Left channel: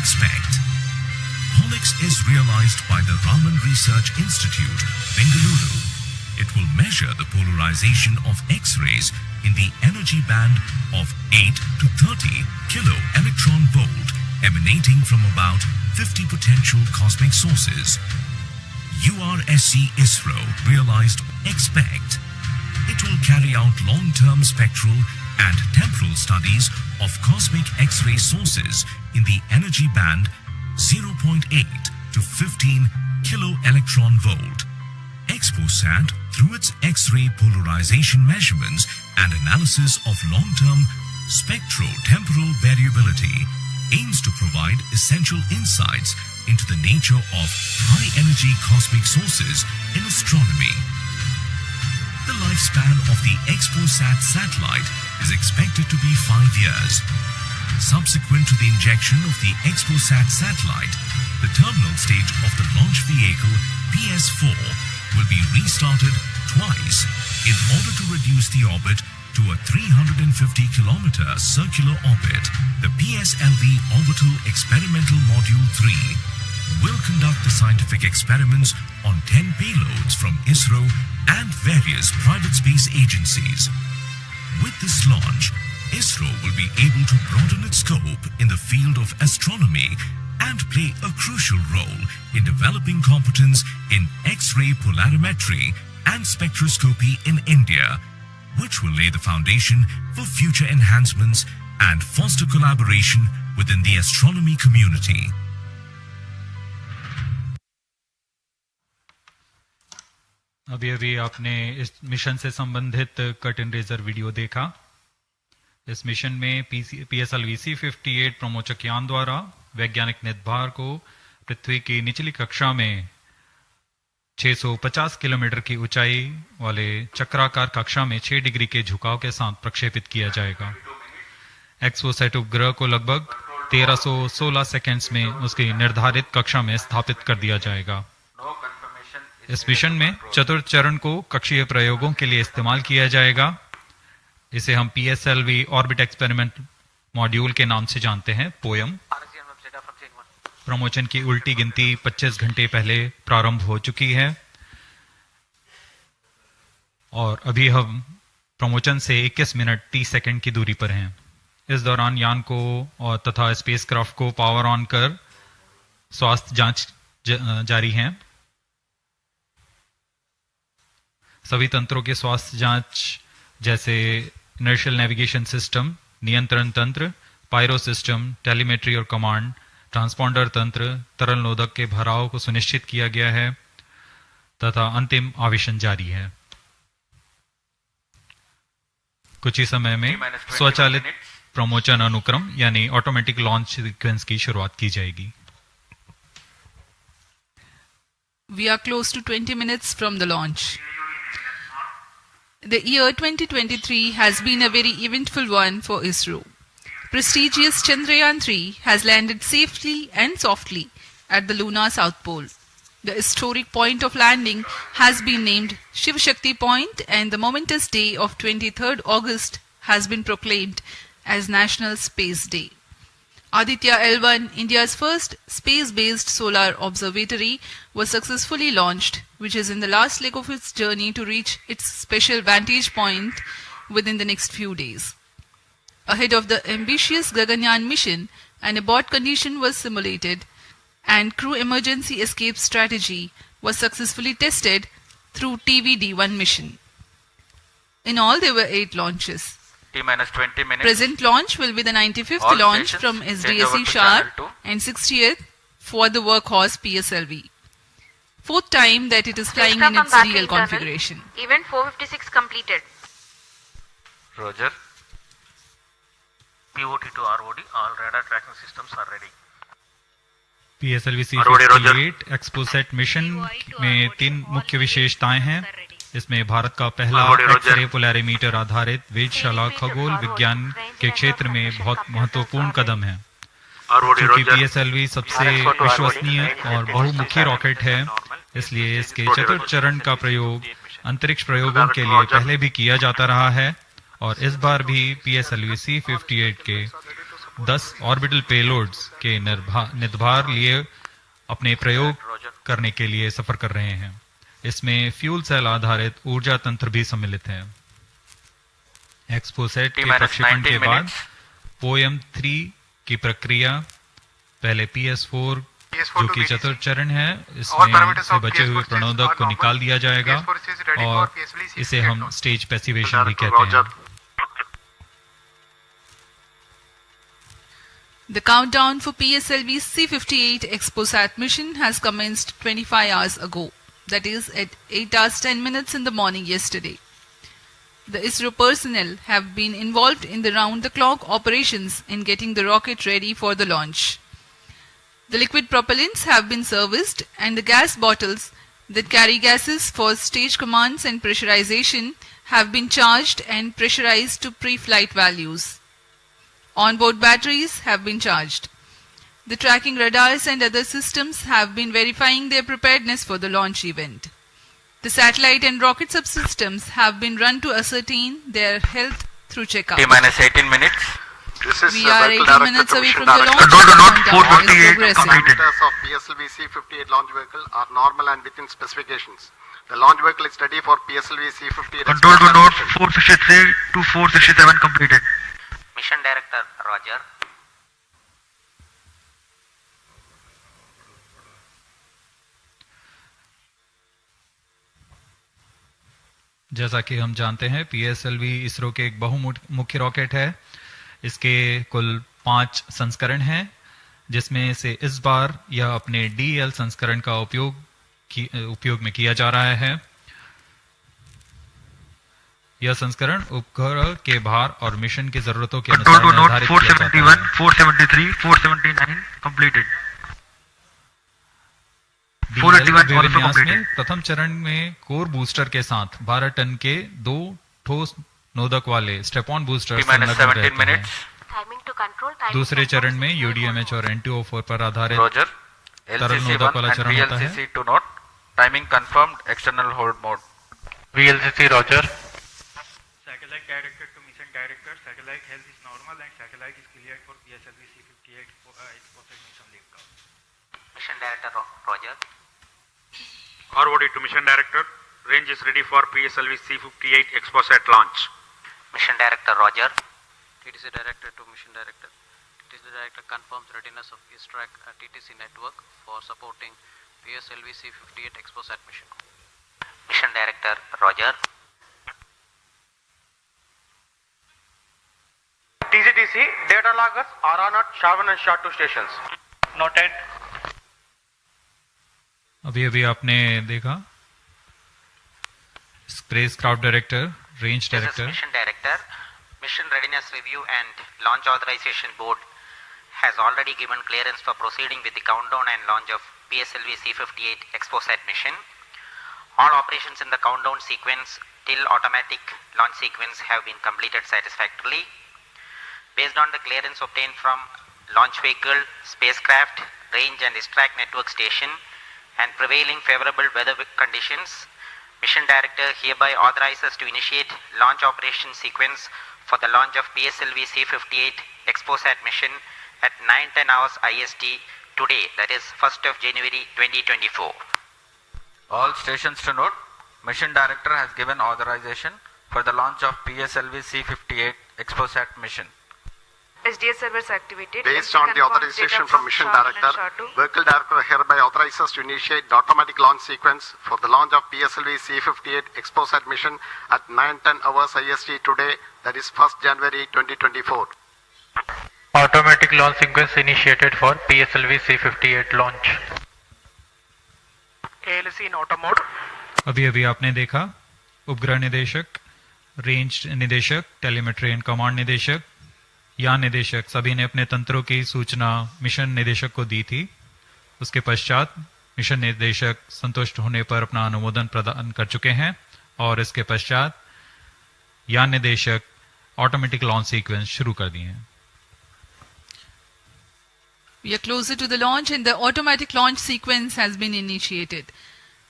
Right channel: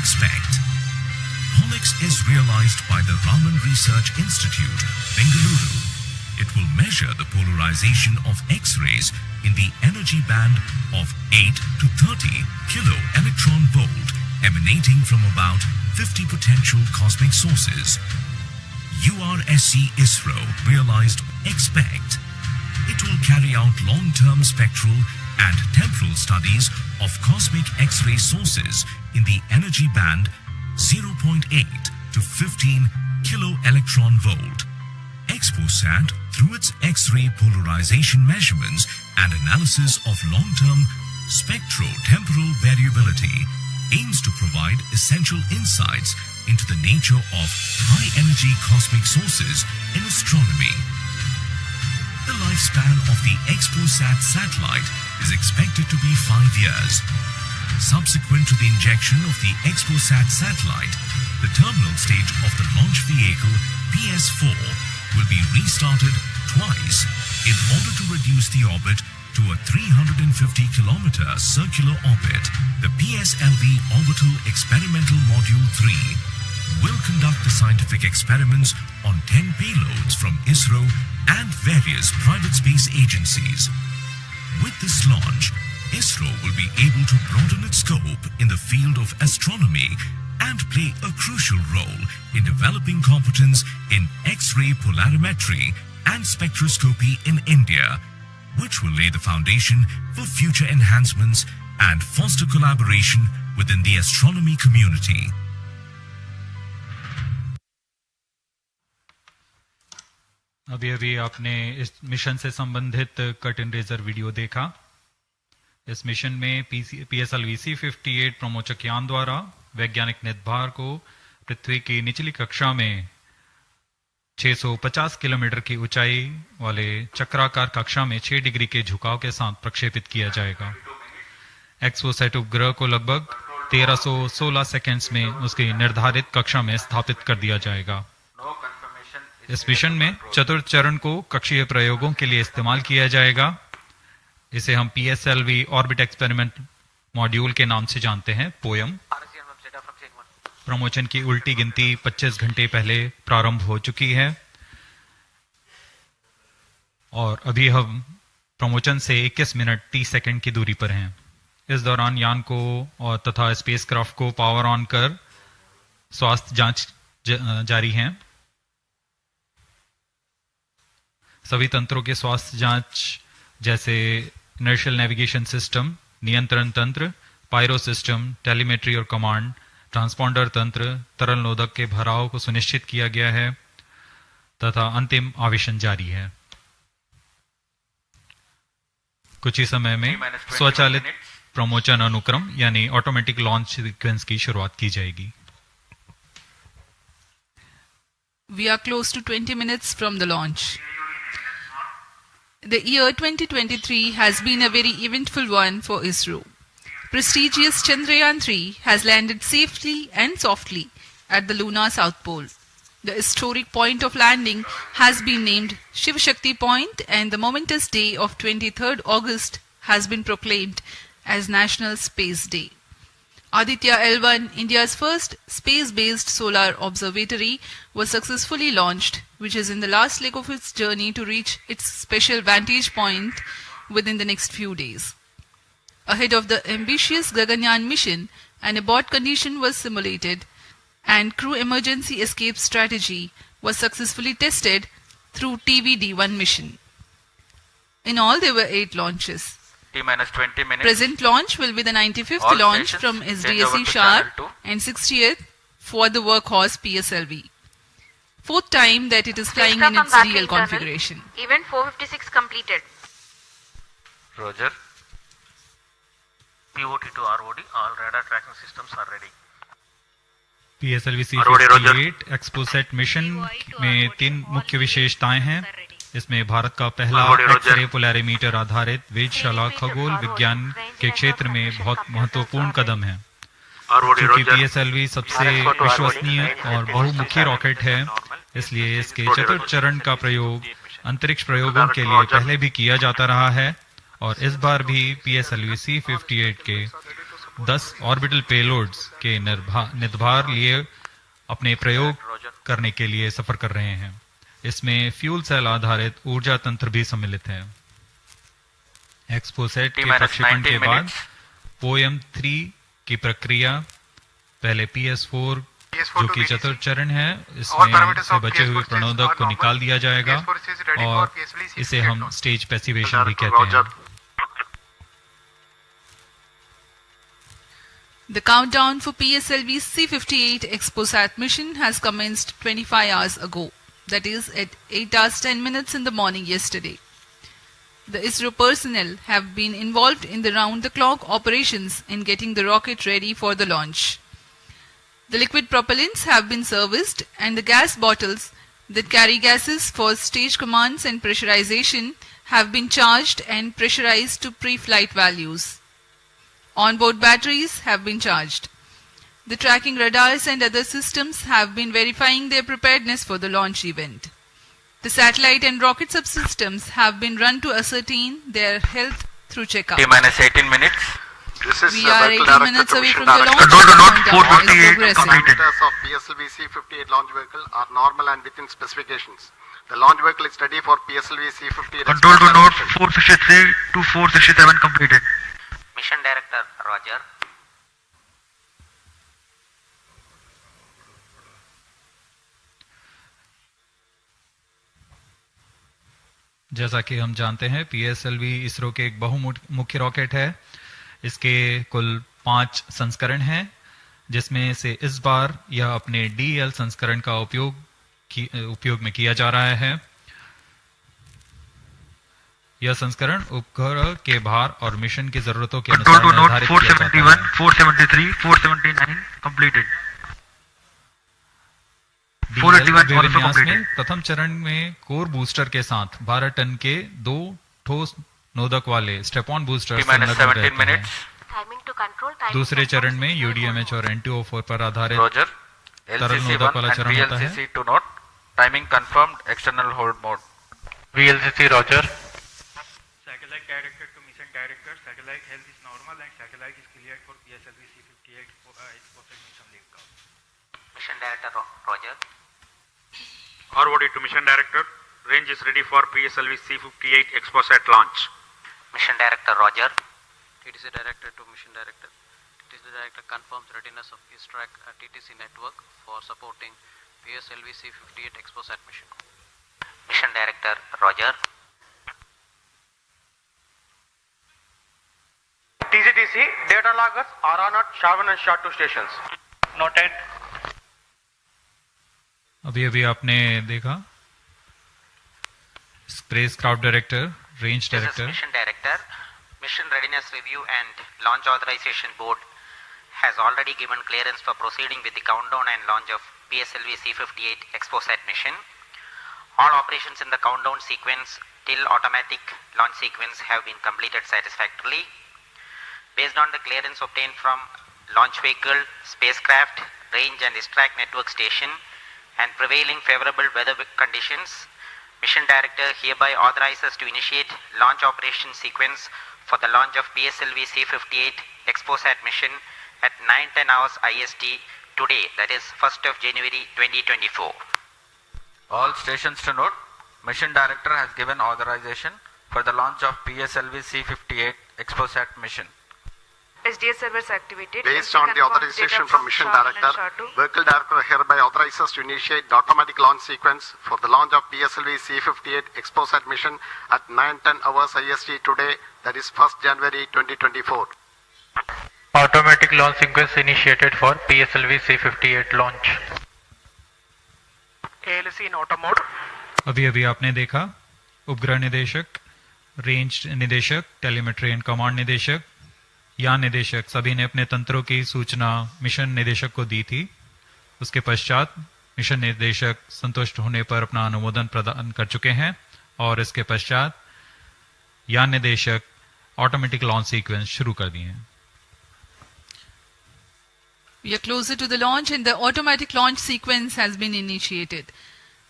expect. POLIX is realized by the Raman Research Institute, Bengaluru. It will measure the polarization of X-rays in the energy band of 8 to 30 kilo electron volt emanating from about 50 potential cosmic sources. URSC Isro realized expect. It will carry out long-term spectral and temporal studies of cosmic X-ray sources in the energy band 0.8 to 15 kilo electron volt. XPoSat, through its X-ray polarization measurements and analysis of long-term spectro-temporal variability, aims to provide essential insights into the nature of high-energy cosmic sources in astronomy. The lifespan of the XPoSat satellite is expected to be 5 years. Subsequent to the injection of the XPoSat satellite, the terminal stage of the launch vehicle PS4 will be restarted twice in order to reduce the orbit to a 350-kilometer circular orbit. The PSLV Orbital Experimental Module 3 will conduct the scientific experiments on 10 payloads from Isro and various private space agencies. With this launch, Isro will be able to broaden its scope in the field of astronomy and play a crucial role in developing competence in X-ray polarimetry and spectroscopy in India, which will lay the foundation for future enhancements and foster collaboration within the astronomy community. अभी आपने इस mission से संबंधित curtain raiser video देखा। इस mission में PSLV-C58 प्रमोचक यान द्वारा वैज्ञानिक निर्धार को पृथ्वी की निचली कक्षा में 650 किलोमीटर की ऊंचाई वाले चक्राकार कक्षा में 6 डिग्री के झुकाव के साथ प्रक्षेपित किया जाएगा। एक्सपोसैट उपग्रह को लगभग 1316 सेकंड्स में उसकी निर्धारित कक्षा में स्थापित कर दिया जाएगा। इस मिशन में चतुर्थ चरण को कक्षीय प्रयोगों के लिए इस्तेमाल किया जाएगा। इसे हम PSLV ऑर्बिट एक्सपेरिमेंट मॉड्यूल के नाम से जानते हैं, पोयम। प्रमोशन की उल्टी गिनती 25 घंटे पहले प्रारंभ हो चुकी है और अभी हम प्रमोशन से 21 मिनट 30 सेकंड की दूरी पर हैं। इस दौरान यान को और तथा स्पेसक्राफ्ट को पावर ऑन कर स्वास्थ्य जांच जारी है। सभी तंत्रों के स्वास्थ्य जांच जैसे इनर्शियल नेविगेशन सिस्टम, नियंत्रण तंत्र, पायरो सिस्टम, टेलीमेट्री और कमांड, ट्रांसपॉन्डर तंत्र, तरल नोदक के भराव को सुनिश्चित किया गया है तथा अंतिम आवेशन जारी है। कुछ ही समय में स्वचालित प्रमोचन अनुक्रम यानी ऑटोमेटिक लॉन्च सीक्वेंस की शुरुआत की जाएगी। We are close to 20 minutes from the launch. The year 2023 has been a very eventful one for Isro. Prestigious Chandrayaan-3 has landed safely and softly at the lunar south pole. The historic point of landing has been named Shiv Shakti Point, and the momentous day of 23rd August has been proclaimed as National Space Day. Aditya L1, India's first space-based solar observatory, was successfully launched, which is in the last leg of its journey to reach its special vantage point within the next few days. Ahead of the ambitious Gaganyaan mission, an abort condition was simulated and crew emergency escape strategy was successfully tested through TVD-1 mission. In all, there were 8 launches. T-20 minutes. Present launch will be the 95th All launch from SDSC Sharp and 60th for the workhorse PSLV. 4th time that it is flying in its real configuration. Event 456 completed. Roger. POT to ROD, all radar tracking systems are ready. PSLV-C58 XPoSat mission में 3 मुख्य विशेषताएं हैं। इसमें भारत का पहला x-ray polarimeter आधारित वेधशाला खगोल विज्ञान के क्षेत्र में बहुत महत्वपूर्ण कदम है। क्योंकि PSLV सबसे विश्वसनीय और बहुमुखी रॉकेट है, इसलिए इसके चतुर्थ चरण का प्रयोग अंतरिक्ष प्रयोगों के लिए पहले भी किया जाता रहा है और इस बार भी PSLV-C58 के 10 ऑर्बिटल पेलोड्स के निर्धार लिए अपने प्रयोग करने के लिए सफर कर रहे हैं। इसमें फ्यूल सेल आधारित ऊर्जा तंत्र भी सम्मिलित है। एक्सपोसैट के प्रक्षेपण के बाद पोएम-3 की प्रक्रिया पहले PS4 जो कि चतुर्थ चरण है, इसमें से बचे हुए प्रणोदक को निकाल दिया जाएगा और इसे हम स्टेज पैसिवेशन भी कहते हैं। The countdown for PSLV-C58 XPoSat mission has commenced 25 hours ago, that is at 8 hours 10 minutes in the morning yesterday. The Isro personnel have been involved in the round-the-clock operations in getting the rocket ready for the launch. The liquid propellants have been serviced and the gas bottles that carry gases for stage commands and pressurization have been charged and pressurized to pre-flight values. Onboard batteries have been charged. The tracking radars and other systems have been verifying their preparedness for the launch event. The satellite and rocket subsystems have been run to ascertain their health through checkout. T-minus 18 minutes. We are 18 minutes away from the launch. Control to note Countdown is 458 progressing. completed. Parameters of PSLV-C58 launch vehicle are normal and within specifications. The launch vehicle is ready for PSLV-C58. Control to note 463 to 467 completed. Mission Director, Roger. जैसा कि हम जानते हैं, PSLV ISRO के एक बहुमुख्य rocket है। इसके कुल 5 संस्करण हैं, जिसमें से इस बार यह अपने DL संस्करण का उपयोग में किया जा रहा है। यह संस्करण उपग्रह के भार और मिशन की जरूरतों के अनुसार निर्धारित किया जाता है। 473, 479 completed. DL विन्यास में प्रथम चरण में कोर बूस्टर के साथ 12 टन के 2 ठोस नोदक वाले स्टेप-ऑन बूस्टर संलग्न रहते हैं। दूसरे चरण में UDMH और NTO4 पर आधारित तरल नोदक वाला चरण होता है। VLCC to note. Timing confirmed. External hold mode. VLCC Roger. Satellite director to mission director. Satellite health is normal and satellite is cleared for PSLV-C58 XPoSat mission liftoff. Mission Director, Roger. ROD to mission director. Range is ready for PSLV-C58 XPoSat launch. Mission Director, Roger. TTC Director to mission director. TTC Director confirms readiness of ISTRAC at TTC network for supporting PSLV-C58 XPoSat mission. Mission Director, Roger. TCTC data loggers are on at SHA-1 and SHA-2 stations. Noted. अभी आपने देखा spacecraft director, range director. Mission Director. Mission Readiness Review and Launch Authorization Board has already given clearance for proceeding with the countdown and launch of PSLV-C58 XPoSat mission. All operations in the countdown sequence till automatic launch sequence have been completed satisfactorily. Based on the clearance obtained from launch vehicle, spacecraft, range and ISTRAC network station and prevailing favorable weather conditions, Mission Director hereby authorizes to initiate launch operation sequence for the launch of PSLV-C58 XPoSat mission at 9:10 hours IST today, that is 1st of January 2024. All stations to note, Mission Director has given authorization for the launch of PSLV-C58 XPoSat mission. SDS servers activated. Based on the authorization from Mission Director, Vehicle Director hereby authorizes to initiate the automatic launch sequence for the launch of PSLV-C58 XPoSat mission at 9:10 hours IST today, that is 1st January 2024. Automatic launch sequence initiated for PSLV-C58 launch. ALC in auto mode. अभी आपने देखा उपग्रह निदेशक, range निदेशक, telemetry and command निदेशक, यान निदेशक सभी ने अपने तंत्रों की सूचना मिशन निदेशक को दी थी। उसके पश्चात मिशन निदेशक संतुष्ट होने पर अपना अनुमोदन प्रदान कर चुके हैं और इसके पश्चात यान निदेशक ऑटोमेटिक लॉन्च सीक्वेंस शुरू कर दिए हैं। We are closer to the launch and the automatic launch sequence has been initiated.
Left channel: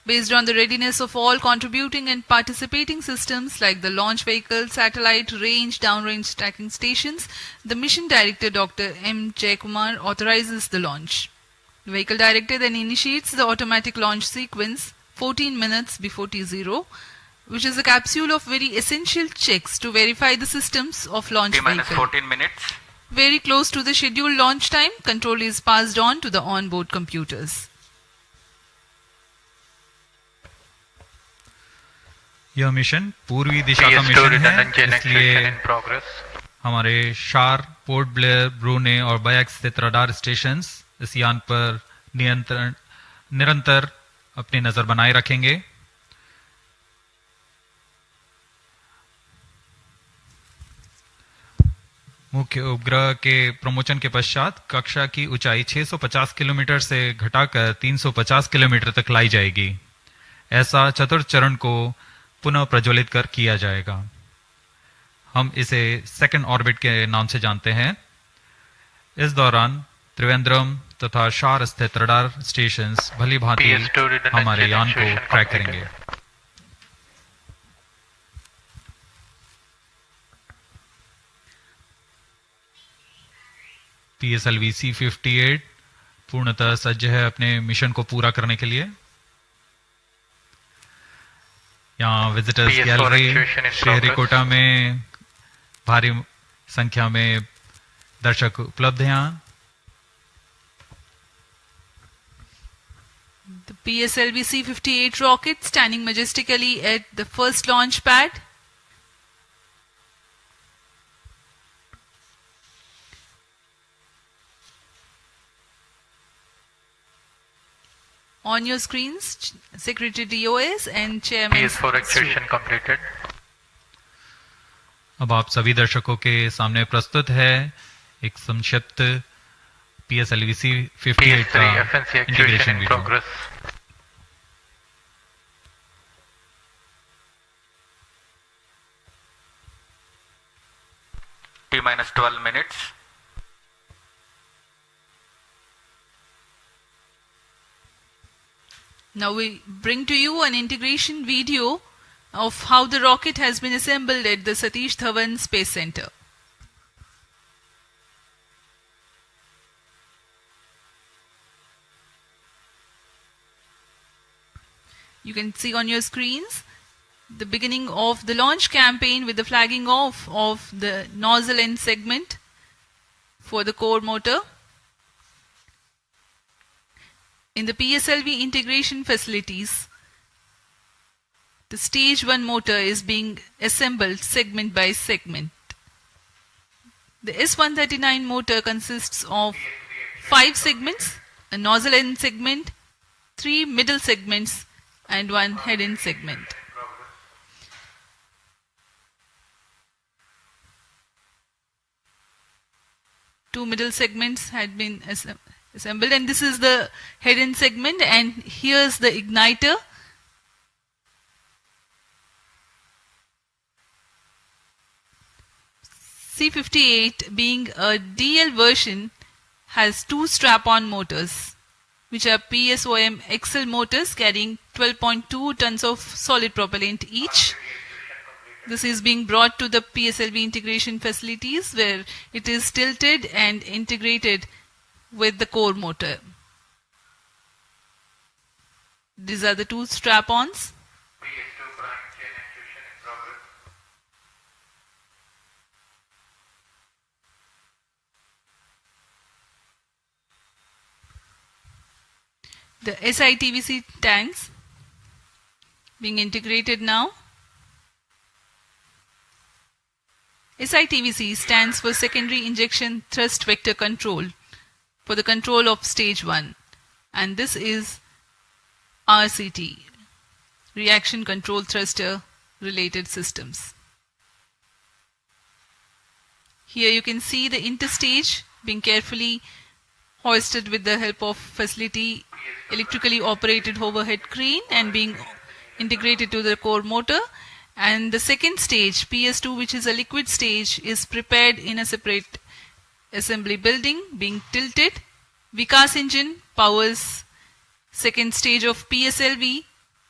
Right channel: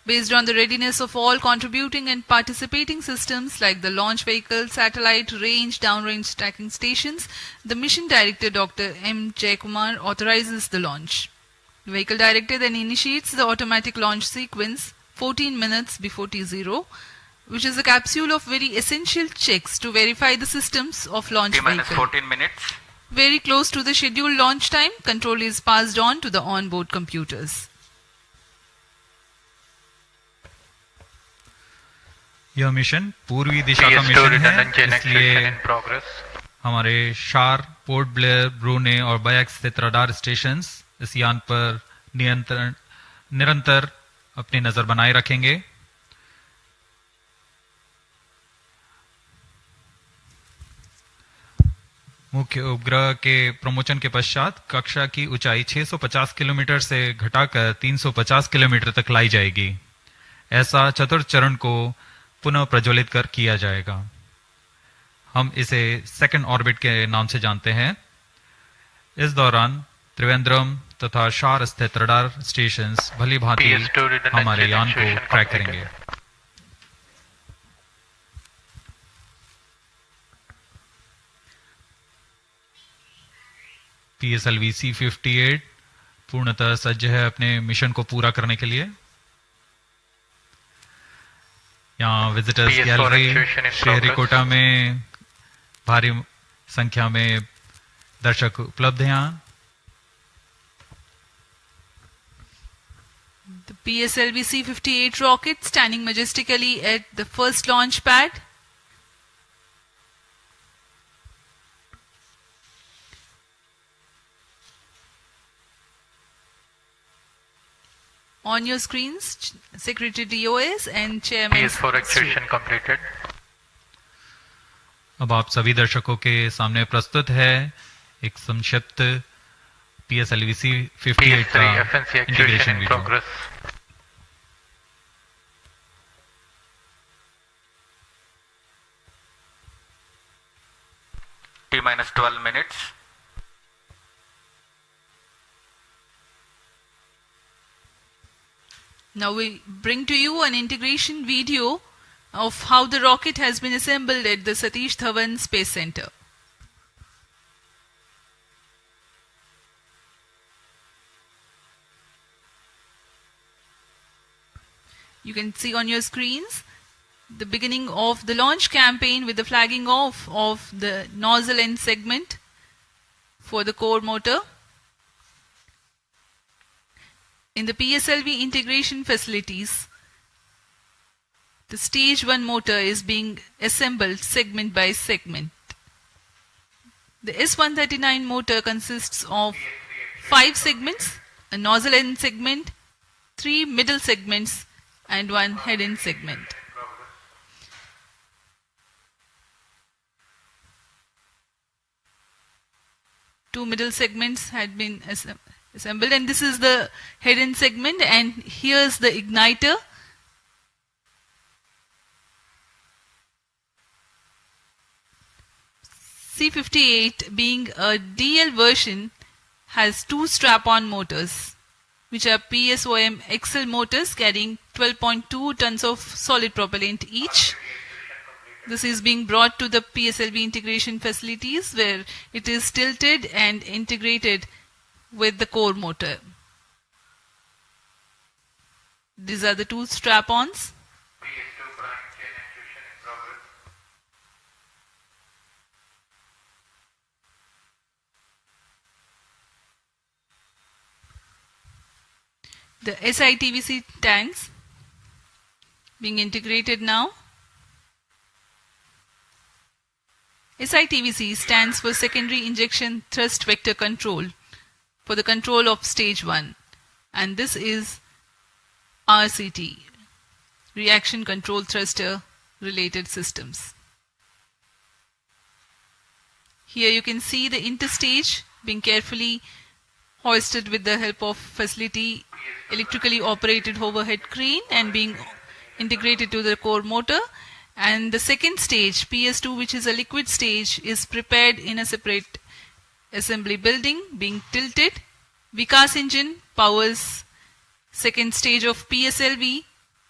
Based on the readiness of all contributing and participating systems like the launch vehicle, satellite, range, downrange tracking stations, the Mission Director Dr. M. Jayakumar authorizes the launch. The Vehicle Director then initiates the automatic launch sequence 14 minutes before T0, which is a capsule of very essential checks to verify the systems of launch vehicle. 14 minutes. Very close to the scheduled launch time, control is passed on to the onboard computers. यह mission पूर्वी दिशा का mission है, इसलिए हमारे शार, port Blair, ब्रूने और bike स्थित radar stations इस यान पर निरंतर अपनी नजर बनाए रखेंगे। मुख्य उपग्रह के प्रमोशन के पश्चात कक्षा की ऊंचाई 650 किलोमीटर से घटाकर 350 किलोमीटर तक लाई जाएगी। ऐसा चतुर्थ चरण को पुनः प्रज्वलित कर किया जाएगा। हम इसे सेकंड ऑर्बिट के नाम से जानते हैं। इस दौरान त्रिवेंद्रम तथा शार स्थित रडार स्टेशंस भली भांति हमारे यान को ट्रैक करेंगे। PSLV-C58 पूर्णतः सज्ज है अपने मिशन को पूरा करने के लिए। यहाँ विजिटर्स गैलरी श्रीहरिकोटा में भारी संख्या में दर्शक उपलब्ध हैं। The PSLV-C58 rocket standing majestically at the first launch pad. On your screens, Secretary DOS and Chairman. PS4 activation completed. अब आप सभी दर्शकों के सामने प्रस्तुत है एक संक्षिप्त PSLV-C58 का integration video. T-12 minutes. Now we bring to you an integration video of how the rocket has been assembled at the Satish Dhawan Space Center. You can see on your screens the beginning of the launch campaign with the flagging off of the nozzle end segment for the core motor. In the PSLV integration facilities, the stage 1 motor is being assembled segment by segment. The S139 motor consists of 5 segments, a nozzle end segment, 3 middle segments and 1 head end segment. Two middle segments had been assembled, and this is the head end segment, and here's the igniter. C58 being a DL version has 2 strap-on motors, which are PSOM XL motors carrying 12.2 tons of solid propellant each. This is being brought to the PSLV integration facilities where it is tilted and integrated with the core motor. These are the 2 strap-ons. The SITVC tanks being integrated now. SITVC stands for Secondary Injection Thrust Vector Control, for the control of stage 1, and this is RCT, Reaction Control Thruster related systems. Here you can see the interstage being carefully hoisted with the help of facility electrically operated overhead crane and being integrated to the core motor. And the second stage, PS2, which is a liquid stage, is prepared in a separate assembly building being tilted. Vikas engine powers second stage of PSLV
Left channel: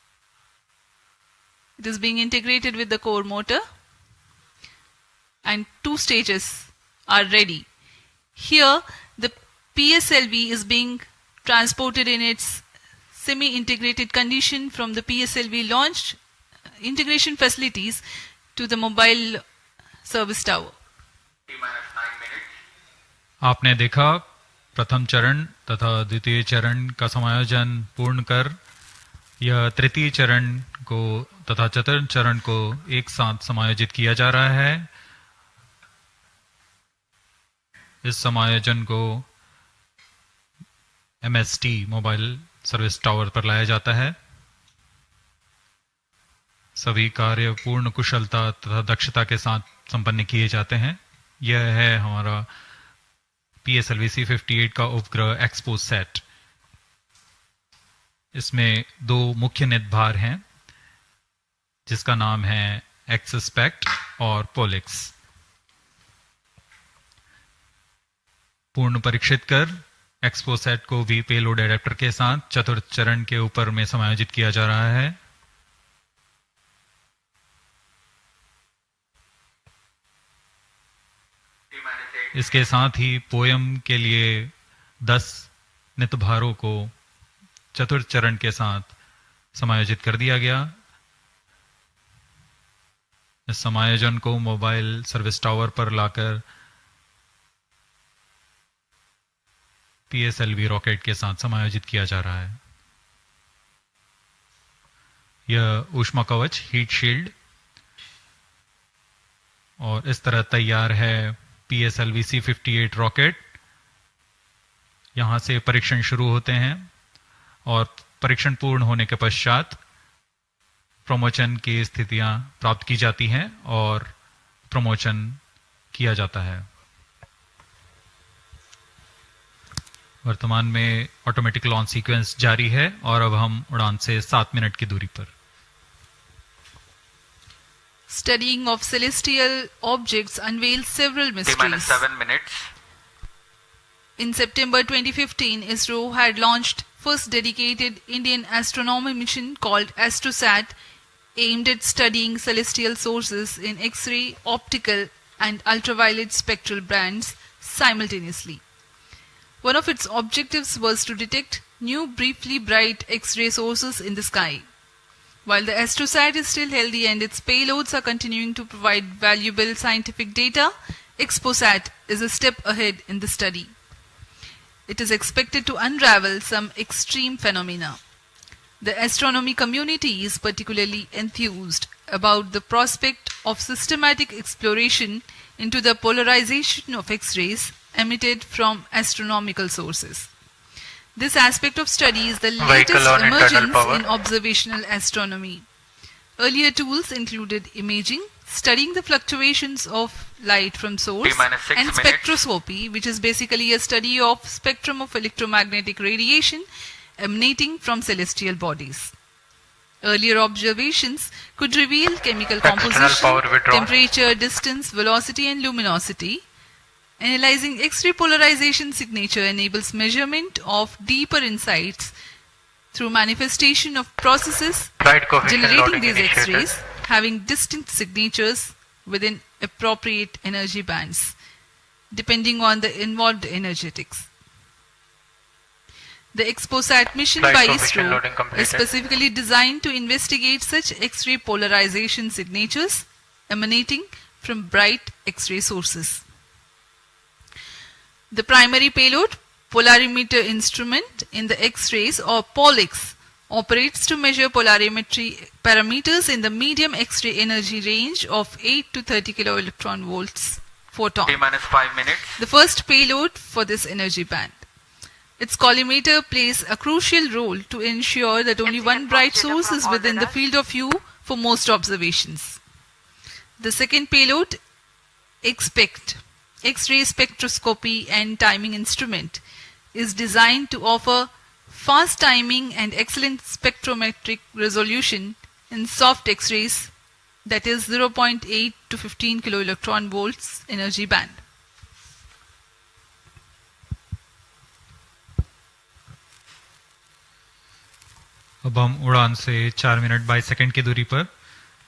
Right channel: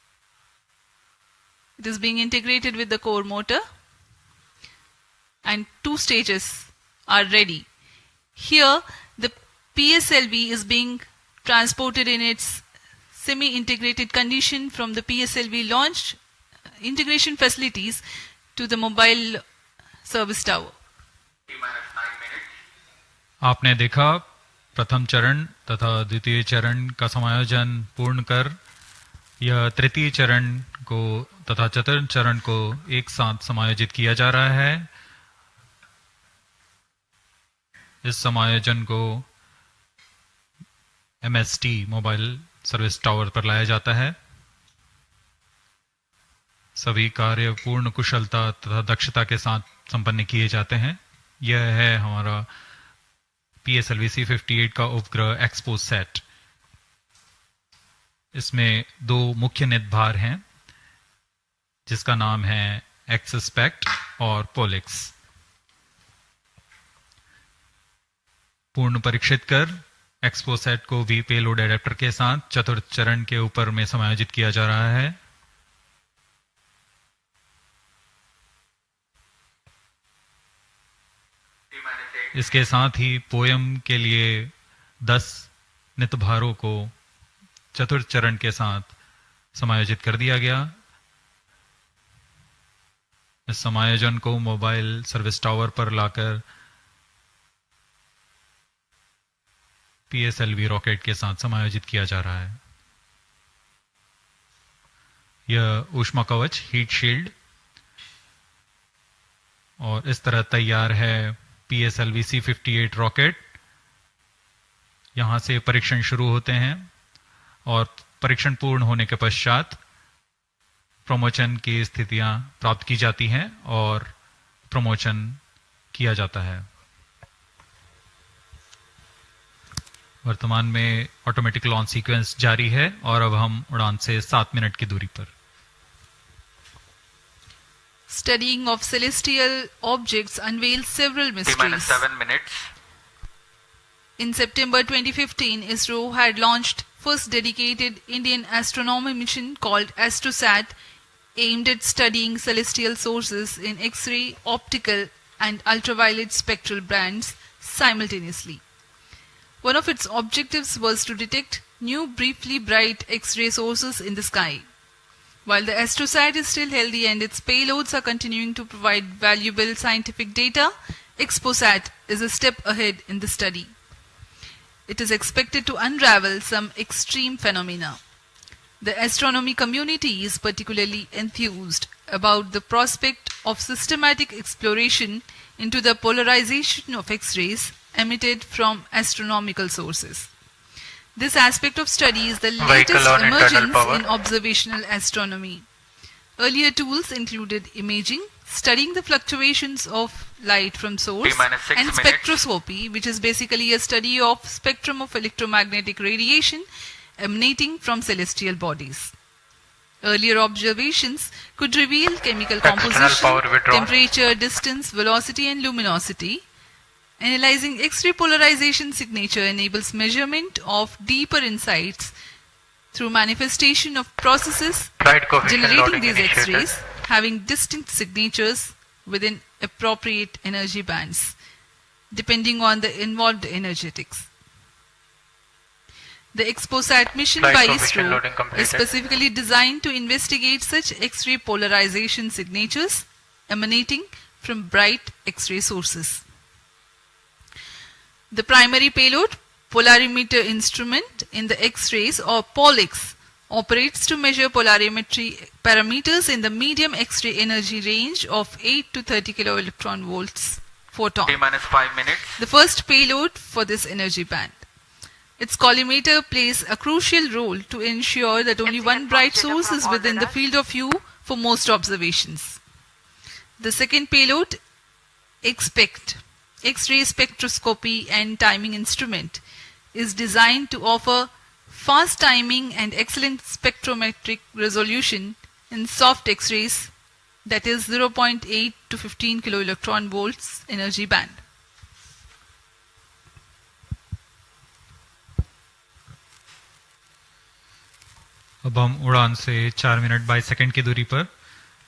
It is being integrated with the core motor, and 2 stages are ready. Here, the PSLV is being transported in its semi-integrated condition from the PSLV launch integration facilities to the mobile service tower. आपने देखा प्रथम चरण तथा द्वितीय चरण का समायोजन पूर्ण कर यह तृतीय चरण को तथा चतुर्थ चरण को एक साथ समायोजित किया जा रहा है। इस समायोजन को MST मोबाइल सर्विस टावर पर लाया जाता है। सभी कार्य पूर्ण कुशलता तथा दक्षता के साथ संपन्न किए जाते हैं। यह है हमारा PSLV-C58 का उपग्रह XPoSat। इसमें 2 मुख्य निदभार हैं जिसका नाम है XSPECT और POLIX। पूर्ण परीक्षित कर XPoSat को भी पेलोड एडेप्टर के साथ चतुर्थ चरण के ऊपर में समायोजित किया जा रहा है। इसके साथ ही पोयम के लिए 10 नितभारों को चतुर्थ चरण के साथ समायोजित कर दिया गया। इस समायोजन को मोबाइल सर्विस टावर पर लाकर PSLV रॉकेट के साथ समायोजित किया जा रहा है। यह ऊष्मा कवच हीट शील्ड और इस तरह तैयार है PSLV-C58 रॉकेट। यहां से परीक्षण शुरू होते हैं और परीक्षण पूर्ण होने के पश्चात प्रमोशन की स्थितियां प्राप्त की जाती हैं और प्रमोशन किया जाता है। वर्तमान में ऑटोमेटिक लॉन्च सीक्वेंस जारी है और अब हम उड़ान से 7 मिनट की दूरी पर। Studying of celestial objects unveils several mysteries. 7 minutes. In September 2015, Isro had launched first dedicated Indian astronomy mission called AstroSat, aimed at studying celestial sources in X-ray, optical and ultraviolet spectral bands simultaneously. One of its objectives was to detect new briefly bright X-ray sources in the sky. While the AstroSat is still healthy and its payloads are continuing to provide valuable scientific data, XPoSat is a step ahead in the study. It is expected to unravel some extreme phenomena. The astronomy community is particularly enthused about the prospect of systematic exploration into the polarization of X-rays emitted from astronomical sources. This aspect of study is the latest emergence in observational astronomy. Earlier tools included imaging, studying the fluctuations of light from source, and spectroscopy, which is basically a study of spectrum of electromagnetic radiation emanating from celestial bodies. Earlier observations could reveal chemical composition, temperature, distance, velocity, and luminosity. Analyzing X-ray polarization signature enables measurement of deeper insights through manifestation of processes generating these X-rays having distinct signatures within appropriate energy bands, depending on the involved energetics. The XPoSat mission by Isro is specifically designed to investigate such X-ray polarization signatures emanating from bright X-ray sources. The primary payload, polarimeter instrument in the X-rays or POLIX, operates to measure polarimetry parameters in the medium X-ray energy range of 8 to 30 kiloelectron volts photon. T-5 minutes. The first payload for this energy band. Its collimator plays a crucial role to ensure that only one bright source is within the field of view for most observations. The second payload, XPECT, X-ray spectroscopy and timing instrument, is designed to offer fast timing and excellent spectrometric resolution in soft X-rays, that is 0.8 to 15 kiloelectron volts energy band. अब हम उड़ान से 4 minute 22 second की दूरी पर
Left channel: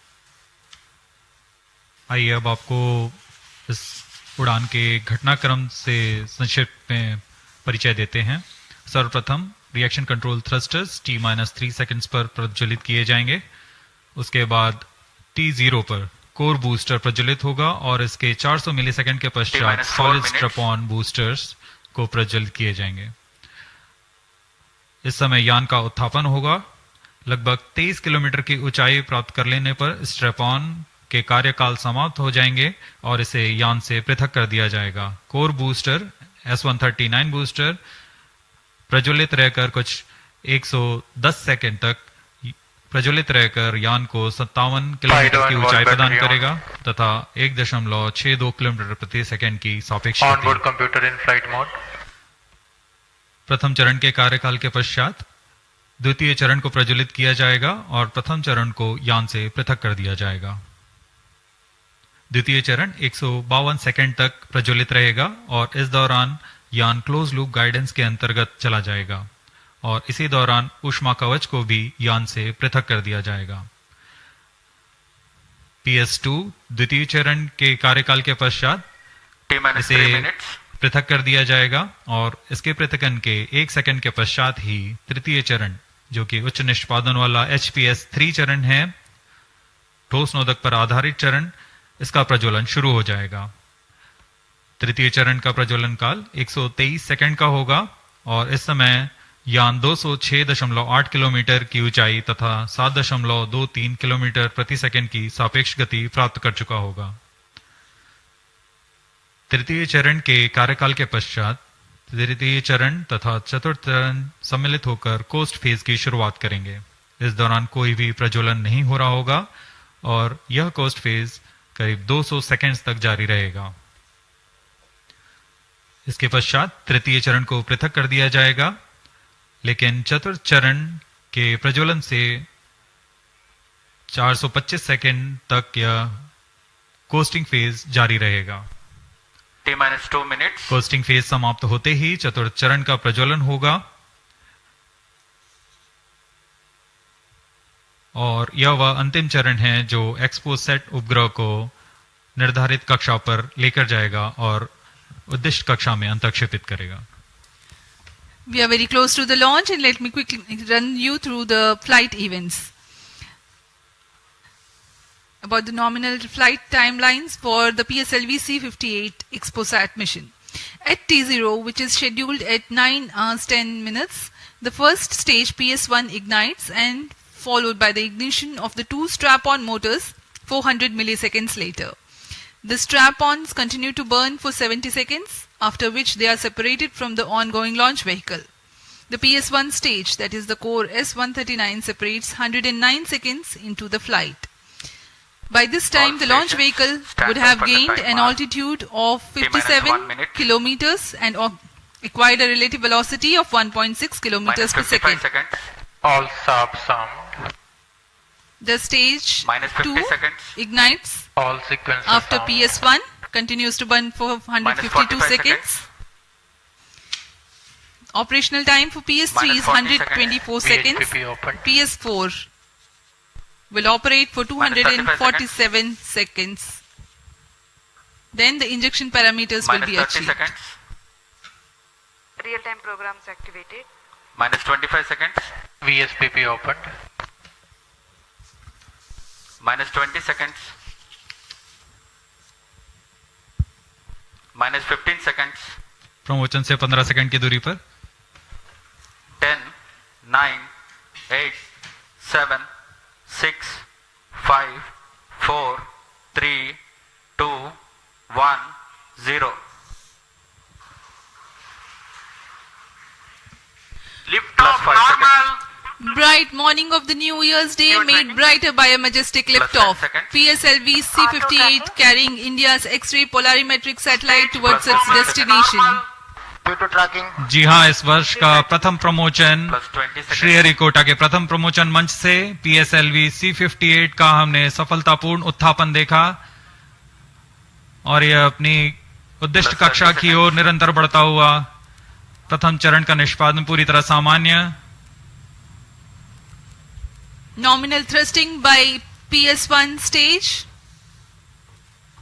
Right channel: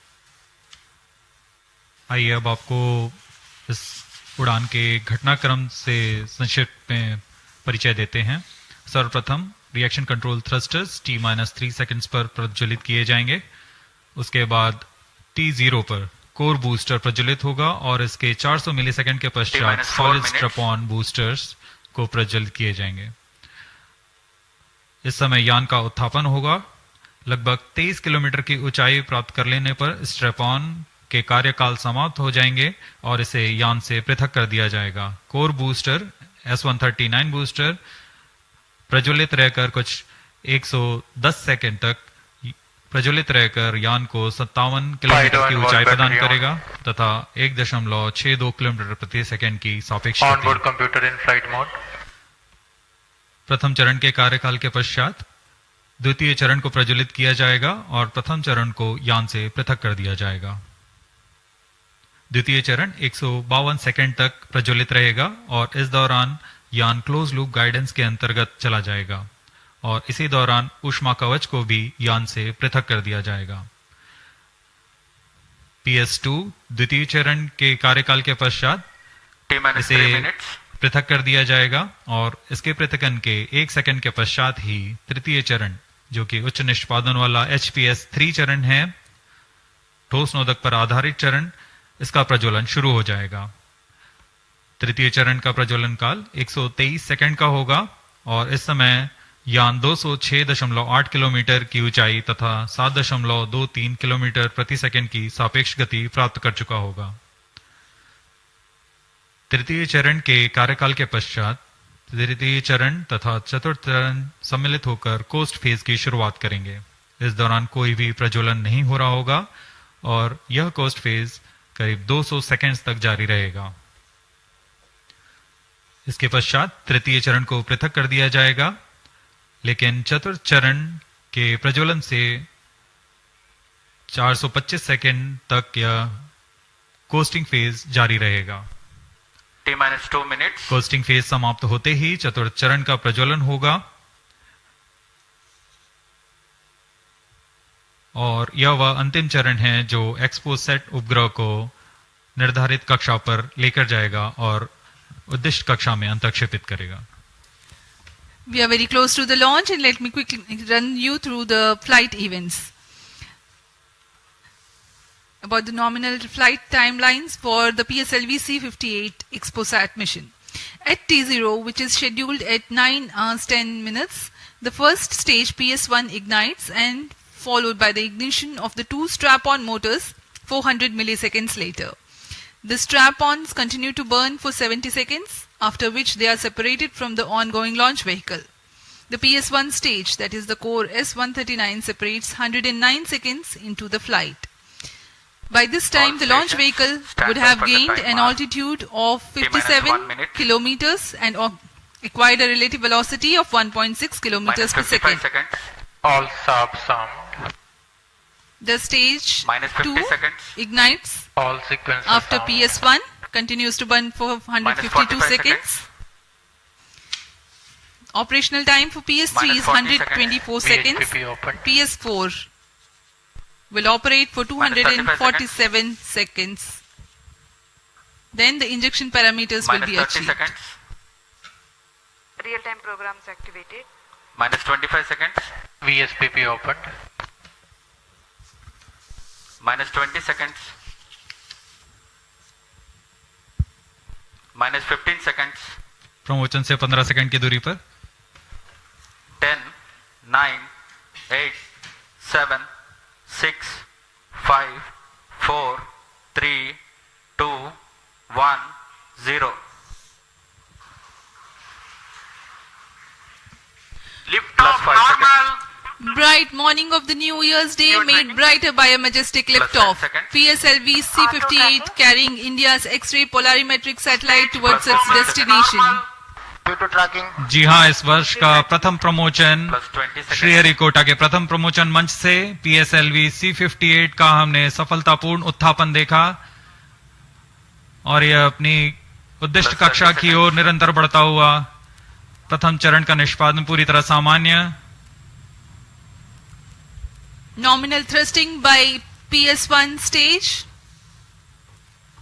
आइए अब आपको इस उड़ान के घटनाक्रम से संक्षिप्त में परिचय देते हैं। सर्वप्रथम reaction control thrusters T-3 seconds पर प्रज्वलित किए जाएंगे। उसके बाद T0 पर कोर बूस्टर प्रज्वलित होगा और इसके 400 मिलीसेकंड के पश्चात सॉलिड स्ट्रैप-ऑन बूस्टर्स को प्रज्वलित किए जाएंगे। इस समय यान का उत्थापन होगा। लगभग 23 किलोमीटर की ऊंचाई प्राप्त कर लेने पर स्ट्रैप-ऑन के कार्यकाल समाप्त हो जाएंगे और इसे यान से पृथक कर दिया जाएगा। कोर बूस्टर S-139 बूस्टर प्रज्वलित रहकर कुछ 110 सेकंड तक प्रज्वलित रहकर यान को 57 किलोमीटर की ऊंचाई प्रदान करेगा तथा 1.62 किलोमीटर प्रति सेकंड की सापेक्ष गति। Computer in flight mode. प्रथम चरण के कार्यकाल के पश्चात द्वितीय चरण को प्रज्वलित किया जाएगा और प्रथम चरण को यान से पृथक कर दिया जाएगा। द्वितीय चरण 152 सेकंड तक प्रज्वलित रहेगा और इस दौरान यान क्लोज लूप गाइडेंस के अंतर्गत चला जाएगा और इसी दौरान ऊष्मा कवच को भी यान से पृथक कर दिया जाएगा। PS2 द्वितीय चरण के कार्यकाल के पश्चात इसे पृथक कर दिया जाएगा और इसके पृथकन के 1 सेकंड के पश्चात ही तृतीय चरण जो कि उच्च निष्पादन वाला HPS-3 चरण है, ठोस नोदक पर आधारित चरण, इसका प्रज्वलन शुरू हो जाएगा। तृतीय चरण का प्रज्वलन काल 123 सेकंड का होगा और इस समय यान 206.8 किलोमीटर की ऊंचाई तथा 7.23 किलोमीटर प्रति सेकंड की सापेक्ष गति प्राप्त कर चुका होगा। तृतीय चरण के कार्यकाल के पश्चात तृतीय चरण तथा चतुर्थ चरण सम्मिलित होकर कोस्ट फेज की शुरुआत करेंगे। इस दौरान कोई भी प्रज्वलन नहीं हो रहा होगा और यह कोस्ट फेज करीब 200 सेकंड्स तक जारी रहेगा। इसके पश्चात तृतीय चरण को पृथक कर दिया जाएगा, लेकिन चतुर्थ चरण के प्रज्वलन से 425 सेकंड तक यह कोस्टिंग फेज जारी रहेगा। T-2 minutes. कोस्टिंग फेज समाप्त होते ही चतुर्थ चरण का प्रज्वलन होगा और यह वह अंतिम चरण है जो XPoSat उपग्रह को निर्धारित कक्षा पर लेकर जाएगा और उद्दिष्ट कक्षा में अंतक्षेपित करेगा। We are very close to the launch and let me quickly run you through the flight events. About the nominal flight timelines for the PSLV-C58 XPoSat mission. At T0, which is scheduled at 9 hours 10 minutes, the first stage PS1 ignites and followed by the ignition of the two strap-on motors 400 milliseconds later. The strap-ons continue to burn for 70 seconds, after which they are separated from the ongoing launch vehicle. The PS1 stage, that is the core S-139, separates 109 seconds into the flight. By this time, the launch vehicle would have gained an altitude of 57 kilometers and acquired a relative velocity of 1.6 kilometers per second. All subs sound. The stage 2 ignites All sequences after sound. PS1, continues to burn for 152 seconds. Operational time for PS3 is 124 seconds. VHPP open. PS4 will operate for 247 seconds. Then the injection parameters will be achieved. seconds. Real-time programs activated. Minus 25 seconds. VSPP opened. Minus 20 seconds. Minus 15 seconds. प्रमोचन से 15 second की दूरी पर 10, 9, 8, 7, 6, 5, 4, 3, 2, 1, 0. Lift off normal. Bright morning of the New Year's Day made brighter by a majestic liftoff. PSLV-C58 carrying India's X-ray Polarimeter Satellite towards its destination. जी हाँ, इस वर्ष का प्रथम प्रमोचन श्रीहरिकोटा के प्रथम प्रमोचन मंच से PSLV-C58 का हमने सफलतापूर्ण उत्थापन देखा और यह अपनी उद्दिष्ट कक्षा की ओर निरंतर बढ़ता हुआ। प्रथम चरण का निष्पादन पूरी तरह सामान्य। Nominal thrusting by PS1 stage.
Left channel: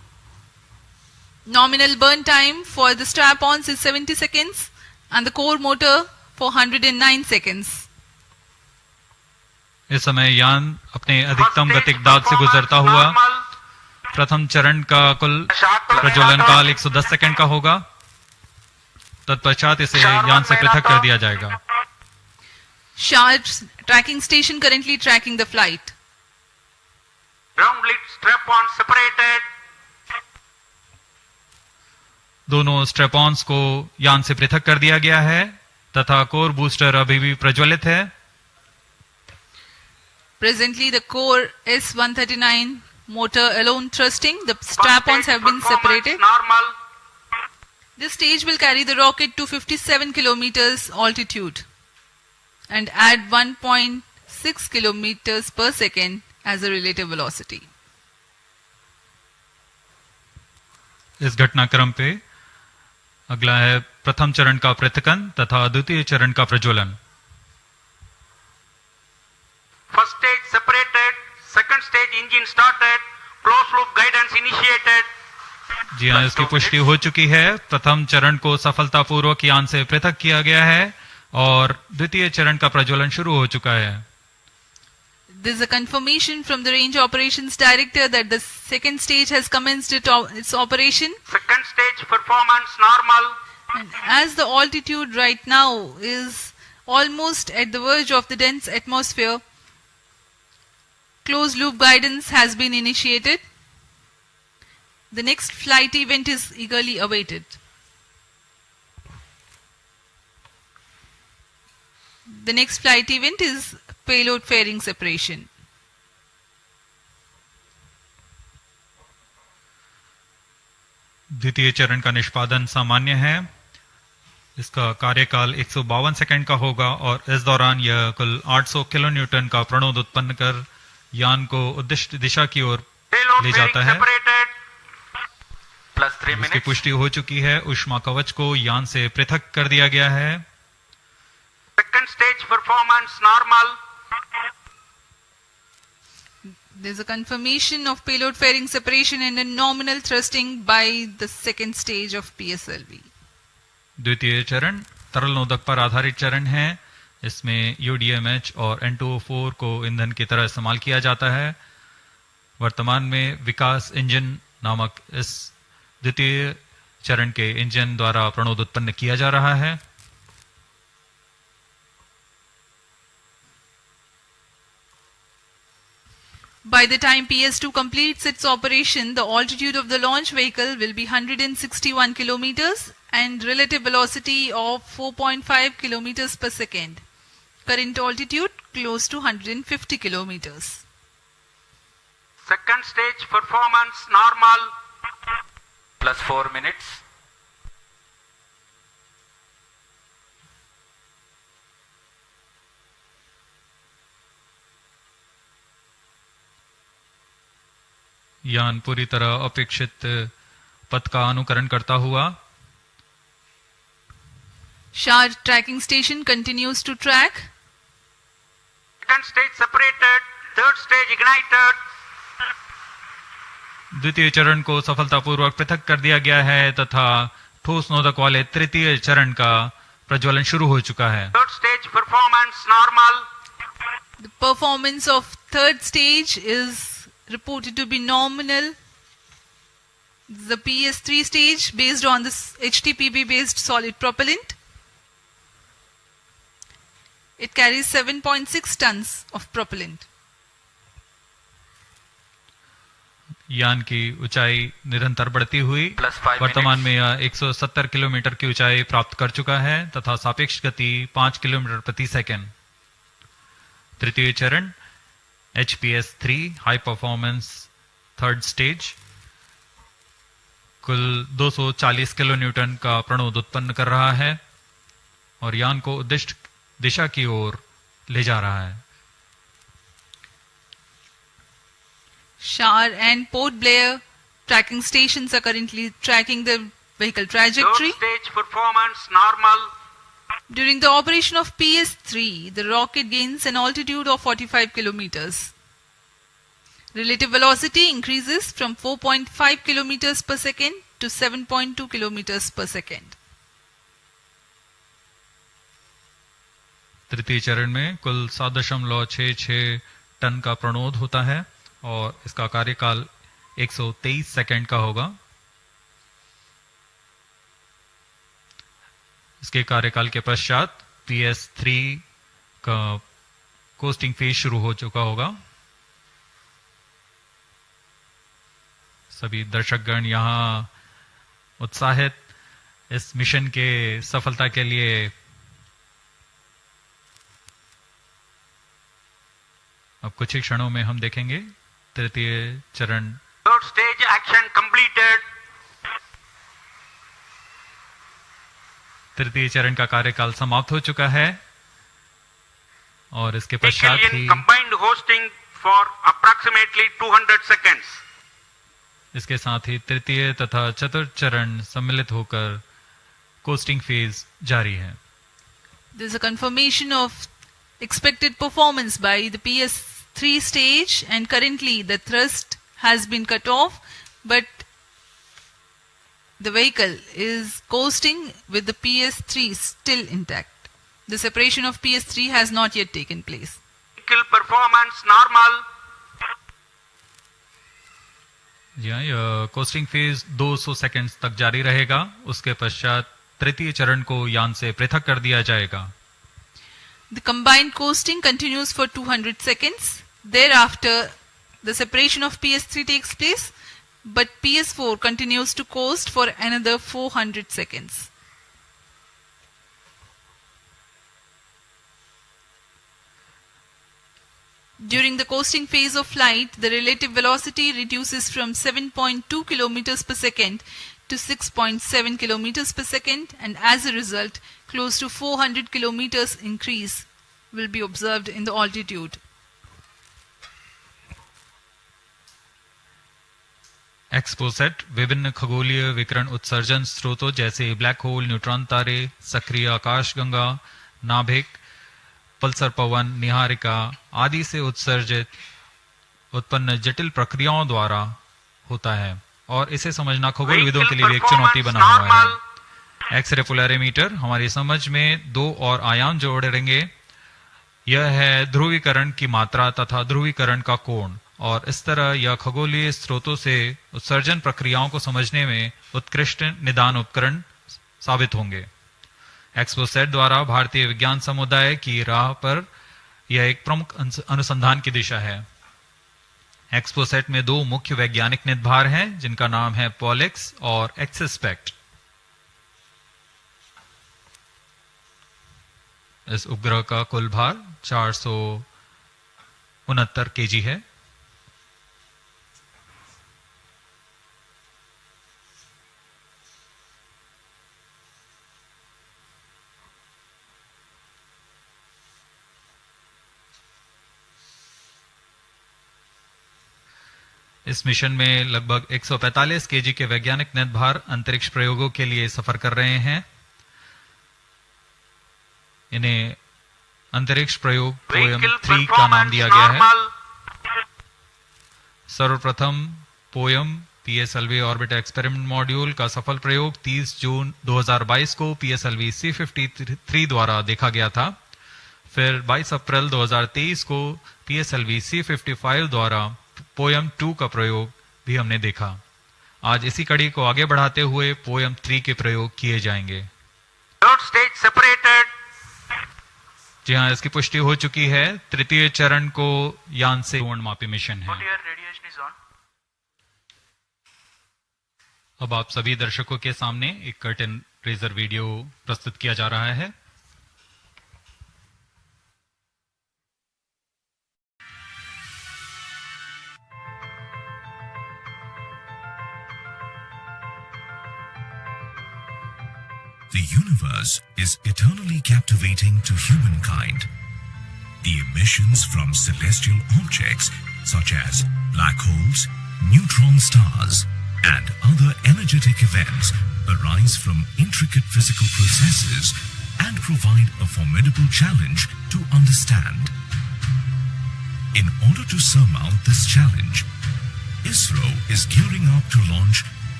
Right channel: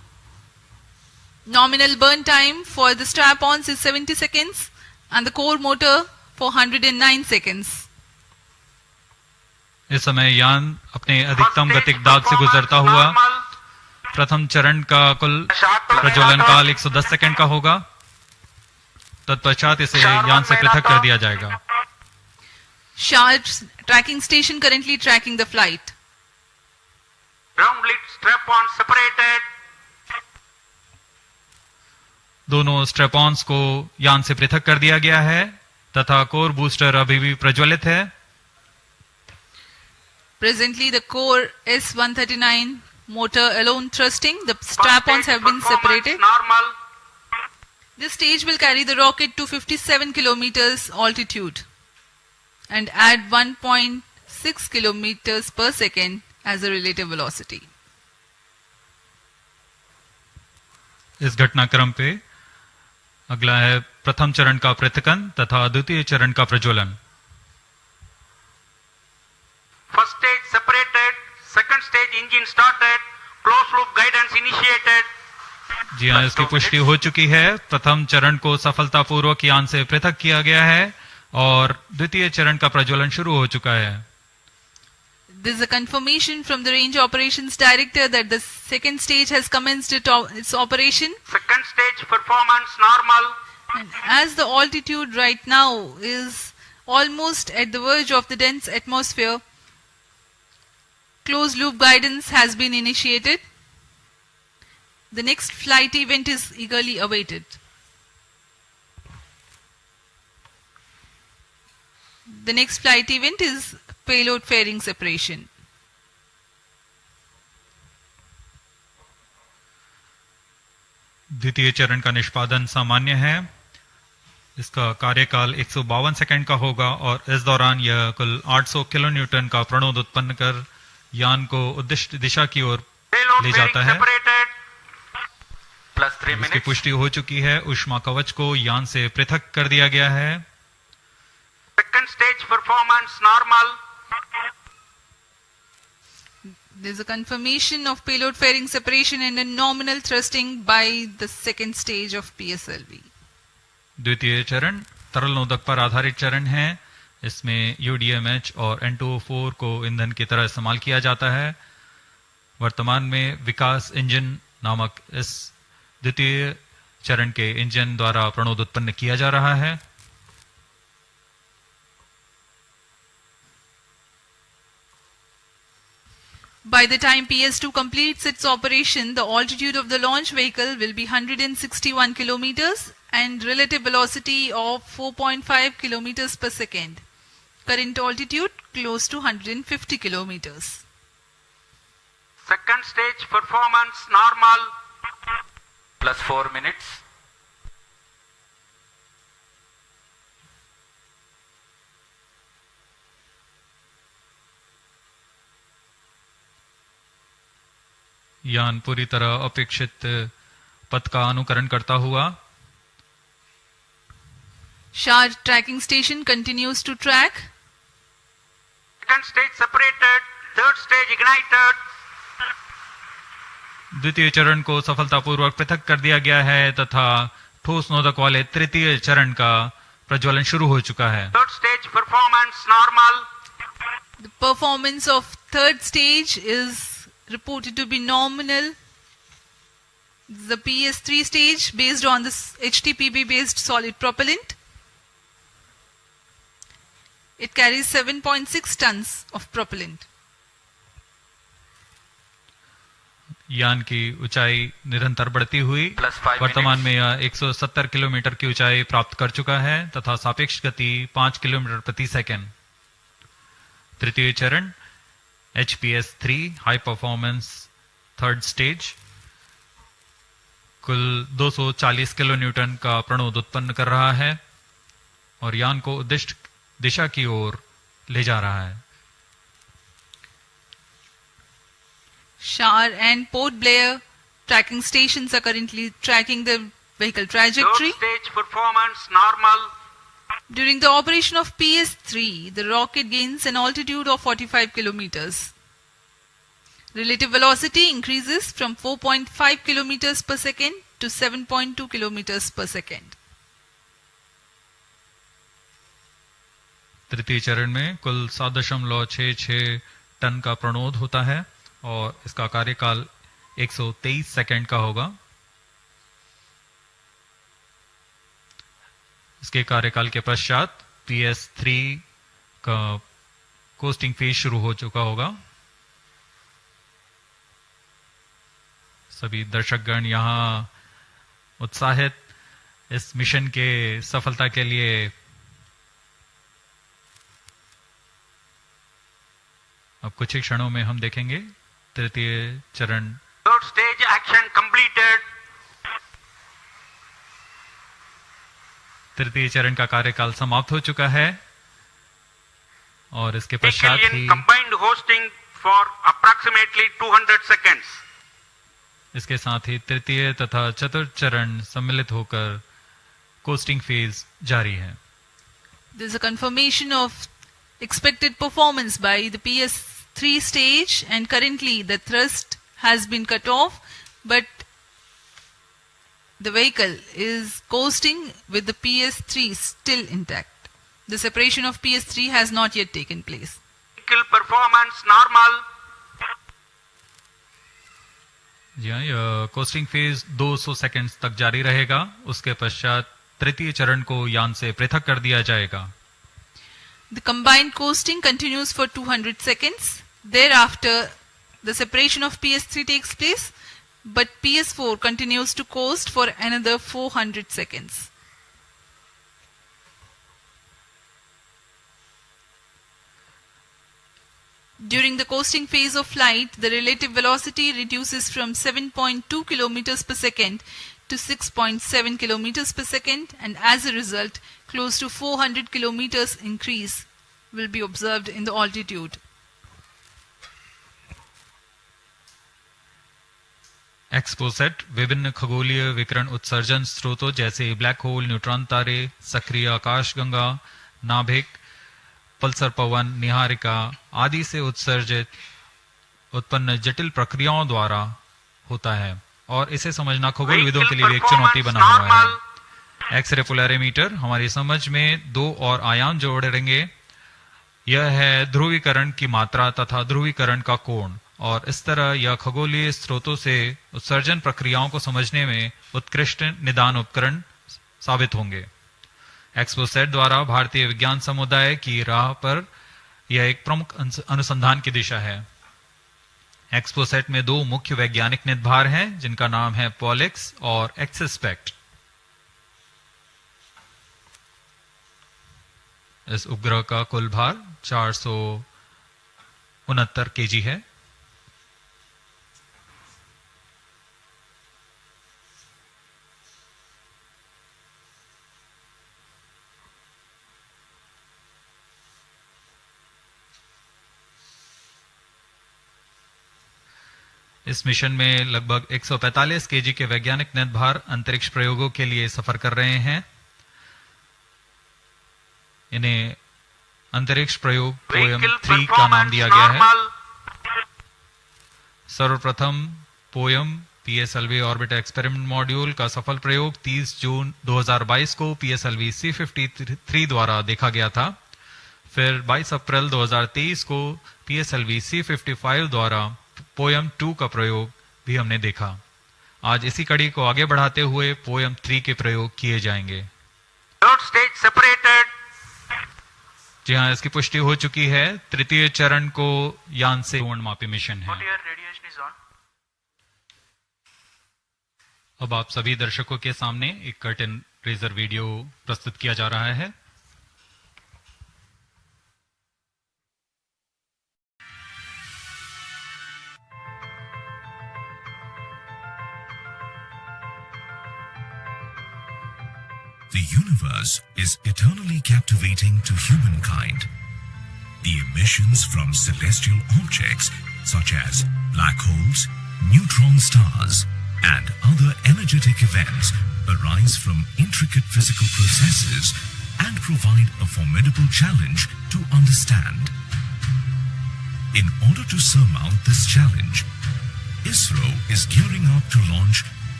Nominal burn time for the strap-ons is 70 seconds and the core motor for 109 seconds. इस समय यान अपने अधिकतम गतिक दाब से गुजरता हुआ प्रथम चरण का कुल प्रज्वलन काल 110 सेकंड का होगा। तत्पश्चात इसे यान से पृथक कर दिया जाएगा। Sharp tracking station currently tracking the flight. Ground lid strap-on separated. दोनों स्ट्रेपॉन्स को यान से पृथक कर दिया गया है तथा कोर बूस्टर अभी भी प्रज्वलित है। Presently, the core S139 motor alone thrusting. The strap-ons have been separated. Normal. This stage will carry the rocket to 57 kilometers altitude and add 1.6 kilometers per second as a relative velocity. इस घटनाक्रम पे अगला है प्रथम चरण का पृथकन तथा द्वितीय चरण का प्रज्वलन। First stage separated. Second stage engine started. Closed loop guidance initiated. जी हाँ, इसकी पुष्टि हो चुकी है। प्रथम चरण को सफलतापूर्वक यान से पृथक किया गया है और द्वितीय चरण का प्रज्वलन शुरू हो चुका है। There is a confirmation from the Range Operations Director that the second stage has commenced its operation. Second stage performance normal. And as the altitude right now is almost at the verge of the dense atmosphere, closed loop guidance has been initiated. The next flight event is eagerly awaited. The next flight event is payload fairing separation. द्वितीय चरण का निष्पादन सामान्य है। इसका कार्यकाल 152 second का होगा और इस दौरान यह कुल 800 किलोन्यूटन का प्रणोद उत्पन्न कर यान को उद्दिष्ट दिशा की ओर ले जाता है। इसकी पुष्टि हो चुकी है। ऊष्मा कवच को यान से पृथक कर दिया गया है। Second stage performance normal. There is a confirmation of payload fairing separation and a nominal thrusting by the second stage of PSLV. द्वितीय चरण तरल नोदक पर आधारित चरण है। इसमें UDMH और N2O4 को ईंधन की तरह इस्तेमाल किया जाता है। वर्तमान में विकास इंजन नामक इस द्वितीय चरण के इंजन द्वारा प्रणोद उत्पन्न किया जा रहा है। By the time PS2 completes its operation, the altitude of the launch vehicle will be 161 kilometers and relative velocity of 4.5 kilometers per second. Current altitude close to 150 kilometers. Second stage performance normal. Plus 4 minutes. यान पूरी तरह अपेक्षित पथ का अनुकरण करता हुआ Shar tracking station continues to track. Second stage separated. Third stage ignited. द्वितीय चरण को सफलतापूर्वक पृथक कर दिया गया है तथा ठोस नोदक वाले तृतीय चरण का प्रज्वलन शुरू हो चुका है। Third stage performance normal. The performance of third stage is reported to be nominal. The PS3 stage based on this HTPB based solid propellant. It carries 7.6 tons of propellant. यान की ऊंचाई निरंतर बढ़ती हुई वर्तमान में यह 170 किलोमीटर की ऊंचाई प्राप्त कर चुका है तथा सापेक्ष गति 5 किलोमीटर प्रति सेकंड। तृतीय चरण HPS3 high performance third stage कुल 240 किलो न्यूटन का प्रणोद उत्पन्न कर रहा है और यान को उद्दिष्ट दिशा की ओर ले जा रहा है। Shar and Port Blair tracking stations are currently tracking the vehicle trajectory. Third stage performance normal. During the operation of PS3, the rocket gains an altitude of 45 kilometers. Relative velocity increases from 4.5 kilometers per second to 7.2 kilometers per second. तृतीय चरण में कुल 7.66 ton का प्रणोद होता है और इसका कार्यकाल 123 सेकंड का होगा। इसके कार्यकाल के पश्चात PS3 का कोस्टिंग फेज शुरू हो चुका होगा। सभी दर्शकगण यहां उत्साहित इस मिशन के सफलता के लिए। अब कुछ ही क्षणों में हम देखेंगे तृतीय चरण। Third stage action completed. तृतीय चरण का कार्यकाल समाप्त हो चुका है और इसके पश्चात ही combined hosting for approximately 200 seconds. इसके साथ ही तृतीय तथा चतुर्थ चरण सम्मिलित होकर कोस्टिंग फेज जारी है। There is a confirmation of expected performance by the PS3 stage, and currently the thrust has been cut off, but the vehicle is coasting with the PS3 still intact. The separation of PS3 has not yet taken place. Vehicle performance normal. जी हाँ, यह costing phase 200 seconds तक जारी रहेगा। उसके पश्चात तृतीय चरण को यान से पृथक कर दिया जाएगा। The combined coasting continues for 200 seconds. Thereafter, the separation of PS3 takes place, but PS4 continues to coast for another 400 seconds. During the coasting phase of flight, the relative velocity reduces from 7.2 kilometers per second to 6.7 kilometers per second, and as a result, close to 400 kilometers increase will be observed in the altitude. XPoSat विभिन्न खगोलीय विकिरण उत्सर्जन स्रोतों जैसे black hole, neutron तारे, सक्रिय आकाशगंगा, नाभिक, पल्सर पवन, निहारिका आदि से उत्सर्जित उत्पन्न जटिल प्रक्रियाओं द्वारा होता है और इसे समझना खगोलविदों के लिए एक चुनौती बना हुआ है। एक्सरे पोलैरिमीटर हमारी समझ में दो और आयाम जोड़ेंगे। यह है ध्रुवीकरण की मात्रा तथा ध्रुवीकरण का कोण, और इस तरह यह खगोलीय स्रोतों से उत्सर्जन प्रक्रियाओं को समझने में उत्कृष्ट निदान उपकरण साबित होंगे। XPoSat द्वारा भारतीय विज्ञान समुदाय की राह पर यह एक प्रमुख अनुसंधान की दिशा है। XPoSat में दो मुख्य वैज्ञानिक निदभार हैं जिनका नाम है पॉलिक्स और एक्सस्पेक्ट। इस उपग्रह का कुल भार 469 केजी है। इस मिशन में लगभग 145 केजी के वैज्ञानिक निदभार अंतरिक्ष प्रयोगों के लिए सफर कर रहे हैं। इन्हें अंतरिक्ष प्रयोग पोयम 3 का नाम दिया गया है। सर्वप्रथम poem PSLV orbiter experiment module का सफल प्रयोग 30 जून 2022 को PSLV-C58 द्वारा देखा गया था। फिर 22 अप्रैल 2023 को PSLV-C55 द्वारा पोयम 2 का प्रयोग भी हमने देखा। आज इसी कड़ी को आगे बढ़ाते हुए पोयम 3 के प्रयोग किए जाएंगे। जी हाँ, इसकी पुष्टि हो चुकी है। तृतीय चरण को यान से मापी मिशन है। अब आप सभी दर्शकों के सामने एक कर्टेन रेजर वीडियो प्रस्तुत किया जा रहा है। The universe is eternally captivating to humankind. The emissions from celestial objects such as black holes, neutron stars, and other energetic events arise from intricate physical processes and provide a formidable challenge to understand. In order to surmount this challenge, Isro is gearing up to launch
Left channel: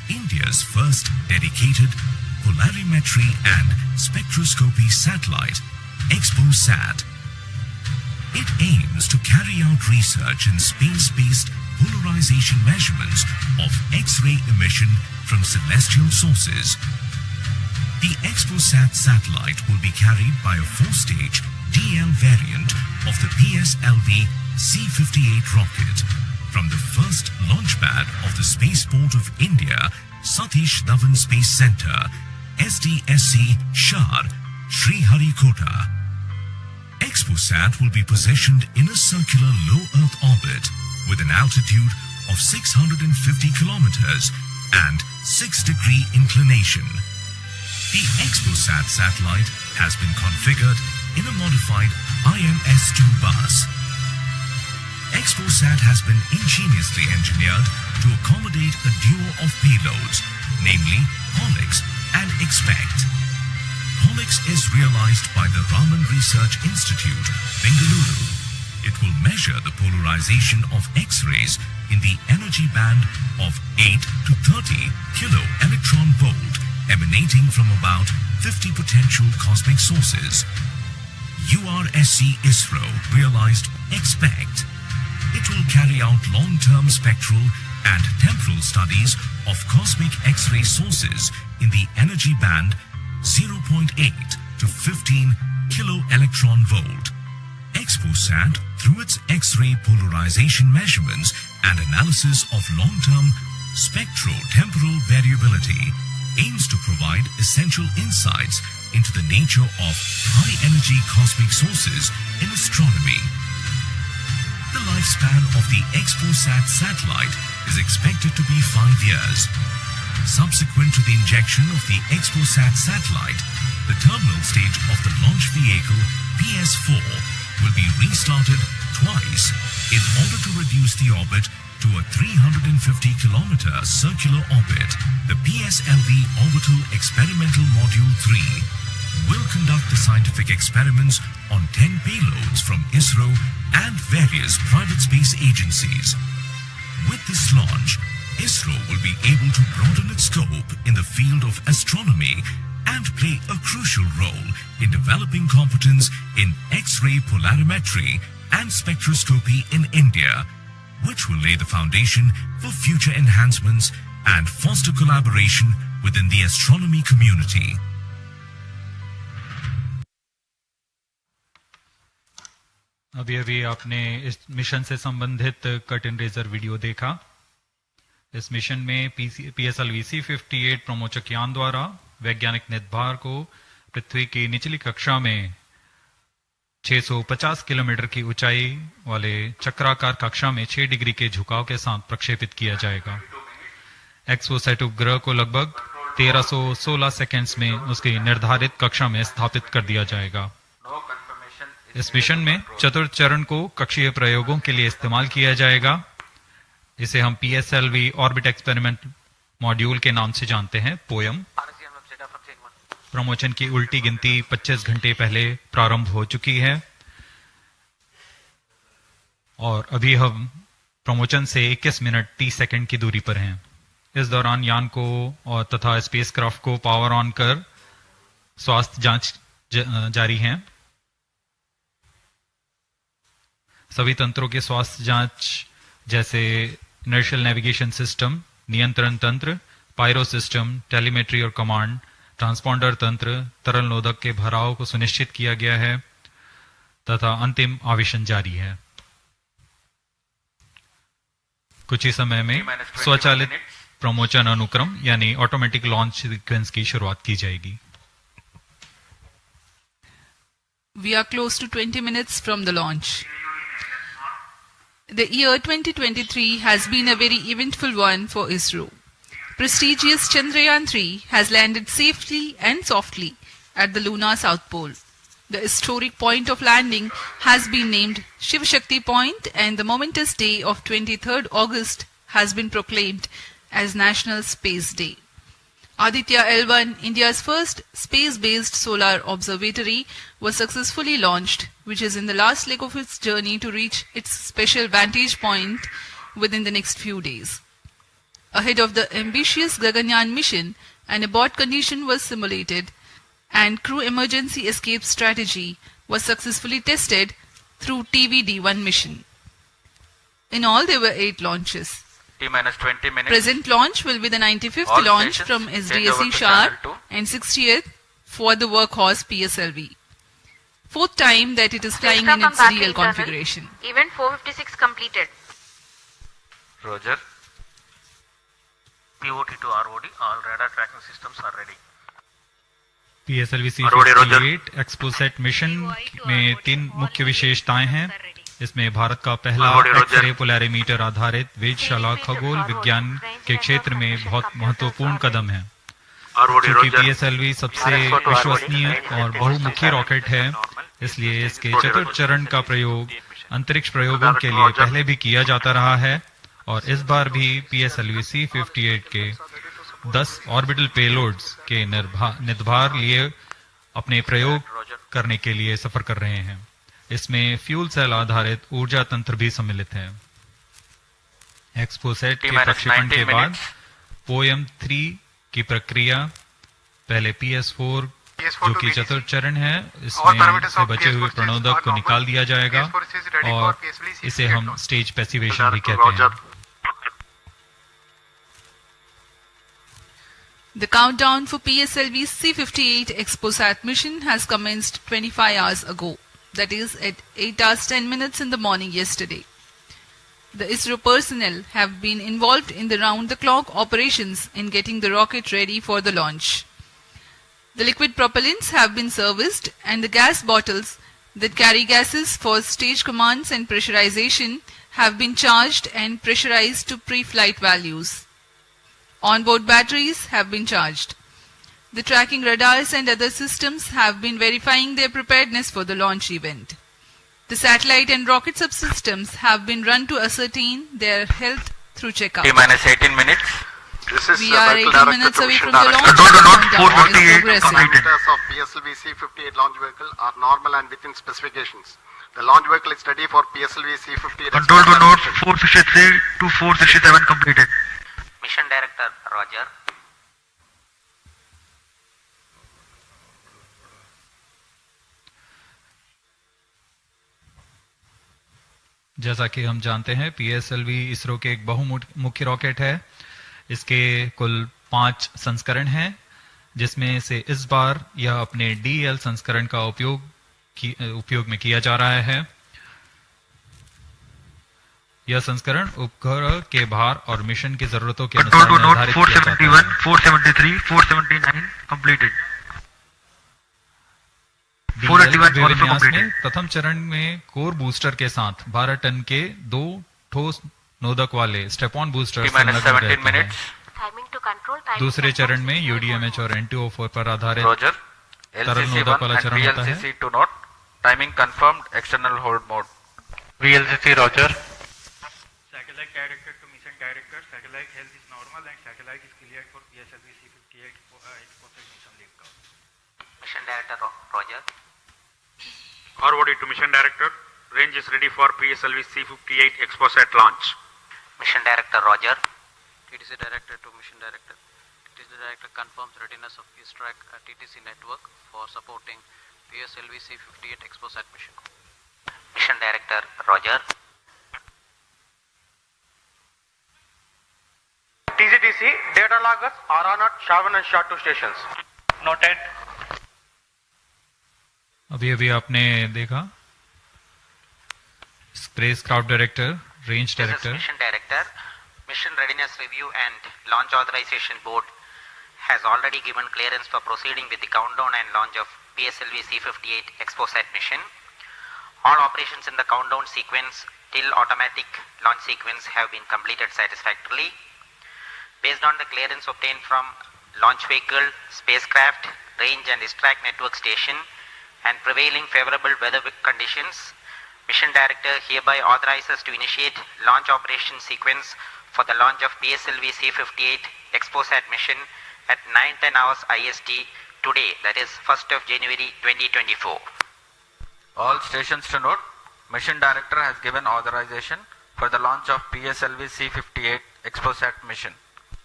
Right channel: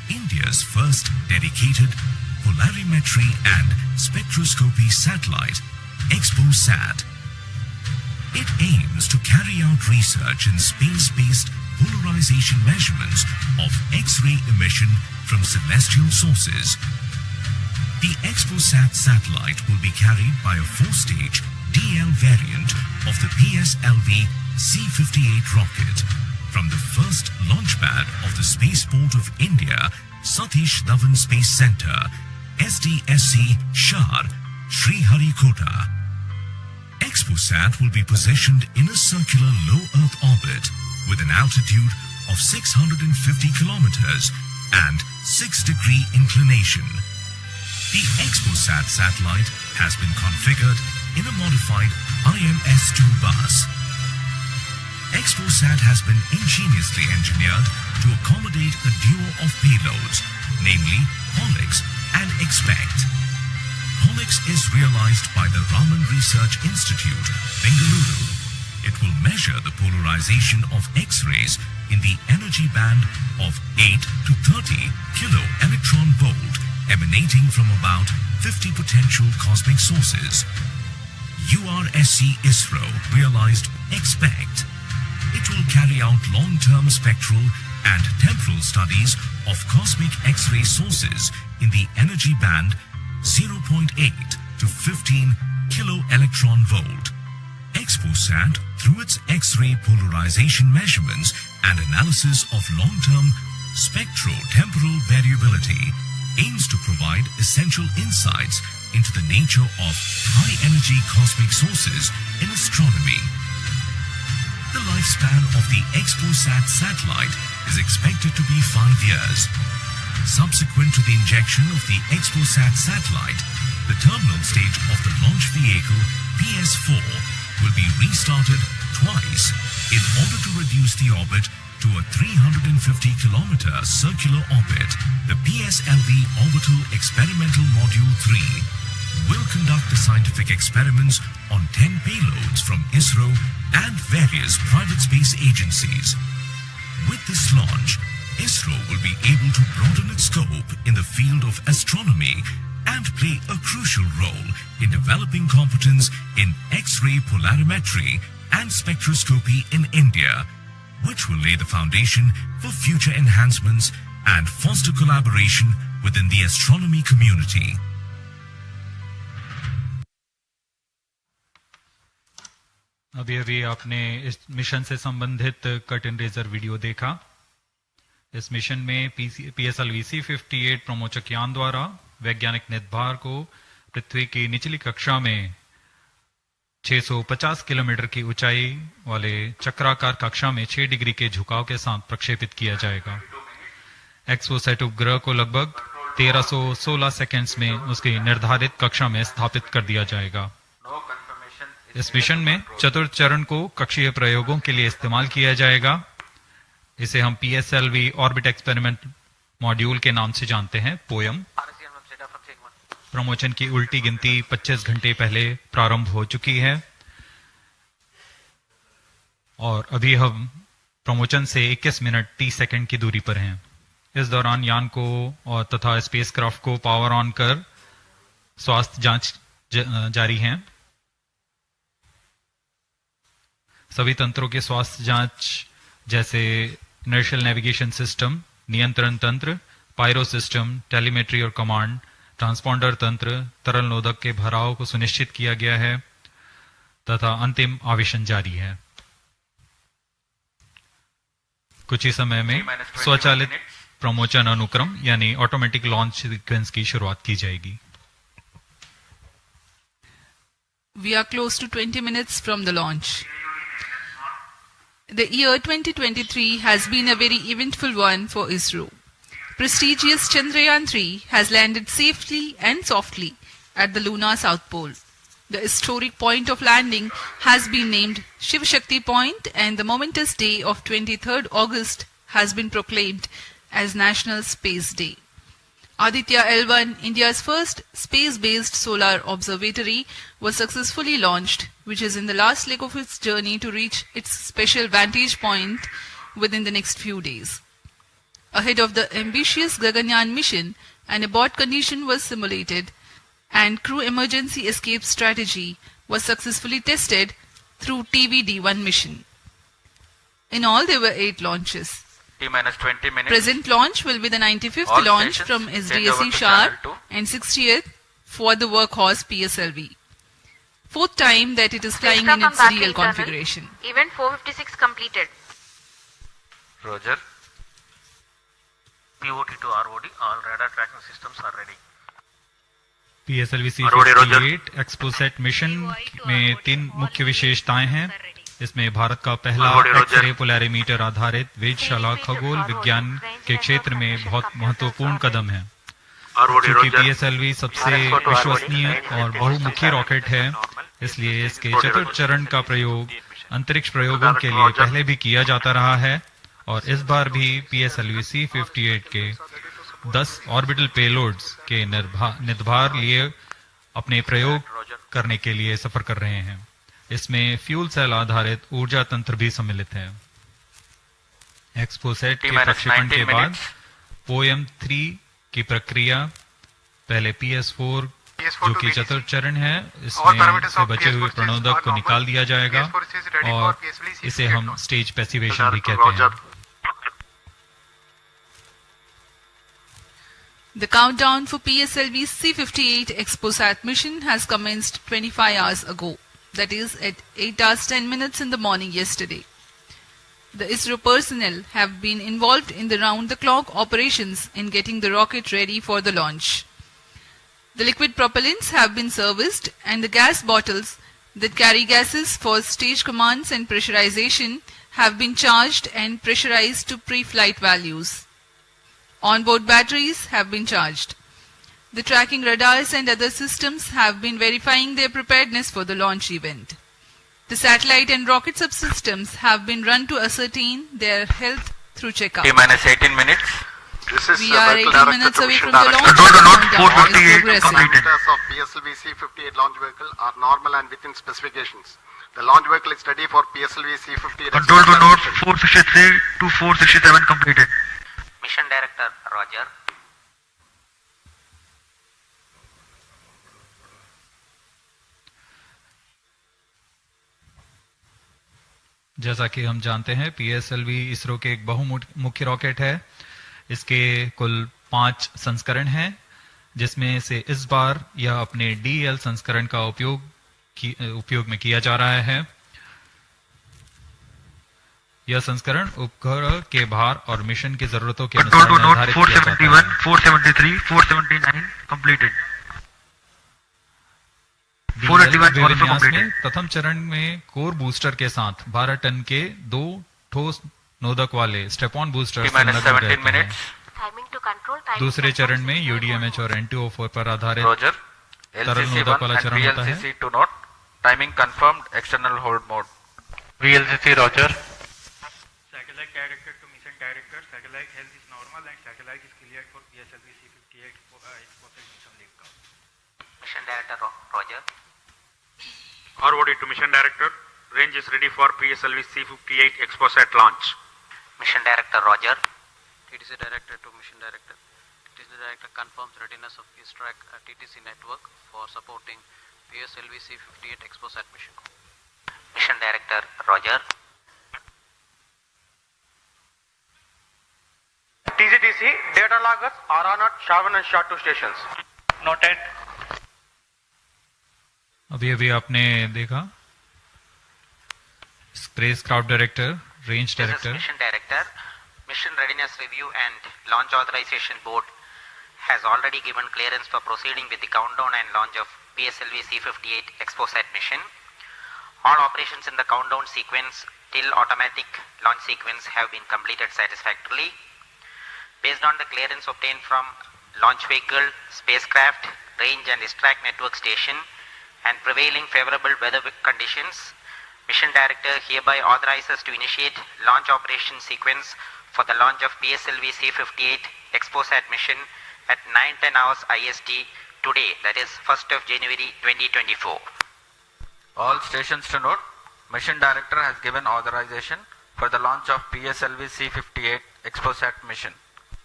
India's first dedicated polarimetry and spectroscopy satellite, XPoSat. It aims to carry out research in space-based polarization measurements of X-ray emission from celestial sources. The XPoSat satellite will be carried by a 4-stage DL variant of the PSLV-C58 rocket from the first launch pad of the Spaceport of India, Satish Dhawan Space Center, SDSC, Shar, Sriharikota. XPoSat will be positioned in a circular low Earth orbit with an altitude of 650 kilometers and 6-degree inclination. The XPoSat satellite has been configured in a modified IMS-2 bus. XPoSat has been ingeniously engineered to accommodate a duo of payloads, namely POLIX and XPECT. POLIX is realized by the Raman Research Institute, Bengaluru. It will measure the polarization of X-rays in the energy band of 8 to 30 kilo electron volt emanating from about 50 potential cosmic sources. URSC Isro realized XPECT. It will carry out long-term spectral and temporal studies of cosmic X-ray sources in the energy band 0.8 to 15 kilo electron volt. XPoSat, through its X-ray polarization measurements and analysis of long-term spectro-temporal variability, aims to provide essential insights into the nature of high-energy cosmic sources in astronomy. The lifespan of the XPoSat satellite is expected to be 5 years. Subsequent to the injection of the XPoSat satellite, the terminal stage of the launch vehicle PS4 will be restarted twice in order to reduce the orbit to a 350-kilometer circular orbit. The PSLV Orbital Experimental Module 3 will conduct the scientific experiments on 10 payloads from Isro and various private space agencies. With this launch, Isro will be able to broaden its scope in the field of astronomy and play a crucial role in developing competence in X-ray polarimetry and spectroscopy in India, which will lay the foundation for future enhancements and foster collaboration within the astronomy community. अभी अभी आपने इस mission से संबंधित cut in razor video देखा। इस mission में PSLV-C58 प्रमोचक यान द्वारा वैज्ञानिक निर्धार को पृथ्वी की निचली कक्षा में 650 किलोमीटर की ऊंचाई वाले चक्राकार कक्षा में 6 डिग्री के झुकाव के साथ प्रक्षेपित किया जाएगा। XPoSat उपग्रह को लगभग 1316 सेकंड्स में उसकी निर्धारित कक्षा में स्थापित कर दिया जाएगा। इस मिशन में चतुर्थ चरण को कक्षीय प्रयोगों के लिए इस्तेमाल किया जाएगा। इसे हम PSLV ऑर्बिट एक्सपेरिमेंट मॉड्यूल के नाम से जानते हैं, पोयम। प्रमोचन की उल्टी गिनती 25 घंटे पहले प्रारंभ हो चुकी है और अभी हम प्रमोचन से 21 मिनट 30 सेकंड की दूरी पर हैं। इस दौरान यान को और तथा स्पेसक्राफ्ट को पावर ऑन कर स्वास्थ्य जांच जारी है। सभी तंत्रों के स्वास्थ्य जांच जैसे इनर्शियल नेविगेशन सिस्टम, नियंत्रण तंत्र, पायरो सिस्टम, टेलीमेट्री और कमांड, ट्रांसपॉन्डर तंत्र, तरल नोदक के भराव को सुनिश्चित किया गया है तथा अंतिम आवेशन जारी है। कुछ ही समय में स्वचालित प्रमोचन अनुक्रम यानी ऑटोमेटिक लॉन्च सीक्वेंस की शुरुआत की जाएगी। We are close to 20 minutes from the launch. The year 2023 has been a very eventful one for Isro. Prestigious Chandrayaan-3 has landed safely and softly at the lunar south pole. The historic point of landing has been named Shiv Shakti Point, and the momentous day of 23rd August has been proclaimed as National Space Day. Aditya L1, India's first space-based solar observatory, was successfully launched, which is in the last leg of its journey to reach its special vantage point within the next few days. Ahead of the ambitious Gaganyaan mission, an abort condition was simulated and crew emergency escape strategy was successfully tested through TVD-1 mission. In all, there were 8 launches. T-minus 20 minutes. Present launch will be the 95th All launch stations from change SDSC over to Sharp channel 2. and 60th for the workhorse PSLV. 4th time that it is flying in its real configuration. Event 456 completed. Roger. POT to ROD, all radar tracking systems are ready. PSLV-C58 XPoSat mission में 3 मुख्य विशेषताएं हैं। इसमें भारत का पहला x-ray polarimeter आधारित वेधशाला खगोल विज्ञान के क्षेत्र में बहुत महत्वपूर्ण कदम है। क्योंकि PSLV सबसे विश्वसनीय और बहुमुखी रॉकेट है, इसलिए इसके चतुर्थ चरण का प्रयोग अंतरिक्ष प्रयोगों के लिए पहले भी किया जाता रहा है और इस बार भी PSLV-C58 के 10 ऑर्बिटल पेलोड्स के निर्धार लिए अपने प्रयोग करने के लिए सफर कर रहे हैं। इसमें फ्यूल सेल आधारित ऊर्जा तंत्र भी सम्मिलित है। XPoSat के प्रक्षेपण के बाद POEM-3 की प्रक्रिया पहले PS4 जो कि चतुर्थ चरण है, इसमें से बचे हुए प्रणोदक को निकाल दिया जाएगा और इसे हम स्टेज पैसिवेशन भी कहते हैं। The countdown for PSLV-C58 XPoSat mission has commenced 25 hours ago, that is at 8 hours 10 minutes in the morning yesterday. The Isro personnel have been involved in the round-the-clock operations in getting the rocket ready for the launch. The liquid propellants have been serviced and the gas bottles that carry gases for stage commands and pressurization have been charged and pressurized to pre-flight values. Onboard batteries have been charged. The tracking radars and other systems have been verifying their preparedness for the launch event. The satellite and rocket subsystems have been run to ascertain their health through checkup. T-minus 18 minutes. We are 18 minutes away from the launch. Control to note Countdown is 458 progressive. completed. Parameters of PSLV-C58 launch vehicle are normal and within specifications. The launch vehicle is ready for PSLV-C58. Control to note 453 to 467 completed. Mission Director, Roger. जैसा कि हम जानते हैं, PSLV ISRO के एक बहुमुखी rocket है। इसके कुल 5 संस्करण हैं, जिसमें से इस बार यह अपने DL संस्करण का उपयोग में किया जा रहा है। यह संस्करण उपग्रह के भार और मिशन की जरूरतों के अनुसार निर्धारित किया जाता है। 473, 479 completed. विन्यास में प्रथम चरण में कोर बूस्टर के साथ 12 टन के 2 ठोस नोदक वाले स्टेप-ऑन बूस्टर संलग्न रहते हैं। दूसरे चरण में UDMH और NTO4 पर आधारित तरल नोदक वाला चरण होता है। Timing confirmed, external hold mode. VLCC, Roger. Satellite director to mission director, satellite health is normal and satellite is cleared for PSLV-C58 XPoSat mission liftoff. Mission Director, Roger. ROD to Mission Director, range is ready for PSLV-C58 XPoSat launch. Mission Director, Roger. TTC Director to Mission Director. TTC Director confirms readiness of his track at TTC network for supporting PSLV-C58 XPoSat mission. Mission Director, Roger. TGTC, data loggers are on at Shavan and SHA-2 stations. Noted. अभी आपने देखा spacecraft director, range director. Mission Director, Mission Readiness Review and Launch Authorization Board has already given clearance for proceeding with the countdown and launch of PSLV-C58 XPoSat mission. All operations in the countdown sequence till automatic launch sequence have been completed satisfactorily. Based on the clearance obtained from launch vehicle, spacecraft, range and ISTRAC network station and prevailing favorable weather conditions, Mission Director hereby authorizes to initiate launch operation sequence for the launch of PSLV-C58 XPoSat mission at 9:10 hours IST today, that is 1st of January 2024. All stations to note, Mission Director has given authorization for the launch of PSLV-C58 XPoSat mission.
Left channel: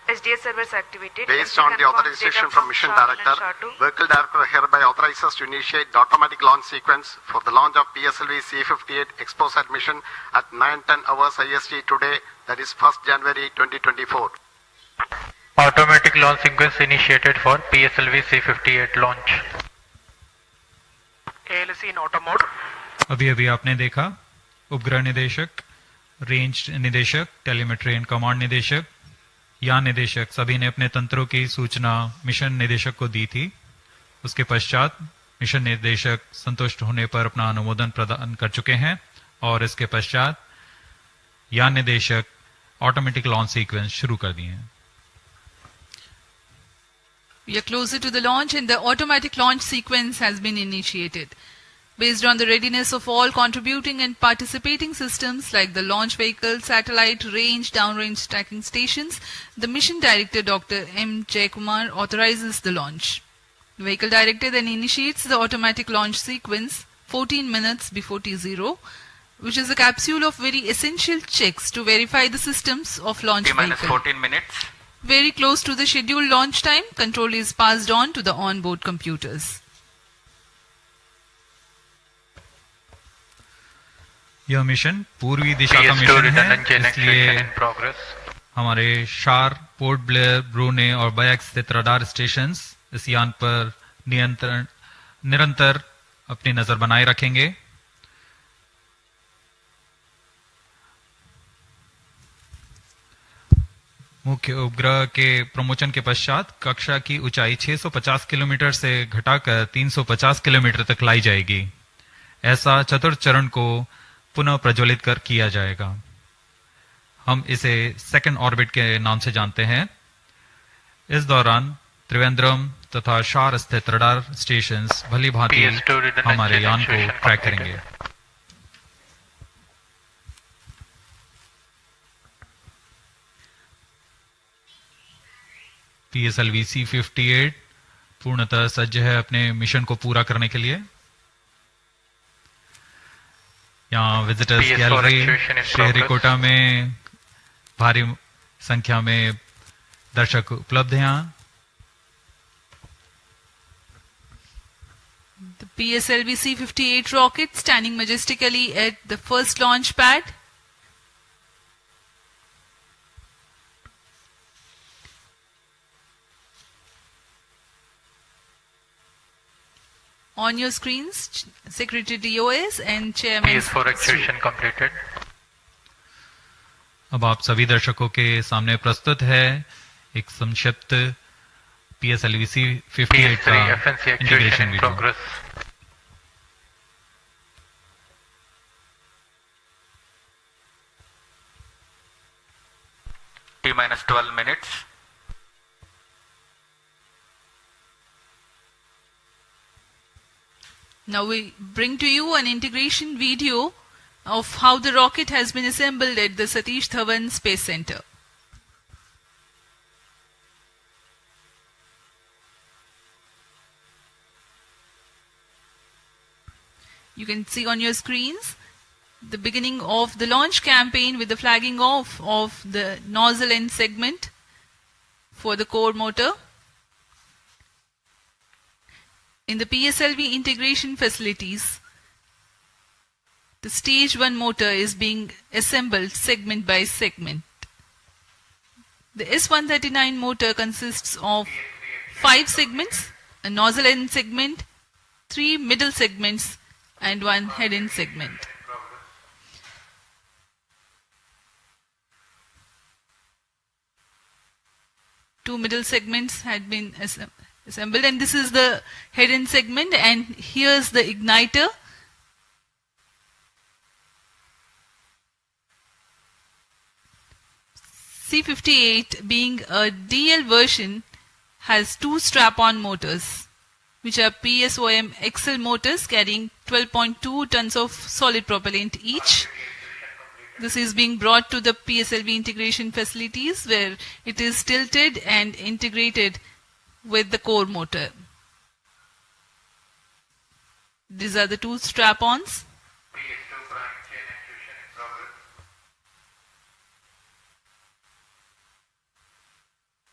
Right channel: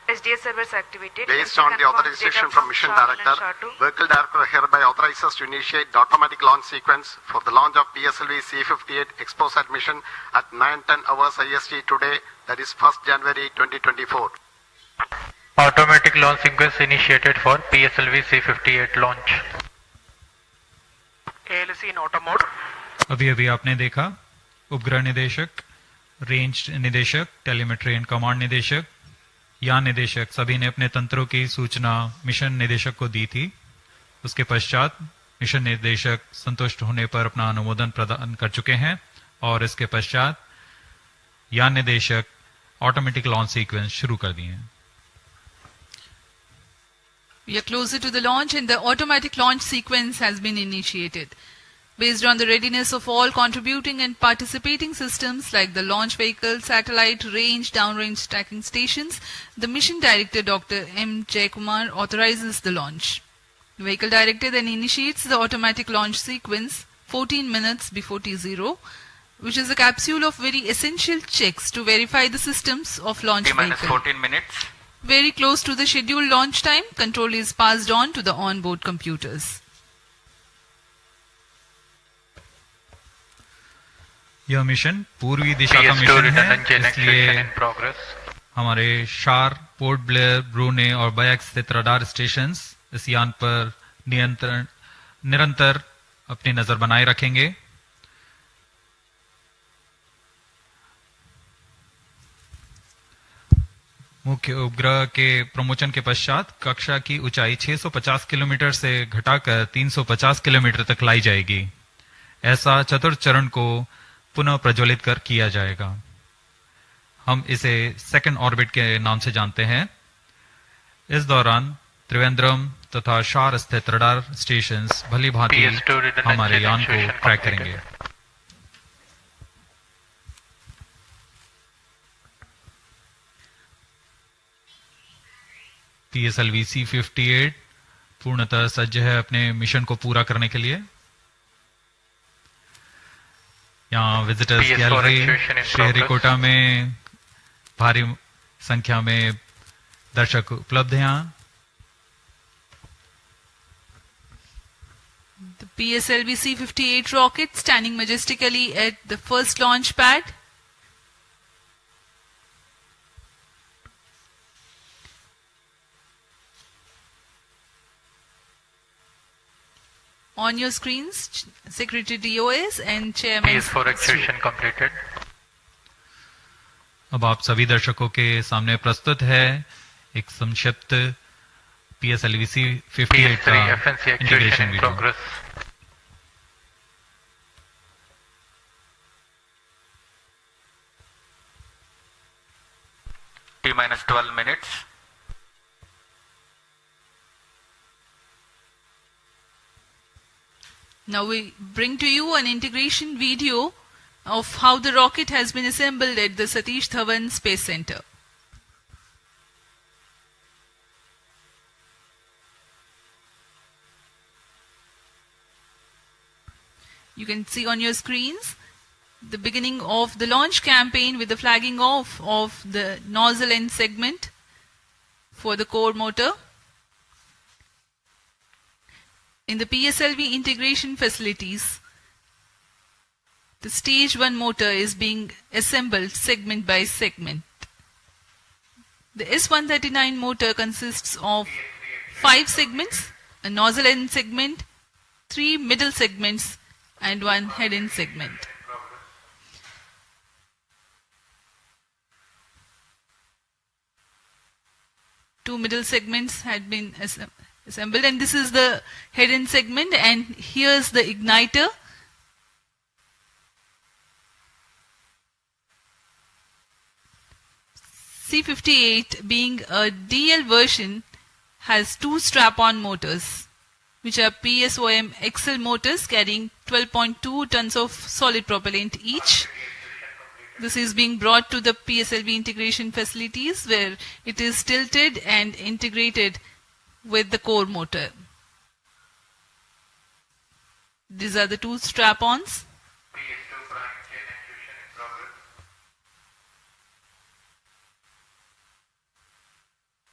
SDS servers activated. Based on the authorization from Mission Director, Vehicle Director hereby authorizes to initiate the automatic launch sequence for the launch of PSLV-C58 XPoSat mission at 9:10 hours IST today, that is 1st January 2024. Automatic launch sequence initiated for PSLV-C58 launch. ALC in auto mode. अभी अभी आपने देखा उपग्रह निदेशक, range निदेशक, telemetry and command निदेशक, यान निदेशक सभी ने अपने तंत्रों की सूचना मिशन निदेशक को दी थी। उसके पश्चात मिशन निदेशक संतुष्ट होने पर अपना अनुमोदन प्रदान कर चुके हैं और इसके पश्चात यान निदेशक ऑटोमेटिक लॉन्च सीक्वेंस शुरू कर दिए हैं। We are closer to the launch and the automatic launch sequence has been initiated. Based on the readiness of all contributing and participating systems like the launch vehicle, satellite, range, downrange tracking stations, the mission director Dr. M. Jaikumar authorizes the launch. The vehicle director then initiates the automatic launch sequence 14 minutes before T0, which is a capsule of very essential checks to verify the systems of launch vehicle. 14 minutes. Very close to the scheduled launch time, control is passed on to the onboard computers. यह mission पूर्वी दिशा का mission है, इसलिए हमारे शार, port Blair, ब्रूने और bike स्थित radar stations इस यान पर निरंतर अपनी नजर बनाए रखेंगे। मुख्य उपग्रह के प्रमोशन के पश्चात कक्षा की ऊंचाई 650 किलोमीटर से घटाकर 350 किलोमीटर तक लाई जाएगी। ऐसा चतुर्थ चरण को पुनः प्रज्वलित कर किया जाएगा। हम इसे सेकंड ऑर्बिट के नाम से जानते हैं। इस दौरान त्रिवेंद्रम तथा शार स्थित रडार स्टेशंस भली भांति हमारे यान को ट्रैक करेंगे। PSLV-C58 पूर्णतः सज्ज है अपने मिशन को पूरा करने के लिए। यहाँ विजिटर्स गैलरी श्रीहरिकोटा में भारी संख्या में दर्शक उपलब्ध हैं। यहाँ The PSLV-C58 rocket standing majestically at the first launch pad. On your screens, Secretary DOS and Chairman. PS4 activation completed. अब आप सभी दर्शकों के सामने प्रस्तुत है एक संक्षिप्त PSLV-C58 का integration video. T-12 minutes. Now we bring to you an integration video of how the rocket has been assembled at the Satish Dhawan Space Center. You can see on your screens the beginning of the launch campaign with the flagging off of the nozzle end segment for the core motor. In the PSLV integration facilities, the stage 1 motor is being assembled segment by segment. The S139 motor consists of 5 segments, a nozzle end segment, 3 middle segments and 1 head end segment. Two middle segments had been assembled, and this is the head end segment, and here's the igniter. C58 being a DL version has 2 strap-on motors, which are PSOM XL motors carrying 12.2 tons of solid propellant each. This is being brought to the PSLV integration facilities where it is tilted and integrated with the core motor. These are the 2 strap-ons.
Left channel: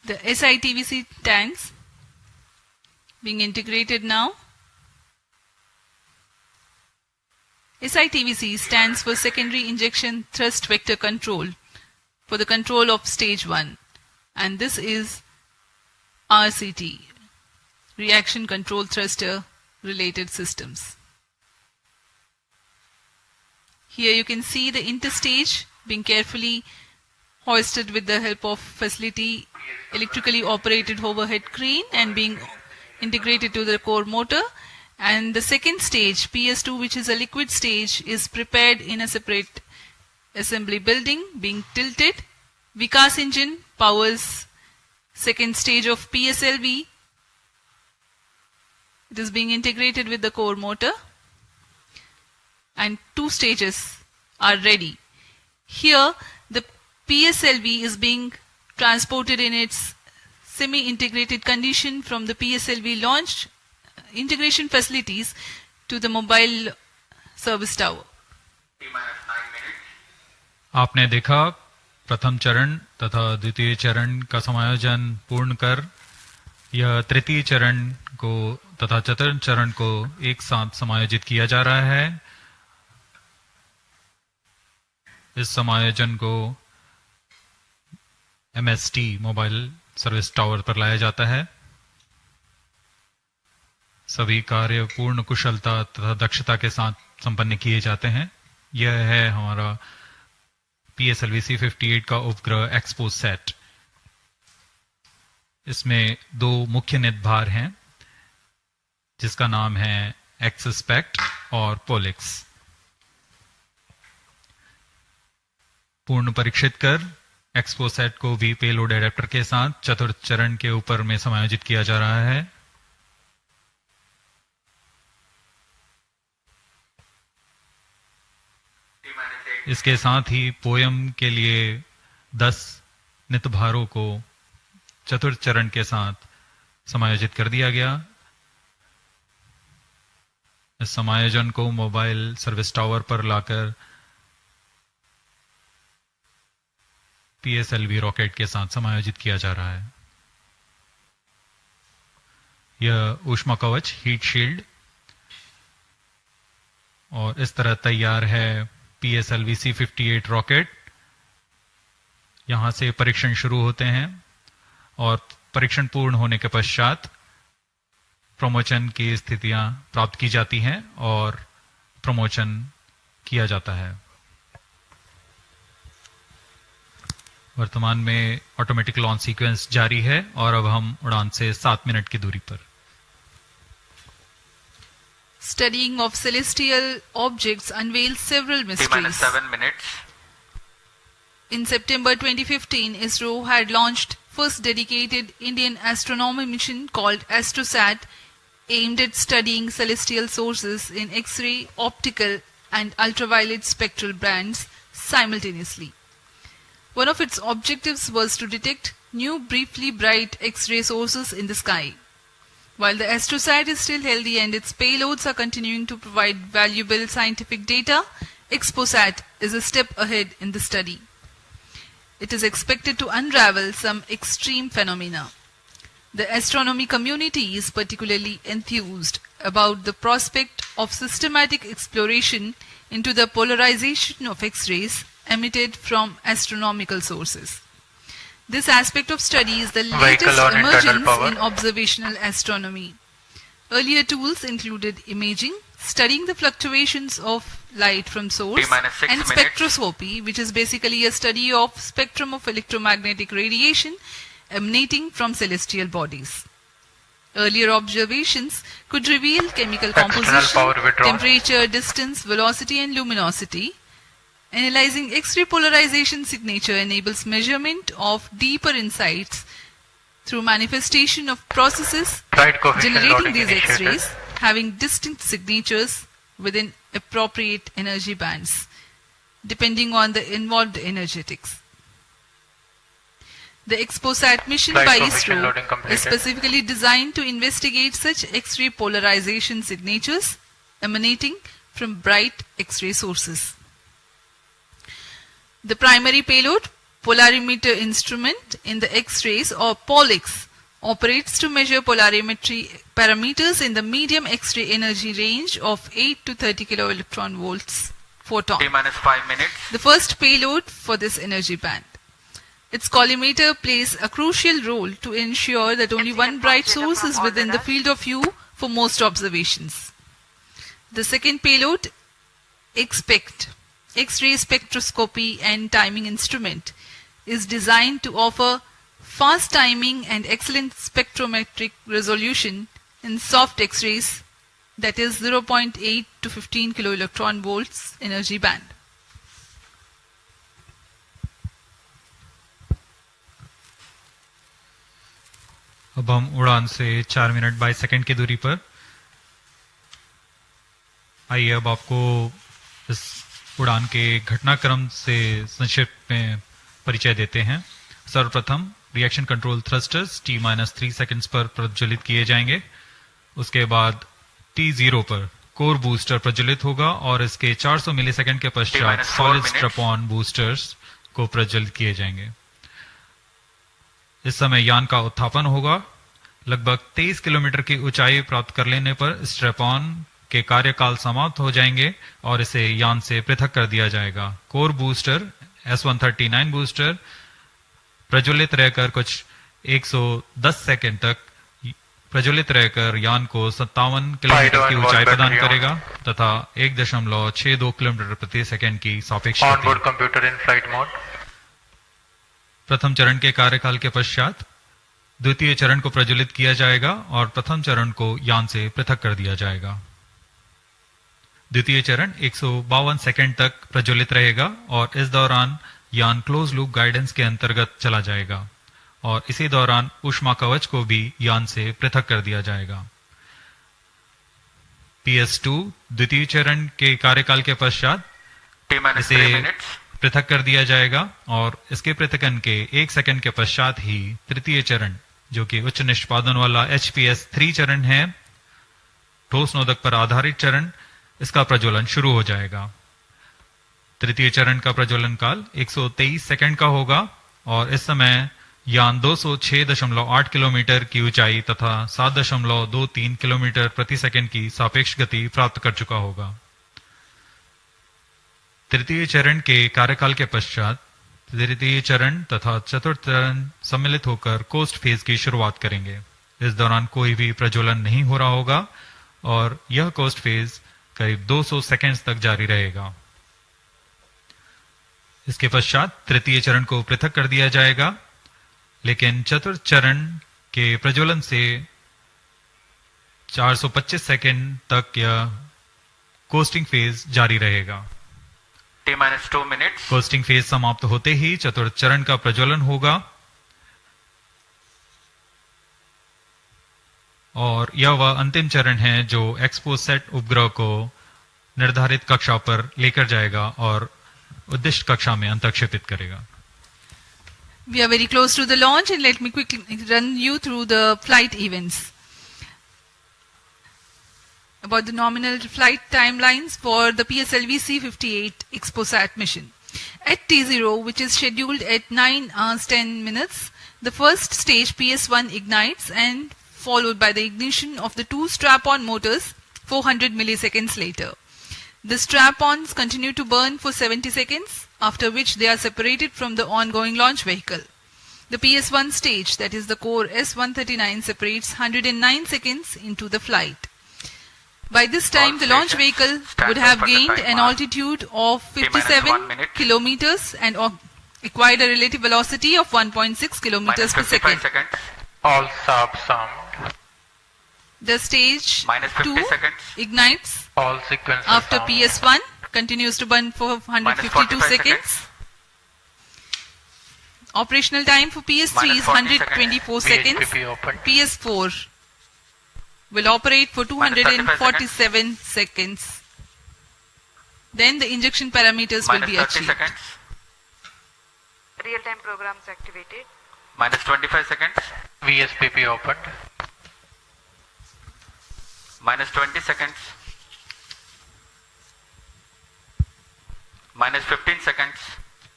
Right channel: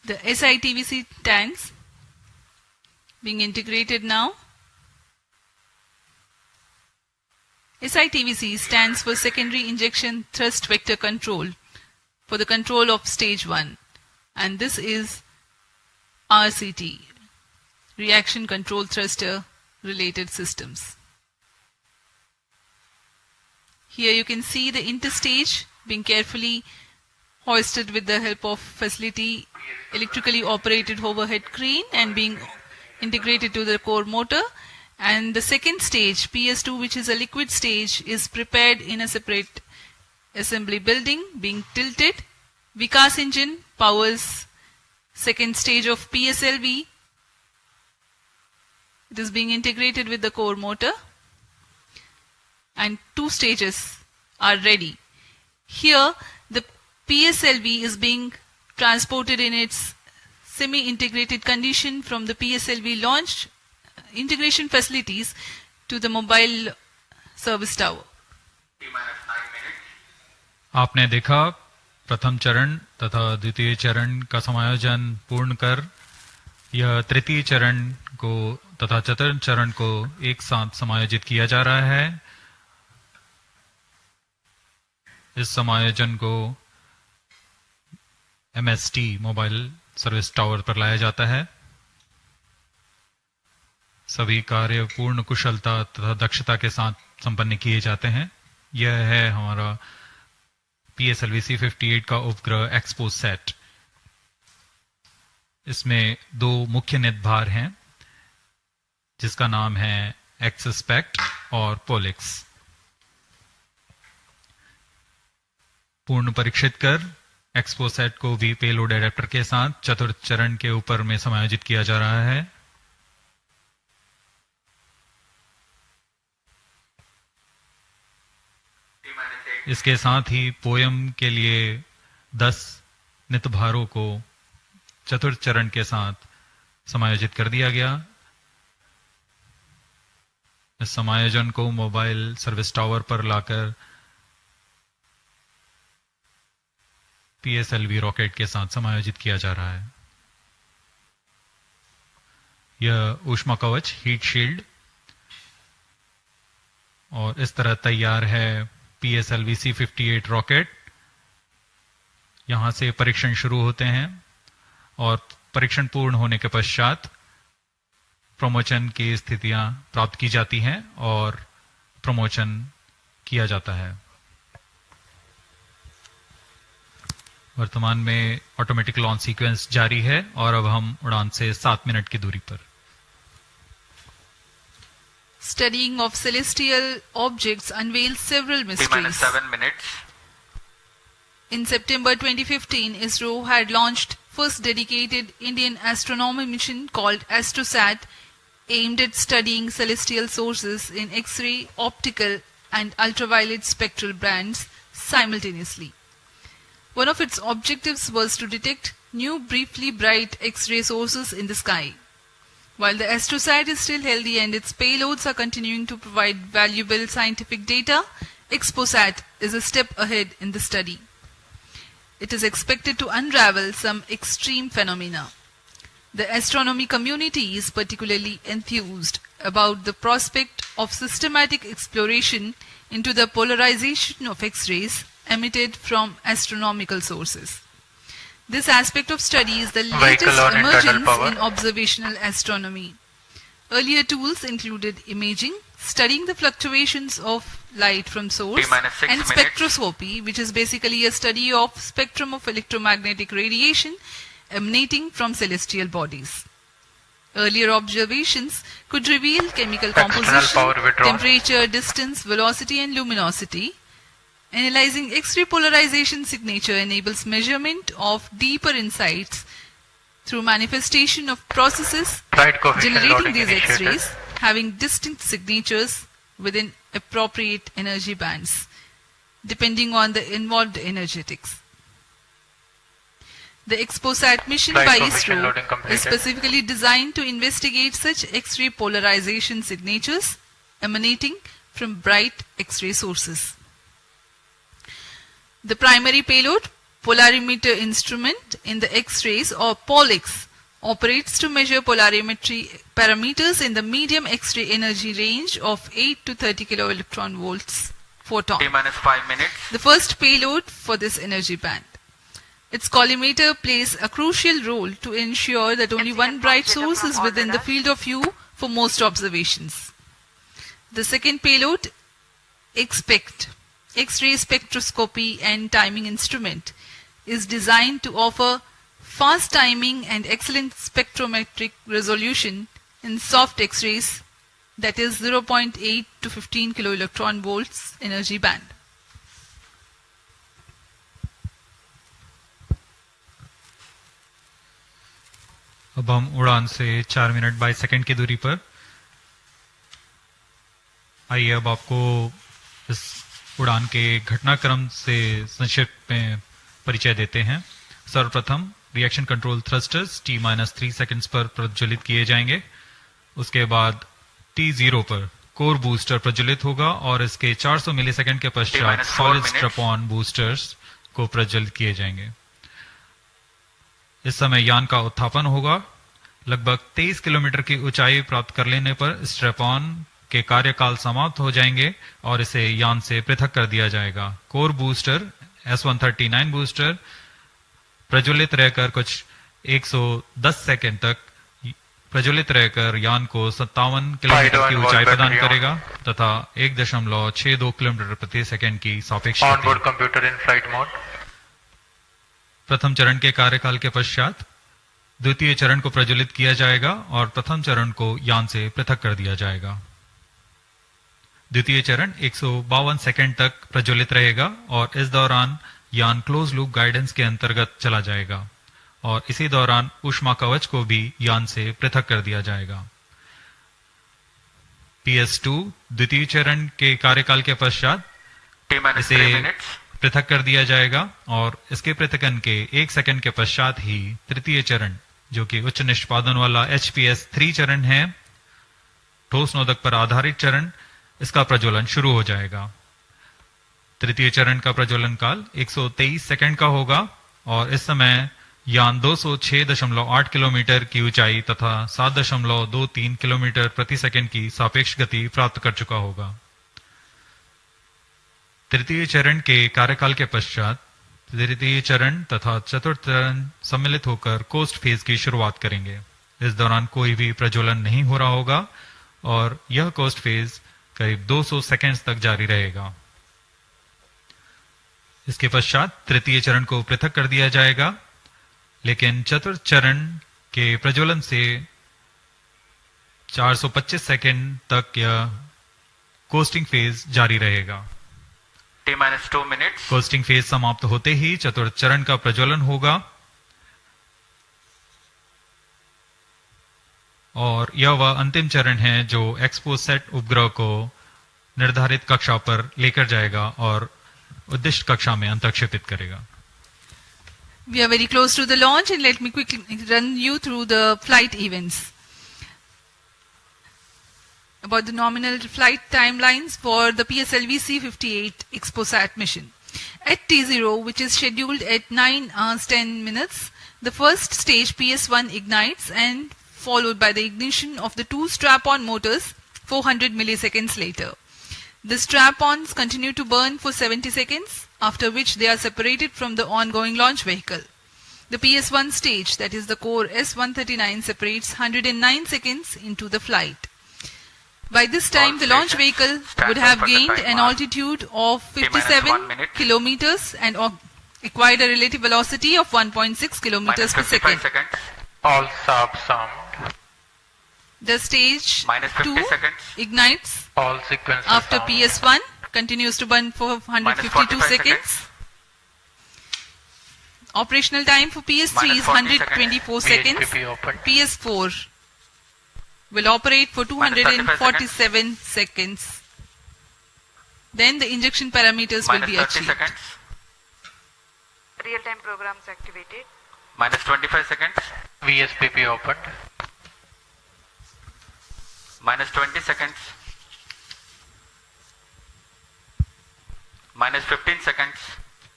The SITVC tanks being integrated now. SITVC stands for Secondary Injection Thrust Vector Control for the control of stage 1, and this is RCT, Reaction Control Thruster related systems. Here you can see the interstage being carefully hoisted with the help of facility electrically operated overhead crane and being integrated to the core motor. And the second stage, PS2, which is a liquid stage, is prepared in a separate assembly building, being tilted. Vikas engine powers second stage of PSLV. It is being integrated with the core motor, and 2 stages are ready. Here, the PSLV is being transported in its semi-integrated condition from the PSLV launch integration facilities to the mobile service tower. आपने देखा प्रथम चरण तथा द्वितीय चरण का समायोजन पूर्ण कर यह तृतीय चरण को तथा चतुर्थ चरण को एक साथ समायोजित किया जा रहा है। इस समायोजन को MST मोबाइल सर्विस टावर पर लाया जाता है। सभी कार्य पूर्ण कुशलता तथा दक्षता के साथ संपन्न किए जाते हैं। यह है हमारा PSLV-C58 का उपग्रह XPoSat। इसमें 2 मुख्य निदभार हैं जिसका नाम है XSPECT और POLIX। पूर्ण परीक्षित कर XPoSat को भी पेलोड एडेप्टर के साथ चतुर्थ चरण के ऊपर में समायोजित किया जा रहा है। इसके साथ ही पोयम के लिए 10 नितभारों को चतुर्थ चरण के साथ समायोजित कर दिया गया। इस समायोजन को मोबाइल सर्विस टावर पर लाकर PSLV रॉकेट के साथ समायोजित किया जा रहा है। यह ऊष्मा कवच हीट शील्ड और इस तरह तैयार है PSLV-C58 रॉकेट। यहां से परीक्षण शुरू होते हैं और परीक्षण पूर्ण होने के पश्चात प्रमोचन की स्थितियां प्राप्त की जाती हैं और प्रमोचन किया जाता है। वर्तमान में ऑटोमेटिक लॉन्च सीक्वेंस जारी है और अब हम उड़ान से 7 मिनट की दूरी पर। Studying of celestial objects unveils several mysteries. 7 minutes. In September 2015, Isro had launched first dedicated Indian astronomy mission called AstroSat, aimed at studying celestial sources in X-ray, optical and ultraviolet spectral bands simultaneously. One of its objectives was to detect new briefly bright X-ray sources in the sky. While the AstroSat is still healthy and its payloads are continuing to provide valuable scientific data, XPoSat is a step ahead in the study. It is expected to unravel some extreme phenomena. The astronomy community is particularly enthused about the prospect of systematic exploration into the polarization of X-rays emitted from astronomical sources. This aspect of study is the latest emergence in observational astronomy. Earlier tools included imaging, studying the fluctuations of light from source, and spectroscopy, which is basically a study of spectrum of electromagnetic radiation emanating from celestial bodies. Earlier observations could reveal chemical composition, temperature, distance, velocity and luminosity. Analyzing X-ray polarization signature enables measurement of deeper insights through manifestation of processes generating these X-rays having distinct signatures within appropriate energy bands, depending on the involved energetics. The XPoSat mission by Isro is specifically designed to investigate such X-ray polarization signatures emanating from bright X-ray sources. The primary payload, polarimeter instrument in the X-rays, or POLIX, operates to measure polarimetry parameters in the medium X-ray energy range of 8 to 30 kiloelectron volts photon. T-5 minutes. The first payload for this energy band. Its collimator plays a crucial role to ensure that only one bright source is within the field of view for most observations. The second payload, XPECT, X-ray spectroscopy and timing instrument, is designed to offer fast timing and excellent spectrometric resolution in soft X-rays, that is 0.8 to 15 kiloelectron volts energy band. अब हम उड़ान से 4 minute 22 second की दूरी पर। आइए अब आपको इस उड़ान के घटनाक्रम से संक्षिप्त में परिचय देते हैं। सर्वप्रथम reaction control thrusters T-3 seconds पर प्रज्वलित किए जाएंगे। उसके बाद T0 पर कोर बूस्टर प्रज्वलित होगा और इसके 400 मिलीसेकंड के पश्चात सॉलिड स्ट्रैप-ऑन बूस्टर्स को प्रज्वलित किए जाएंगे। इस समय यान का उत्थापन होगा। लगभग 23 किलोमीटर की ऊंचाई प्राप्त कर लेने पर स्ट्रैप-ऑन के कार्यकाल समाप्त हो जाएंगे और इसे यान से पृथक कर दिया जाएगा। कोर बूस्टर S-139 बूस्टर प्रज्वलित रहकर कुछ 110 सेकंड तक प्रज्वलित रहकर यान को 57 किलोमीटर की ऊंचाई प्रदान करेगा तथा 1.62 किलोमीटर प्रति सेकंड की सापेक्ष गति। प्रथम चरण के कार्यकाल के पश्चात द्वितीय चरण को प्रज्वलित किया जाएगा और प्रथम चरण को यान से पृथक कर दिया जाएगा। द्वितीय चरण 152 सेकंड तक प्रज्वलित रहेगा और इस दौरान यान क्लोज लूप गाइडेंस के अंतर्गत चला जाएगा और इसी दौरान ऊष्मा कवच को भी यान से पृथक कर दिया जाएगा। PS2 द्वितीय चरण के कार्यकाल के पश्चात इसे पृथक कर दिया जाएगा और इसके पृथकन के 1 सेकंड के पश्चात ही तृतीय चरण, जो कि उच्च निष्पादन वाला HPS3 चरण है, ठोस नोदक पर आधारित चरण, इसका प्रज्वलन शुरू हो जाएगा। तृतीय चरण का प्रज्वलन काल 123 सेकंड का होगा और इस समय यान 206.8 किलोमीटर की ऊंचाई तथा 7.23 किलोमीटर प्रति सेकंड की सापेक्ष गति प्राप्त कर चुका होगा। तृतीय चरण के कार्यकाल के पश्चात तृतीय चरण तथा चतुर्थ चरण सम्मिलित होकर कोस्ट फेज की शुरुआत करेंगे। इस दौरान कोई भी प्रज्वलन नहीं हो रहा होगा और यह कोस्ट फेज करीब 200 सेकंड्स तक जारी रहेगा। इसके पश्चात तृतीय चरण को पृथक कर दिया जाएगा, लेकिन चतुर्थ चरण के प्रज्वलन से 425 सेकंड तक यह कोस्टिंग फेज जारी रहेगा। T-2 minutes. कोस्टिंग फेज समाप्त होते ही चतुर्थ चरण का प्रज्वलन होगा और यह वह अंतिम चरण है जो XPoSat उपग्रह को निर्धारित कक्षा पर लेकर जाएगा और उद्दिष्ट कक्षा में अंतक्षेपित करेगा। We are very close to the launch and let me quickly run you through the flight events. About the nominal flight timelines for the PSLV-C58 XPoSat mission. At T0, which is scheduled at 9 hours 10 minutes, the first stage PS1 ignites and followed by the ignition of the two strap-on motors 400 milliseconds later. The strap-ons continue to burn for 70 seconds, after which they are separated from the ongoing launch vehicle. The PS1 stage, that is the core S-139, separates 109 seconds into the flight. By this time, the launch vehicle would have gained an altitude of 57 kilometers and acquired a relative velocity of 1.6 kilometers per second. All subs some. The stage 2 ignites after PS1, continues to burn for 152 seconds. Operational time for PS3 is 124 seconds. PS4 will operate for 247 seconds. Then the injection parameters will be achieved. Real-time programs activated. Minus 25 seconds. VSPP opened. Minus 20 seconds. Minus 15 seconds.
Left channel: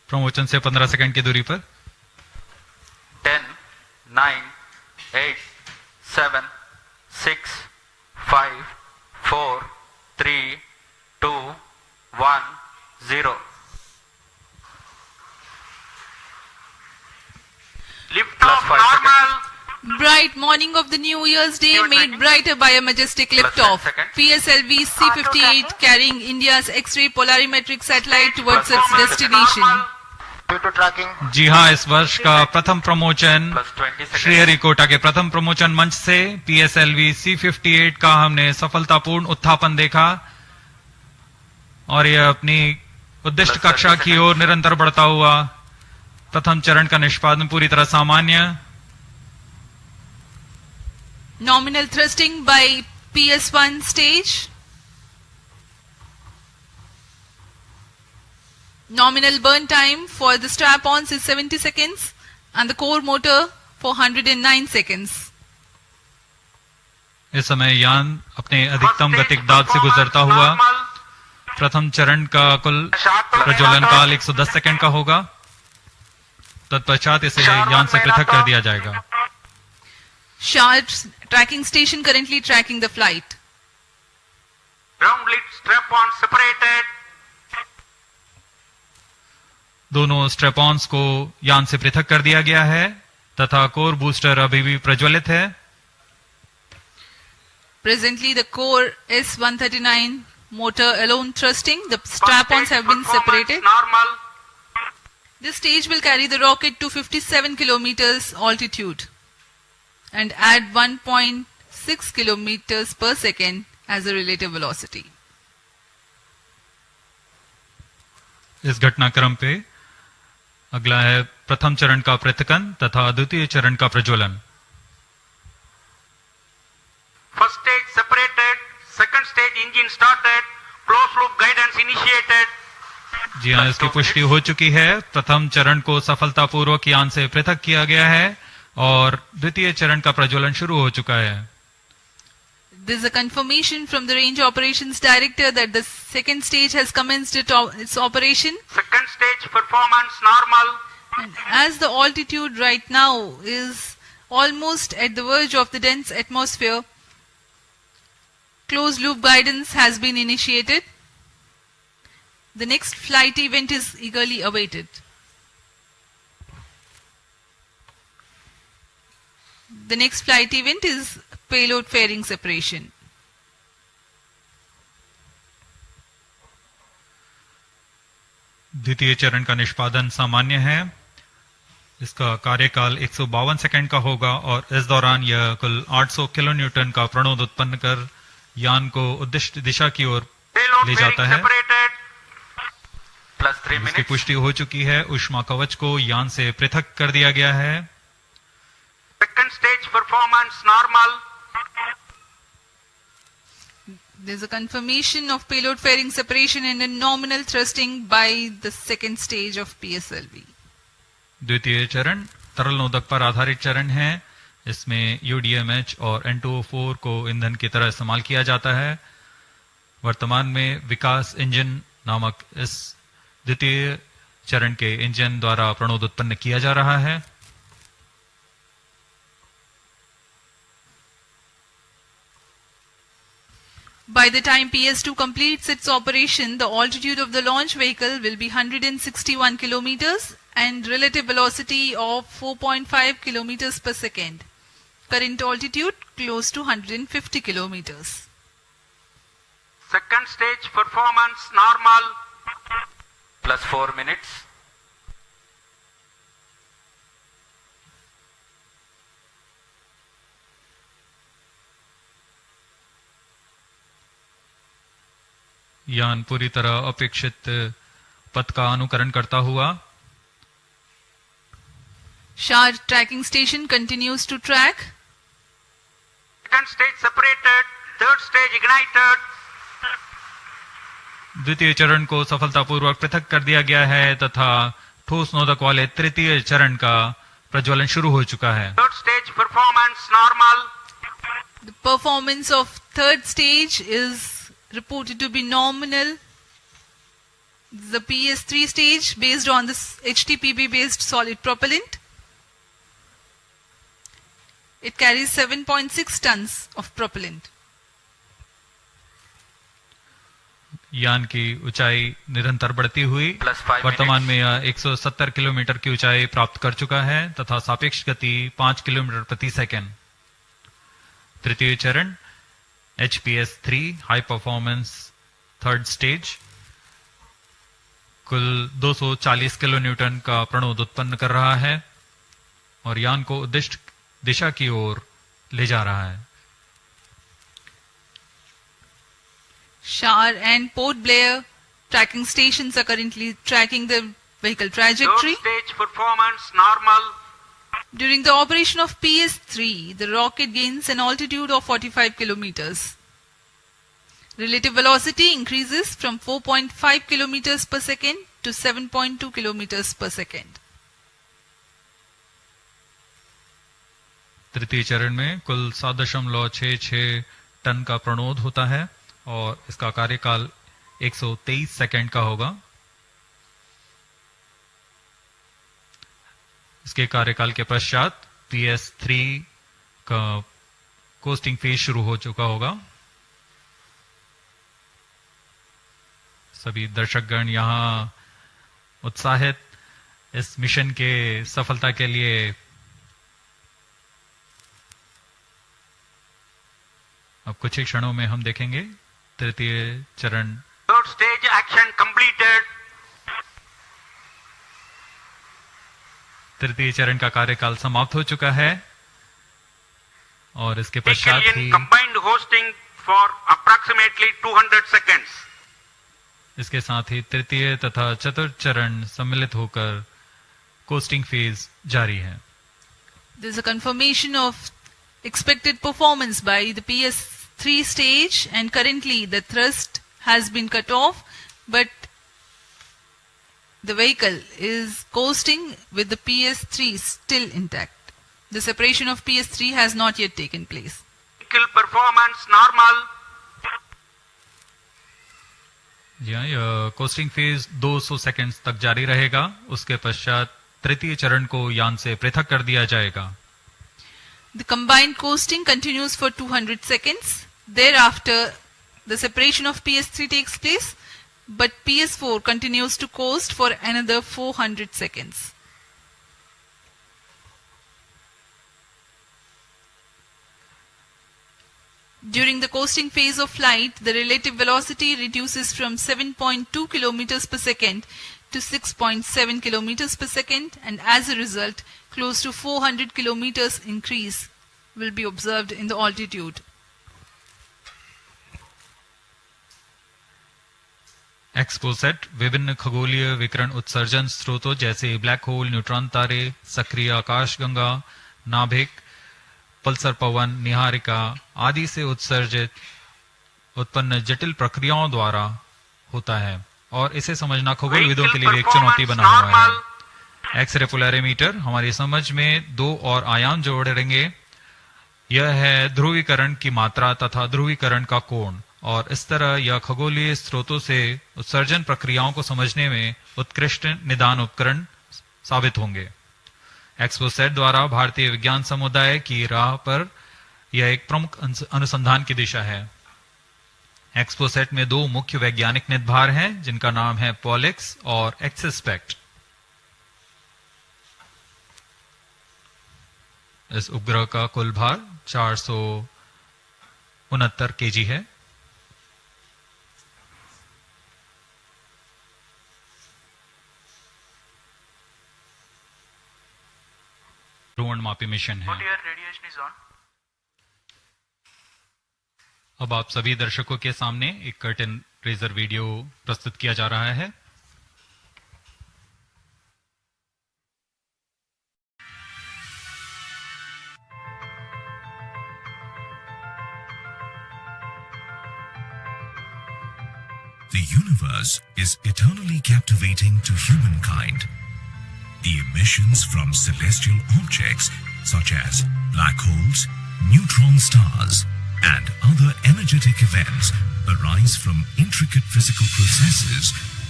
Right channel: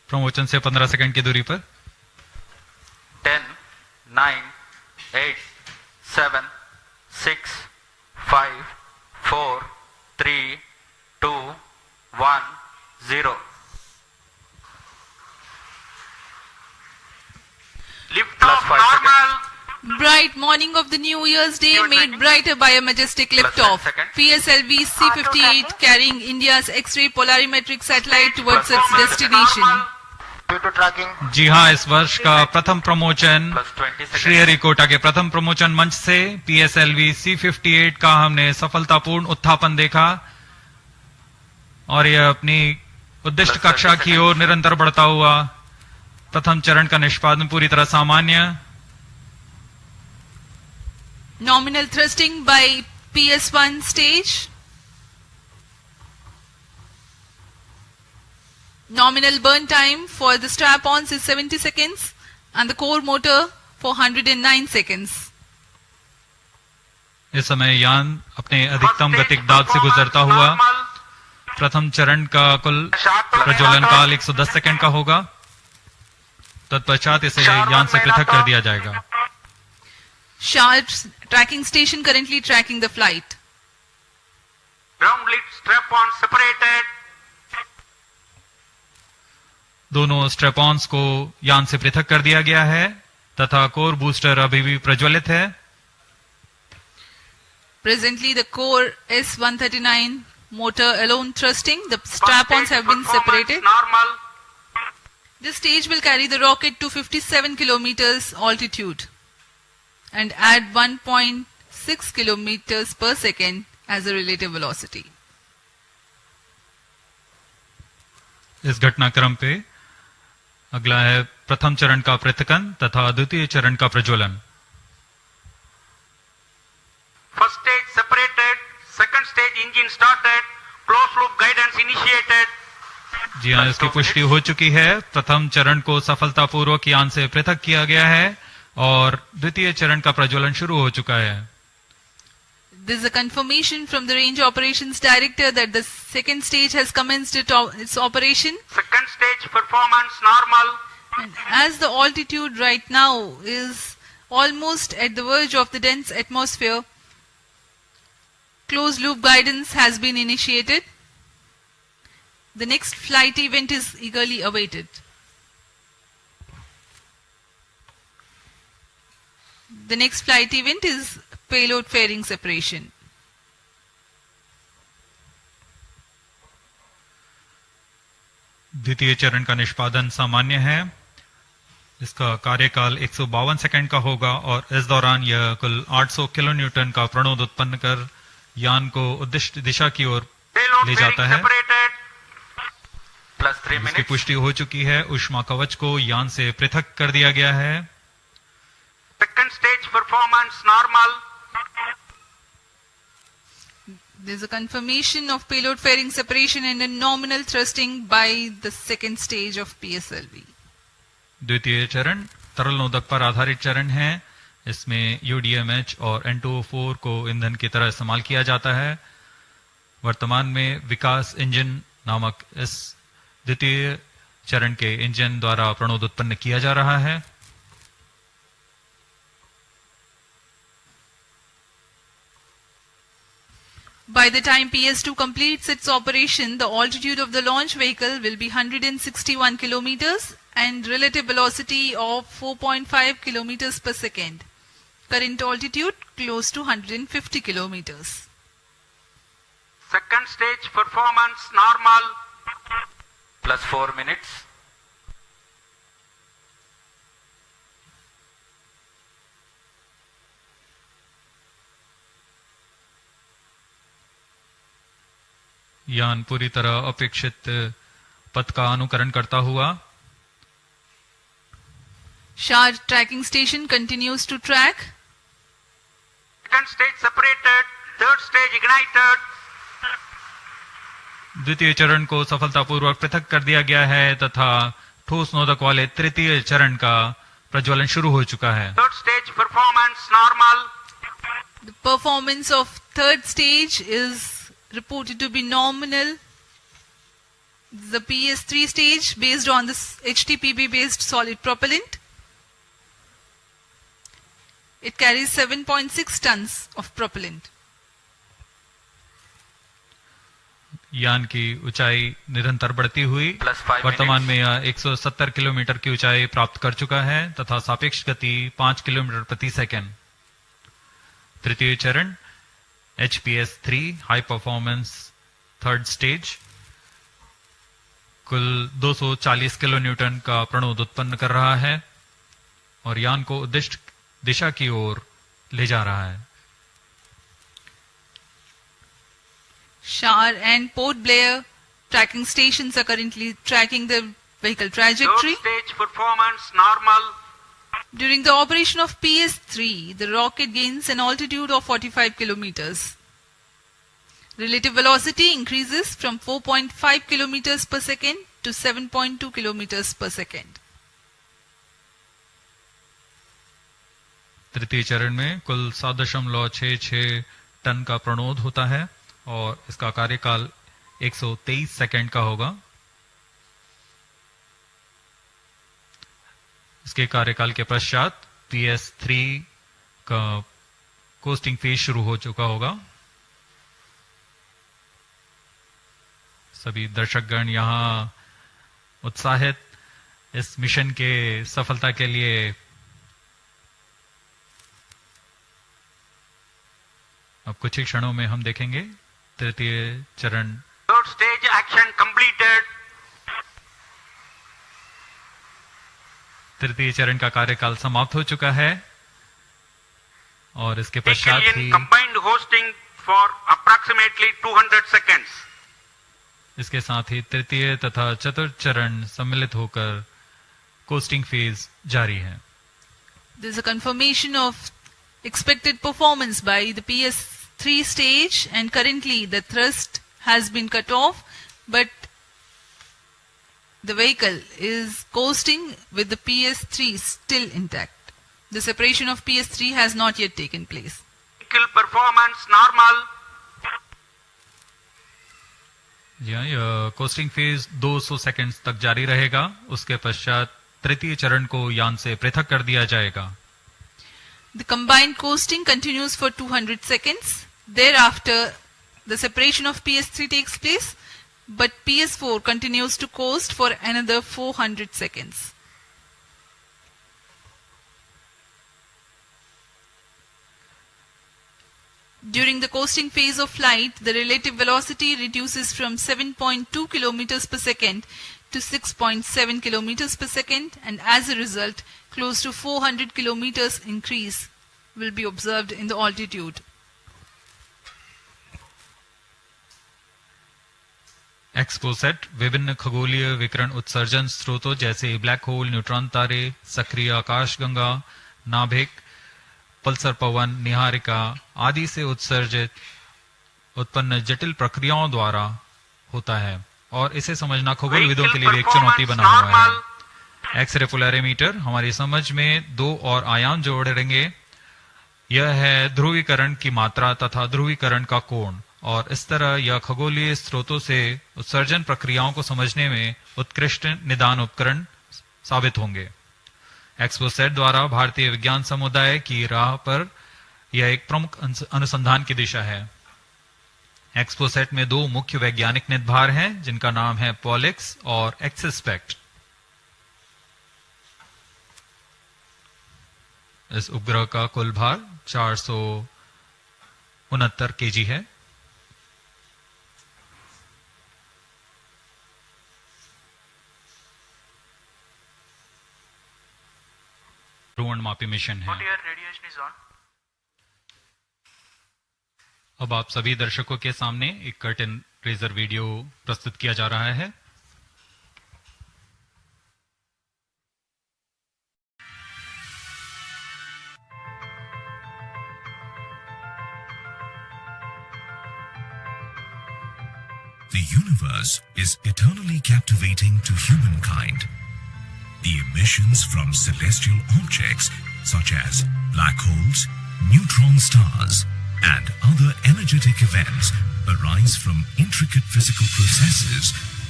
Promotion से 15 second की दूरी पर 10, 9, 8, 7, 6, 5, 4, 3, 2, 1, 0. Lift Plus off 5 normal. Bright morning of the New Year's Day made brighter by a majestic liftoff. PSLV-C58 carrying India's X-ray Polarimeter Satellite towards its destination. Due to tracking, जी हाँ, इस वर्ष का प्रथम promotion Plus 20 seconds. Sriharikota के प्रथम promotion मंच से PSLV-C58 का हमने सफलतापूर्ण उत्थापन देखा और यह अपनी उद्दिष्ट कक्षा की ओर निरंतर बढ़ता हुआ। प्रथम चरण का निष्पादन पूरी तरह सामान्य। Nominal thrusting by PS1 stage. Nominal burn time for the strap-ons is 70 seconds and the core motor for 109 seconds. इस समय यान अपने अधिकतम गतिक दाब से गुजरता हुआ। प्रथम चरण का कुल प्रज्वलन काल 110 सेकंड का होगा। तत्पश्चात इसे यान से पृथक कर दिया जाएगा। Sharp tracking station currently tracking the flight. Ground lead strap-on separated. दोनों स्ट्रेपॉन्स को यान से पृथक कर दिया गया है तथा कोर बूस्टर अभी भी प्रज्वलित है। Presently the core S139 motor alone thrusting. The strap-ons have been separated. Normal. This stage will carry the rocket to 57 kilometers altitude and add 1.6 kilometers per second as a relative velocity. इस घटनाक्रम पे अगला है प्रथम चरण का पृथकन तथा द्वितीय चरण का प्रज्वलन। First stage separated. Second stage engine started. Closed loop guidance initiated. जी हाँ, इसकी पुष्टि हो चुकी है। प्रथम चरण को सफलतापूर्वक यान से पृथक किया गया है और द्वितीय चरण का प्रज्वलन शुरू हो चुका है। There is a confirmation from the Range Operations Director that the second stage has commenced its operation. Second stage performance normal. And as the altitude right now is almost at the verge of the dense atmosphere, closed loop guidance has been initiated. The next flight event is eagerly awaited. The next flight event is payload fairing separation. द्वितीय चरण का निष्पादन सामान्य है। इसका कार्यकाल 152 second का होगा और इस दौरान यह कुल 800 किलो न्यूटन का प्रणोद उत्पन्न कर यान को उद्दिष्ट दिशा की ओर ले जाता है। Plus 3 इसकी minutes. पुष्टि हो चुकी है। ऊष्मा कवच को यान से पृथक कर दिया गया है। Second stage performance normal. There is a confirmation of payload fairing separation and a nominal thrusting by the second stage of PSLV. द्वितीय चरण तरल नोदक पर आधारित चरण है। इसमें UDMH और N2O4 को ईंधन की तरह इस्तेमाल किया जाता है। वर्तमान में विकास इंजन नामक इस द्वितीय चरण के इंजन द्वारा प्रणोद उत्पन्न किया जा रहा है। By the time PS2 completes its operation, the altitude of the launch vehicle will be 161 kilometers and relative velocity of 4.5 kilometers per second. Current altitude close to 150 kilometers. Second stage performance normal. Plus 4 minutes. यान पूरी तरह अपेक्षित पथ का अनुकरण करता हुआ Sharp tracking station continues to track. Second stage separated. Third stage ignited. द्वितीय चरण को सफलतापूर्वक पृथक कर दिया गया है तथा ठोस नोदक वाले तृतीय चरण का प्रज्वलन शुरू हो चुका है। Third stage performance normal. The performance of third stage is reported to be nominal. the PS3 stage based on this HTPB based solid propellant. It carries 7.6 tons of propellant. यान की ऊंचाई निरंतर बढ़ती हुई वर्तमान में यह 170 किलोमीटर की ऊंचाई प्राप्त कर चुका है तथा सापेक्ष गति 5 किलोमीटर प्रति सेकंड। तृतीय चरण HPS3 high performance third stage कुल 240 किलो न्यूटन का प्रणोद उत्पन्न कर रहा है और यान को उद्दिष्ट दिशा की ओर ले जा रहा है। Shar and Port Blair tracking stations are currently tracking the vehicle trajectory. Third stage performance normal. During the operation of PS3, the rocket gains an altitude of 45 kilometers. Relative velocity increases from 4.5 kilometers per second to 7.2 kilometers per second. तृतीय चरण में कुल 7.66 ton का प्रणोद होता है और इसका कार्यकाल 123 सेकंड का होगा। इसके कार्यकाल के पश्चात PS3 का कोस्टिंग फेज शुरू हो चुका होगा। सभी दर्शकगण यहां उत्साहित इस मिशन के सफलता के लिए अब कुछ ही क्षणों में हम देखेंगे तृतीय चरण। Third stage action completed. तृतीय चरण का कार्यकाल समाप्त हो चुका है और इसके पश्चात ही combined hosting for approximately 200 seconds. इसके साथ ही तृतीय तथा चतुर्थ चरण सम्मिलित होकर कोस्टिंग फेज जारी है। There is a confirmation of expected performance by the PS3 stage, and currently the thrust has been cut off, but the vehicle is coasting with the PS3 still intact. The separation of PS3 has not yet taken place. Vehicle performance normal. Costing phase 200 seconds तक जारी रहेगा। उसके पश्चात तृतीय चरण को यान से पृथक कर दिया जाएगा। The combined coasting continues for 200 seconds. Thereafter, the separation of PS3 takes place, but PS4 continues to coast for another 400 seconds. During the coasting phase of flight, the relative velocity reduces from 7.2 kilometers per second to 6.7 kilometers per second, and as a result, close to 400 kilometers increase will be observed in the altitude. XPoSat विभिन्न खगोलीय विकिरण उत्सर्जन स्रोतों जैसे black hole, neutron तारे, सक्रिय आकाशगंगा, नाभिक, पल्सर पवन, निहारिका आदि से उत्सर्जित उत्पन्न जटिल प्रक्रियाओं द्वारा होता है और इसे समझना खगोलविदों के लिए एक चुनौती बना हुआ है। एक्सरे पोलैरिमीटर हमारी समझ में दो और आयाम जोड़ेंगे। यह है ध्रुवीकरण की मात्रा तथा ध्रुवीकरण का कोण, और इस तरह यह खगोलीय स्रोतों से उत्सर्जन प्रक्रियाओं को समझने में उत्कृष्ट निदान उपकरण साबित होंगे। XPoSat द्वारा भारतीय विज्ञान समुदाय की राह पर यह एक प्रमुख अनुसंधान की दिशा है। XPoSat में दो मुख्य वैज्ञानिक निदभार हैं जिनका नाम है पॉलिक्स और एक्सस्पेक्ट। इस उपग्रह का कुल भार 469 केजी है। ध्रुवणमापी मिशन है। अब आप सभी दर्शकों के सामने एक कर्टेन रेजर वीडियो प्रस्तुत किया जा रहा है। The universe is eternally captivating to humankind. The emissions from celestial objects such as black holes, neutron stars, and other energetic events arise from intricate physical processes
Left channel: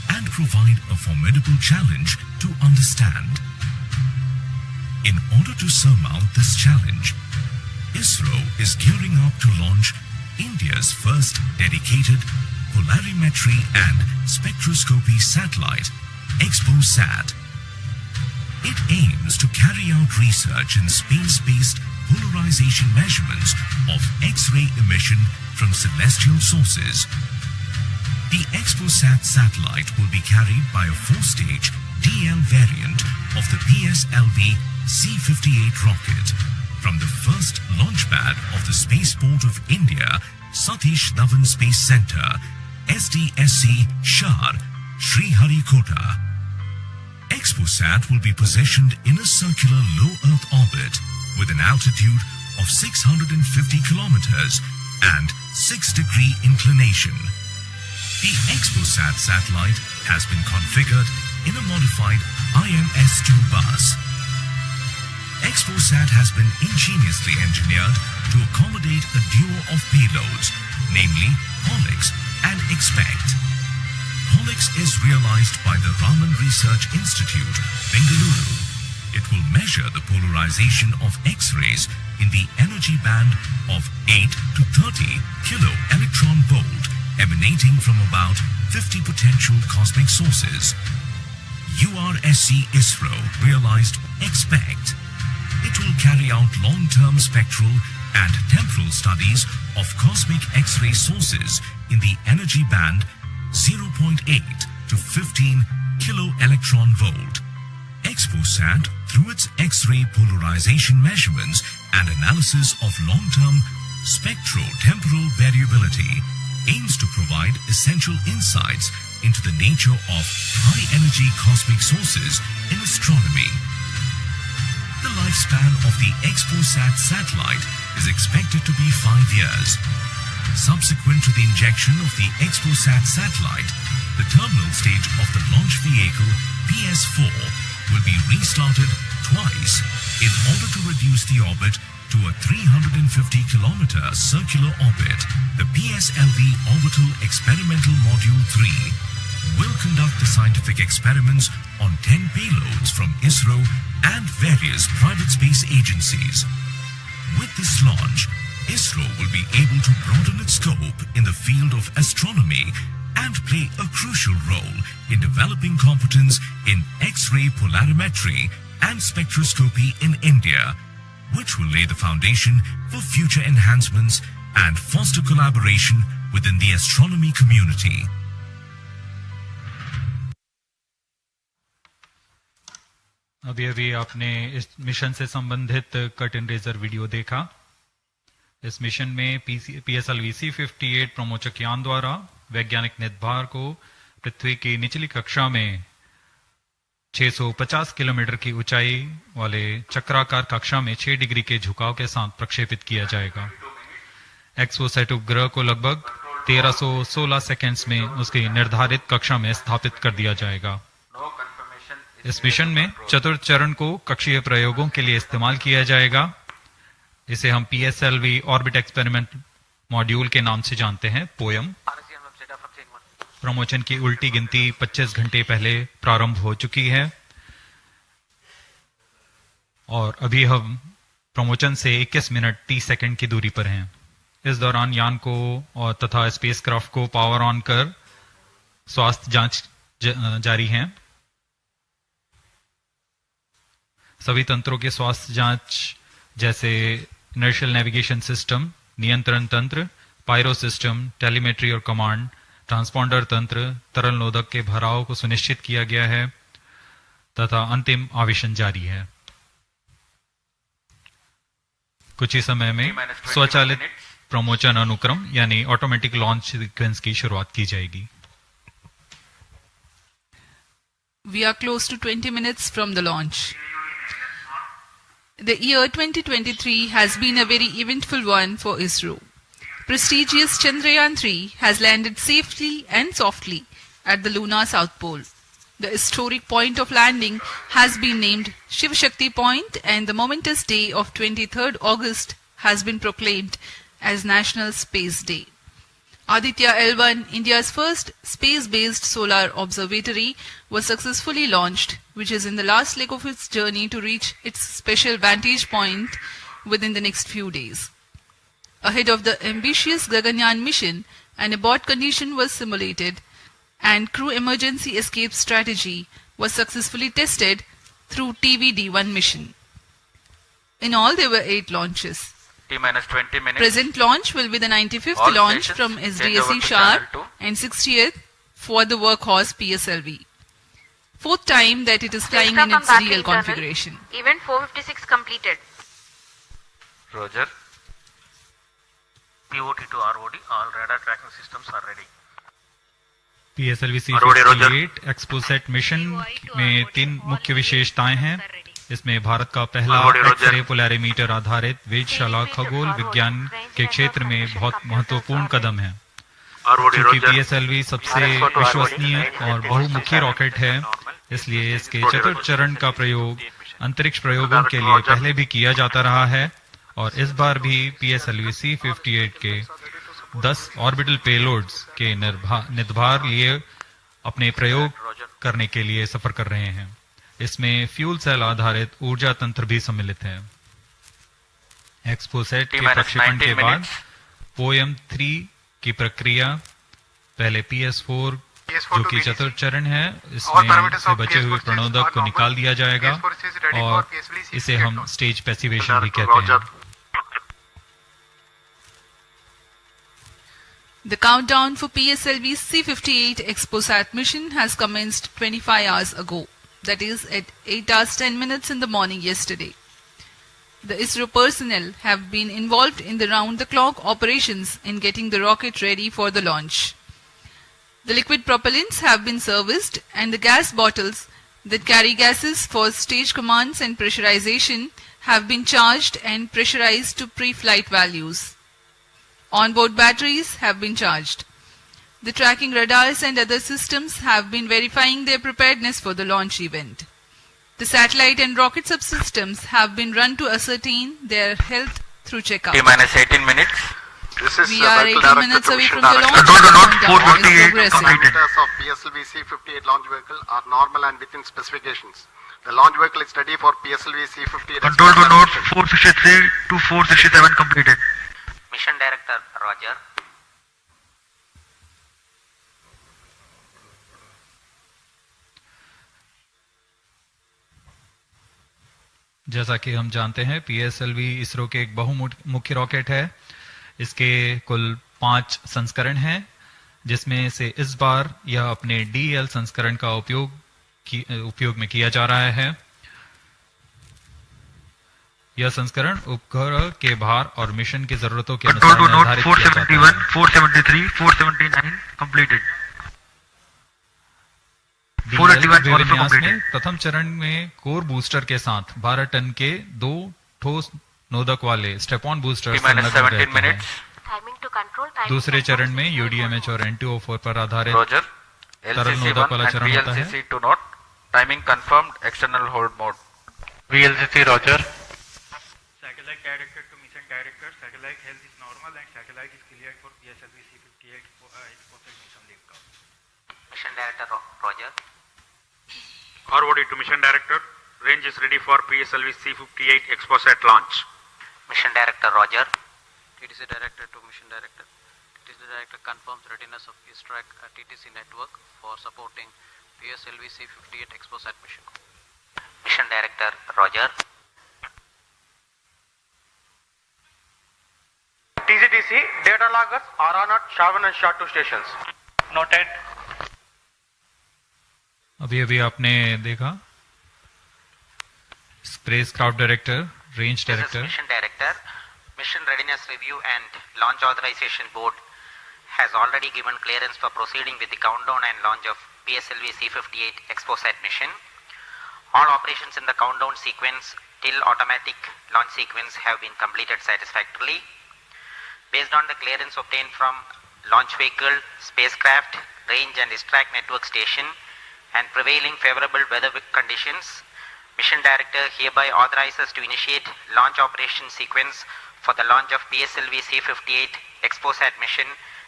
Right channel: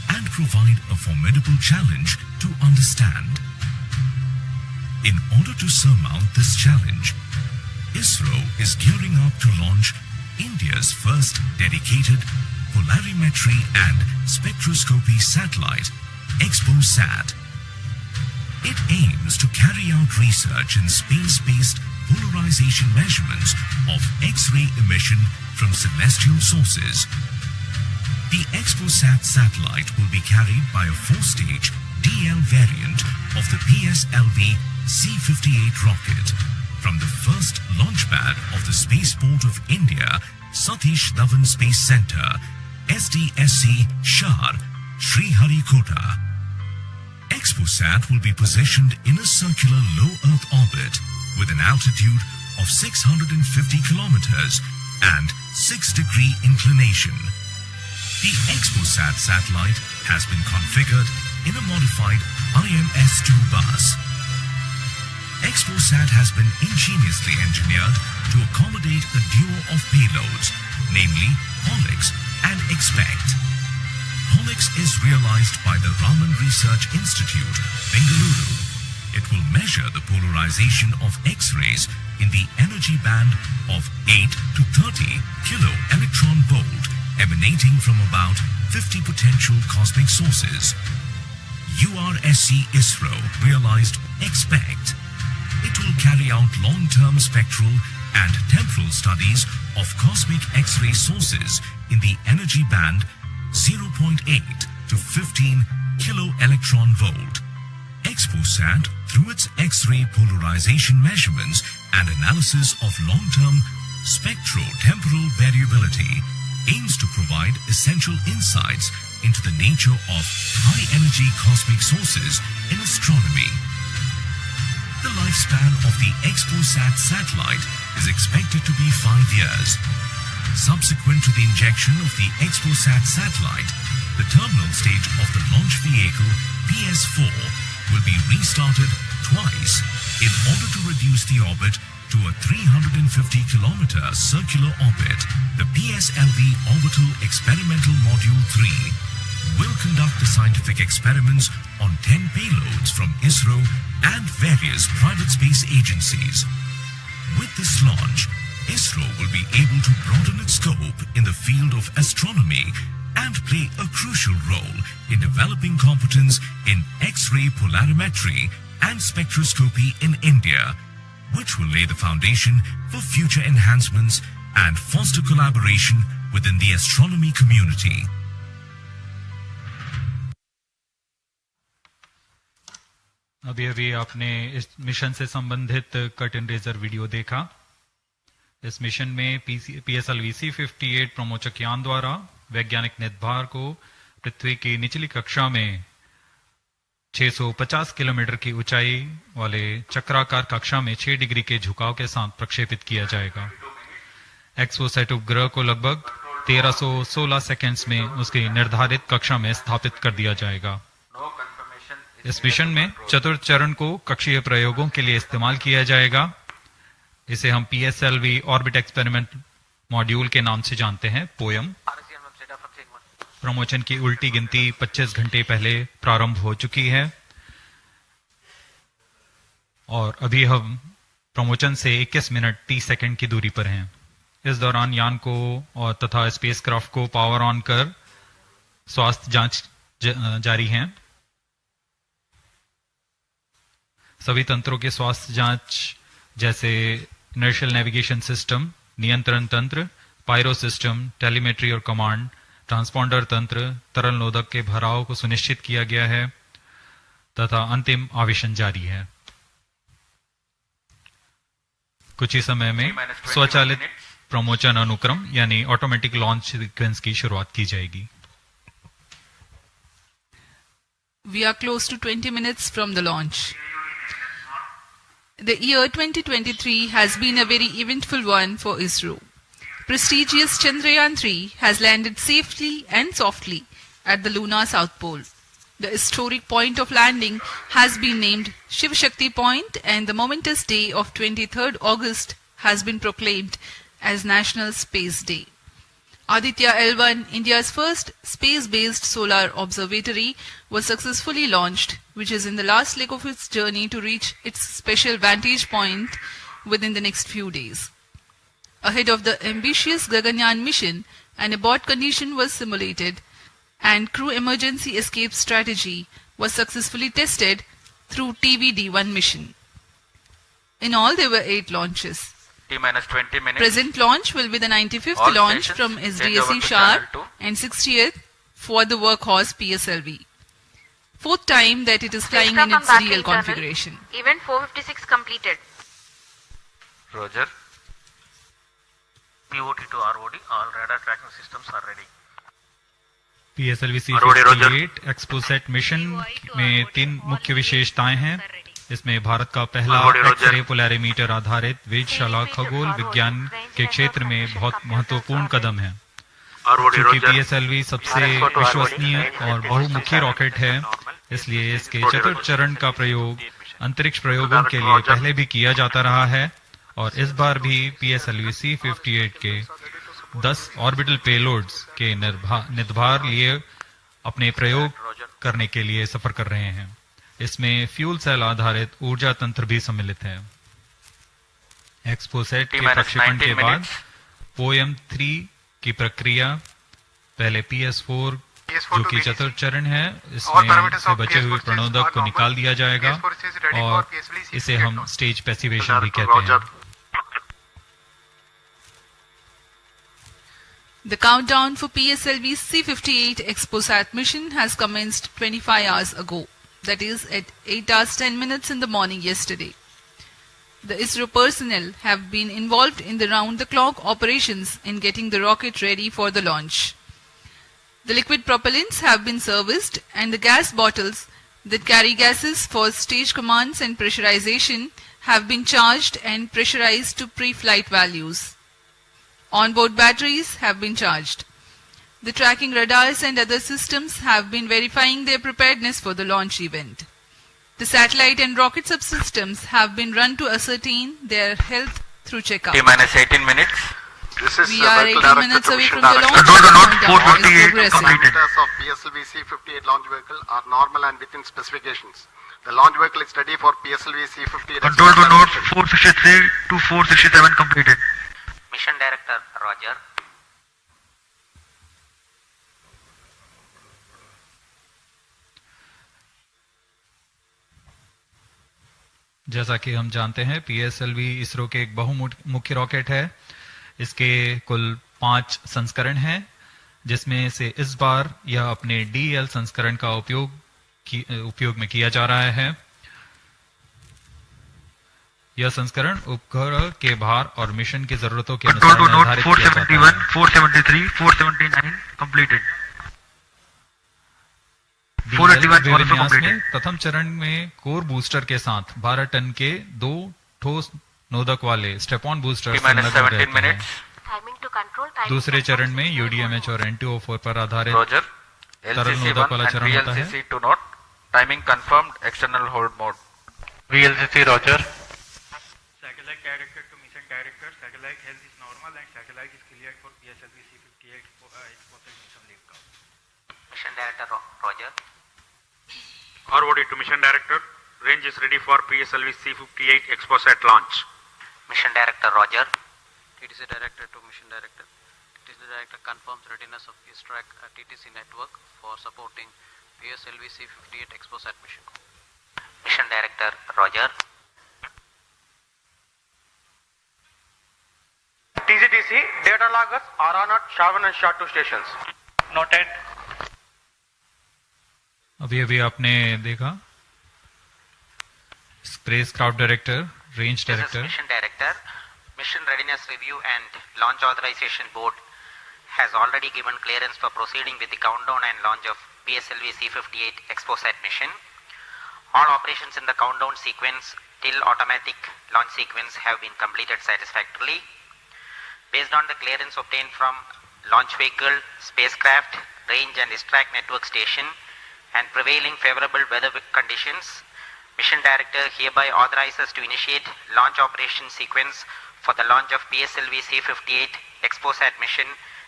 and provide a formidable challenge to understand. In order to surmount this challenge, Isro is gearing up to launch India's first dedicated polarimetry and spectroscopy satellite, XPoSat. It aims to carry out research in space-based polarization measurements of X-ray emission from celestial sources. The XPoSat satellite will be carried by a 4-stage DL variant of the PSLV-C58 rocket from the first launch pad of the Spaceport of India, Satish Dhawan Space Center, SDSC, Sriharikota. XPoSat will be positioned in a circular low Earth orbit with an altitude of 650 kilometers and 6-degree inclination. The XPoSat satellite has been configured in a modified IMS-2 bus. XPoSat has been ingeniously engineered to accommodate a duo of payloads, namely POLIX and XPECT. POLIX is realized by the Raman Research Institute, Bengaluru. It will measure the polarization of X-rays in the energy band of 8 to 30 kilo electron volt emanating from about 50 potential cosmic sources. URSC Isro realized XPECT. It will carry out long-term spectral and temporal studies of cosmic X-ray sources in the energy band 0.8 to 15 kilo electron volt. XPoSat, through its X-ray polarization measurements and analysis of long-term spectro-temporal variability, aims to provide essential insights into the nature of high-energy cosmic sources in astronomy. The lifespan of the XPoSat satellite is expected to be 5 years. Subsequent to the injection of the XPoSat satellite, the terminal stage of the launch vehicle PS4 will be restarted twice in order to reduce the orbit to a 350-kilometer circular orbit. The PSLV Orbital Experimental Module 3 will conduct the scientific experiments on 10 payloads from Isro and various private space agencies. With this launch, Isro will be able to broaden its scope in the field of astronomy and play a crucial role in developing competence in X-ray polarimetry and spectroscopy in India, which will lay the foundation for future enhancements and foster collaboration within the astronomy community. अभी अभी आपने इस mission से संबंधित cut and razor video देखा। इस mission में PSLV-C58 प्रमोचक यान द्वारा वैज्ञानिक निर्धार को पृथ्वी की निचली कक्षा में 650 किलोमीटर की ऊंचाई वाले चक्राकार कक्षा में 6 डिग्री के झुकाव के साथ प्रक्षेपित किया जाएगा। XPoSat उपग्रह को लगभग 1316 सेकेंड्स में उसकी निर्धारित कक्षा में स्थापित कर दिया जाएगा। इस मिशन में चतुर्थ चरण को कक्षीय प्रयोगों के लिए इस्तेमाल किया जाएगा। इसे हम PSLV ऑर्बिट एक्सपेरिमेंट मॉड्यूल के नाम से जानते हैं, पोयम। प्रमोचन की उल्टी गिनती 25 घंटे पहले प्रारंभ हो चुकी है और अभी हम प्रमोचन से 21 मिनट 30 सेकंड की दूरी पर हैं। इस दौरान यान को और तथा स्पेसक्राफ्ट को पावर ऑन कर स्वास्थ्य जांच जारी है। सभी तंत्रों के स्वास्थ्य जांच जैसे इनर्शियल नेविगेशन सिस्टम, नियंत्रण तंत्र, पायरो सिस्टम, टेलीमेट्री और कमांड, ट्रांसपॉन्डर तंत्र, तरल नोदक के भराव को सुनिश्चित किया गया है तथा अंतिम आवेशन जारी है। कुछ ही समय में स्वचालित प्रमोचन अनुक्रम यानी ऑटोमेटिक लॉन्च सीक्वेंस की शुरुआत की जाएगी। We are close to 20 minutes from the launch. The year 2023 has been a very eventful one for Isro. Prestigious Chandrayaan-3 has landed safely and softly at the lunar south pole. The historic point of landing has been named Shiv Shakti Point, and the momentous day of 23rd August has been proclaimed as National Space Day. Aditya L1, India's first space-based solar observatory, was successfully launched, which is in the last leg of its journey to reach its special vantage point within the next few days. Ahead of the ambitious Gaganyaan mission, an abort condition was simulated and crew emergency escape strategy was successfully tested through TVD-1 mission. In all, there were 8 launches. T-minus 20 minutes. Present launch will be the 95th All launch stations from change over SDSC to Shar channel 2. and 60th for the workhorse PSLV. 4th time that it is flying in its real configuration. Event 456 completed. Roger. POT to ROD, all radar tracking systems are ready. PSLV-C58 XPoSat mission में 3 मुख्य विशेषताएं हैं। इसमें भारत का पहला x-ray polarimeter आधारित वेधशाला खगोल विज्ञान के क्षेत्र में बहुत महत्वपूर्ण कदम है। क्योंकि PSLV सबसे विश्वसनीय और बहुमुखी रॉकेट है, इसलिए इसके चतुर्थ चरण का प्रयोग अंतरिक्ष प्रयोगों के लिए पहले भी किया जाता रहा है और इस बार भी PSLV-C58 के 10 ऑर्बिटल पेलोड्स के निर्धार लिए अपने प्रयोग करने के लिए सफर कर रहे हैं। इसमें फ्यूल सेल आधारित ऊर्जा तंत्र भी सम्मिलित है। XPoSat के प्रक्षेपण के बाद POEM-3 की प्रक्रिया पहले PS4 जो कि चतुर्थ चरण है, इसमें से बचे हुए प्रणोदक को निकाल दिया जाएगा और इसे हम स्टेज पैसिवेशन भी कहते हैं। The countdown for PSLV-C58 XPoSat mission has commenced 25 hours ago, that is at 8 hours 10 minutes in the morning yesterday. The Isro personnel have been involved in the round-the-clock operations in getting the rocket ready for the launch. The liquid propellants have been serviced and the gas bottles that carry gases for stage commands and pressurization have been charged and pressurized to pre-flight values. Onboard batteries have been charged. The tracking radars and other systems have been verifying their preparedness for the launch event. The satellite and rocket subsystems have been run to ascertain their health through checkup. T-minus 18 minutes. We are 18 minutes away from the launch. Control the note Countdown is 458 progressive. completed. Parameters of PSLV-C58 launch vehicle are normal and within specifications. The launch vehicle is ready for PSLV-C58. Control the note 463 to 467 completed. Mission Director Roger. जैसा कि हम जानते हैं, PSLV ISRO के एक बहुमुख्य rocket है। इसके कुल 5 संस्करण हैं, जिसमें से इस बार यह अपने DL संस्करण का उपयोग में किया जा रहा है। यह संस्करण उपग्रह के भार और मिशन की जरूरतों के अनुसार निर्धारित किया जाता है। 473, 479 completed. DL विन्यास में प्रथम चरण में कोर बूस्टर के साथ 12 टन के 2 ठोस नोदक वाले स्टेप ऑन बूस्टर संलग्न रहते हैं। दूसरे चरण में UDMH और N2O4 पर आधारित तरल नोदक वाला चरण होता है। Timing confirmed, external hold mode. VLCC Roger. Satellite director to mission director, satellite health is normal and satellite is cleared for PSLV-C58 XPoSat mission liftoff. Mission Director Roger. ROD to Mission Director. Range is ready for PSLV-C58 XPoSat launch. Mission Director Roger. TTC Director to Mission Director. TTC Director confirms readiness of X-ray at TTC network for supporting PSLV-C58 XPoSat mission. Mission Director Roger. TGTC data loggers are on at Shavan and SHA2 stations. Noted. अभी आपने देखा spacecraft director, range director. Mission Director. Mission Readiness Review and Launch Authorization Board has already given clearance for proceeding with the countdown and launch of PSLV-C58 XPoSat mission. All operations in the countdown sequence till automatic launch sequence have been completed satisfactorily. Based on the clearance obtained from launch vehicle, spacecraft, range and distract network station and prevailing favorable weather conditions, Mission Director hereby authorizes to initiate launch operation sequence for the launch of PSLV-C58 XPoSat mission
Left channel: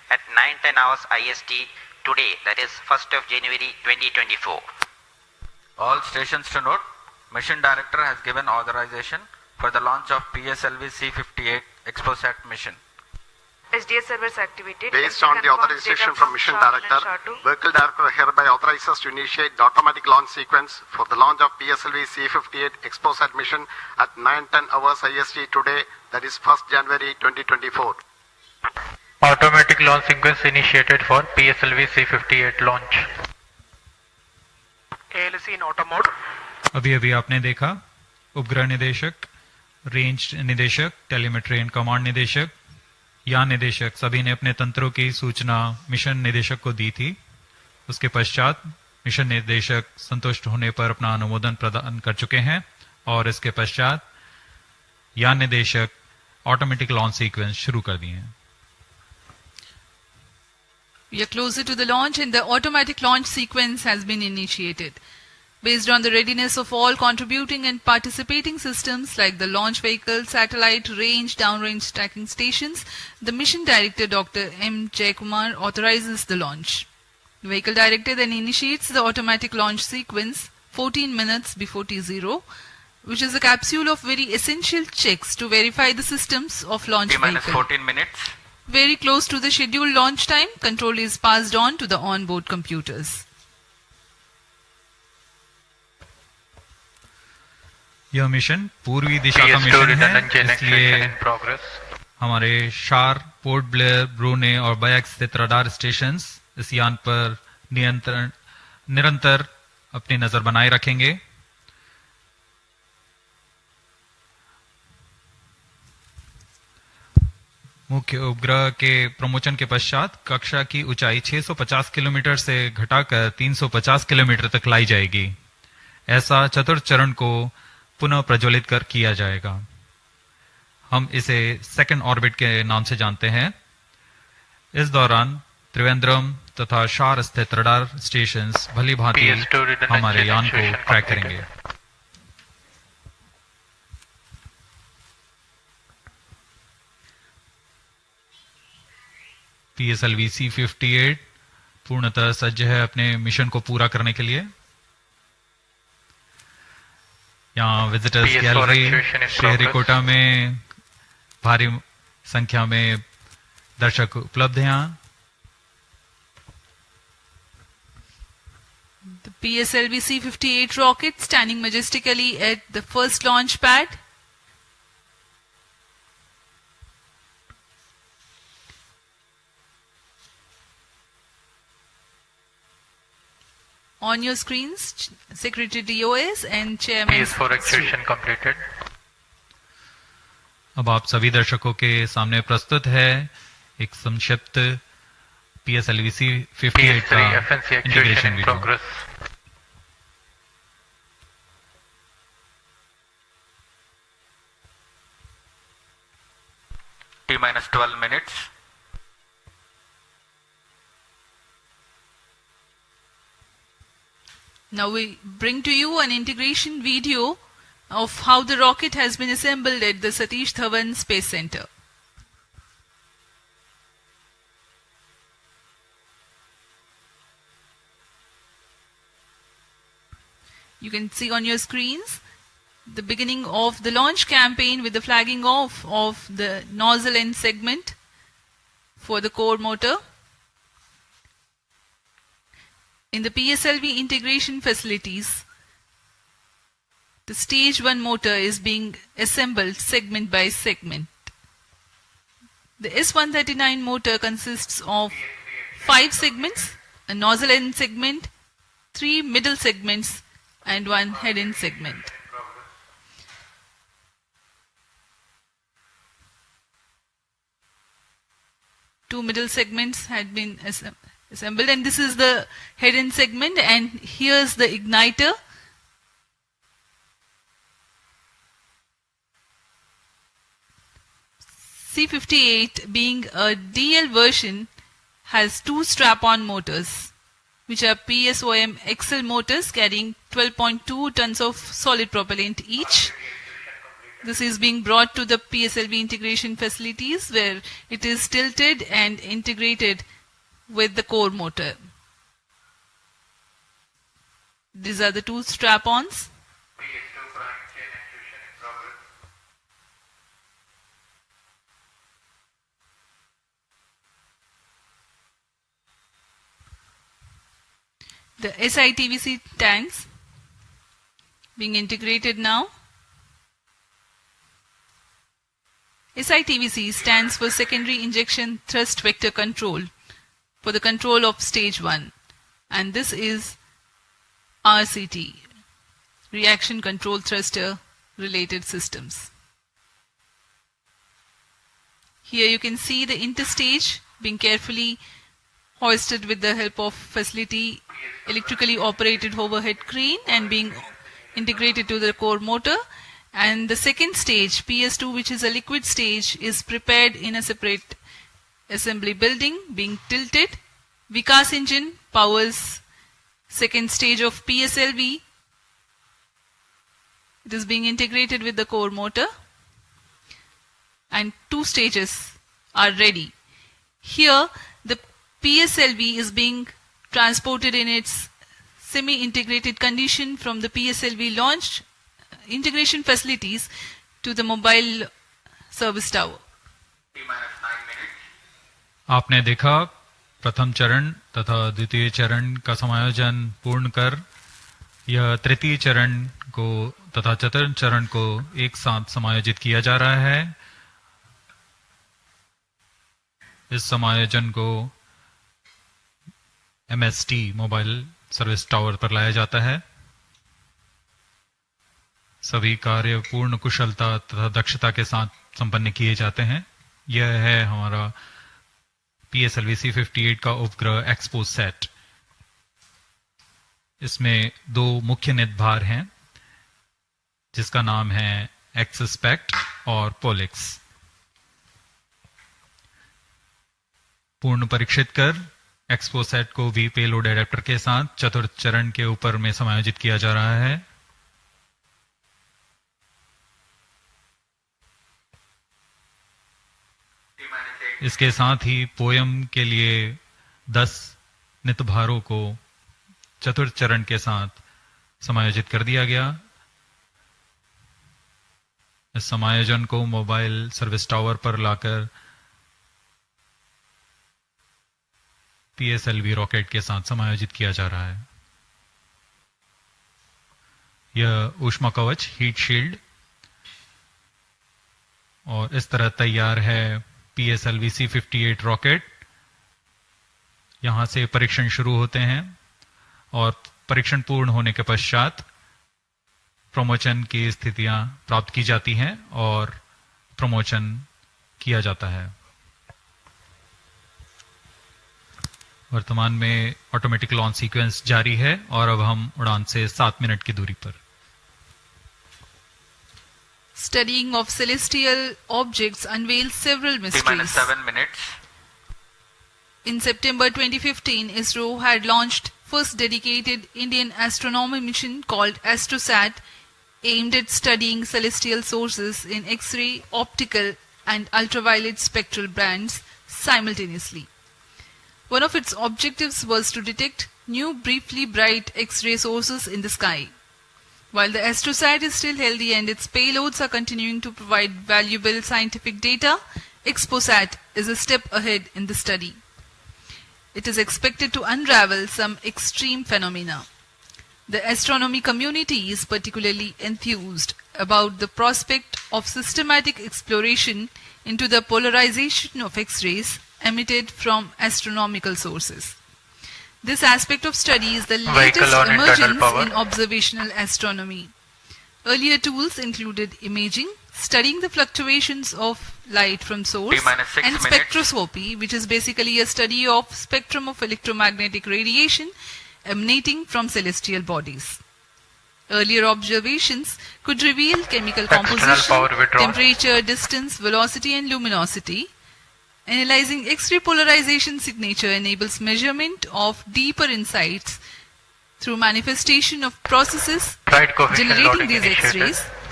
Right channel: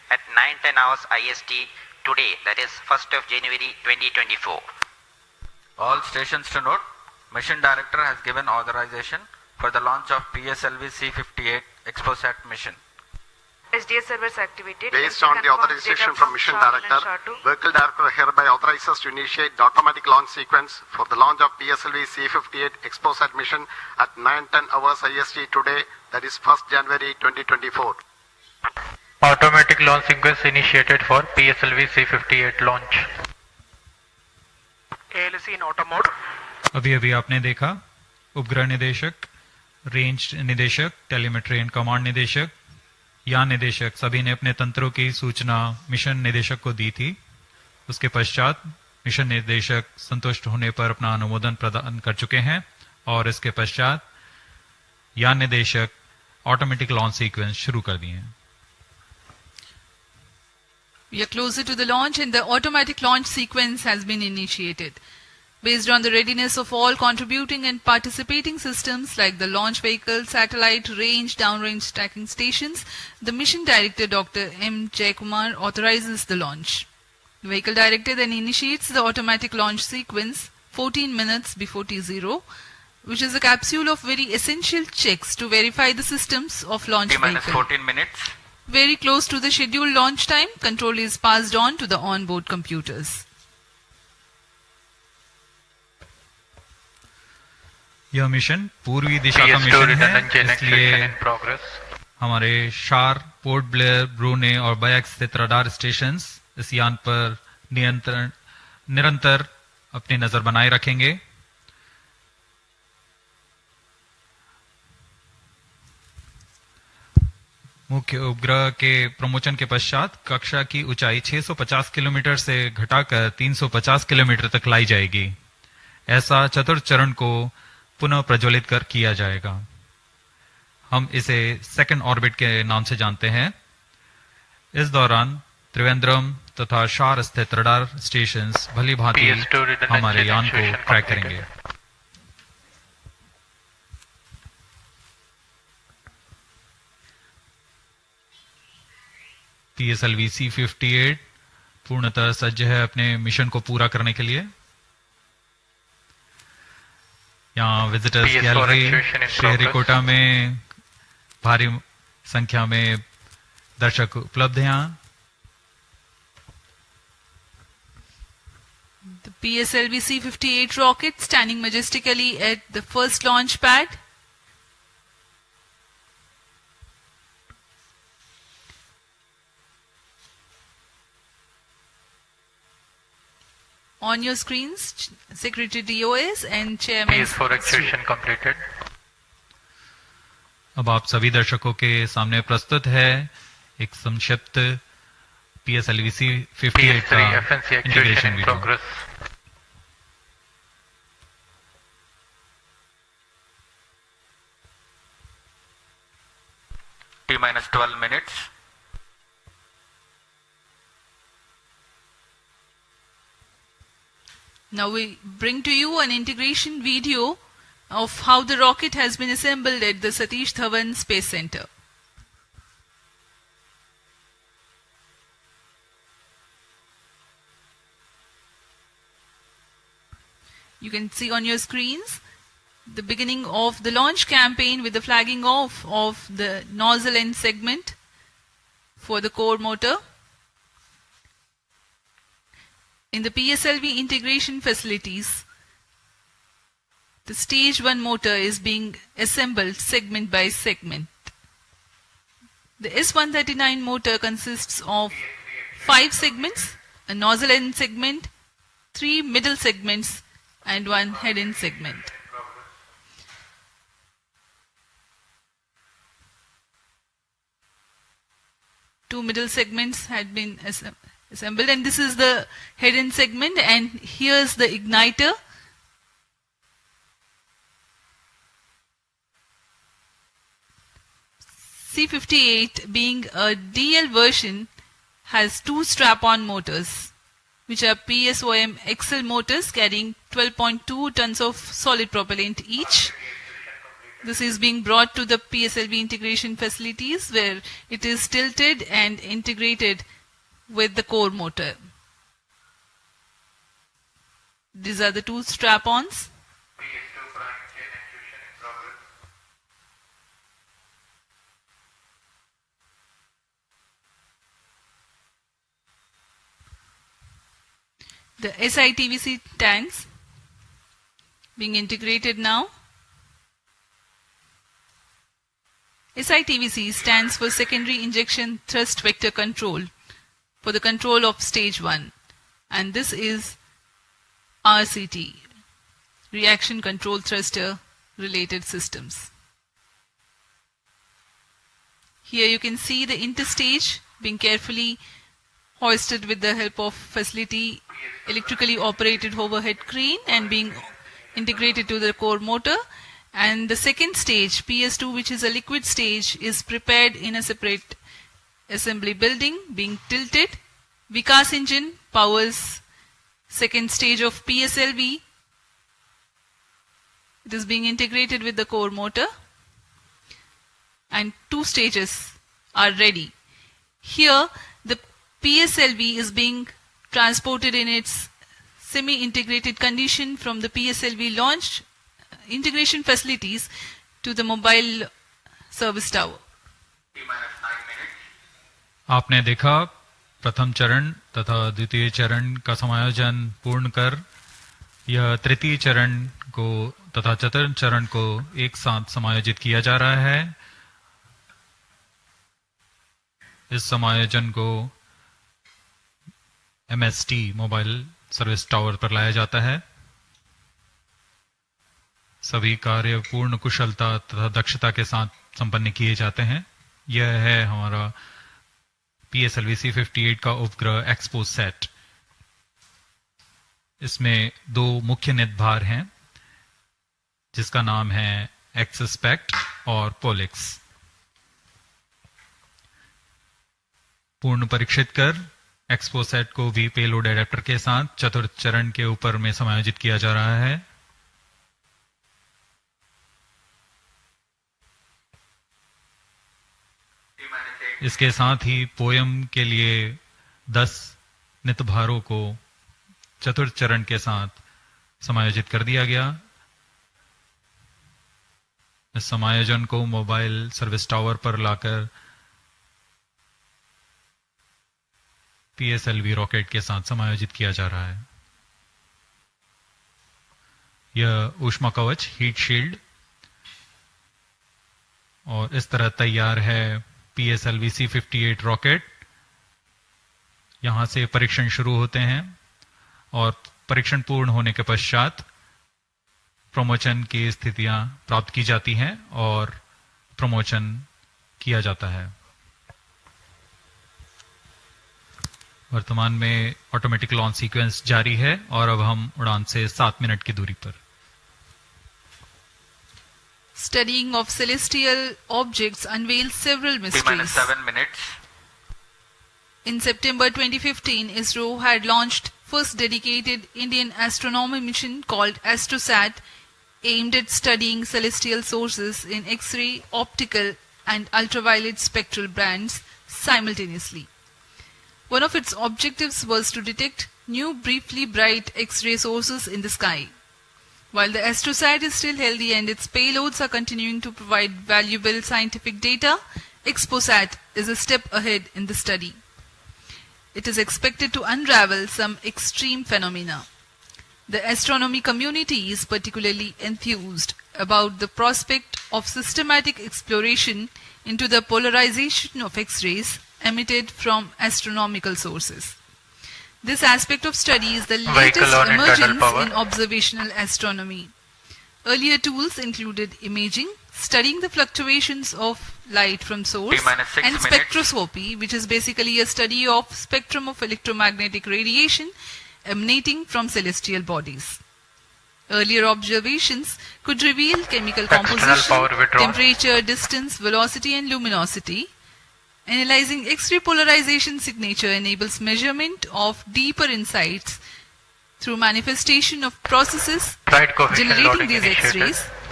at 9:10 hours IST today, that is 1st of January 2024. All stations to note, Mission Director has given authorization for the launch of PSLV-C58 XPoSat mission. SDS servers activated. Based on the authorization from Mission Director, Vehicle Director hereby authorizes to initiate the automatic launch sequence for the launch of PSLV-C58 XPoSat mission at 9:10 hours IST today, that is 1st January 2024. Automatic launch sequence initiated for PSLV-C58 launch. ALC in auto mode. अभी आपने देखा उपग्रह निदेशक, range निदेशक, telemetry and command निदेशक, यान निदेशक सभी ने अपने तंत्रों की सूचना मिशन निदेशक को दी थी। उसके पश्चात मिशन निदेशक संतुष्ट होने पर अपना अनुमोदन प्रदान कर चुके हैं और इसके पश्चात यान निदेशक ऑटोमेटिक लॉन्च सीक्वेंस शुरू कर दिए हैं। We are closer to the launch and the automatic launch sequence has been initiated. Based on the readiness of all contributing and participating systems like the launch vehicle, satellite, range, downrange tracking stations, the mission director Dr. M. Jaikumar authorizes the launch. The vehicle director then initiates the automatic launch sequence 14 minutes before T0, which is a capsule of very essential checks to verify the systems of launch vehicle. 14 minutes. Very close to the scheduled launch time, control is passed on to the onboard computers. यह mission पूर्वी दिशा का mission है, इसलिए हमारे शार, port Blair, ब्रूने और bike स्थित radar stations इस यान पर निरंतर अपनी नजर बनाए रखेंगे। मुख्य उपग्रह के प्रमोशन के पश्चात कक्षा की ऊंचाई 650 किलोमीटर से घटाकर 350 किलोमीटर तक लाई जाएगी। ऐसा चतुर्थ चरण को पुनः प्रज्वलित कर किया जाएगा। हम इसे सेकंड ऑर्बिट के नाम से जानते हैं। इस दौरान त्रिवेंद्रम तथा शार स्थित रडार स्टेशंस भली भांति हमारे यान को ट्रैक करेंगे। PSLV-C58 पूर्णतः सज्ज है अपने मिशन को पूरा करने के लिए। यहाँ विजिटर्स गैलरी श्रीहरिकोटा में भारी संख्या में दर्शक उपलब्ध हैं। The PSLV-C58 rocket standing majestically at the first launch pad. On your screens, Secretary DOS and Chairman. PS4 activation completed. अब आप सभी दर्शकों के सामने प्रस्तुत है एक संक्षिप्त PSLV-C58 का integration video. T-12 minutes. Now we bring to you an integration video of how the rocket has been assembled at the Satish Dhawan Space Center. You can see on your screens the beginning of the launch campaign with the flagging off of the nozzle end segment for the core motor. In the PSLV integration facilities, the stage 1 motor is being assembled segment by segment. The S139 motor consists of 5 segments, a nozzle end segment, 3 middle segments and 1 head end segment. Two middle segments had been assembled, and this is the head end segment, and here's the igniter. C58 being a DL version has 2 strap-on motors, which are PSOM XL motors carrying 12.2 tons of solid propellant each. This is being brought to the PSLV integration facilities where it is tilted and integrated with the core motor. These are the two strap-ons. The SITVC tanks being integrated now. SITVC stands for Secondary Injection Thrust Vector Control for the control of stage 1, and this is RCT, Reaction Control Thruster Related Systems. Here you can see the interstage being carefully hoisted with the help of facility electrically operated overhead crane and being integrated to the core motor. And the second stage, PS2, which is a liquid stage, is prepared in a separate assembly building, being tilted. Vikas engine powers second stage of PSLV. It is being integrated with the core motor, and two stages are ready. Here, the PSLV is being transported in its semi-integrated condition from the PSLV launch integration facilities to the mobile service tower. आपने देखा प्रथम चरण तथा द्वितीय चरण का समायोजन पूर्ण कर यह तृतीय चरण को तथा चतुर्थ चरण को एक साथ समायोजित किया जा रहा है। इस समायोजन को MST मोबाइल सर्विस टावर पर लाया जाता है। सभी कार्य पूर्ण कुशलता तथा दक्षता के साथ संपन्न किए जाते हैं। यह है हमारा PSLV-C58 का उपग्रह XPoSat। इसमें दो मुख्य निदभार हैं जिसका नाम है XSPECT और POLIX। पूर्ण परीक्षित कर XPoSat को भी पेलोड एडेप्टर के साथ चतुर्थ चरण के ऊपर में समायोजित किया जा रहा है। इसके साथ ही पोयम के लिए 10 नितभारों को चतुर्थ चरण के साथ समायोजित कर दिया गया। इस समायोजन को मोबाइल सर्विस टावर पर लाकर PSLV रॉकेट के साथ समायोजित किया जा रहा है। यह ऊष्मा कवच हीट शील्ड और इस तरह तैयार है PSLV-C58 रॉकेट। यहां से परीक्षण शुरू होते हैं और परीक्षण पूर्ण होने के पश्चात प्रमोशन की स्थितियां प्राप्त की जाती हैं और प्रमोशन किया जाता है। वर्तमान में ऑटोमेटिक लॉन्च सीक्वेंस जारी है और अब हम उड़ान से 7 मिनट की दूरी पर। Studying of celestial objects unveils several mysteries. 7 minutes. In September 2015, Isro had launched first dedicated Indian astronomy mission called AstroSat, aimed at studying celestial sources in X-ray, optical and ultraviolet spectral bands simultaneously. One of its objectives was to detect new briefly bright X-ray sources in the sky. While the AstroSat is still healthy and its payloads are continuing to provide valuable scientific data, XPoSat is a step ahead in the study. It is expected to unravel some extreme phenomena. The astronomy community is particularly enthused about the prospect of systematic exploration into the polarization of X-rays emitted from astronomical sources. This aspect of study is the latest emergence in observational astronomy. Earlier tools included imaging, studying the fluctuations of light from source, and spectroscopy, which is basically a study of spectrum of electromagnetic radiation emanating from celestial bodies. Earlier observations could reveal chemical composition, temperature, distance, velocity and luminosity. Analyzing X-ray polarization signature enables measurement of deeper insights through manifestation of processes generating these X-rays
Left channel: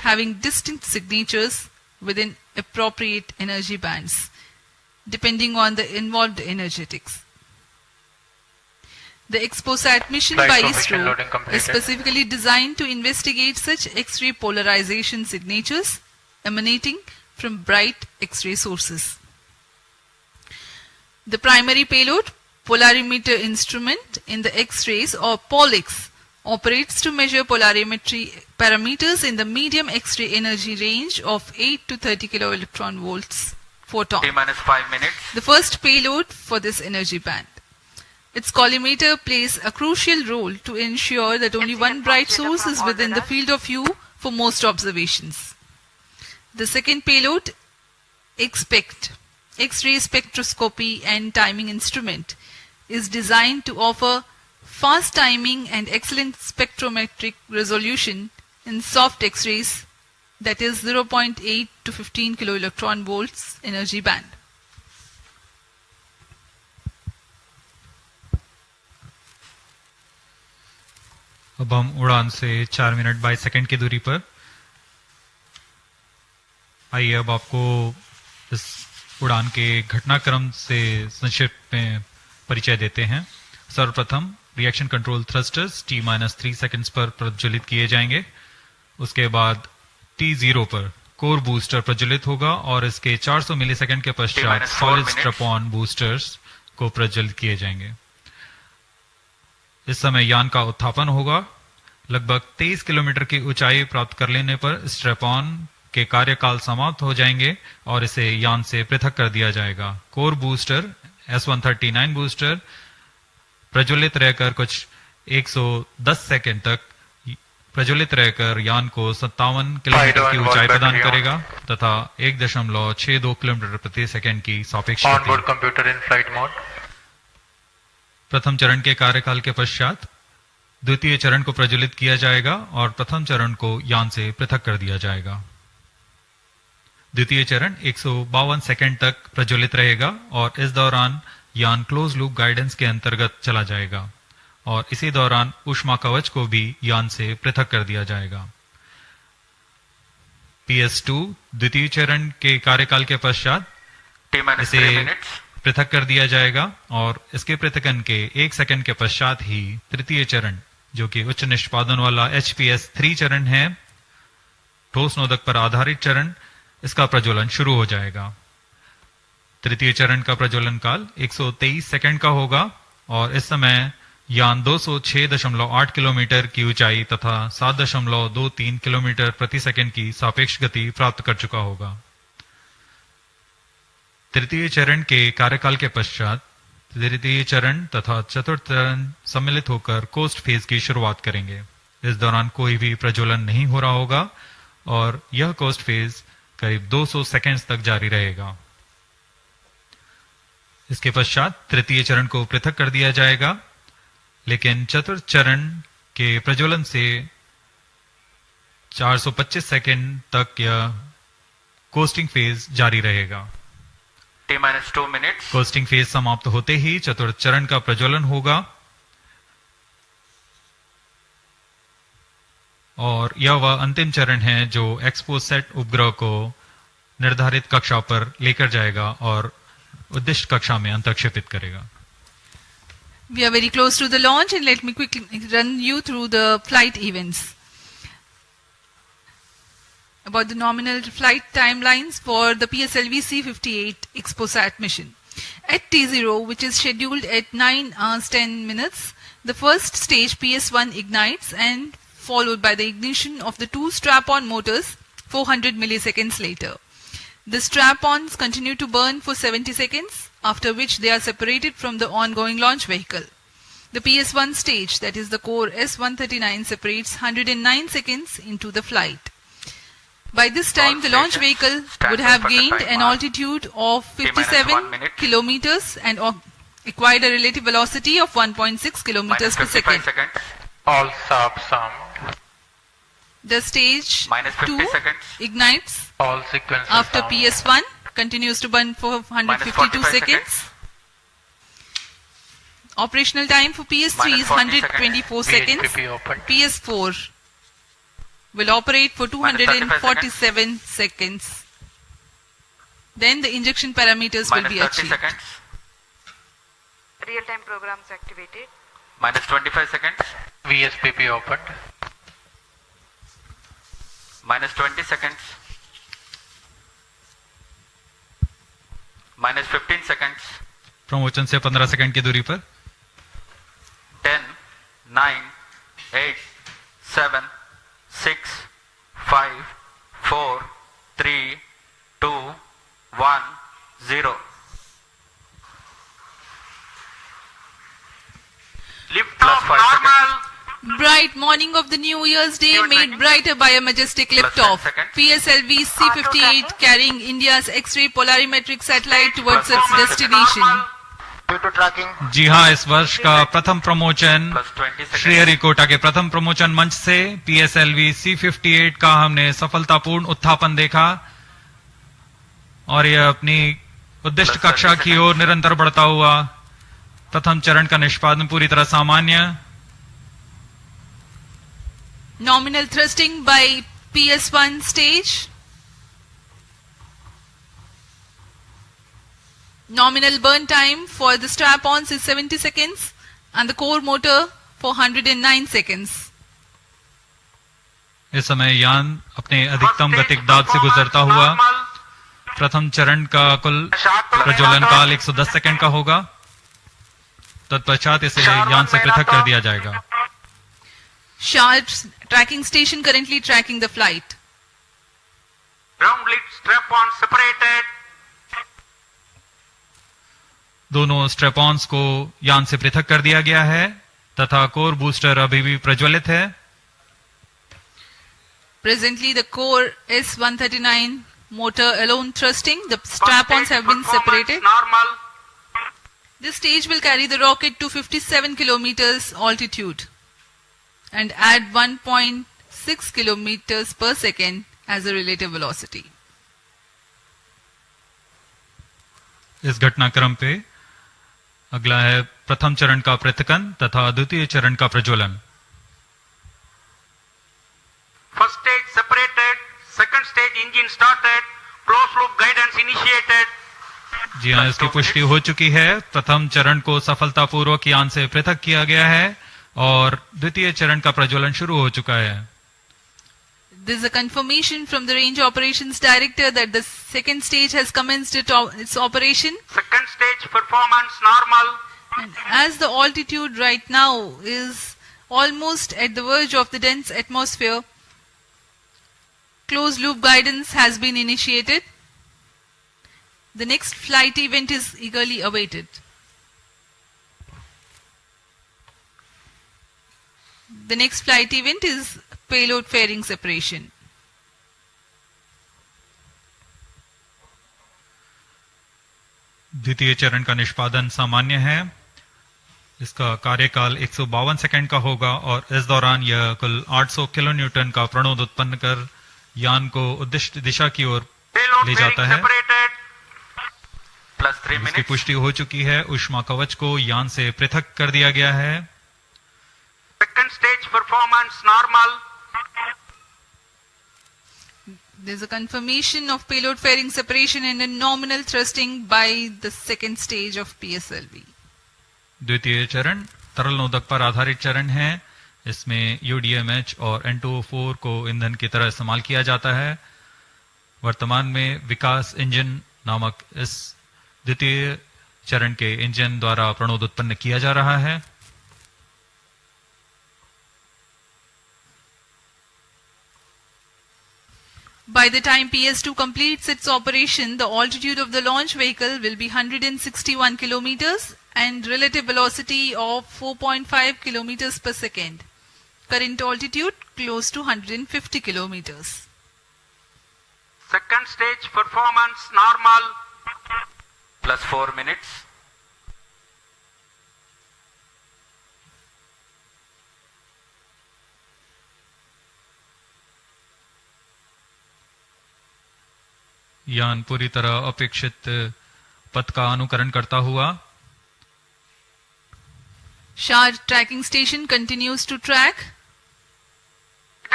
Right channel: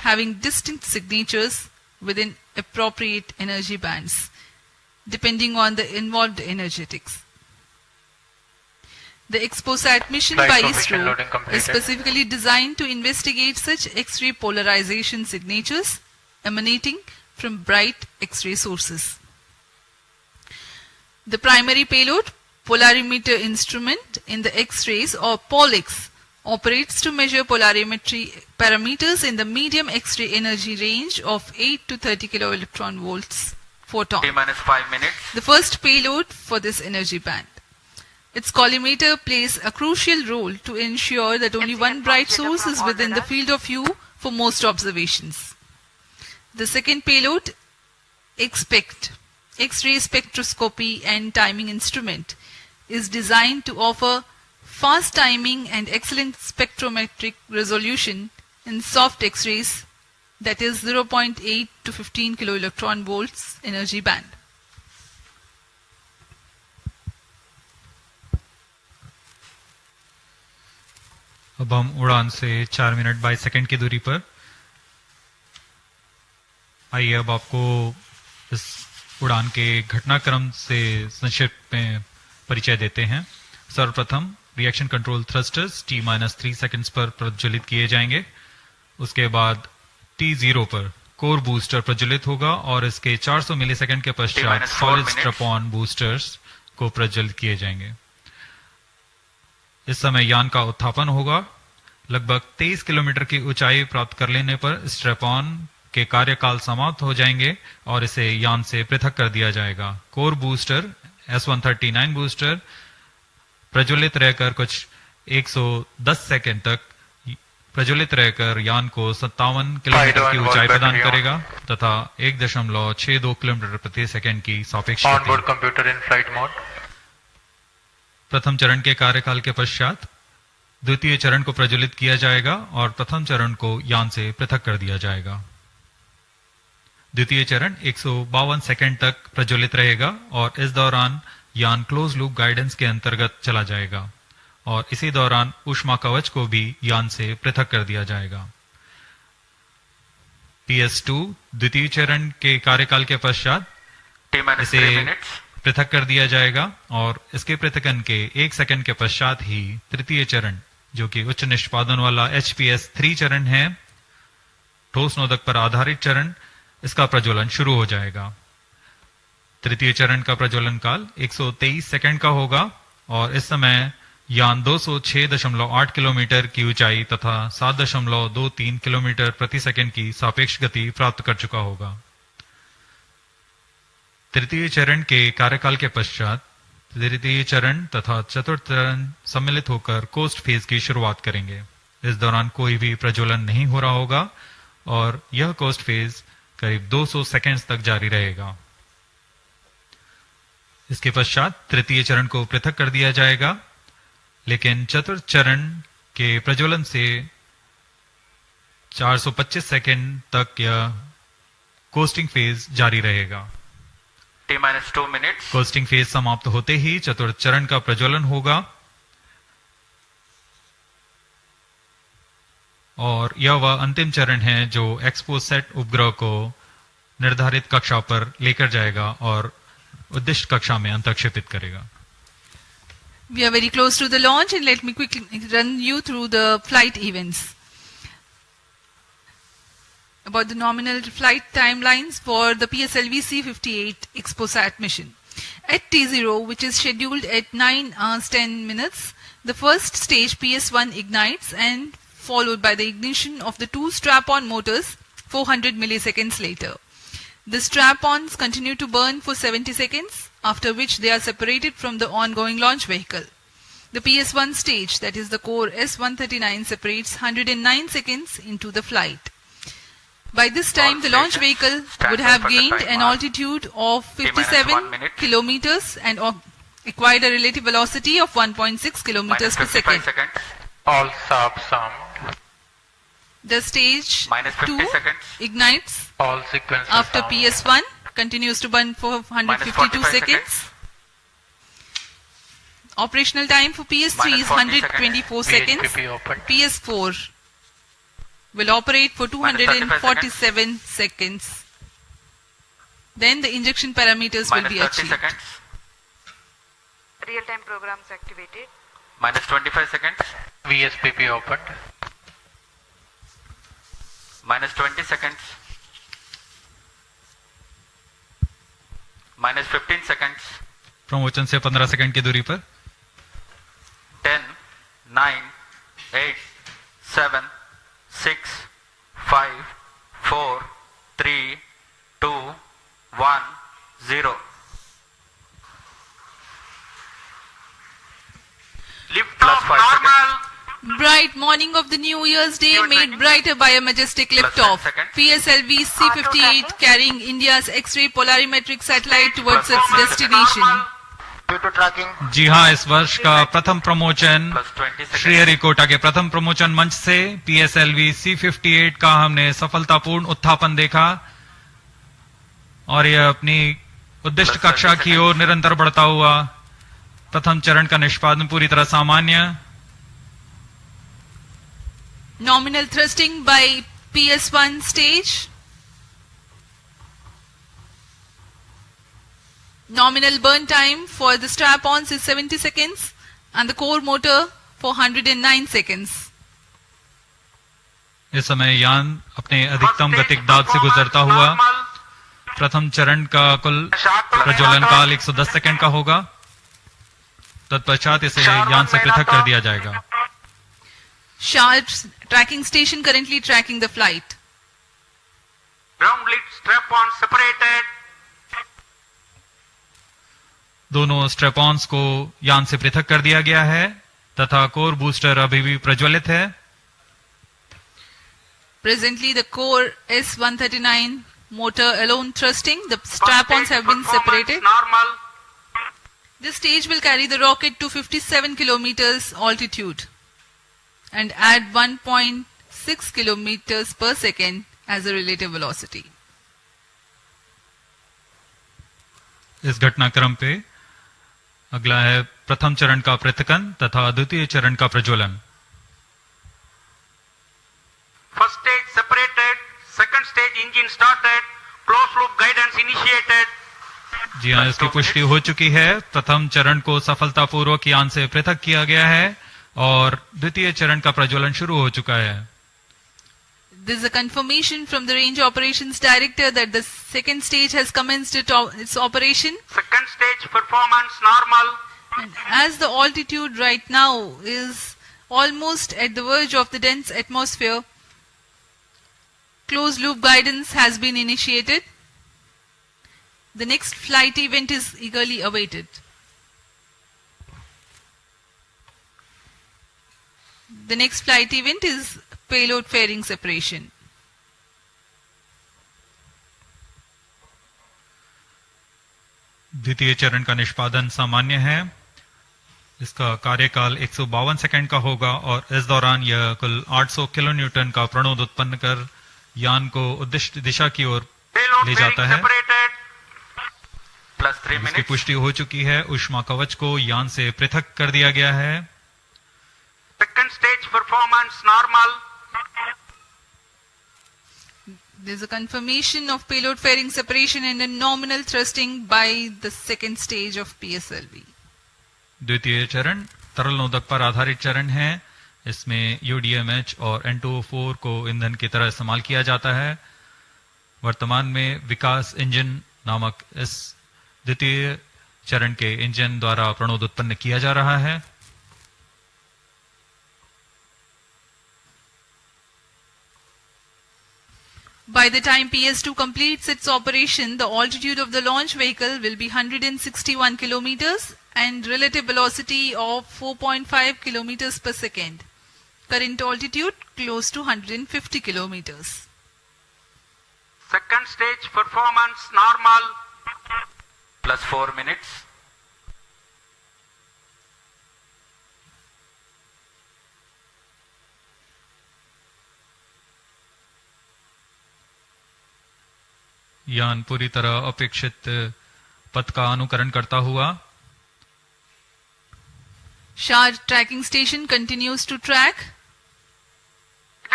having distinct signatures within appropriate energy bands, depending on the involved energetics. The XPoSat mission by Isro is specifically designed to investigate such X-ray polarization signatures emanating from bright X-ray sources. The primary payload, polarimeter instrument in the X-rays or POLIX, operates to measure polarimetry parameters in the medium X-ray energy range of 8 to 30 kiloelectron volts photon. T-5 minutes. The first payload for this energy band. Its collimator plays a crucial role to ensure that only one bright source is within the field of view for most observations. The second payload, XPECT, X-ray spectroscopy and timing instrument, is designed to offer fast timing and excellent spectrometric resolution in soft X-rays, that is 0.8 to 15 kiloelectron volts energy band. अब हम उड़ान से 4 minute 22 second की दूरी पर। आइए अब आपको इस उड़ान के घटनाक्रम से संक्षिप्त में परिचय देते हैं। सर्वप्रथम reaction control thrusters T-3 seconds पर प्रज्वलित किए जाएंगे। उसके बाद T0 पर कोर बूस्टर प्रज्वलित होगा और इसके 400 मिलीसेकंड के पश्चात सॉलिड स्ट्रैप-ऑन बूस्टर्स को प्रज्वलित किए जाएंगे। इस समय यान का उत्थापन होगा। लगभग 23 किलोमीटर की ऊंचाई प्राप्त कर लेने पर स्ट्रैप-ऑन के कार्यकाल समाप्त हो जाएंगे और इसे यान से पृथक कर दिया जाएगा। कोर बूस्टर S139 बूस्टर प्रज्वलित रहकर कुछ 110 सेकंड तक प्रज्वलित रहकर यान को 57 किलोमीटर की ऊंचाई प्रदान करेगा तथा 1.62 किलोमीटर प्रति सेकंड की सापेक्ष गति। प्रथम चरण के कार्यकाल के पश्चात द्वितीय चरण को प्रज्वलित किया जाएगा और प्रथम चरण को यान से पृथक कर दिया जाएगा। द्वितीय चरण 152 सेकंड तक प्रज्वलित रहेगा और इस दौरान यान क्लोज लूप गाइडेंस के अंतर्गत चला जाएगा और इसी दौरान ऊष्मा कवच को भी यान से पृथक कर दिया जाएगा। PS2 द्वितीय चरण के कार्यकाल के पश्चात इसे पृथक कर दिया जाएगा और इसके पृथकन के 1 सेकंड के पश्चात ही तृतीय चरण, जो कि उच्च निष्पादन वाला HPS3 चरण है, ठोस नोदक पर आधारित चरण, इसका प्रज्वलन शुरू हो जाएगा। तृतीय चरण का प्रज्वलन काल 123 सेकंड का होगा और इस समय यान 206.8 किलोमीटर की ऊंचाई तथा 7.23 किलोमीटर प्रति सेकंड की सापेक्ष गति प्राप्त कर चुका होगा। तृतीय चरण के कार्यकाल के पश्चात तृतीय चरण तथा चतुर्थ चरण सम्मिलित होकर कोस्ट फेज की शुरुआत करेंगे। इस दौरान कोई भी प्रज्वलन नहीं हो रहा होगा और यह कोस्ट फेज करीब 200 सेकंड्स तक जारी रहेगा। इसके पश्चात तृतीय चरण को पृथक कर दिया जाएगा, लेकिन चतुर्थ चरण के प्रज्वलन से 425 सेकंड तक यह कोस्टिंग फेज जारी रहेगा। T-2 minutes. कोस्टिंग फेज समाप्त होते ही चतुर्थ चरण का प्रज्वलन होगा और यह वह अंतिम चरण है जो XPoSat उपग्रह को निर्धारित कक्षा पर लेकर जाएगा और उद्दिष्ट कक्षा में अंतक्षेपित करेगा। We are very close to the launch and let me quickly run you through the flight events. About the nominal flight timelines for the PSLV-C58 XPoSat mission. At T0, which is scheduled at 9 hours 10 minutes, the first stage PS1 ignites and followed by the ignition of the two strap-on motors 400 milliseconds later. The strap-ons continue to burn for 70 seconds, after which they are separated from the ongoing launch vehicle. The PS1 stage, that is the core S139, separates 109 seconds into the flight. By this time, the launch vehicle would have gained an altitude of 57 kilometers and acquired a relative velocity of 1.6 kilometers per second. All subs some. The stage 2 ignites after PS1, continues to burn for 152 seconds. Operational time for PS3 is 124 seconds. PS4 will operate for 247 seconds. Then the injection parameters will be achieved. Seconds. Real-time programs activated. Minus 25 seconds. VSPP opened. Minus 20 seconds. Minus 15 seconds. Promotion से 15 second की दूरी पर 10, 9, 8, 7, 6, 5, 4, 3, 2, 1, 0. Lift off normal. Bright morning of the New Year's Day made brighter by a majestic liftoff. PSLV-C58 carrying India's X-ray Polarimeter Satellite towards its destination. Due to tracking. जी हाँ, इस वर्ष का प्रथम promotion Sriharikota के प्रथम प्रमोशन मंच से PSLV-C58 का हमने सफलतापूर्ण उत्थापन देखा और यह अपनी उद्दिष्ट कक्षा की ओर निरंतर बढ़ता हुआ। प्रथम चरण का निष्पादन पूरी तरह सामान्य। Nominal thrusting by PS1 stage. Nominal burn time for the strap-ons is 70 seconds and the core motor for 109 seconds. इस समय यान अपने अधिकतम गतिक दाब से गुजरता हुआ। प्रथम चरण का कुल प्रज्वलन काल 110 सेकंड का होगा। तत्पश्चात इसे यान से पृथक कर दिया जाएगा। Sharp tracking station currently tracking the flight. Ground lead strap-on separated. दोनों स्ट्रेपॉन्स को यान से पृथक कर दिया गया है तथा कोर बूस्टर अभी भी प्रज्वलित है। Presently the core S139 motor alone thrusting. The strap-ons have been separated. Normal. This stage will carry the rocket to 57 kilometers altitude and add 1.6 kilometers per second as a relative velocity. इस घटनाक्रम पे अगला है प्रथम चरण का पृथकन तथा द्वितीय चरण का प्रज्वलन। First stage separated. Second stage engine started. Closed loop guidance initiated. जी हाँ, इसकी पुष्टि हो चुकी है। प्रथम चरण को सफलतापूर्वक यान से पृथक किया गया है और द्वितीय चरण का प्रज्वलन शुरू हो चुका है। This is a confirmation from the Range Operations Director that the second stage has commenced its operation. Second stage performance normal. And as the altitude right now is almost at the verge of the dense atmosphere, closed loop guidance has been initiated. The next flight event is eagerly awaited. The next flight event is payload fairing separation. द्वितीय चरण का निष्पादन सामान्य है। इसका कार्यकाल 152 second का होगा और इस दौरान यह कुल 800 किलो न्यूटन का प्रणोद उत्पन्न कर यान को उद्दिष्ट दिशा की ओर ले जाता है। इसकी पुष्टि हो चुकी है। ऊष्मा कवच को यान से पृथक कर दिया गया है। Second stage performance normal. There is a confirmation of payload fairing separation and a nominal thrusting by the second stage of PSLV. द्वितीय चरण तरल नोदक पर आधारित चरण है। इसमें UDMH और N2O4 को ईंधन की तरह इस्तेमाल किया जाता है। वर्तमान में विकास इंजन नामक इस द्वितीय चरण के इंजन द्वारा प्रणोद उत्पन्न किया जा रहा है। By the time PS2 completes its operation, the altitude of the launch vehicle will be 161 kilometers and relative velocity of 4.5 kilometers per second. Current altitude close to 150 kilometers. Second stage performance normal. Plus 4 minutes. यान पूरी तरह अपेक्षित पथ का अनुकरण करता हुआ Shah tracking station continues to track. Second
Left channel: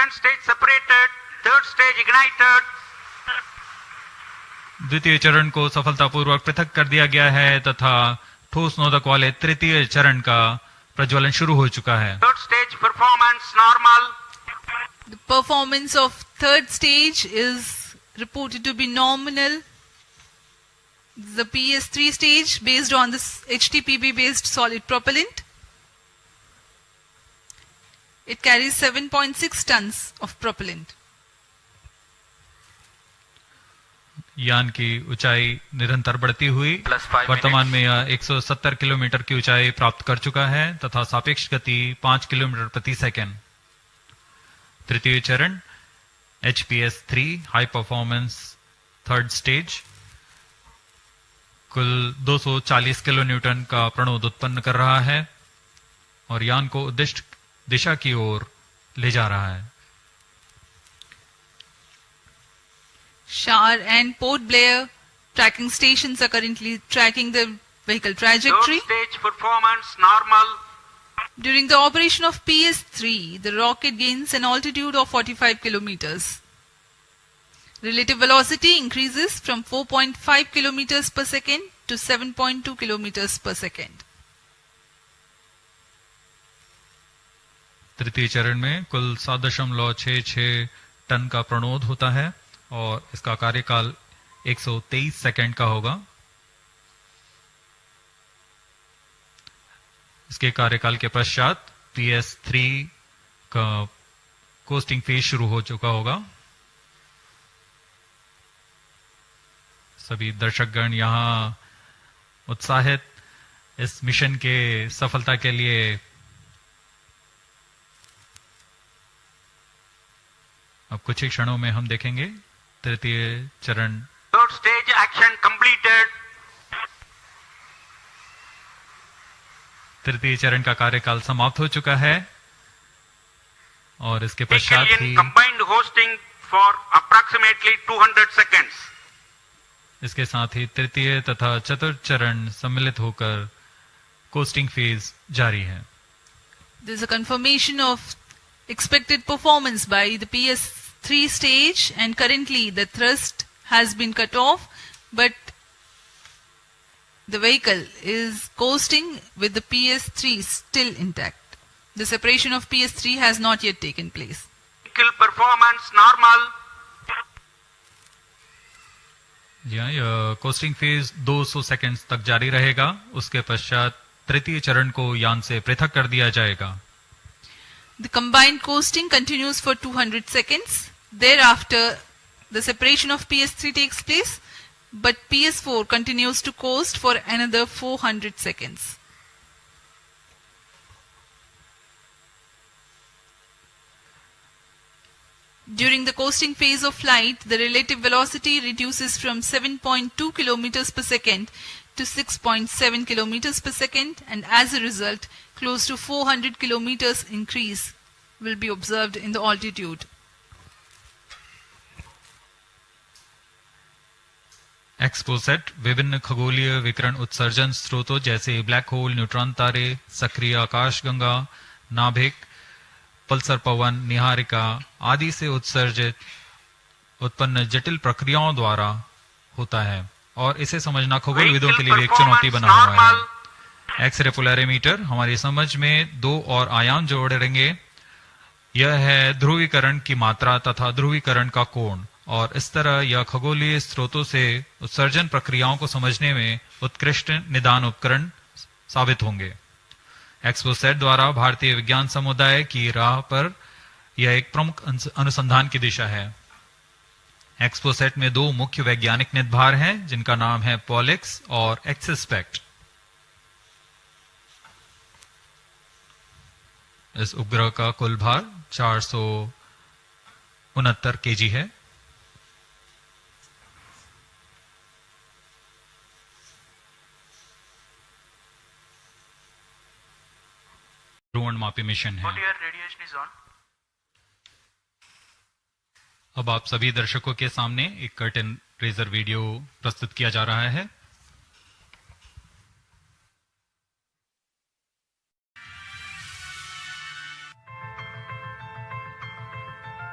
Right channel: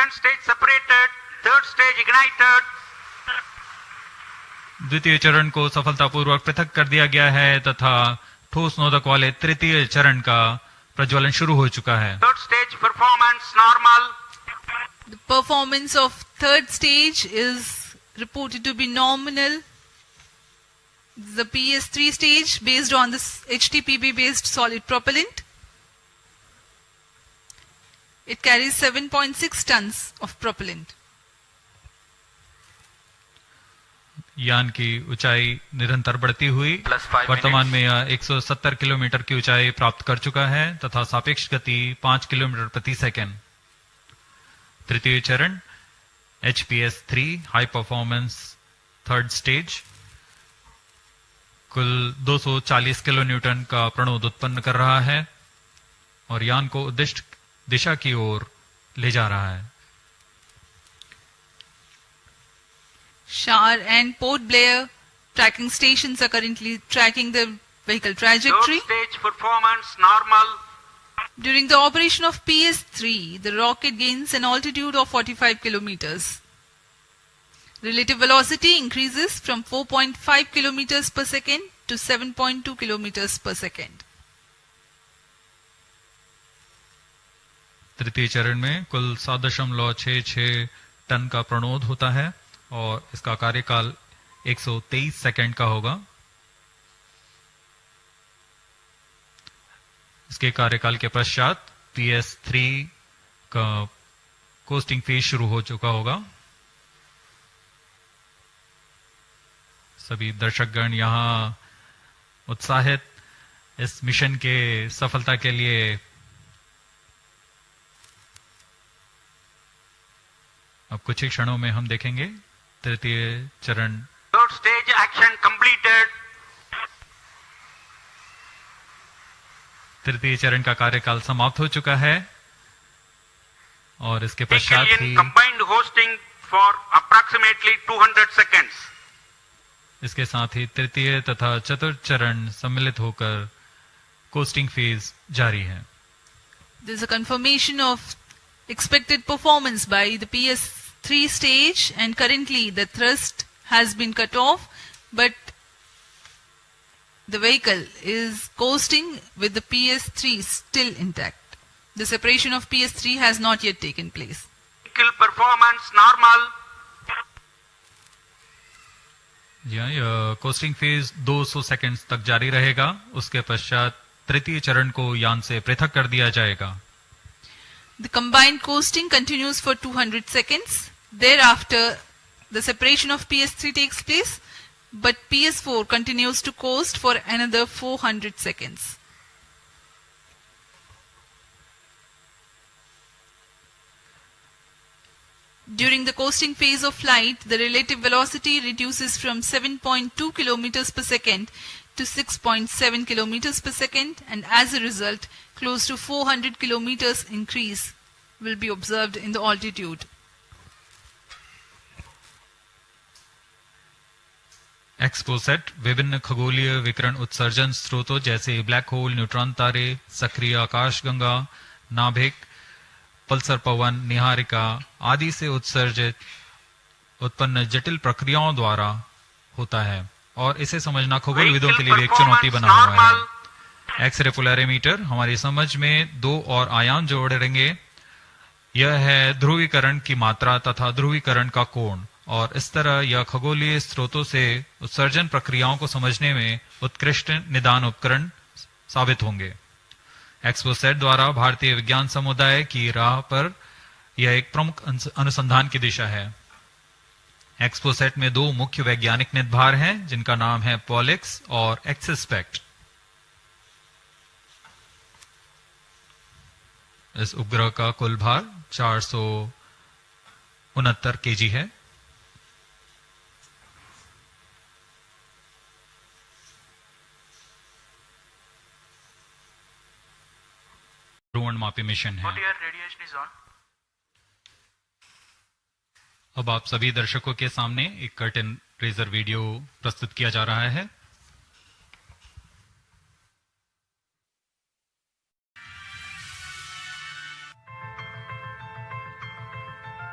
second stage separated, third stage ignited. द्वितीय चरण को सफलतापूर्वक पृथक कर दिया गया है तथा ठोस नोदक वाले तृतीय चरण का प्रज्वलन शुरू हो चुका है। Third stage performance normal. The performance of third stage is reported to be nominal. The PS3 stage based on this HTPB based solid propellant. It carries 7.6 tons of propellant. यान की ऊंचाई निरंतर बढ़ती हुई वर्तमान में यह 170 किलोमीटर की ऊंचाई प्राप्त कर चुका है तथा सापेक्ष गति 5 किलोमीटर प्रति सेकंड। तृतीय चरण HPS3 high performance third stage कुल 240 किलो न्यूटन का प्रणोद उत्पन्न कर रहा है और यान को उद्दिष्ट दिशा की ओर ले जा रहा है। Shar and Port Blair tracking stations are currently tracking the vehicle trajectory. Third stage performance normal. During the operation of PS3, the rocket gains an altitude of 45 kilometers. Relative velocity increases from 4.5 kilometers per second to 7.2 kilometers per second. तृतीय चरण में कुल 7.66 ton का प्रणोद होता है और इसका कार्यकाल 123 सेकंड का होगा। इसके कार्यकाल के पश्चात PS3 का कोस्टिंग फेज शुरू हो चुका होगा। सभी दर्शकगण यहां उत्साहित इस मिशन के सफलता के लिए अब कुछ ही क्षणों में हम देखेंगे तृतीय चरण। Third stage action completed. तृतीय चरण का कार्यकाल समाप्त हो चुका है और इसके पश्चात ही combined hosting for approximately 200 seconds. इसके साथ ही तृतीय तथा चतुर्थ चरण सम्मिलित होकर कोस्टिंग फेज जारी है। There is a confirmation of expected performance by the PS3 stage, and currently the thrust has been cut off, but the vehicle is coasting with the PS3 still intact. The separation of PS3 has not yet taken place. Vehicle performance normal. यह costing phase 200 seconds तक जारी रहेगा। उसके पश्चात तृतीय चरण को यान से पृथक कर दिया जाएगा। The combined coasting continues for 200 seconds. Thereafter, the separation of PS3 takes place, but PS4 continues to coast for another 400 seconds. During the coasting phase of flight, the relative velocity reduces from 7.2 kilometers per second to 6.7 kilometers per second, and as a result, close to 400 kilometers increase will be observed in the altitude. XPoSat विभिन्न खगोलीय विकिरण उत्सर्जन स्रोतों जैसे black hole, neutron तारे, सक्रिय आकाशगंगा, नाभिक, पल्सर पवन, निहारिका आदि से उत्सर्जित उत्पन्न जटिल प्रक्रियाओं द्वारा होता है और इसे समझना खगोलविदों के लिए भी एक चुनौती बना हुआ है। एक्सरे पोलैरिमीटर हमारी समझ में दो और आयाम जोड़ेंगे। यह है ध्रुवीकरण की मात्रा तथा ध्रुवीकरण का कोण, और इस तरह यह खगोलीय स्रोतों से उत्सर्जन प्रक्रियाओं को समझने में उत्कृष्ट निदान उपकरण साबित होंगे। XPoSat द्वारा भारतीय विज्ञान समुदाय की राह पर यह एक प्रमुख अनुसंधान की दिशा है। XPoSat में दो मुख्य वैज्ञानिक निदभार हैं जिनका नाम है पॉलिक्स और एक्सस्पेक्ट। इस उपग्रह का कुल भार 469 केजी है। ध्रुवणमापी मिशन है। अब आप सभी दर्शकों के सामने एक कर्टन रेजर वीडियो प्रस्तुत किया जा रहा है।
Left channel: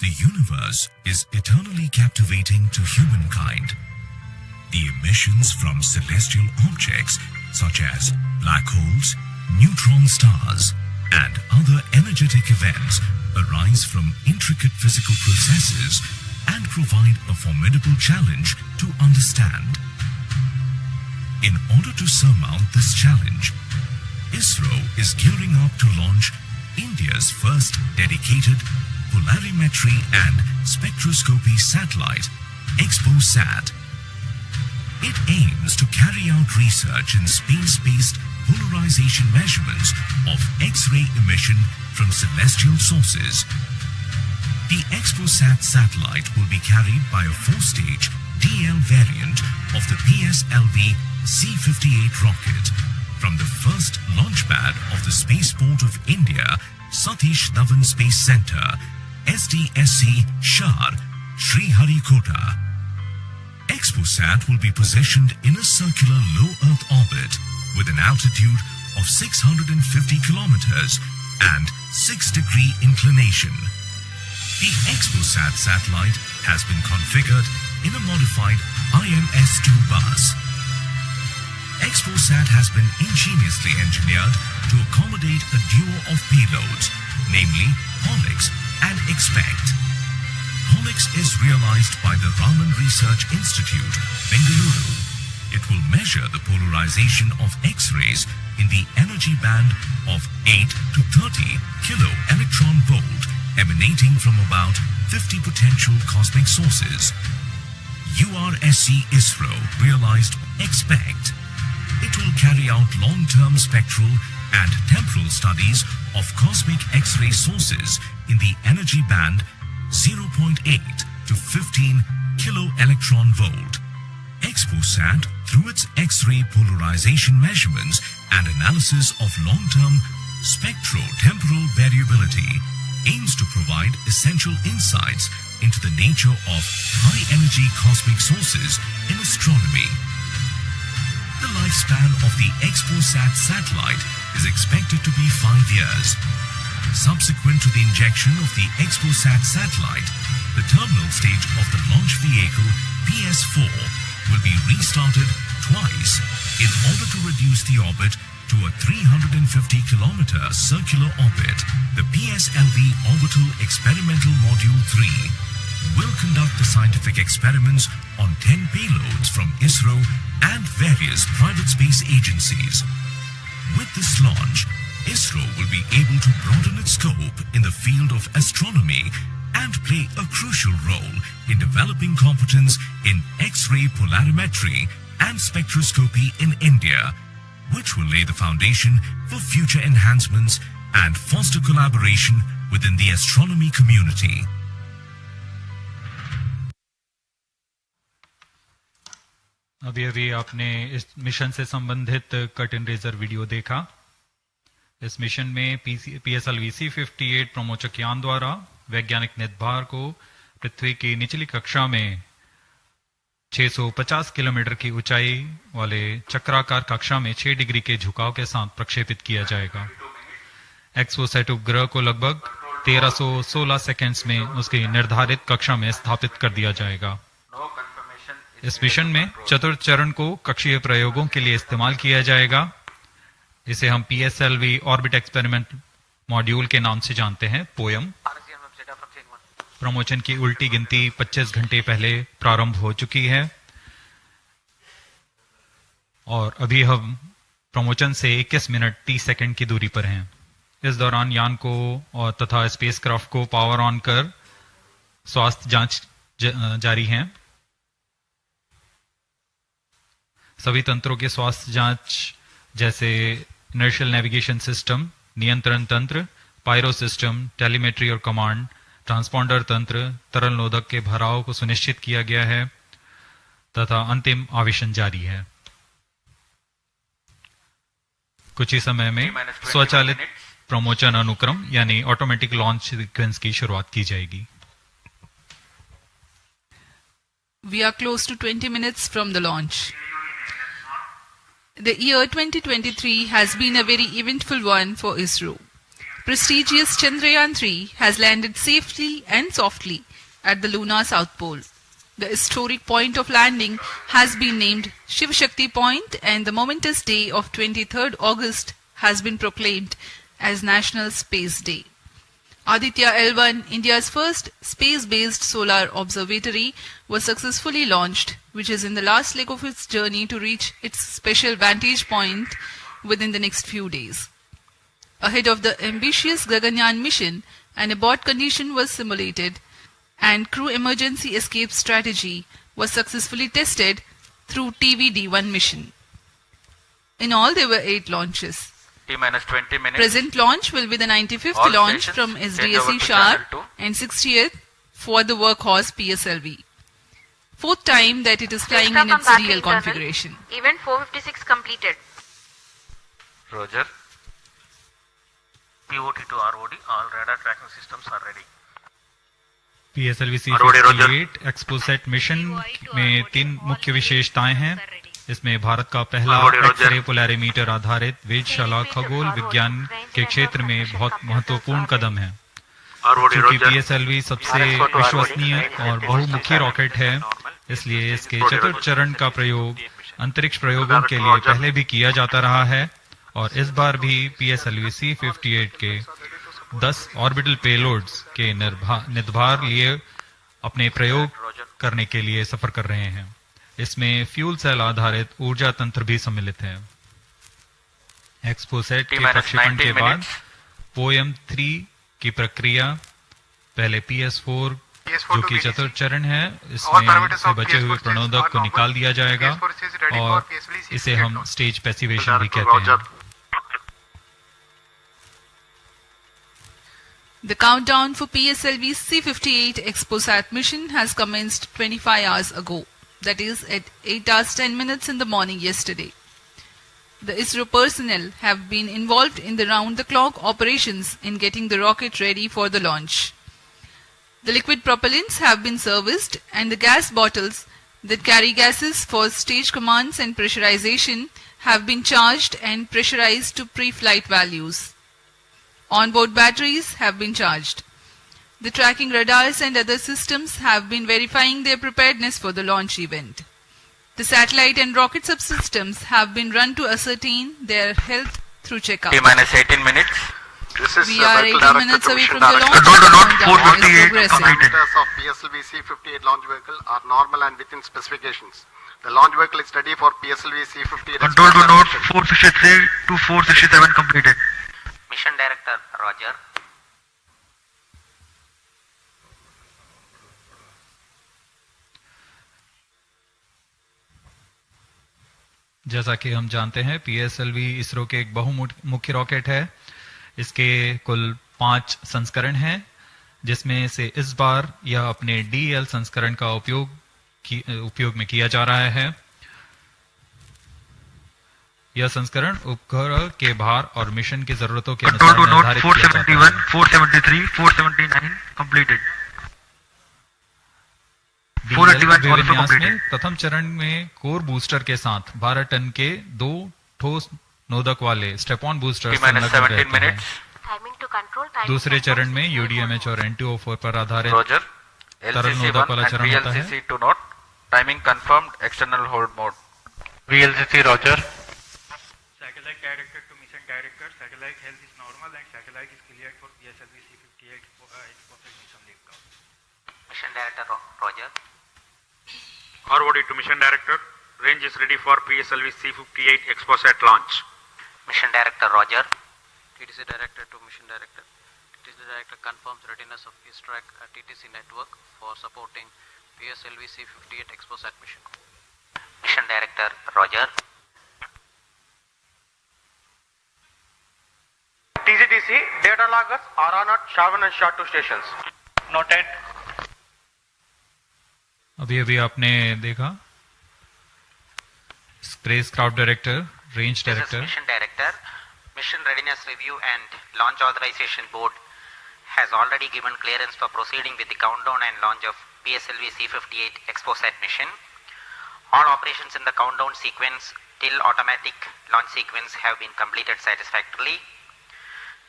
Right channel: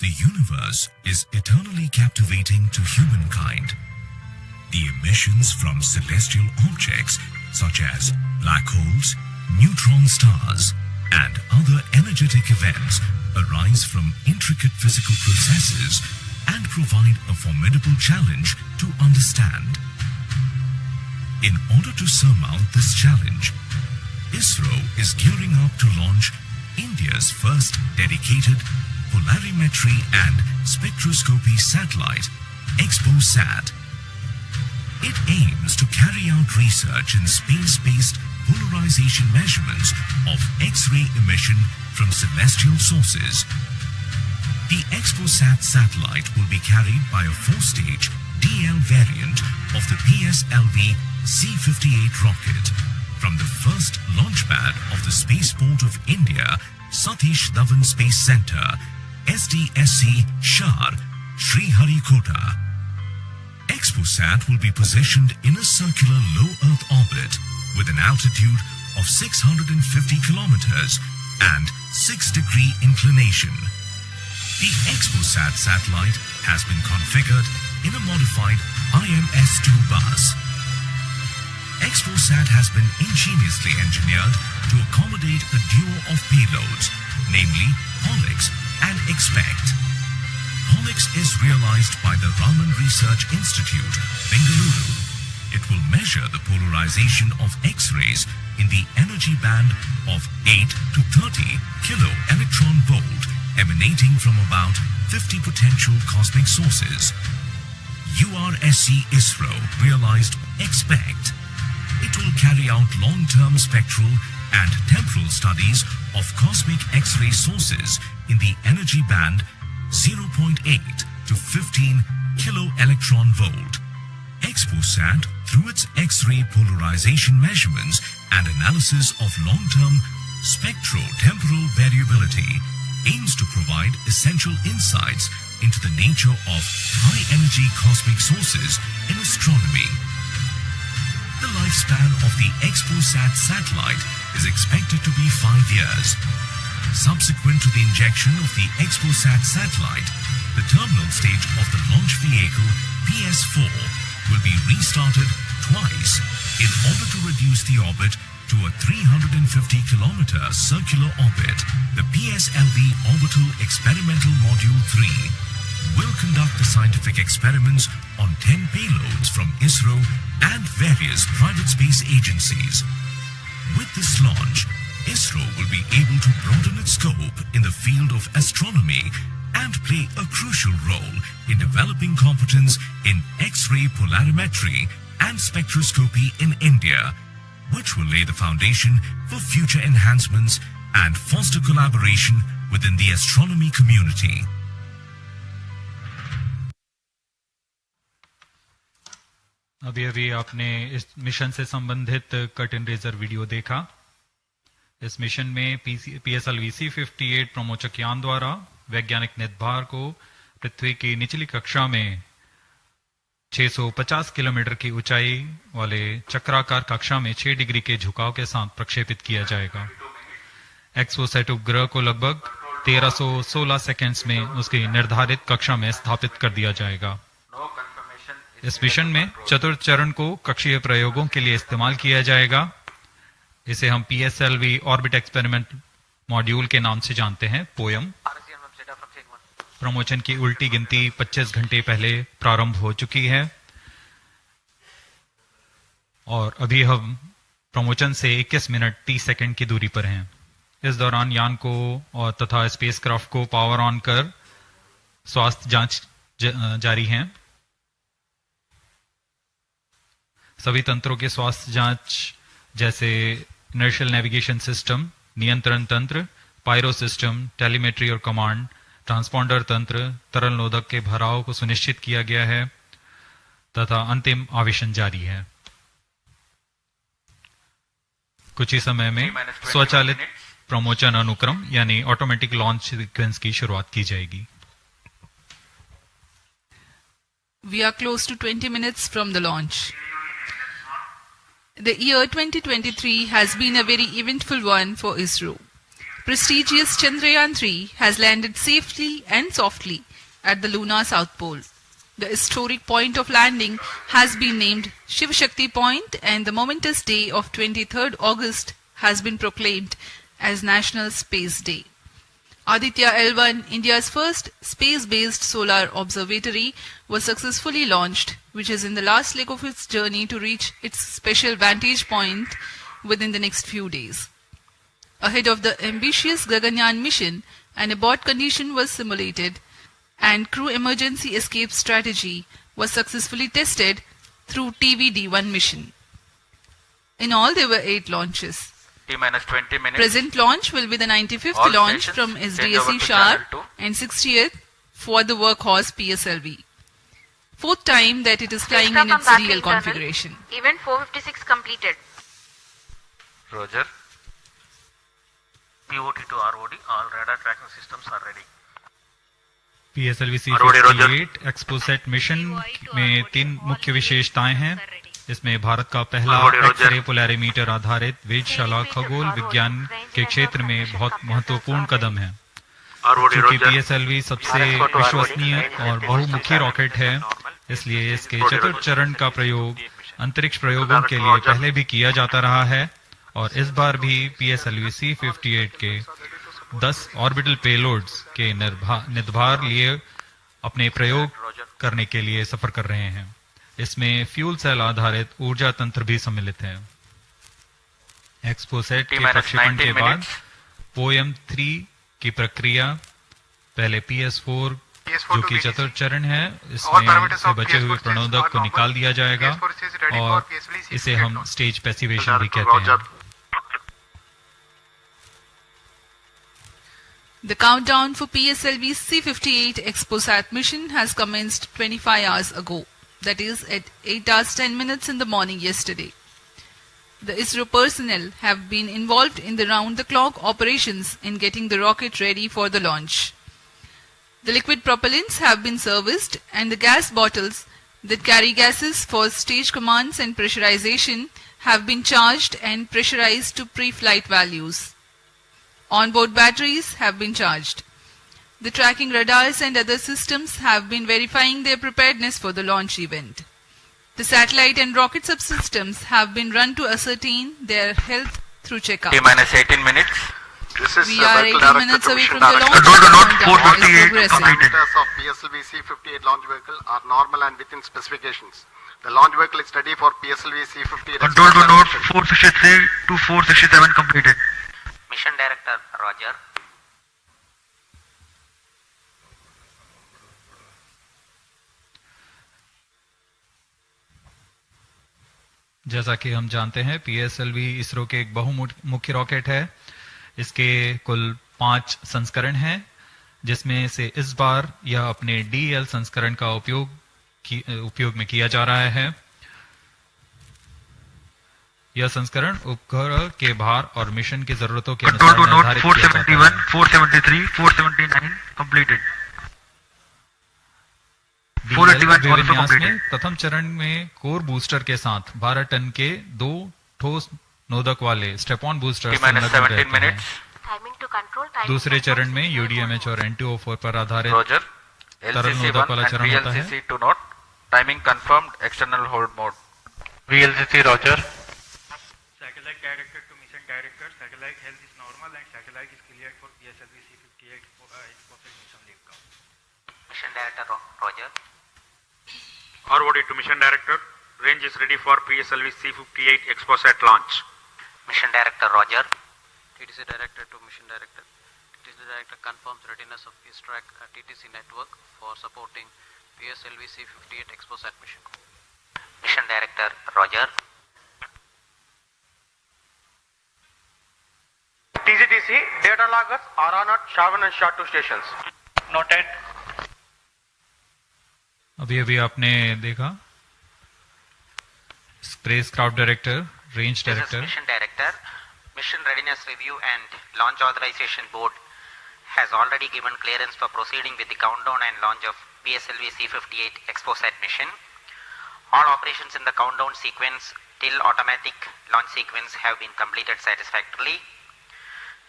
The universe is eternally captivating to humankind. The emissions from celestial objects such as black holes, neutron stars, and other energetic events arise from intricate physical processes and provide a formidable challenge to understand. In order to surmount this challenge, Isro is gearing up to launch India's first dedicated polarimetry and spectroscopy satellite, XPoSat. It aims to carry out research in space-based polarization measurements of X-ray emission from celestial sources. The XPoSat satellite will be carried by a 4-stage DL variant of the PSLV-C58 rocket from the first launch pad of the Spaceport of India, Satish Dhawan Space Center, SDSC, Shar, Sriharikota. XPoSat will be positioned in a circular low Earth orbit with an altitude of 650 kilometers and 6-degree inclination. The XPoSat satellite has been configured in a modified IMS-2 bus. XPoSat has been ingeniously engineered to accommodate a duo of payloads, namely POLIX and XPECT. POLIX is realized by the Raman Research Institute, Bengaluru. It will measure the polarization of X-rays in the energy band of 8 to 30 kilo electron volt emanating from about 50 potential cosmic sources. URSC Isro realized XPECT. It will carry out long-term spectral and temporal studies of cosmic X-ray sources in the energy band 0.8 to 15 kilo electron volt. XPoSat, through its X-ray polarization measurements and analysis of long-term spectro-temporal variability, aims to provide essential insights into the nature of high-energy cosmic sources in astronomy. The lifespan of the XPoSat satellite is expected to be 5 years. Subsequent to the injection of the XPoSat satellite, the terminal stage of the launch vehicle PS4 will be restarted twice in order to reduce the orbit to a 350-kilometer circular orbit. The PSLV Orbital Experimental Module 3 will conduct the scientific experiments on 10 payloads from Isro and various private space agencies. With this launch, Isro will be able to broaden its scope in the field of astronomy and play a crucial role in developing competence in X-ray polarimetry and spectroscopy in India, which will lay the foundation for future enhancements and foster collaboration within the astronomy community. अभी अभी आपने इस mission से संबंधित cut and razor video देखा। इस mission में PSLV-C58 प्रमोचक यान द्वारा वैज्ञानिक निर्धार को पृथ्वी की निचली कक्षा में 650 किलोमीटर की ऊंचाई वाले चक्राकार कक्षा में 6 डिग्री के झुकाव के साथ प्रक्षेपित किया जाएगा। एक्सपोसैट उपग्रह को लगभग 1316 सेकेंड्स में उसकी निर्धारित कक्षा में स्थापित कर दिया जाएगा। इस मिशन में चतुर्थ चरण को कक्षीय प्रयोगों के लिए इस्तेमाल किया जाएगा। इसे हम PSLV ऑर्बिट एक्सपेरिमेंट मॉड्यूल के नाम से जानते हैं, पोयम। प्रमोचन की उल्टी गिनती 25 घंटे पहले प्रारंभ हो चुकी है और अभी हम प्रमोचन से 21 मिनट 30 सेकंड की दूरी पर हैं। इस दौरान यान को और तथा स्पेसक्राफ्ट को पावर ऑन कर स्वास्थ्य जांच जारी है। सभी तंत्रों के स्वास्थ्य जांच जैसे इनर्शियल नेविगेशन सिस्टम, नियंत्रण तंत्र, पायरो सिस्टम, टेलीमेट्री और कमांड, ट्रांसपॉन्डर तंत्र, तरल नोदक के भराव को सुनिश्चित किया गया है तथा अंतिम आवेशन जारी है। कुछ ही समय में स्वचालित प्रमोचन अनुक्रम यानी ऑटोमेटिक लॉन्च सीक्वेंस की शुरुआत की जाएगी। We are close to 20 minutes from the launch. The year 2023 has been a very eventful one for Isro. prestigious Chandrayaan-3 has landed safely and softly at the lunar South Pole. The historic point of landing has been named Shiv Shakti Point, and the momentous day of 23rd August has been proclaimed as National Space Day. Aditya L1, India's first space-based solar observatory, was successfully launched, which is in the last leg of its journey to reach its special vantage point within the next few days. Ahead of the ambitious Gaganyaan mission, an abort condition was simulated and crew emergency escape strategy was successfully tested through TVD-1 mission. In all, there were 8 launches. T-minus 20 minutes. Present launch will be the 95th All launch stations from change SDSC over to Sharp channel 2. and 60th for the workhorse PSLV. 4th time that it is flying in its real configuration. Event 456 completed. Roger. POT to ROD, all radar tracking systems are ready. PSLV-C58 XPoSat mission में 3 मुख्य विशेषताएं हैं। इसमें भारत का पहला x-ray polarimeter आधारित वेधशाला खगोल विज्ञान के क्षेत्र में बहुत महत्वपूर्ण कदम है। क्योंकि PSLV सबसे विश्वसनीय और बहुमुखी रॉकेट है, इसलिए इसके चतुर्थ चरण का प्रयोग अंतरिक्ष प्रयोगों के लिए पहले भी किया जाता रहा है और इस बार भी PSLV-C58 के 10 ऑर्बिटल पेलोड्स के निर्धार लिए अपने प्रयोग करने के लिए सफर कर रहे हैं। इसमें फ्यूल सेल आधारित ऊर्जा तंत्र भी सम्मिलित है। XPoSat के प्रक्षेपण के बाद POEM-3 की प्रक्रिया पहले PS4 जो कि चतुर्थ चरण है, इसमें से बचे हुए प्रणोदक को निकाल दिया जाएगा और इसे हम स्टेज पैसिवेशन भी कहते हैं। The countdown for PSLV-C58 XPoSat mission has commenced 25 hours ago, that is at 8 hours 10 minutes in the morning yesterday. The Isro personnel have been involved in the round-the-clock operations in getting the rocket ready for the launch. The liquid propellants have been serviced and the gas bottles that carry gases for stage commands and pressurization have been charged and pressurized to pre-flight values. Onboard batteries have been charged. The tracking radars and other systems have been verifying their preparedness for the launch event. The satellite and rocket subsystems have been run to ascertain their health through checkup. T-minus 18 minutes. We are 18 minutes away from the launch. Countdown is progressive. Of PSLV-C58 launch vehicle are normal and within specifications. The launch vehicle is ready for PSLV-C58. Control to node 463 to 467 completed. Mission Director, Roger. जैसा कि हम जानते हैं, PSLV ISRO के एक बहुमुखी rocket है। इसके कुल 5 संस्करण हैं, जिसमें से इस बार यह अपने DL संस्करण का उपयोग में किया जा रहा है। यह संस्करण उपग्रह के भार और मिशन की जरूरतों के अनुसार निर्धारित किया जाता है। 473, 479 completed. DL अभिविन्यास में प्रथम चरण में कोर बूस्टर के साथ 12 टन के 2 ठोस नोदक वाले स्टेप-ऑन बूस्टर संलग्न रहते हैं। दूसरे चरण में UDMH और NTO4 पर आधारित तरल नोदक वाला चरण होता है। Timing confirmed, external hold mode. VLCC, Roger. Satellite director to mission director, satellite health is normal and satellite is cleared for PSLV-C58 XPoSat mission takeoff. Mission Director, Roger. ROD to Mission Director. Range is ready for PSLV-C58 XPoSat launch. Mission Director, Roger. TDC Director to Mission Director. TDC Director confirms readiness of his track at TTC network for supporting PSLV-C58 XPoSat mission. Mission Director, Roger. TGTC, data loggers are on at Shavan and SHA2 stations. Noted. अभी आपने देखा spacecraft director, range director. Mission Director, Mission Readiness Review and Launch Authorization Board has already given clearance for proceeding with the countdown and launch of PSLV-C58 XPoSat mission. All operations in the countdown sequence till automatic launch sequence have been completed satisfactorily.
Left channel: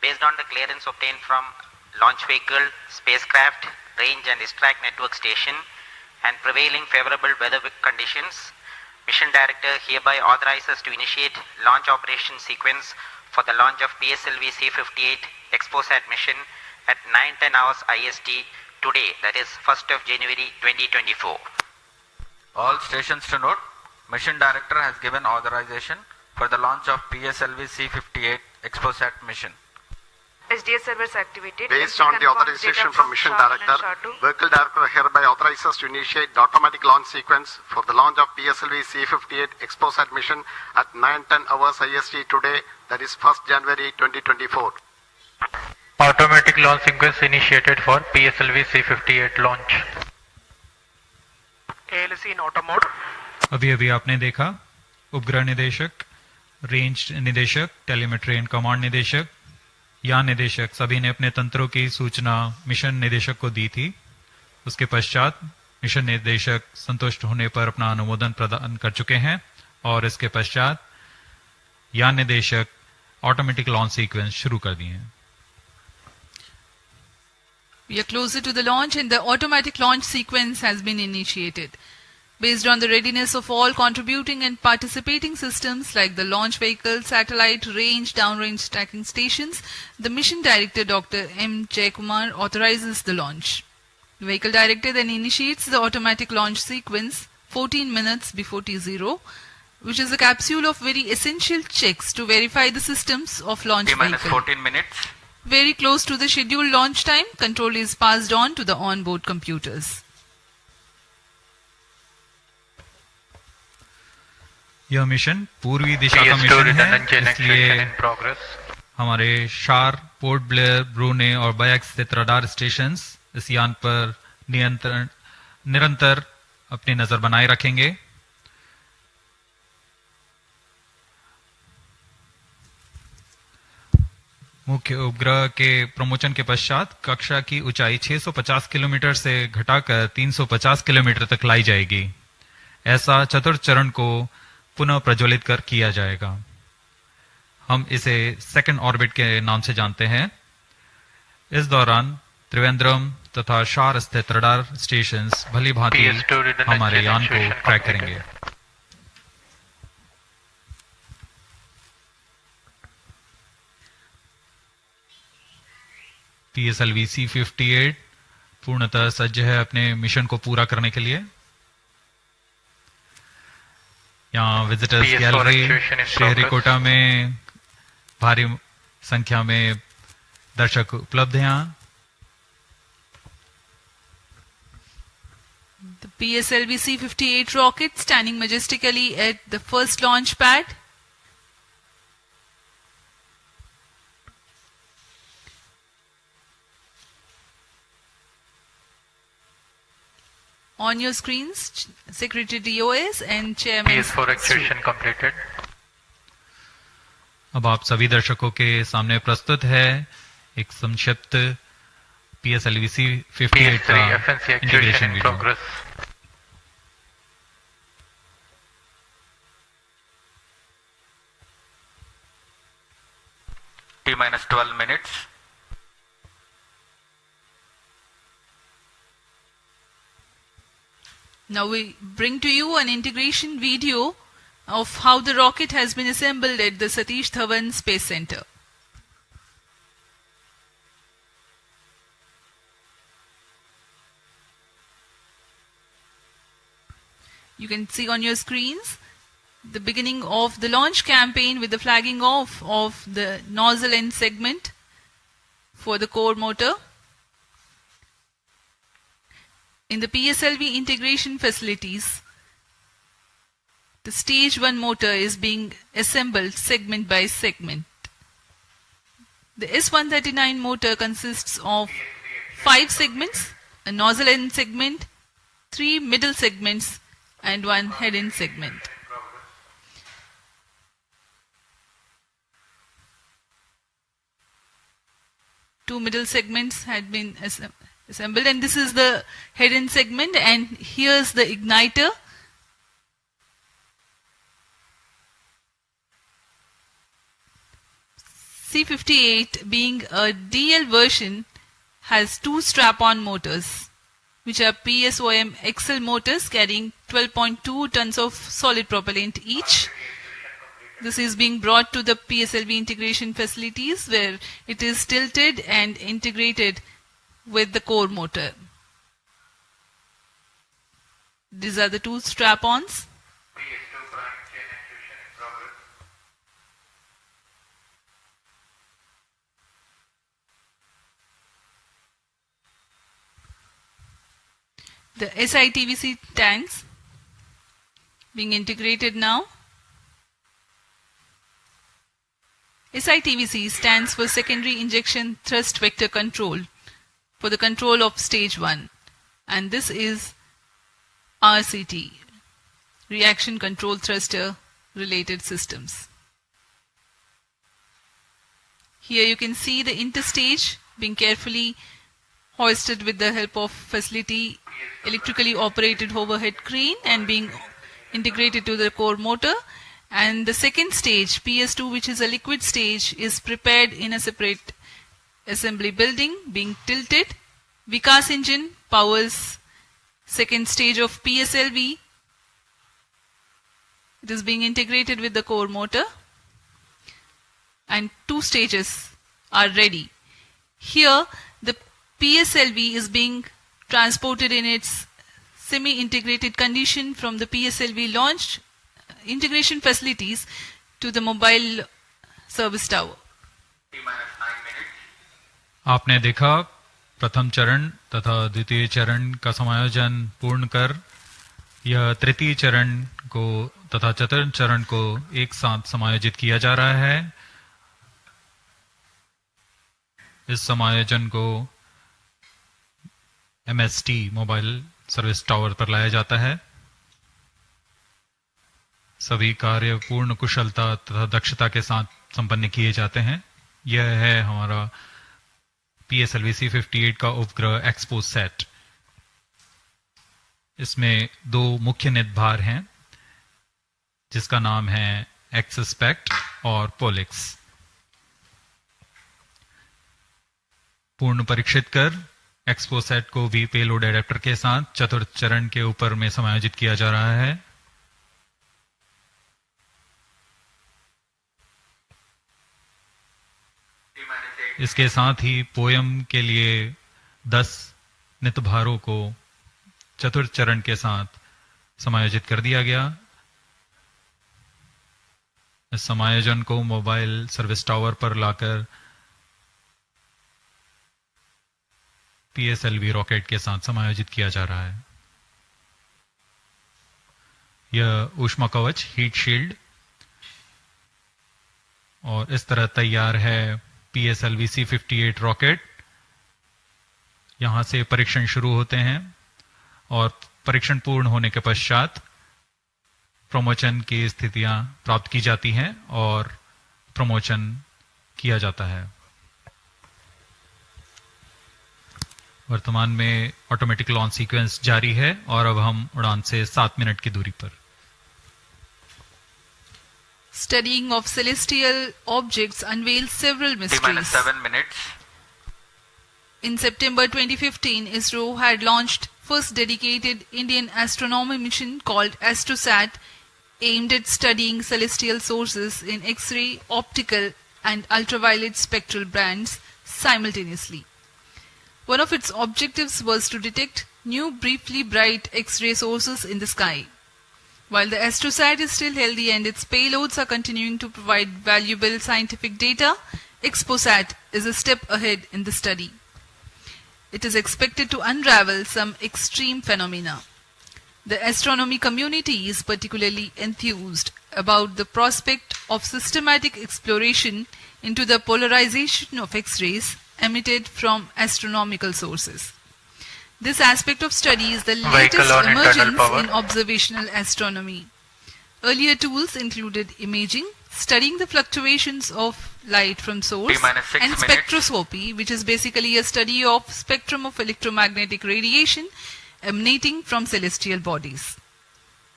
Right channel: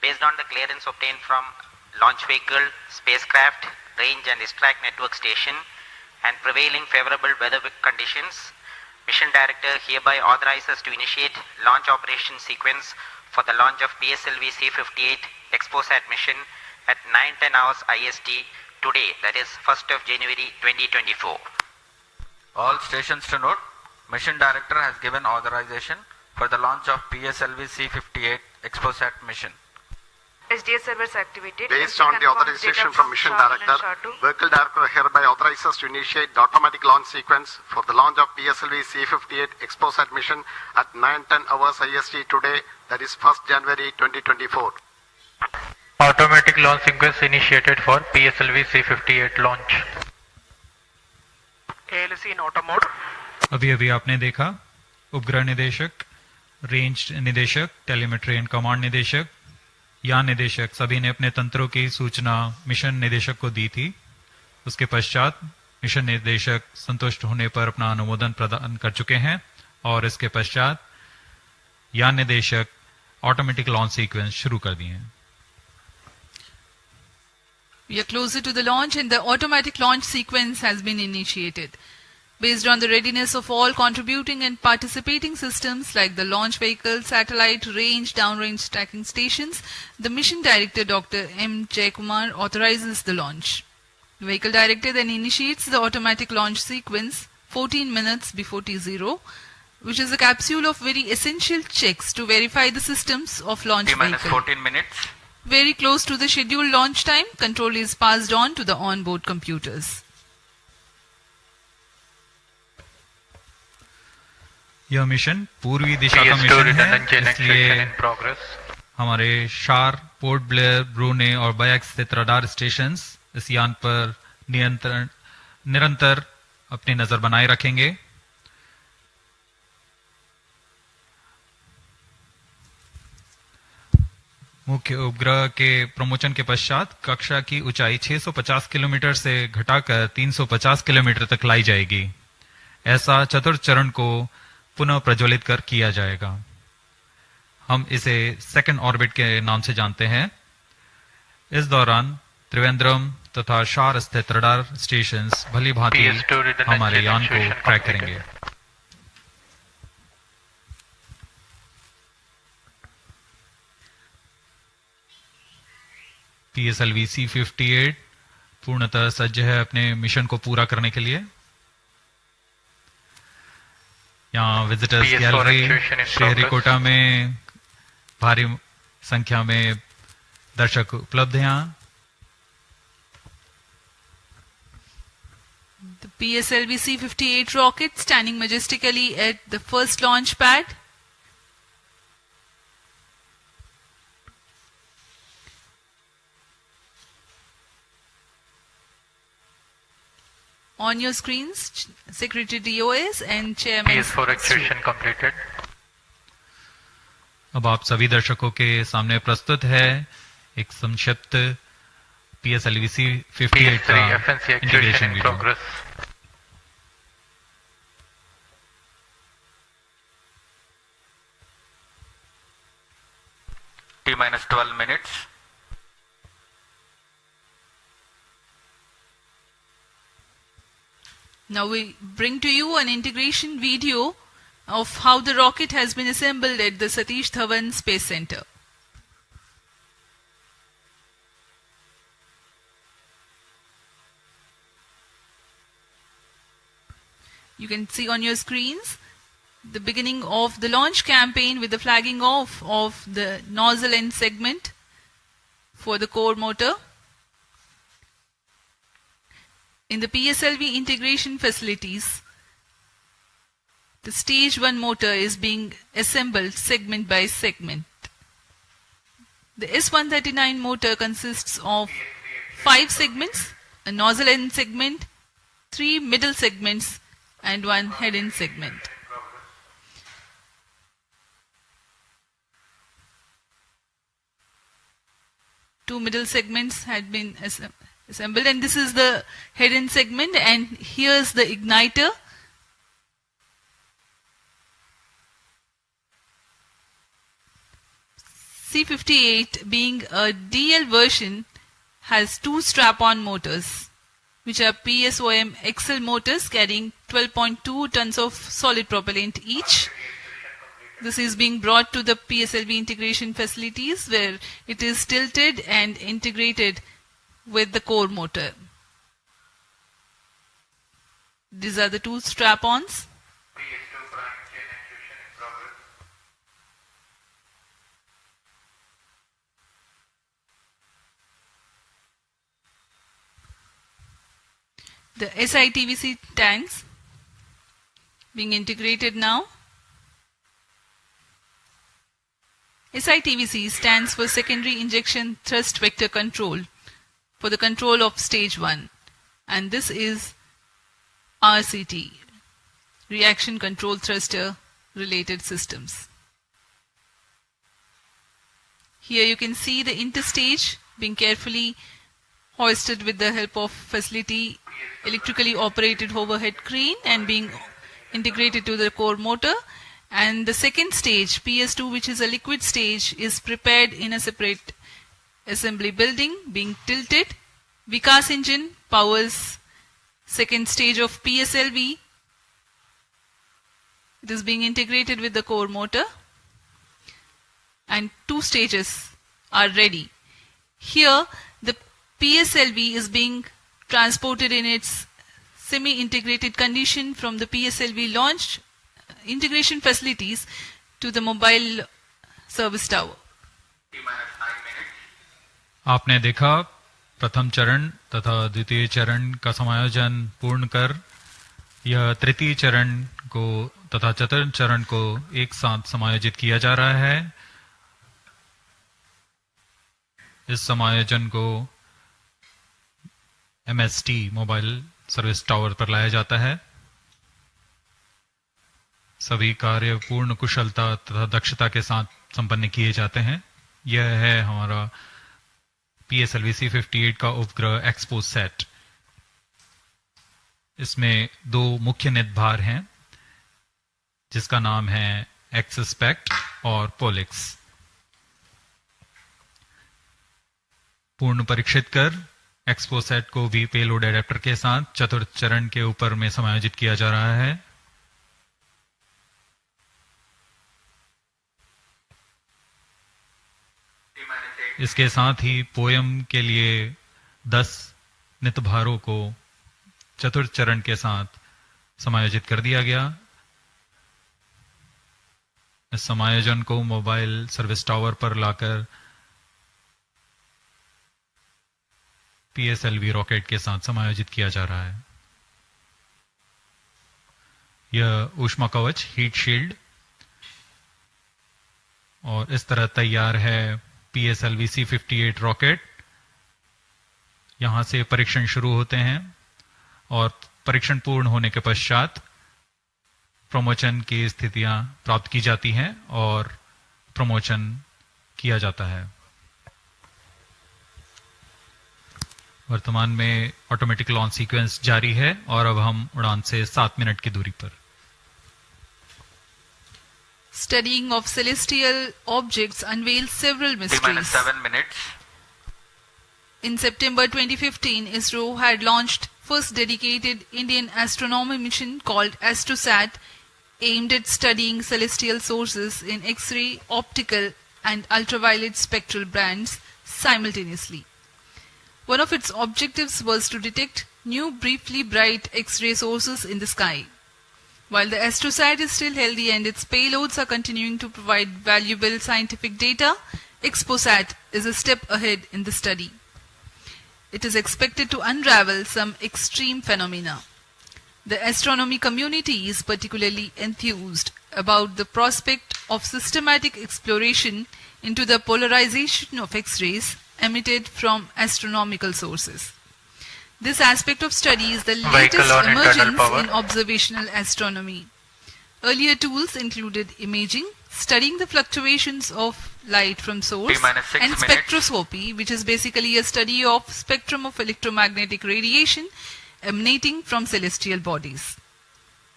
Based on the clearance obtained from launch vehicle, spacecraft, range and distract network station and prevailing favorable weather conditions, Mission Director hereby authorizes to initiate launch operation sequence for the launch of PSLV-C58 XPoSat mission at 9:10 hours IST today, that is 1st of January 2024. All stations to note, Mission Director has given authorization for the launch of PSLV-C58 XPoSat mission. SDS servers activated. Based on the authorization from Mission Director, Vehicle Director hereby authorizes to initiate the automatic launch sequence for the launch of PSLV-C58 XPoSat mission at 9:10 hours IST today, that is 1st January 2024. Automatic launch sequence initiated for PSLV-C58 launch. ALC in auto mode. अभी आपने देखा उपग्रह निदेशक, range निदेशक, telemetry and command निदेशक, यान निदेशक सभी ने अपने तंत्रों की सूचना मिशन निदेशक को दी थी। उसके पश्चात मिशन निदेशक संतुष्ट होने पर अपना अनुमोदन प्रदान कर चुके हैं और इसके पश्चात यान निदेशक ऑटोमेटिक लॉन्च सीक्वेंस शुरू कर दिए हैं। We are closer to the launch and the automatic launch sequence has been initiated. Based on the readiness of all contributing and participating systems like the launch vehicle, satellite, range, downrange tracking stations, the Mission Director Dr. M. Jaikumar authorizes the launch. The Vehicle Director then initiates the automatic launch sequence 14 minutes before T0, which is a capsule of very essential checks to verify the systems of launch T-minus vehicle. 14 minutes. Very close to the scheduled launch time, control is passed on to the on-board computers. यह mission पूर्वी दिशा का mission है, इसलिए हमारे शार, port Blair, ब्रूने और bike स्थित radar stations इस यान पर निरंतर अपनी नजर बनाए रखेंगे। मुख्य उपग्रह के प्रमोशन के पश्चात कक्षा की ऊंचाई 650 किलोमीटर से घटाकर 350 किलोमीटर तक लाई जाएगी। ऐसा चतुर्थ चरण को पुनः प्रज्वलित कर किया जाएगा। हम इसे सेकंड ऑर्बिट के नाम से जानते हैं। इस दौरान त्रिवेंद्रम तथा शार स्थित रडार स्टेशंस भली भांति हमारे यान को ट्रैक करेंगे। PSLV-C58 पूर्णतः सज्ज है अपने मिशन को पूरा करने के लिए। यहाँ विजिटर्स गैलरी श्रीहरिकोटा में भारी संख्या में दर्शक उपलब्ध हैं। The PSLV-C58 rocket standing majestically at the first launch pad. On your screens, Secretary DOS and Chairman. PS4 activation completed. अब आप सभी दर्शकों के सामने प्रस्तुत है एक संक्षिप्त PSLV-C58 का integration video. T-minus 12 minutes. Now we bring to you an integration video of how the rocket has been assembled at the Satish Dhawan Space Center. You can see on your screens the beginning of the launch campaign with the flagging off of the nozzle end segment for the core motor. In the PSLV integration facilities, the stage 1 motor is being assembled segment by segment. The S139 motor consists of 5 segments, a nozzle end segment, 3 middle segments and 1 head end segment. Two middle segments had been assembled, and this is the head end segment, and here's the igniter. C58, being a DL version, has two strap-on motors, which are PSOM XL motors carrying 12.2 tons of solid propellant each. This is being brought to the PSLV integration facilities where it is tilted and integrated with the core motor. These are the two strap-ons. The SITVC tanks being integrated now. SITVC stands for Secondary Injection Thrust Vector Control for the control of stage 1, and this is RCT, Reaction Control Thruster Related Systems. Here you can see the interstage being carefully hoisted with the help of facility electrically operated overhead crane and being integrated to the core motor. And the second stage, PS2, which is a liquid stage, is prepared in a separate assembly building, being tilted. Vikas engine powers second stage of PSLV. It is being integrated with the core motor, and two stages are ready. Here, the PSLV is being transported in its semi-integrated condition from the PSLV launch integration facilities to the mobile service tower. आपने देखा प्रथम चरण तथा द्वितीय चरण का समायोजन पूर्ण कर यह तृतीय चरण को तथा चतुर्थ चरण को एक साथ समायोजित किया जा रहा है। इस समायोजन को MST मोबाइल सर्विस टावर पर लाया जाता है। सभी कार्य पूर्ण कुशलता तथा दक्षता के साथ संपन्न किए जाते हैं। यह है हमारा PSLV-C58 का उपग्रह XPoSat। इसमें दो मुख्य निदभार हैं, जिसका नाम है XSPECT और POLIX। पूर्ण परीक्षित कर XPoSat को भी पेलोड एडेप्टर के साथ चतुर्थ चरण के ऊपर में समायोजित किया जा रहा है। इसके साथ ही पोयम के लिए 10 नितभारों को चतुर्थ चरण के साथ समायोजित कर दिया गया। इस समायोजन को मोबाइल सर्विस टावर पर लाकर PSLV रॉकेट के साथ समायोजित किया जा रहा है। यह ऊष्मा कवच हीट शील्ड और इस तरह तैयार है PSLV-C58 रॉकेट। यहां से परीक्षण शुरू होते हैं और परीक्षण पूर्ण होने के पश्चात प्रमोचन की स्थितियां प्राप्त की जाती हैं और प्रमोचन किया जाता है। वर्तमान में ऑटोमेटिक लॉन्च सीक्वेंस जारी है और अब हम उड़ान से 7 मिनट की दूरी पर। Studying of celestial objects unveils several mysteries. 7 minutes. In September 2015, Isro had launched first dedicated Indian astronomy mission called AstroSat, aimed at studying celestial sources in X-ray, optical and ultraviolet spectral bands simultaneously. One of its objectives was to detect new briefly bright X-ray sources in the sky. While the AstroSat is still healthy and its payloads are continuing to provide valuable scientific data, XPoSat is a step ahead in the study. It is expected to unravel some extreme phenomena. The astronomy community is particularly enthused about the prospect of systematic exploration into the polarization of X-rays emitted from astronomical sources. This aspect of study is the latest emergence in observational astronomy. Earlier tools included imaging, studying the fluctuations of light from source, and spectroscopy, which is basically a study of spectrum of electromagnetic radiation emanating from celestial bodies.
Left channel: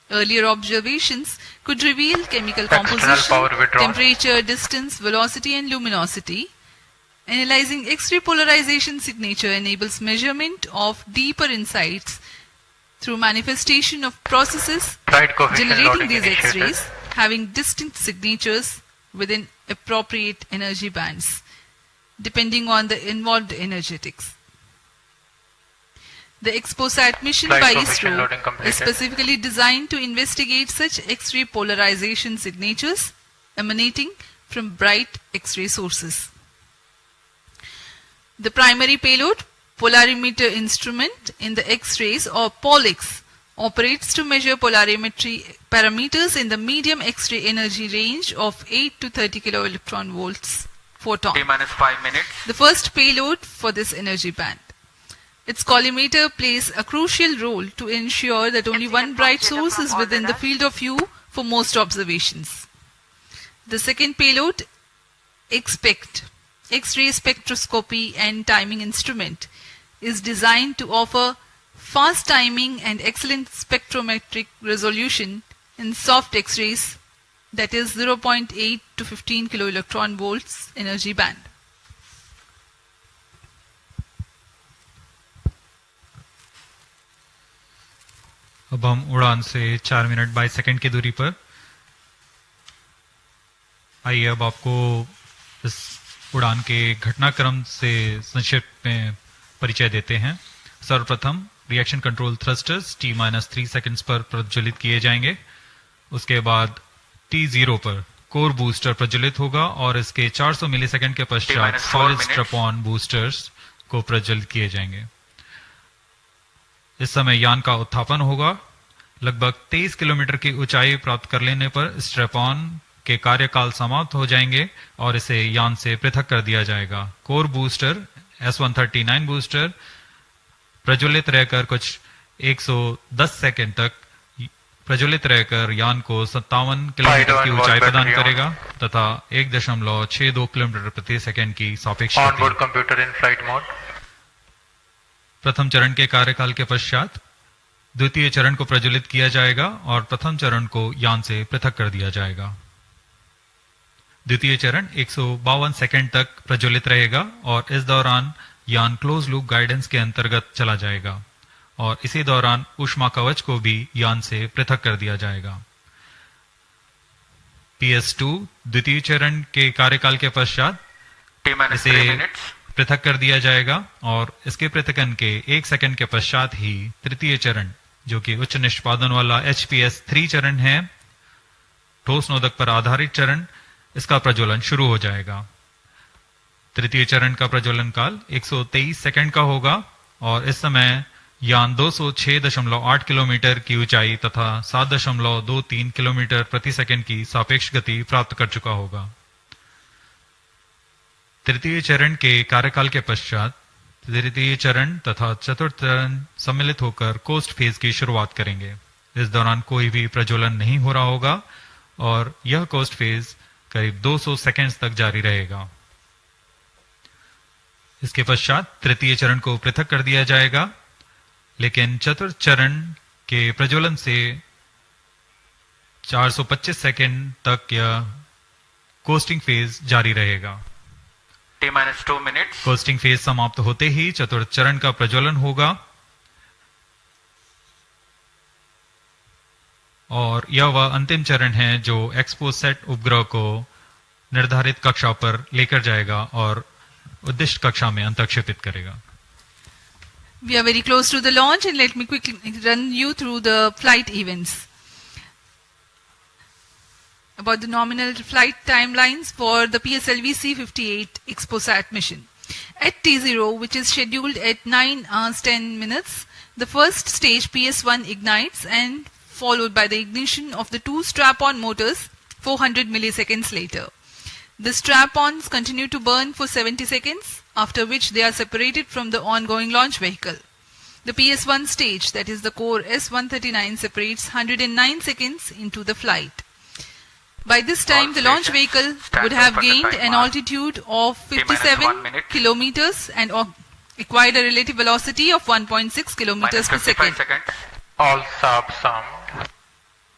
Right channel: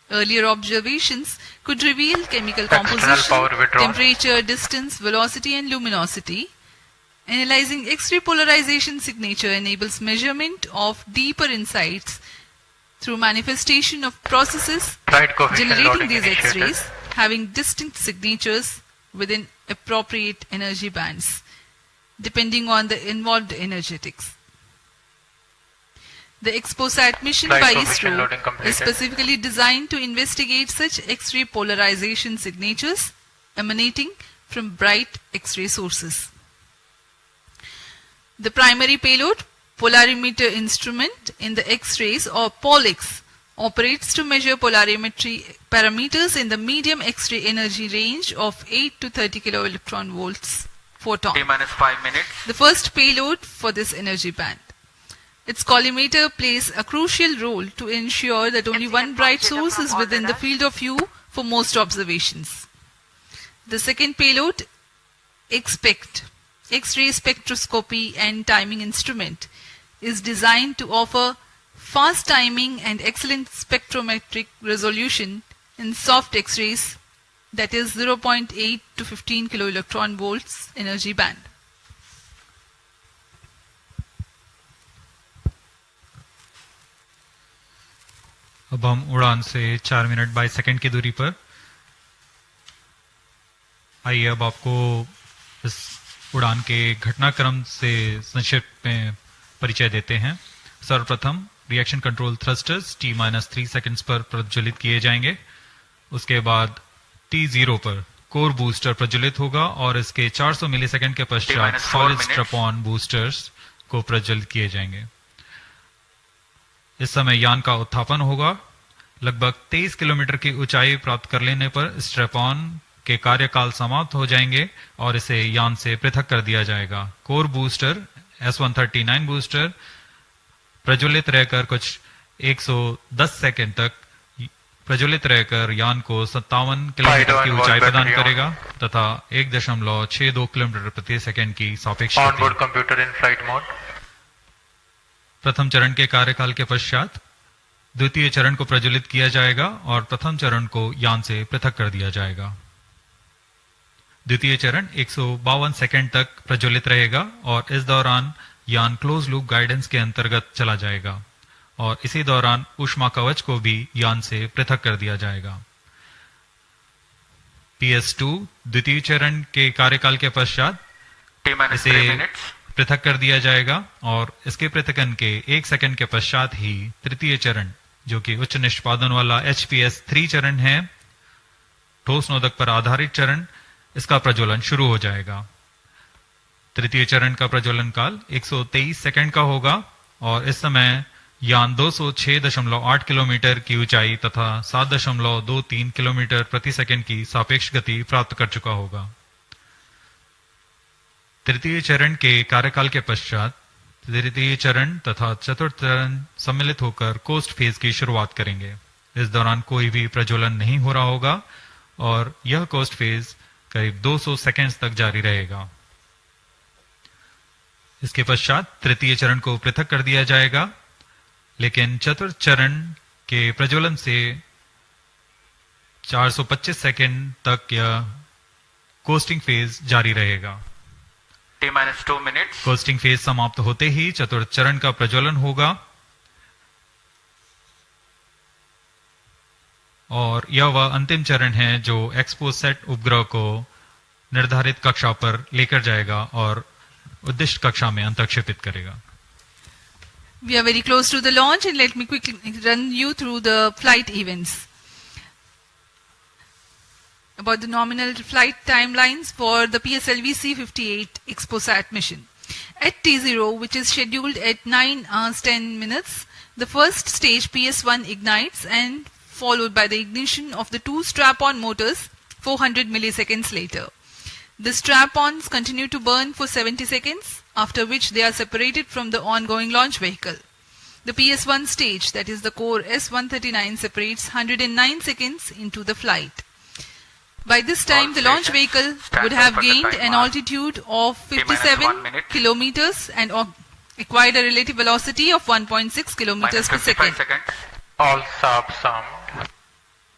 Earlier observations could reveal chemical composition, temperature, distance, velocity and luminosity. Analyzing X-ray polarization signature enables measurement of deeper insights through manifestation of processes generating these X-rays having distinct signatures within appropriate energy bands, depending on the involved energetics. The XPoSat mission by Isro is specifically designed to investigate such X-ray polarization signatures emanating from bright X-ray sources. The primary payload, polarimeter instrument in the X-rays or POLIX, operates to measure polarimetry parameters in the medium X-ray energy range of 8 to 30 kiloelectron volts photon. T-5 minutes. The first payload for this energy band. Its collimator plays a crucial role to ensure that only one bright source is within the field of view for most observations. The second payload, XPECT, X-ray spectroscopy and timing instrument, is designed to offer fast timing and excellent spectrometric resolution in soft X-rays, that is 0.8 to 15 kiloelectron volts energy band. अब हम उड़ान से 4 minute 22 second की दूरी पर। आइए अब आपको इस उड़ान के घटनाक्रम से संक्षिप्त में परिचय देते हैं। सर्वप्रथम reaction control thrusters T-3 seconds पर प्रज्वलित किए जाएंगे। उसके बाद T0 पर कोर बूस्टर प्रज्वलित होगा और इसके 400 मिलीसेकंड के पश्चात सॉलिड स्ट्रैप-ऑन बूस्टर्स को प्रज्वलित किए जाएंगे। इस समय यान का उत्थापन होगा। लगभग 23 किलोमीटर की ऊंचाई प्राप्त कर लेने पर स्ट्रैप-ऑन के कार्यकाल समाप्त हो जाएंगे और इसे यान से पृथक कर दिया जाएगा। कोर बूस्टर S139 बूस्टर प्रज्वलित रहकर कुछ 110 सेकंड तक प्रज्वलित रहकर यान को 57 किलोमीटर की ऊंचाई प्रदान करेगा तथा 1.62 किलोमीटर प्रति सेकंड की सापेक्ष गति। प्रथम चरण के कार्यकाल के पश्चात द्वितीय चरण को प्रज्वलित किया जाएगा और प्रथम चरण को यान से पृथक कर दिया जाएगा। द्वितीय चरण 152 सेकंड तक प्रज्वलित रहेगा और इस दौरान यान क्लोज लूप गाइडेंस के अंतर्गत चला जाएगा और इसी दौरान ऊष्मा कवच को भी यान से पृथक कर दिया जाएगा। PS2 द्वितीय चरण के कार्यकाल के पश्चात इसे पृथक कर दिया जाएगा और इसके पृथकन के 1 सेकंड के पश्चात ही तृतीय चरण, जो कि उच्च निष्पादन वाला HPS3 चरण है, ठोस नोदक पर आधारित चरण, इसका प्रज्वलन शुरू हो जाएगा। तृतीय चरण का प्रज्वलन काल 123 सेकंड का होगा और इस समय यान 206.8 किलोमीटर की ऊंचाई तथा 7.23 किलोमीटर प्रति सेकंड की सापेक्ष गति प्राप्त कर चुका होगा। तृतीय चरण के कार्यकाल के पश्चात तृतीय चरण तथा चतुर्थ चरण सम्मिलित होकर कोस्ट फेज की शुरुआत करेंगे। इस दौरान कोई भी प्रज्वलन नहीं हो रहा होगा और यह कोस्ट फेज करीब 200 सेकंड्स तक जारी रहेगा। इसके पश्चात तृतीय चरण को पृथक कर दिया जाएगा, लेकिन चतुर्थ चरण के प्रज्वलन से 425 सेकंड तक यह कोस्टिंग फेज जारी रहेगा। T-2 minutes. कोस्टिंग फेज समाप्त होते ही चतुर्थ चरण का प्रज्वलन होगा और यह वह अंतिम चरण है जो XPoSat उपग्रह को निर्धारित कक्षा पर लेकर जाएगा और उद्दिष्ट कक्षा में अंतक्षेपित करेगा। We are very close to the launch and let me quickly run you through the flight events. About the nominal flight timelines for the PSLV-C58 XPoSat mission. At T0, which is scheduled at 9 hours 10 minutes, the first stage PS1 ignites and followed by the ignition of the two strap-on motors 400 milliseconds later. The strap-ons continue to burn for 70 seconds, after which they are separated from the ongoing launch vehicle. The PS1 stage, that is the core S139, separates 109 seconds into the flight. By this time, the launch vehicle would have gained an altitude of 57 kilometers and acquired a relative velocity of 1.6 kilometers per second. All subs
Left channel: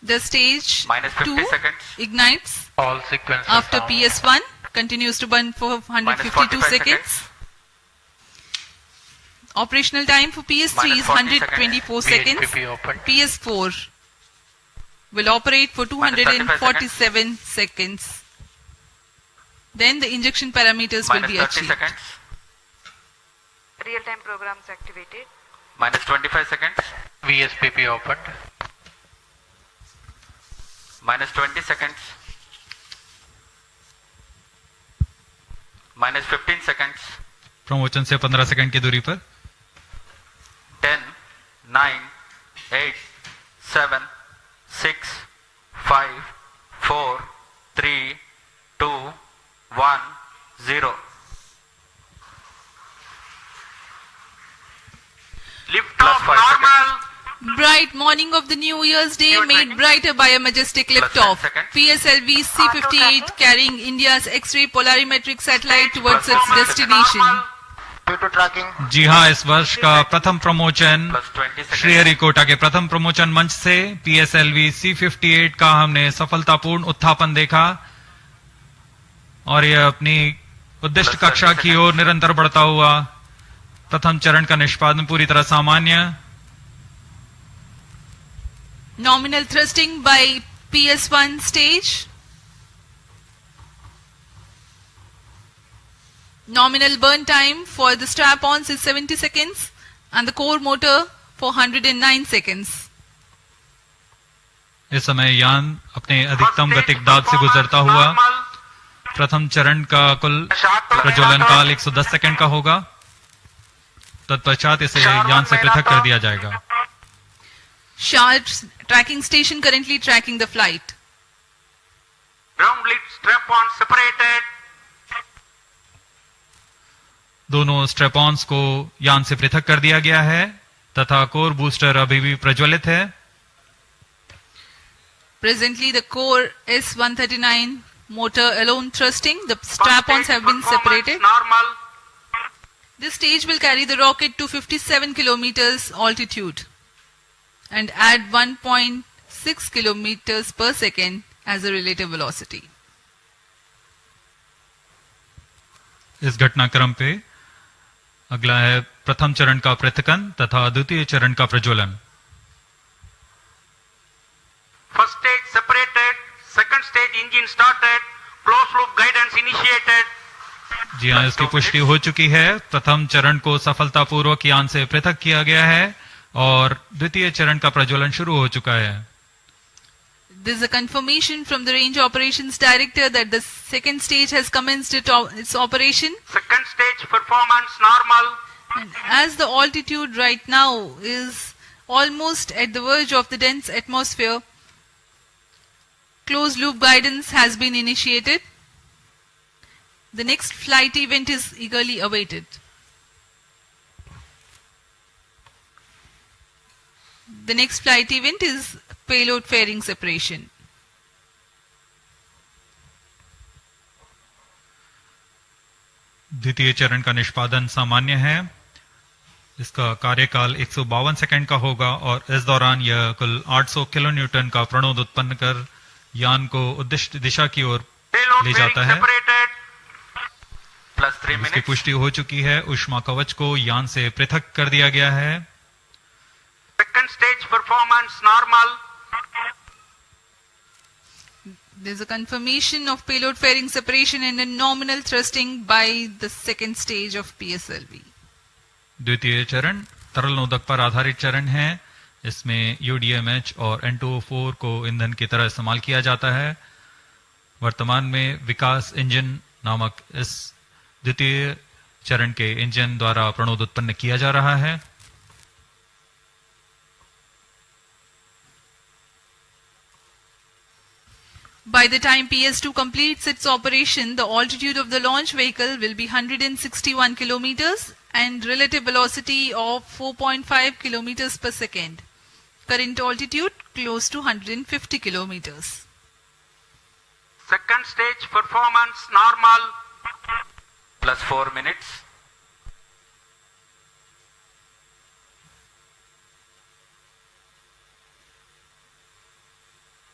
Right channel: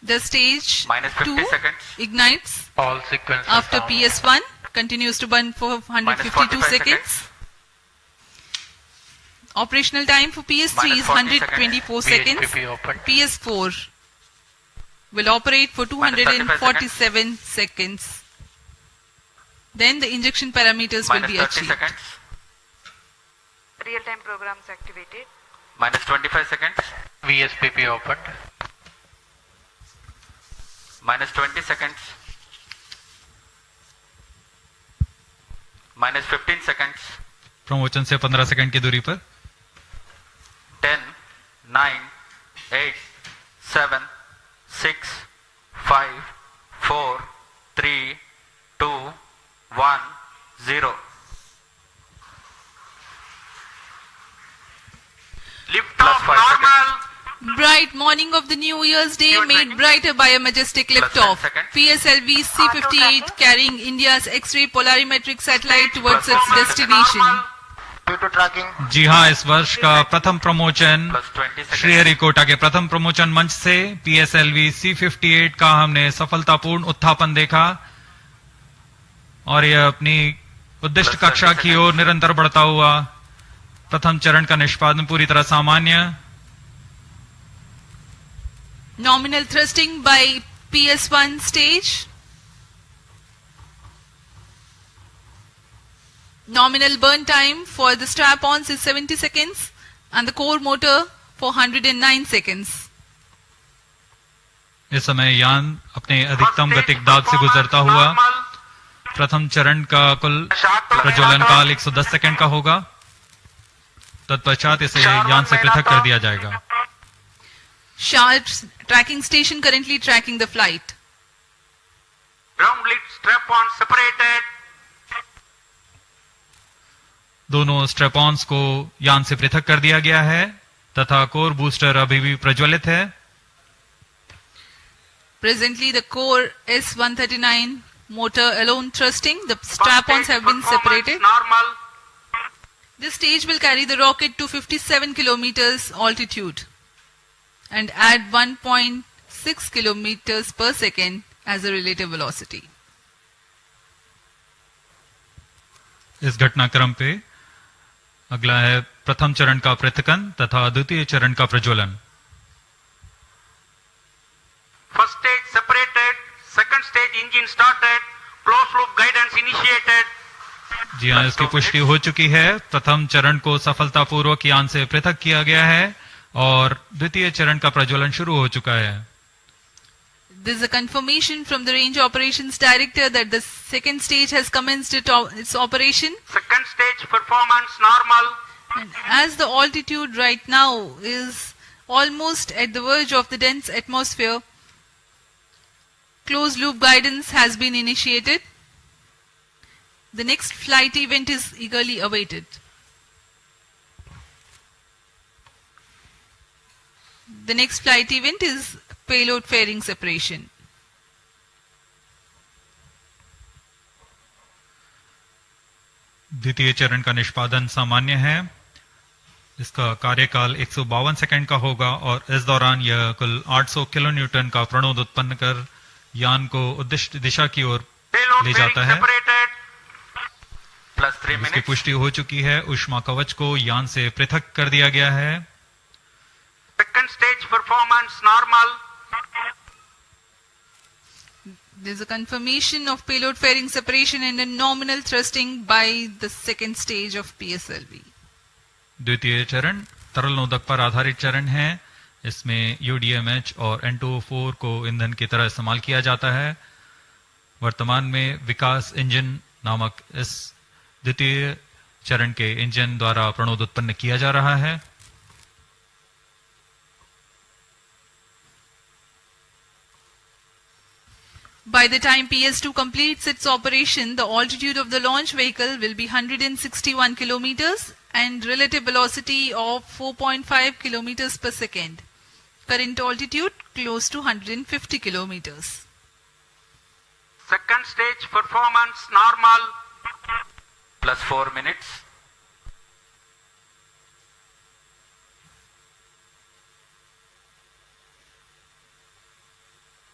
The stage minus 50 2 seconds. ignites All sequences after down. PS1, continues to burn for 152 45 seconds. Operational time for PS3 is 124 seconds. VHPP open. PS4 will operate for 247 seconds. Then the injection parameters will Minus be 30 achieved. seconds. Real-time programs activated. Minus 25 seconds. VHPP opened. Minus 20 seconds. Minus 15 seconds. Promotion से 15 second की दूरी पर 10, 9, 8, 7, 6, 5, 4, 3, 2, 1, 0. Lift Plus off 5 normal. seconds. Bright morning of the New Year's Day made brighter by a majestic liftoff. PSLV-C58 carrying India's X-ray Polarimeter Satellite towards its destination. Due to tracking. जी हाँ, इस वर्ष का प्रथम promotion Plus 20 seconds. Sriharikota के प्रथम promotion मंच से PSLV-C58 का हमने सफलतापूर्ण उत्थापन देखा और यह अपनी उद्दिष्ट कक्षा की ओर निरंतर बढ़ता हुआ। प्रथम चरण का निष्पादन पूरी तरह सामान्य। Nominal thrusting by PS1 stage. Nominal burn time for the strap-ons is 70 seconds and the core motor for 109 seconds. इस समय यान अपने अधिकतम गतिक दाब से गुजरता हुआ। प्रथम चरण का कुल प्रज्वलन काल 110 सेकंड का होगा। तत्पश्चात इसे यान से पृथक कर दिया जाएगा। Sharp tracking station currently tracking the flight. Ground lead strap-on separated. दोनों स्ट्रेपॉन्स को यान से पृथक कर दिया गया है तथा कोर बूस्टर अभी भी प्रज्वलित है। Presently the core S139 motor alone thrusting. The strap-ons have been separated. Normal. This stage will carry the rocket to 57 kilometers altitude and add 1.6 kilometers per second as a relative velocity. इस घटनाक्रम पे अगला है प्रथम चरण का पृथकन तथा द्वितीय चरण का प्रज्वलन। First stage separated. Second stage engine started. Closed loop guidance initiated. जी हाँ, इसकी पुष्टि हो चुकी है। प्रथम चरण को सफलतापूर्वक यान से पृथक किया गया है और द्वितीय चरण का प्रज्वलन शुरू हो चुका है। There is a confirmation from the Range Operations Director that the second stage has commenced its operation. Second stage performance normal. And as the altitude right now is almost at the verge of the dense atmosphere, closed loop guidance has been initiated. The next flight event is eagerly awaited. The next flight event is payload fairing separation. द्वितीय चरण का निष्पादन सामान्य है। इसका कार्यकाल 152 second का होगा और इस दौरान यह कुल 800 किलो न्यूटन का प्रणोद उत्पन्न कर यान को उद्दिष्ट दिशा की ओर ले जाता है। इसकी पुष्टि हो चुकी है। ऊष्मा कवच को यान से पृथक कर दिया गया है। Second stage performance normal. There is a confirmation of payload fairing separation and a nominal thrusting by the second stage of PSLV. द्वितीय चरण तरल नोदक पर आधारित चरण है। इसमें UDMH और N2O4 को ईंधन की तरह इस्तेमाल किया जाता है। वर्तमान में विकास इंजन नामक इस द्वितीय चरण के इंजन द्वारा प्रणोद उत्पन्न किया जा रहा है। By the time PS2 completes its operation, the altitude of the launch vehicle will be 161 kilometers and relative velocity of 4.5 kilometers per second. Current altitude close to 150 kilometers. Second stage performance normal. Plus 4 minutes.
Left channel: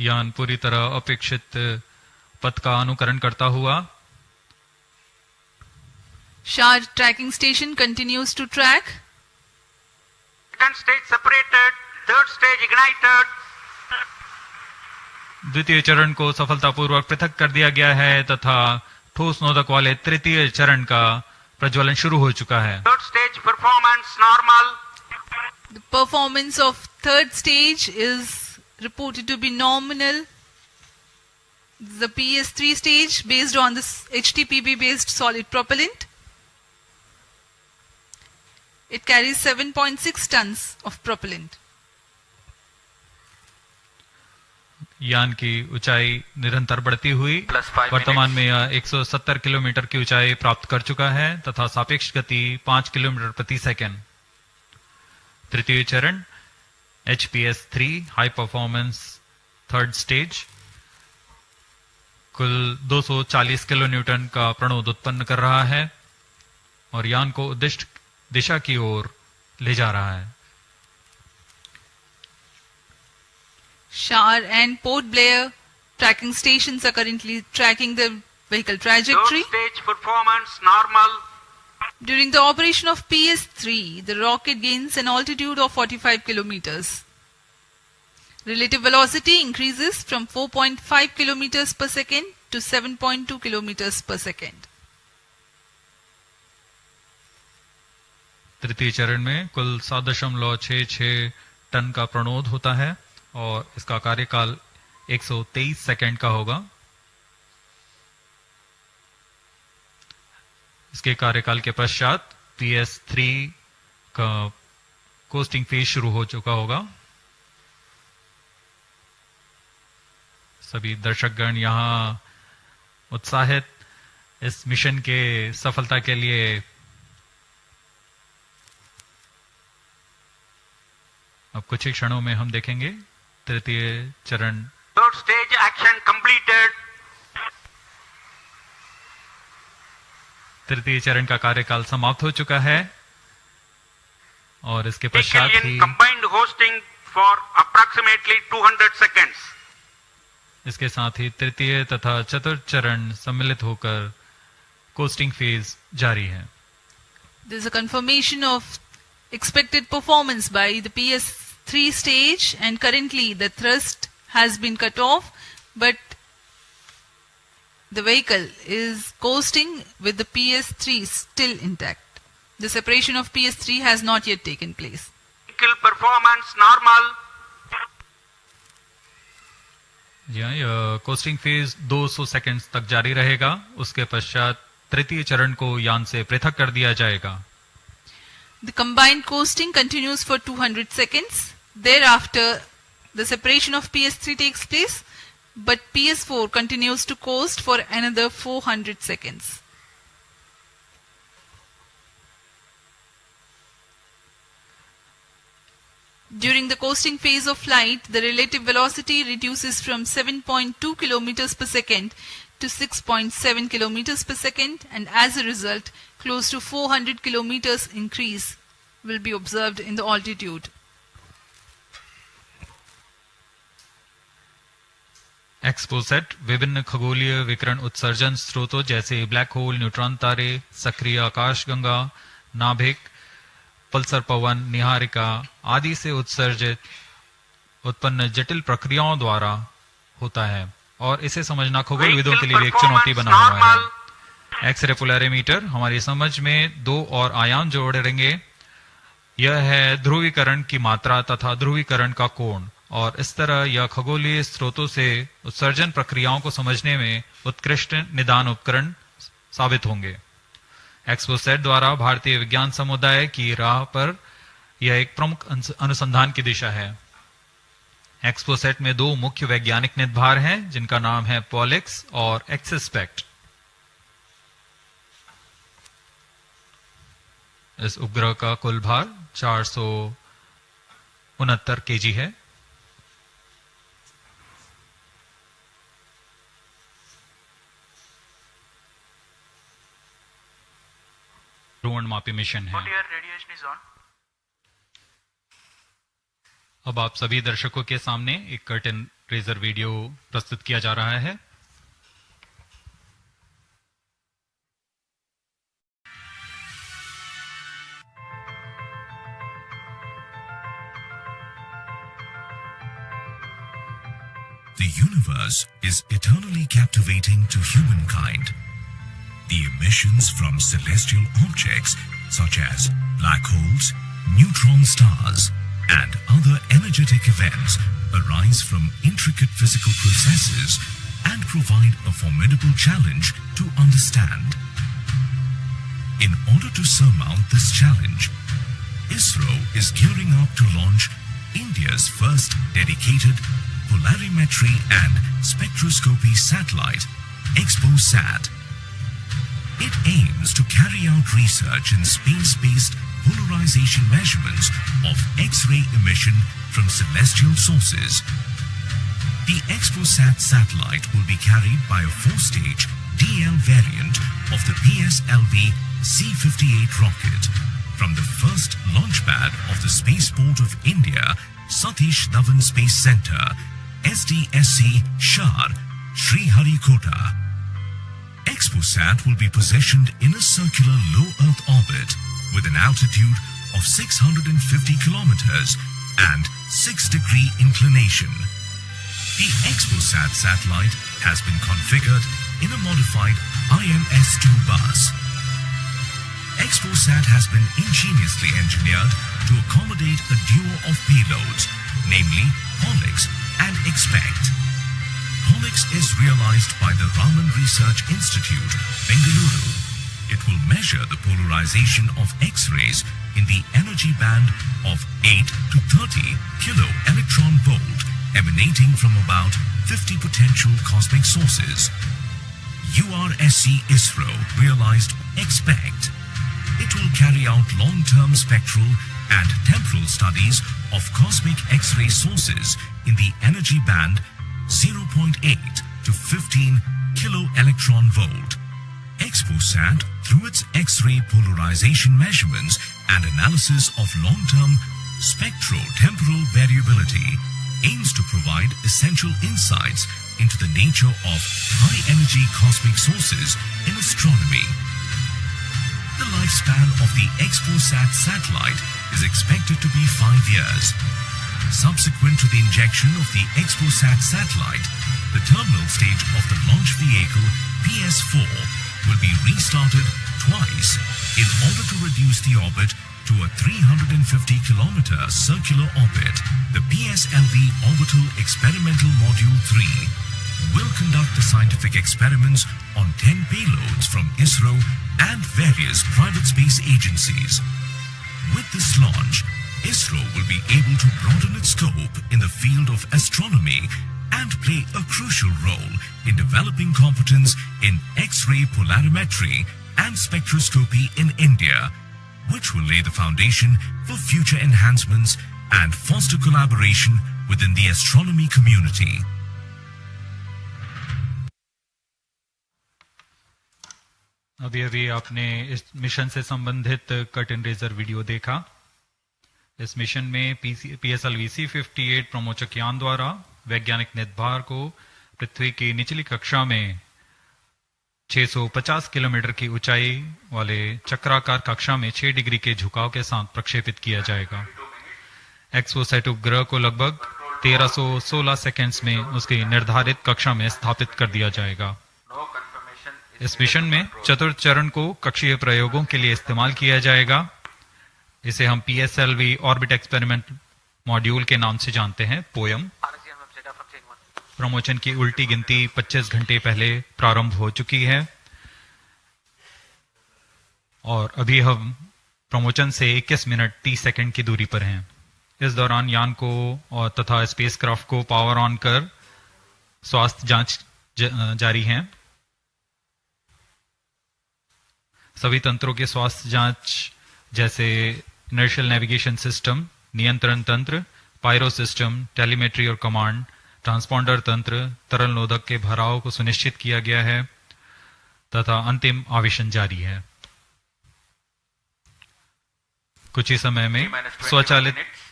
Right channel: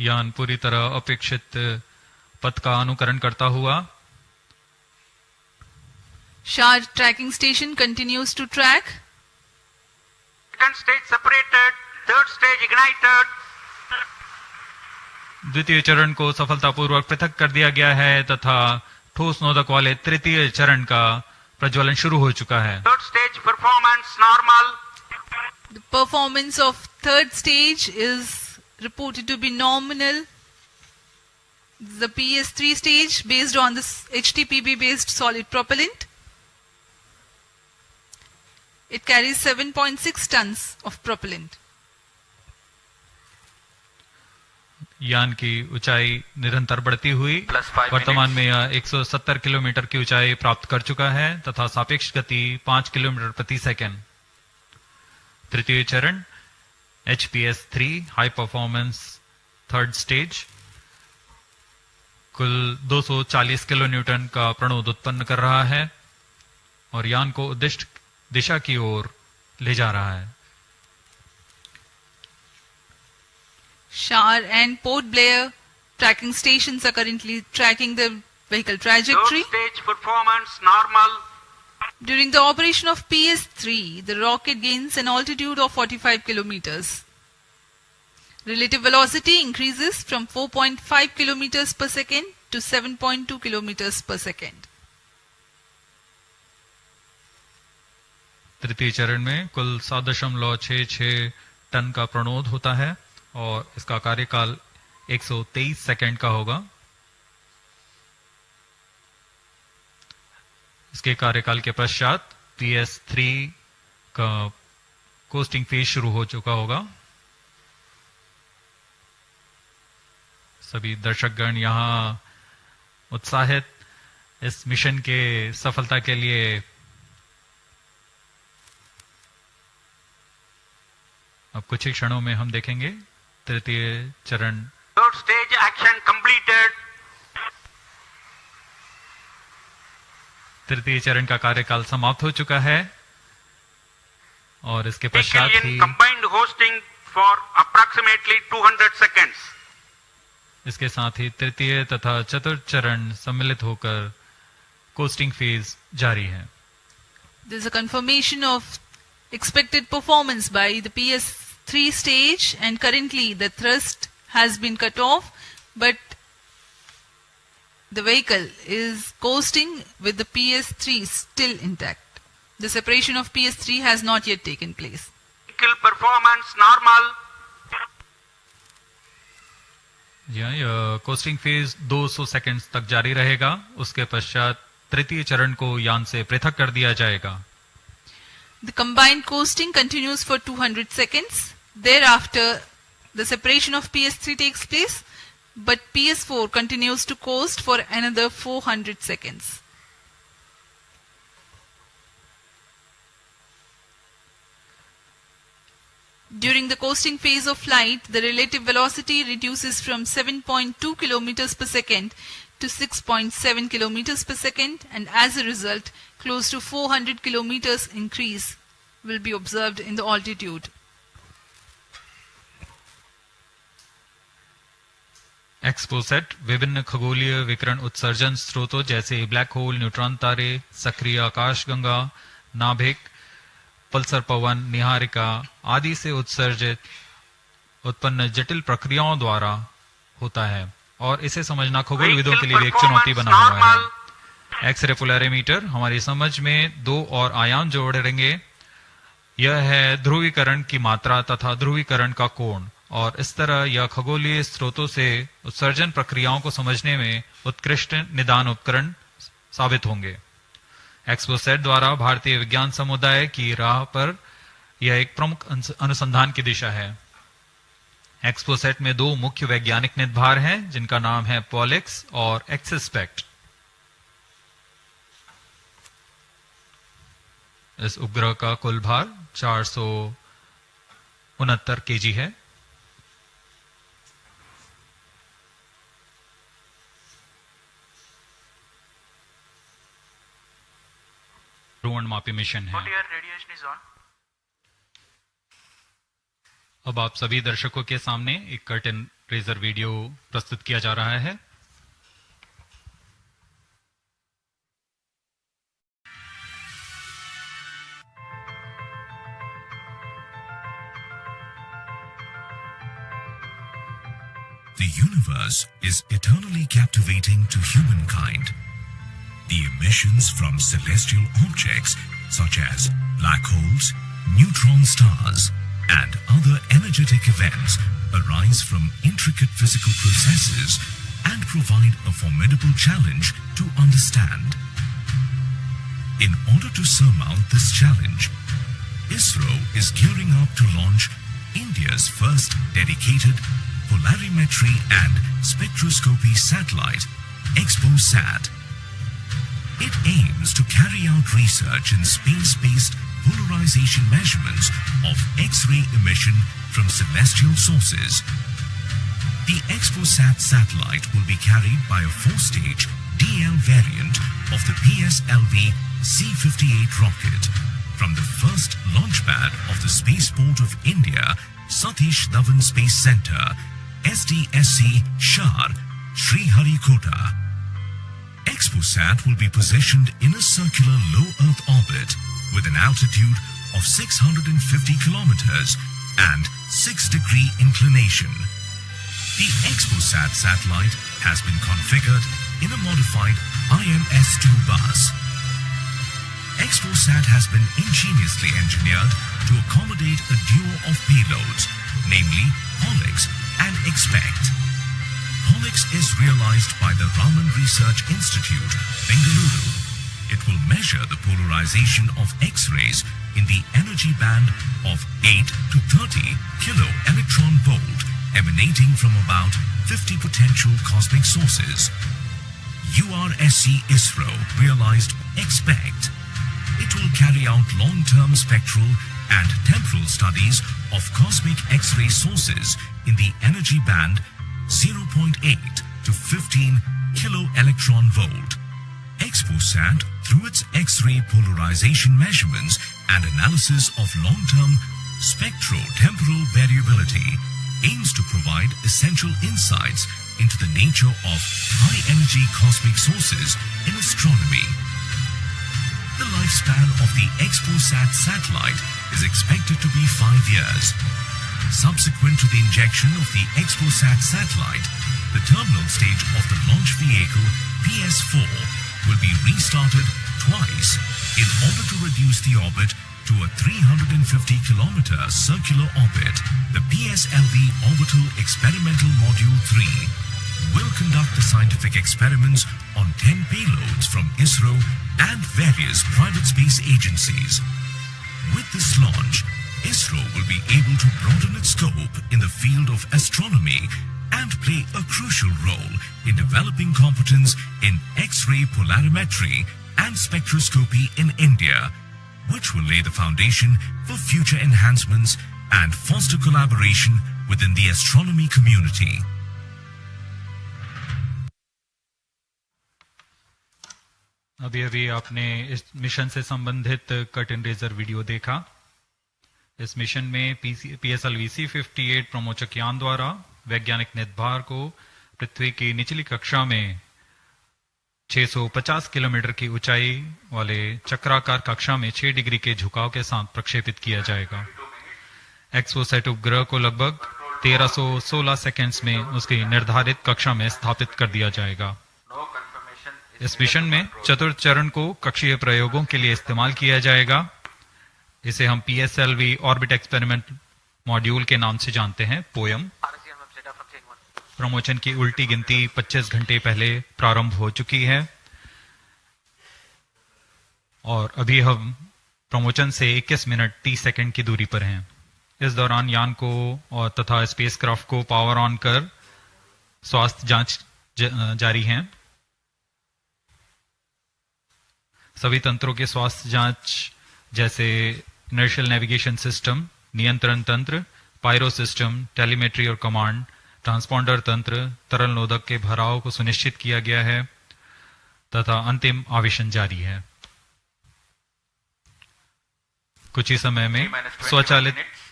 यान पूरी तरह अपेक्षित पथ का अनुकरण करता हुआ Shah tracking station continues to track. Second stage separated, third stage ignited. द्वितीय चरण को सफलतापूर्वक पृथक कर दिया गया है तथा ठोस नोदक वाले तृतीय चरण का प्रज्वलन शुरू हो चुका है। Third stage performance normal. The performance of third stage is reported to be nominal. The PS3 stage based on this HTPB based solid propellant. It carries 7.6 tons of propellant. यान की ऊंचाई निरंतर बढ़ती हुई वर्तमान में यह 170 किलोमीटर की ऊंचाई प्राप्त कर चुका है तथा सापेक्ष गति 5 किलोमीटर प्रति सेकंड। तृतीय चरण HPS3 high performance third stage कुल 240 किलो न्यूटन का प्रणोद उत्पन्न कर रहा है और यान को उद्दिष्ट दिशा की ओर ले जा रहा है। Shar and Port Blair tracking stations are currently tracking the vehicle trajectory. Third stage performance normal. During the operation of PS3, the rocket gains an altitude of 45 kilometers. Relative velocity increases from 4.5 kilometers per second to 7.2 kilometers per second. तृतीय चरण में कुल 7.66 ton का प्रणोद होता है और इसका कार्यकाल 123 सेकंड का होगा। इसके कार्यकाल के पश्चात PS3 का कोस्टिंग फेज शुरू हो चुका होगा। सभी दर्शकगण यहां उत्साहित इस मिशन के सफलता के लिए अब कुछ ही क्षणों में हम देखेंगे तृतीय चरण। Third stage action completed. तृतीय चरण का कार्यकाल समाप्त हो चुका है और इसके पश्चात ही combined hosting for approximately 200 seconds. इसके साथ ही तृतीय तथा चतुर्थ चरण सम्मिलित होकर कोस्टिंग फेज जारी है। There is a confirmation of expected performance by the PS3 stage and currently the thrust has been cut off but the vehicle is coasting with the PS3 still intact. The separation of PS3 has not yet taken place. Vehicle performance normal. यह costing phase 200 seconds तक जारी रहेगा। उसके पश्चात तृतीय चरण को यान से पृथक कर दिया जाएगा। The combined coasting continues for 200 seconds. Thereafter, the separation of PS3 takes place, but PS4 continues to coast for another 400 seconds. During the coasting phase of flight, the relative velocity reduces from 7.2 kilometers per second to 6.7 kilometers per second, and as a result, close to 400 kilometers increase will be observed in the altitude. XPoSat विभिन्न खगोलीय विकिरण उत्सर्जन स्रोतों जैसे black hole, neutron तारे, सक्रिय आकाशगंगा, नाभिक, पल्सर पवन, निहारिका आदि से उत्सर्जित उत्पन्न जटिल प्रक्रियाओं द्वारा होता है और इसे समझना खगोलविदों के लिए भी एक चुनौती बना हुआ है। एक्सरे पोलैरिमीटर हमारी समझ में दो और आयाम जोड़ेंगे। यह है ध्रुवीकरण की मात्रा तथा ध्रुवीकरण का कोण और इस तरह यह खगोलीय स्रोतों से उत्सर्जन प्रक्रियाओं को समझने में उत्कृष्ट निदान उपकरण साबित होंगे। XPoSat द्वारा भारतीय विज्ञान समुदाय की राह पर यह एक प्रमुख अनुसंधान की दिशा है। XPoSat में दो मुख्य वैज्ञानिक निदभार हैं जिनका नाम है पॉलिक्स और एक्सस्पेक्ट। इस उपग्रह का कुल भार 469 केजी है। ध्रुवणमापी मिशन है। अब आप सभी दर्शकों के सामने एक कर्टेन लेजर वीडियो प्रस्तुत किया जा रहा है। The universe is eternally captivating to humankind. The emissions from celestial objects such as black holes, neutron stars, and other energetic events arise from intricate physical processes and provide a formidable challenge to understand. In order to surmount this challenge, Isro is gearing up to launch India's first dedicated polarimetry and spectroscopy satellite, XPoSat. It aims to carry out research in space-based polarization measurements of X-ray emission from celestial sources. The XPoSat satellite will be carried by a 4-stage DL variant of the PSLV-C58 rocket from the first launch pad of the Spaceport of India, Satish Dhawan Space Center, SDSC, Shar, Sriharikota. XPoSat will be positioned in a circular low Earth orbit with an altitude of 650 kilometers and 6-degree inclination. The XPoSat satellite has been configured in a modified IMS-2 bus. XPoSat has been ingeniously engineered to accommodate a duo of payloads, namely POLIX and XPECT. POLIX is realized by the Raman Research Institute, Bengaluru. It will measure the polarization of X-rays in the energy band of 8 to 30 kilo electron volt emanating from about 50 potential cosmic sources. URSC Isro realized XPECT. It will carry out long-term spectral and temporal studies of cosmic X-ray sources in the energy band 0.8 to 15 kilo electron volt. XPoSat, through its X-ray polarization measurements and analysis of long-term spectro-temporal variability, aims to provide essential insights into the nature of high-energy cosmic sources in astronomy. The lifespan of the XPoSat satellite is expected to be 5 years. Subsequent to the injection of the XPoSat satellite, the terminal stage of the launch vehicle PS4 will be restarted twice in order to reduce the orbit to a 350-kilometer circular orbit. The PSLV Orbital Experimental Module 3 will conduct the scientific experiments on 10 payloads from Isro and various private space agencies. With this launch, Isro will be able to broaden its scope in the field of astronomy and play a crucial role in developing competence in X-ray polarimetry and spectroscopy in India, which will lay the foundation for future enhancements and foster collaboration within the astronomy community. अभी अभी आपने इस mission से संबंधित cut and razor video देखा। इस mission में PSLV-C58 प्रमोचक यान द्वारा वैज्ञानिक निर्धार को पृथ्वी की निचली कक्षा में 650 किलोमीटर की ऊंचाई वाले चक्राकार कक्षा में 6 डिग्री के झुकाव के साथ प्रक्षेपित किया जाएगा। एक्सपोसैट उपग्रह को लगभग 1316 सेकेंड्स में उसकी निर्धारित कक्षा में स्थापित कर दिया जाएगा। इस मिशन में चतुर्थ चरण को कक्षीय प्रयोगों के लिए इस्तेमाल किया जाएगा। इसे हम PSLV ऑर्बिट एक्सपेरिमेंट मॉड्यूल के नाम से जानते हैं, पोयम। प्रमोशन की उल्टी गिनती 25 घंटे पहले प्रारंभ हो चुकी है और अभी हम प्रमोशन से 21 मिनट 30 सेकंड की दूरी पर हैं। इस दौरान यान को और तथा स्पेसक्राफ्ट को पावर ऑन कर स्वास्थ्य जांच जारी है। सभी तंत्रों के स्वास्थ्य जांच जैसे इनर्शियल नेविगेशन सिस्टम, नियंत्रण तंत्र, पायरो सिस्टम, टेलीमेट्री और कमांड, ट्रांसपॉन्डर तंत्र, तरल नोदक के भराव को सुनिश्चित किया गया है तथा अंतिम आवेशन जारी है। कुछ ही समय में स्वचालित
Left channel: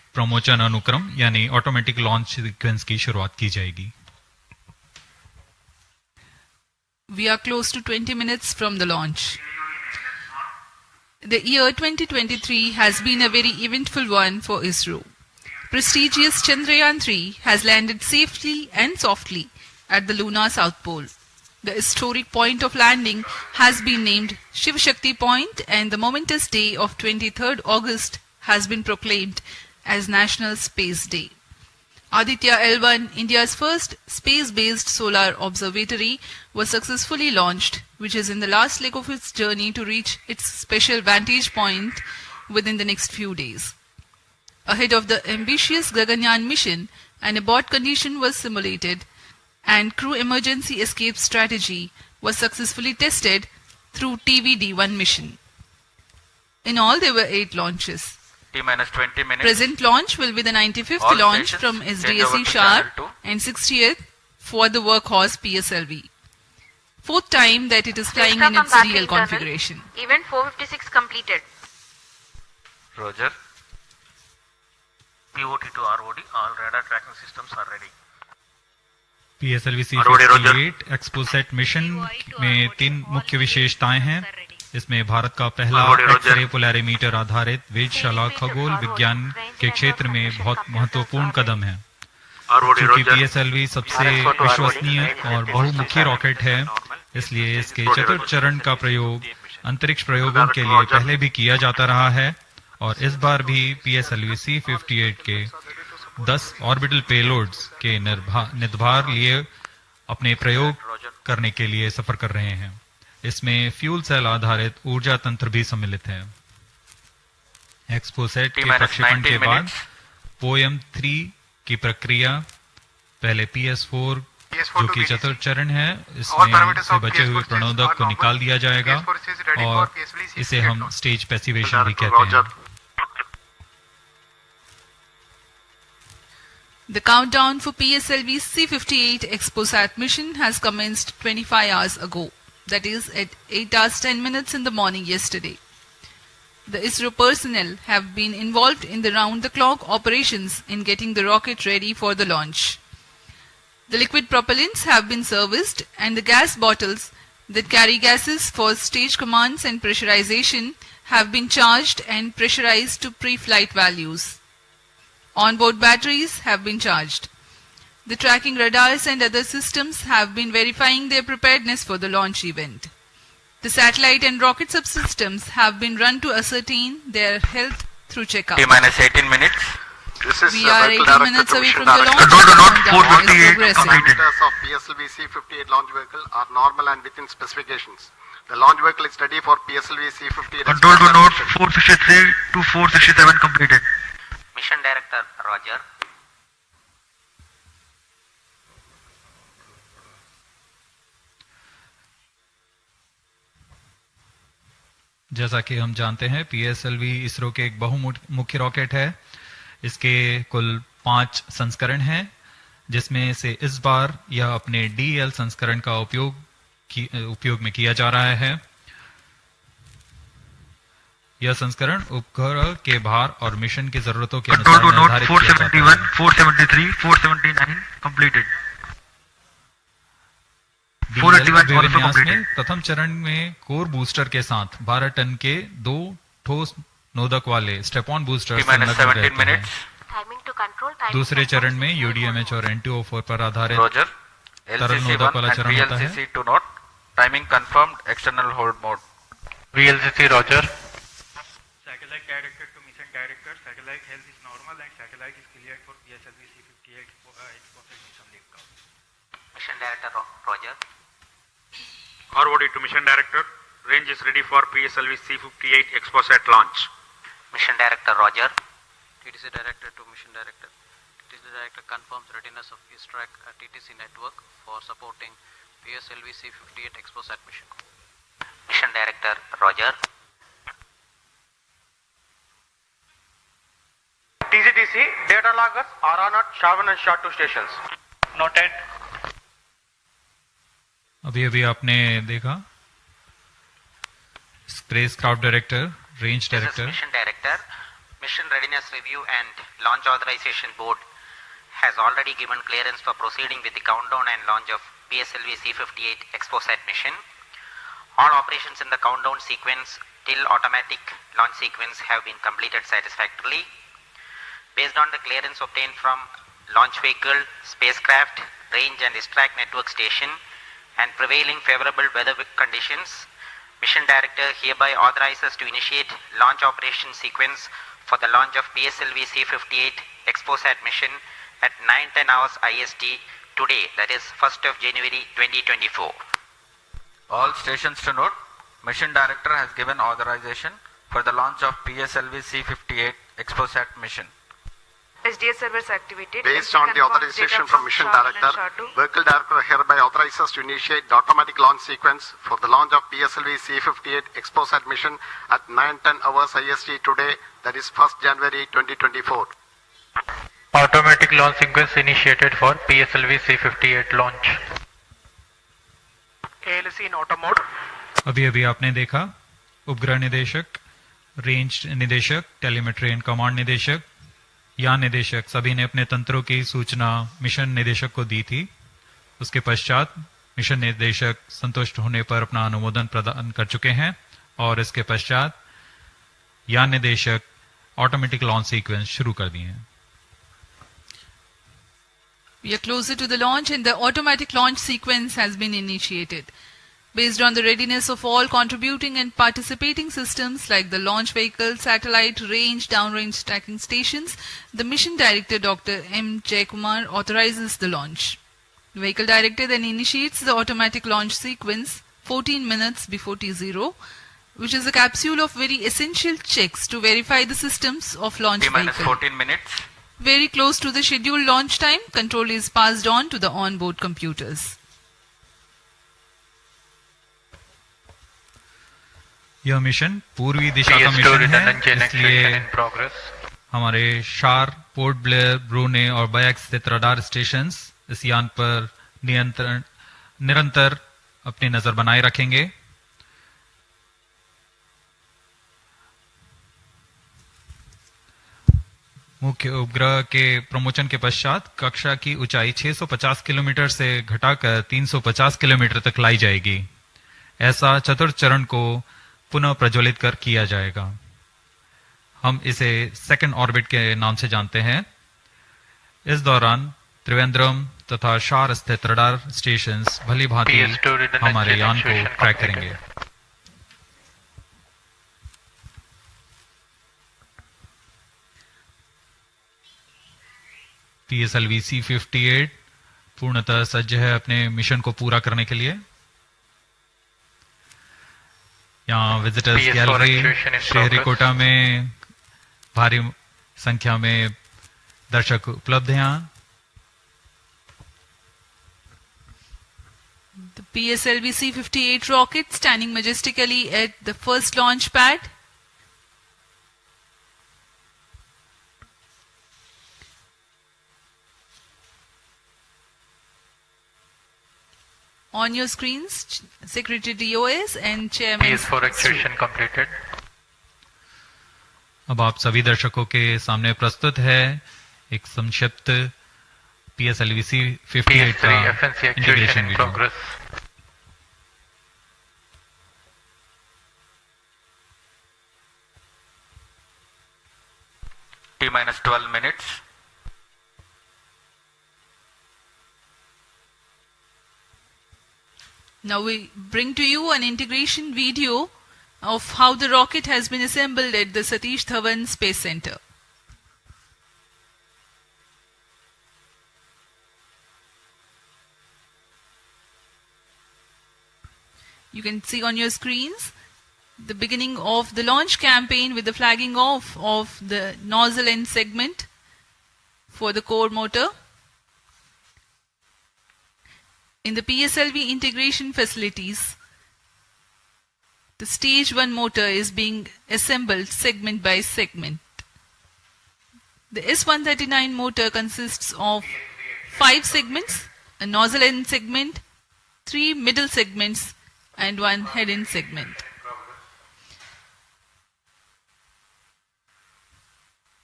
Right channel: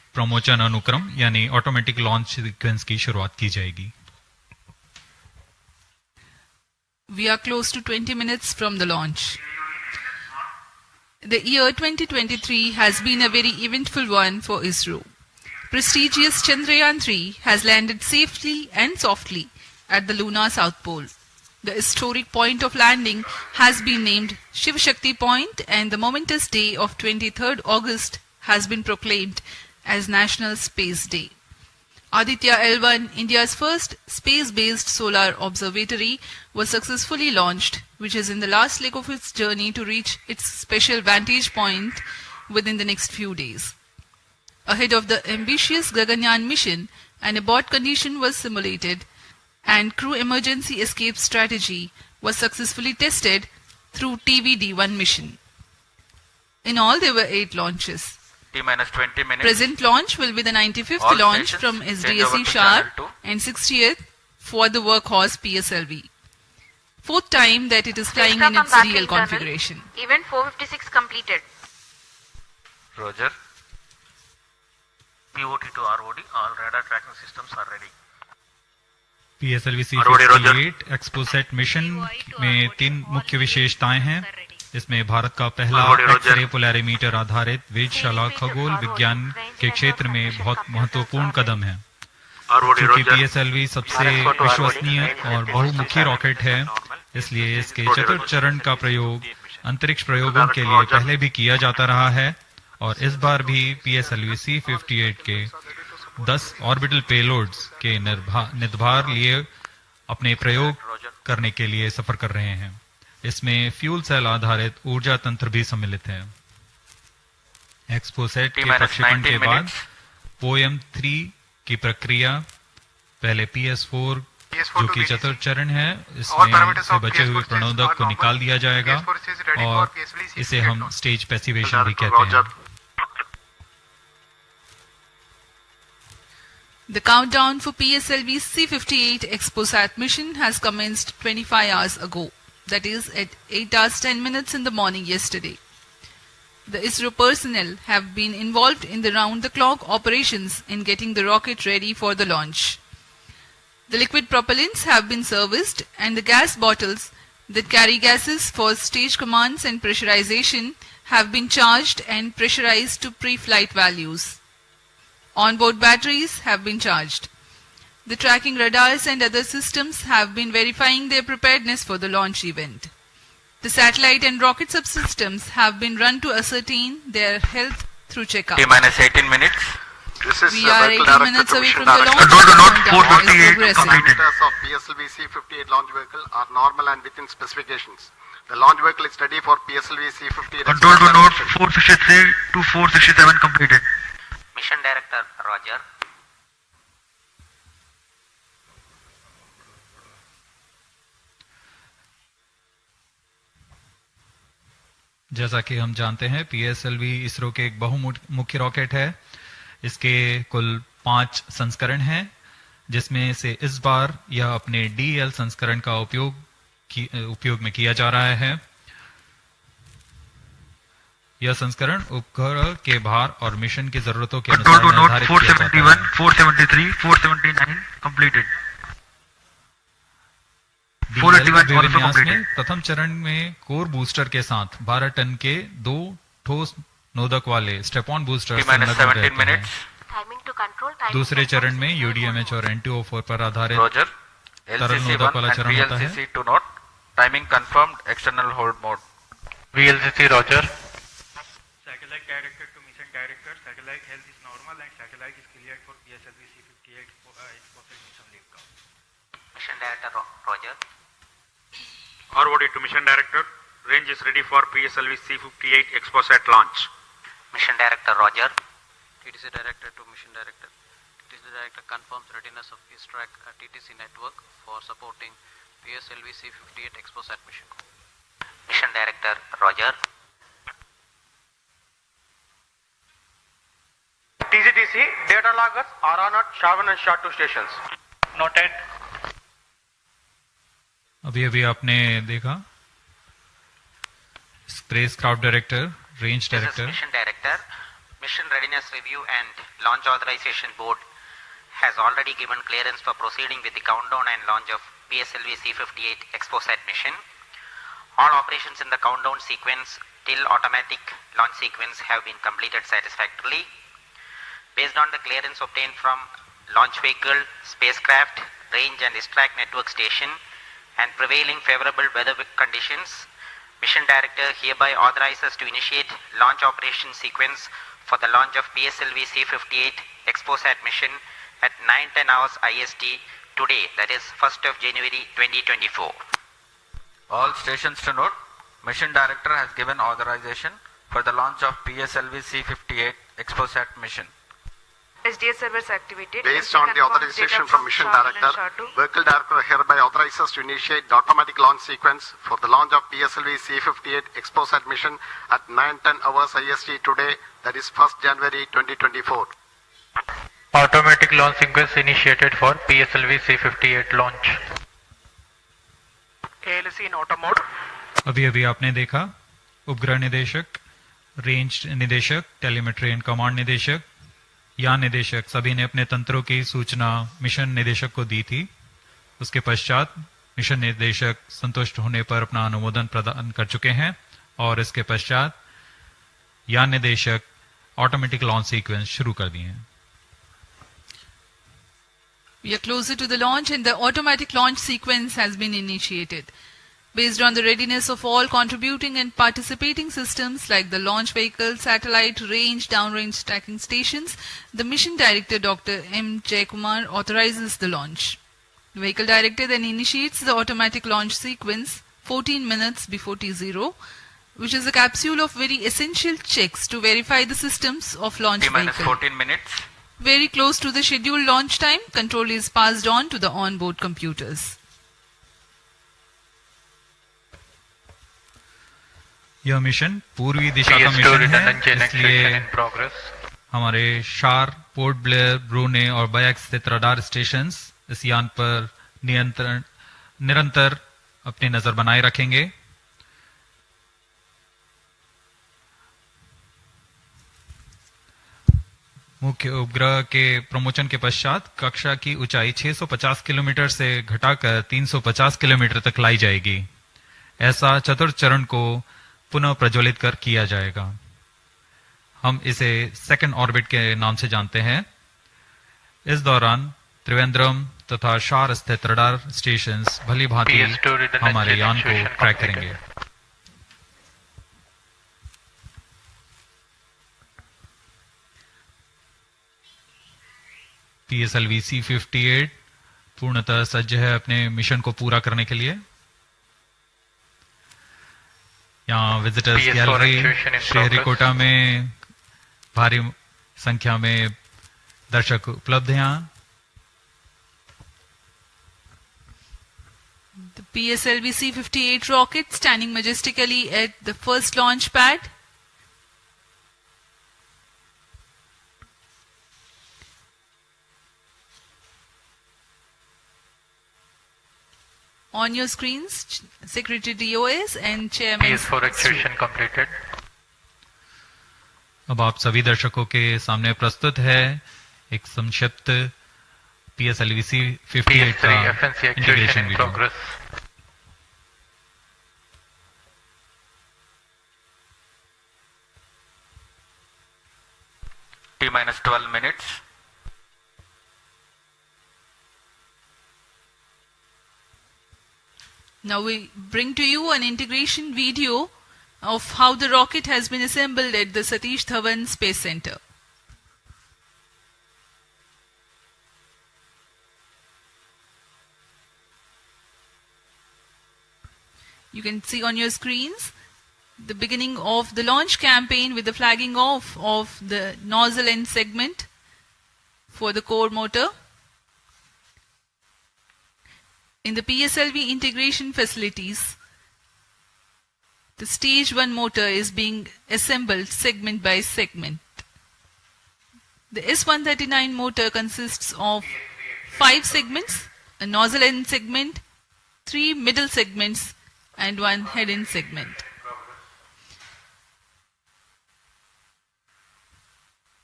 प्रमोचन अनुक्रम यानी ऑटोमेटिक लॉन्च सीक्वेंस की शुरुआत की जाएगी। We are close to 20 minutes from the launch. The year 2023 has been a very eventful one for Isro. Prestigious Chandrayaan-3 has landed safely and softly at the lunar south pole. The historic point of landing has been named Shiv Shakti Point, and the momentous day of 23rd August has been proclaimed as National Space Day. Aditya L1, India's first space-based solar observatory, was successfully launched, which is in the last leg of its journey to reach its special vantage point within the next few days. Ahead of the ambitious Gaganyaan mission, an abort condition was simulated and crew emergency escape strategy was successfully tested through TVD-1 mission. In all, there were 8 launches. T-minus 20 minutes. Present launch will be the 95th All launch stations from change SDSC over to Sharp channel 2. and 60th for the workhorse PSLV. 4th time that it is flying in its real configuration. Event 456 completed. Roger. POT to ROD, all radar tracking systems are ready. PSLV-C58 XPoSat mission में 3 मुख्य विशेषताएं हैं। इसमें भारत का पहला x-ray polarimeter आधारित वेधशाला खगोल विज्ञान के क्षेत्र में बहुत महत्वपूर्ण कदम है। क्योंकि PSLV सबसे विश्वसनीय और बहुमुखी रॉकेट है, इसलिए इसके चतुर्थ चरण का प्रयोग अंतरिक्ष प्रयोगों के लिए पहले भी किया जाता रहा है और इस बार भी PSLV-C58 के 10 ऑर्बिटल पेलोड्स के निर्धार लिए अपने प्रयोग करने के लिए सफर कर रहे हैं। इसमें फ्यूल सेल आधारित ऊर्जा तंत्र भी सम्मिलित है। XPoSat के प्रक्षेपण के बाद POEM-3 की प्रक्रिया पहले PS4 जो कि चतुर्थ चरण है, इसमें से बचे हुए प्रणोदक को निकाल दिया जाएगा और इसे हम स्टेज पैसिवेशन भी कहते हैं। The countdown for PSLV-C58 XPoSat mission has commenced 25 hours ago, that is at 8 hours 10 minutes in the morning yesterday. The ISRO personnel have been involved in the round-the-clock operations in getting the rocket ready for the launch. The liquid propellants have been serviced and the gas bottles that carry gases for stage commands and pressurization have been charged and pressurized to pre-flight values. Onboard batteries have been charged. The tracking radars and other systems have been verifying their preparedness for the launch event. The satellite and rocket subsystems have been run to ascertain their health through checkup. T-minus 18 minutes. We are 18 minutes away from the launch. Parameters of PSLV-C58 launch vehicle are normal and within specifications. The launch vehicle is ready for PSLV-C58. Control to node 463 to 467 completed. Mission Director, Roger. जैसा कि हम जानते हैं, PSLV ISRO के एक बहुमुख्य rocket है। इसके कुल 5 संस्करण हैं, जिसमें से इस बार यह अपने DL संस्करण का उपयोग में किया जा रहा है। यह संस्करण उपग्रह के भार और मिशन की जरूरतों के अनुसार निर्धारित किया जाता है। 473, 479 completed. DL विन्यास में प्रथम चरण में कोर बूस्टर के साथ 12 टन के 2 ठोस नोदक वाले स्टेप-ऑन बूस्टर संलग्न रहते हैं। दूसरे चरण में UDMH और N2O4 पर आधारित तरल नोदक वाला चरण होता है। Timing confirmed, external hold mode. VLCC, Roger. Satellite director to mission director, satellite health is normal and satellite is cleared for PSLV-C58 XPoSat mission liftoff. Mission Director, Roger. ROD to Mission Director. Range is ready for PSLV-C58 XPoSat launch. Mission Director, Roger. TTC Director to Mission Director. TTC Director confirms readiness of his track at TTC network for supporting PSLV-C58 XPoSat mission. Mission Director, Roger. TCTC data loggers are on at Shavan and SHA-2 stations. Noted. अभी आपने देखा space craft director, range director. Mission Director. Mission Readiness Review and Launch Authorization Board has already given clearance for proceeding with the countdown and launch of PSLV-C58 XPoSat mission. All operations in the countdown sequence till automatic launch sequence have been completed satisfactorily. Based on the clearance obtained from launch vehicle, spacecraft, range and ISTRAC network station and prevailing favorable weather conditions, Mission Director hereby authorizes to initiate launch operation sequence for the launch of PSLV-C58 XPoSat mission at 9:10 hours IST today, that is 1st of January 2024. All stations to note, Mission Director has given authorization for the launch of PSLV-C58 XPoSat mission. SDS servers activated. Based on the authorization from Mission Director, Vehicle Director hereby authorizes to initiate the automatic launch sequence for the launch of PSLV-C58 XPoSat mission at 9:10 hours IST today, that is 1st January 2024. Automatic launch sequence initiated for PSLV-C58 launch. ALC in auto mode. अभी आपने देखा उपग्रह निदेशक, range निदेशक, telemetry and command निदेशक, यान निदेशक सभी ने अपने तंत्रों की सूचना मिशन निदेशक को दी थी। उसके पश्चात मिशन निदेशक संतुष्ट होने पर अपना अनुमोदन प्रदान कर चुके हैं और इसके पश्चात यान निदेशक ऑटोमेटिक लॉन्च सीक्वेंस शुरू कर दिए हैं। We are closer to the launch and the automatic launch sequence has been initiated. Based on the readiness of all contributing and participating systems like the launch vehicle, satellite, range, downrange tracking stations, the Mission Director Dr. M. Jaikumar authorizes the launch. The Vehicle Director then initiates the automatic launch sequence 14 minutes before T0, which is a capsule of very essential checks to verify the systems of launch vehicle. 14 minutes. Very close to the scheduled launch time, control is passed on to the onboard computers. यह mission पूर्वी दिशा का mission है, इसलिए हमारे शार, port Blair, ब्रूने और bikes स्थित radar stations इस यान पर निरंतर अपनी नजर बनाए रखेंगे। मुख्य उपग्रह के प्रमोचन के पश्चात कक्षा की ऊंचाई 650 किलोमीटर से घटाकर 350 किलोमीटर तक लाई जाएगी। ऐसा चतुर्थ चरण को पुनः प्रज्वलित कर किया जाएगा। हम इसे सेकंड ऑर्बिट के नाम से जानते हैं। इस दौरान त्रिवेंद्रम तथा शार स्थित रडार स्टेशंस भली भांति हमारे यान को ट्रैक करेंगे। PSLV-C58 पूर्णतः सज्ज है अपने मिशन को पूरा करने के लिए। यहाँ विजिटर्स गैलरी श्रीहरिकोटा में भारी संख्या में दर्शक उपलब्ध हैं। The PSLV-C58 rocket standing majestically at the first launch pad. On your screens, Secretary DOS and Chairman. PS4 activation completed. अब आप सभी दर्शकों के सामने प्रस्तुत है एक संक्षिप्त PSLV-C58 का integration video. T-12 minutes. Now we bring to you an integration video of how the rocket has been assembled at the Satish Dhawan Space Center. You can see on your screens the beginning of the launch campaign with the flagging off of the nozzle end segment for the core motor. In the PSLV integration facilities, the stage 1 motor is being assembled segment by segment. The S139 motor consists of 5 segments, a nozzle end segment, 3 middle segments and 1 head end segment.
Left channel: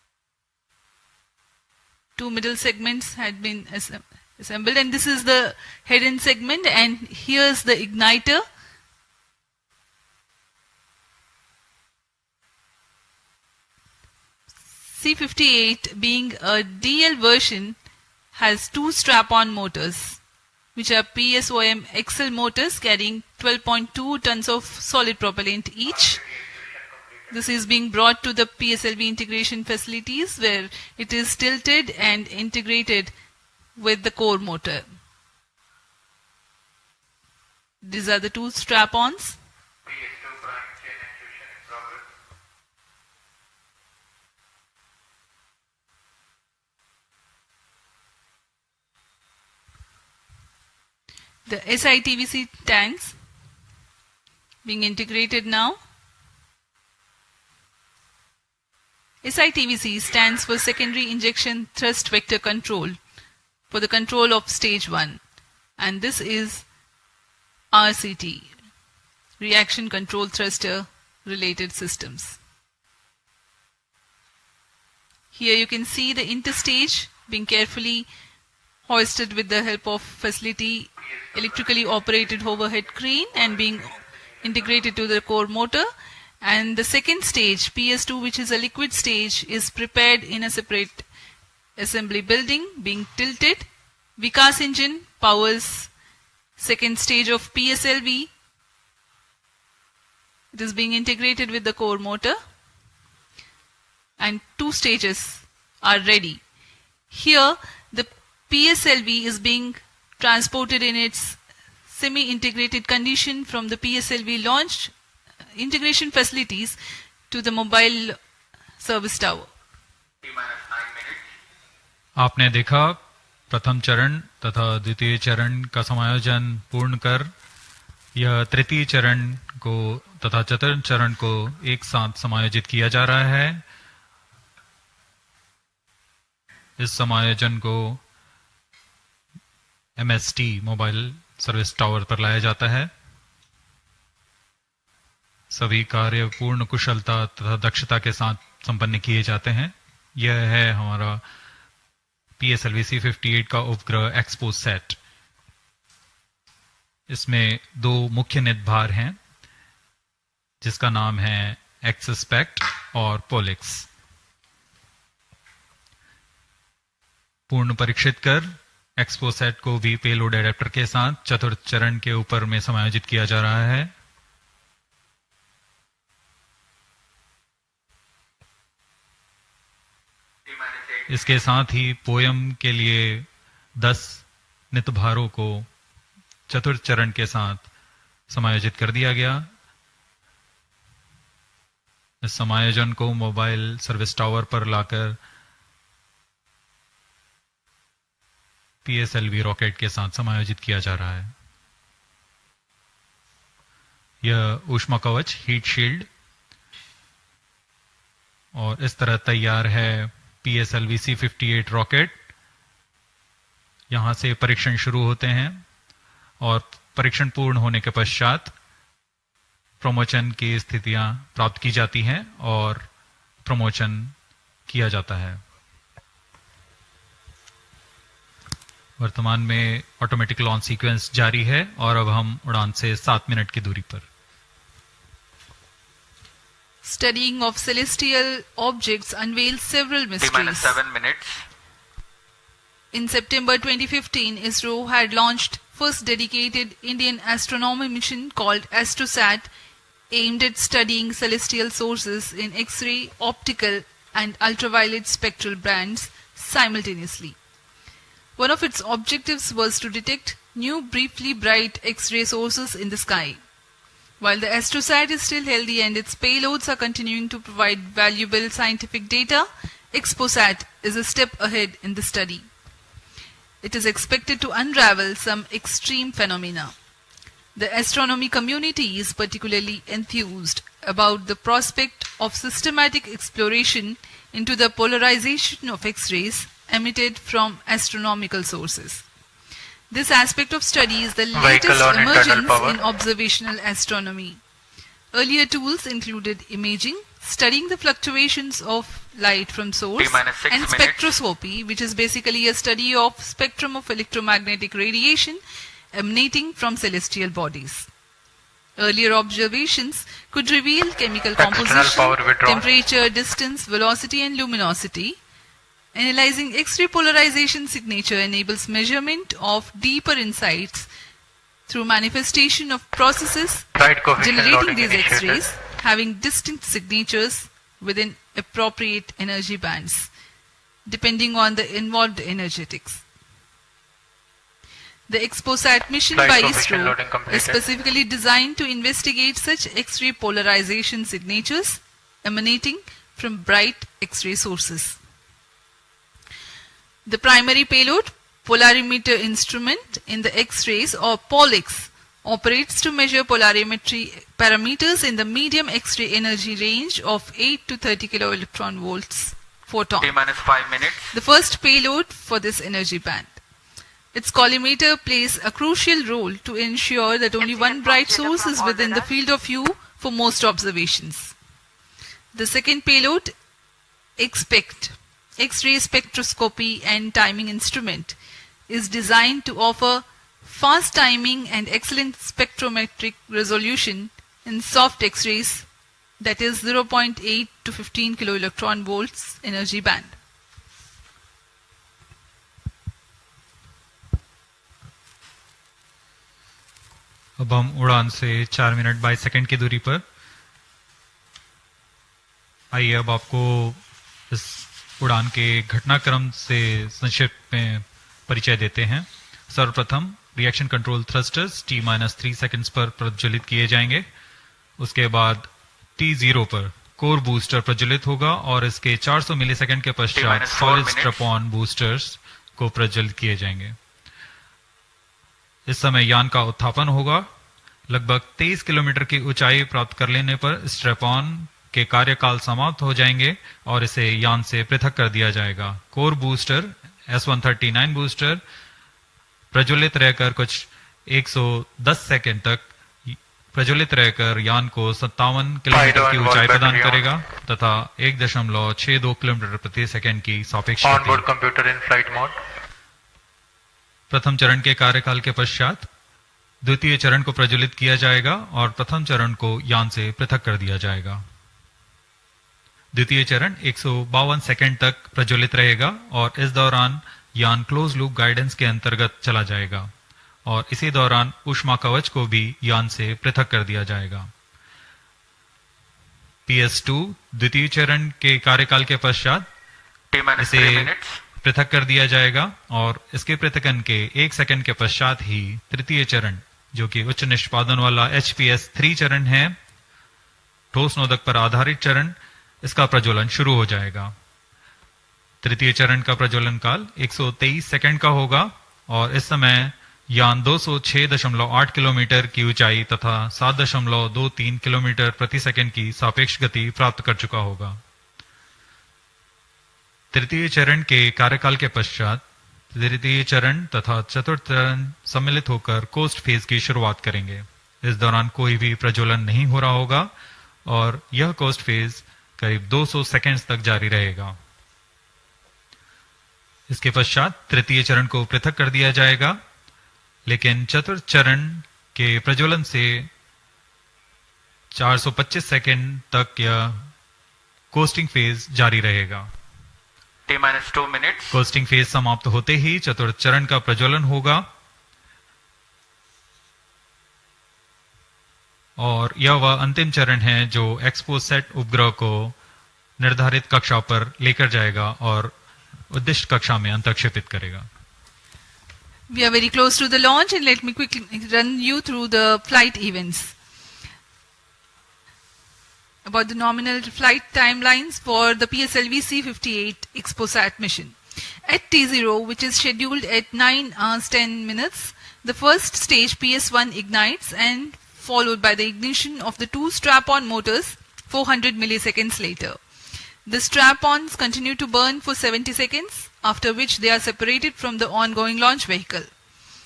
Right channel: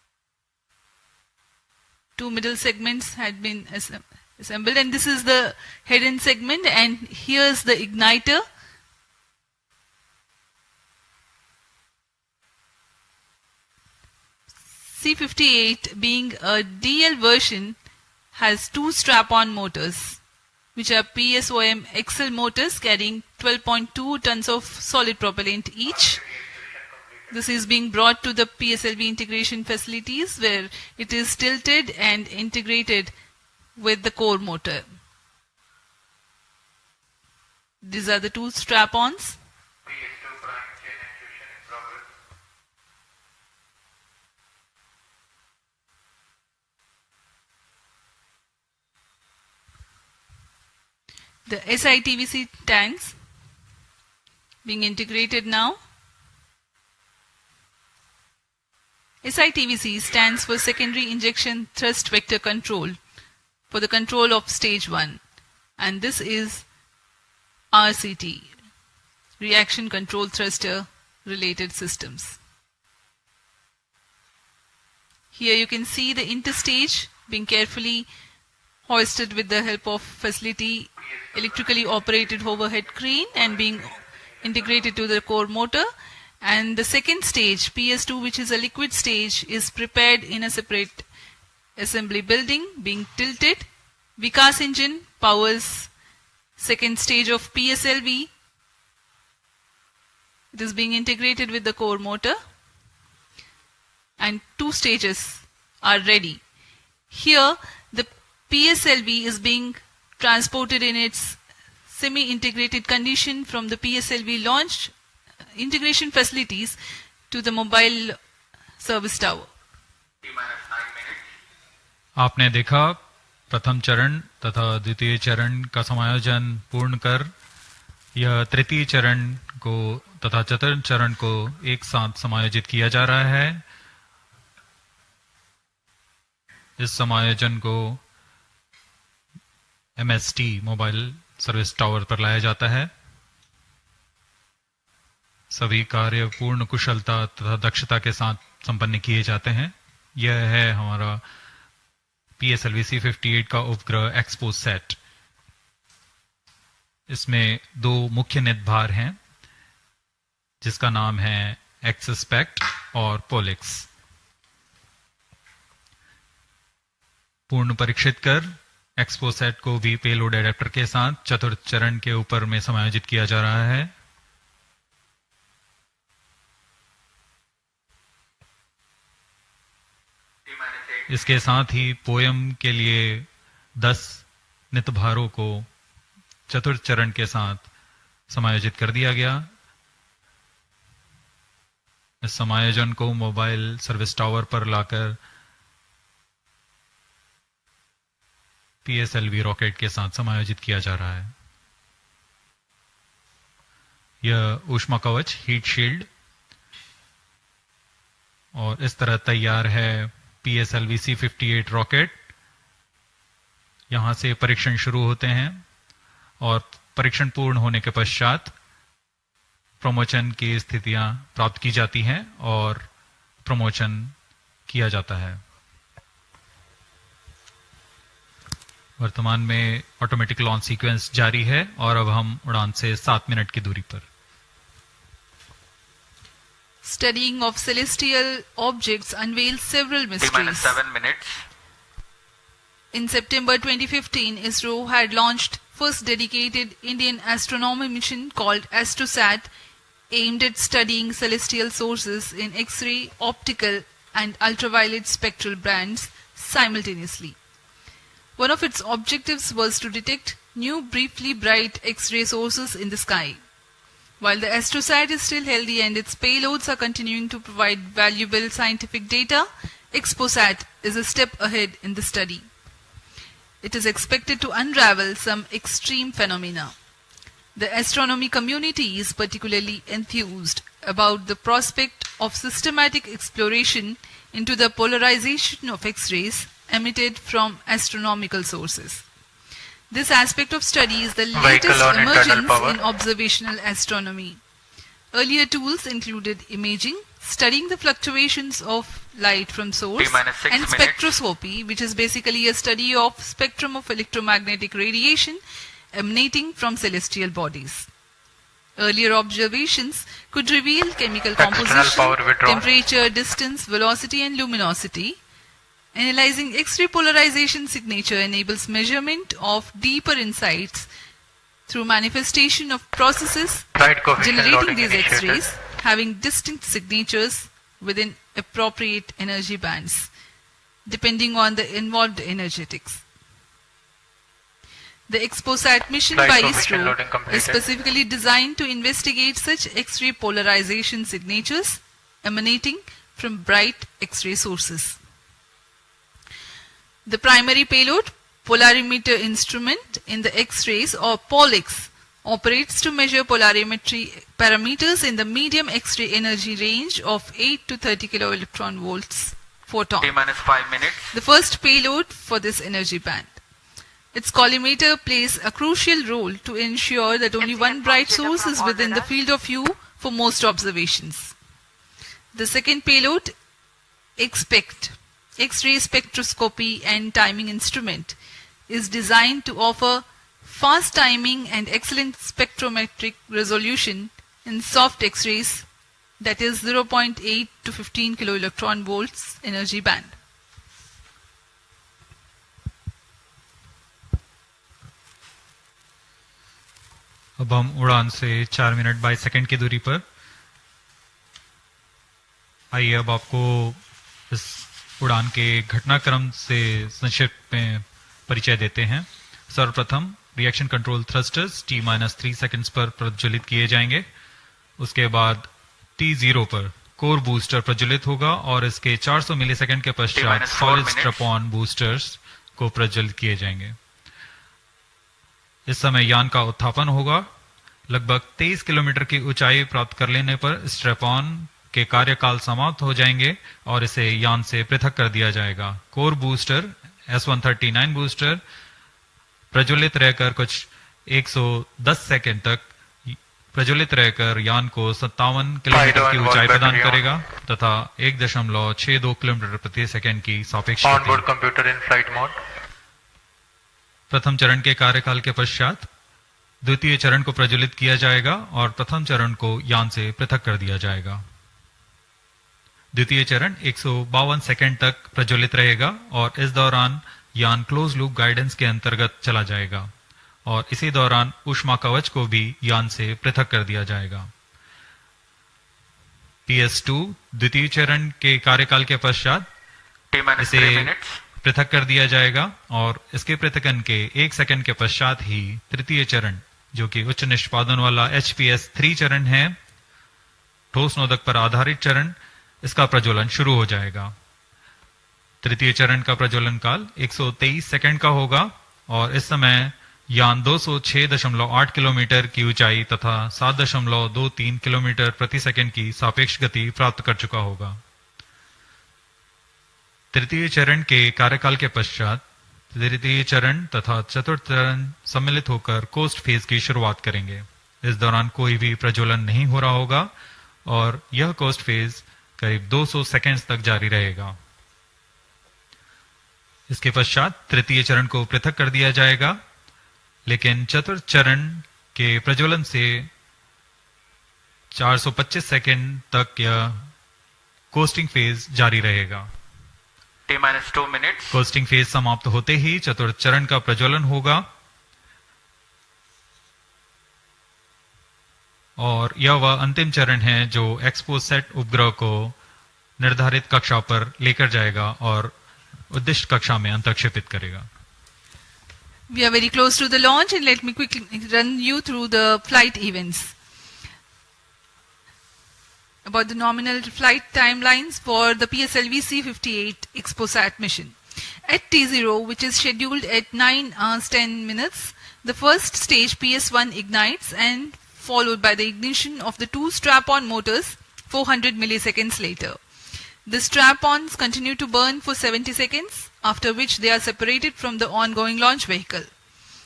Two middle segments had been assembled, and this is the head-end segment, and here's the igniter. C58, being a DL version, has two strap-on motors, which are PSOM XL motors carrying 12.2 tons of solid propellant each. This is being brought to the PSLV integration facilities, where it is tilted and integrated with the core motor. These are the two strap-ons. The SITVC tanks being integrated now. SITVC stands for Secondary Injection Thrust Vector Control, for the control of stage 1, and this is RCT, Reaction Control Thruster Related Systems. Here you can see the interstage being carefully hoisted with the help of facility electrically operated overhead crane and being integrated to the core motor. And the second stage, PS2, which is a liquid stage, is prepared in a separate assembly building, being tilted. Vikas engine powers second stage of PSLV. It is being integrated with the core motor, and two stages are ready. Here, the PSLV is being transported in its semi-integrated condition from the PSLV launch integration facilities to the mobile service tower. आपने देखा प्रथम चरण तथा द्वितीय चरण का समायोजन पूर्ण कर यह तृतीय चरण को तथा चतुर्थ चरण को एक साथ समायोजित किया जा रहा है। इस समायोजन को MST मोबाइल सर्विस टावर पर लाया जाता है। सभी कार्य पूर्ण कुशलता तथा दक्षता के साथ संपन्न किए जाते हैं। यह है हमारा PSLV-C58 का उपग्रह XPoSat। इसमें दो मुख्य निदभार हैं, जिसका नाम है XSPECT और POLIX। पूर्ण परीक्षित कर XPoSat को भी पेलोड एडेप्टर के साथ चतुर्थ चरण के ऊपर में समायोजित किया जा रहा है। इसके साथ ही पोयम के लिए 10 नितभारों को चतुर्थ चरण के साथ समायोजित कर दिया गया। इस समायोजन को मोबाइल सर्विस टावर पर लाकर PSLV रॉकेट के साथ समायोजित किया जा रहा है। यह ऊष्मा कवच हीट शील्ड और इस तरह तैयार है PSLV-C58 रॉकेट। यहां से परीक्षण शुरू होते हैं और परीक्षण पूर्ण होने के पश्चात प्रमोशन की स्थितियां प्राप्त की जाती हैं और प्रमोशन किया जाता है। वर्तमान में ऑटोमेटिक लॉन्च सीक्वेंस जारी है और अब हम उड़ान से 7 मिनट की दूरी पर। Studying of celestial objects unveils several mysteries. 7 minutes. In September 2015, Isro had launched first dedicated Indian astronomy mission called AstroSat, aimed at studying celestial sources in X-ray, optical and ultraviolet spectral bands simultaneously. One of its objectives was to detect new briefly bright X-ray sources in the sky. While the AstroSat is still healthy and its payloads are continuing to provide valuable scientific data, XPoSat is a step ahead in the study. It is expected to unravel some extreme phenomena. The astronomy community is particularly enthused about the prospect of systematic exploration into the polarization of X-rays emitted from astronomical sources. This aspect of study is the latest emergence in observational astronomy. Earlier tools included imaging, studying the fluctuations of light from source, and spectroscopy, which is basically a study of spectrum of electromagnetic radiation emanating from celestial bodies. Earlier observations could reveal chemical composition, temperature, distance, velocity, and luminosity. Analyzing X-ray polarization signature enables measurement of deeper insights through manifestation of processes generating these X-rays having distinct signatures within appropriate energy bands, depending on the involved energetics. The XPoSat mission by Isro is specifically designed to investigate such X-ray polarization signatures emanating from bright X-ray sources. The primary payload, polarimeter instrument in the X-rays or POLIX, operates to measure polarimetry parameters in the medium X-ray energy range of 8 to 30 kiloelectron volts photon. T-5 minutes. The first payload for this energy band. Its collimator plays a crucial role to ensure that only one bright source is within the field of view for most observations. The second payload, XPECT, X-ray spectroscopy and timing instrument, is designed to offer fast timing and excellent spectrometric resolution in soft X-rays, that is 0.8 to 15 kiloelectron volts energy band. अब हम उड़ान से 4 minute 22 second की दूरी पर। आइए अब आपको इस उड़ान के घटनाक्रम से संक्षिप्त में परिचय देते हैं। सर्वप्रथम reaction control thrusters T-3 seconds पर प्रज्वलित किए जाएंगे। उसके बाद T0 पर कोर बूस्टर प्रज्वलित होगा और इसके 400 मिलीसेकंड के पश्चात सॉलिड स्ट्रैप-ऑन बूस्टर्स को प्रज्वलित किए जाएंगे। इस समय यान का उत्थापन होगा। लगभग 23 किलोमीटर की ऊंचाई प्राप्त कर लेने पर स्ट्रैप-ऑन के कार्यकाल समाप्त हो जाएंगे और इसे यान से पृथक कर दिया जाएगा। कोर बूस्टर S139 बूस्टर प्रज्वलित रहकर कुछ 110 सेकंड तक प्रज्वलित रहकर यान को 57 किलोमीटर की ऊंचाई प्रदान करेगा तथा 1.62 किलोमीटर प्रति सेकंड की सापेक्ष गति। प्रथम चरण के कार्यकाल के पश्चात द्वितीय चरण को प्रज्वलित किया जाएगा और प्रथम चरण को यान से पृथक कर दिया जाएगा। द्वितीय चरण 152 सेकंड तक प्रज्वलित रहेगा और इस दौरान यान क्लोज लूप गाइडेंस के अंतर्गत चला जाएगा और इसी दौरान ऊष्मा कवच को भी यान से पृथक कर दिया जाएगा। PS2 द्वितीय चरण के कार्यकाल के पश्चात इसे पृथक कर दिया जाएगा और इसके पृथकन के 1 सेकंड के पश्चात ही तृतीय चरण, जो कि उच्च निष्पादन वाला HPS3 चरण है, ठोस नोदक पर आधारित चरण, इसका प्रज्वलन शुरू हो जाएगा। तृतीय चरण का प्रज्वलन काल 123 सेकंड का होगा और इस समय यान 206.8 किलोमीटर की ऊंचाई तथा 7.23 किलोमीटर प्रति सेकंड की सापेक्ष गति प्राप्त कर चुका होगा। तृतीय चरण के कार्यकाल के पश्चात तृतीय चरण तथा चतुर्थ चरण सम्मिलित होकर कोस्ट फेज की शुरुआत करेंगे। इस दौरान कोई भी प्रज्वलन नहीं हो रहा होगा और यह कोस्ट फेज करीब 200 सेकंड्स तक जारी रहेगा। इसके पश्चात तृतीय चरण को पृथक कर दिया जाएगा, लेकिन चतुर्थ चरण के प्रज्वलन से 425 सेकंड तक यह कोस्टिंग फेज जारी रहेगा। T-2 minutes. कोस्टिंग फेज समाप्त होते ही चतुर्थ चरण का प्रज्वलन होगा और यह वह अंतिम चरण है जो XPoSat उपग्रह को निर्धारित कक्षा पर लेकर जाएगा और उद्दिष्ट कक्षा में अंतर्क्षेपित करेगा। We are very close to the launch and let me quickly run you through the flight events. About the nominal flight timelines for the PSLV-C58 XPoSat mission. At T0, which is scheduled at 9 hours 10 minutes, the first stage PS1 ignites and followed by the ignition of the two strap-on motors 400 milliseconds later. The strap-ons continue to burn for 70 seconds, after which they are separated from the ongoing launch vehicle.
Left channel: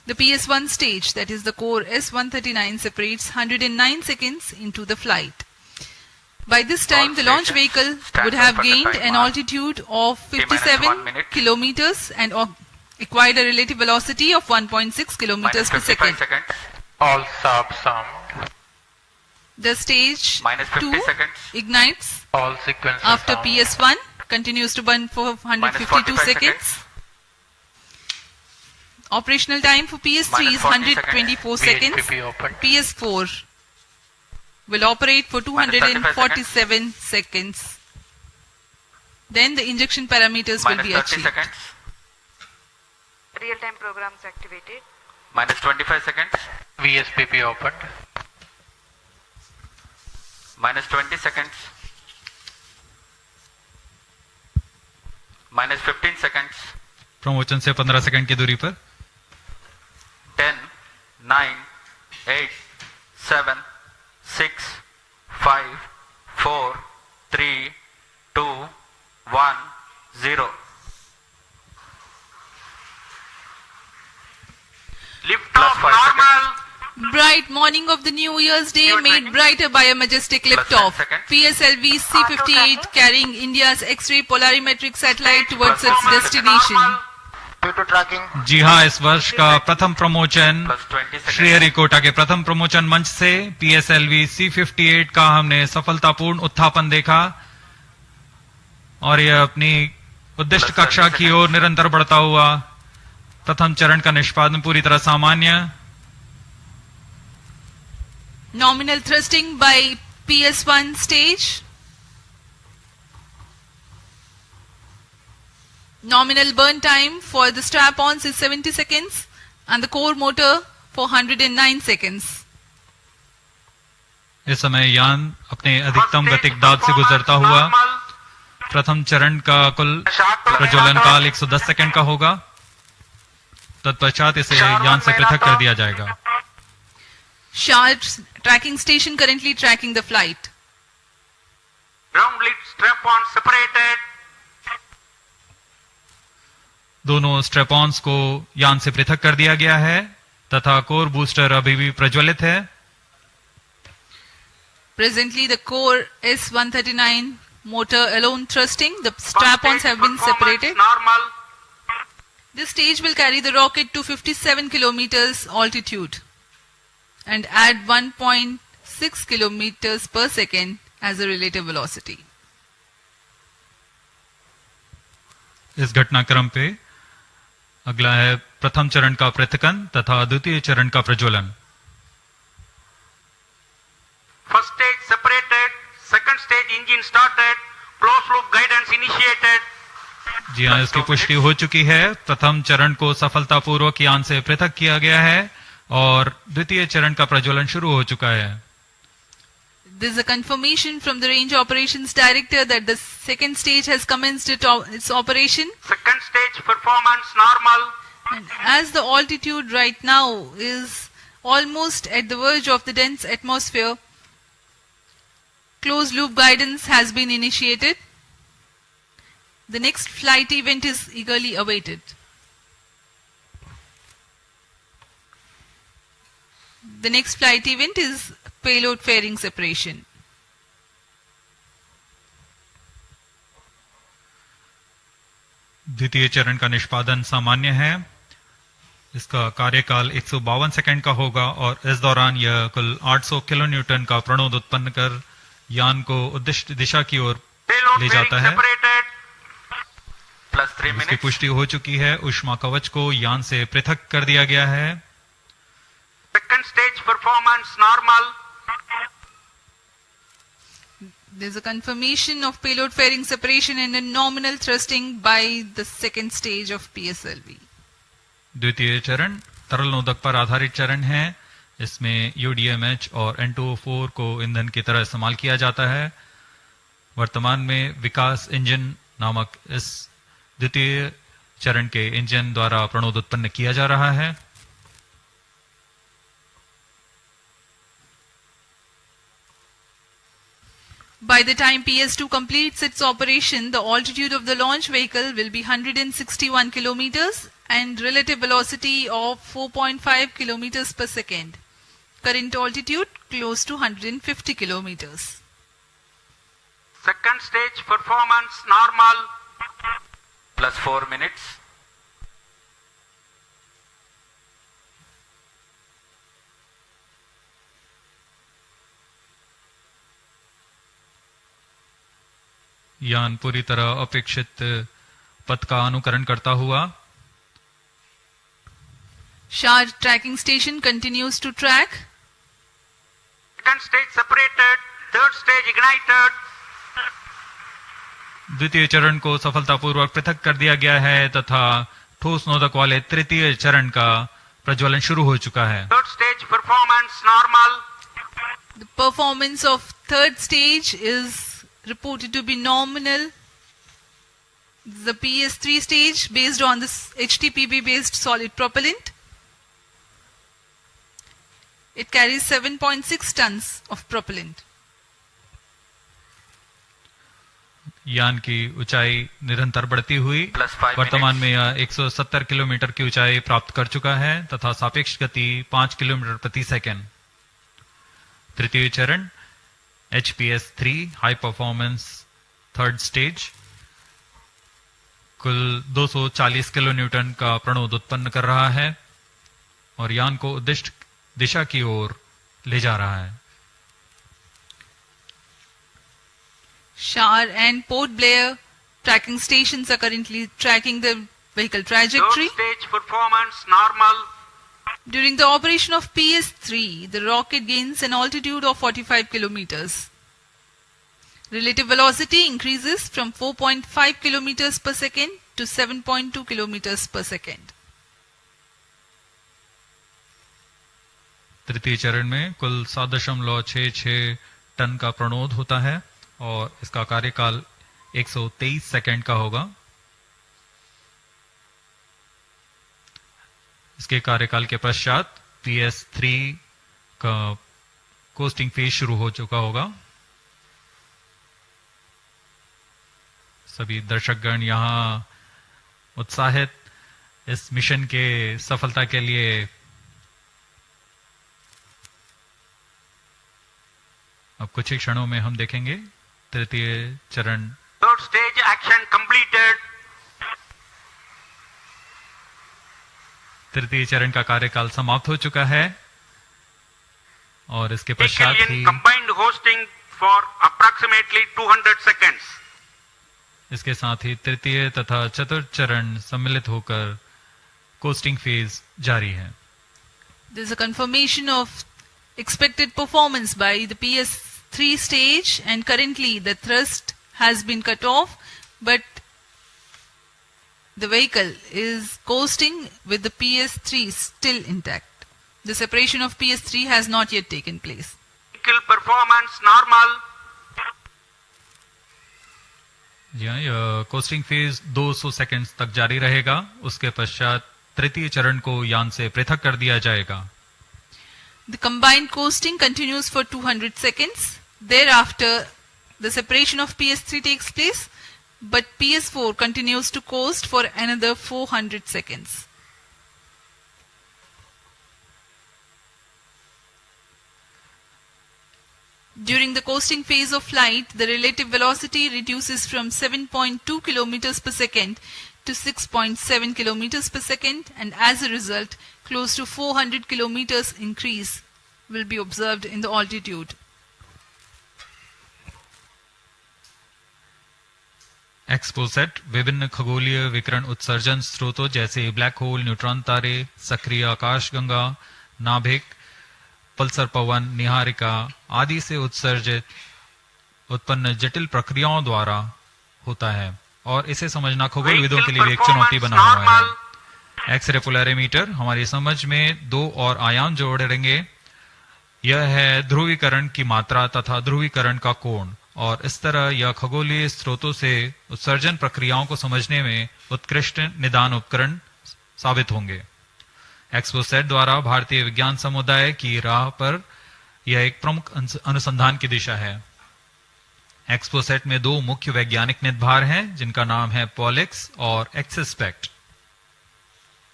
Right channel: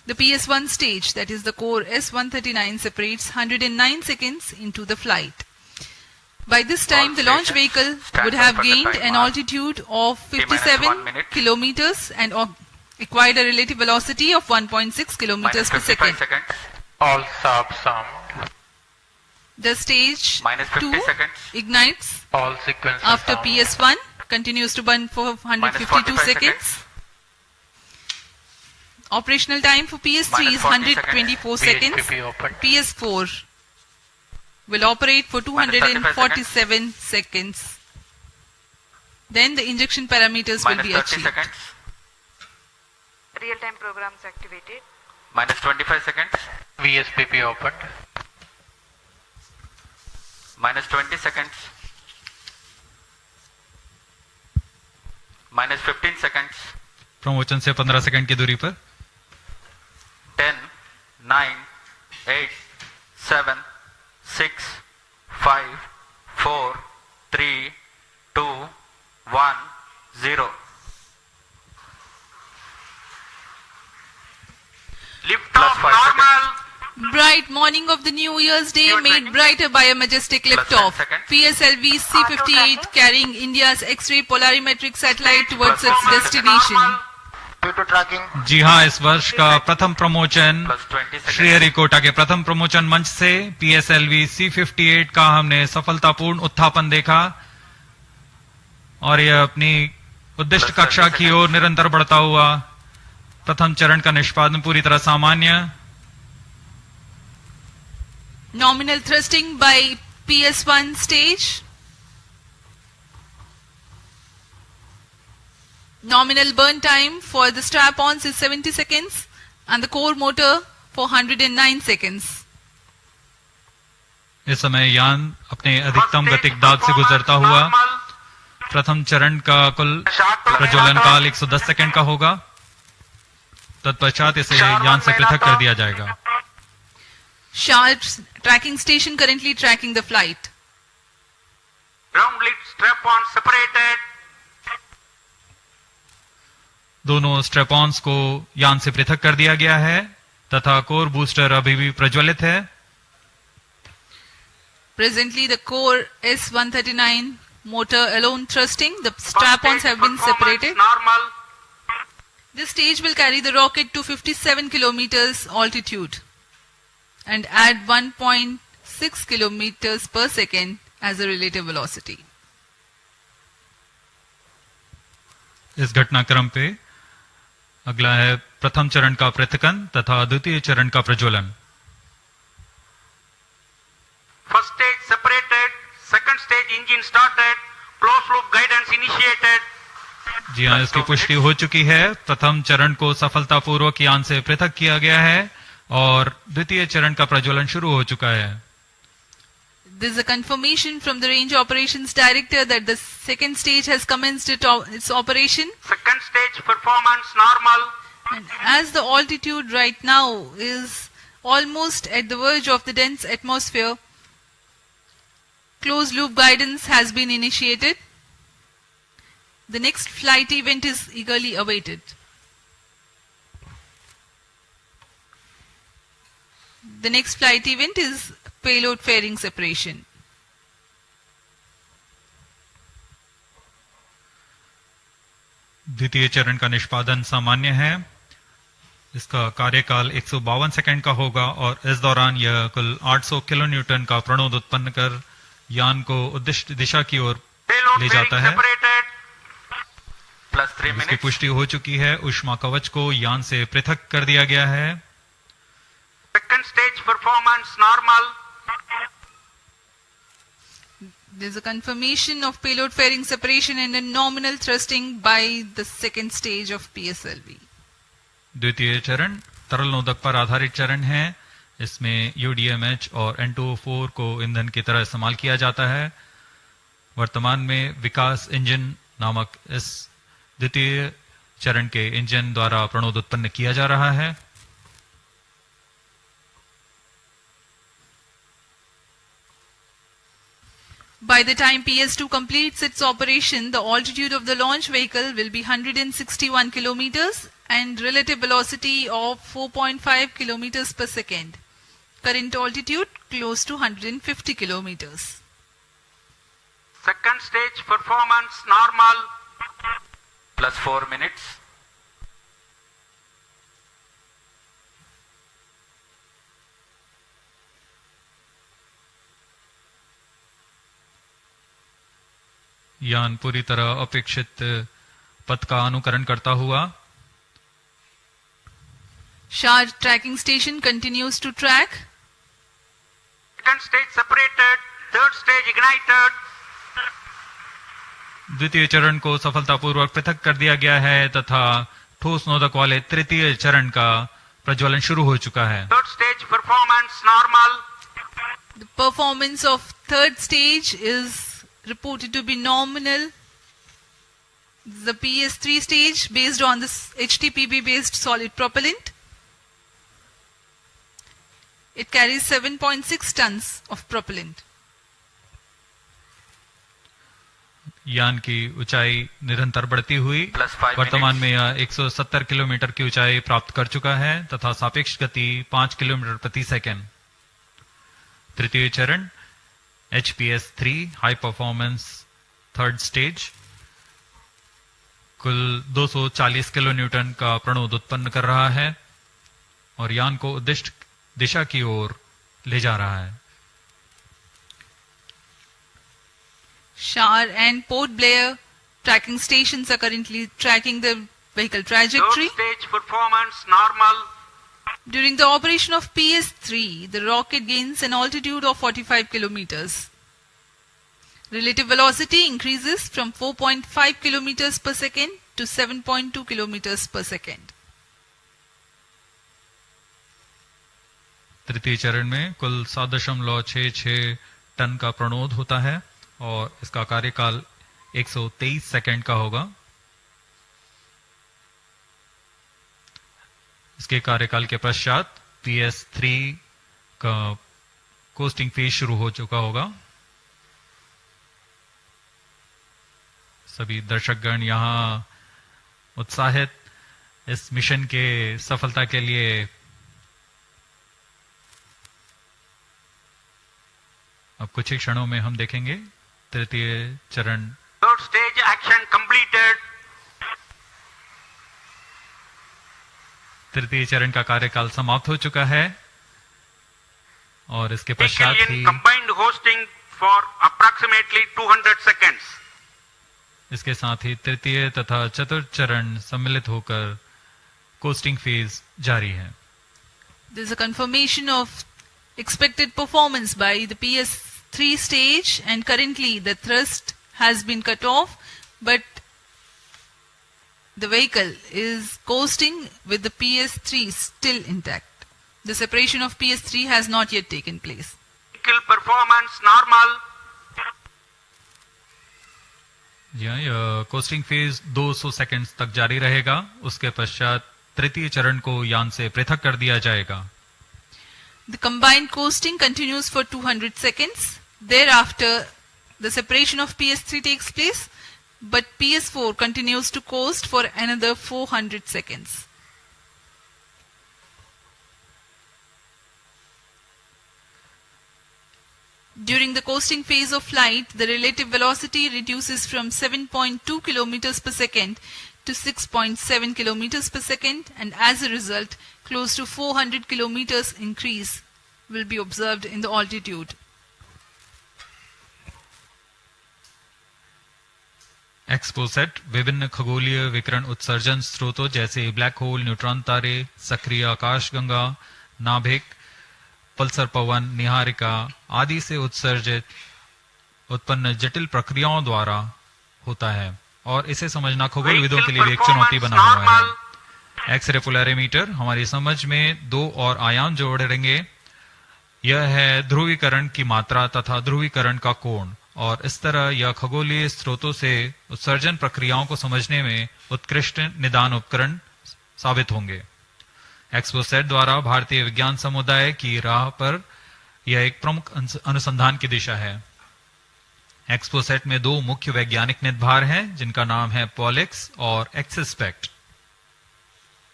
The PS1 stage, that is the core S139, separates 109 seconds into the flight. By this time, the launch vehicle would have gained an altitude of 57 kilometers and acquired a relative velocity of 1.6 kilometers per second. All subs armed. The stage 2 ignites All sequences after armed. PS1, continues to burn for 152 seconds. Operational time for PS3 is 124 seconds. VSPP open. PS4 will operate for 247 seconds. Then the injection parameters will be achieved. Real-time programs activated. Minus 25 seconds. VSPP opened. Minus 20 seconds. Minus 15 seconds. Promotion से 15 second की दूरी पर 10, 9, 8, 7, 6, 5, 4, 3, 2, 1, 0. Lift off normal. Bright morning of the New Year's Day made brighter by a majestic liftoff. PSLV-C58 carrying India's X-ray Polarimeter Satellite towards its destination. जी हाँ, इस वर्ष का प्रथम promotion Sriharikota के प्रथम प्रमोशन मंच से PSLV-C58 का हमने सफलतापूर्ण उत्थापन देखा और यह अपनी उद्दिष्ट कक्षा की ओर निरंतर बढ़ता हुआ। प्रथम चरण का निष्पादन पूरी तरह सामान्य। Nominal thrusting by PS1 stage. Nominal burn time for the strap-ons is 70 seconds and the core motor for 109 seconds. इस समय यान अपने अधिकतम गतिक दाब से गुजरता हुआ। प्रथम चरण का कुल प्रज्वलन काल 110 सेकंड का होगा। तत्पश्चात इसे यान से पृथक कर दिया जाएगा। Sharp's tracking station currently tracking the flight. Ground lead strap-on separated. दोनों स्ट्रेपॉन्स को यान से पृथक कर दिया गया है तथा कोर बूस्टर अभी भी प्रज्वलित है। Presently, the core S139 motor alone thrusting. The strap-ons have been separated. Normal. This stage will carry the rocket to 57 kilometers altitude and add 1.6 kilometers per second as a relative velocity. इस घटनाक्रम पे अगला है प्रथम चरण का पृथकन तथा द्वितीय चरण का प्रज्वलन। First stage separated. Second stage engine started. Closed loop guidance initiated. जी हाँ, इसकी पुष्टि हो चुकी है। प्रथम चरण को सफलतापूर्वक यान से पृथक किया गया है और द्वितीय चरण का प्रज्वलन शुरू हो चुका है। This is a confirmation from the Range Operations Director that the second stage has commenced its operation. Second stage performance normal. And as the altitude right now is almost at the verge of the dense atmosphere, closed loop guidance has been initiated. The next flight event is eagerly awaited. The next flight event is payload fairing separation. द्वितीय चरण का निष्पादन सामान्य है। इसका कार्यकाल 152 second का होगा और इस दौरान यह कुल 800 किलो न्यूटन का प्रणोद उत्पन्न कर यान को उद्दिष्ट दिशा की ओर ले जाता है। इसकी पुष्टि हो चुकी है। ऊष्मा कवच को यान से पृथक कर दिया गया है। Second stage performance normal. There is a confirmation of payload fairing separation and a nominal thrusting by the second stage of PSLV. द्वितीय चरण तरल नोदक पर आधारित चरण है। इसमें UDMH और N2O4 को ईंधन की तरह इस्तेमाल किया जाता है। वर्तमान में विकास इंजन नामक इस द्वितीय चरण के इंजन द्वारा प्रणोद उत्पन्न किया जा रहा है। By the time PS2 completes its operation, the altitude of the launch vehicle will be 161 kilometers and relative velocity of 4.5 kilometers per second. Current altitude close to 150 kilometers. Second stage performance normal. Plus 4 minutes. यान पूरी तरह अपेक्षित पथ का अनुकरण करता हुआ SHAR tracking station continues to track. Second stage separated. Third stage ignited. द्वितीय चरण को सफलतापूर्वक पृथक कर दिया गया है तथा ठोस नोदक वाले तृतीय चरण का प्रज्वलन शुरू हो चुका है. Third stage performance normal. The performance of third stage is reported to be nominal. The PS3 stage based on this HTPB based solid propellant. It carries 7.6 tons of propellant. यान की ऊंचाई निरंतर बढ़ती हुई वर्तमान में यह 170 किलोमीटर की ऊंचाई प्राप्त कर चुका है तथा सापेक्ष गति 5 किलोमीटर प्रति सेकंड. तृतीय चरण HPS3 high performance third stage कुल 240 किलो न्यूटन का प्रणोद उत्पन्न कर रहा है और यान को उद्दिष्ट दिशा की ओर ले जा रहा है. SHAR and Port Blair tracking stations are currently tracking the vehicle trajectory. Third stage performance normal. During the operation of PS3, the rocket gains an altitude of 45 kilometers. Relative velocity increases from 4.5 kilometers per second to 7.2 kilometers per second. तृतीय चरण में कुल 7.66 ton का प्रणोद होता है और इसका कार्यकाल 123 सेकंड का होगा. इसके कार्यकाल के पश्चात PS3 का कोस्टिंग फेज शुरू हो चुका होगा. सभी दर्शकगण यहाँ उत्साहित इस मिशन के सफलता के लिए अब कुछ ही क्षणों में हम देखेंगे तृतीय चरण. Third stage action completed. तृतीय चरण का कार्यकाल समाप्त हो चुका है और इसके पश्चात ही combined hosting for approximately 200 seconds. इसके साथ ही तृतीय तथा चतुर्थ चरण सम्मिलित होकर कोस्टिंग फेज जारी है. There is a confirmation of expected performance by the PS3 stage and currently the thrust has been cut off but the vehicle is coasting with the PS3 still intact. The separation of PS3 has not yet taken place. Vehicle performance normal. जी हाँ, यह costing phase 200 seconds तक जारी रहेगा. उसके पश्चात तृतीय चरण को यान से पृथक कर दिया जाएगा. The combined coasting continues for 200 seconds. Thereafter, the separation of PS3 takes place, but PS4 continues to coast for another 400 seconds. During the coasting phase of flight, the relative velocity reduces from 7.2 kilometers per second to 6.7 kilometers per second, and as a result, close to 400 kilometers increase will be observed in the altitude. XPoSat विभिन्न खगोलीय विकिरण उत्सर्जन स्रोतों जैसे black hole, neutron तारे, सक्रिय आकाशगंगा, नाभिक, पल्सर पवन, निहारिका आदि से उत्सर्जित उत्पन्न जटिल प्रक्रियाओं द्वारा होता है और इसे समझना खगोलविदों के लिए भी एक चुनौती बना हुआ है. एक्सरे पोलैरिमीटर हमारी समझ में दो और आयाम जोड़ेंगे. यह है ध्रुवीकरण की मात्रा तथा ध्रुवीकरण का कोण और इस तरह यह खगोलीय स्रोतों से उत्सर्जन प्रक्रियाओं को समझने में उत्कृष्ट निदान उपकरण साबित होंगे. XPoSat द्वारा भारतीय विज्ञान समुदाय की राह पर यह एक प्रमुख अनुसंधान की दिशा है. XPoSat में दो मुख्य वैज्ञानिक निदभार हैं जिनका नाम है पॉलिक्स और एक्सस्पेक्ट.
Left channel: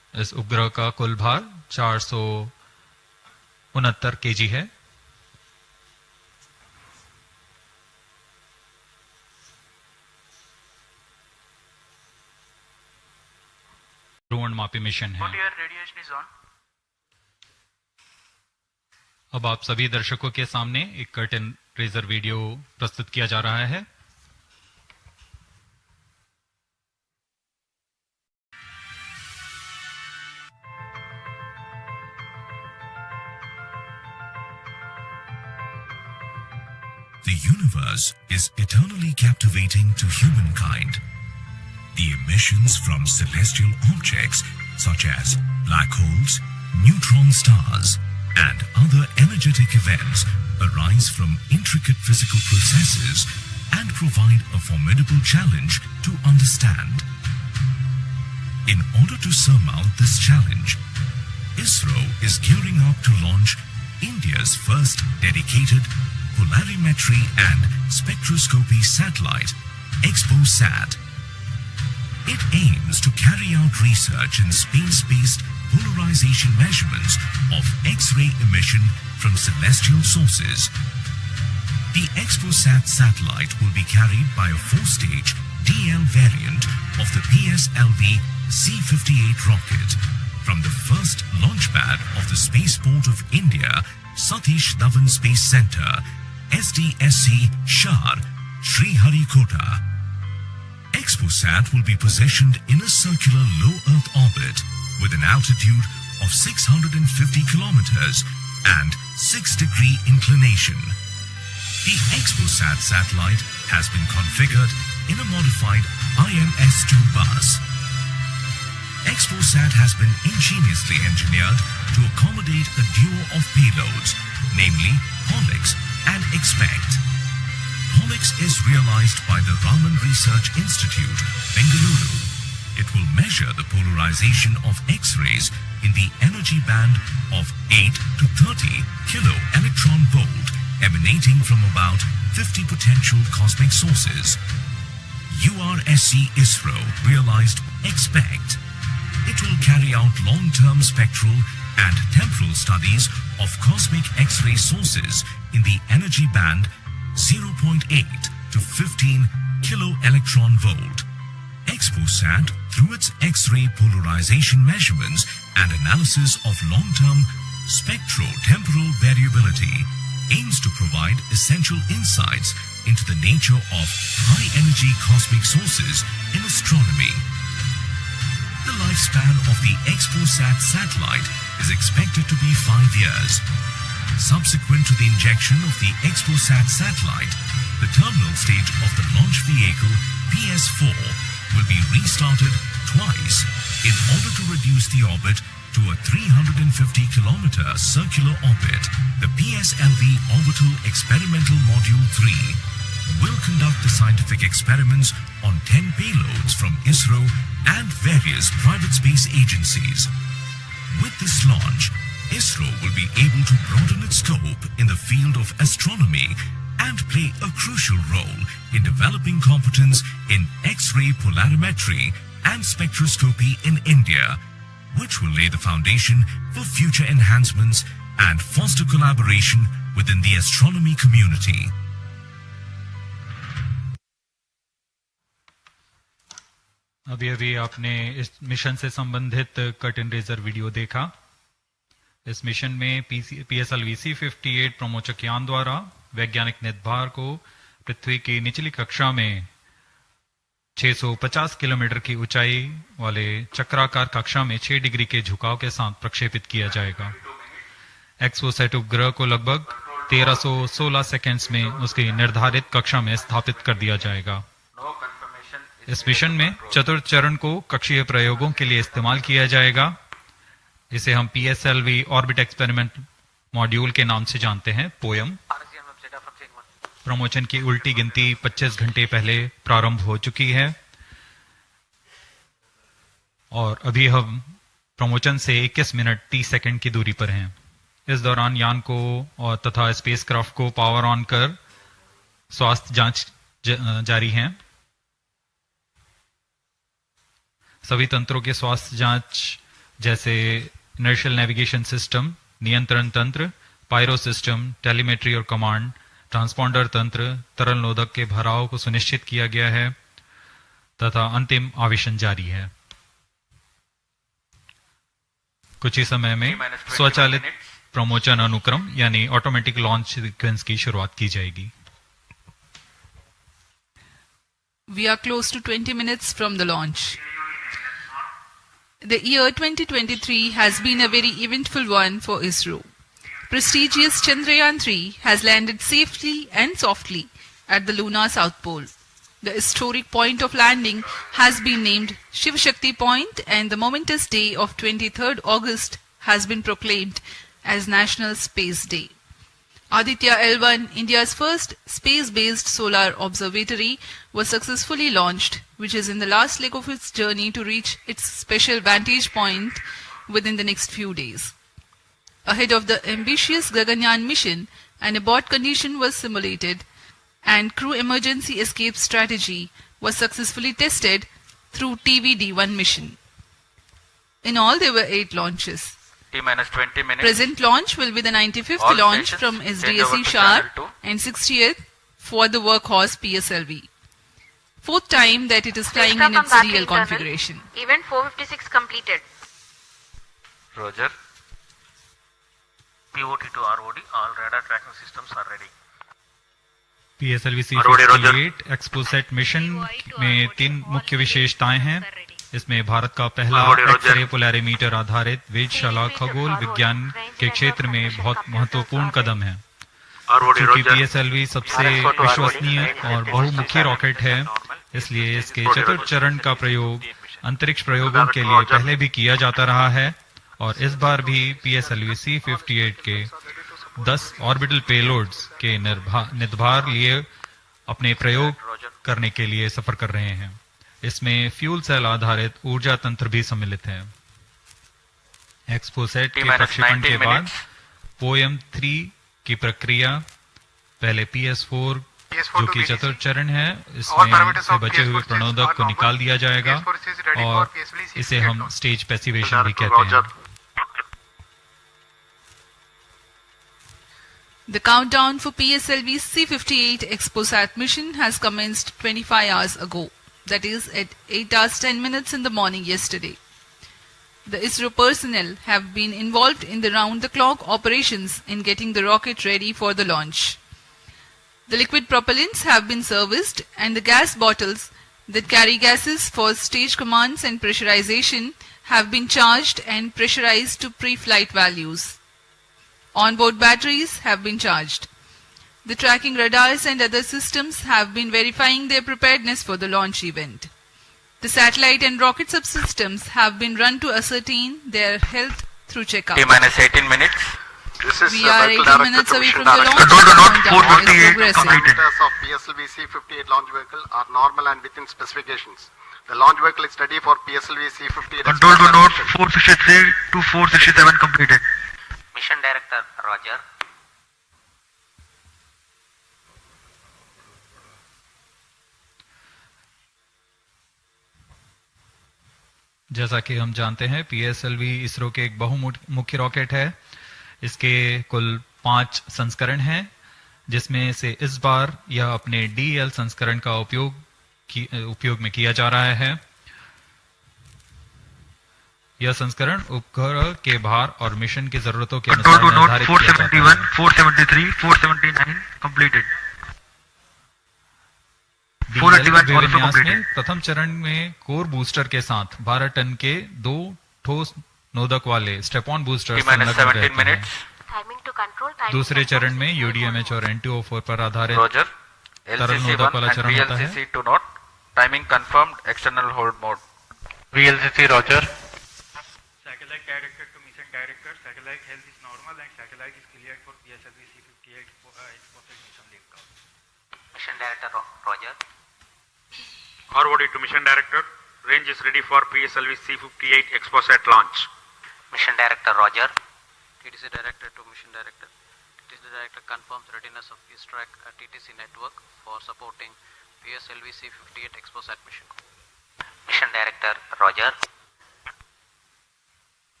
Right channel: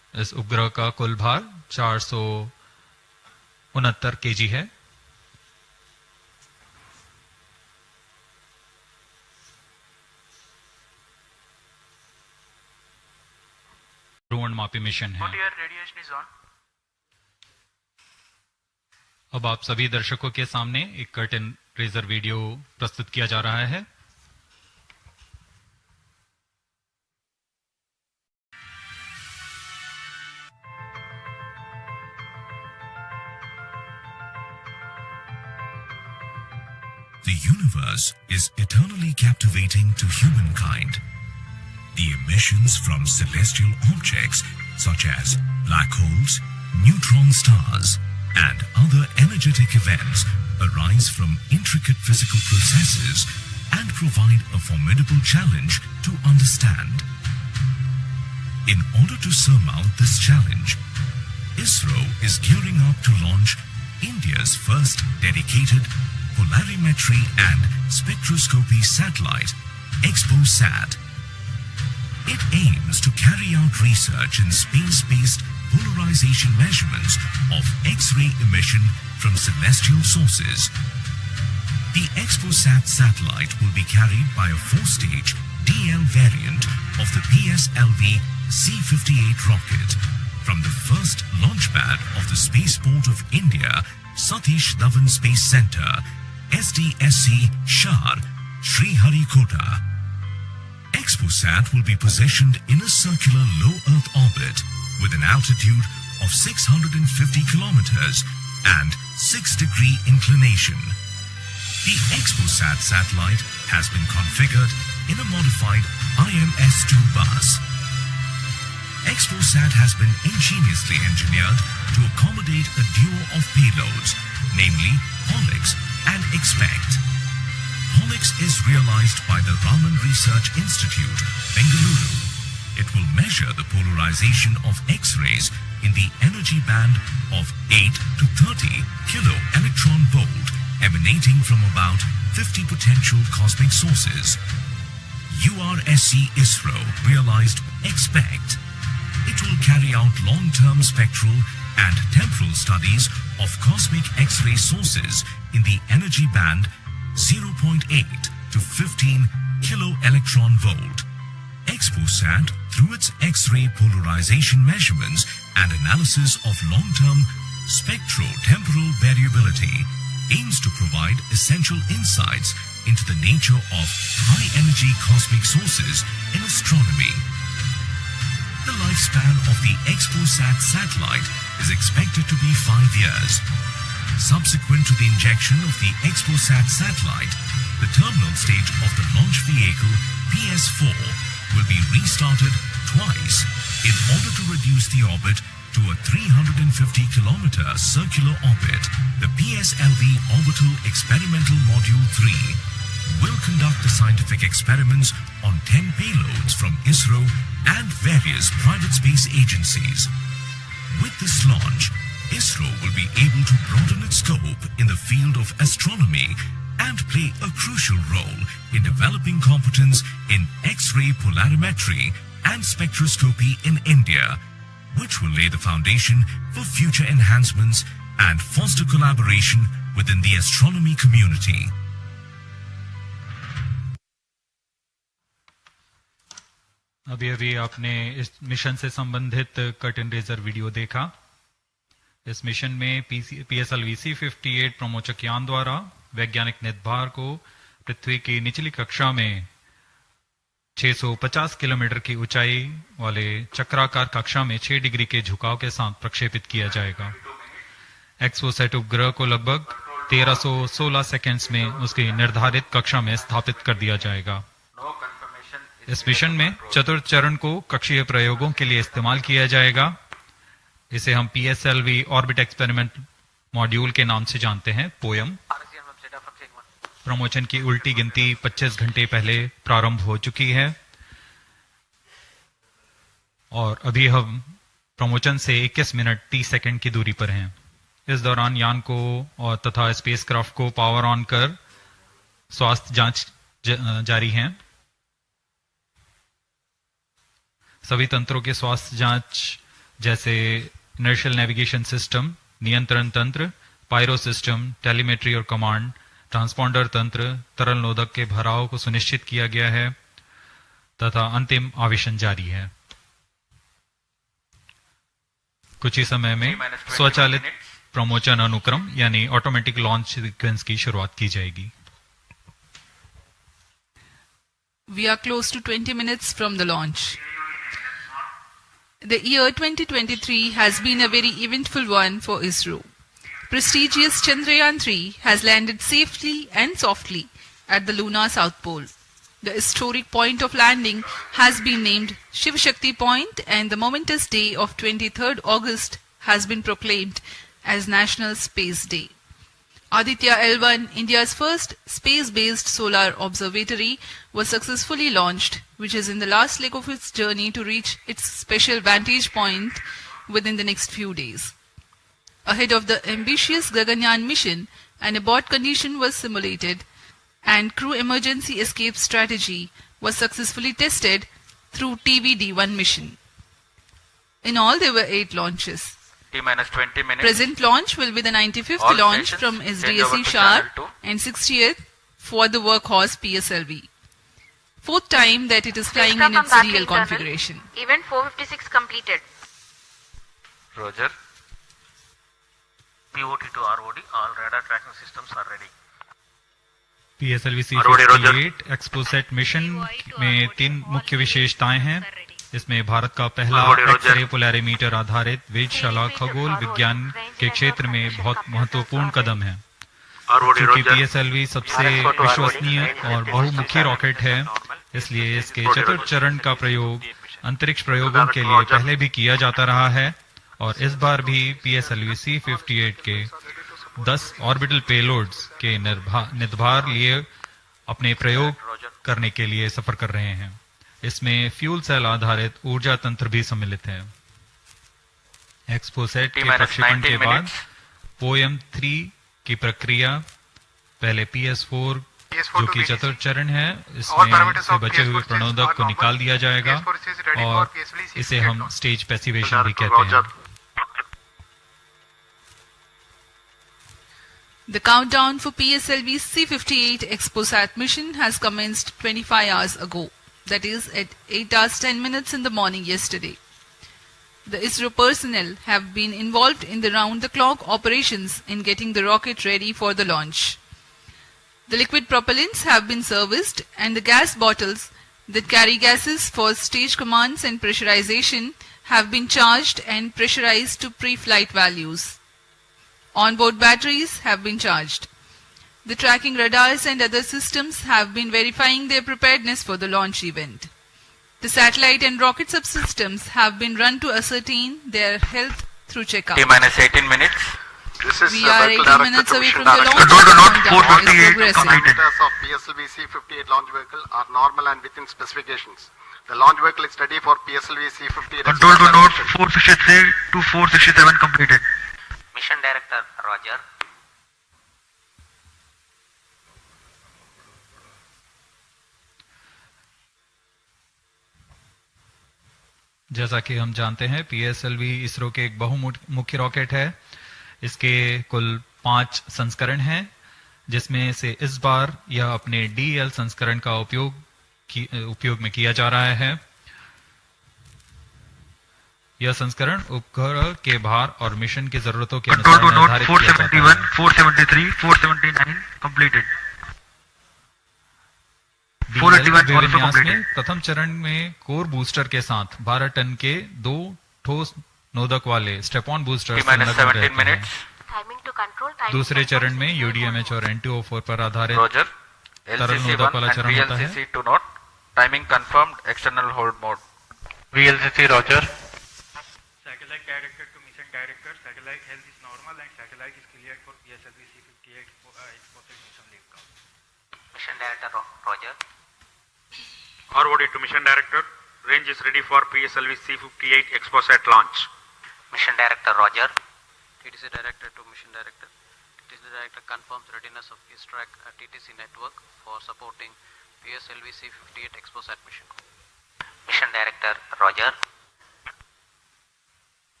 इस उपग्रह का कुल भार 469 केजी है। ध्रुवणमापी मिशन है। अब आप सभी दर्शकों के सामने एक कर्टेन रेजर वीडियो प्रस्तुत किया जा रहा है। The universe is eternally captivating to humankind. The emissions from celestial objects such as black holes, neutron stars, and other energetic events arise from intricate physical processes and provide a formidable challenge to understand. In order to surmount this challenge, Isro is gearing up to launch India's first dedicated polarimetry and spectroscopy satellite, XPoSat. It aims to carry out research in space-based polarization measurements of X-ray emission from celestial sources. The XPoSat satellite will be carried by a 4-stage DL variant of the PSLV-C58 rocket from the first launch pad of the Spaceport of India, Satish Dhawan Space Center, SDSC, Shar, Sriharikota. XPoSat will be positioned in a circular low Earth orbit with an altitude of 650 kilometers and 6-degree inclination. The XPoSat satellite has been configured in a modified IMS-2 bus. XPoSat has been ingeniously engineered to accommodate a duo of payloads, namely POLIX and XPECT. POLIX is realized by the Raman Research Institute, Bengaluru. It will measure the polarization of X-rays in the energy band of 8 to 30 kilo electron volt emanating from about 50 potential cosmic sources. URSC Isro realized XPECT. It will carry out long-term spectral and temporal studies of cosmic X-ray sources in the energy band 0.8 to 15 kilo electron volt. XPoSat, through its X-ray polarization measurements and analysis of long-term spectro-temporal variability, aims to provide essential insights into the nature of high-energy cosmic sources in astronomy. The lifespan of the XPoSat satellite is expected to be 5 years. Subsequent to the injection of the XPoSat satellite, the terminal stage of the launch vehicle PS4 will be restarted twice in order to reduce the orbit to a 350-kilometer circular orbit. The PSLV Orbital Experimental Module 3 will conduct the scientific experiments on 10 payloads from Isro and various private space agencies. With this launch, Isro will be able to broaden its scope in the field of astronomy and play a crucial role in developing competence in X-ray polarimetry and spectroscopy in India, which will lay the foundation for future enhancements and foster collaboration within the astronomy community. अभी अभी आपने इस mission से संबंधित curtain razor video देखा। इस mission में PSLV-C58 प्रमोचक यान द्वारा वैज्ञानिक निर्धार को पृथ्वी की निचली कक्षा में 650 किलोमीटर की ऊंचाई वाले चक्राकार कक्षा में 6 डिग्री के झुकाव के साथ प्रक्षेपित किया जाएगा। XPoSat उपग्रह को लगभग 1316 सेकंड्स में उसकी निर्धारित कक्षा में स्थापित कर दिया जाएगा। इस मिशन में चतुर्थ चरण को कक्षीय प्रयोगों के लिए इस्तेमाल किया जाएगा। इसे हम PSLV ऑर्बिट एक्सपेरिमेंट मॉड्यूल के नाम से जानते हैं, पोयम। प्रमोशन की उल्टी गिनती 25 घंटे पहले प्रारंभ हो चुकी है और अभी हम प्रमोशन से 21 मिनट 30 सेकंड की दूरी पर हैं। इस दौरान यान को और तथा स्पेसक्राफ्ट को पावर ऑन कर स्वास्थ्य जांच जारी है। सभी तंत्रों के स्वास्थ्य जांच जैसे इनर्शियल नेविगेशन सिस्टम, नियंत्रण तंत्र, पायरो सिस्टम, टेलीमेट्री और कमांड, ट्रांसपॉन्डर तंत्र, तरल नोदक के भराव को सुनिश्चित किया गया है तथा अंतिम आवेशन जारी है। कुछ ही समय में स्वचालित प्रमोचन अनुक्रम यानी ऑटोमेटिक लॉन्च सीक्वेंस की शुरुआत की जाएगी। We are close to 20 minutes from the launch. The year 2023 has been a very eventful one for Isro. Prestigious Chandrayaan-3 has landed safely and softly at the lunar south pole. The historic point of landing has been named Shiv Shakti Point, and the momentous day of 23rd August has been proclaimed as National Space Day. Aditya L1, India's first space-based solar observatory, was successfully launched, which is in the last leg of its journey to reach its special vantage point within the next few days. Ahead of the ambitious Gaganyaan mission, an abort condition was simulated and crew emergency escape strategy was successfully tested through TVD-1 mission. In all, there were 8 launches. T-minus 20 minutes. Present launch will be the 95th All launch stations from change over SDSC to Shar channel 2. and 60th for the workhorse PSLV. 4th time that it is flying in its real configuration. Event 456 completed. Roger. POT to ROD, all radar tracking systems are ready. PSLV-C58 XPoSat mission में 3 मुख्य विशेषताएं हैं। इसमें भारत का पहला x-ray polarimeter आधारित वेधशाला खगोल विज्ञान के क्षेत्र में बहुत महत्वपूर्ण कदम है। क्योंकि PSLV सबसे विश्वसनीय और बहुमुखी रॉकेट है, इसलिए इसके चतुर्थ चरण का प्रयोग अंतरिक्ष प्रयोगों के लिए पहले भी किया जाता रहा है और इस बार भी PSLV-C58 के 10 ऑर्बिटल पेलोड्स के निर्धार लिए अपने प्रयोग करने के लिए सफर कर रहे हैं। इसमें फ्यूल सेल आधारित ऊर्जा तंत्र भी सम्मिलित है। XPoSat के प्रक्षेपण के बाद POEM-3 की प्रक्रिया पहले PS4 जो कि चतुर्थ चरण है, इसमें से बचे हुए प्रणोदक को निकाल दिया जाएगा और इसे हम स्टेज पैसिवेशन भी कहते हैं। The countdown for PSLV-C58 XPoSat mission has commenced 25 hours ago, that is at 8 hours 10 minutes in the morning yesterday. The Isro personnel have been involved in the round-the-clock operations in getting the rocket ready for the launch. The liquid propellants have been serviced and the gas bottles that carry gases for stage commands and pressurization have been charged and pressurized to pre-flight values. Onboard batteries have been charged. The tracking radars and other systems have been verifying their preparedness for the launch event. The satellite and rocket subsystems have been run to ascertain their health through checkout. T-minus 18 minutes. We are 18 minutes away from the launch. Control to note 458 is progressing. completed. Parameters of PSLV-C58 launch vehicle are normal and within specifications. The launch vehicle is ready for PSLV-C58. Control to note 463 to 467 completed. Mission Director, Roger. जैसा कि हम जानते हैं, PSLV ISRO के एक बहुमुखी rocket है। इसके कुल 5 संस्करण हैं, जिसमें से इस बार यह अपने DL संस्करण का उपयोग में किया जा रहा है। यह संस्करण उपग्रह के भार और मिशन की जरूरतों के अनुसार निर्धारित किया जाता है। 473, 479 completed. DL विन्यास में प्रथम चरण में कोर बूस्टर के साथ 12 टन के 2 ठोस नोदक वाले स्टेप-ऑन बूस्टर संलग्न रहते हैं। दूसरे चरण में UDMH और N2O4 पर आधारित तरल नोदक वाला चरण होता है। Timing confirmed, external hold mode. VLCC, Roger. Satellite director to mission director, satellite health is normal and satellite is cleared for PSLV-C58 XPoSat mission liftoff. Mission Director, Roger. ROD to Mission Director. Range is ready for PSLV-C58 XPoSat launch. Mission Director, Roger. TTC Director to Mission Director. TTC Director confirms readiness of his track at TTC network for supporting PSLV-C58 XPoSat mission. Mission Director, Roger.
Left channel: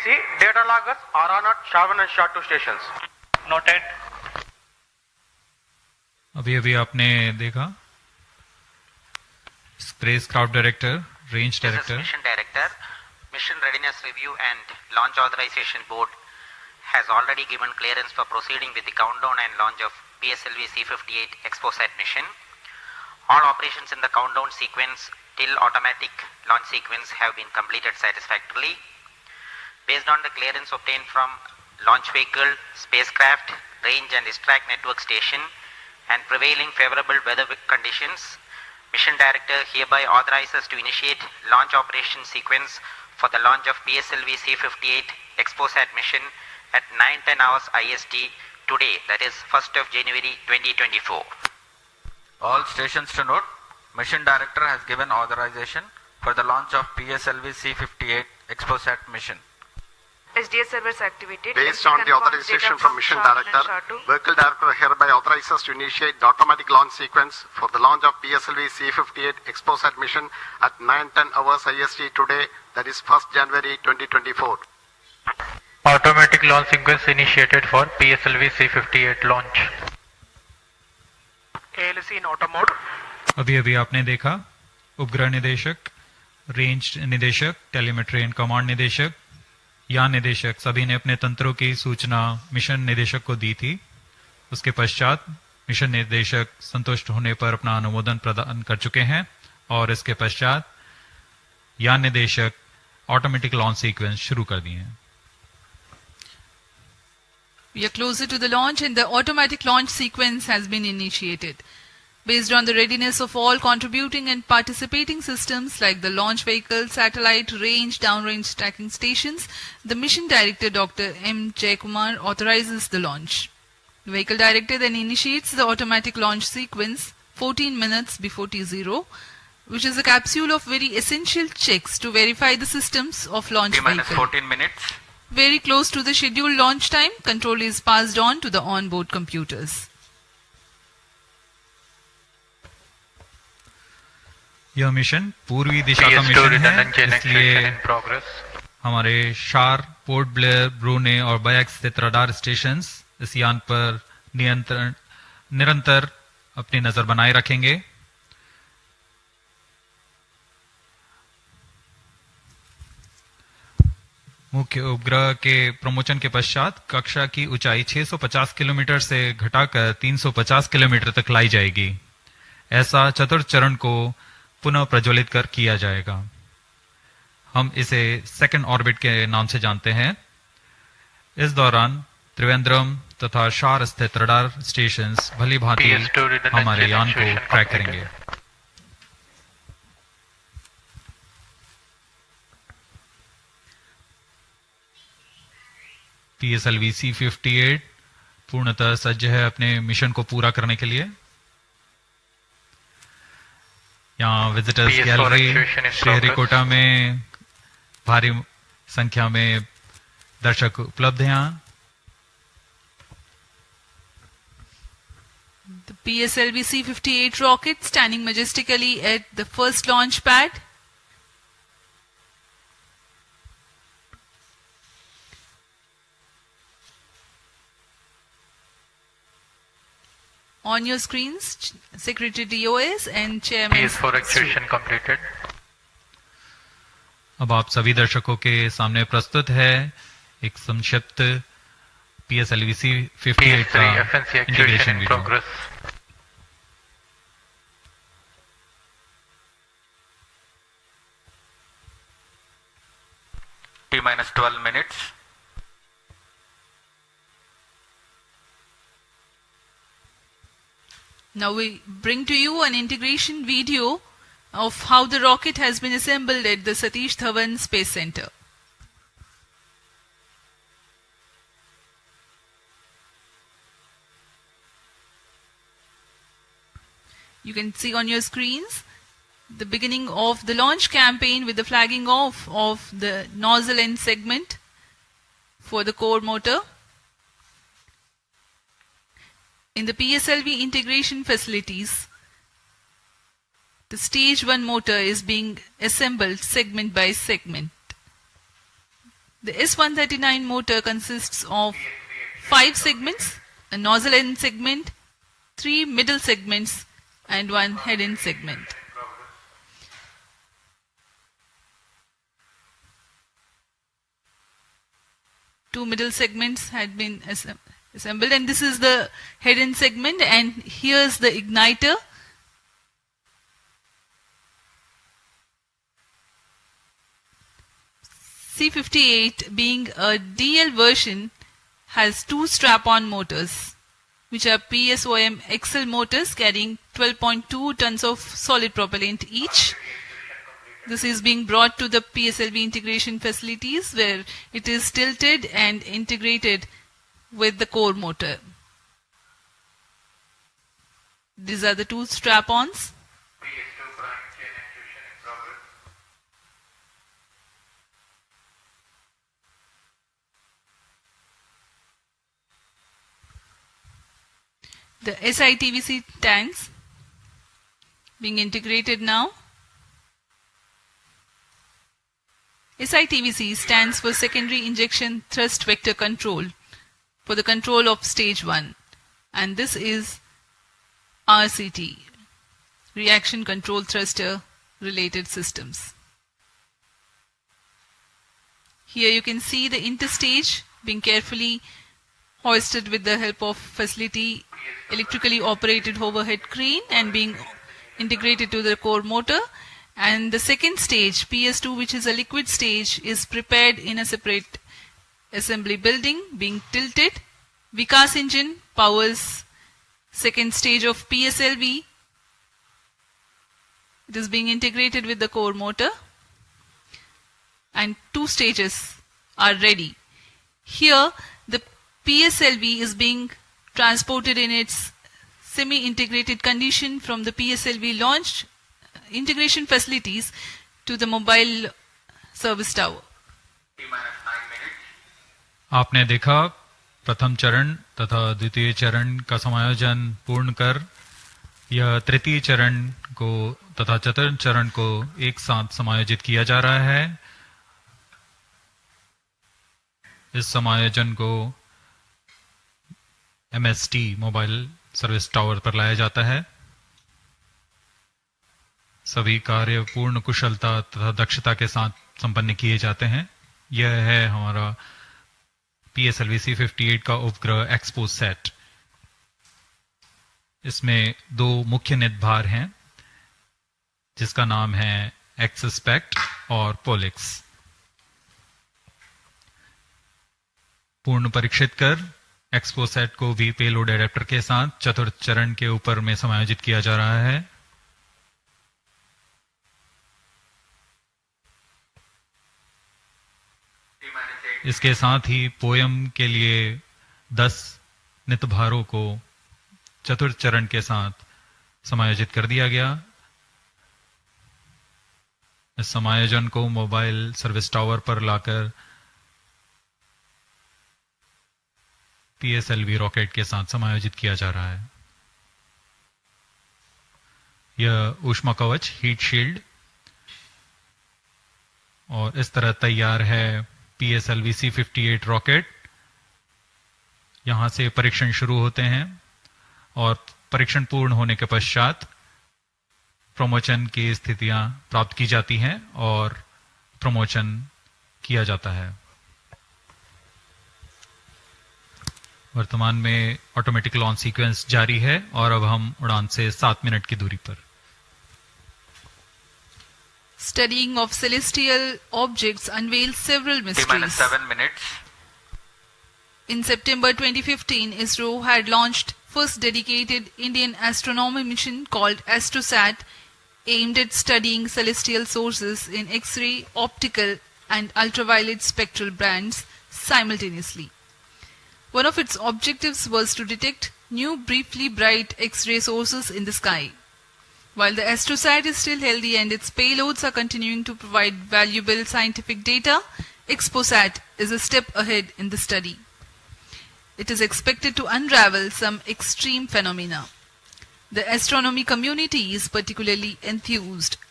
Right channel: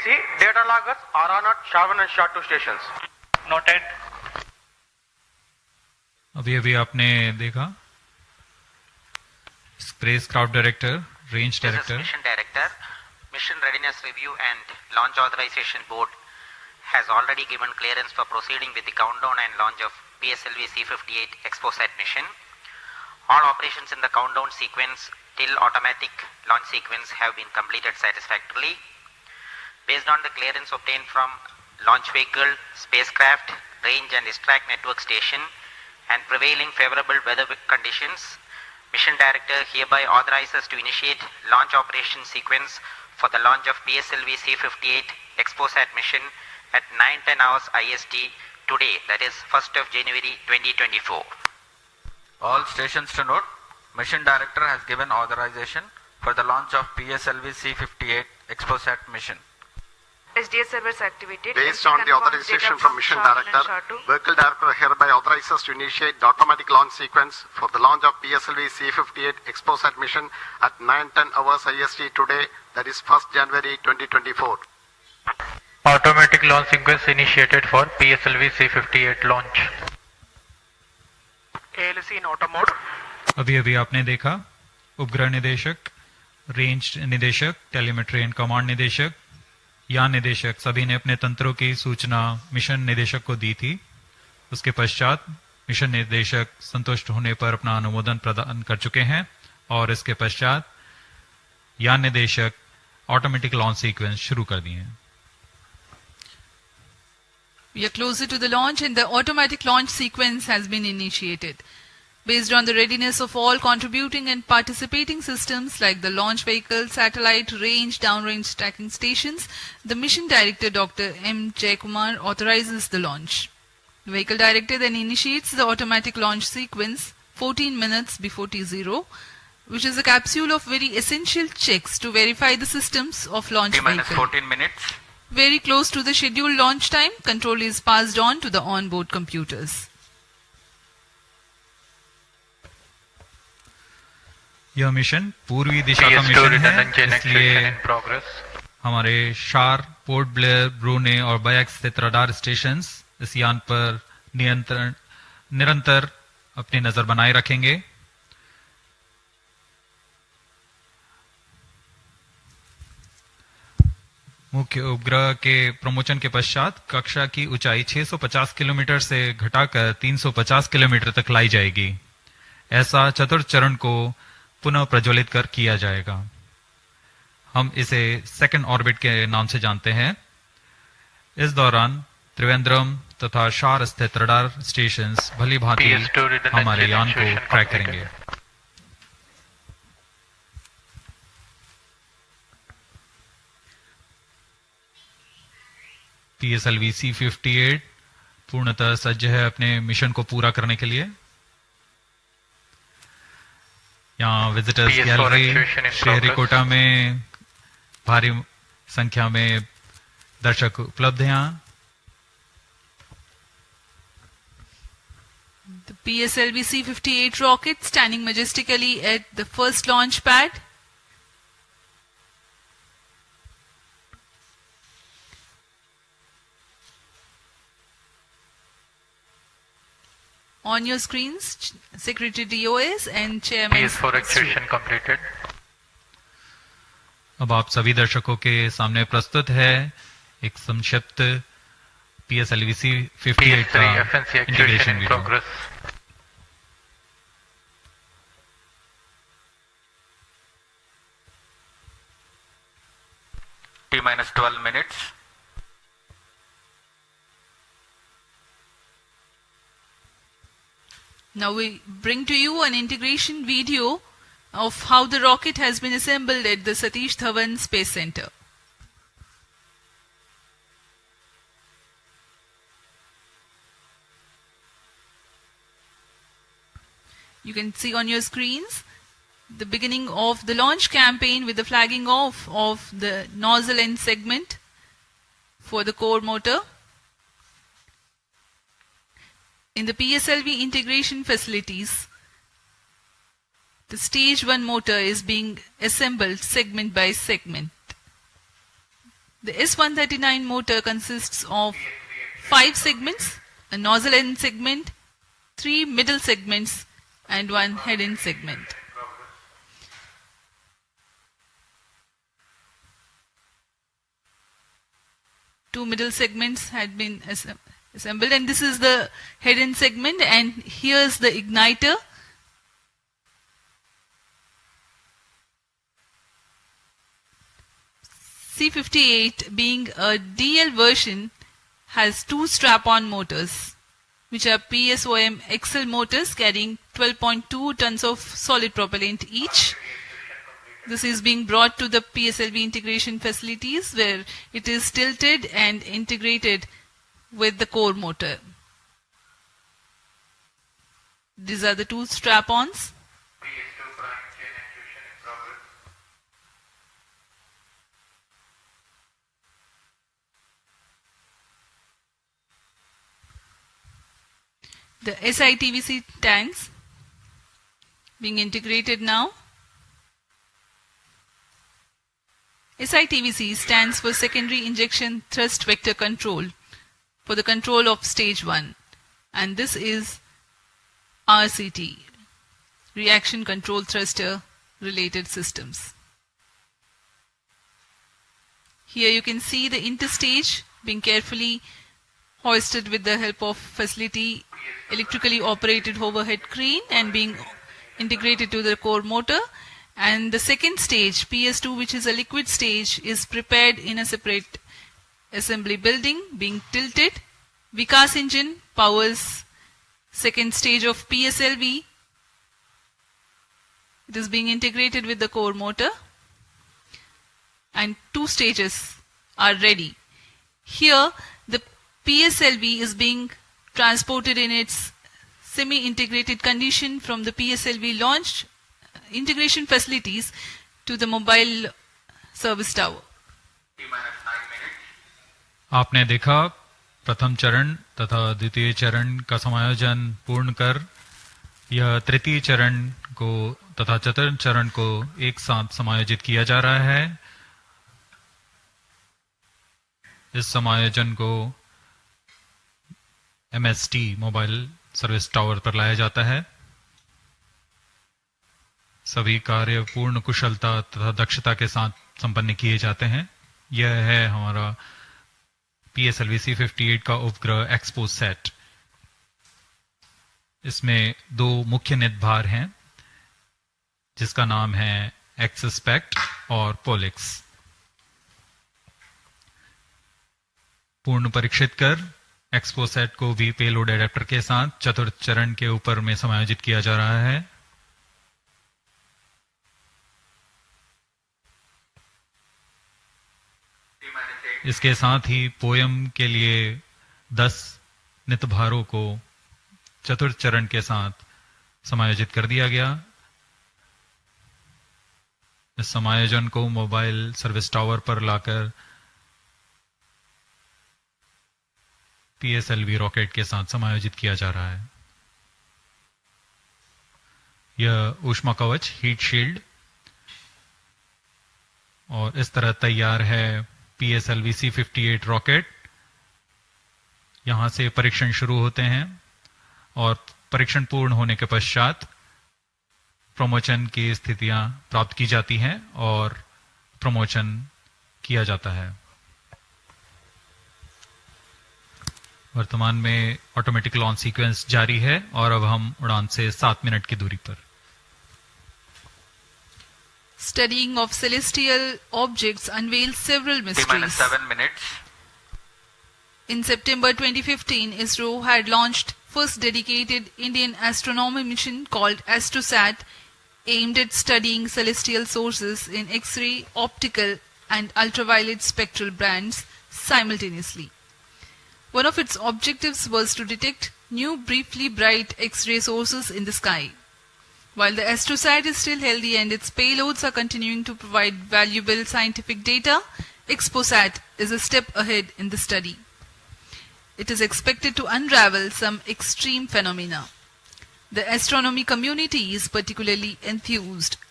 OVPC data loggers are on at Shavan and SHA-2 stations. Noted. अभी आपने देखा spacecraft director, range director, Mission Director, Mission Readiness Review and Launch Authorization Board has already given clearance for proceeding with the countdown and launch of PSLV-C58 XPoSat mission. All operations in the countdown sequence till automatic launch sequence have been completed satisfactorily. Based on the clearance obtained from launch vehicle, spacecraft, range and distract network station and prevailing favorable weather conditions, Mission Director hereby authorizes to initiate launch operation sequence for the launch of PSLV-C58 XPoSat mission at 9:10 hours IST today, that is 1st of January 2024. All stations to note, Mission Director has given authorization for the launch of PSLV-C58 XPoSat mission. SDS servers activated. Based on the authorization from Mission Director, Vehicle Director hereby authorizes to initiate the automatic launch sequence for the launch of PSLV-C58 XPoSat mission at 9:10 hours IST today, that is 1st January 2024. Automatic launch sequence initiated for PSLV-C58 launch. ALC in auto mode. अभी आपने देखा उपग्रह निदेशक, range निदेशक, telemetry and command निदेशक, यान निदेशक सभी ने अपने तंत्रों की सूचना मिशन निदेशक को दी थी। उसके पश्चात मिशन निदेशक संतुष्ट होने पर अपना अनुमोदन प्रदान कर चुके हैं और इसके पश्चात यान निदेशक ऑटोमेटिक लॉन्च सीक्वेंस शुरू कर दिए हैं। We are closer to the launch and the automatic launch sequence has been initiated. Based on the readiness of all contributing and participating systems like the launch vehicle, satellite, range, downrange tracking stations, the Mission Director Dr. M. Jayakumar authorizes the launch. The Vehicle Director then initiates the automatic launch sequence 14 minutes before T0, which is a capsule of very essential checks to verify the systems of launch vehicle. 14 minutes. Very close to the scheduled launch time, control is passed on to the onboard computers. यह mission पूर्वी दिशा का mission है, इसलिए हमारे शार, port Blair, ब्रूने और bikes स्थित radar stations इस यान पर निरंतर अपनी नजर बनाए रखेंगे। मुख्य उपग्रह के प्रमोशन के पश्चात कक्षा की ऊंचाई 650 किलोमीटर से घटाकर 350 किलोमीटर तक लाई जाएगी। ऐसा चतुर्थ चरण को पुनः प्रज्वलित कर किया जाएगा। हम इसे सेकंड ऑर्बिट के नाम से जानते हैं। इस दौरान त्रिवेंद्रम तथा शार स्थित रडार स्टेशंस भली भांति हमारे यान को ट्रैक करेंगे। PSLV-C58 पूर्णतः सज्ज है अपने मिशन को पूरा करने के लिए। यहाँ विजिटर्स गैलरी श्रीहरिकोटा में भारी संख्या में दर्शक उपलब्ध हैं। यहाँ The PSLV-C58 rocket standing majestically at the first launch pad. On your screens, Secretary DOS and Chairman. PS4 actuation completed. अब आप सभी दर्शकों के सामने प्रस्तुत है एक संक्षिप्त PSLV-C58 का integration video. T-12 minutes. Now we bring to you an integration video of how the rocket has been assembled at the Satish Dhawan Space Center. You can see on your screens the beginning of the launch campaign with the flagging off of the nozzle end segment for the core motor. In the PSLV integration facilities, the stage 1 motor is being assembled segment by segment. The S139 motor consists of 5 segments, a nozzle end segment, 3 middle segments and 1 head end segment. Two middle segments had been assembled, and this is the head end segment, and here's the igniter. C58, being a DL version, has 2 strap-on motors, which are PSOM XL motors carrying 12.2 tons of solid propellant each. This is being brought to the PSLV integration facilities, where it is tilted and integrated with the core motor. These are the 2 strap-ons. The SITVC tanks being integrated now. SITVC stands for Secondary Injection Thrust Vector Control, for the control of stage 1, and this is RCT, Reaction Control Thruster Related Systems. Here you can see the interstage being carefully hoisted with the help of facility electrically operated overhead crane and being integrated to the core motor. And the second stage, PS2, which is a liquid stage, is prepared in a separate assembly building, being tilted. Vikas engine powers second stage of PSLV. It is being integrated with the core motor, and 2 stages are ready. Here the PSLV is being transported in its semi-integrated condition from the PSLV launch integration facilities to the mobile service tower. आपने देखा प्रथम चरण तथा द्वितीय चरण का समायोजन पूर्ण कर यह तृतीय चरण को तथा चतुर्थ चरण को एक साथ समायोजित किया जा रहा है। इस समायोजन को MST मोबाइल सर्विस टावर पर लाया जाता है। सभी कार्य पूर्ण कुशलता तथा दक्षता के साथ संपन्न किए जाते हैं। यह है हमारा PSLV-C58 का उपग्रह XPoSat। इसमें 2 मुख्य निदभार हैं, जिसका नाम है XSPECT और POLIX। पूर्ण परीक्षित कर XPoSat को भी पेलोड एडेप्टर के साथ चतुर्थ चरण के ऊपर में समायोजित किया जा रहा है। इसके साथ ही पोयम के लिए 10 नितभारों को चतुर्थ चरण के साथ समायोजित कर दिया गया। इस समायोजन को मोबाइल सर्विस टावर पर लाकर PSLV रॉकेट के साथ समायोजित किया जा रहा है। यह ऊष्मा कवच हीट शील्ड और इस तरह तैयार है PSLV-C58 रॉकेट। यहां से परीक्षण शुरू होते हैं और परीक्षण पूर्ण होने के पश्चात प्रमोशन की स्थितियां प्राप्त की जाती हैं और प्रमोशन किया जाता है। वर्तमान में ऑटोमेटिक लॉन्च सीक्वेंस जारी है और अब हम उड़ान से 7 मिनट की दूरी पर। Studying of celestial objects unveils several mysteries. 7 minutes. In September 2015, Isro had launched first dedicated Indian astronomy mission called AstroSat, aimed at studying celestial sources in X-ray, optical and ultraviolet spectral bands simultaneously. One of its objectives was to detect new briefly bright X-ray sources in the sky. While the AstroSat is still healthy and its payloads are continuing to provide valuable scientific data, XPoSat is a step ahead in the study. It is expected to unravel some extreme phenomena. The astronomy community is particularly enthused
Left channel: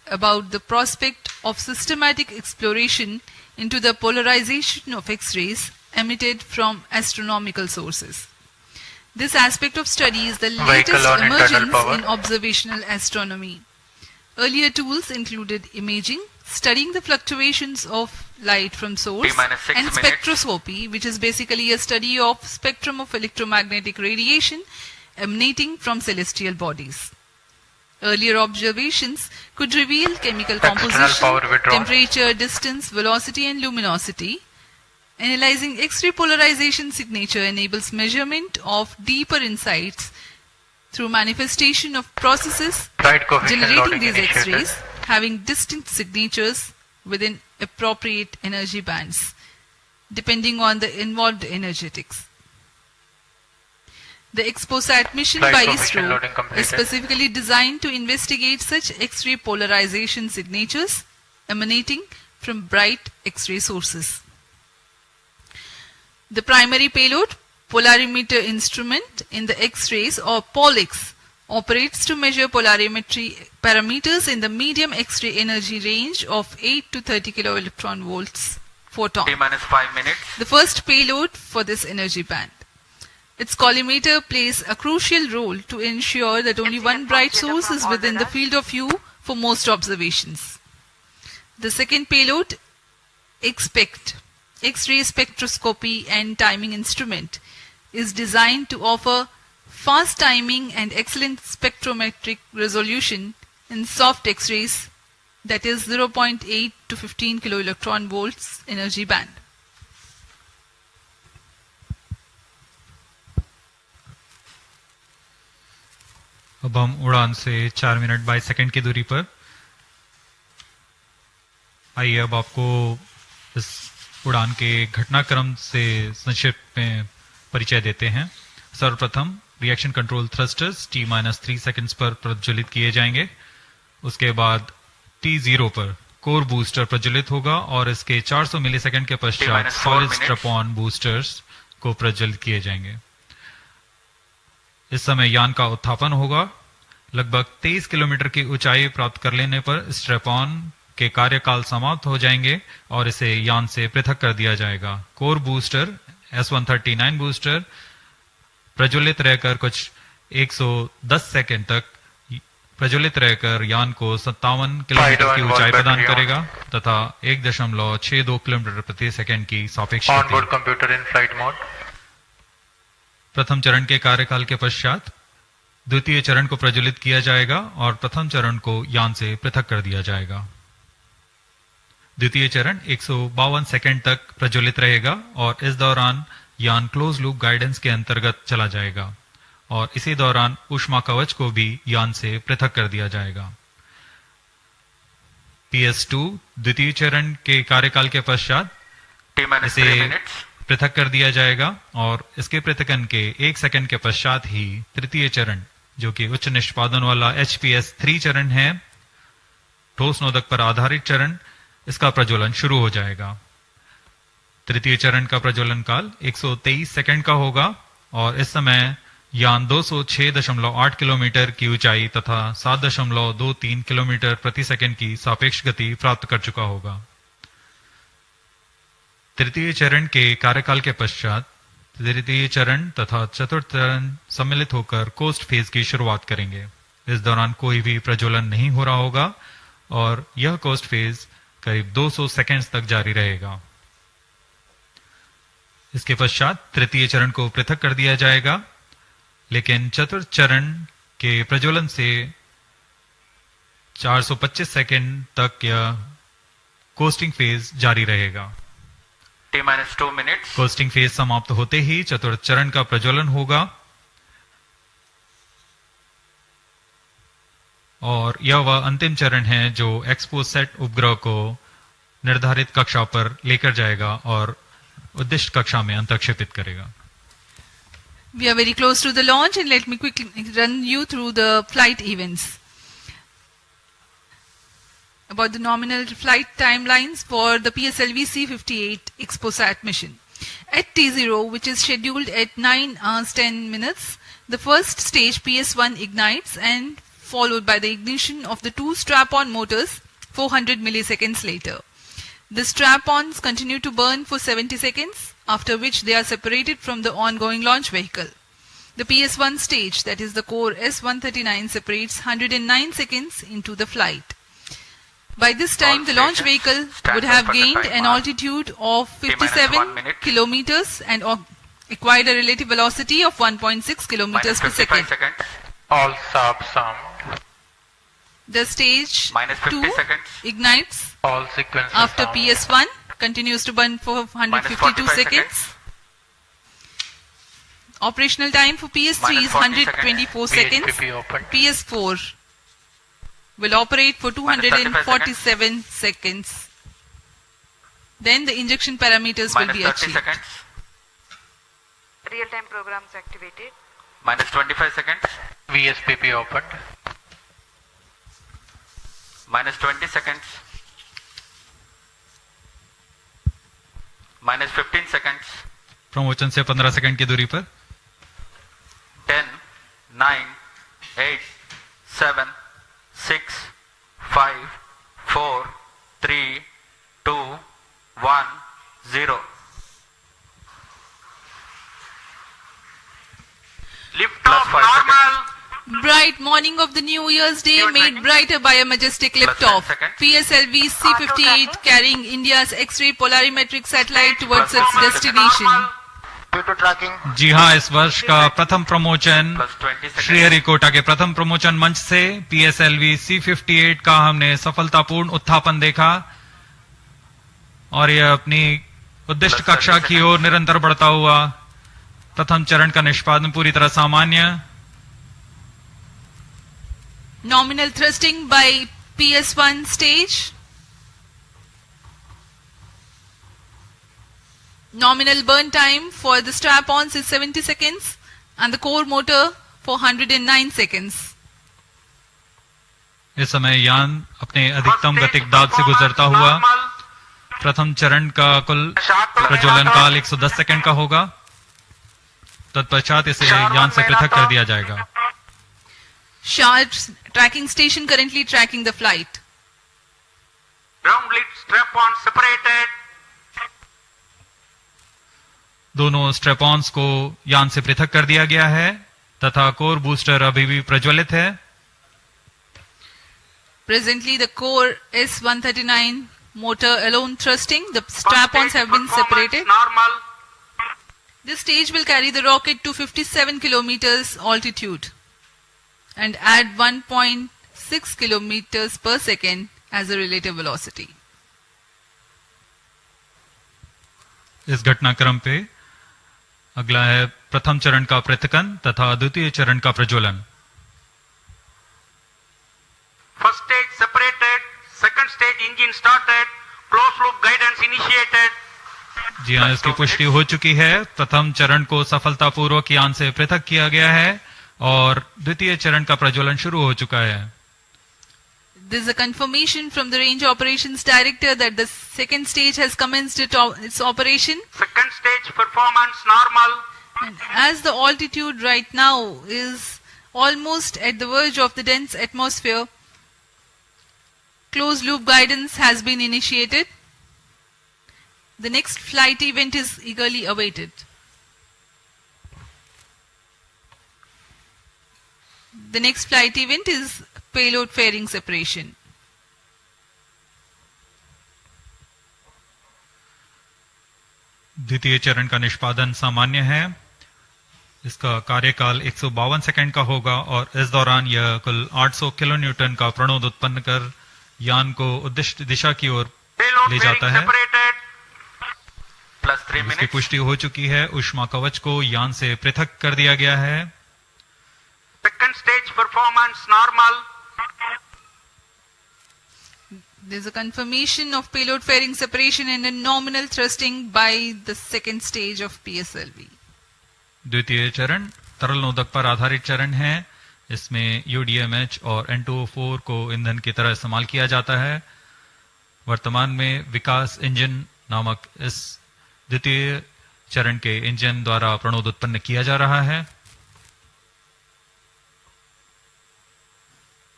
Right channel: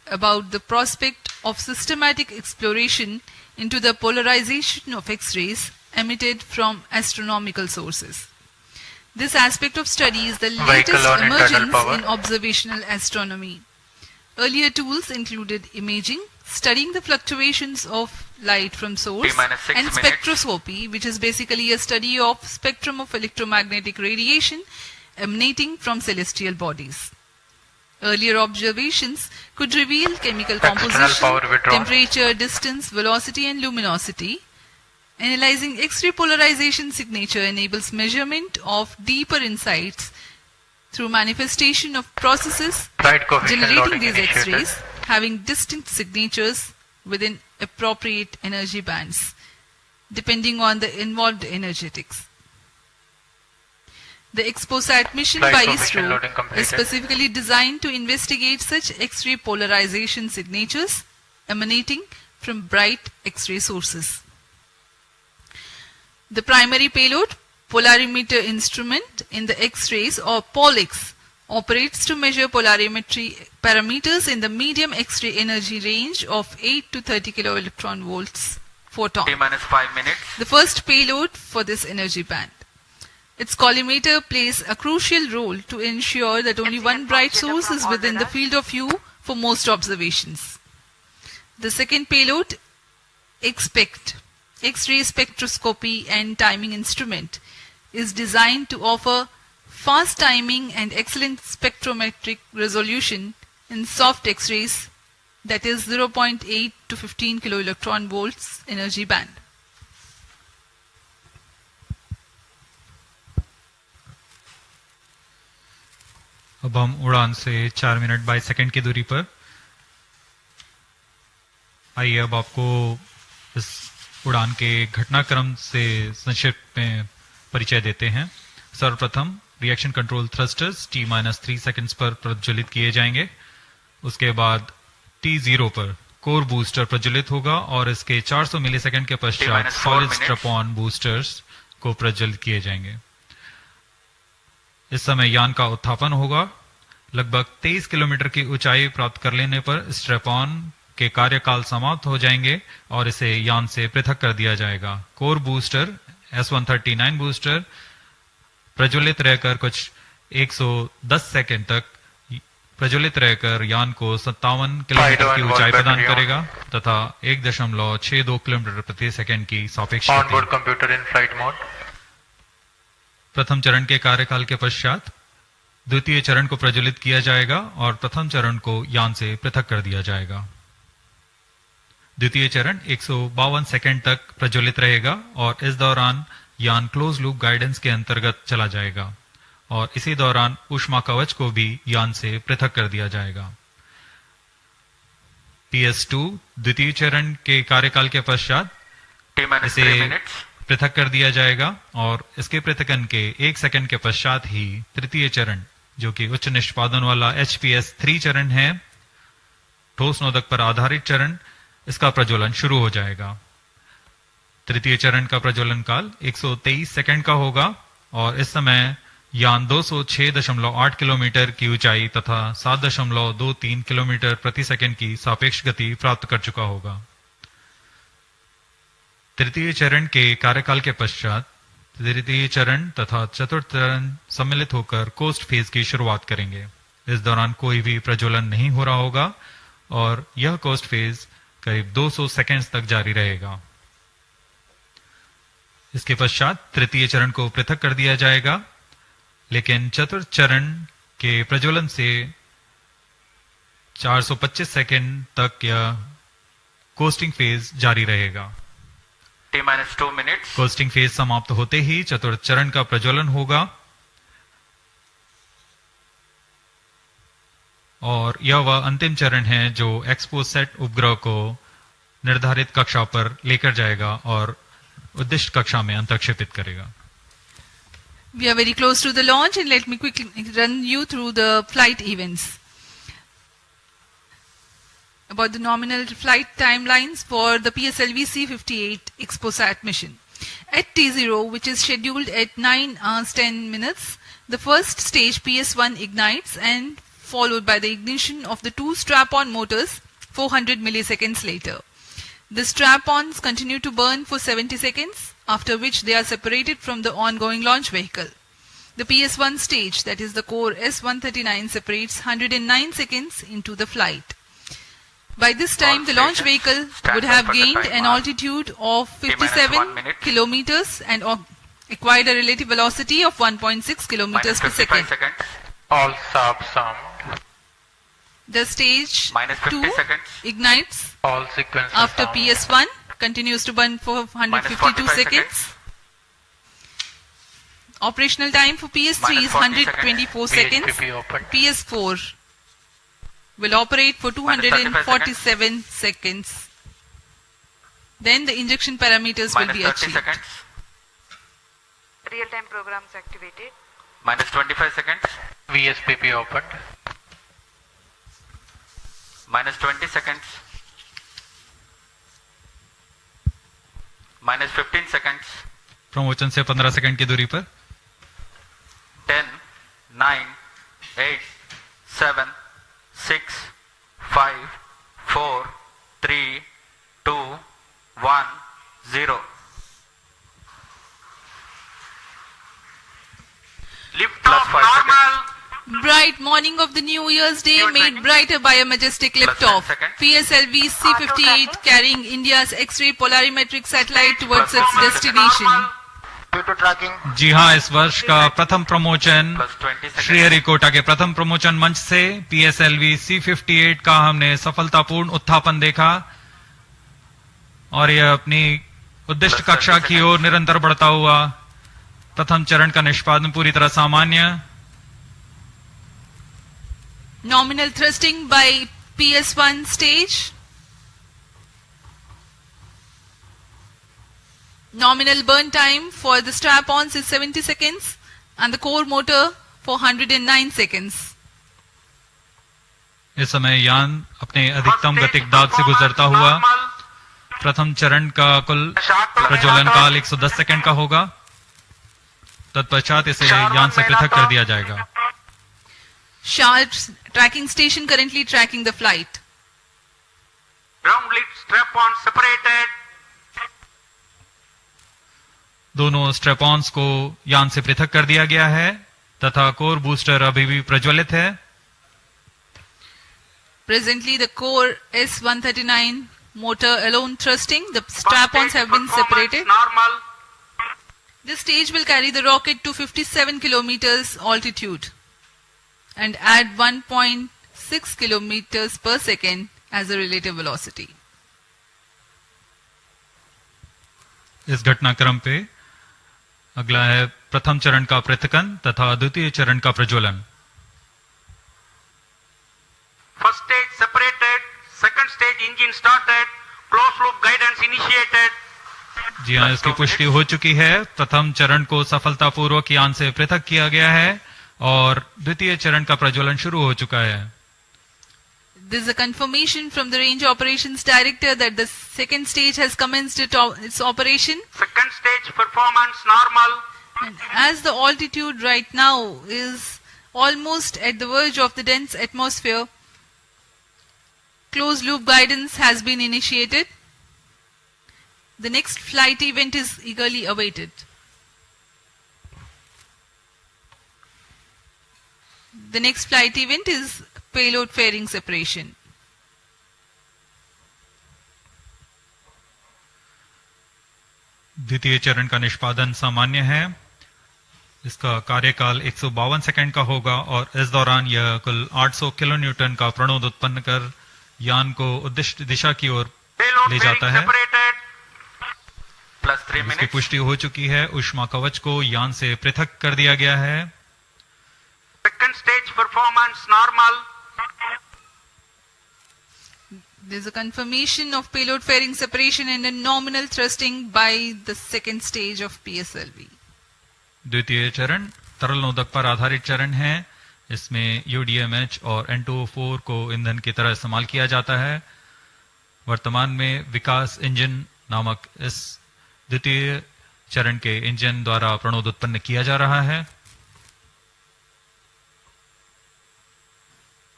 about the prospect of systematic exploration into the polarization of X-rays emitted from astronomical sources. This aspect of study is the latest emergence in observational astronomy. Earlier tools included imaging, studying the fluctuations of light from source, and spectroscopy, which is basically a study of spectrum of electromagnetic radiation emanating from celestial bodies. Earlier observations could reveal chemical composition, temperature, distance, velocity, and luminosity. Analyzing X-ray polarization signature enables measurement of deeper insights through manifestation of processes generating these X-rays having distinct signatures within appropriate energy bands, depending on the involved energetics. The XPoSat mission by Isro is specifically designed to investigate such X-ray polarization signatures emanating from bright X-ray sources. The primary payload, polarimeter instrument in the X-rays or POLIX, operates to measure polarimetry parameters in the medium X-ray energy range of 8 to 30 kiloelectron volts photon. The first payload for this energy band. Its collimator plays a crucial role to ensure that only one bright source is within the field of view for most observations. The second payload, XPECT, X-ray spectroscopy and timing instrument, is designed to offer fast timing and excellent spectrometric resolution in soft X-rays, that is 0.8 to 15 kiloelectron volts energy band. अब हम उड़ान से 4 minute 22 second की दूरी पर। आइए अब आपको इस उड़ान के घटनाक्रम से संक्षिप्त में परिचय देते हैं। सर्वप्रथम reaction control thrusters T-3 seconds पर प्रज्वलित किए जाएंगे। उसके बाद T0 पर कोर बूस्टर प्रज्वलित होगा और इसके 400 मिलीसेकंड के पश्चात सॉलिड स्ट्रैप-ऑन बूस्टर्स को प्रज्वलित किए जाएंगे। इस समय यान का उत्थापन होगा। लगभग 23 किलोमीटर की ऊंचाई प्राप्त कर लेने पर स्ट्रैप-ऑन के कार्यकाल समाप्त हो जाएंगे और इसे यान से पृथक कर दिया जाएगा। कोर बूस्टर S139 बूस्टर प्रज्वलित रहकर कुछ 110 सेकंड तक प्रज्वलित रहकर यान को 57 किलोमीटर की ऊंचाई प्रदान करेगा तथा 1.62 किलोमीटर प्रति सेकंड की सापेक्ष गति। प्रथम चरण के कार्यकाल के पश्चात द्वितीय चरण को प्रज्वलित किया जाएगा और प्रथम चरण को यान से पृथक कर दिया जाएगा। द्वितीय चरण 152 सेकंड तक प्रज्वलित रहेगा और इस दौरान यान क्लोज लूप गाइडेंस के अंतर्गत चला जाएगा और इसी दौरान ऊष्मा कवच को भी यान से पृथक कर दिया जाएगा। PS2 द्वितीय चरण के कार्यकाल के पश्चात इसे पृथक कर दिया जाएगा और इसके पृथकन के 1 सेकंड के पश्चात ही तृतीय चरण, जो कि उच्च निष्पादन वाला HPS3 चरण है, ठोस नोदक पर आधारित चरण, इसका प्रज्वलन शुरू हो जाएगा। तृतीय चरण का प्रज्वलन काल 123 सेकंड का होगा और इस समय यान 206.8 किलोमीटर की ऊंचाई तथा 7.23 किलोमीटर प्रति सेकंड की सापेक्ष गति प्राप्त कर चुका होगा। तृतीय चरण के कार्यकाल के पश्चात तृतीय चरण तथा चतुर्थ चरण सम्मिलित होकर कोस्ट फेज की शुरुआत करेंगे। इस दौरान कोई भी प्रज्वलन नहीं हो रहा होगा और यह कोस्ट फेज करीब 200 सेकंड्स तक जारी रहेगा। इसके पश्चात तृतीय चरण को पृथक कर दिया जाएगा, लेकिन चतुर्थ चरण के प्रज्वलन से 425 सेकंड तक यह कोस्टिंग फेज जारी रहेगा। T-2 minutes. कोस्टिंग फेज समाप्त होते ही चतुर्थ चरण का प्रज्वलन होगा और यह वह अंतिम चरण है जो XPoSat उपग्रह को निर्धारित कक्षा पर लेकर जाएगा और उद्दिष्ट कक्षा में अंतर्क्षेपित करेगा। We are very close to the launch and let me quickly run you through the flight events. About the nominal flight timelines for the PSLV-C58 XPoSat mission. At T0, which is scheduled at 9 hours 10 minutes, the first stage PS1 ignites and followed by the ignition of the two strap-on motors 400 milliseconds later. The strap-ons continue to burn for 70 seconds, after which they are separated from the ongoing launch vehicle. The PS1 stage, that is the core S139, separates 109 seconds into the flight. By this time, the launch vehicle would have gained an altitude of 57 kilometers and acquired a relative velocity of 1.6 kilometers per second. All subs armed. The stage 2 ignites All sequences after armed. PS1, continues to burn for 152 seconds. Operational time for PS3 is 124 seconds. VHPP open. PS4 will operate for 247 seconds. Then the injection parameters will be achieved. Real-time programs activated. Minus 25 seconds. VSPP opened. Minus 20 seconds. Minus 15 seconds. Promotion से 15 second की दूरी पर 10, 9, 8, 7, 6, 5, 4, 3, 2, 1, 0. Lift off normal. Bright morning of the New Year's Day made brighter by a majestic liftoff. PSLV-C58 carrying India's X-ray Polarimeter Satellite towards its destination. जी हाँ, इस वर्ष का प्रथम promotion Sriharikota के प्रथम प्रमोशन मंच से PSLV-C58 का हमने सफलतापूर्ण उत्थापन देखा और यह अपनी उद्दिष्ट कक्षा की ओर निरंतर बढ़ता हुआ। प्रथम चरण का निष्पादन पूरी तरह सामान्य। Nominal thrusting by PS1 stage. Nominal burn time for the strap-ons is 70 seconds and the core motor for 109 seconds. इस समय यान अपने अधिकतम गतिक दाब से गुजरता हुआ। प्रथम चरण का कुल प्रज्वलन काल 110 सेकंड का होगा। तत्पश्चात इसे यान से पृथक कर दिया जाएगा। Sharp's tracking station currently tracking the flight. Ground lead strap-on separated. दोनों स्ट्रेपॉन्स को यान से पृथक कर दिया गया है तथा कोर बूस्टर अभी भी प्रज्वलित है। Presently, the core S139 motor alone thrusting. The strap-ons have been separated. Normal. This stage will carry the rocket to 57 kilometers altitude and add 1.6 kilometers per second as a relative velocity. इस घटनाक्रम पे अगला है प्रथम चरण का पृथकन तथा द्वितीय चरण का प्रज्वलन। First stage separated. Second stage engine started. Closed loop guidance initiated. जी हाँ, इसकी पुष्टि हो चुकी है। प्रथम चरण को सफलतापूर्वक यान से पृथक किया गया है और द्वितीय चरण का प्रज्वलन शुरू हो चुका है। There is a confirmation from the Range Operations Director that the second stage has commenced its operation. Second stage performance normal. And as the altitude right now is almost at the verge of the dense atmosphere, closed loop guidance has been initiated. The next flight event is eagerly awaited. The next flight event is payload fairing separation. द्वितीय चरण का निष्पादन सामान्य है। इसका कार्यकाल 152 second का होगा और इस दौरान यह कुल 800 किलो न्यूटन का प्रणोद उत्पन्न कर यान को उद्दिष्ट दिशा की ओर ले जाता है। इसकी पुष्टि हो चुकी है। ऊष्मा कवच को यान से पृथक कर दिया गया है। Second stage performance normal. There is a confirmation of payload fairing separation and a nominal thrusting by the second stage of PSLV. द्वितीय चरण तरल नोदक पर आधारित चरण है। इसमें UDMH और N2O4 को ईंधन की तरह इस्तेमाल किया जाता है। वर्तमान में विकास इंजन नामक इस द्वितीय चरण के इंजन द्वारा प्रणोद उत्पन्न किया जा रहा है।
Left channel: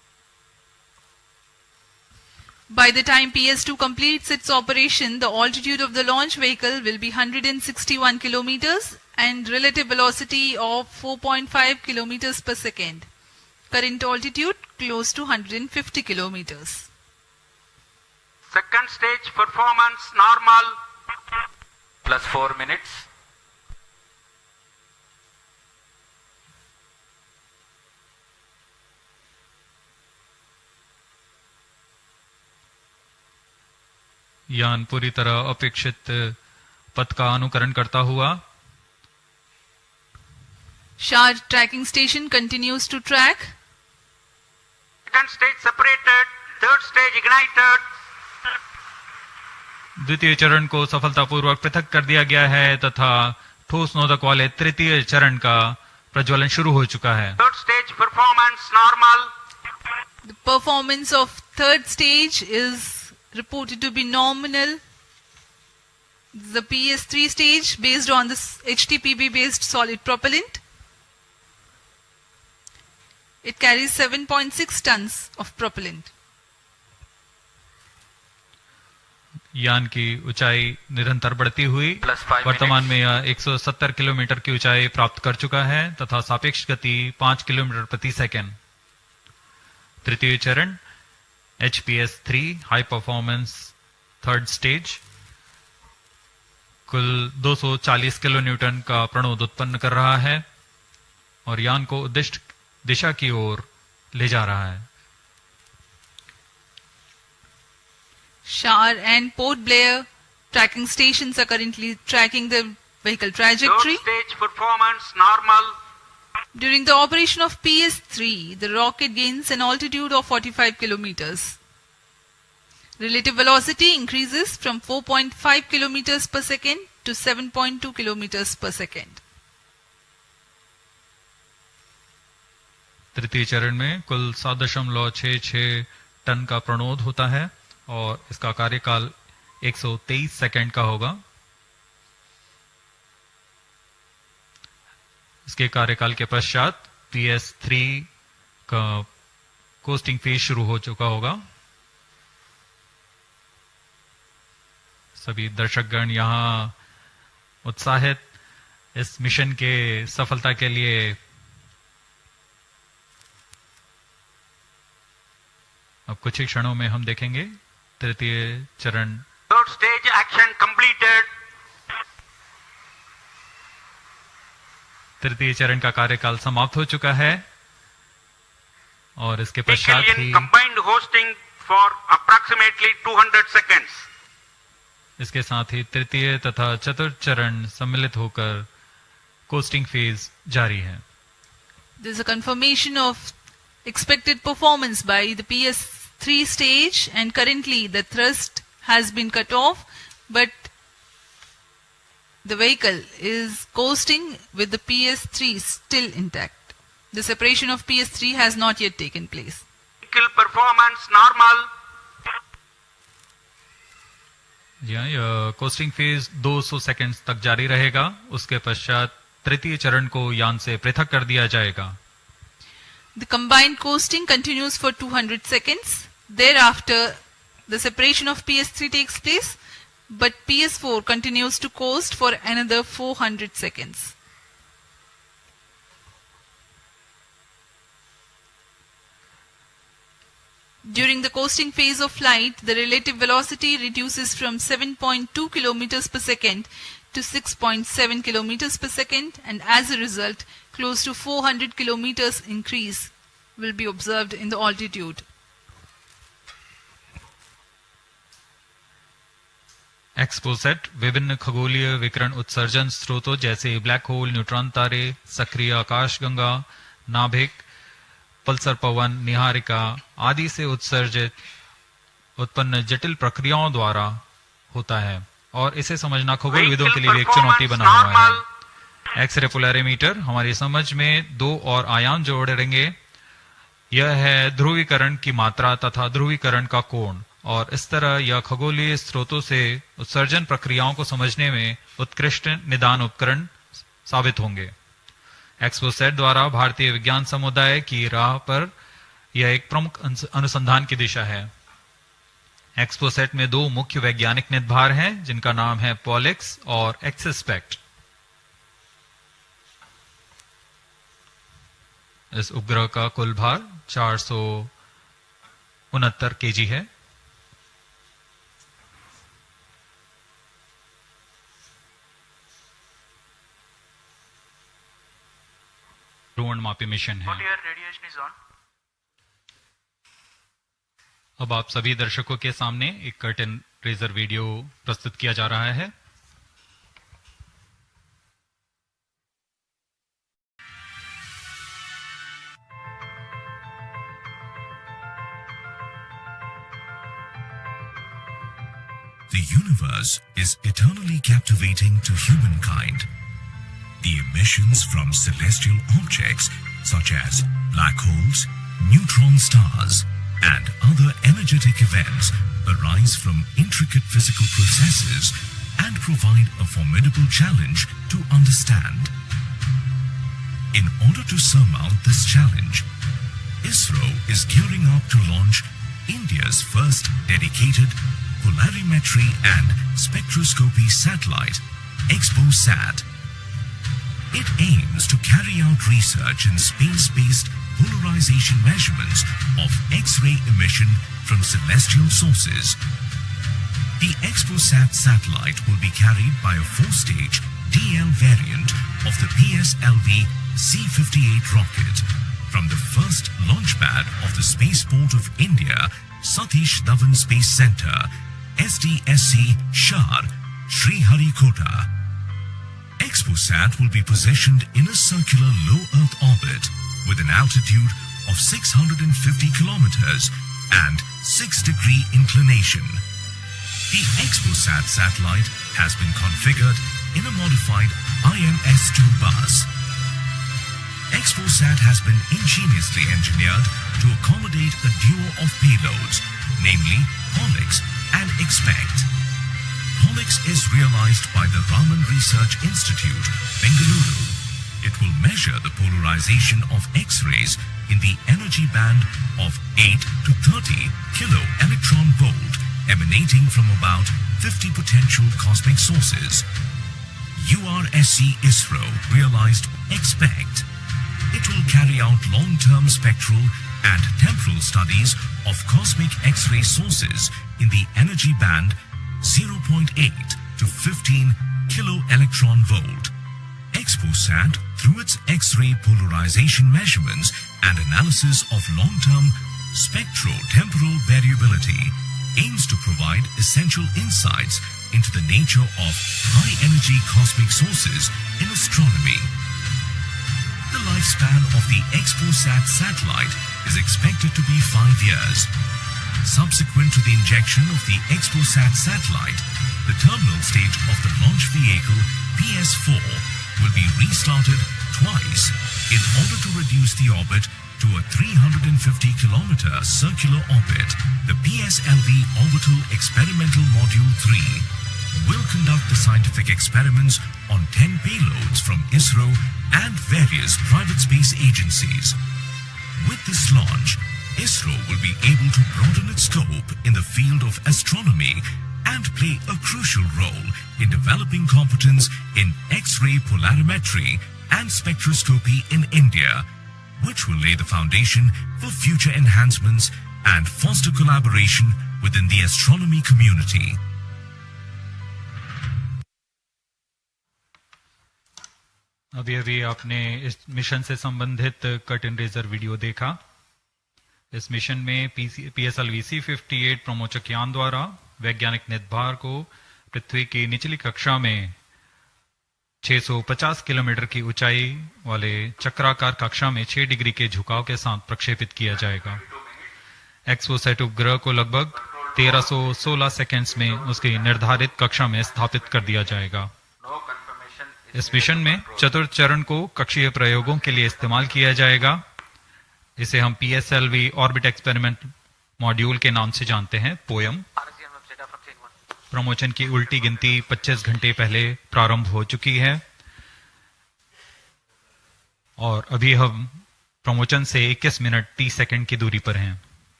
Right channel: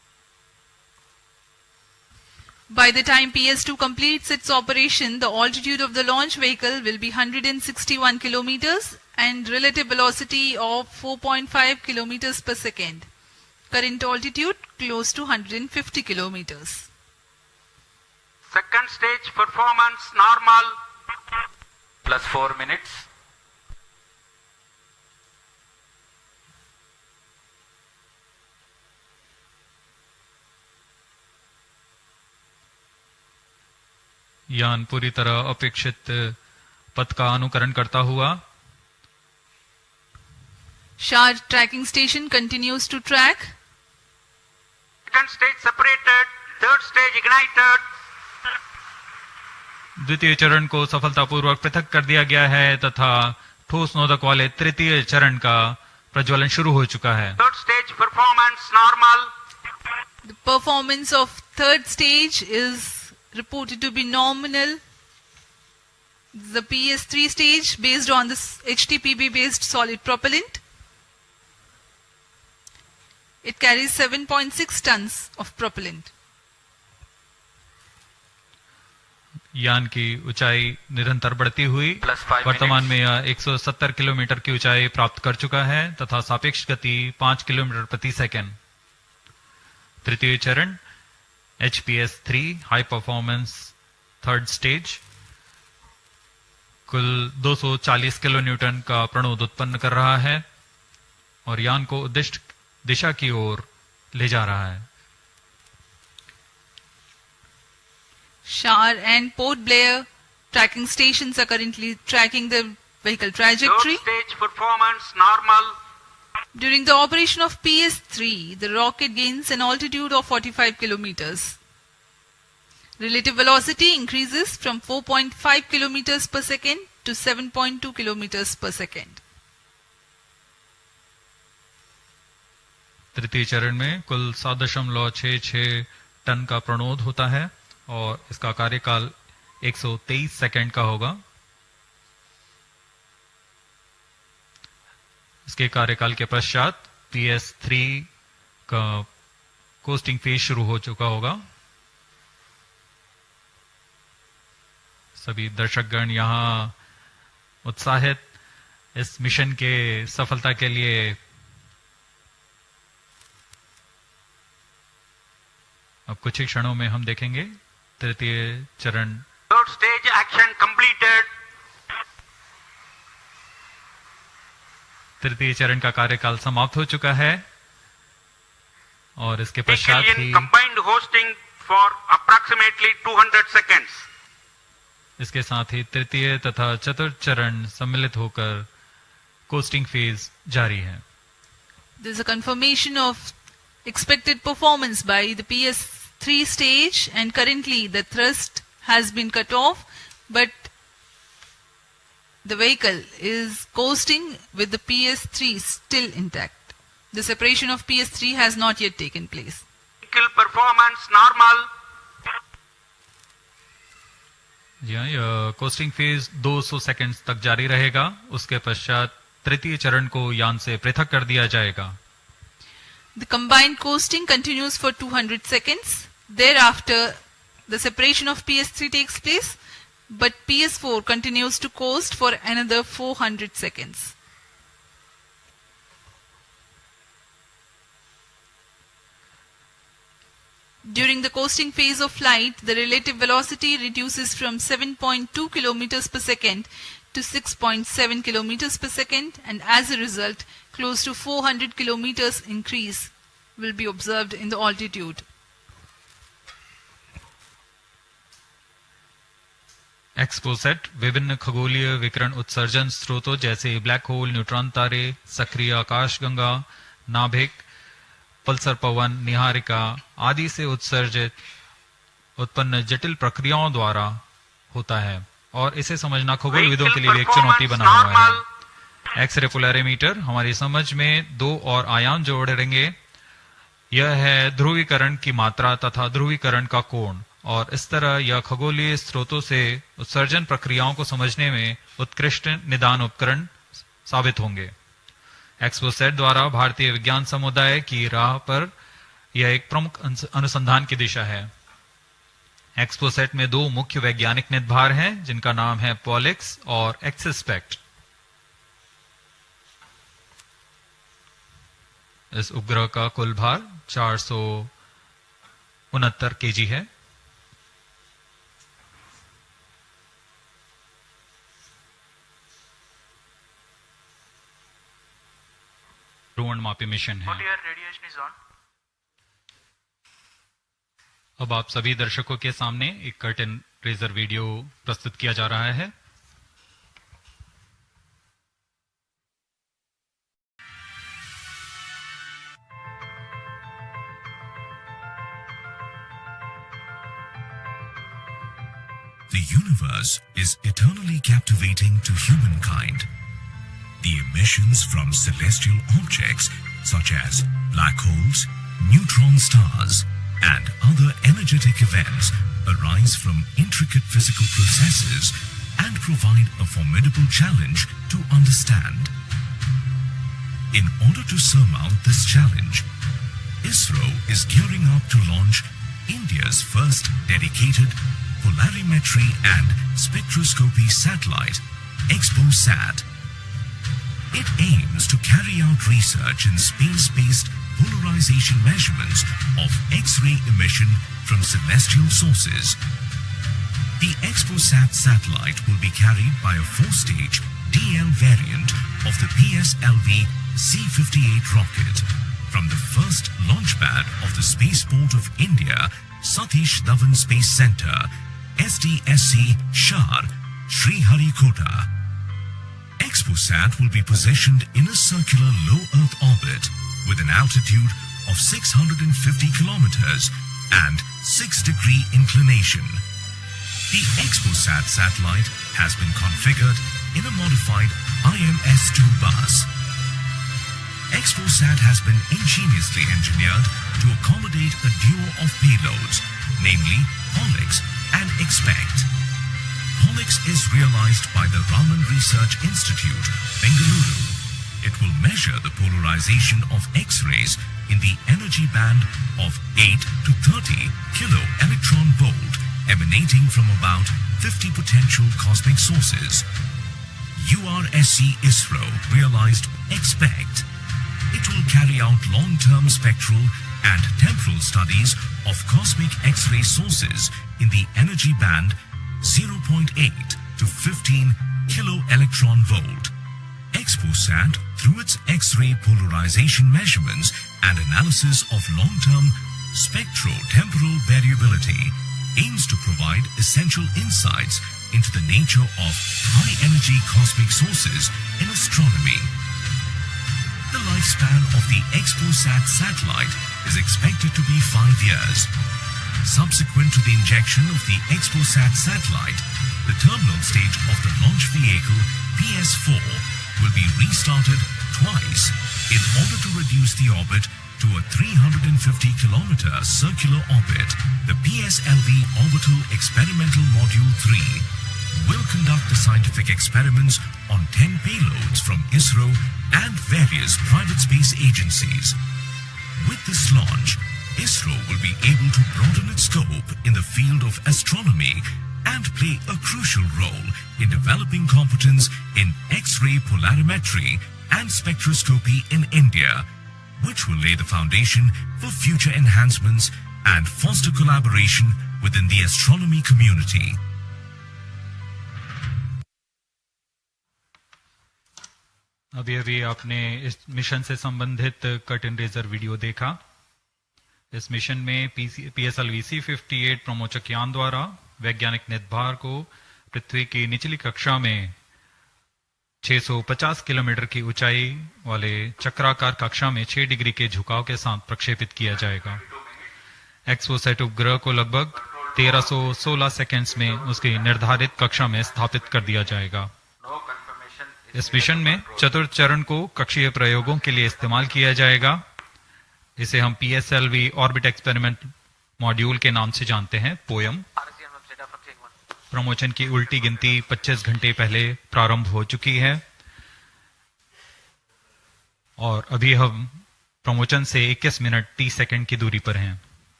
By the time PS2 completes its operation, the altitude of the launch vehicle will be 161 kilometers and relative velocity of 4.5 kilometers per second. Current altitude close to 150 kilometers. Second stage performance normal. Plus 4 minutes. यान पूरी तरह अपेक्षित पथ का अनुकरण करता हुआ SHAR tracking station continues to track. Second stage separated. Third stage ignited. द्वितीय चरण को सफलतापूर्वक पृथक कर दिया गया है तथा ठोस नोदक वाले तृतीय चरण का प्रज्वलन शुरू हो चुका है. Third stage performance normal. The performance of third stage is reported to be nominal. The PS3 stage based on this HTPB based solid propellant. It carries 7.6 tons of propellant. यान की ऊंचाई निरंतर बढ़ती हुई वर्तमान में यह 170 किलोमीटर की ऊंचाई प्राप्त कर चुका है तथा सापेक्ष गति 5 किलोमीटर प्रति सेकंड. तृतीय चरण HPS3 high performance third stage कुल 240 किलो न्यूटन का प्रणोद उत्पन्न कर रहा है और यान को उद्दिष्ट दिशा की ओर ले जा रहा है. SHAR and Port Blair tracking stations are currently tracking the vehicle trajectory. Third stage performance normal. During the operation of PS3, the rocket gains an altitude of 45 kilometers. Relative velocity increases from 4.5 kilometers per second to 7.2 kilometers per second. तृतीय चरण में कुल 7.66 ton का प्रणोद होता है और इसका कार्यकाल 123 सेकंड का होगा. इसके कार्यकाल के पश्चात PS3 का कोस्टिंग फेज शुरू हो चुका होगा. सभी दर्शकगण यहाँ उत्साहित इस मिशन के सफलता के लिए अब कुछ ही क्षणों में हम देखेंगे तृतीय चरण. Third stage action completed. तृतीय चरण का कार्यकाल समाप्त हो चुका है और इसके पश्चात ही combined hosting for approximately 200 seconds. इसके साथ ही तृतीय तथा चतुर्थ चरण सम्मिलित होकर कोस्टिंग फेज जारी है. There is a confirmation of expected performance by the PS3 stage and currently the thrust has been cut off but the vehicle is coasting with the PS3 still intact. The separation of PS3 has not yet taken place. Vehicle performance normal. जी हाँ, यह costing phase 200 seconds तक जारी रहेगा. उसके पश्चात तृतीय चरण को यान से पृथक कर दिया जाएगा. The combined coasting continues for 200 seconds. Thereafter, the separation of PS3 takes place, but PS4 continues to coast for another 400 seconds. During the coasting phase of flight, the relative velocity reduces from 7.2 kilometers per second to 6.7 kilometers per second, and as a result, close to 400 kilometers increase will be observed in the altitude. XPoSat विभिन्न खगोलीय विकिरण उत्सर्जन स्रोतों जैसे black hole, neutron तारे, सक्रिय आकाशगंगा, नाभिक, पल्सर पवन, निहारिका आदि से उत्सर्जित उत्पन्न जटिल प्रक्रियाओं द्वारा होता है और इसे समझना खगोलविदों के लिए भी एक चुनौती बना हुआ है. एक्सरे पोलैरिमीटर हमारी समझ में दो और आयाम जोड़ेंगे. यह है ध्रुवीकरण की मात्रा तथा ध्रुवीकरण का कोण और इस तरह यह खगोलीय स्रोतों से उत्सर्जन प्रक्रियाओं को समझने में उत्कृष्ट निदान उपकरण साबित होंगे. XPoSat द्वारा भारतीय विज्ञान समुदाय की राह पर यह एक प्रमुख अनुसंधान की दिशा है. एक्सपोसेट में दो मुख्य वैज्ञानिक निदभार हैं जिनका नाम है पॉलिक्स और एक्सपेक्ट। इस उपग्रह का कुल भार 469 केजी है। ध्रुवणमापी मिशन है। अब आप सभी दर्शकों के सामने एक कर्टेन रेजर वीडियो प्रस्तुत किया जा रहा है। The universe is eternally captivating to humankind. The emissions from celestial objects such as black holes, neutron stars, and other energetic events arise from intricate physical processes and provide a formidable challenge to understand. In order to surmount this challenge, Isro is gearing up to launch India's first dedicated polarimetry and spectroscopy satellite, XPoSat. It aims to carry out research in space-based polarization measurements of X-ray emission from celestial sources. The XPoSat satellite will be carried by a 4-stage DL variant of the PSLV-C58 rocket from the first launch pad of the Spaceport of India, Satish Dhawan Space Center, SDSC, Shar, Sriharikota. XPoSat will be positioned in a circular low Earth orbit with an altitude of 650 kilometers and 6-degree inclination. The XPoSat satellite has been configured in a modified IMS-2 bus. XPoSat has been ingeniously engineered to accommodate a duo of payloads, namely Pollux and Expect. Pollux is realized by the Raman Research Institute, Bengaluru. It will measure the polarization of X-rays in the energy band of 8 to 30 kilo electron volt emanating from about 50 potential cosmic sources. URSC Isro realized Expect. It will carry out long-term spectral and temporal studies of cosmic X-ray sources in the energy band 0.8 to 15 kilo electron volt. XPoSat, through its X-ray polarization measurements and analysis of long-term spectro-temporal variability, aims to provide essential insights into the nature of high-energy cosmic sources in astronomy. The lifespan of the XPoSat satellite is expected to be 5 years. Subsequent to the injection of the XPoSat satellite, the terminal stage of the launch vehicle PS4 will be restarted twice in order to reduce the orbit to a 350-kilometer circular orbit. The PSLV Orbital Experimental Module 3 will conduct the scientific experiments on 10 payloads from Isro and various private space agencies. With this launch, Isro will be able to broaden its scope in the field of astronomy and play a crucial role in developing competence in X-ray polarimetry and spectroscopy in India, which will lay the foundation for future enhancements and foster collaboration within the astronomy community. अभी आपने इस mission से संबंधित curtain razor video देखा। इस mission में PSLV-C58 प्रमोचक यान द्वारा वैज्ञानिक निदभार को पृथ्वी की निचली कक्षा में 650 किलोमीटर की ऊंचाई वाले चक्राकार कक्षा में 6 डिग्री के झुकाव के साथ प्रक्षेपित किया जाएगा। एक्सपोसैट उपग्रह को लगभग 1316 सेकेंड्स में उसकी निर्धारित कक्षा में स्थापित कर दिया जाएगा। इस मिशन में चतुर्थ चरण को कक्षीय प्रयोगों के लिए इस्तेमाल किया जाएगा। इसे हम PSLV ऑर्बिट एक्सपेरिमेंट मॉड्यूल के नाम से जानते हैं, पोयम। प्रमोशन की उल्टी गिनती 25 घंटे पहले प्रारंभ हो चुकी है और अभी हम प्रमोशन से 21 मिनट 30 सेकंड की दूरी पर हैं।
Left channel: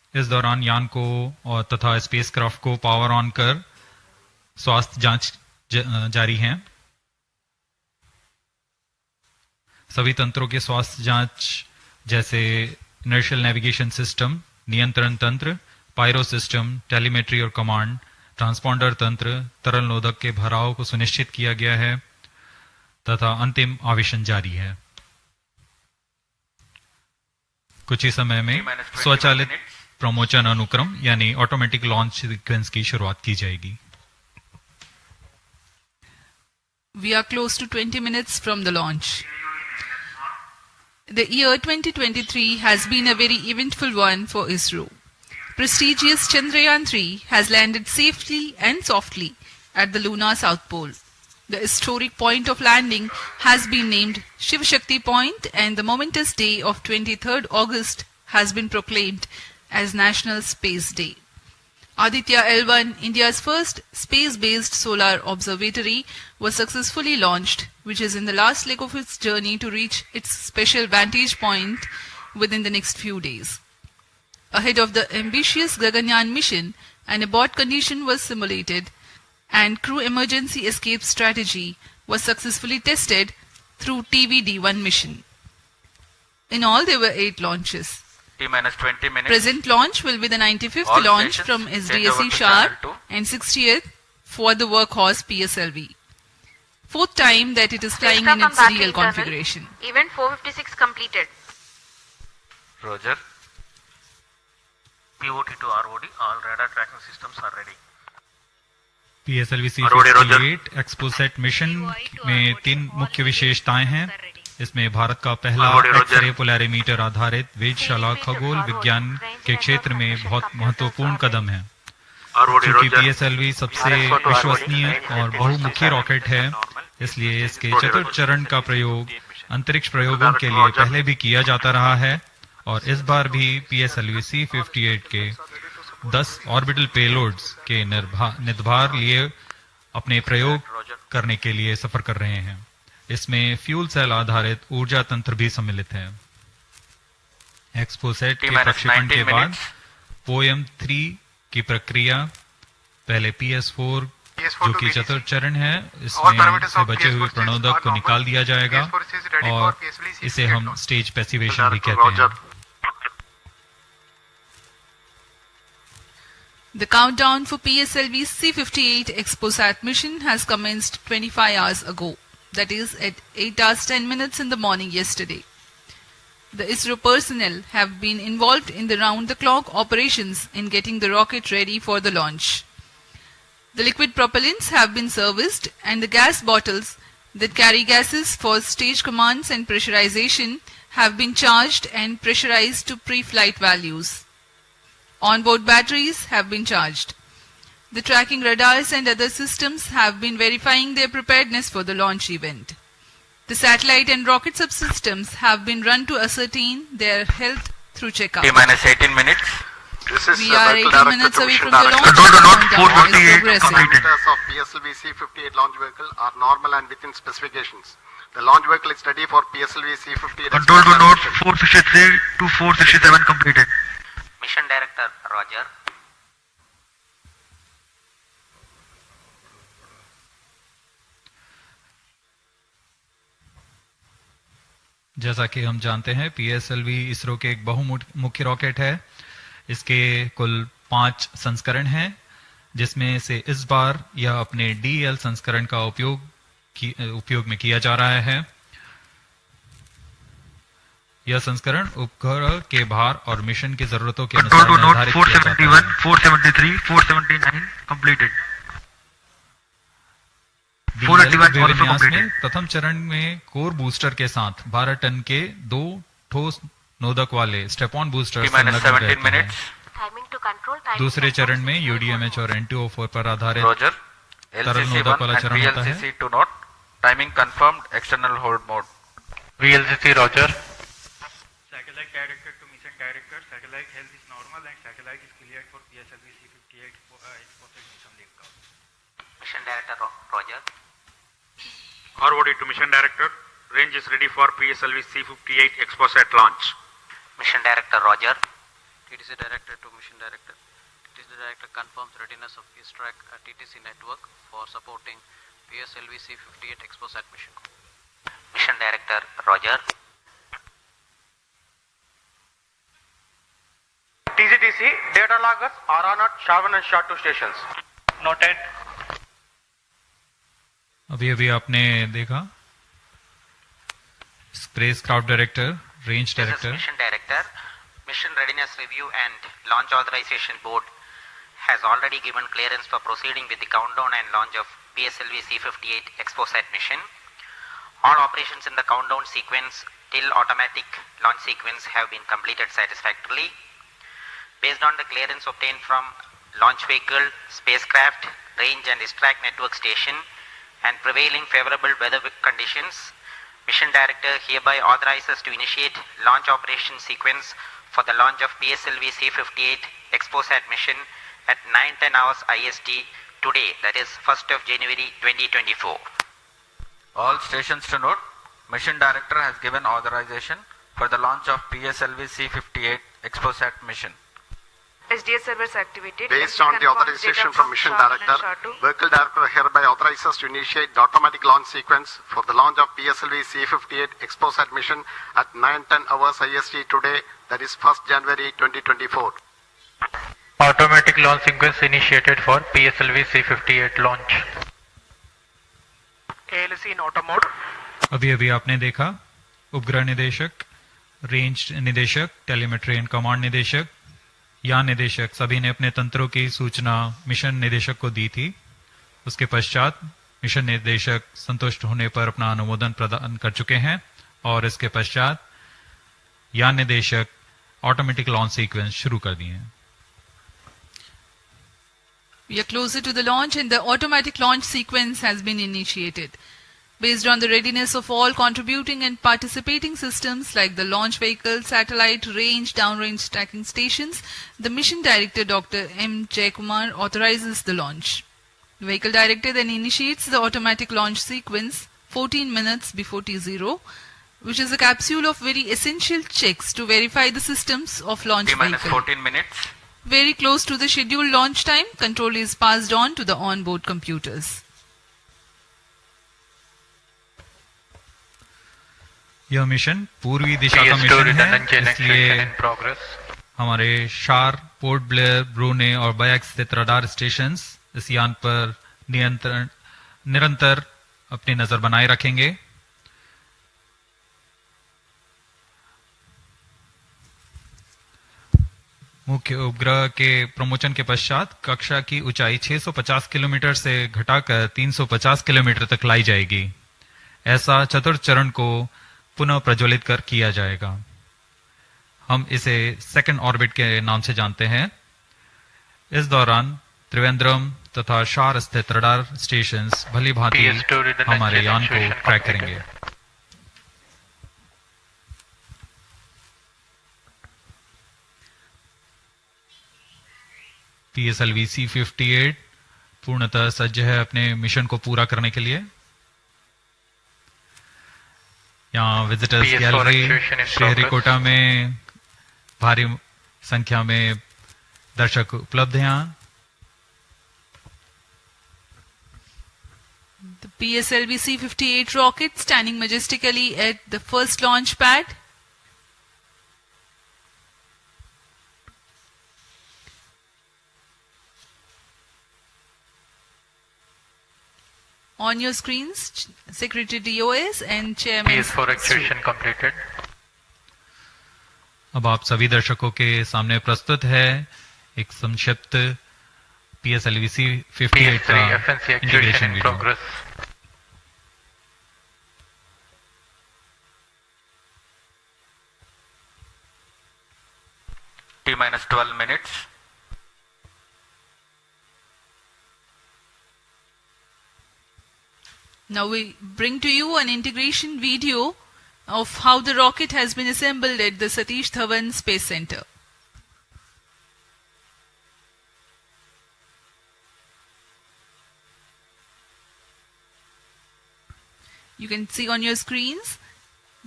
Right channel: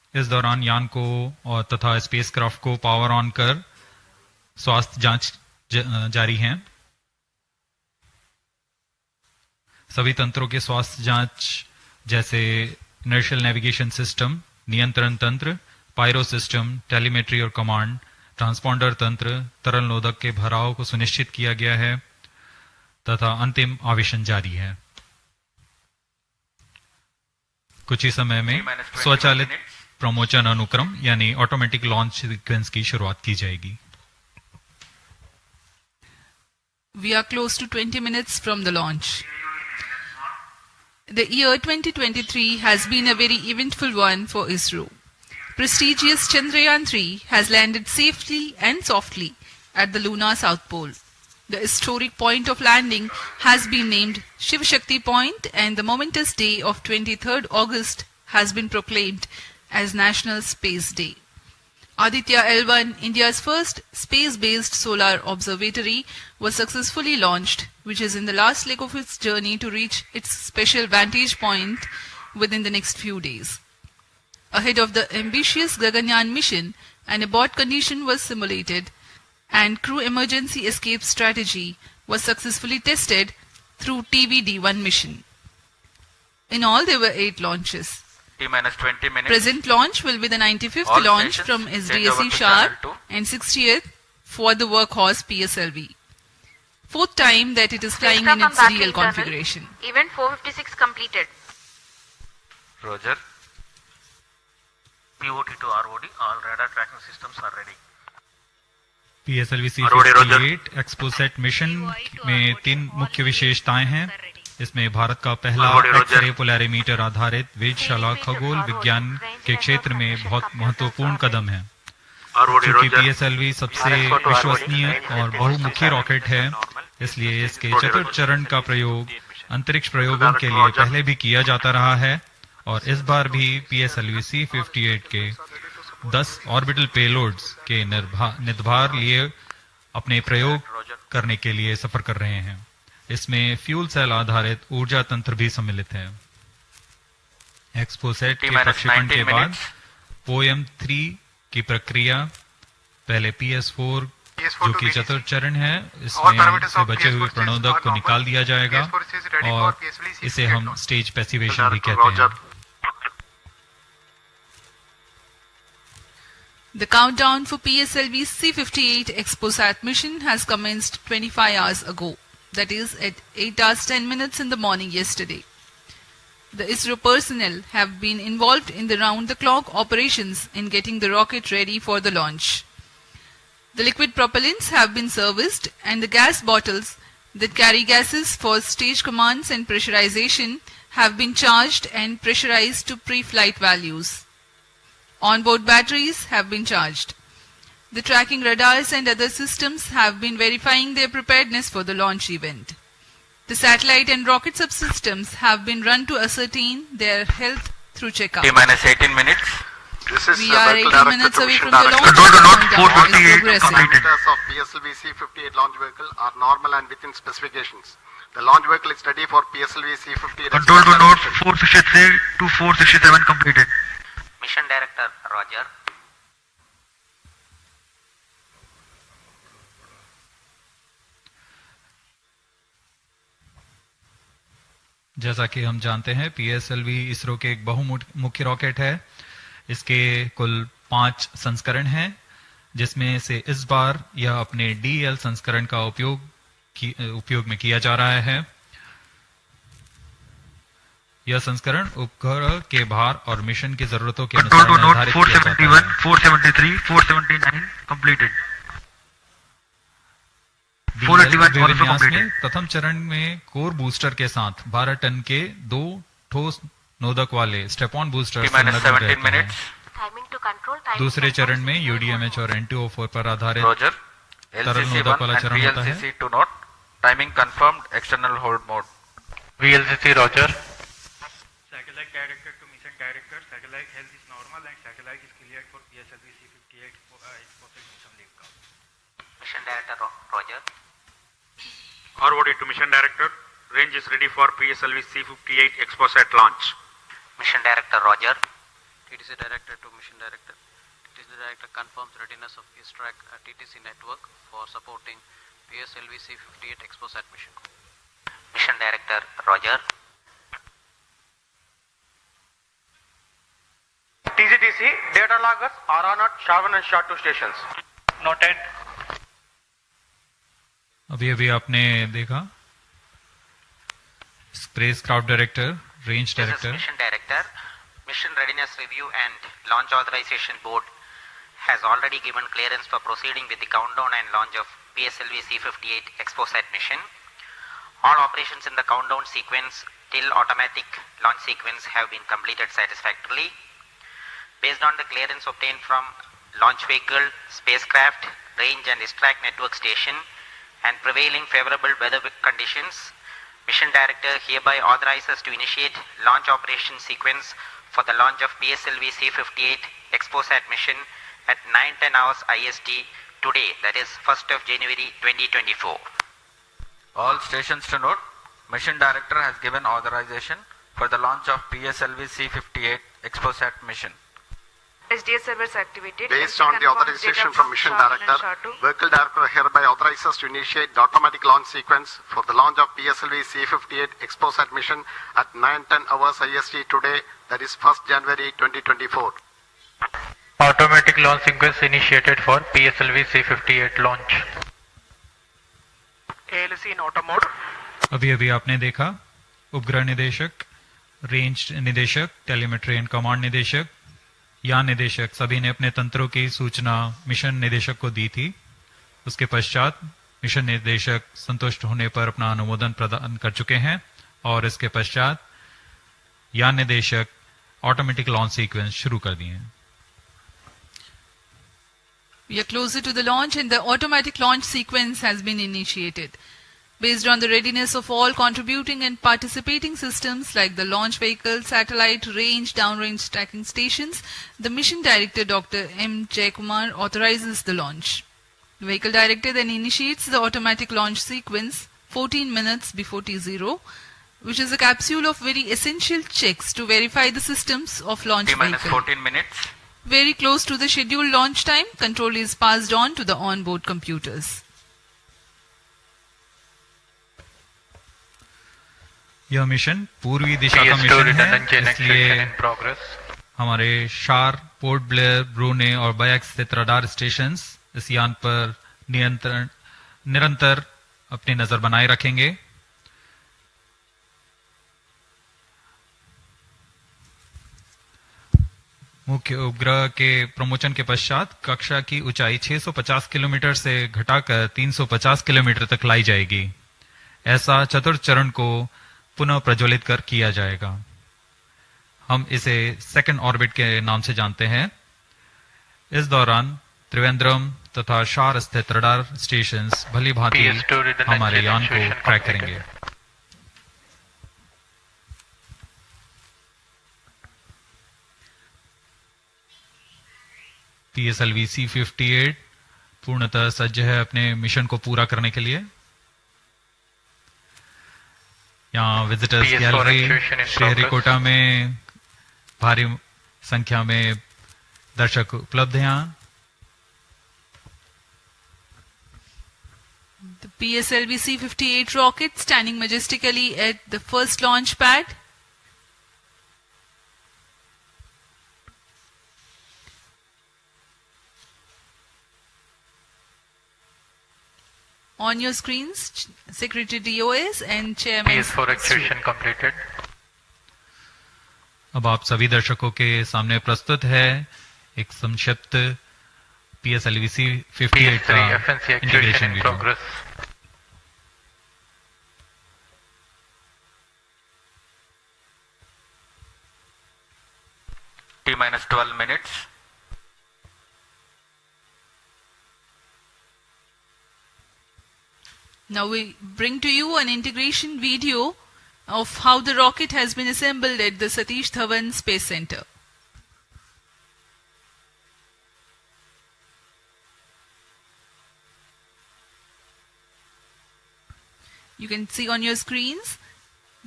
इस दौरान यान को और तथा स्पेसक्राफ्ट को पावर ऑन कर स्वास्थ्य जांच जारी है। सभी तंत्रों के स्वास्थ्य जांच जैसे इनर्शियल नेविगेशन सिस्टम, नियंत्रण तंत्र, पायरो सिस्टम, टेलीमेट्री और कमांड, ट्रांसपॉन्डर तंत्र, तरल नोदक के भराव को सुनिश्चित किया गया है तथा अंतिम आवेशन जारी है। कुछ ही समय में स्वचालित प्रमोचन अनुक्रम यानी ऑटोमेटिक लॉन्च सीक्वेंस की शुरुआत की जाएगी। We are close to 20 minutes from the launch. The year 2023 has been a very eventful one for Isro. Prestigious Chandrayaan-3 has landed safely and softly at the lunar south pole. The historic point of landing has been named Shiv Shakti Point, and the momentous day of 23rd August has been proclaimed as National Space Day. Aditya L1, India's first space-based solar observatory, was successfully launched, which is in the last leg of its journey to reach its special vantage point within the next few days. Ahead of the ambitious Gaganyaan mission, an abort condition was simulated and crew emergency escape strategy was successfully tested through TVD-1 mission. In all, there were 8 launches. T-minus 20 minutes. Present launch will be the 95th All launch from stations, SDSC change over to Sharp channel 2. and 60th for the workhorse PSLV. 4th time that it is flying in its real configuration. Event 456 completed. Roger. POT to ROD, all radar tracking systems are ready. PSLV-C58 XPoSat mission में 3 मुख्य विशेषताएं हैं। इसमें भारत का पहला x-ray polarimeter आधारित वेधशाला खगोल विज्ञान के क्षेत्र में बहुत महत्वपूर्ण कदम है। क्योंकि PSLV सबसे विश्वसनीय और बहुमुखी रॉकेट है, इसलिए इसके चतुर्थ चरण का प्रयोग अंतरिक्ष प्रयोगों के लिए पहले भी किया जाता रहा है और इस बार भी PSLV-C58 के 10 ऑर्बिटल पेलोड्स के निर्धार लिए अपने प्रयोग करने के लिए सफर कर रहे हैं। इसमें फ्यूल सेल आधारित ऊर्जा तंत्र भी सम्मिलित है। एक्सपोसेट के प्रक्षेपण के बाद पोएम-3 की प्रक्रिया पहले PS4 जो कि चतुर्थ चरण है, इसमें से बचे हुए प्रणोदक को निकाल दिया जाएगा और इसे हम स्टेज पैसिवेशन भी कहते हैं। The countdown for PSLV-C58 XPoSat mission has commenced 25 hours ago. That is at 8 hours 10 minutes in the morning yesterday. The Isro personnel have been involved in the round-the-clock operations in getting the rocket ready for the launch. The liquid propellants have been serviced and the gas bottles that carry gases for stage commands and pressurization have been charged and pressurized to pre-flight values. Onboard batteries have been charged. The tracking radars and other systems have been verifying their preparedness for the launch event. The satellite and rocket subsystems have been run to ascertain their health through checkout. T-minus 18 minutes. We are 18 minutes away from the launch. Control the launch Countdown is 458 completed. Parameters of PSLV-C58 launch vehicle are normal and within specifications. The launch vehicle is ready for PSLV-C58. Control the launch 463 to 467 completed. Mission Director, Roger. जैसा कि हम जानते हैं PSLV ISRO के एक बहुमुखी rocket है। इसके कुल 5 संस्करण हैं, जिसमें से इस बार यह अपने DL संस्करण का उपयोग में किया जा रहा है। यह संस्करण उपग्रह के भार और मिशन की जरूरतों के अनुसार निर्धारित किया जाता है। 473, 479 completed. विन्यास में प्रथम चरण में कोर बूस्टर के साथ 12 टन के 2 ठोस नोदक वाले स्टेप-ऑन बूस्टर संलग्न रहते हैं। दूसरे चरण में UDMH और NTO4 पर आधारित तरल नोदक वाला चरण होता है। Timing confirmed, external hold mode. VLCC Roger. Satellite director to mission director, satellite health is normal and satellite is cleared for PSLV-C58 XPoSat mission layout. Mission Director, Roger. ROD to Mission Director. Range is ready for PSLV-C58 XPoSat launch. Mission Director, Roger. TTC Director to Mission Director. TTC Director confirms readiness of his track at TTC network for supporting PSLV-C58 XPoSat mission. Mission Director Roger. TGTC data loggers are on at Shavan and SHA-2 stations. Noted. अभी आपने देखा spacecraft director, range director. Mission Director, Mission Readiness Review and Launch Authorization Board has already given clearance for proceeding with the countdown and launch of PSLV-C58 XPoSat mission. All operations in the countdown sequence till automatic launch sequence have been completed satisfactorily. Based on the clearance obtained from launch vehicle, spacecraft, range and ISTRAC network station and prevailing favorable weather conditions, Mission Director hereby authorizes to initiate launch operation sequence for the launch of PSLV-C58 XPoSat mission at 9:10 hours IST today, that is 1st of January 2024. All stations to note, Mission Director has given authorization for the launch of PSLV-C58 XPoSat mission. SDS servers activated. Based on the authorization from Mission Director, Vehicle Director hereby authorizes to initiate the automatic launch sequence for the launch of PSLV-C58 XPoSat mission at 9:10 hours IST today, that is 1st January 2024. Automatic launch sequence initiated for PSLV-C58 launch. ALC in auto mode. अभी आपने देखा उपग्रह निदेशक, range निदेशक, telemetry and command निदेशक, यान निदेशक सभी ने अपने तंत्रों की सूचना मिशन निदेशक को दी थी. उसके पश्चात मिशन निदेशक संतुष्ट होने पर अपना अनुमोदन प्रदान कर चुके हैं और इसके पश्चात यान निदेशक ऑटोमेटिक लॉन्च सीक्वेंस शुरू कर दिए हैं. We are closer to the launch and the automatic launch sequence has been initiated. Based on the readiness of all contributing and participating systems like the launch vehicle, satellite, range, downrange tracking stations, the Mission Director Dr. M. Jaikumar authorizes the launch. The Vehicle Director then initiates the automatic launch sequence 14 minutes before T0, which is a capsule of very essential checks to verify the systems of launch vehicle. 14 minutes. Very close to the scheduled launch time, control is passed on to the onboard computers. यह mission पूर्वी दिशा का mission है, इसलिए हमारे शार, port Blair, ब्रूने और bike स्थित radar stations इस यान पर निरंतर अपनी नजर बनाए रखेंगे. मुख्य उपग्रह के प्रमोशन के पश्चात कक्षा की ऊंचाई 650 किलोमीटर से घटाकर 350 किलोमीटर तक लाई जाएगी. ऐसा चतुर्थ चरण को पुनः प्रज्वलित किया जाएगा. हम इसे सेकंड ऑर्बिट के नाम से जानते हैं. इस दौरान त्रिवेंद्रम तथा शार स्थित रडार स्टेशंस भली भांति हमारे यान को ट्रैक करेंगे. PSLV-C58 पूर्णतः सज्ज है अपने मिशन को पूरा करने के लिए. यहाँ विजिटर्स गैलरी श्रीहरिकोटा में भारी संख्या में दर्शक उपलब्ध हैं. यहाँ The PSLV-C58 rocket standing majestically at the first launch pad. On your screens, Secretary DOS and Chairman. PS4 activation completed. अब आप सभी दर्शकों के सामने प्रस्तुत है एक संक्षिप्त PSLV-C58 का integration video. T-12 minutes. Now we bring to you an integration video of how the rocket has been assembled at the Satish Dhawan Space Center. You can see on your screens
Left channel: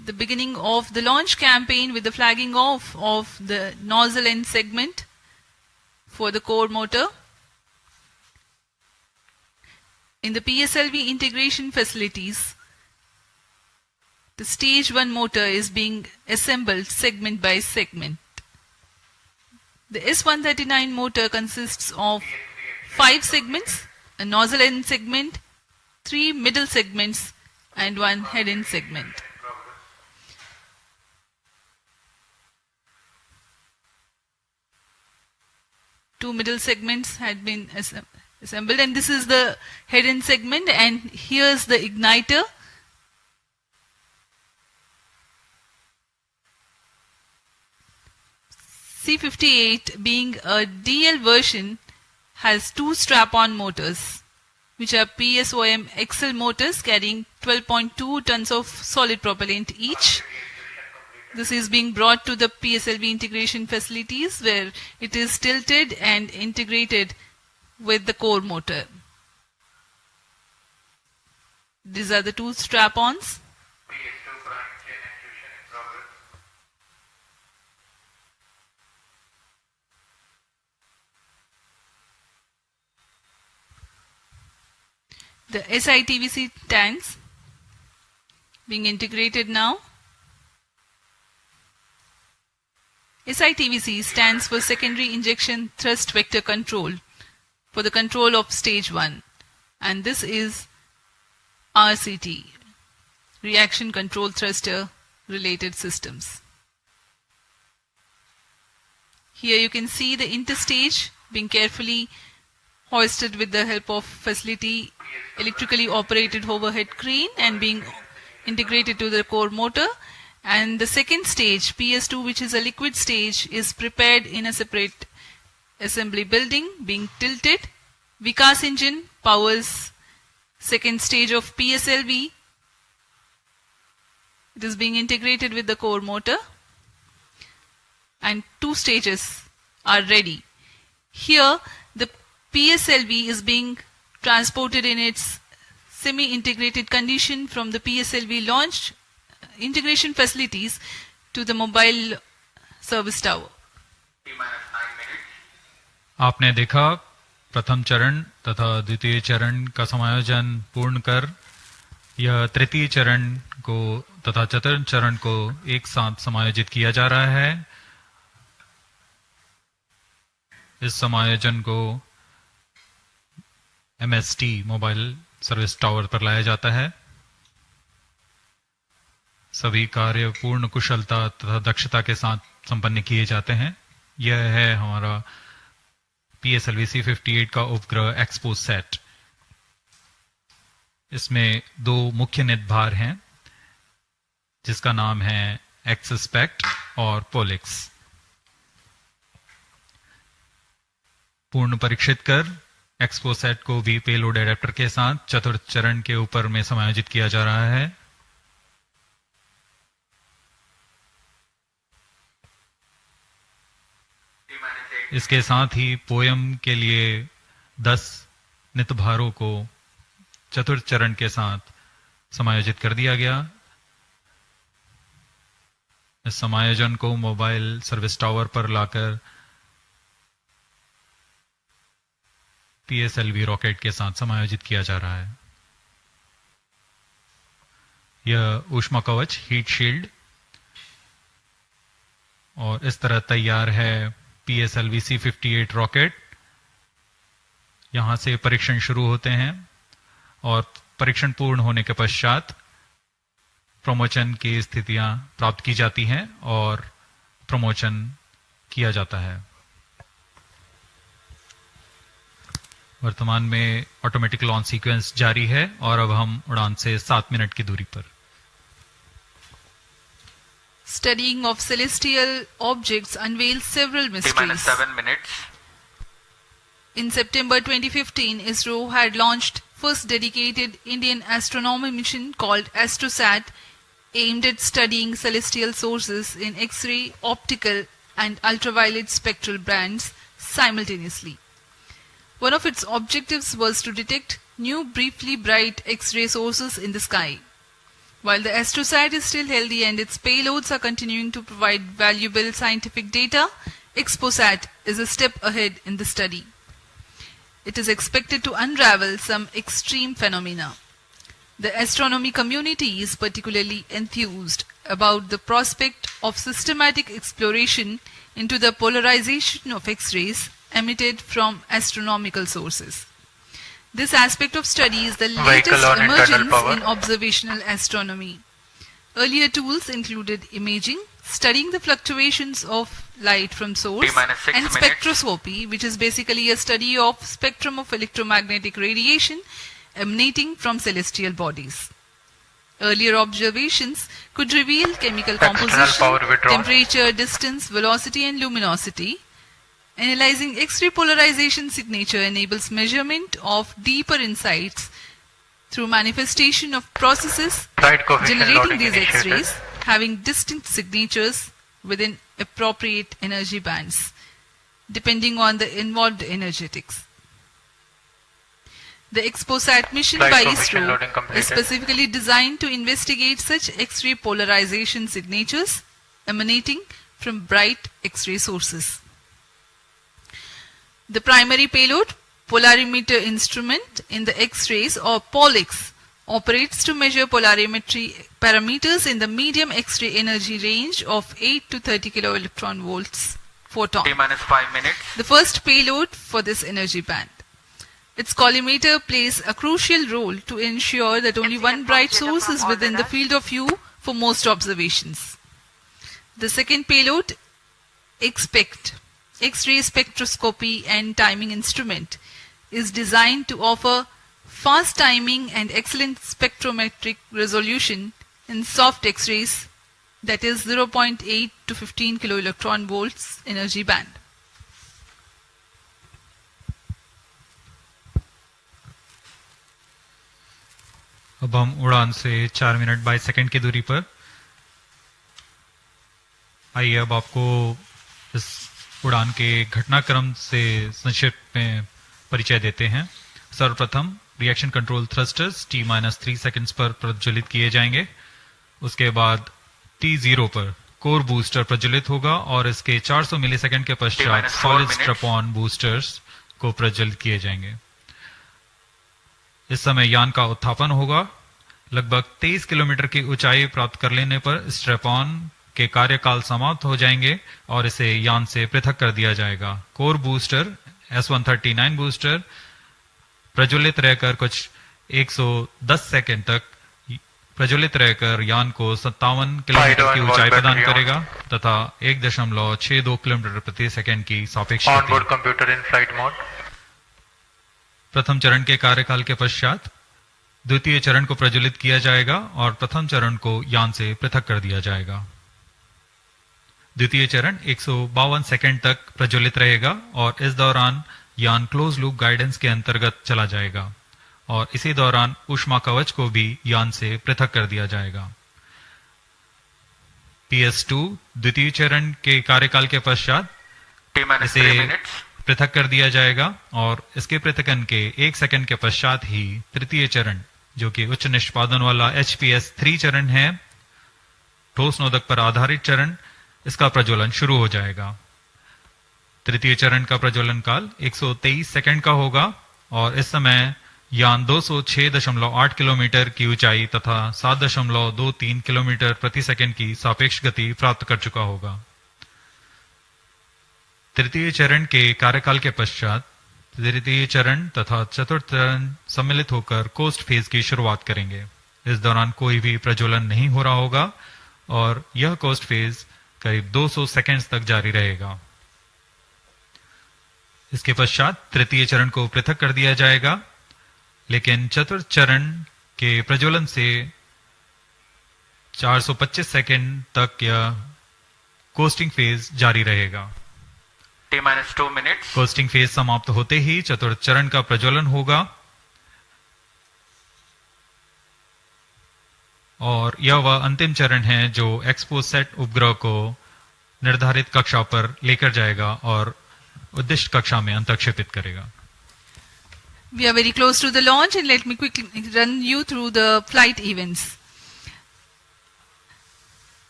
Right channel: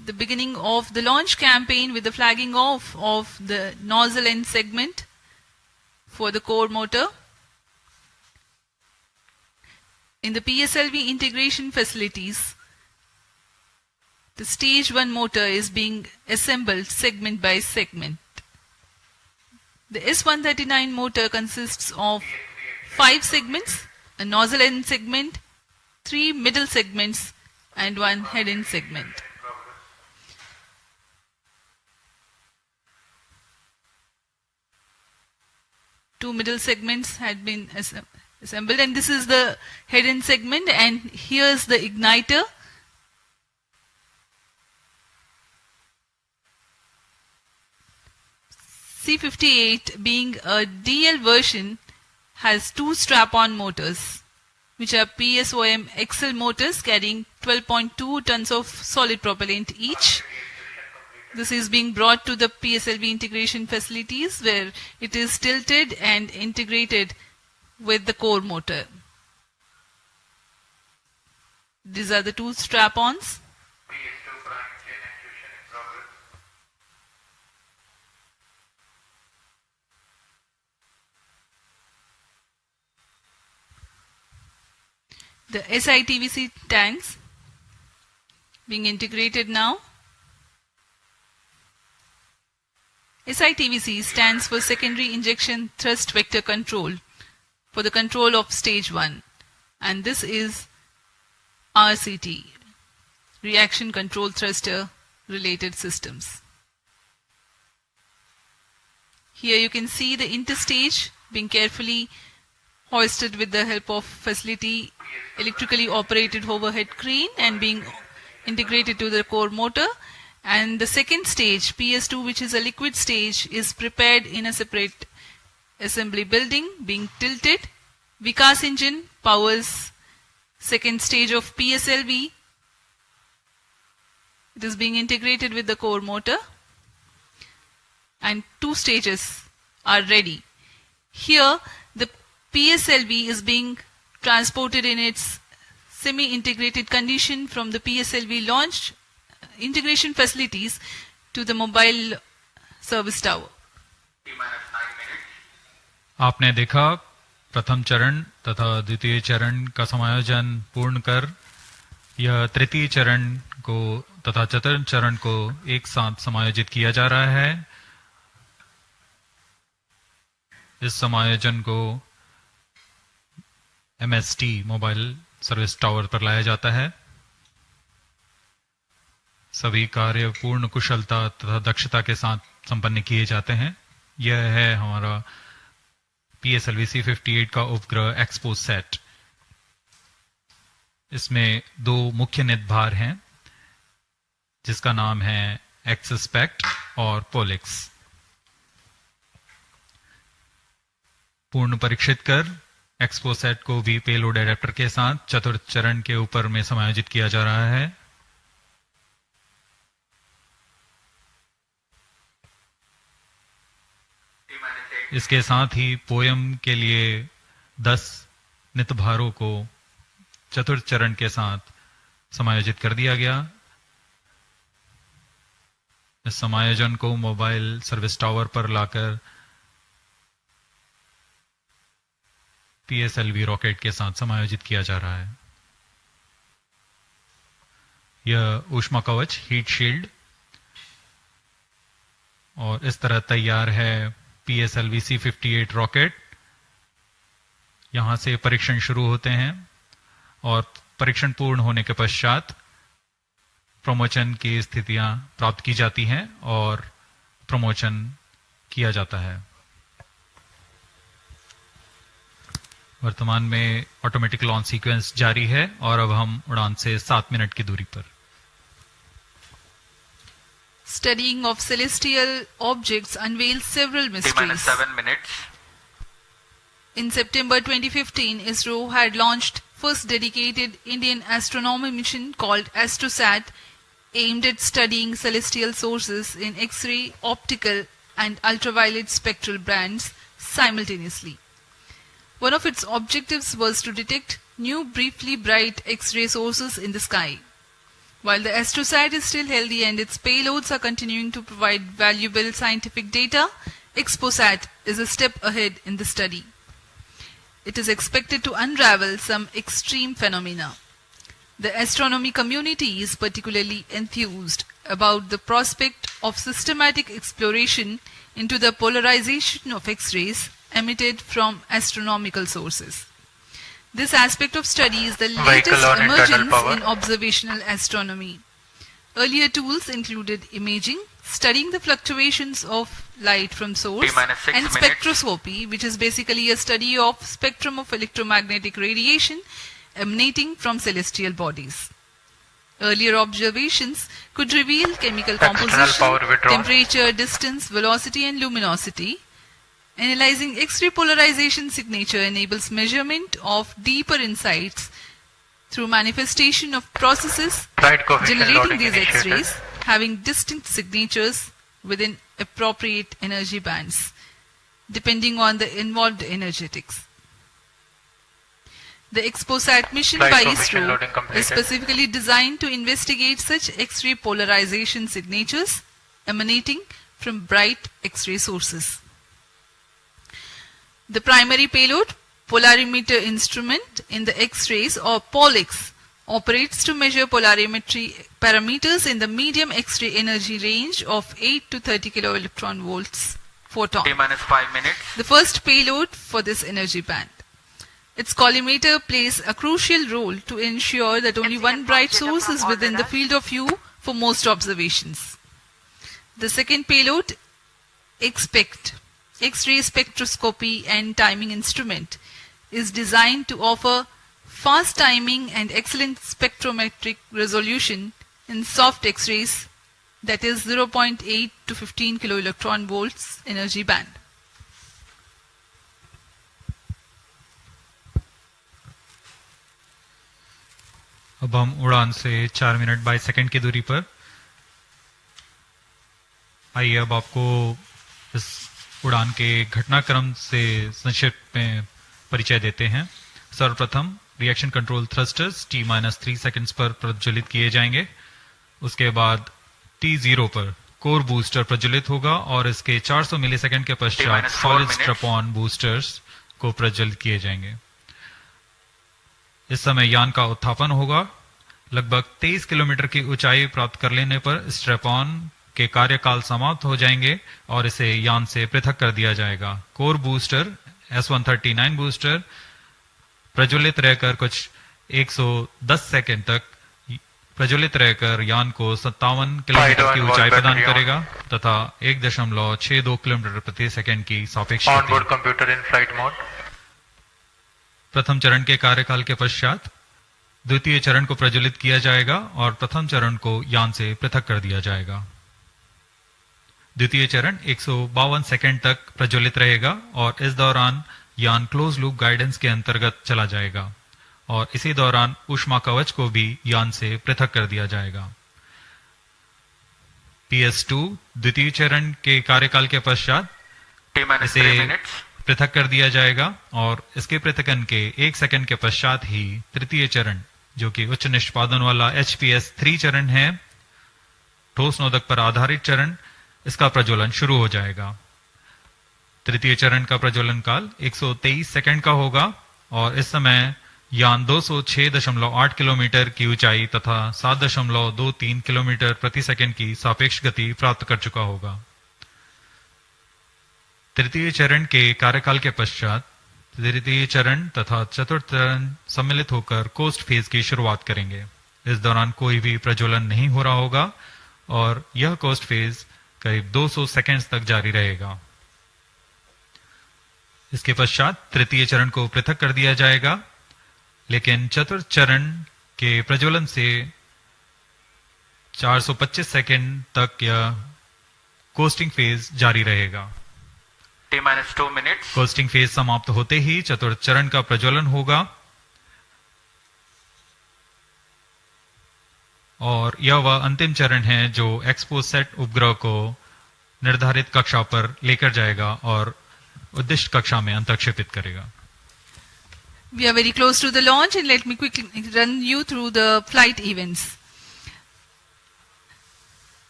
the beginning of the launch campaign with the flagging off of the nozzle end segment for the core motor. In the PSLV integration facilities, the stage 1 motor is being assembled segment by segment. The S139 motor consists of 5 segments, a nozzle end segment, 3 middle segments and 1 head end segment. Two middle segments had been assembled, and this is the head end segment, and here's the igniter. C58, being a DL version, has 2 strap-on motors, which are PSOM XL motors carrying 12.2 tons of solid propellant each. This is being brought to the PSLV integration facilities where it is tilted and integrated with the core motor. These are the 2 strap-ons. The SITVC tanks being integrated now. SITVC stands for Secondary Injection Thrust Vector Control for the control of stage 1, and this is RCT, Reaction Control Thruster related systems. Here you can see the interstage being carefully hoisted with the help of facility electrically operated overhead crane and being integrated to the core motor. And the second stage, PS2, which is a liquid stage, is prepared in a separate assembly building, being tilted. Vikas engine powers second stage of PSLV. It is being integrated with the core motor, and 2 stages are ready. Here, the PSLV is being transported in its semi-integrated condition from the PSLV launched integration facilities to the mobile service tower. आपने देखा प्रथम चरण तथा द्वितीय चरण का समायोजन पूर्ण कर यह तृतीय चरण को तथा चतुर्थ चरण को एक साथ समायोजित किया जा रहा है। इस समायोजन को MST मोबाइल सर्विस टावर पर लाया जाता है। सभी कार्य पूर्ण कुशलता तथा दक्षता के साथ संपन्न किए जाते हैं। यह है हमारा PSLV-C58 का उपग्रह XPoSat। इसमें 2 मुख्य निदभार हैं, जिसका नाम है XSPECT और POLIX। पूर्ण परीक्षित कर XPoSat को भी पेलोड एडेप्टर के साथ चतुर्थ चरण के ऊपर में समायोजित किया जा रहा है। इसके साथ ही पोयम के लिए 10 नितभारों को चतुर्थ चरण के साथ समायोजित कर दिया गया। इस समायोजन को मोबाइल सर्विस टावर पर लाकर PSLV रॉकेट के साथ समायोजित किया जा रहा है। यह ऊष्मा कवच हीट शील्ड और इस तरह तैयार है PSLV-C58 रॉकेट। यहां से परीक्षण शुरू होते हैं और परीक्षण पूर्ण होने के पश्चात प्रमोशन की स्थितियां प्राप्त की जाती हैं और प्रमोशन किया जाता है। वर्तमान में ऑटोमेटिक लॉन्च सीक्वेंस जारी है और अब हम उड़ान से 7 मिनट की दूरी पर। Studying of celestial objects unveils several mysteries. 7 minutes. In September 2015, Isro had launched first dedicated Indian astronomy mission called AstroSat, aimed at studying celestial sources in X-ray, optical and ultraviolet spectral bands simultaneously. One of its objectives was to detect new briefly bright X-ray sources in the sky. While the AstroSat is still healthy and its payloads are continuing to provide valuable scientific data, XPoSat is a step ahead in the study. It is expected to unravel some extreme phenomena. The astronomy community is particularly enthused about the prospect of systematic exploration into the polarization of X-rays emitted from astronomical sources. This aspect of study is the latest emergence in observational astronomy. Earlier tools included imaging, studying the fluctuations of light from source, and spectroscopy, which is basically a study of spectrum of electromagnetic radiation emanating from celestial bodies. Earlier observations could reveal chemical composition, temperature, distance, velocity, and luminosity. Analyzing X-ray polarization signature enables measurement of deeper insights through manifestation of processes generating these X-rays having distinct signatures within appropriate energy bands, depending on the involved energetics. The XPoSat mission by Isro is specifically designed to investigate such X-ray polarization signatures emanating from bright X-ray sources. The primary payload, polarimeter instrument in the X-rays or POLIX, operates to measure polarimetry parameters in the medium X-ray energy range of 8 to 30 kiloelectron volts photon. T-5 minutes. The first payload for this energy band. Its collimator plays a crucial role to ensure that only one bright source is within the field of view for most observations. The second payload, XPECT, X-ray spectroscopy and timing instrument, is designed to offer fast timing and excellent spectrometric resolution in soft X-rays, that is 0.8 to 15 kiloelectron volts energy band. अब हम उड़ान से 4 minute 22 second की दूरी पर। आइए अब आपको इस उड़ान के घटनाक्रम से संक्षिप्त में परिचय देते हैं। सर्वप्रथम reaction control thrusters T-3 seconds पर प्रज्वलित किए जाएंगे। उसके बाद T0 पर कोर बूस्टर प्रज्वलित होगा और इसके 400 मिलीसेकंड के पश्चात सॉलिड स्ट्रैप-ऑन बूस्टर्स को प्रज्वलित किए जाएंगे। इस समय यान का उत्थापन होगा। लगभग 23 किलोमीटर की ऊंचाई प्राप्त कर लेने पर स्ट्रैप-ऑन के कार्यकाल समाप्त हो जाएंगे और इसे यान से पृथक कर दिया जाएगा। कोर बूस्टर S139 बूस्टर प्रज्वलित रहकर कुछ 110 सेकंड तक प्रज्वलित रहकर यान को 57 किलोमीटर की ऊंचाई प्रदान करेगा तथा 1.62 किलोमीटर प्रति सेकंड की सापेक्ष गति। प्रथम चरण के कार्यकाल के पश्चात द्वितीय चरण को प्रज्वलित किया जाएगा और प्रथम चरण को यान से पृथक कर दिया जाएगा। द्वितीय चरण 152 सेकंड तक प्रज्वलित रहेगा और इस दौरान यान क्लोज लूप गाइडेंस के अंतर्गत चला जाएगा और इसी दौरान ऊष्मा कवच को भी यान से पृथक कर दिया जाएगा। PS2 द्वितीय चरण के कार्यकाल के पश्चात इसे पृथक कर दिया जाएगा और इसके पृथकन के 1 सेकंड के पश्चात ही तृतीय चरण, जो कि उच्च निष्पादन वाला HPS3 चरण है, ठोस नोदक पर आधारित चरण, इसका प्रज्वलन शुरू हो जाएगा। तृतीय चरण का प्रज्वलन काल 123 सेकंड का होगा और इस समय यान 206.8 किलोमीटर की ऊंचाई तथा 7.23 किलोमीटर प्रति सेकंड की सापेक्ष गति प्राप्त कर चुका होगा। तृतीय चरण के कार्यकाल के पश्चात तृतीय चरण तथा चतुर्थ चरण सम्मिलित होकर कोस्ट फेज की शुरुआत करेंगे। इस दौरान कोई भी प्रज्वलन नहीं हो रहा होगा और यह कोस्ट फेज करीब 200 सेकंड्स तक जारी रहेगा। इसके पश्चात तृतीय चरण को पृथक कर दिया जाएगा, लेकिन चतुर्थ चरण के प्रज्वलन से 425 सेकंड तक यह कोस्टिंग फेज जारी रहेगा। T-2 minutes. कोस्टिंग फेज समाप्त होते ही चतुर्थ चरण का प्रज्वलन होगा और यह वह अंतिम चरण है जो XPoSat उपग्रह को निर्धारित कक्षा पर लेकर जाएगा और उद्दिष्ट कक्षा में अंतक्षेपित करेगा। We are very close to the launch and let me quickly run you through the flight events.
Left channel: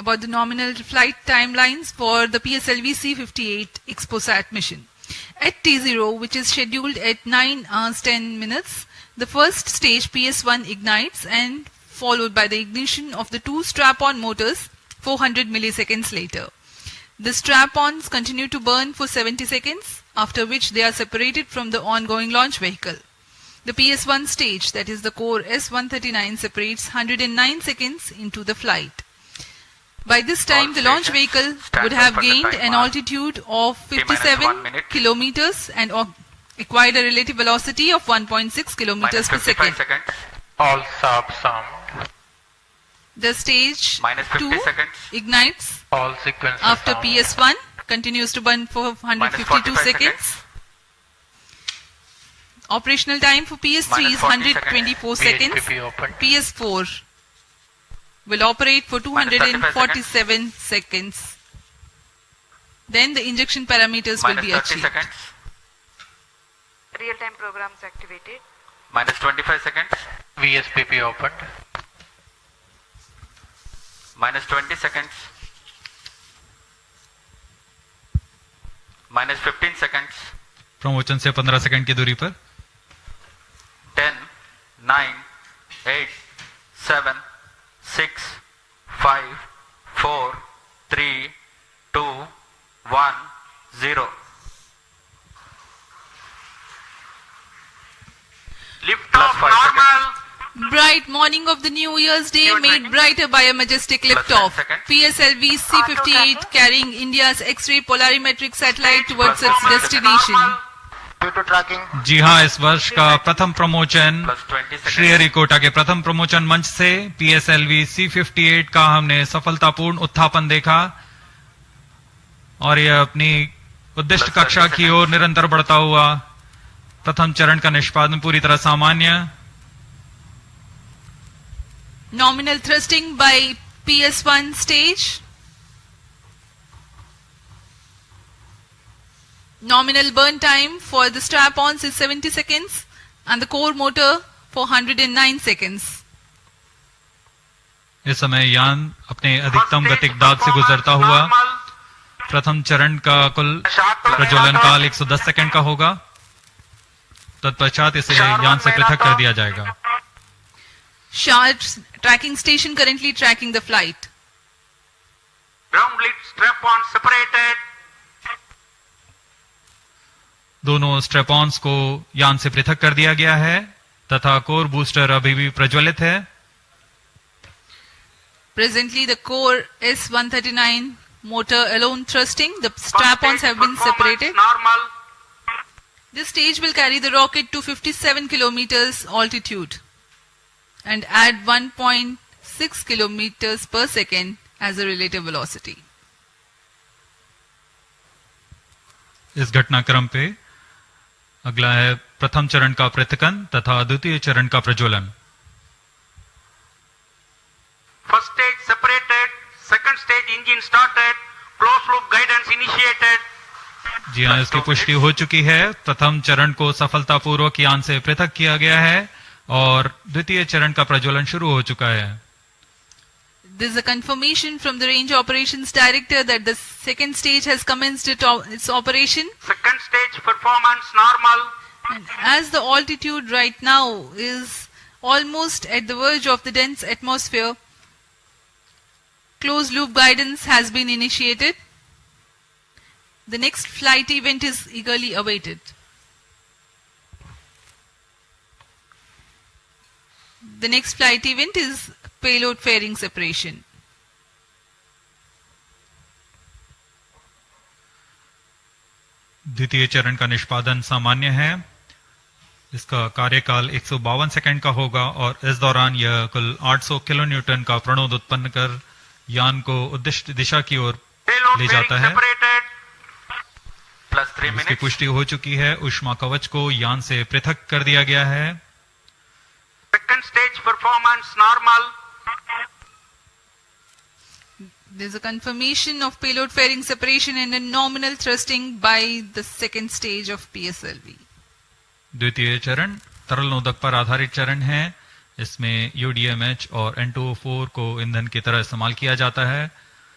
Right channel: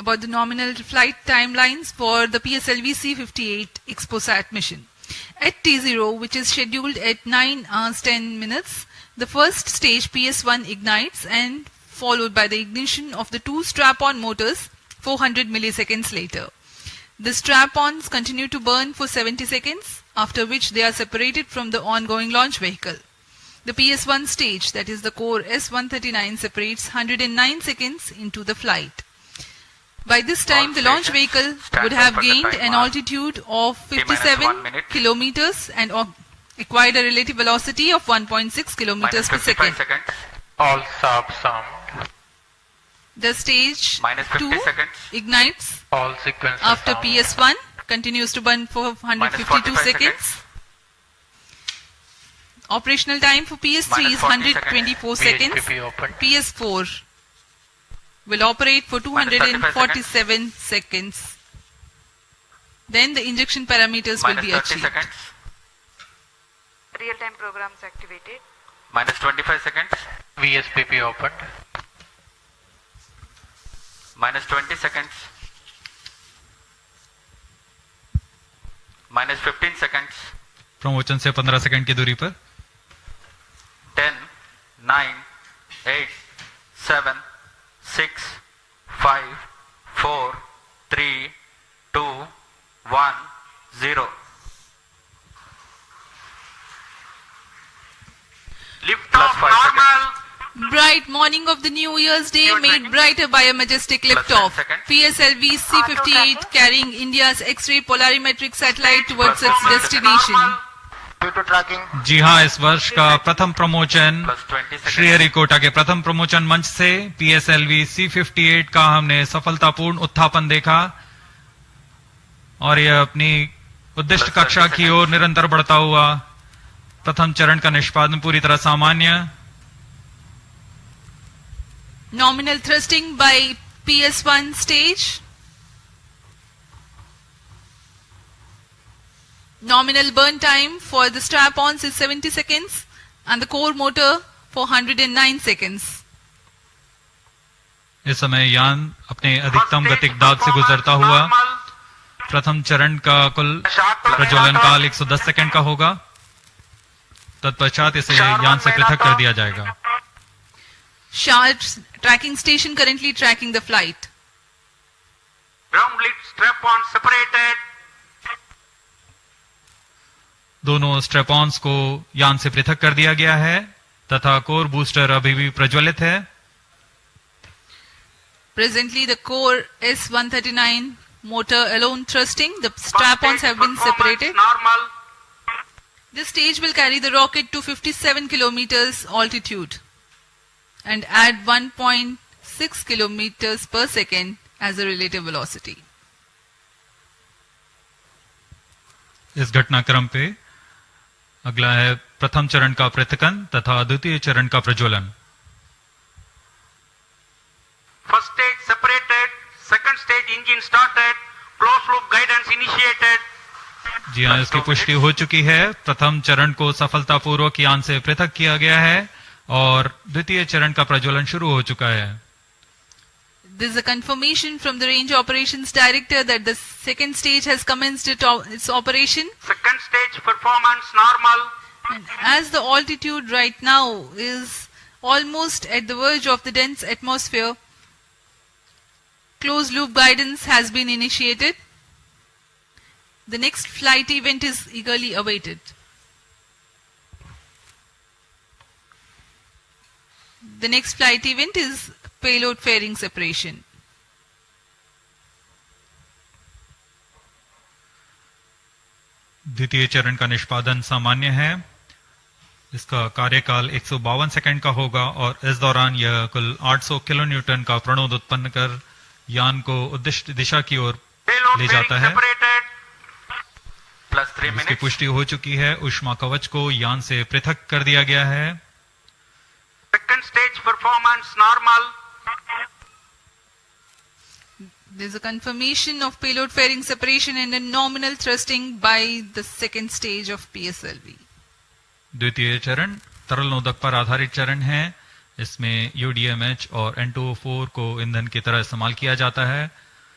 about the nominal flight timelines for the PSLV-C58 XPoSat mission. At T0, which is scheduled at 9 hours 10 minutes, the first stage PS1 ignites and followed by the ignition of the two strap-on motors 400 milliseconds later. The strap-ons continue to burn for 70 seconds, after which they are separated from the ongoing launch vehicle. The PS1 stage, that is the core S139, separates 109 seconds into the flight. By this time, the launch vehicle would have gained an altitude of 57 kilometers and acquired a relative velocity of 1.6 kilometers per second. All subs sound. The stage 2 ignites All sequences after sound. PS1, continues to burn for 152 seconds. Operational time for PS3 is 124 seconds. PSPP open. PS4 will operate for 247 seconds. Then the injection parameters will be achieved. Real-time programs activated. Minus 25 seconds. VSPP opened. Minus 20 seconds. Minus 15 seconds. प्रमोचन से 15 second की दूरी पर 10, 9, 8, 7, 6, 5, 4, 3, 2, 1, 0. Lift off normal. Bright morning of the New Year's Day made brighter by a majestic liftoff. PSLV-C58 carrying India's X-ray Polarimeter Satellite towards its destination. Due to tracking. जी हाँ, इस वर्ष का प्रथम प्रमोचन श्रीहरिकोटा के प्रथम प्रमोचन मंच से PSLV-C58 का हमने सफलतापूर्ण उत्थापन देखा और यह अपनी उद्दिष्ट कक्षा की ओर निरंतर बढ़ता हुआ प्रथम चरण का निष्पादन पूरी तरह सामान्य. Nominal thrusting by PS1 stage. Nominal burn time for the strap-ons is 70 seconds and the core motor for 109 seconds. इस समय यान अपने अधिकतम गतिक दाब से गुजरता हुआ प्रथम चरण का कुल प्रज्वलन काल 110 सेकंड का होगा. तत्पश्चात इसे यान से पृथक कर दिया जाएगा. Sharp's tracking station currently tracking the flight. Ground lid strap-on separated. दोनों स्ट्रेपॉन्स को यान से पृथक कर दिया गया है तथा कोर बूस्टर अभी भी प्रज्वलित है. Presently the core S139 motor alone thrusting. The strap-ons have been separated. Normal. This stage will carry the rocket to 57 kilometers altitude and add 1.6 kilometers per second as a relative velocity. इस घटनाक्रम पे अगला है प्रथम चरण का पृथकन तथा द्वितीय चरण का प्रज्वलन. First stage separated. Second stage engine started. Closed loop guidance initiated. जी हाँ, इसकी पुष्टि हो चुकी है. प्रथम चरण को सफलतापूर्वक यान से पृथक किया गया है और द्वितीय चरण का प्रज्वलन शुरू हो चुका है. There is a confirmation from the Range Operations Director that the second stage has commenced its operation. Second stage performance normal. And as the altitude right now is almost at the verge of the dense atmosphere, closed loop guidance has been initiated. The next flight event is eagerly awaited. The next flight event is payload fairing separation. द्वितीय चरण का निष्पादन सामान्य है. इसका कार्यकाल 152 second का होगा और इस दौरान यह कुल 800 किलो न्यूटन का प्रणोद उत्पन्न कर यान को उद्दिष्ट दिशा की ओर ले जाता है. इसकी पुष्टि हो चुकी है. ऊष्मा कवच को यान से पृथक कर दिया गया है. Second stage performance normal. There is a confirmation of payload fairing separation and a nominal thrusting by the second stage of PSLV. द्वितीय चरण तरल नोदक पर आधारित चरण है. इसमें UDMH और N2O4 को ईंधन की तरह इस्तेमाल किया जाता है.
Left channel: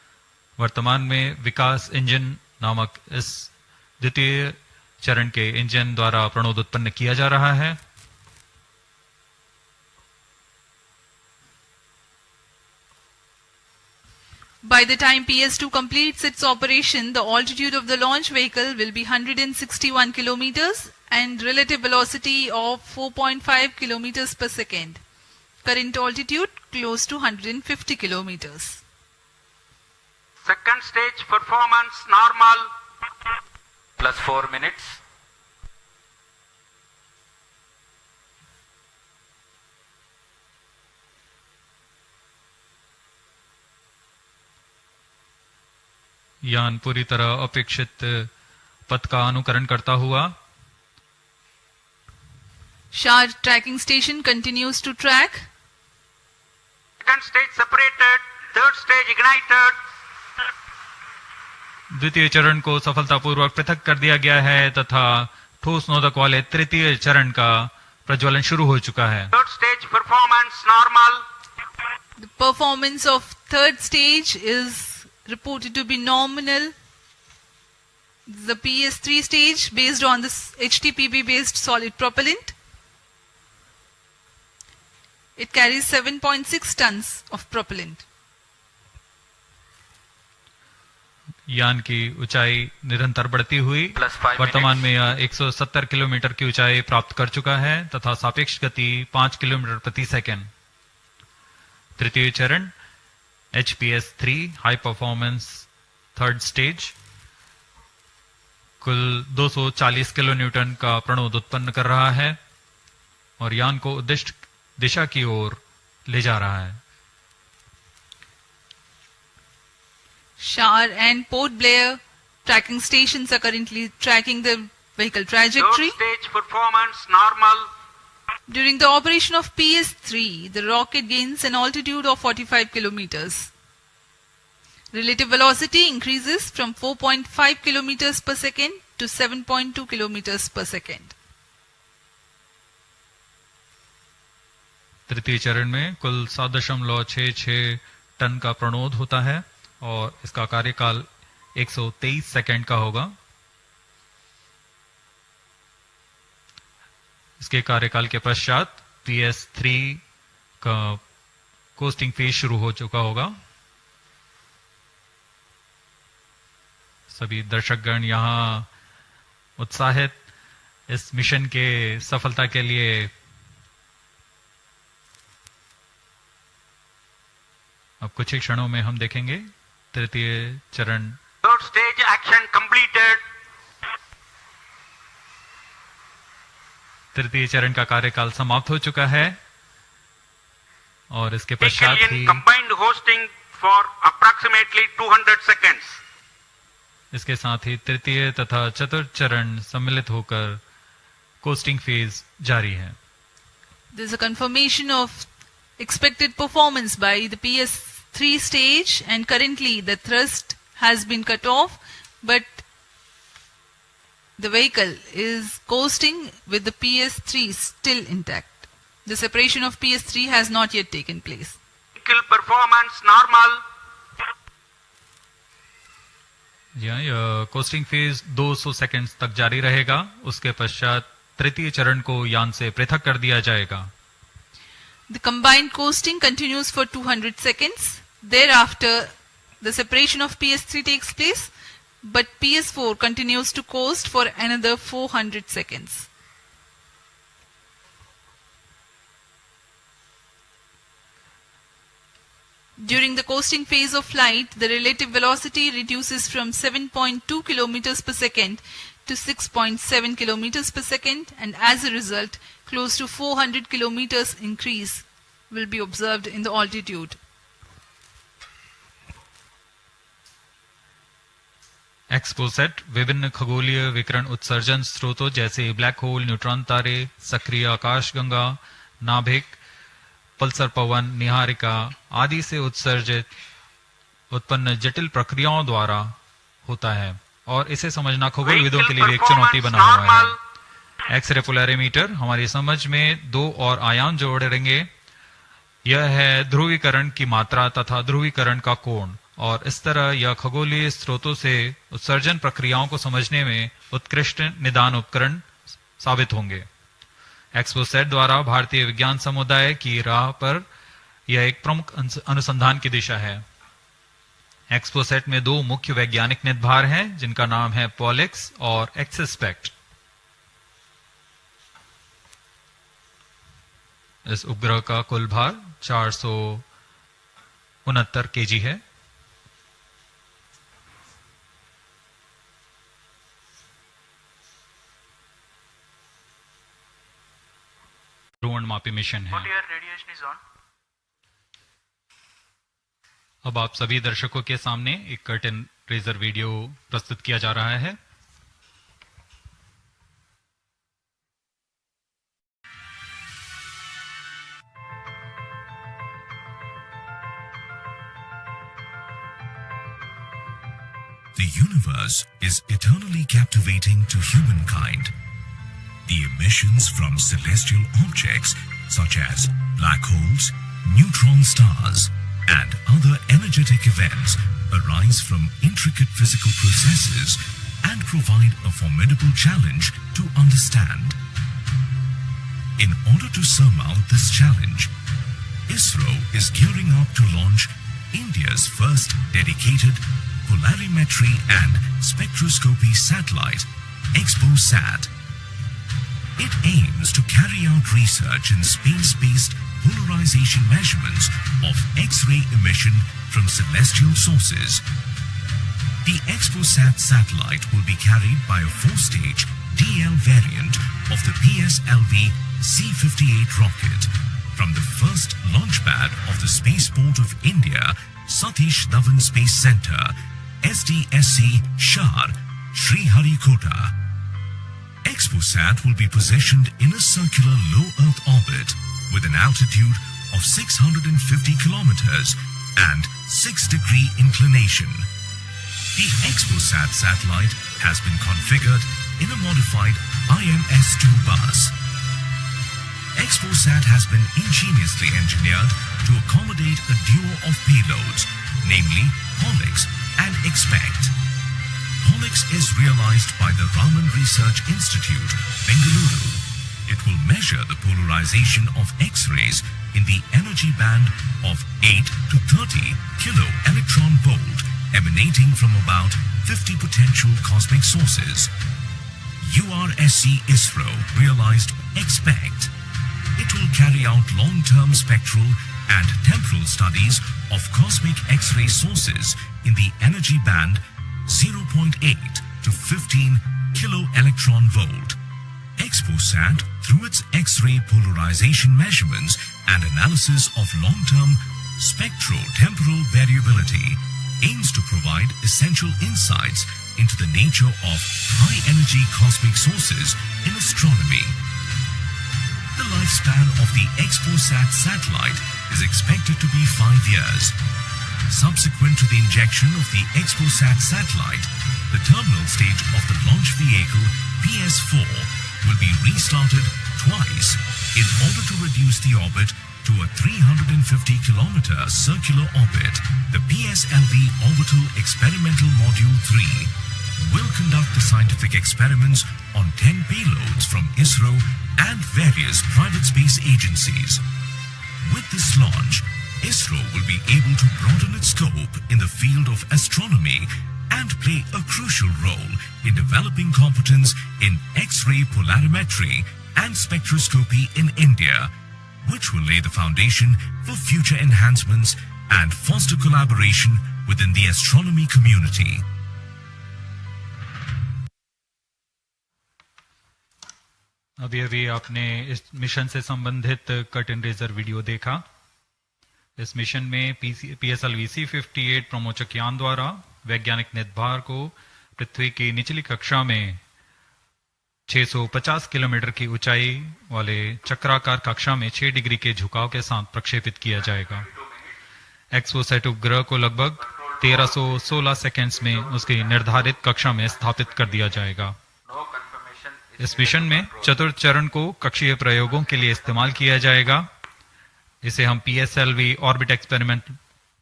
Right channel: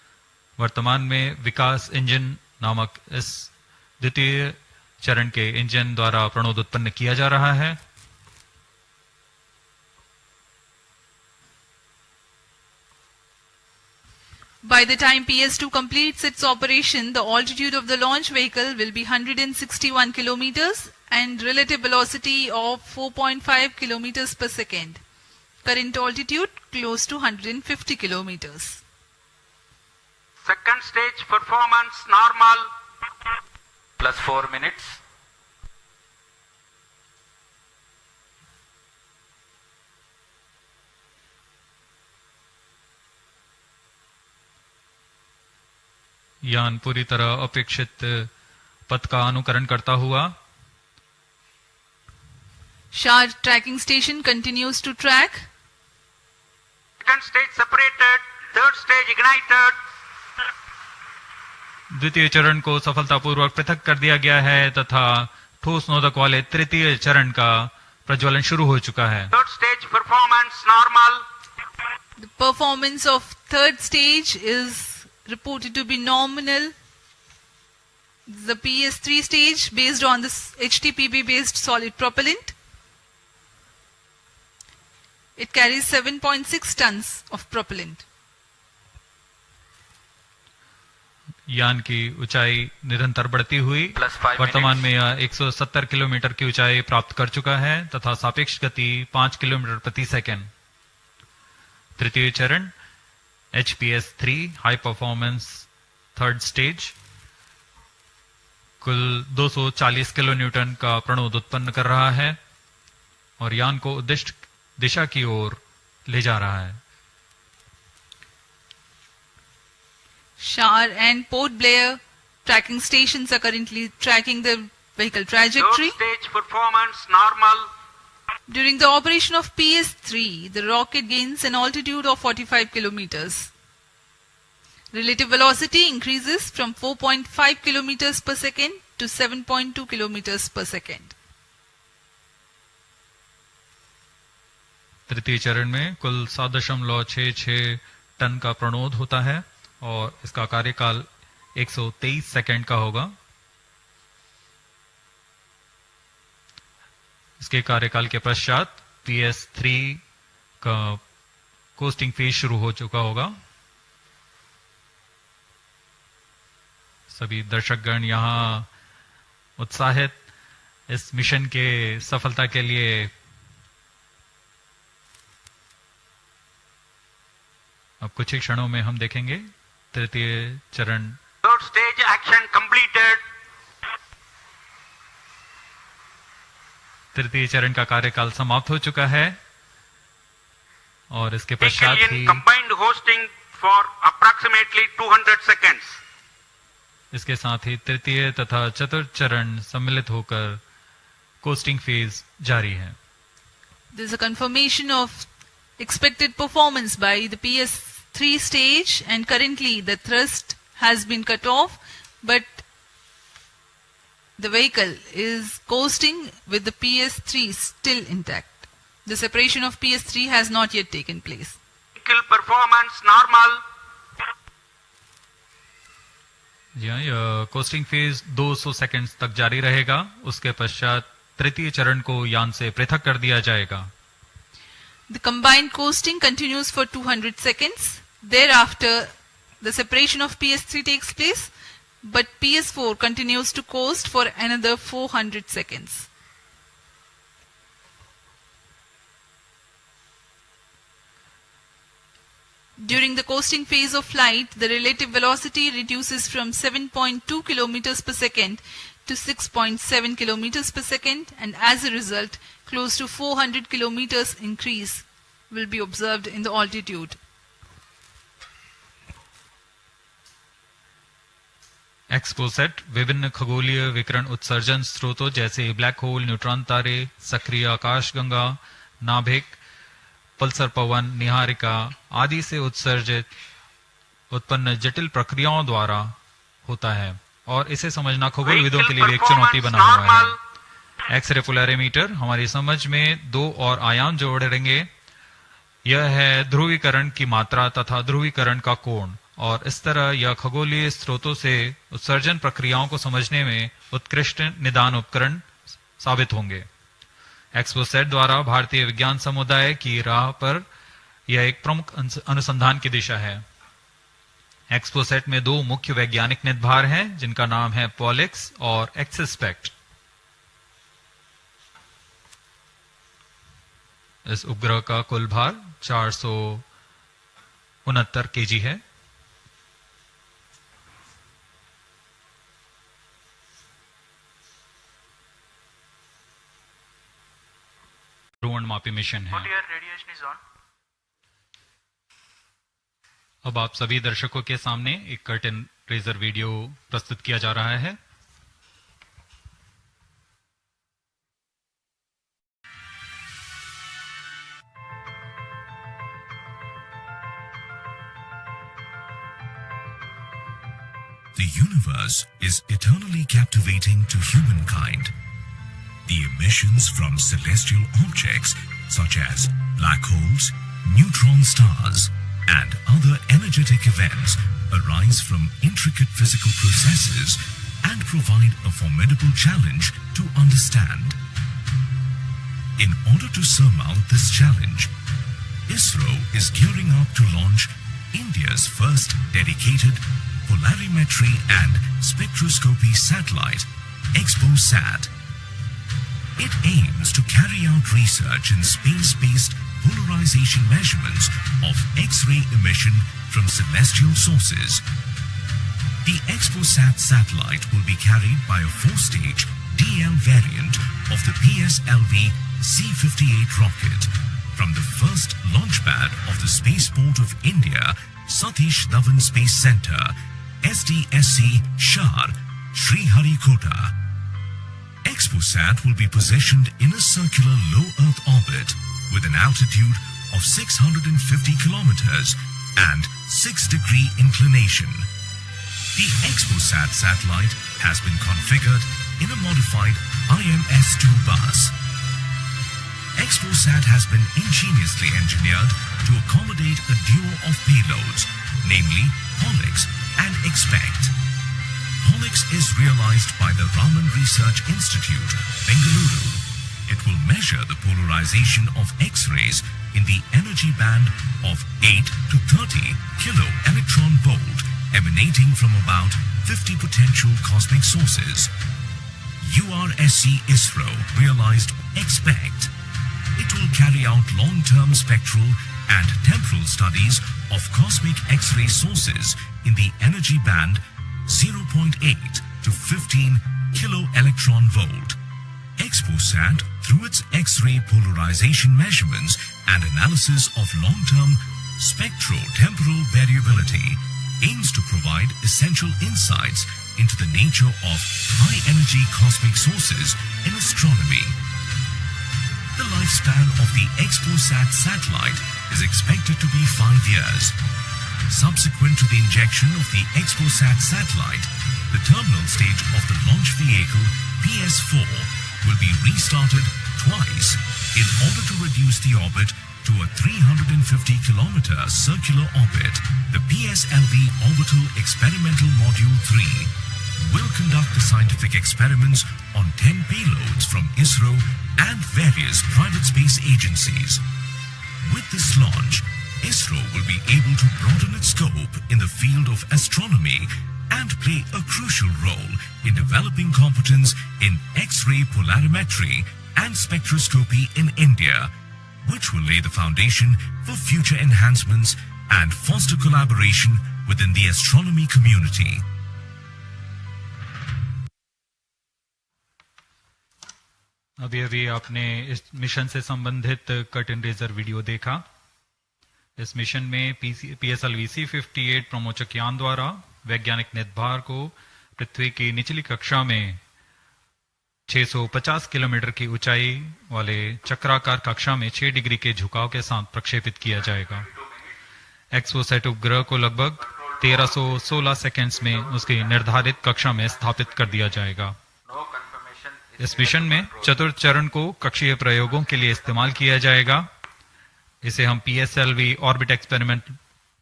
वर्तमान में विकास इंजन नामक इस द्वितीय चरण के इंजन द्वारा प्रणोद उत्पन्न किया जा रहा है। By the time PS2 completes its operation, the altitude of the launch vehicle will be 161 kilometers and relative velocity of 4.5 kilometers per second. Current altitude close to 150 kilometers. Second stage performance normal. Plus 4 minutes. यान पूरी तरह अपेक्षित पथ का अनुकरण करता हुआ Shah tracking station continues to track. Second stage separated. Third stage ignited. द्वितीय चरण को सफलतापूर्वक पृथक कर दिया गया है तथा ठोस नोदक वाले तृतीय चरण का प्रज्वलन शुरू हो चुका है। Third stage performance normal. The performance of third stage is reported to be nominal. The PS3 stage based on this HTPB based solid propellant. It carries 7.6 tons of propellant. यान की ऊंचाई निरंतर बढ़ती हुई वर्तमान में यह 170 किलोमीटर की ऊंचाई प्राप्त कर चुका है तथा सापेक्ष गति 5 किलोमीटर प्रति सेकंड। तृतीय चरण HPS3 high performance third stage कुल 240 किलो न्यूटन का प्रणोद उत्पन्न कर रहा है और यान को उद्दिष्ट दिशा की ओर ले जा रहा है। Shar and Port Blair tracking stations are currently tracking the vehicle trajectory. Third stage performance normal. During the operation of PS3, the rocket gains an altitude of 45 kilometers. Relative velocity increases from 4.5 kilometers per second to 7.2 kilometers per second. तृतीय चरण में कुल 7.66 ton का प्रणोद होता है और इसका कार्यकाल 123 सेकंड का होगा। इसके कार्यकाल के पश्चात PS3 का कोस्टिंग फेज शुरू हो चुका होगा। सभी दर्शकगण यहां उत्साहित इस मिशन के सफलता के लिए अब कुछ ही क्षणों में हम देखेंगे तृतीय चरण। Third stage action completed. तृतीय चरण का कार्यकाल समाप्त हो चुका है और इसके पश्चात ही combined hosting for approximately 200 seconds. इसके साथ ही तृतीय तथा चतुर्थ चरण सम्मिलित होकर कोस्टिंग फेज जारी है। There is a confirmation of expected performance by the PS3 stage and currently the thrust has been cut off but the vehicle is coasting with the PS3 still intact. The separation of PS3 has not yet taken place. Vehicle performance normal. जी हाँ, यह costing phase 200 seconds तक जारी रहेगा। उसके पश्चात तृतीय चरण को यान से पृथक कर दिया जाएगा। The combined coasting continues for 200 seconds. Thereafter, the separation of PS3 takes place, but PS4 continues to coast for another 400 seconds. During the coasting phase of flight, the relative velocity reduces from 7.2 kilometers per second to 6.7 kilometers per second, and as a result, close to 400 kilometers increase will be observed in the altitude. XPoSat विभिन्न खगोलीय विकिरण उत्सर्जन स्रोतों जैसे black hole, neutron तारे, सक्रिय आकाशगंगा, नाभिक, पल्सर पवन, निहारिका आदि से उत्सर्जित उत्पन्न जटिल प्रक्रियाओं द्वारा होता है और इसे समझना खगोलविदों के लिए एक चुनौती बना हुआ है। एक्सरे पोलैरिमीटर हमारी समझ में दो और आयाम जोड़ेंगे। यह है ध्रुवीकरण की मात्रा तथा ध्रुवीकरण का कोण और इस तरह यह खगोलीय स्रोतों से उत्सर्जन प्रक्रियाओं को समझने में उत्कृष्ट निदान उपकरण साबित होंगे। एक्सपोसैट द्वारा भारतीय विज्ञान समुदाय की राह पर यह एक प्रमुख अनुसंधान की दिशा है। एक्सपोसैट में दो मुख्य वैज्ञानिक निदभार हैं, जिनका नाम है पॉलिक्स और एक्सस्पेक्ट। इस उपग्रह का कुल भार 469 केजी है। ध्रुवणमापी मिशन है। अब आप सभी दर्शकों के सामने एक कर्टेन रेजर वीडियो प्रस्तुत किया जा रहा है। The universe is eternally captivating to humankind. The emissions from celestial objects such as black holes, neutron stars, and other energetic events arise from intricate physical processes and provide a formidable challenge to understand. In order to surmount this challenge, Isro is gearing up to launch India's first dedicated polarimetry and spectroscopy satellite, XPoSat. It aims to carry out research in space-based polarization measurements of X-ray emission from celestial sources. The XPoSat satellite will be carried by a 4-stage DL variant of the PSLV-C58 rocket from the first launch pad of the Spaceport of India, Satish Dhawan Space Center, SDSC, Shar, Sriharikota. XPoSat will be positioned in a circular low Earth orbit with an altitude of 650 kilometers and 6-degree inclination. The XPoSat satellite has been configured in a modified IMS-2 bus. XPoSat has been ingeniously engineered to accommodate a duo of payloads, namely Pollux and Expect. Pollux is realized by the Raman Research Institute, Bengaluru. It will measure the polarization of X-rays in the energy band of 8 to 30 kilo electron volt emanating from about 50 potential cosmic sources. URSC Isro realized Expect. It will carry out long-term spectral and temporal studies of cosmic X-ray sources in the energy band 0.8 to 15 kilo electron volt. XPoSat, through its X-ray polarization measurements and analysis of long-term spectro-temporal variability, aims to provide essential insights into the nature of high-energy cosmic sources in astronomy. The lifespan of the XPoSat satellite is expected to be 5 years. Subsequent to the injection of the XPoSat satellite, the terminal stage of the launch vehicle PS4 will be restarted twice in order to reduce the orbit to a 350-kilometer circular orbit. The PSLV Orbital Experimental Module 3 will conduct the scientific experiments on 10 payloads from Isro and various private space agencies. With this launch, Isro will be able to broaden its scope in the field of astronomy and play a crucial role in developing competence in X-ray polarimetry and spectroscopy in India, which will lay the foundation for future enhancements and foster collaboration within the astronomy community. अभी अभी आपने इस mission से संबंधित curtain razor video देखा। इस mission में PSLV-C58 प्रमोचक यान द्वारा वैज्ञानिक निदभार को पृथ्वी की निचली कक्षा में 650 किलोमीटर की ऊंचाई वाले चक्राकार कक्षा में 6 डिग्री के झुकाव के साथ प्रक्षेपित किया जाएगा। एक्सपोसैट उपग्रह को लगभग 1316 सेकेंड्स में उसकी निर्धारित कक्षा में स्थापित कर दिया जाएगा। इस मिशन में चतुर्थ चरण को कक्षीय प्रयोगों के लिए इस्तेमाल किया जाएगा। इसे हम PSLV ऑर्बिट एक्सपेरिमेंट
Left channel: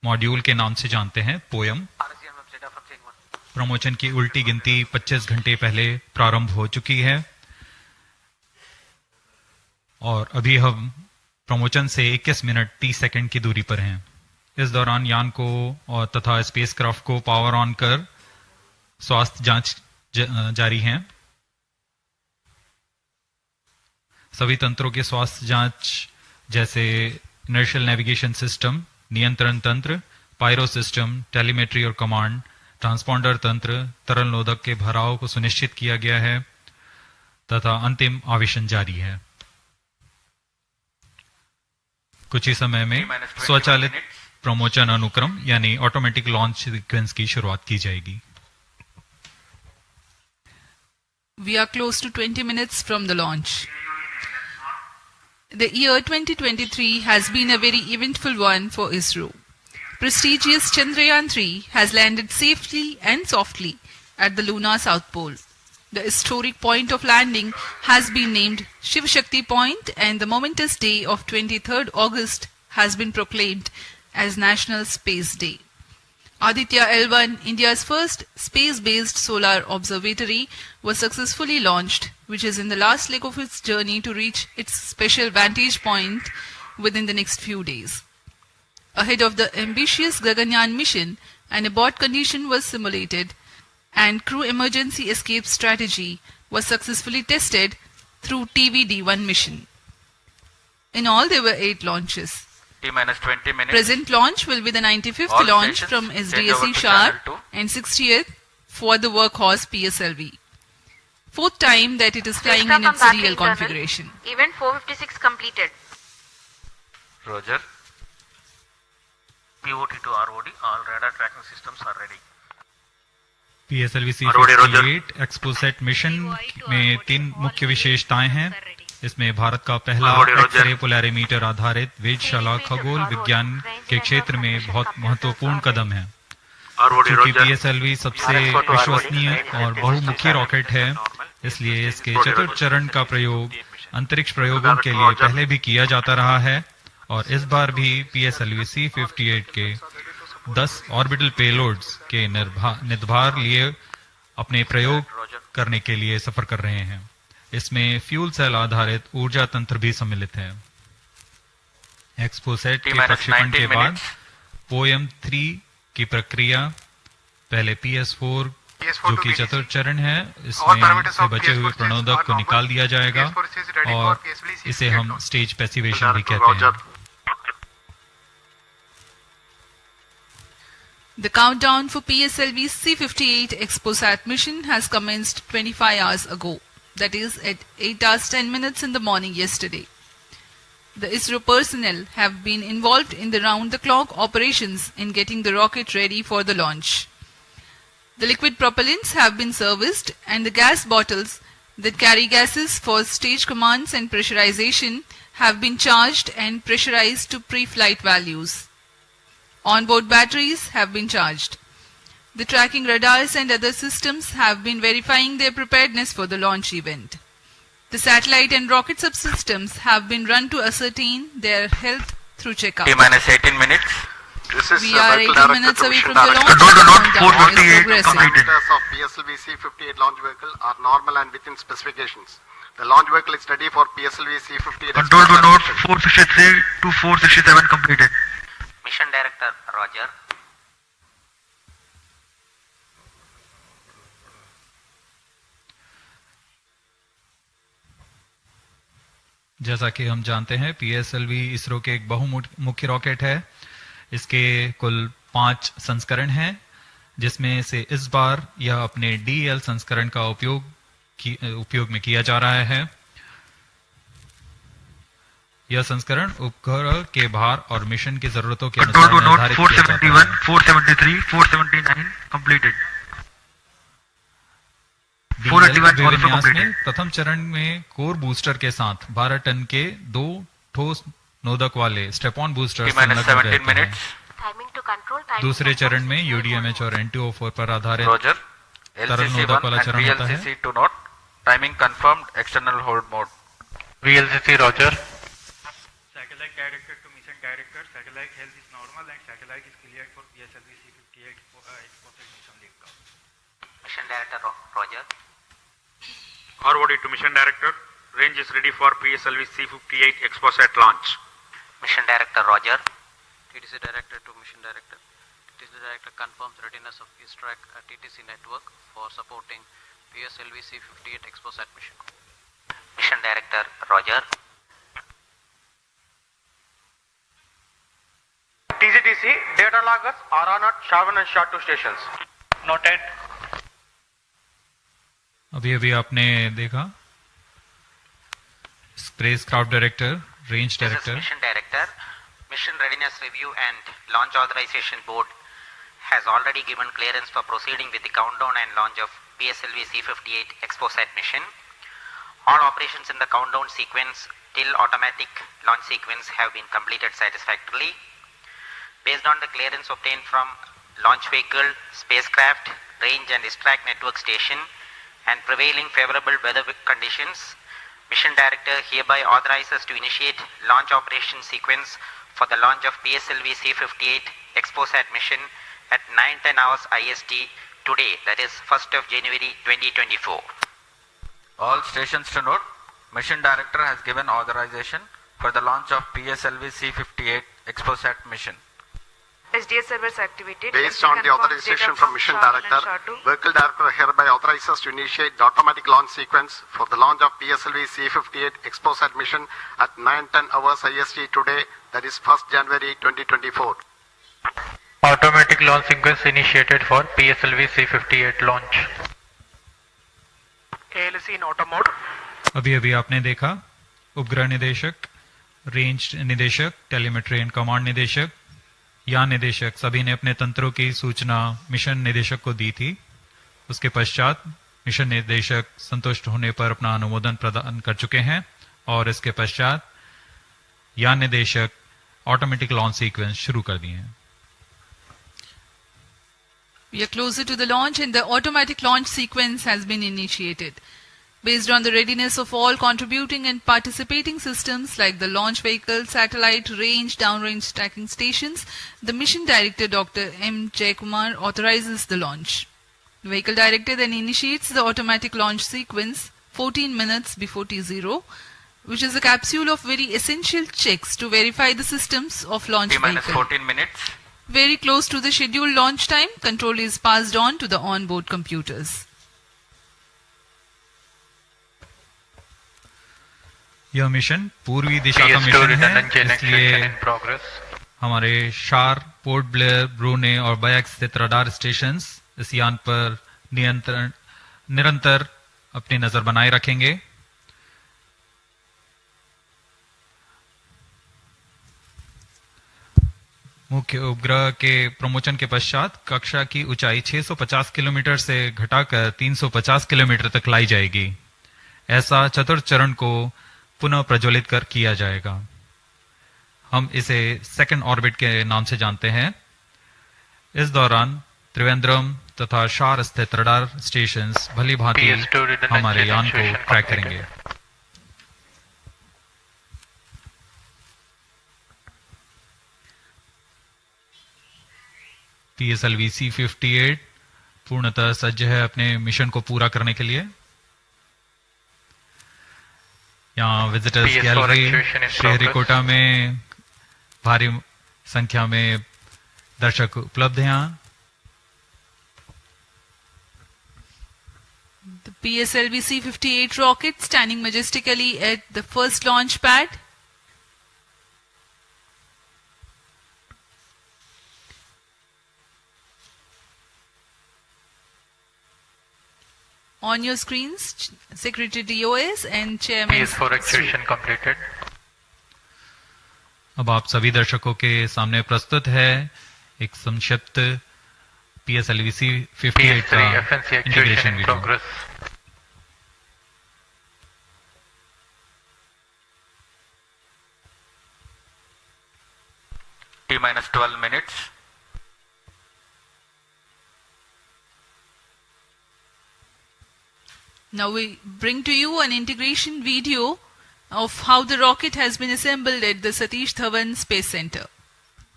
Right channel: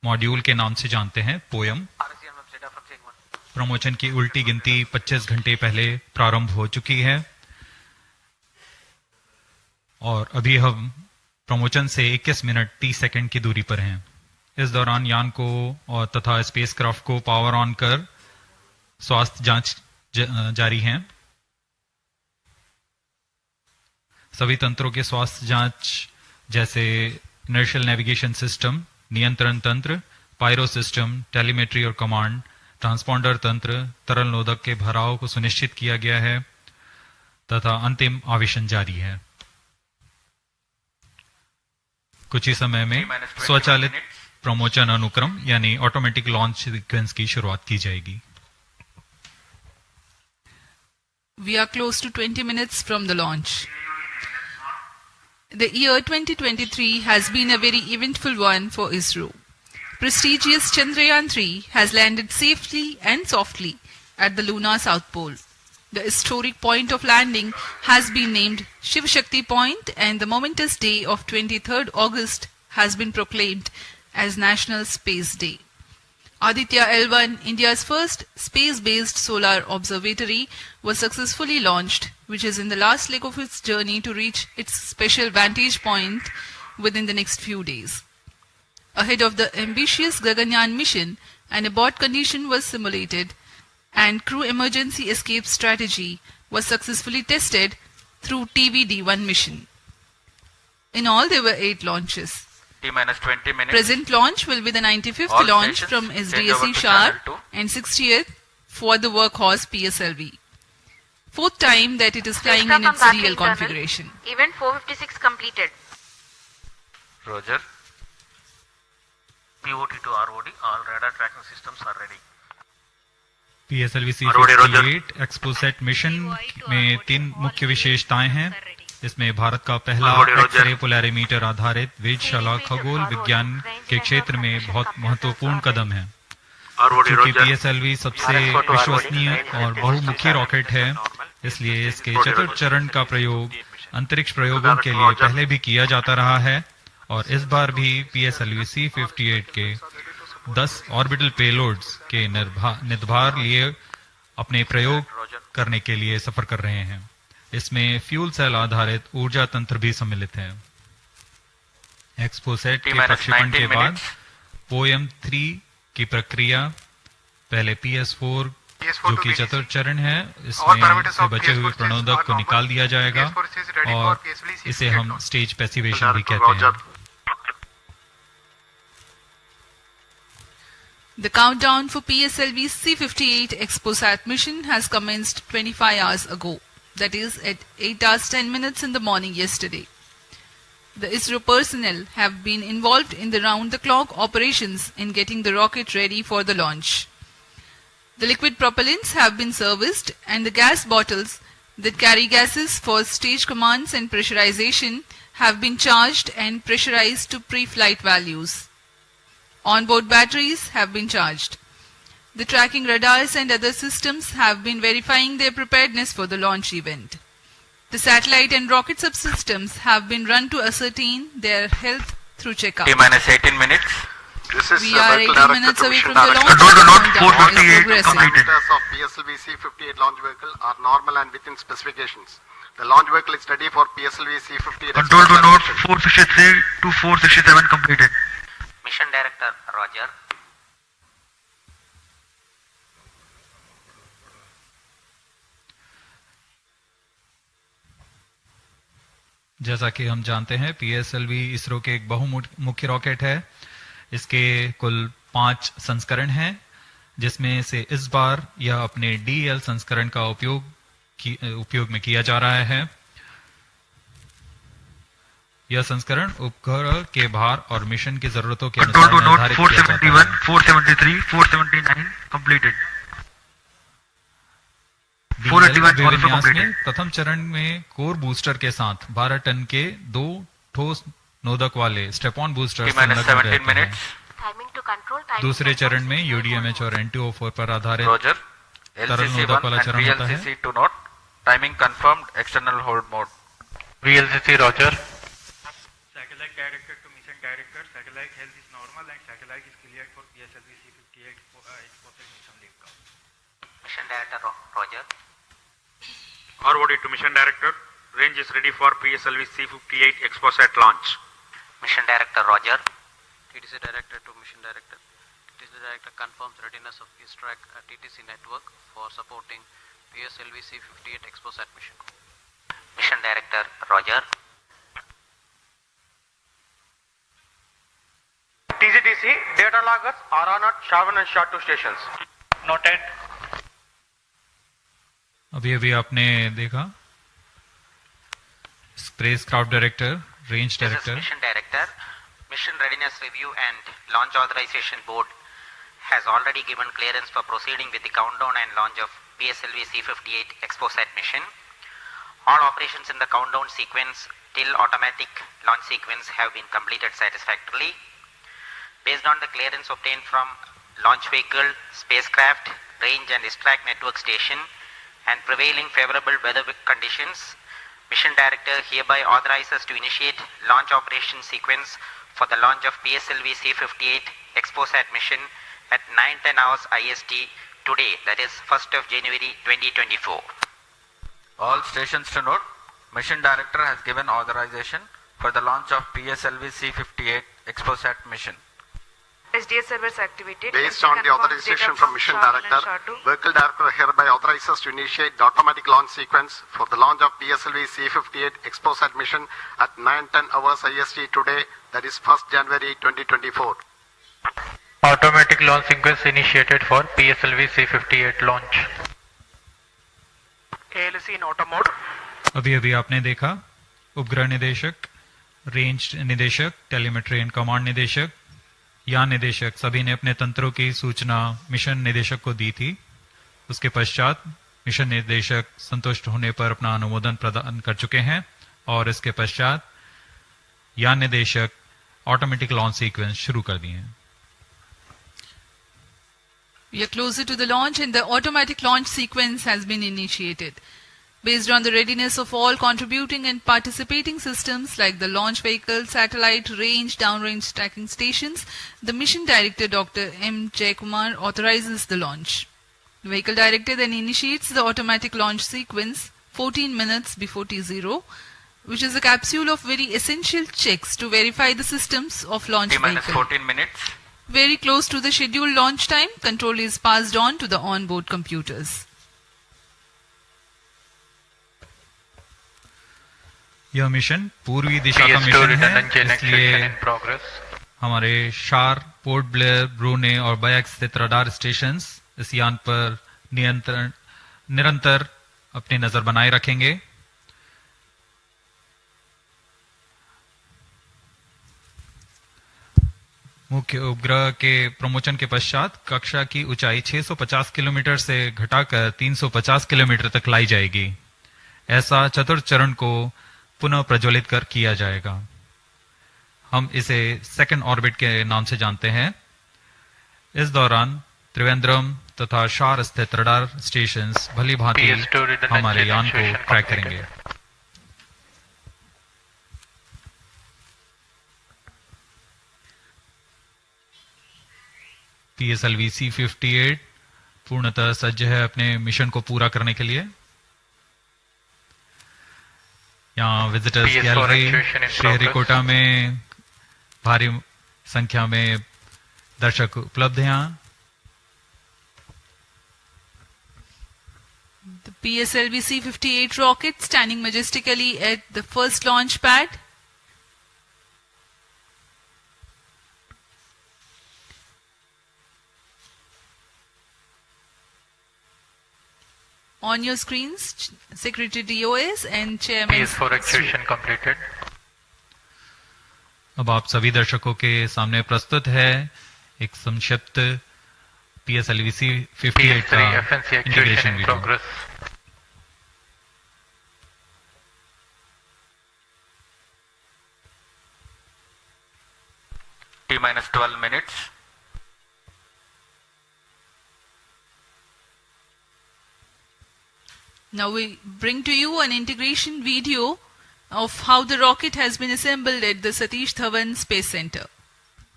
मॉड्यूल के नाम से जानते हैं, पोयम। प्रमोशन की उल्टी गिनती 25 घंटे पहले प्रारंभ हो चुकी है और अभी हम प्रमोशन से 21 मिनट 30 सेकंड की दूरी पर हैं। इस दौरान यान को और तथा स्पेसक्राफ्ट को पावर ऑन कर स्वास्थ्य जांच जारी है। सभी तंत्रों के स्वास्थ्य जांच जैसे इनर्शियल नेविगेशन सिस्टम, नियंत्रण तंत्र, पायरो सिस्टम, टेलीमेट्री और कमांड, ट्रांसपॉन्डर तंत्र, तरल नोदक के भराव को सुनिश्चित किया गया है तथा अंतिम आवेशन जारी है। कुछ ही समय में स्वचालित प्रमोशन अनुक्रम यानी ऑटोमेटिक लॉन्च सीक्वेंस की शुरुआत की जाएगी। We are close to 20 minutes from the launch. The year 2023 has been a very eventful one for Isro. Prestigious Chandrayaan-3 has landed safely and softly at the lunar south pole. The historic point of landing has been named Shiv Shakti Point, and the momentous day of 23rd August has been proclaimed as National Space Day. Aditya L1, India's first space-based solar observatory, was successfully launched, which is in the last leg of its journey to reach its special vantage point within the next few days. Ahead of the ambitious Gaganyaan mission, an abort condition was simulated and crew emergency escape strategy was successfully tested through TVD-1 mission. In all, there were 8 launches. T-20 minutes. Present launch will be the 95th All launch from stations, SDSC change over to Sharp channel 2. and 60th for the workhorse PSLV. 4th time that it is flying in its real configuration. Event 456 completed. Roger. POT to ROD, all radar tracking systems are ready. PSLV-C58 XPoSat mission में 3 मुख्य विशेषताएं हैं। इसमें भारत का पहला x-ray polarimeter आधारित वेधशाला खगोल विज्ञान के क्षेत्र में बहुत महत्वपूर्ण कदम है। क्योंकि PSLV सबसे विश्वसनीय और बहुमुखी रॉकेट है, इसलिए इसके चतुर्थ चरण का प्रयोग अंतरिक्ष प्रयोगों के लिए पहले भी किया जाता रहा है और इस बार भी PSLV-C58 के 10 ऑर्बिटल पेलोड्स के निर्धार लिए अपने प्रयोग करने के लिए सफर कर रहे हैं। इसमें फ्यूल सेल आधारित ऊर्जा तंत्र भी सम्मिलित है। एक्सपोसैट के प्रक्षेपण के बाद पोयम 3 की प्रक्रिया पहले PS4 जो कि चतुर्थ चरण है, इसमें से बचे हुए प्रणोदक को निकाल दिया जाएगा और इसे हम स्टेज पैसिवेशन भी कहते हैं। The countdown for PSLV-C58 XPoSat mission has commenced 25 hours ago. That is at 8 hours 10 minutes in the morning yesterday. The Isro personnel have been involved in the round-the-clock operations in getting the rocket ready for the launch. The liquid propellants have been serviced and the gas bottles that carry gases for stage commands and pressurization have been charged and pressurized to pre-flight values. Onboard batteries have been charged. The tracking radars and other systems have been verifying their preparedness for the launch event. The satellite and rocket subsystems have been run to ascertain their health through checkup. T-18 minutes. We are 18 minutes away from the launch. Parameters of PSLV-C58 launch vehicle are normal and within specifications. The launch vehicle is ready for PSLV-C58. Control to node 463 to 467 completed. Mission Director, Roger. जैसा कि हम जानते हैं, PSLV ISRO के एक बहुमुखी rocket है। इसके कुल 5 संस्करण हैं, जिसमें से इस बार यह अपने DL संस्करण का उपयोग में किया जा रहा है। यह संस्करण उपग्रह के भार और मिशन की जरूरतों के अनुसार निर्धारित किया जाता है। 473, 479 completed. विन्यास में प्रथम चरण में कोर बूस्टर के साथ 12 टन के 2 ठोस नोदक वाले स्टेप-ऑन बूस्टर संलग्न रहते हैं। दूसरे चरण में UDMH और NTO4 पर आधारित तरल नोदक वाला चरण होता है। Timing confirmed, external hold mode. VLCC, Roger. Satellite director to mission director. satellite health is normal and satellite is cleared for PSLV-C58 XPoSat mission liftoff. Mission Director Roger. ROD to Mission Director. Range is ready for PSLV-C58 XPoSat launch. Mission Director Roger. TTC Director to Mission Director. TTC Director confirms readiness of his track at TTC network for supporting PSLV-C58 XPoSat mission. Mission Director Roger. TGTC data loggers are on at Shavan and SHA 2 stations. Noted. अभी अभी आपने देखा spacecraft director, range director. Mission Director. Mission Readiness Review and Launch Authorization Board has already given clearance for proceeding with the countdown and launch of PSLV-C58 XPoSat mission. All operations in the countdown sequence till automatic launch sequence have been completed satisfactorily. Based on the clearance obtained from launch vehicle, spacecraft, range and ISTRAC network station and prevailing favorable weather conditions, Mission Director hereby authorizes to initiate launch operation sequence for the launch of PSLV-C58 XPoSat mission at 9:10 hours IST today, that is 1st of January 2024. All stations to note, Mission Director has given authorization for the launch of PSLV-C58 XPoSat mission. SDS servers activated. Based on the authorization from Mission Director, Vehicle Director hereby authorizes to initiate the automatic launch sequence for the launch of PSLV-C58 XPoSat mission at 9:10 hours IST today, that is 1st January 2024. Automatic launch sequence initiated for PSLV-C58 launch. ALC in auto mode. अभी अभी आपने देखा उपग्रह निदेशक, range निदेशक, telemetry and command निदेशक, यान निदेशक सभी ने अपने तंत्रों की सूचना मिशन निदेशक को दी थी. उसके पश्चात मिशन निदेशक संतुष्ट होने पर अपना अनुमोदन प्रदान कर चुके हैं और इसके पश्चात यान निदेशक ऑटोमेटिक लॉन्च सीक्वेंस शुरू कर दिए हैं. We are closer to the launch and the automatic launch sequence has been initiated. Based on the readiness of all contributing and participating systems like the launch vehicle, satellite, range, downrange tracking stations, the Mission Director Dr. M. Jaikumar authorizes the launch. The Vehicle Director then initiates the automatic launch sequence 14 minutes before T0, which is a capsule of very essential checks to verify the systems of launch vehicle. 14 minutes. Very close to the scheduled launch time, control is passed on to the onboard computers. यह mission पूर्वी दिशा का mission है, इसलिए हमारे शार, port Blair, ब्रूने और bike स्थित radar stations इस यान पर निरंतर अपनी नजर बनाए रखेंगे. मुख्य उपग्रह के प्रमोशन के पश्चात कक्षा की ऊंचाई 650 किलोमीटर से घटाकर 350 किलोमीटर तक लाई जाएगी. ऐसा चतुर्थ चरण को पुनः प्रज्वलित कर किया जाएगा. हम इसे सेकंड ऑर्बिट के नाम से जानते हैं. इस दौरान त्रिवेंद्रम तथा शार स्थित रडार स्टेशंस भली भांति हमारे यान को ट्रैक करेंगे. PSLV-C58 पूर्णतः सज्ज है अपने मिशन को पूरा करने के लिए. यहाँ विजिटर्स गैलरी श्रीहरिकोटा में भारी संख्या में दर्शक उपलब्ध हैं. यहाँ The PSLV-C58 rocket standing majestically at the first launch pad. On your screens, Secretary DOS and Chairman. PS4 actuation completed. अब आप सभी दर्शकों के सामने प्रस्तुत है एक संक्षिप्त PSLV-C58 का integration video. T-12 minutes. Now we bring to you an integration video of how the rocket has been assembled at the Satish Dhawan Space Center.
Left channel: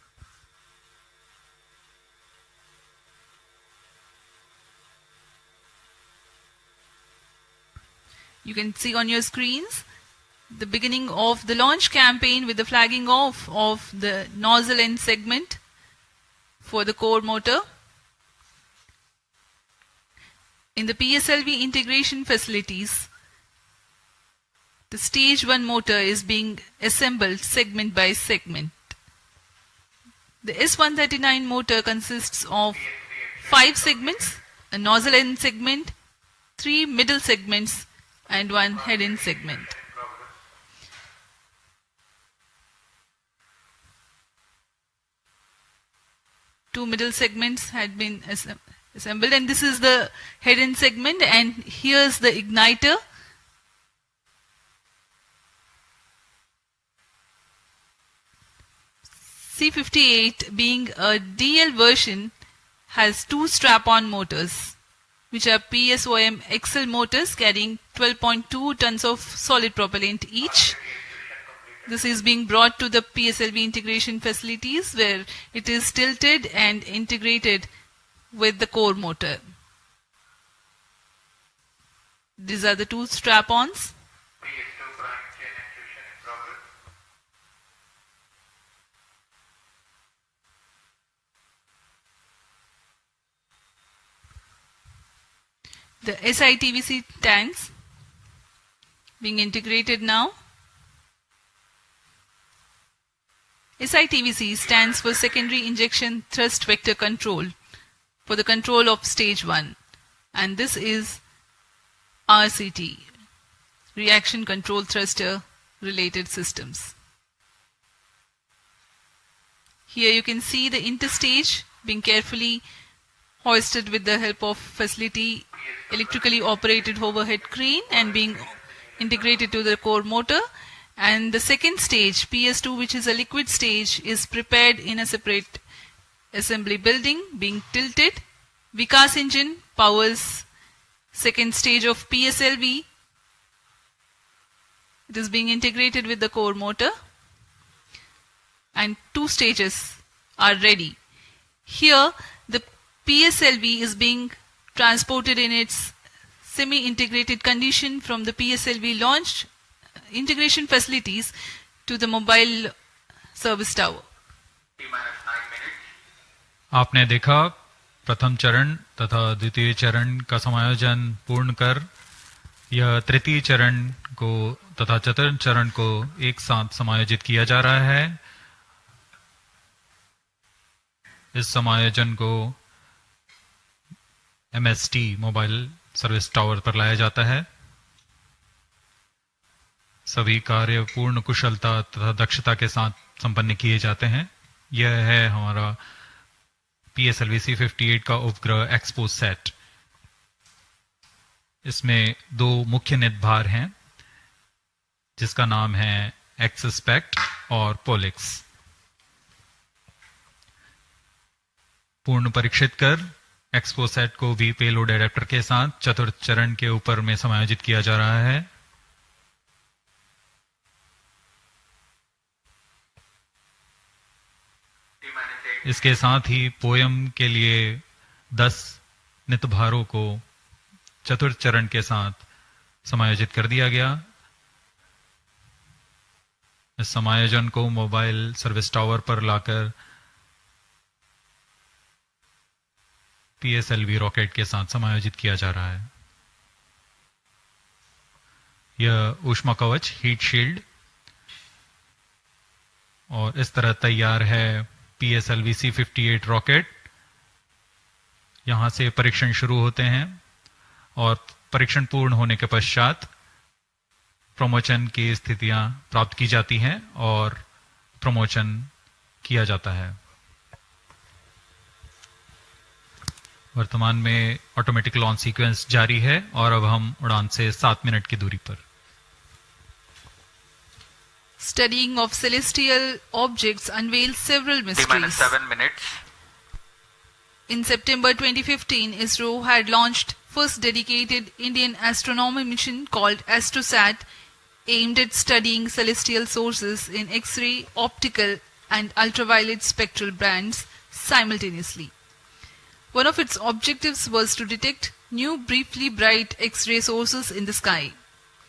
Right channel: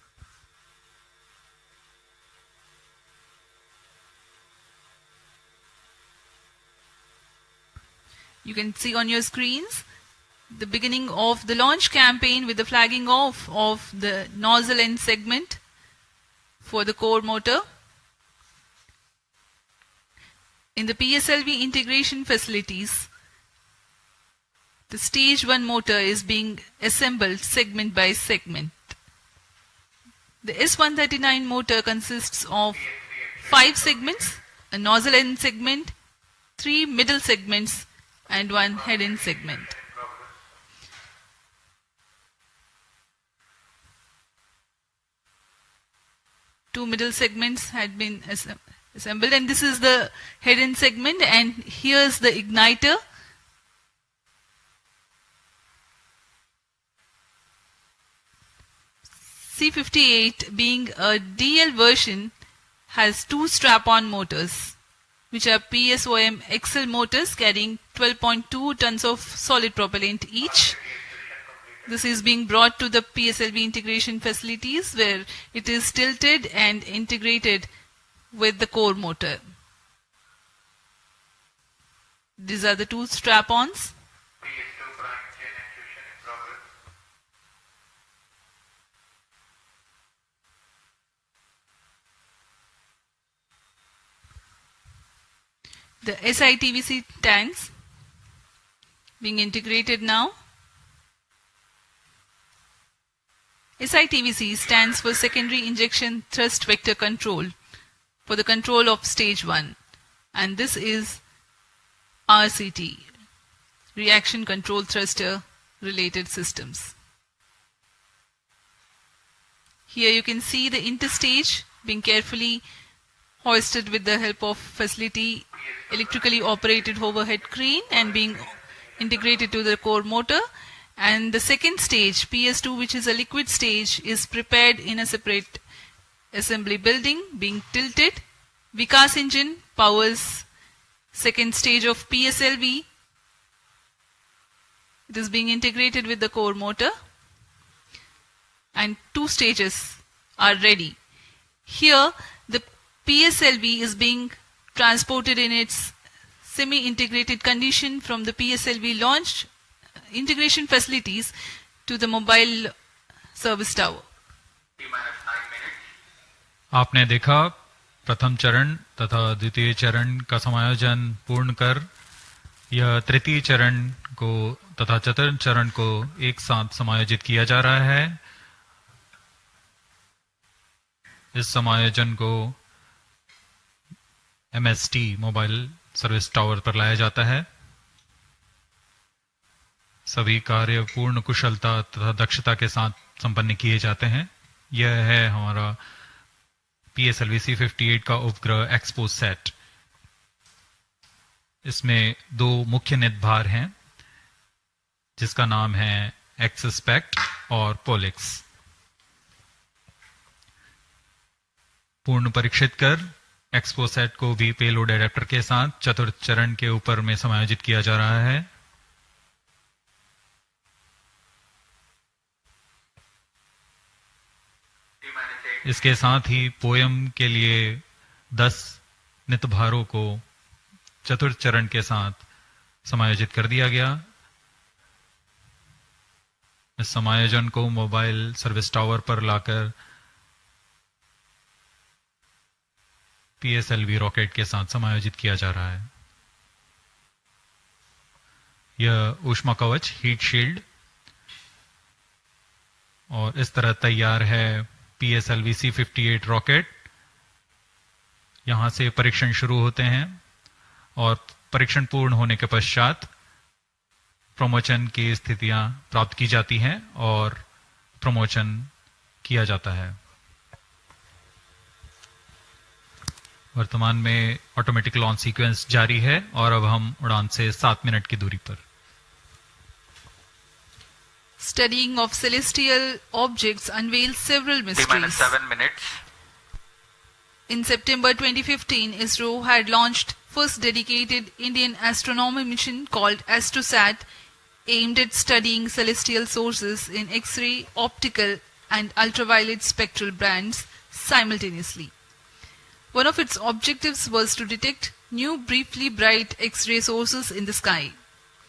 You can see on your screens the beginning of the launch campaign with the flagging off of the nozzle end segment for the core motor. In the PSLV integration facilities, the stage 1 motor is being assembled segment by segment. The S139 motor consists of 5 segments, a nozzle end segment, 3 middle segments, and 1 head end segment. Two middle segments had been assembled, and this is the head end segment, and here's the igniter. C58, being a DL version, has 2 strap-on motors, which are PSOM XL motors carrying 12.2 tons of solid propellant each. This is being brought to the PSLV integration facilities where it is tilted and integrated with the core motor. These are the 2 strap-ons. The SITVC tanks being integrated now. SITVC stands for Secondary Injection Thrust Vector Control for the control of stage 1, and this is RCT, Reaction Control Thruster Related Systems. Here you can see the interstage being carefully hoisted with the help of facility electrically operated overhead crane and being integrated to the core motor. And the second stage, PS2, which is a liquid stage, is prepared in a separate assembly building, being tilted. Vikas engine powers second stage of PSLV. It is being integrated with the core motor, and 2 stages are ready. Here, the PSLV is being transported in its semi-integrated condition from the PSLV launch integration facilities to the mobile service tower. आपने देखा प्रथम चरण तथा द्वितीय चरण का समायोजन पूर्ण कर यह तृतीय चरण को तथा चतुर्थ चरण को एक साथ समायोजित किया जा रहा है। इस समायोजन को MST मोबाइल सर्विस टावर पर लाया जाता है। सभी कार्य पूर्ण कुशलता तथा दक्षता के साथ संपन्न किए जाते हैं। यह है हमारा PSLV-C58 का उपग्रह XPoSat। इसमें 2 मुख्य निदभार हैं, जिसका नाम है XSPECT और POLIX। पूर्ण परीक्षित कर XPoSat को भी पेलोड एडेप्टर के साथ चतुर्थ चरण के ऊपर में समायोजित किया जा रहा है। इसके साथ ही पोयम के लिए 10 नितभारों को चतुर्थ चरण के साथ समायोजित कर दिया गया। इस समायोजन को मोबाइल सर्विस टावर पर लाकर PSLV रॉकेट के साथ समायोजित किया जा रहा है। यह ऊष्मा कवच हीट शील्ड और इस तरह तैयार है PSLV-C58 रॉकेट। यहां से परीक्षण शुरू होते हैं और परीक्षण पूर्ण होने के पश्चात प्रमोशन की स्थितियां प्राप्त की जाती हैं और प्रमोशन किया जाता है। वर्तमान में ऑटोमेटिक लॉन्च सीक्वेंस जारी है और अब हम उड़ान से 7 मिनट की दूरी पर। Studying of celestial objects unveils several mysteries. 7 minutes. In September 2015, Isro had launched first dedicated Indian astronomy mission called AstroSat, aimed at studying celestial sources in X-ray, optical and ultraviolet spectral bands simultaneously. One of its objectives was to detect new briefly bright X-ray sources in the sky.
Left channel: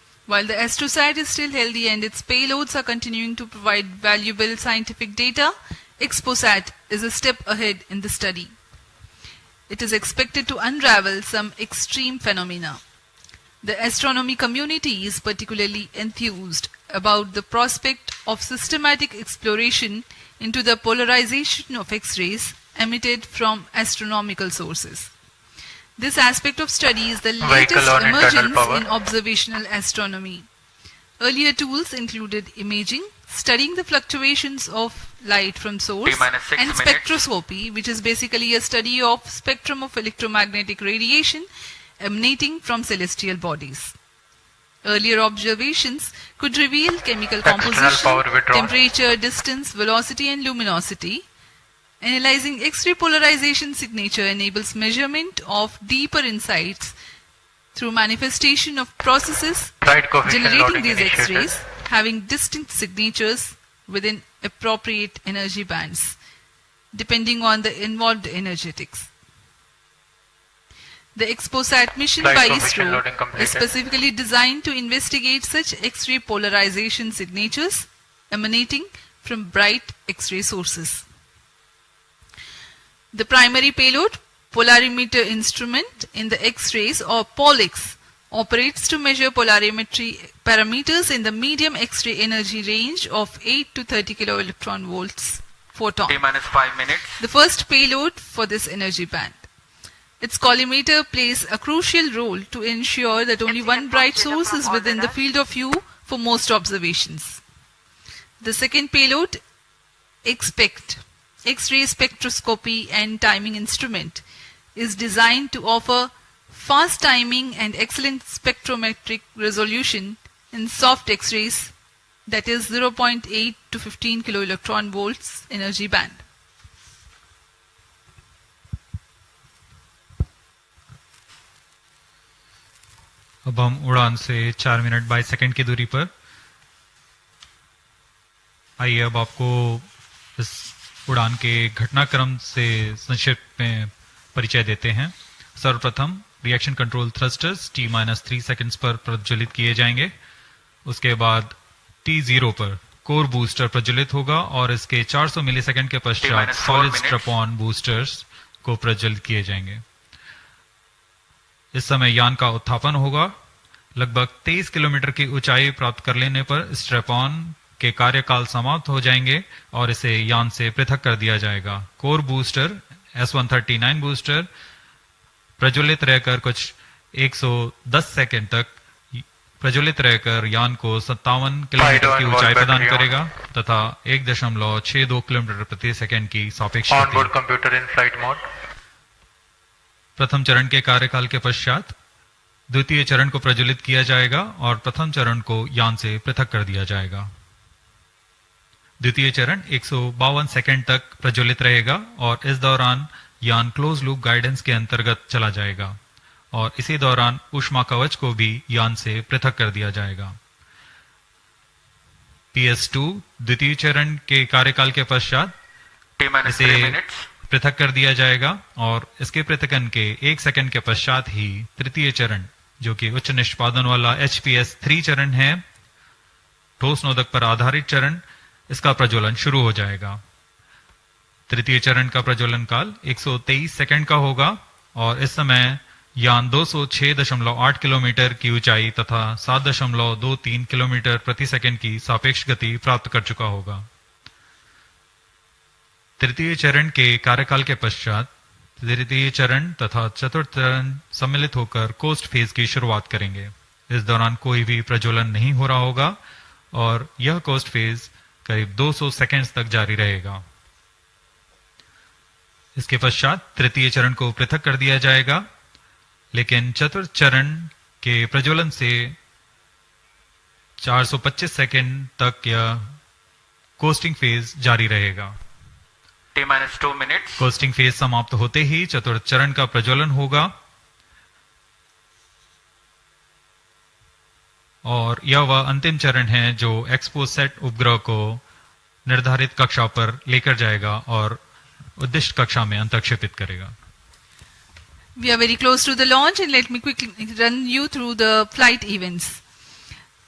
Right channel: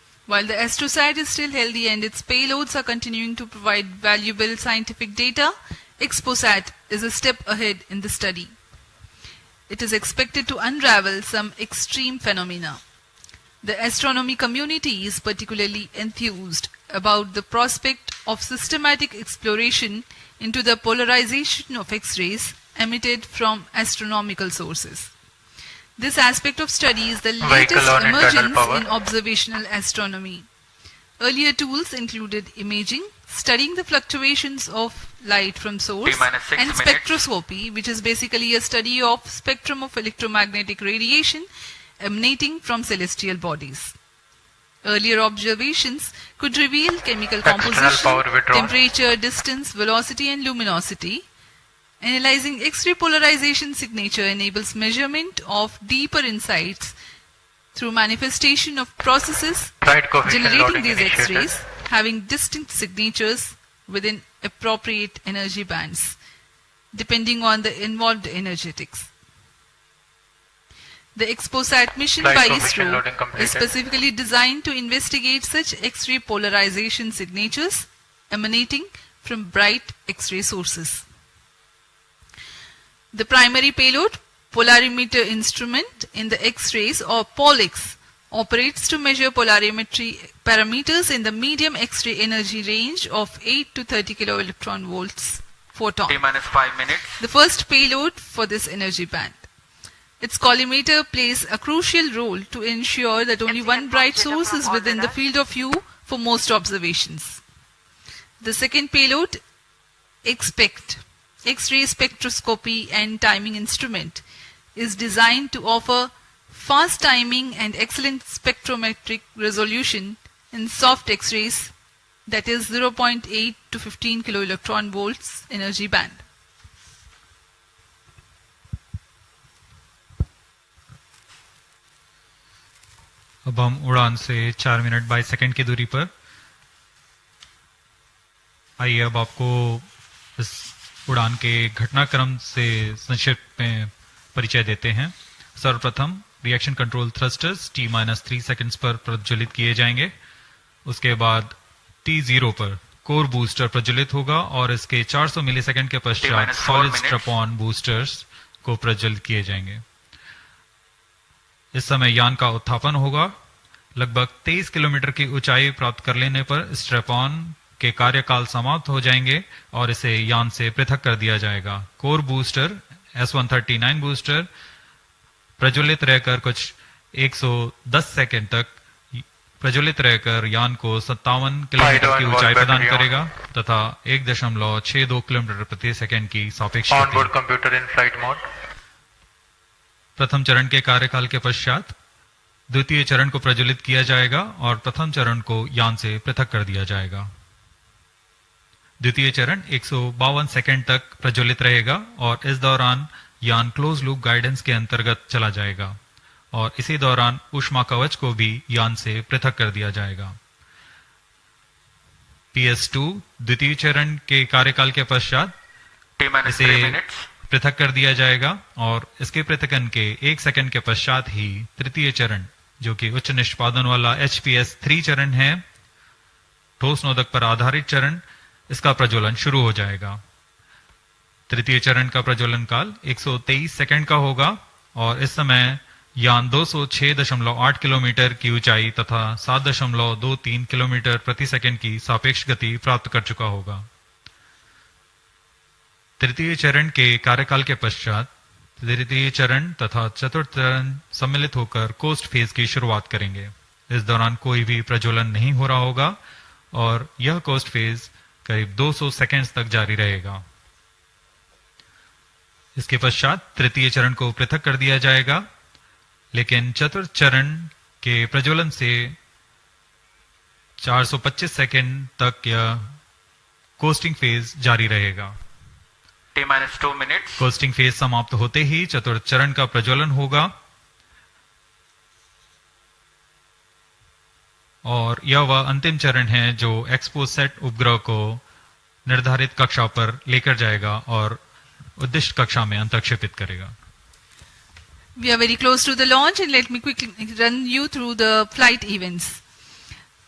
While the XPoSat is still healthy and its payloads are continuing to provide valuable scientific data, XPoSat is a step ahead in the study. It is expected to unravel some extreme phenomena. The astronomy community is particularly enthused about the prospect of systematic exploration into the polarization of X-rays emitted from astronomical sources. This aspect of study is the latest emergence in observational astronomy. Earlier tools included imaging, studying the fluctuations of light from source, and spectroscopy, which is basically a study of spectrum of electromagnetic radiation emanating from celestial bodies. Earlier observations could reveal chemical composition, temperature, distance, velocity, and luminosity. Analyzing X-ray polarization signature enables measurement of deeper insights through manifestation of processes generating these X-rays having distinct signatures within appropriate energy bands, depending on the involved energetics. The XPoSat mission by Isro is specifically designed to investigate such X-ray polarization signatures emanating from bright X-ray sources. The primary payload, polarimeter instrument in the X-rays or POLIX, operates to measure polarimetry parameters in the medium X-ray energy range of 8 to 30 kV photon. The first payload for this energy band. Its collimator plays a crucial role to ensure that only one bright source is within the field of view for most observations. The second payload, XPECT, X-ray spectroscopy and timing instrument, is designed to offer fast timing and excellent spectrometric resolution in soft X-rays, that is 0.8 to 15 kV energy band. अब हम उड़ान से 4 minute 22 second की दूरी पर। आइए अब आपको इस उड़ान के घटनाक्रम से संक्षिप्त में परिचय देते हैं। सर्वप्रथम reaction control thrusters T-3 seconds पर प्रज्वलित किए जाएंगे। उसके बाद T0 पर कोर बूस्टर प्रज्वलित होगा और इसके 400 मिलीसेकंड के पश्चात सॉलिड स्ट्रैप-ऑन बूस्टर्स को प्रज्वलित किए जाएंगे। इस समय यान का उत्थापन होगा। लगभग 23 किलोमीटर की ऊंचाई प्राप्त कर लेने पर स्ट्रैप-ऑन के कार्यकाल समाप्त हो जाएंगे और इसे यान से पृथक कर दिया जाएगा। कोर बूस्टर S139 बूस्टर प्रज्वलित रहकर कुछ 110 सेकंड तक प्रज्वलित रहकर यान को 57 किलोमीटर की ऊंचाई प्रदान करेगा तथा 1.62 किलोमीटर प्रति सेकंड की सापेक्ष गति। प्रथम चरण के कार्यकाल के पश्चात द्वितीय चरण को प्रज्वलित किया जाएगा और प्रथम चरण को यान से पृथक कर दिया जाएगा। द्वितीय चरण 152 सेकंड तक प्रज्वलित रहेगा और इस दौरान यान क्लोज लूप गाइडेंस के अंतर्गत चला जाएगा और इसी दौरान ऊष्मा कवच को भी यान से पृथक कर दिया जाएगा। PS2 द्वितीय चरण के कार्यकाल के पश्चात इसे पृथक कर दिया जाएगा और इसके पृथकन के 1 सेकंड के पश्चात ही तृतीय चरण, जो कि उच्च निष्पादन वाला HPS3 चरण है, ठोस नोदक पर आधारित चरण, इसका प्रज्वलन शुरू हो जाएगा। तृतीय चरण का प्रज्वलन काल 123 सेकंड का होगा और इस समय यान 206.8 किलोमीटर की ऊंचाई तथा 7.23 किलोमीटर प्रति सेकंड की सापेक्ष गति प्राप्त कर चुका होगा। तृतीय चरण के कार्यकाल के पश्चात तृतीय चरण तथा चतुर्थ चरण सम्मिलित होकर कोस्ट फेज की शुरुआत करेंगे। इस दौरान कोई भी प्रज्वलन नहीं हो रहा होगा और यह कोस्ट फेज करीब 200 सेकंड्स तक जारी रहेगा। इसके पश्चात तृतीय चरण को पृथक कर दिया जाएगा, लेकिन चतुर्थ चरण के प्रज्वलन से 425 सेकंड तक यह कोस्टिंग फेज जारी रहेगा। T-2 minutes. कोस्टिंग फेज समाप्त होते ही चतुर्थ चरण का प्रज्वलन होगा और यह वह अंतिम चरण है जो XPoSat उपग्रह को निर्धारित कक्षा पर लेकर जाएगा और उद्दिष्ट कक्षा में अंतर्क्षेपित करेगा। We are very close to the launch and let me quickly run you through the flight events.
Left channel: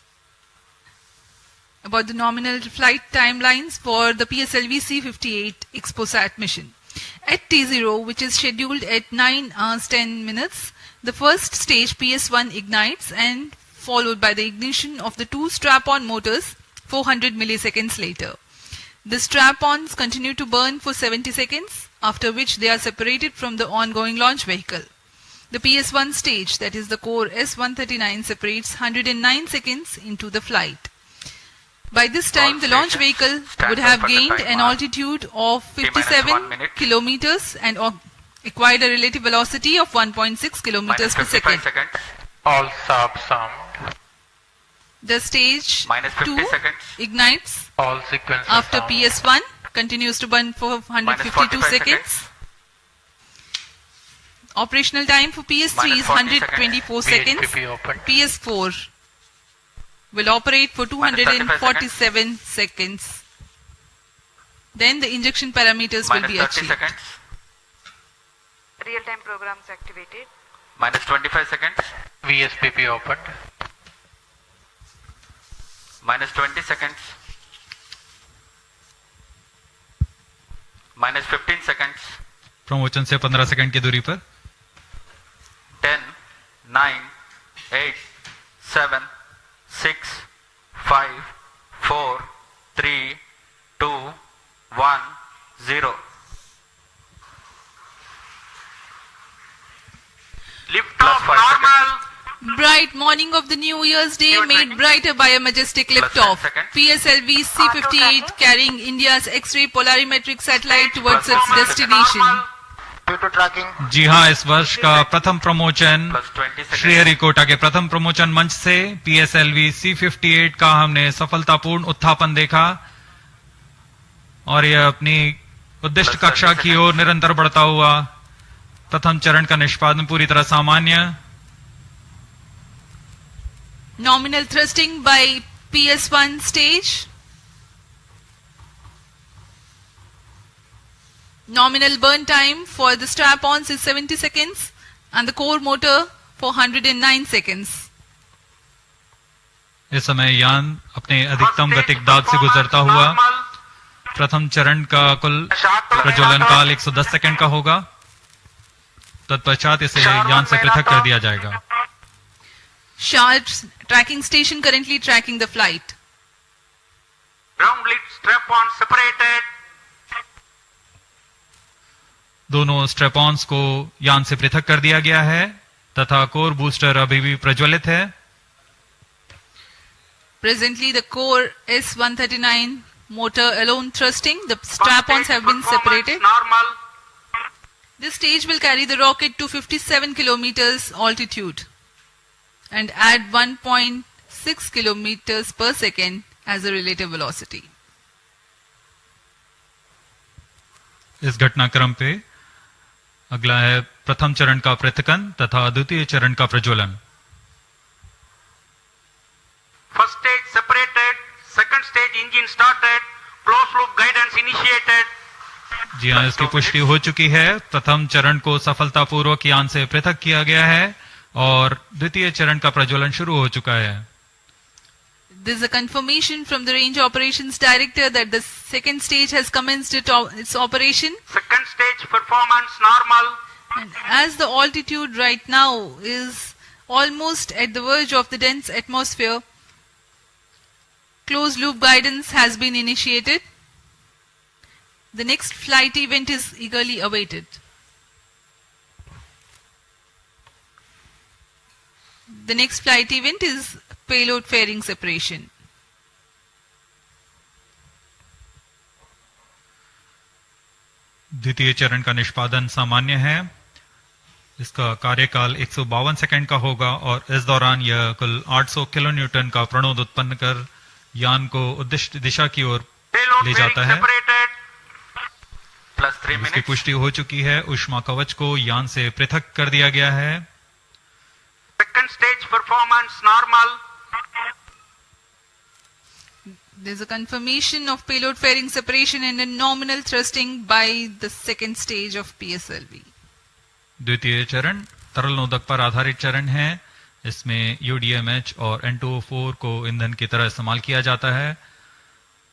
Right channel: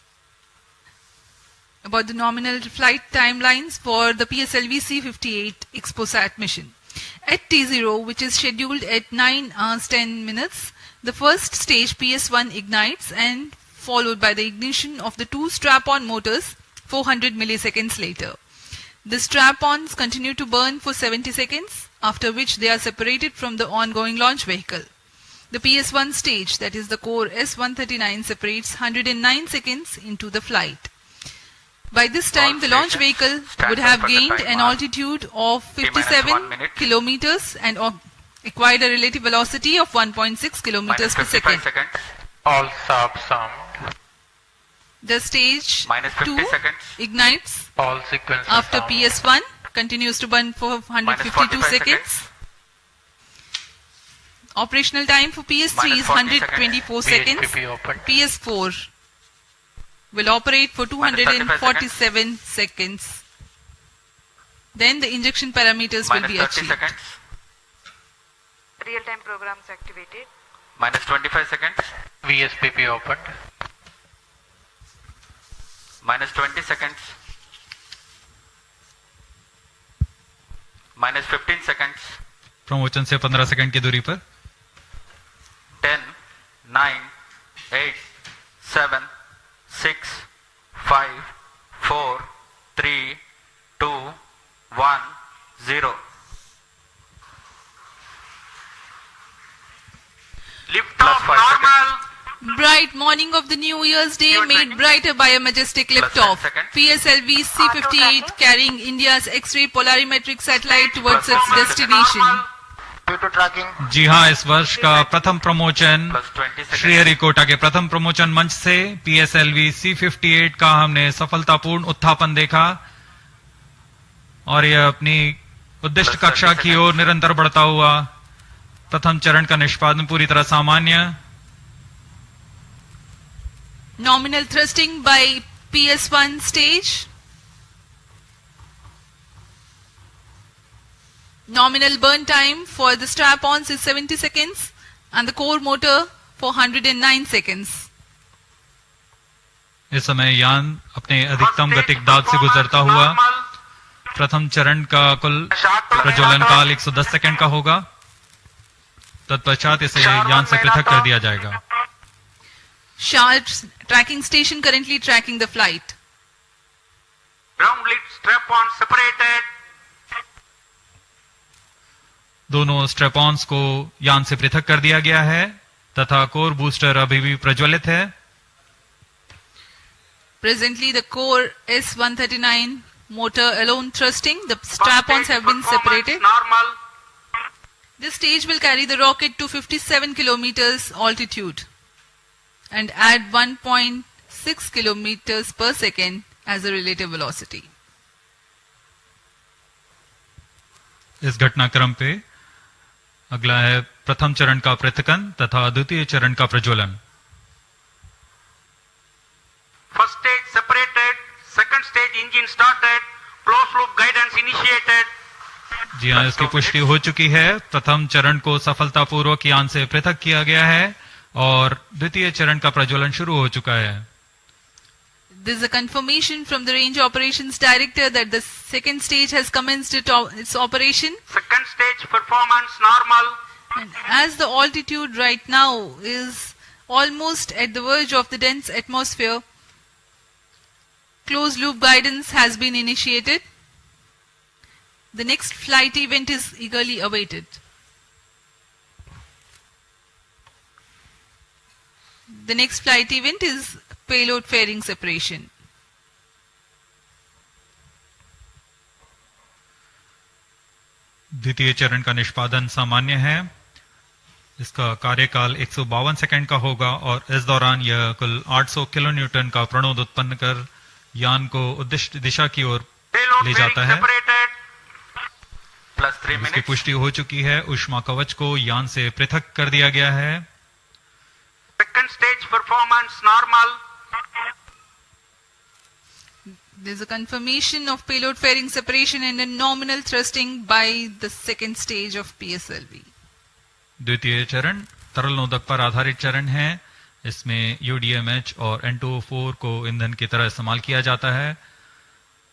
about the nominal flight timelines for the PSLV-C58 XPoSat mission. At T0, which is scheduled at 9 hours 10 minutes, the first stage PS1 ignites and followed by the ignition of the two strap-on motors 400 milliseconds later. The strap-ons continue to burn for 70 seconds, after which they are separated from the ongoing launch vehicle. The PS1 stage, that is the core S139, separates 109 seconds into the flight. By this time, the launch vehicle would have gained an altitude of 57 kilometers and acquired a relative velocity of 1.6 kilometers per second. All subs sound. The stage 2 ignites All sequences after sound. PS1, continues to burn for 152 seconds. Operational time for PS3 is 124 seconds. VHPP open. PS4 will operate for 247 seconds. Then the injection parameters will be achieved. Real-time programs activated. Minus 25 seconds. VSPP opened. Minus 20 seconds. Minus 15 seconds. Promotion से 15 second की दूरी पर 10, 9, 8, 7, 6, 5, 4, 3, 2, 1, 0. Lift off normal. Bright morning of the New Year's Day made brighter by a majestic liftoff. PSLV-C58 carrying India's X-ray Polarimeter Satellite towards its destination. जी हाँ, इस वर्ष का प्रथम promotion Sriharikota के प्रथम प्रमोशन मंच से PSLV-C58 का हमने सफलतापूर्ण उत्थापन देखा और यह अपनी उद्दिष्ट कक्षा की ओर निरंतर बढ़ता हुआ प्रथम चरण का निष्पादन पूरी तरह सामान्य. Nominal thrusting by PS1 stage. Nominal burn time for the strap-ons is 70 seconds and the core motor for 109 seconds. इस समय यान अपने अधिकतम गतिक दाब से गुजरता हुआ प्रथम चरण का कुल प्रज्वलन काल 110 सेकंड का होगा. तत्पश्चात इसे यान से पृथक कर दिया जाएगा. Sharp's tracking station currently tracking the flight. Ground lid strap-on separated. दोनों स्ट्रेपॉन्स को यान से पृथक कर दिया गया है तथा कोर बूस्टर अभी भी प्रज्वलित है. Presently, the core S139 motor alone thrusting. The strap-ons have been separated. Normal. This stage will carry the rocket to 57 kilometers altitude and add 1.6 kilometers per second as a relative velocity. इस घटनाक्रम पे अगला है प्रथम चरण का पृथकन तथा द्वितीय चरण का प्रज्वलन. First stage separated. Second stage engine started. Closed loop guidance initiated. जी हाँ, इसकी पुष्टि हो चुकी है. प्रथम चरण को सफलतापूर्वक यान से पृथक किया गया है और द्वितीय चरण का प्रज्वलन शुरू हो चुका है. There is a confirmation from the Range Operations Director that the second stage has commenced its operation. Second stage performance normal. And as the altitude right now is almost at the verge of the dense atmosphere, closed loop guidance has been initiated. The next flight event is eagerly awaited. The next flight event is payload fairing separation. द्वितीय चरण का निष्पादन सामान्य है. इसका कार्यकाल 152 second का होगा और इस दौरान यह कुल 800 किलो न्यूटन का प्रणोद उत्पन्न कर यान को उद्दिष्ट दिशा की ओर ले जाता है. इसकी पुष्टि हो चुकी है. ऊष्मा कवच को यान से पृथक कर दिया गया है. Second stage performance normal. There is a confirmation of payload fairing separation and a nominal thrusting by the second stage of PSLV. द्वितीय चरण तरल नोदक पर आधारित चरण है. इसमें UDMH और N2O4 को ईंधन की तरह इस्तेमाल किया जाता है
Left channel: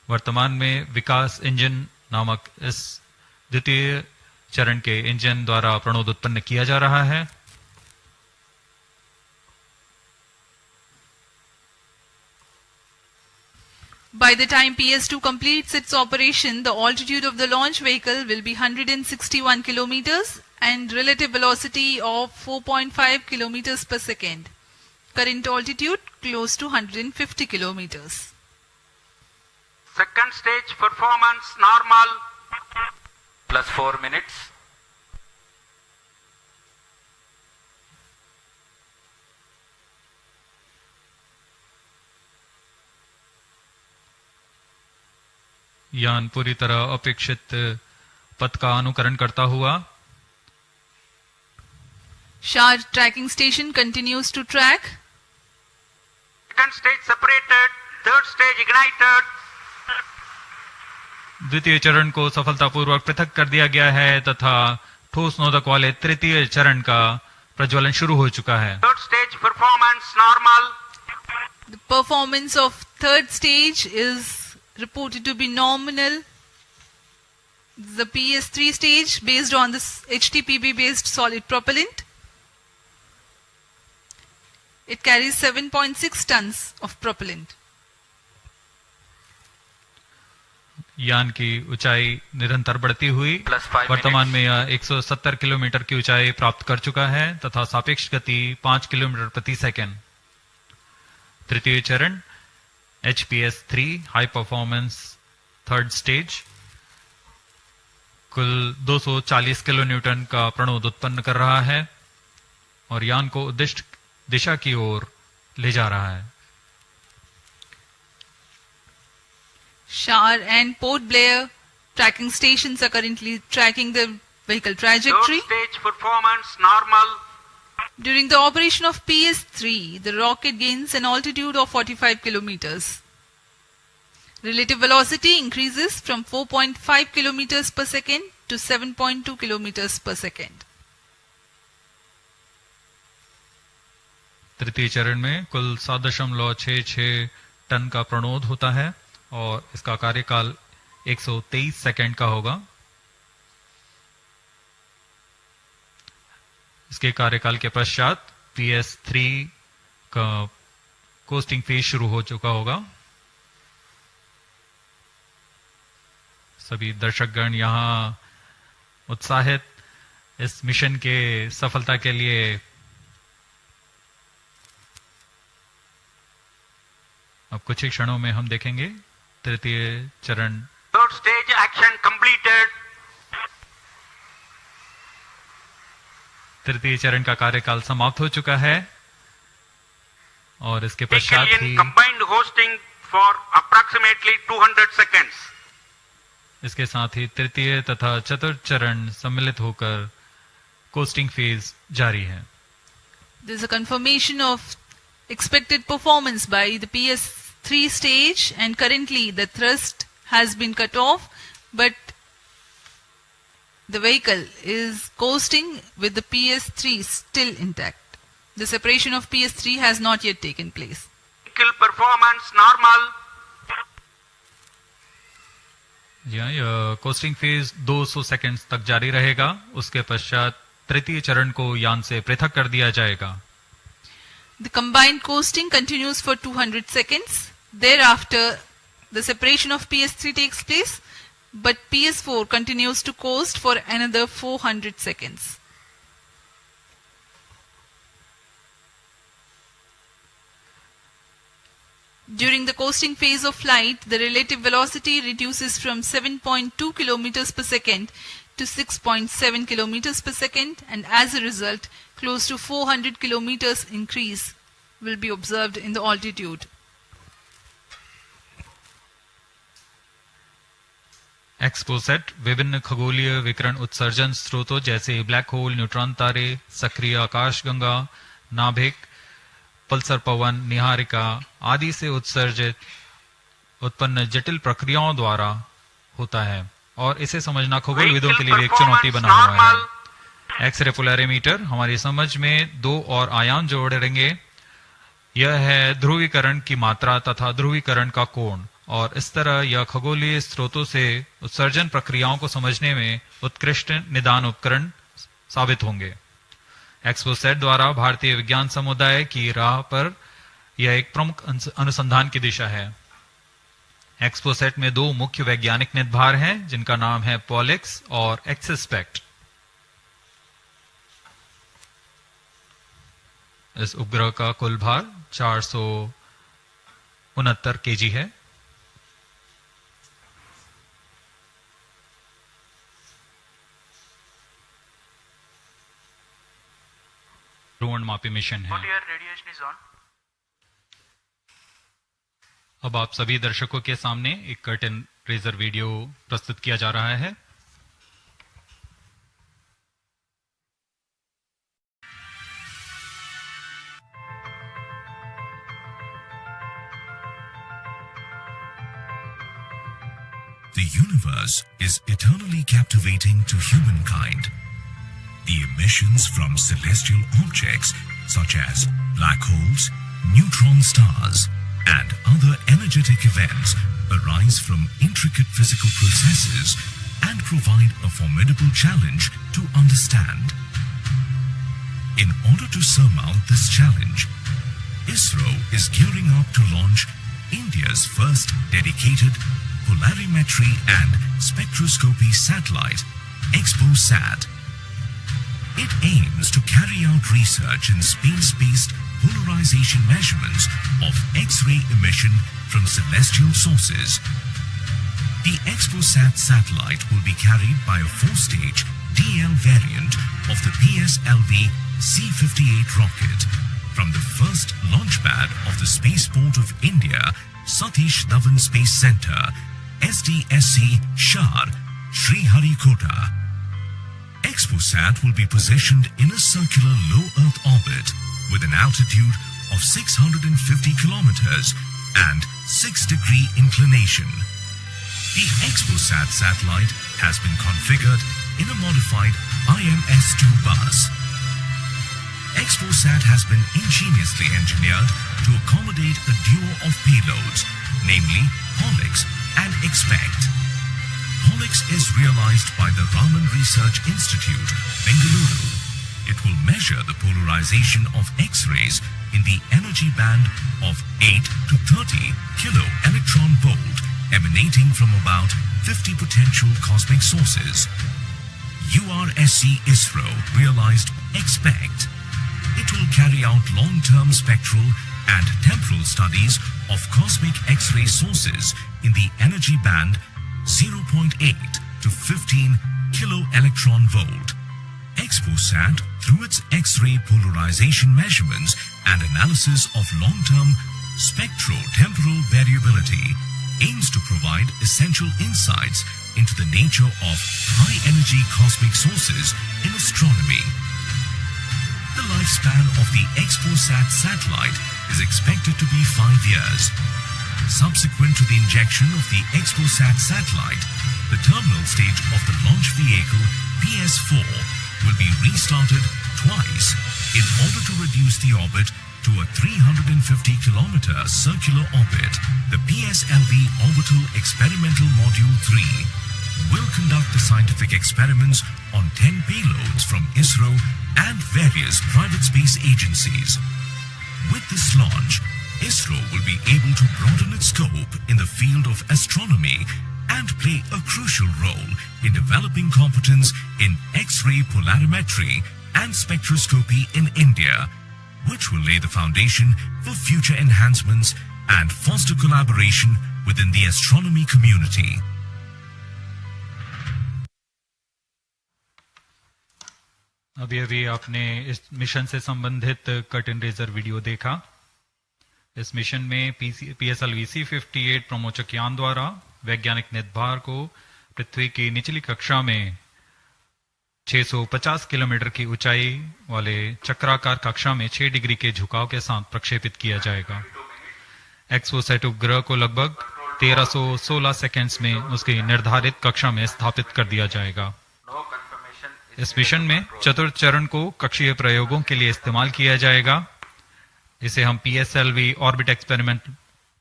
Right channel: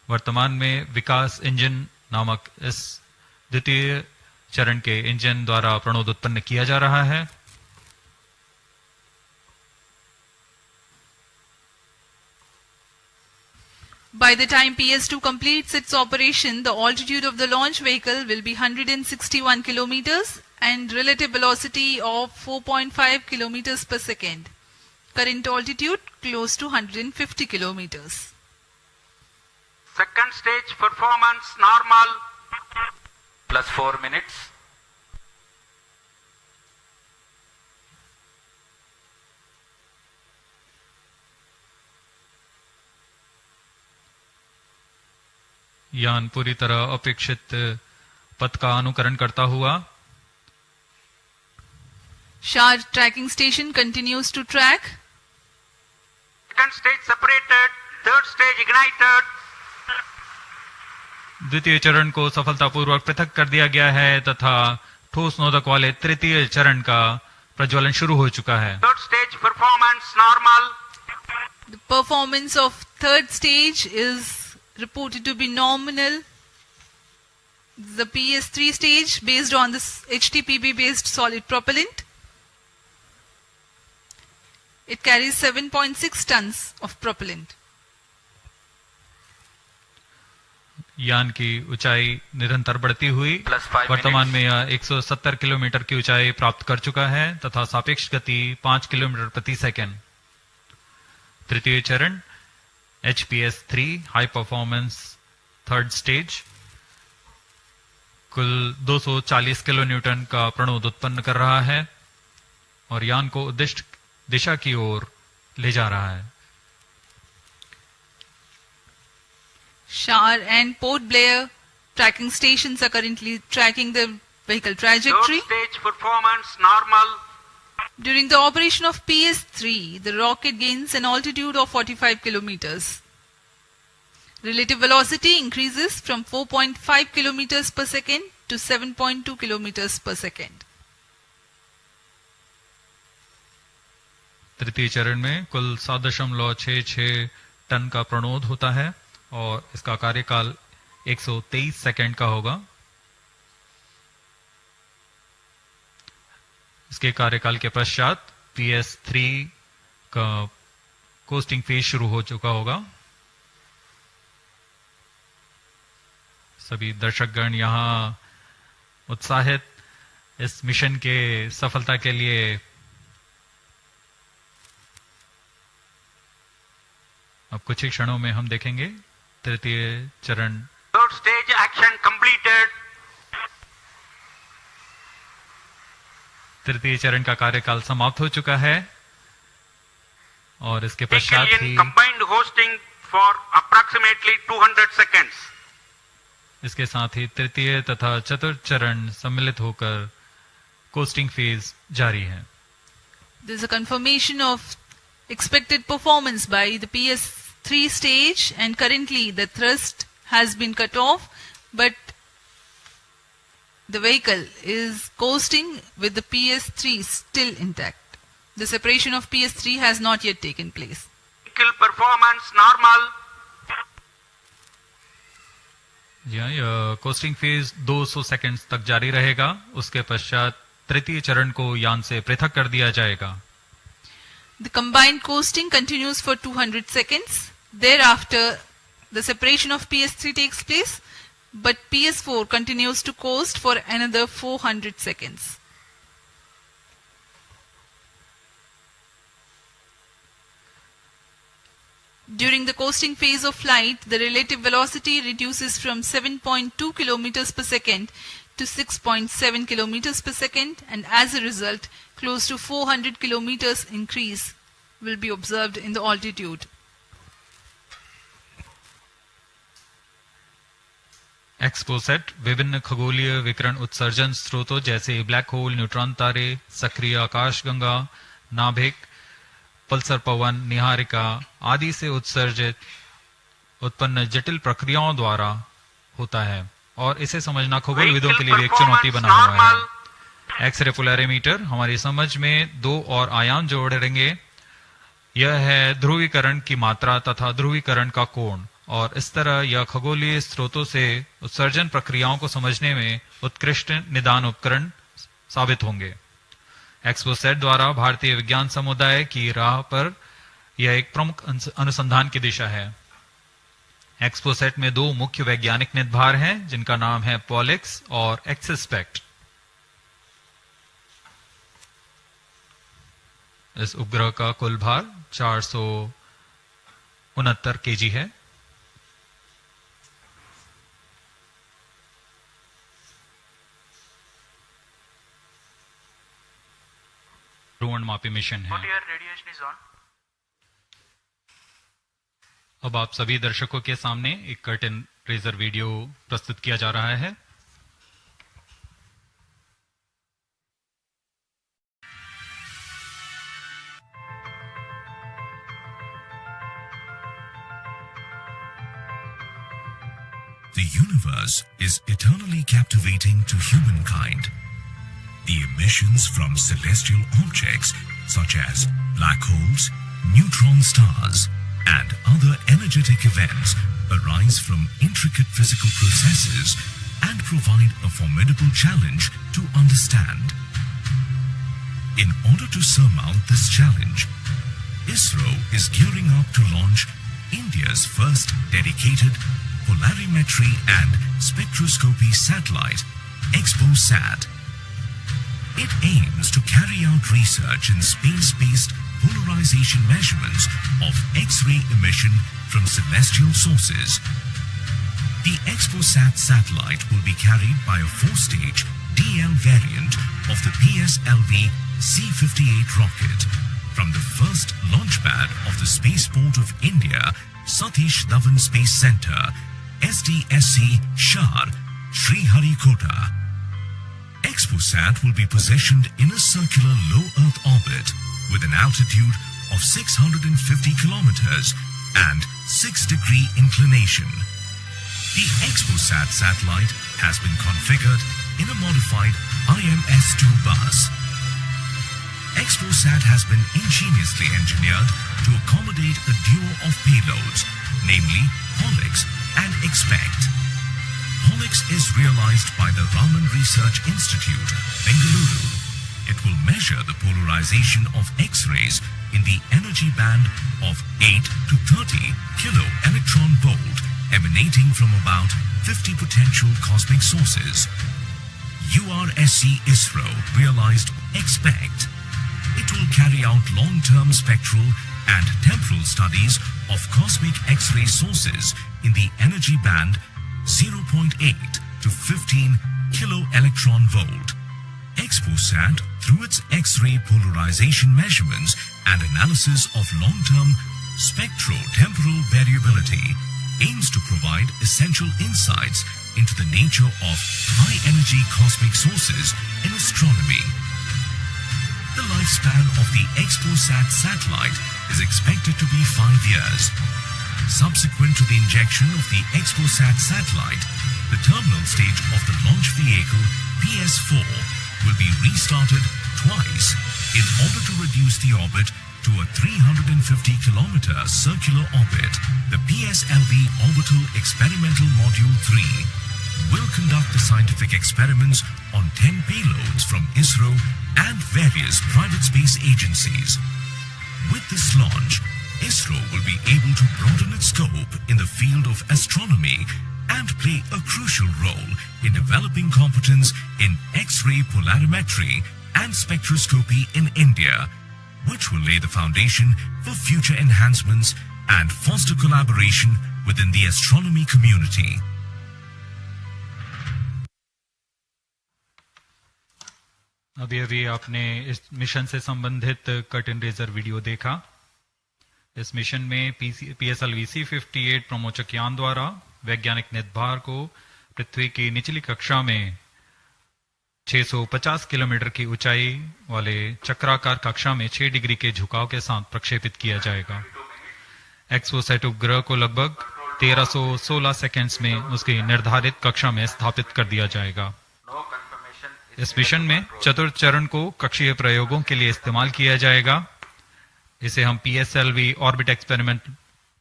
वर्तमान में विकास इंजन नामक इस द्वितीय चरण के इंजन द्वारा प्रणोद उत्पन्न किया जा रहा है। By the time PS2 completes its operation, the altitude of the launch vehicle will be 161 kilometers and relative velocity of 4.5 kilometers per second. Current altitude close to 150 kilometers. Second stage performance normal. Plus 4 minutes. यान पूरी तरह अपेक्षित पथ का अनुकरण करता हुआ Shar tracking station continues to track. Second stage separated. Third stage ignited. द्वितीय चरण को सफलतापूर्वक पृथक कर दिया गया है तथा ठोस नोदक वाले तृतीय चरण का प्रज्वलन शुरू हो चुका है। Third stage performance normal. The performance of third stage is reported to be nominal. The PS3 stage based on this HTPB based solid propellant. It carries 7.6 tons of propellant. यान की ऊंचाई निरंतर बढ़ती हुई वर्तमान में यह 170 किलोमीटर की ऊंचाई प्राप्त कर चुका है तथा सापेक्ष गति 5 किलोमीटर प्रति सेकंड। तृतीय चरण HPS3 high performance third stage कुल 240 किलो न्यूटन का प्रणोद उत्पन्न कर रहा है और यान को उद्दिष्ट दिशा की ओर ले जा रहा है। Shar and Port Blair tracking stations are currently tracking the vehicle trajectory. Third stage performance normal. During the operation of PS3, the rocket gains an altitude of 45 kilometers. Relative velocity increases from 4.5 kilometers per second to 7.2 kilometers per second. तृतीय चरण में कुल 7.66 ton का प्रणोद होता है और इसका कार्यकाल 123 सेकंड का होगा। इसके कार्यकाल के पश्चात PS3 का कोस्टिंग फेज शुरू हो चुका होगा। सभी दर्शकगण यहां उत्साहित इस मिशन के सफलता के लिए अब कुछ ही क्षणों में हम देखेंगे तृतीय चरण। Third stage action completed. तृतीय चरण का कार्यकाल समाप्त हो चुका है और इसके पश्चात ही combined hosting for approximately 200 seconds. इसके साथ ही तृतीय तथा चतुर्थ चरण सम्मिलित होकर कोस्टिंग फेज जारी है। There is a confirmation of expected performance by the PS3 stage and currently the thrust has been cut off but the vehicle is coasting with the PS3 still intact. The separation of PS3 has not yet taken place. Vehicle performance normal. यह costing phase 200 seconds तक जारी रहेगा। उसके पश्चात तृतीय चरण को यान से पृथक कर दिया जाएगा। The combined coasting continues for 200 seconds. Thereafter, the separation of PS3 takes place, but PS4 continues to coast for another 400 seconds. During the coasting phase of flight, the relative velocity reduces from 7.2 kilometers per second to 6.7 kilometers per second, and as a result, close to 400 kilometers increase will be observed in the altitude. XPoSat विभिन्न खगोलीय विकिरण उत्सर्जन स्रोतों जैसे black hole, neutron तारे, सक्रिय आकाशगंगा, नाभिक, पल्सर पवन, निहारिका आदि से उत्सर्जित उत्पन्न जटिल प्रक्रियाओं द्वारा होता है और इसे समझना खगोलविदों के लिए भी एक चुनौती बना हुआ है। एक्सरे पोलैरिमीटर हमारी समझ में दो और आयाम जोड़ेंगे। यह है ध्रुवीकरण की मात्रा तथा ध्रुवीकरण का कोण और इस तरह यह खगोलीय स्रोतों से उत्सर्जन प्रक्रियाओं को समझने में उत्कृष्ट निदान उपकरण साबित होंगे। एक्सपोसैट द्वारा भारतीय विज्ञान समुदाय की राह पर यह एक प्रमुख अनुसंधान की दिशा है। एक्सपोसैट में दो मुख्य वैज्ञानिक निदभार हैं, जिनका नाम है पॉलिक्स और एक्सस्पेक्ट। इस उपग्रह का कुल भार 469 केजी है। ध्रुवणमापी मिशन है। अब आप सभी दर्शकों के सामने एक कर्टन रेजर वीडियो प्रस्तुत किया जा रहा है। The universe is eternally captivating to humankind. The emissions from celestial objects such as black holes, neutron stars, and other energetic events arise from intricate physical processes and provide a formidable challenge to understand. In order to surmount this challenge, Isro is gearing up to launch India's first dedicated polarimetry and spectroscopy satellite, XPoSat. It aims to carry out research in space-based polarization measurements of X-ray emission from celestial sources. The XPoSat satellite will be carried by a 4-stage DL variant of the PSLV-C58 rocket from the first launch pad of the Spaceport of India, Satish Dhawan Space Center, SDSC, Shar, Sriharikota. XPoSat will be positioned in a circular low Earth orbit with an altitude of 650 kilometers and 6-degree inclination. The XPoSat satellite has been configured in a modified IMS-2 bus. XPoSat has been ingeniously engineered to accommodate a duo of payloads, namely Polix and Expect. Polix is realized by the Raman Research Institute, Bengaluru. It will measure the polarization of X-rays in the energy band of 8 to 30 kilo electron volt emanating from about 50 potential cosmic sources. URSC Isro realized Expect. It will carry out long-term spectral and temporal studies of cosmic X-ray sources in the energy band 0.8 to 15 kilo electron volt. XPoSat, through its X-ray polarization measurements and analysis of long-term spectro-temporal variability, aims to provide essential insights into the nature of high-energy cosmic sources in astronomy. The lifespan of the XPoSat satellite is expected to be 5 years. Subsequent to the injection of the XPoSat satellite, the terminal stage of the launch vehicle PS4 will be restarted twice in order to reduce the orbit to a 350-kilometer circular orbit. The PSLV Orbital Experimental Module 3 will conduct the scientific experiments on 10 payloads from Isro and various private space agencies. With this launch, Isro will be able to broaden its scope in the field of astronomy and play a crucial role in developing competence in X-ray polarimetry and spectroscopy in India, which will lay the foundation for future enhancements and foster collaboration within the astronomy community. अभी अभी आपने इस mission से संबंधित curtain raiser video देखा। इस mission में PSLV-C58 प्रमोचक यान द्वारा वैज्ञानिक निदभार को पृथ्वी की निचली कक्षा में 650 किलोमीटर की ऊंचाई वाले चक्राकार कक्षा में 6 डिग्री के झुकाव के साथ प्रक्षेपित किया जाएगा। एक्सपोसैट उपग्रह को लगभग 1316 सेकेंड्स में उसकी निर्धारित कक्षा में स्थापित कर दिया जाएगा। इस मिशन में चतुर्थ चरण को कक्षीय प्रयोगों के लिए इस्तेमाल किया जाएगा। इसे हम PSLV ऑर्बिट एक्सपेरिमेंट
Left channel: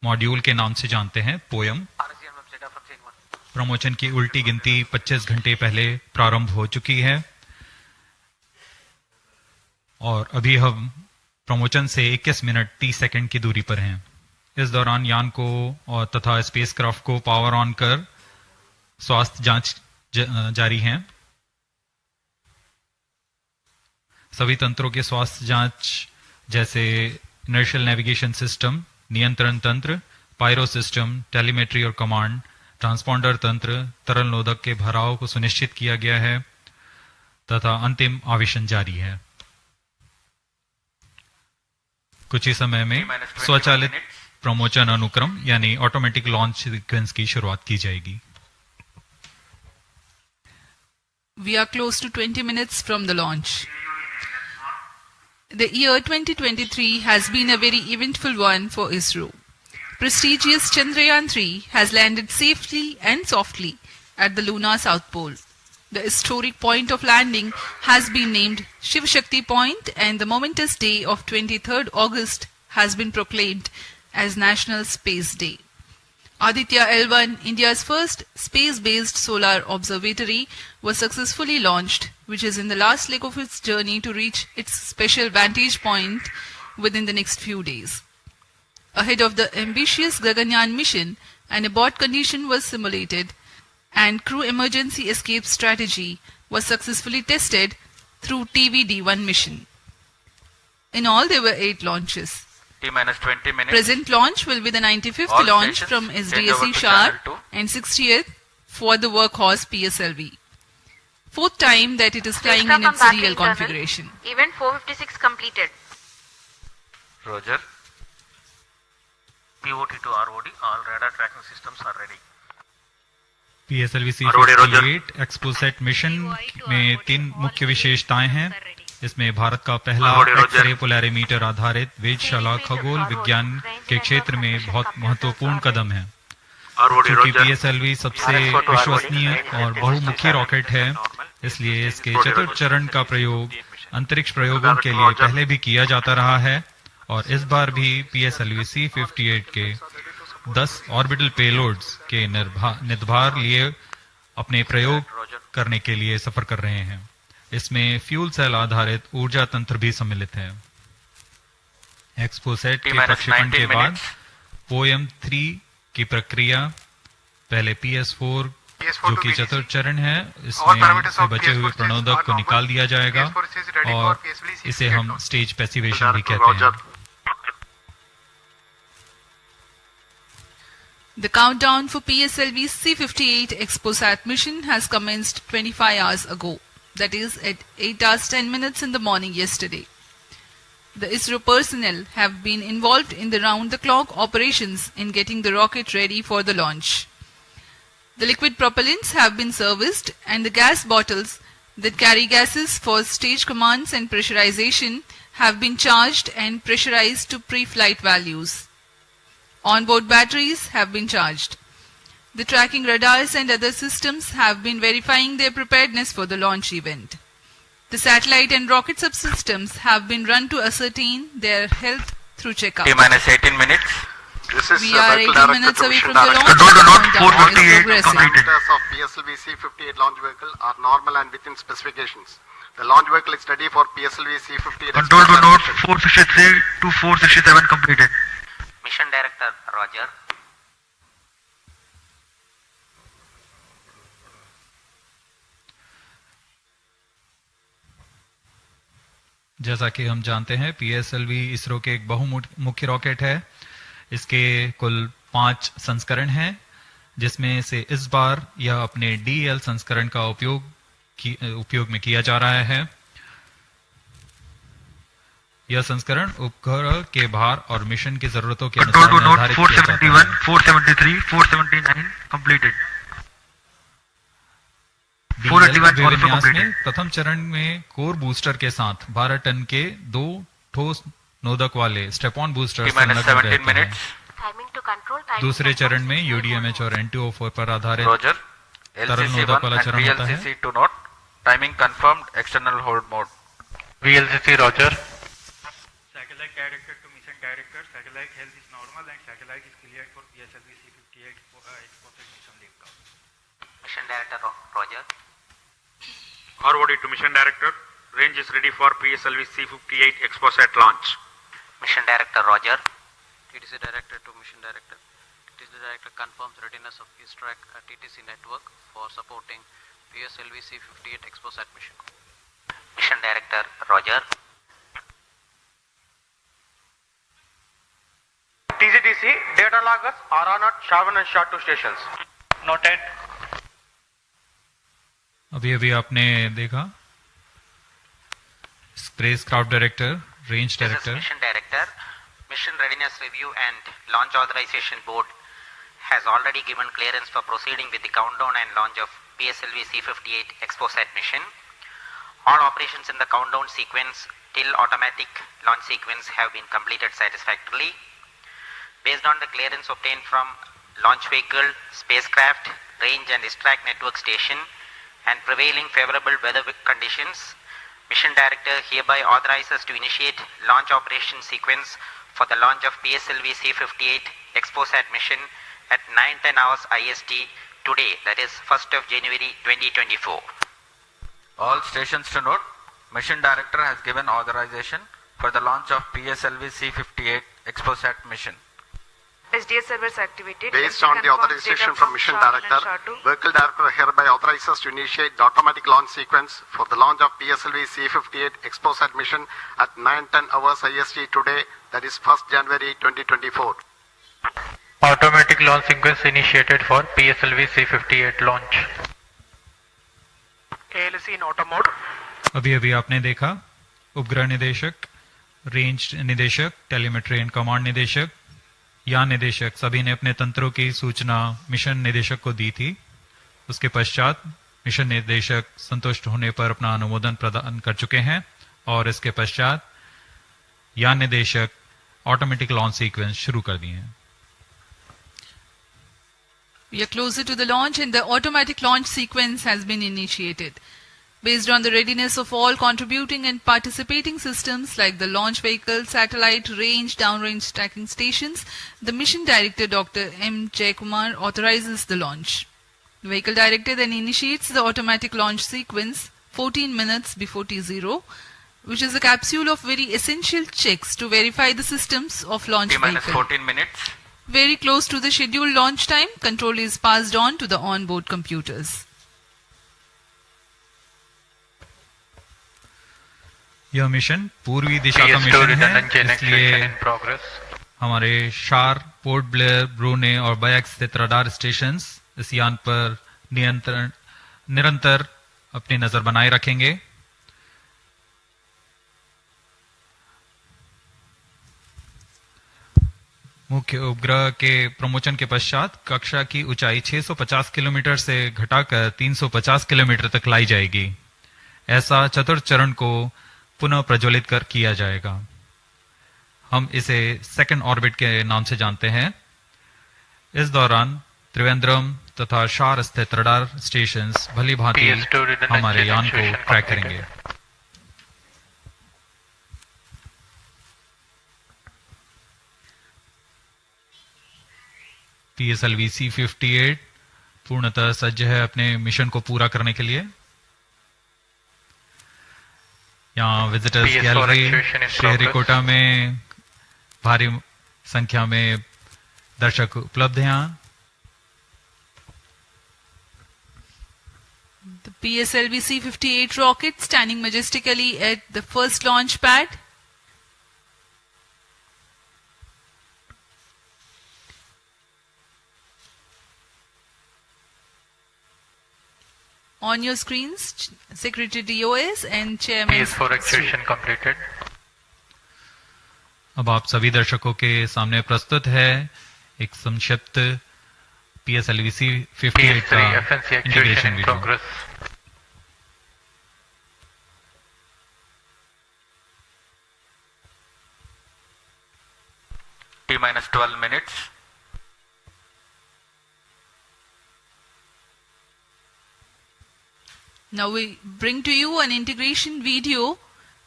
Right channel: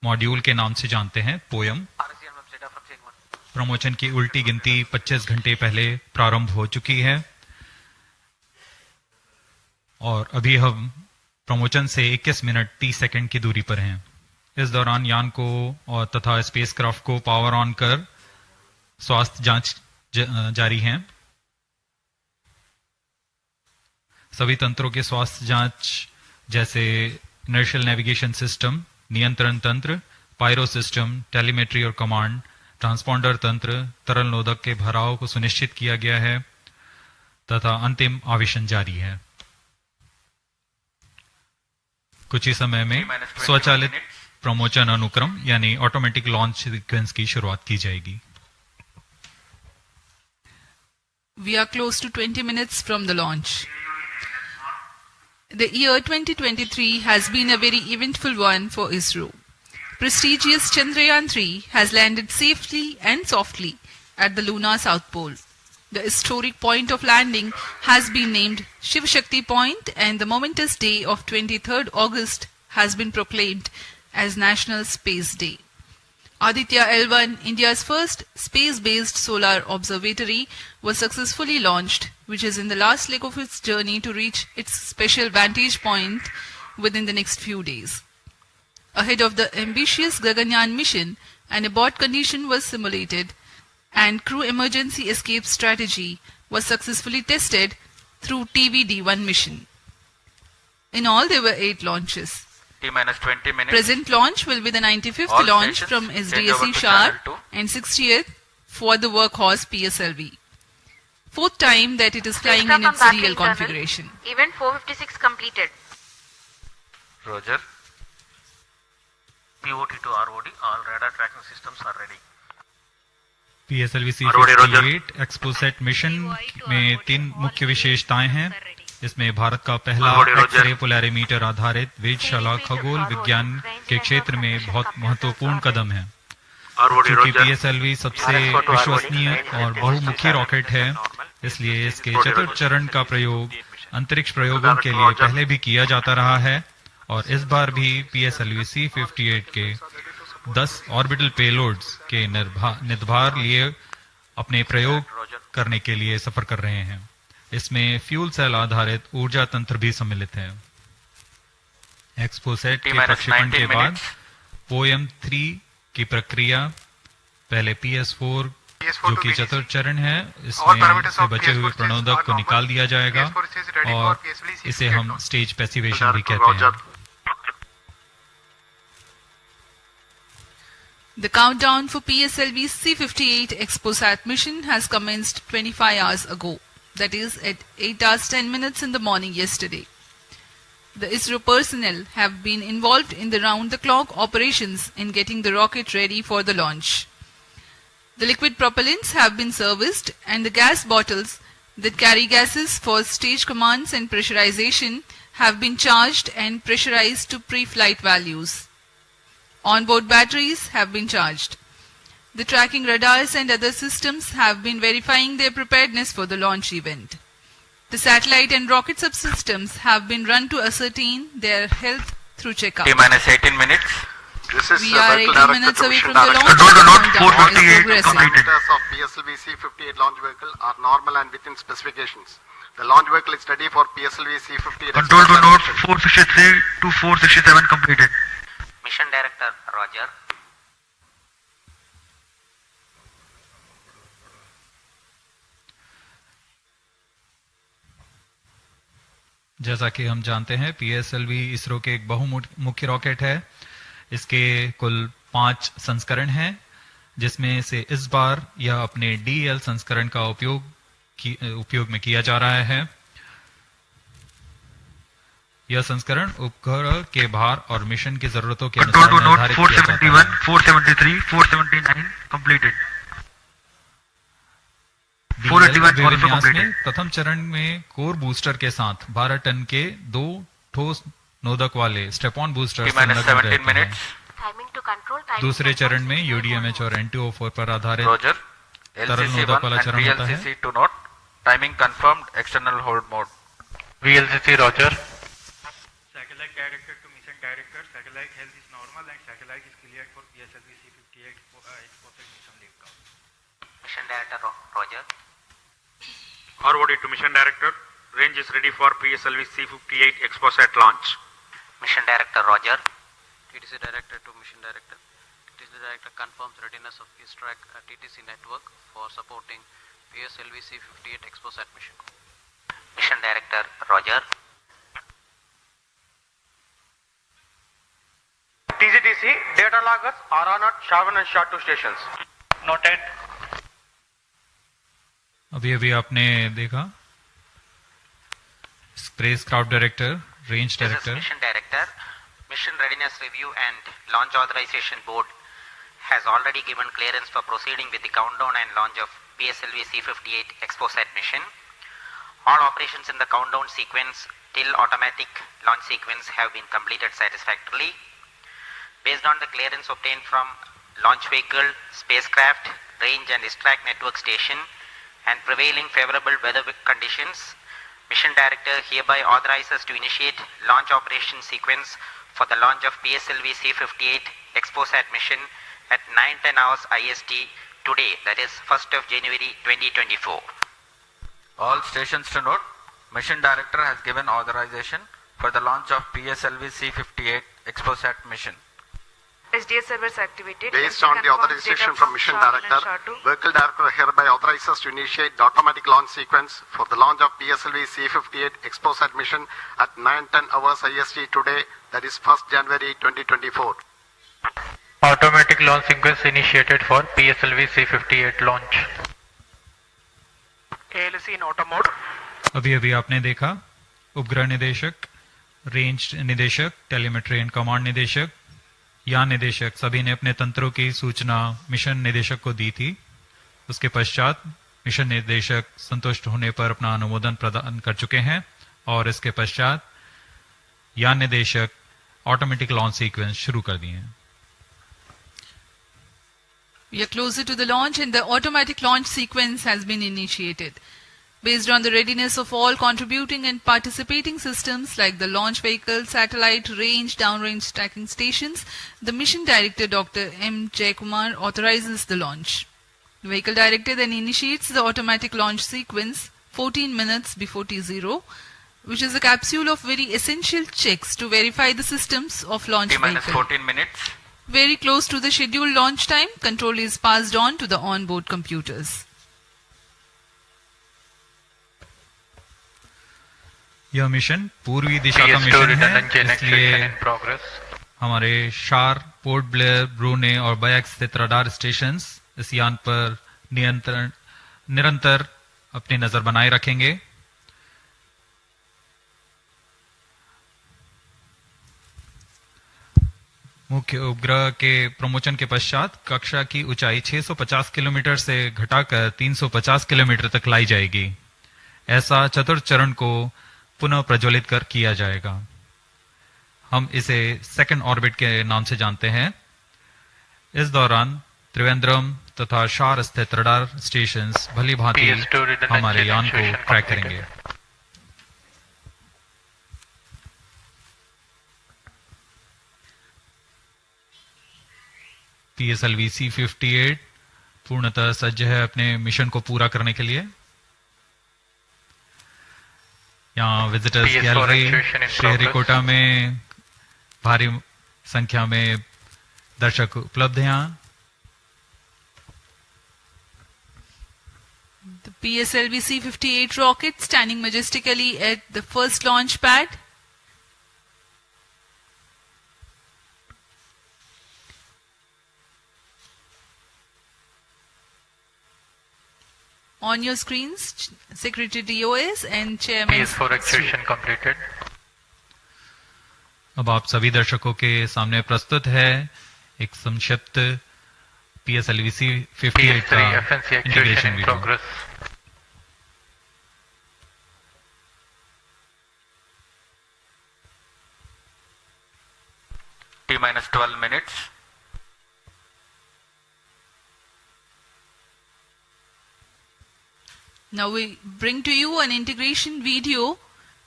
मॉड्यूल के नाम से जानते हैं, पोयम। प्रमोशन की उल्टी गिनती 25 घंटे पहले प्रारंभ हो चुकी है और अभी हम प्रमोशन से 21 मिनट 30 सेकंड की दूरी पर हैं। इस दौरान यान को और तथा स्पेसक्राफ्ट को पावर ऑन कर स्वास्थ्य जांच जारी है। सभी तंत्रों के स्वास्थ्य जांच जैसे इनर्शियल नेविगेशन सिस्टम, नियंत्रण तंत्र, पायरो सिस्टम, टेलीमेट्री और कमांड, ट्रांसपॉन्डर तंत्र, तरल नोदक के भराव को सुनिश्चित किया गया है तथा अंतिम आवेशन जारी है। कुछ ही समय में स्वचालित प्रमोशन अनुक्रम यानी ऑटोमेटिक लॉन्च सीक्वेंस की शुरुआत की जाएगी। We are close to 20 minutes from the launch. The year 2023 has been a very eventful one for Isro. Prestigious Chandrayaan-3 has landed safely and softly at the lunar south pole. The historic point of landing has been named Shiv Shakti Point, and the momentous day of 23rd August has been proclaimed as National Space Day. Aditya L1, India's first space-based solar observatory, was successfully launched, which is in the last leg of its journey to reach its special vantage point within the next few days. Ahead of the ambitious Gaganyaan mission, an abort condition was simulated and crew emergency escape strategy was successfully tested through TVD-1 mission. In all, there were 8 launches. T-minus 20 minutes. Present launch will be the 95th All launch stations from change SDSC over to Shar channel 2. and 60th for the workhorse PSLV. 4th time that it is flying in its real configuration. Event 456 completed. Roger. POT to ROD, all radar tracking systems are ready. PSLV-C58 XPoSat mission में 3 मुख्य विशेषताएं हैं। इसमें भारत का पहला x-ray polarimeter आधारित वेधशाला खगोल विज्ञान के क्षेत्र में बहुत महत्वपूर्ण कदम है। क्योंकि PSLV सबसे विश्वसनीय और बहुमुखी रॉकेट है, इसलिए इसके चतुर्थ चरण का प्रयोग अंतरिक्ष प्रयोगों के लिए पहले भी किया जाता रहा है और इस बार भी PSLV-C58 के 10 ऑर्बिटल पेलोड्स के निर्धार लिए अपने प्रयोग करने के लिए सफर कर रहे हैं। इसमें फ्यूल सेल आधारित ऊर्जा तंत्र भी सम्मिलित है। एक्सपोसैट के प्रक्षेपण के बाद पोयम 3 की प्रक्रिया पहले PS4 जो कि चतुर्थ चरण है, इसमें से बचे हुए प्रणोदक को निकाल दिया जाएगा और इसे हम स्टेज पैसिवेशन भी कहते हैं। The countdown for PSLV-C58 XPoSat mission has commenced 25 hours ago. That is at 8 hours 10 minutes in the morning yesterday. The Isro personnel have been involved in the round-the-clock operations in getting the rocket ready for the launch. The liquid propellants have been serviced and the gas bottles that carry gases for stage commands and pressurization have been charged and pressurized to pre-flight values. Onboard batteries have been charged. The tracking radars and other systems have been verifying their preparedness for the launch event. The satellite and rocket subsystems have been run to ascertain their health through checkup. T-minus 18 minutes. We are 18 minutes away from the launch. Control to Note Countdown is 458 progressing. completed. Parameters of PSLV-C58 launch vehicle are normal and within specifications. The launch vehicle is ready for PSLV-C58. Control to Note 463 to 467 completed. Mission Director Roger. जैसा कि हम जानते हैं, PSLV ISRO के एक बहुमुखी rocket है। इसके कुल 5 संस्करण हैं, जिसमें से इस बार यह अपने DL संस्करण का उपयोग में किया जा रहा है। यह संस्करण उपग्रह के भार और मिशन की जरूरतों के अनुसार निर्धारित किया जाता है। 473, 479 completed. विन्यास में प्रथम चरण में कोर बूस्टर के साथ 12 टन के 2 ठोस नोदक वाले स्टेप-ऑन बूस्टर संलग्न रहते हैं। दूसरे चरण में UDMH और NTO4 पर आधारित तरल नोदक वाला चरण होता है। Timing confirmed, external hold mode. VLCC Roger. Satellite director to mission director. Satellite health is normal and satellite is cleared for PSLV-C58 XPoSat mission takeoff. Mission Director Roger. ROD to Mission Director. Range is ready for PSLV-C58 XPoSat launch. Mission Director Roger. TTC Director to Mission Director. TTC Director confirms readiness of his track at TTC network for supporting PSLV-C58 XPoSat mission. Mission Director Roger. TCTC data loggers are on at Shavan and SHA-2 stations. Noted. अभी आपने देखा space craft director, range director. Mission Director. Mission Readiness Review and Launch Authorization Board has already given clearance for proceeding with the countdown and launch of PSLV-C58 XPoSat mission. All operations in the countdown sequence till automatic launch sequence have been completed satisfactorily. Based on the clearance obtained from launch vehicle, spacecraft, range and ISTRAC network station and prevailing favorable weather conditions, Mission Director hereby authorizes to initiate launch operation sequence for the launch of PSLV-C58 XPoSat mission at 9:10 hours IST today, that is 1st of January 2024. All stations to note, Mission Director has given authorization for the launch of PSLV-C58 XPoSat mission. SDS servers activated. Based on the authorization from Mission Director, Vehicle Director hereby authorizes to initiate the automatic launch sequence for the launch of PSLV-C58 XPoSat mission at 9:10 hours IST today, that is 1st January 2024. Automatic launch sequence initiated for PSLV-C58 launch. ALC in auto mode. अभी आपने देखा उपग्रह निदेशक, range निदेशक, telemetry and command निदेशक, यान निदेशक सभी ने अपने तंत्रों की सूचना मिशन निदेशक को दी थी. उसके पश्चात मिशन निदेशक संतुष्ट होने पर अपना अनुमोदन प्रदान कर चुके हैं और इसके पश्चात यान निदेशक ऑटोमेटिक लॉन्च सीक्वेंस शुरू कर दिए हैं. We are closer to the launch and the automatic launch sequence has been initiated. Based on the readiness of all contributing and participating systems like the launch vehicle, satellite, range, downrange tracking stations, the Mission Director Dr. M. Jaikumar authorizes the launch. The Vehicle Director then initiates the automatic launch sequence 14 minutes before T0, which is a capsule of very essential checks to verify the systems of launch vehicle. 14 minutes. Very close to the scheduled launch time, control is passed on to the onboard computers. यह mission पूर्वी दिशा का mission है, इसलिए हमारे शार, port Blair, ब्रूने और bike स्थित radar stations इस यान पर निरंतर अपनी नजर बनाए रखेंगे. मुख्य उपग्रह के प्रमोशन के पश्चात कक्षा की ऊंचाई 650 किलोमीटर से घटाकर 350 किलोमीटर तक लाई जाएगी. ऐसा चतुर्थ चरण को पुनः प्रज्वलित कर किया जाएगा. हम इसे सेकंड ऑर्बिट के नाम से जानते हैं. इस दौरान त्रिवेंद्रम तथा शार स्थित रडार स्टेशंस भली भांति हमारे यान को ट्रैक करेंगे. PSLV-C58 पूर्णतः सज्ज है अपने मिशन को पूरा करने के लिए. यहाँ विजिटर्स गैलरी श्रीहरिकोटा में भारी संख्या में दर्शक उपलब्ध हैं. The PSLV-C58 rocket standing majestically at the first launch pad. On your screens, Secretary DOS and Chairman. PS4 activation completed. अब आप सभी दर्शकों के सामने प्रस्तुत है एक संक्षिप्त PSLV-C58 का integration video. T-12 minutes. Now we bring to you an integration video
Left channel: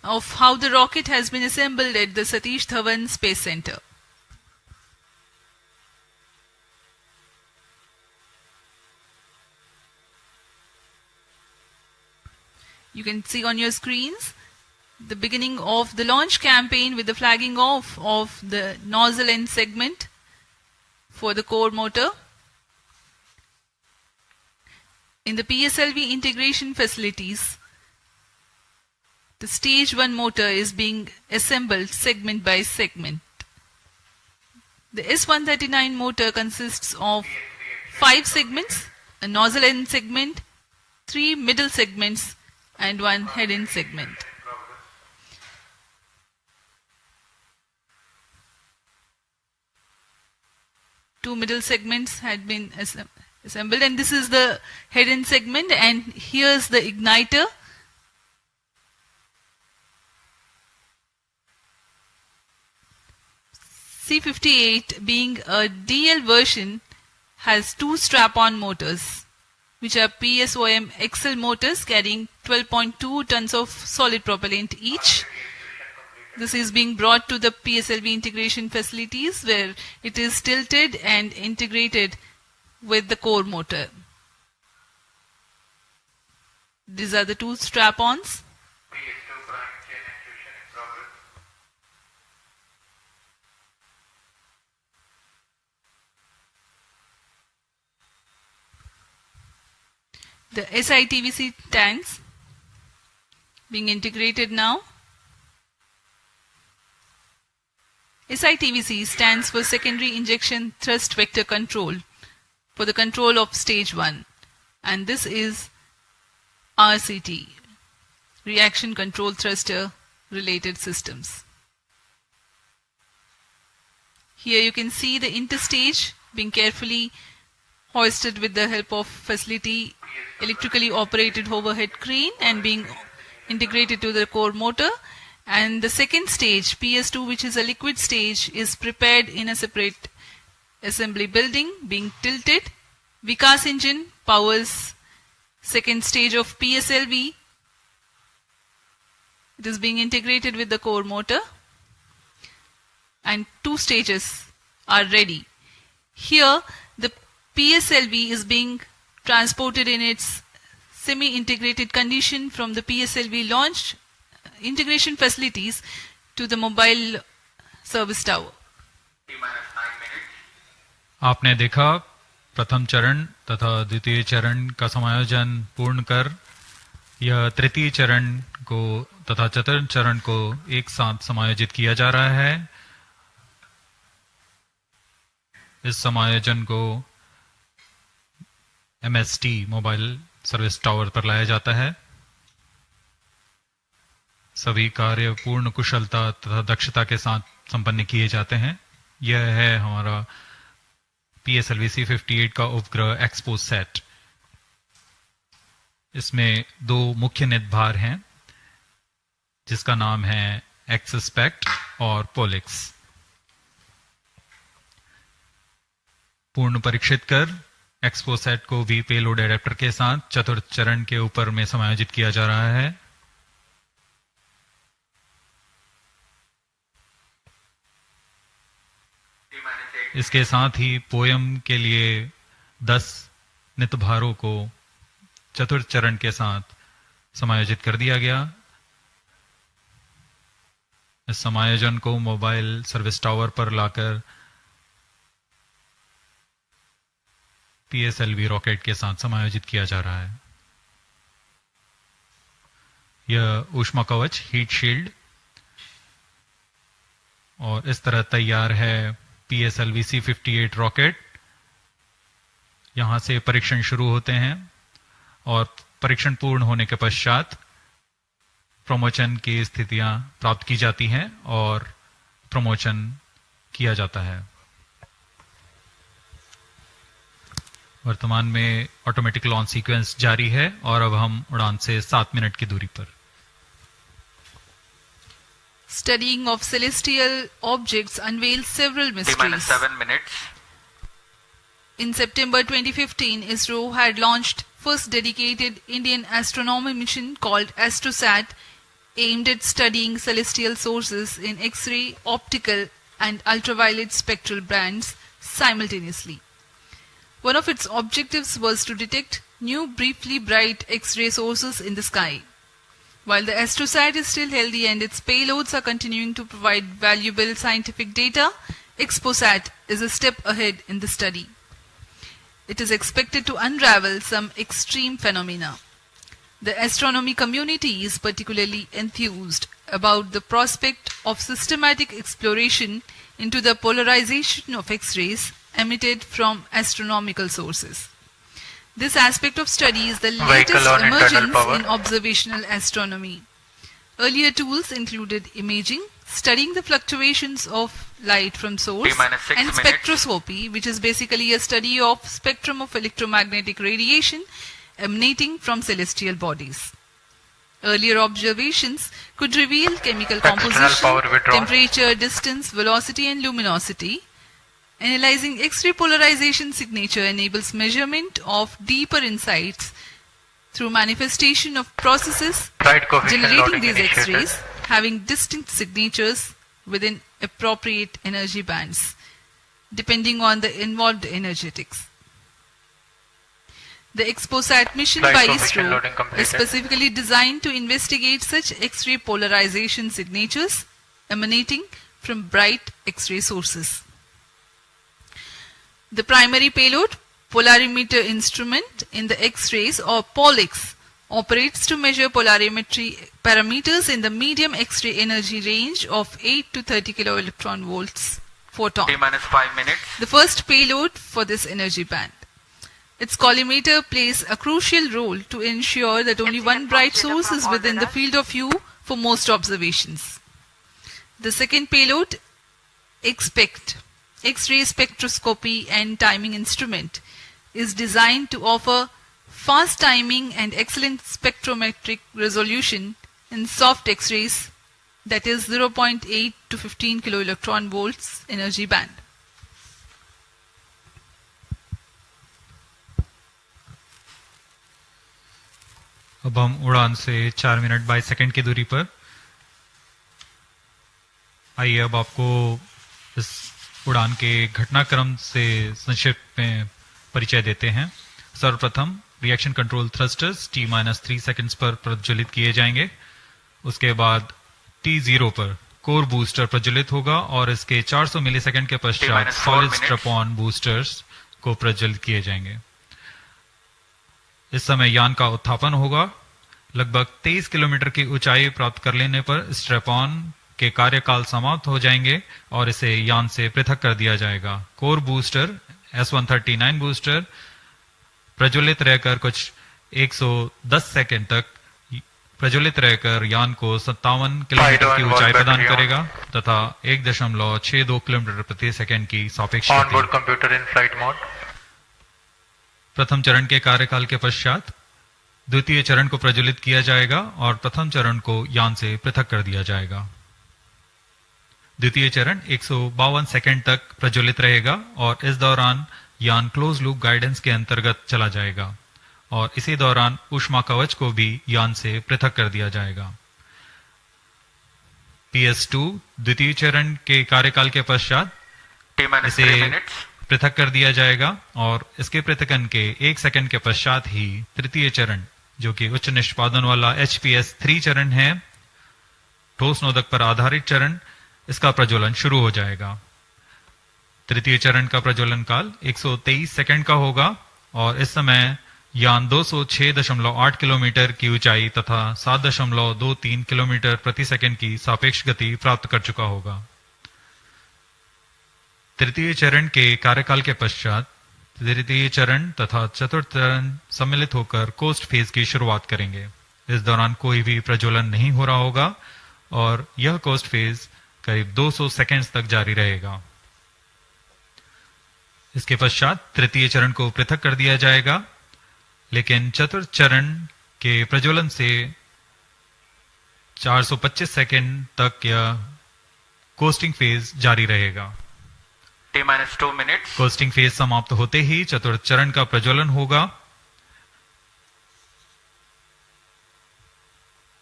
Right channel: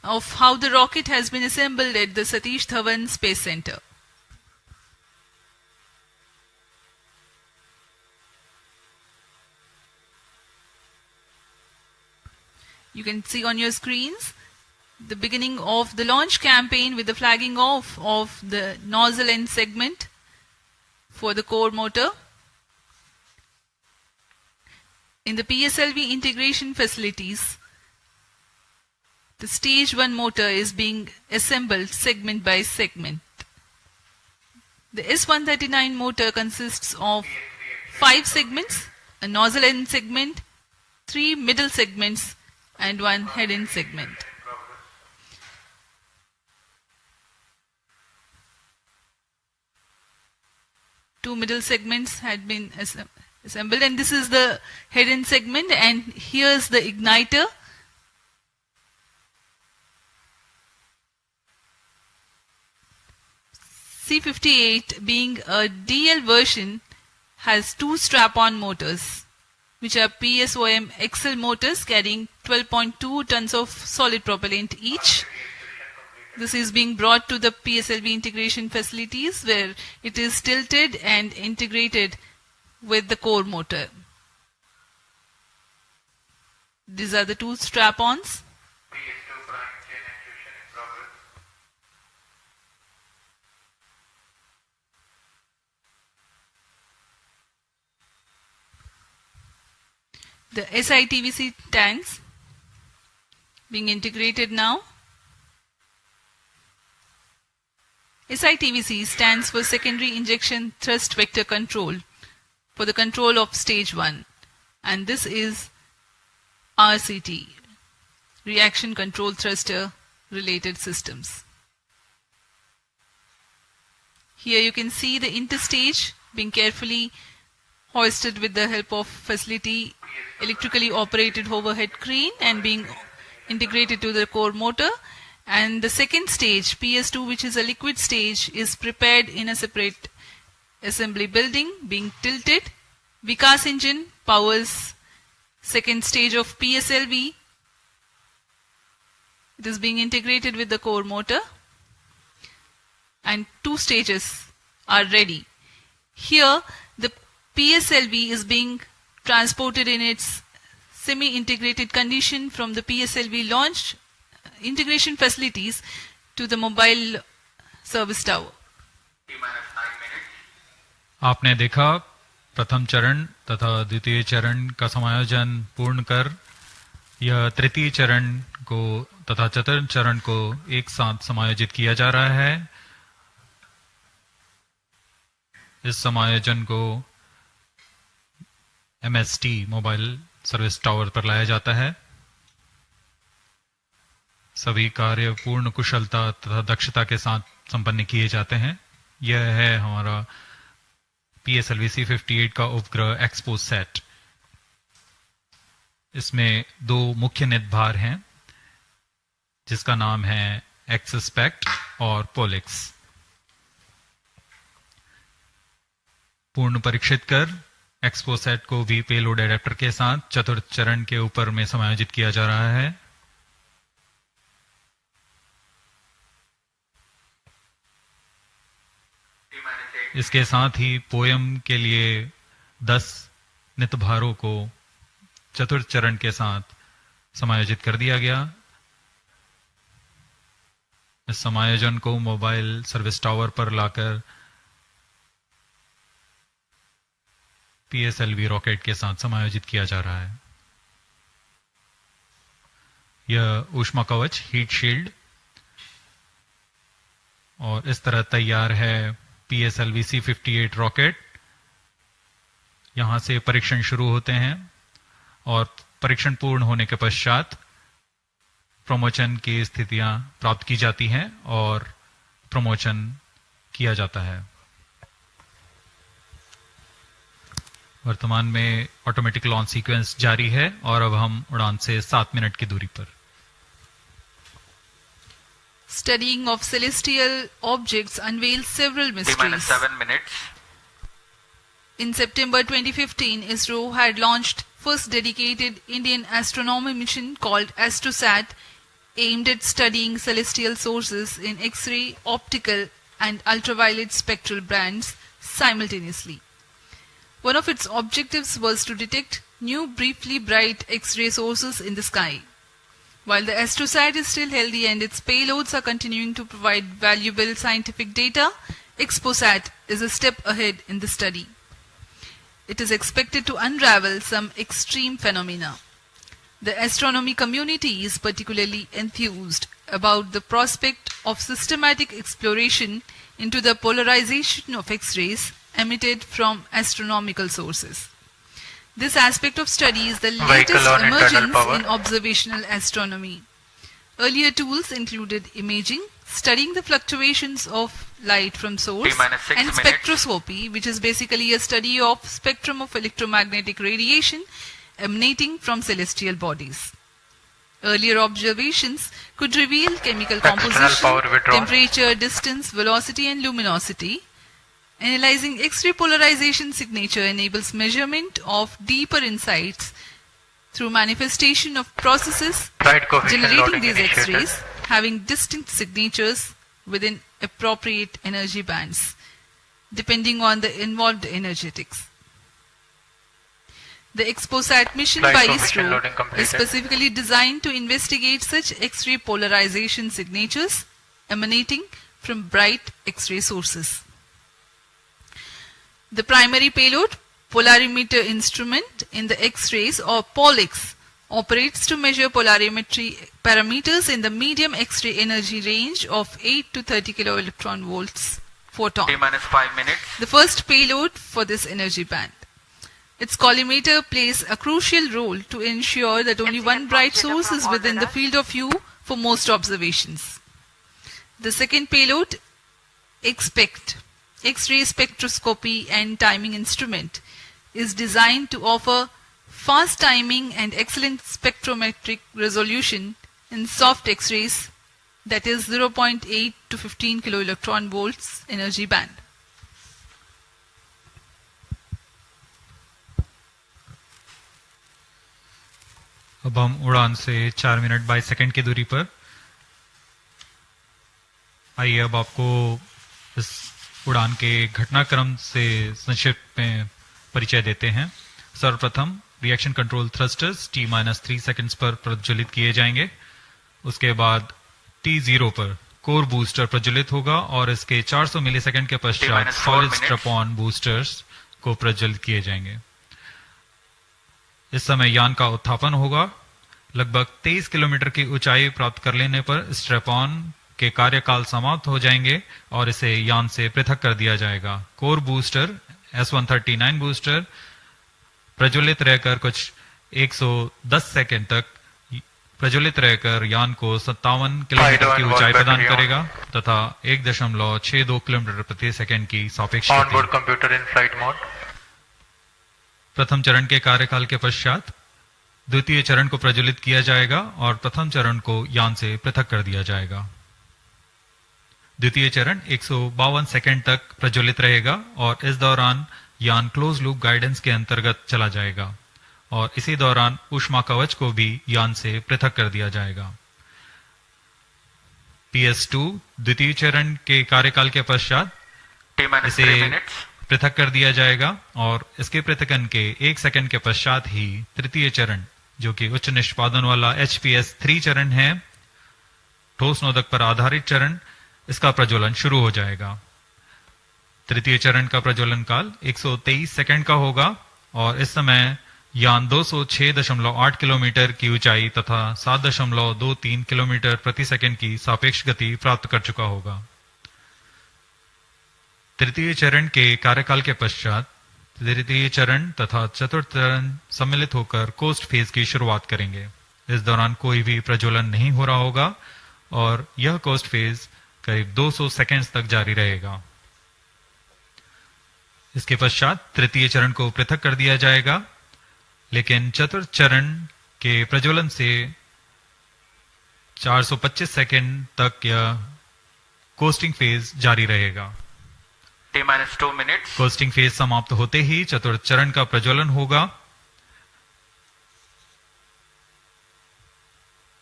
of how the rocket has been assembled at the Satish Dhawan Space Center. You can see on your screens the beginning of the launch campaign with the flagging off of the nozzle end segment for the core motor. In the PSLV integration facilities, the stage 1 motor is being assembled segment by segment. The S139 motor consists of 5 segments, a nozzle end segment, 3 middle segments, and 1 head end segment. Two middle segments had been assembled, and this is the head end segment, and here's the igniter. C58, being a DL version, has 2 strap-on motors, which are PSOM XL motors carrying 12.2 tons of solid propellant each. This is being brought to the PSLV integration facilities where it is tilted and integrated with the core motor. These are the 2 strap-ons. The SITVC tanks being integrated now. SITVC stands for Secondary Injection Thrust Vector Control for the control of stage 1, and this is RCT, Reaction Control Thruster Related Systems. Here you can see the interstage being carefully hoisted with the help of facility electrically operated overhead crane and being integrated to the core motor. And the second stage, PS2, which is a liquid stage, is prepared in a separate assembly building, being tilted. Vikas engine powers second stage of PSLV. It is being integrated with the core motor, and 2 stages are ready. Here, the PSLV is being transported in its semi-integrated condition from the PSLV launch integration facilities to the mobile service tower. आपने देखा प्रथम चरण तथा द्वितीय चरण का समायोजन पूर्ण कर यह तृतीय चरण को तथा चतुर्थ चरण को एक साथ समायोजित किया जा रहा है। इस समायोजन को MST मोबाइल सर्विस टावर पर लाया जाता है। सभी कार्य पूर्ण कुशलता तथा दक्षता के साथ संपन्न किए जाते हैं। यह है हमारा PSLV-C58 का उपग्रह XPoSat। इसमें 2 मुख्य निदभार हैं जिसका नाम है XSPECT और पोलिक्स। पूर्ण परीक्षित कर XPoSat को भी पेलोड एडेप्टर के साथ चतुर्थ चरण के ऊपर में समायोजित किया जा रहा है। इसके साथ ही पोयम के लिए 10 नितभारों को चतुर्थ चरण के साथ समायोजित कर दिया गया। इस समायोजन को मोबाइल सर्विस टावर पर लाकर PSLV रॉकेट के साथ समायोजित किया जा रहा है। यह ऊष्मा कवच हीट शील्ड और इस तरह तैयार है PSLV-C58 रॉकेट। यहां से परीक्षण शुरू होते हैं और परीक्षण पूर्ण होने के पश्चात प्रमोशन की स्थितियां प्राप्त की जाती हैं और प्रमोशन किया जाता है। वर्तमान में ऑटोमेटिक लॉन्च सीक्वेंस जारी है और अब हम उड़ान से 7 मिनट की दूरी पर। Studying of celestial objects unveils several mysteries. 7 minutes. In September 2015, Isro had launched first dedicated Indian astronomy mission called AstroSat aimed at studying celestial sources in X-ray, optical and ultraviolet spectral bands simultaneously. One of its objectives was to detect new briefly bright X-ray sources in the sky. While the AstroSat is still healthy and its payloads are continuing to provide valuable scientific data, XPoSat is a step ahead in the study. It is expected to unravel some extreme phenomena. The astronomy community is particularly enthused about the prospect of systematic exploration into the polarization of X-rays emitted from astronomical sources. This aspect of study is the latest emergence in observational astronomy. Earlier tools included imaging, studying the fluctuations of light from source, and spectroscopy, which is basically a study of spectrum of electromagnetic radiation emanating from celestial bodies. Earlier observations could reveal chemical composition, temperature, distance, velocity and luminosity. Analyzing X-ray polarization signature enables measurement of deeper insights through manifestation of processes generating these X-rays having distinct signatures within appropriate energy bands, depending on the involved energetics. The XPoSat mission by Isro is specifically designed to investigate such X-ray polarization signatures emanating from bright X-ray sources. The primary payload, polarimeter instrument in the X-rays or POLIX, operates to measure polarimetry parameters in the medium X-ray energy range of 8 to 30 kiloelectron volts photon. T-5 minutes. The first payload for this energy band. Its collimator plays a crucial role to ensure that only one bright source is within the field of view for most observations. The second payload, XPECT, X-ray spectroscopy and timing instrument, is designed to offer fast timing and excellent spectrometric resolution in soft X-rays, that is 0.8 to 15 kiloelectron volts energy band. अब हम उड़ान से 4 minute 22 second की दूरी पर। आइए अब आपको इस उड़ान के घटनाक्रम से संक्षिप्त में परिचय देते हैं। सर्वप्रथम reaction control thrusters T-3 seconds पर प्रज्वलित किए जाएंगे। उसके बाद T0 पर कोर बूस्टर प्रज्वलित होगा और इसके 400 मिलीसेकंड के पश्चात सॉलिड स्ट्रैप-ऑन बूस्टर्स को प्रज्वलित किए जाएंगे। इस समय यान का उत्थापन होगा। लगभग 23 किलोमीटर की ऊंचाई प्राप्त कर लेने पर स्ट्रैप-ऑन के कार्यकाल समाप्त हो जाएंगे और इसे यान से पृथक कर दिया जाएगा। कोर बूस्टर S139 बूस्टर प्रज्वलित रहकर कुछ 110 सेकंड तक प्रज्वलित रहकर यान को 57 किलोमीटर की ऊंचाई प्रदान करेगा तथा 1.62 किलोमीटर प्रति सेकंड की सापेक्ष गति। प्रथम चरण के कार्यकाल के पश्चात द्वितीय चरण को प्रज्वलित किया जाएगा और प्रथम चरण को यान से पृथक कर दिया जाएगा। द्वितीय चरण 152 सेकंड तक प्रज्वलित रहेगा और इस दौरान यान क्लोज लूप गाइडेंस के अंतर्गत चला जाएगा और इसी दौरान ऊष्मा कवच को भी यान से पृथक कर दिया जाएगा। PS2 द्वितीय चरण के कार्यकाल के पश्चात इसे पृथक कर दिया जाएगा और इसके पृथकन के 1 सेकंड के पश्चात ही तृतीय चरण, जो कि उच्च निष्पादन वाला HPS3 चरण है, ठोस नोदक पर आधारित चरण, इसका प्रज्वलन शुरू हो जाएगा। तृतीय चरण का प्रज्वलन काल 123 सेकंड का होगा और इस समय यान 206.8 किलोमीटर की ऊंचाई तथा 7.23 किलोमीटर प्रति सेकंड की सापेक्ष गति प्राप्त कर चुका होगा। तृतीय चरण के कार्यकाल के पश्चात तृतीय चरण तथा चतुर्थ चरण सम्मिलित होकर कोस्ट फेज की शुरुआत करेंगे। इस दौरान कोई भी प्रज्वलन नहीं हो रहा होगा और यह कोस्ट फेज करीब 200 सेकंड्स तक जारी रहेगा। इसके पश्चात तृतीय चरण को पृथक कर दिया जाएगा, लेकिन चतुर्थ चरण के प्रज्वलन से 425 सेकंड तक यह कोस्टिंग फेज जारी रहेगा। T-2 minutes. कोस्टिंग फेज समाप्त होते ही चतुर्थ चरण का प्रज्वलन होगा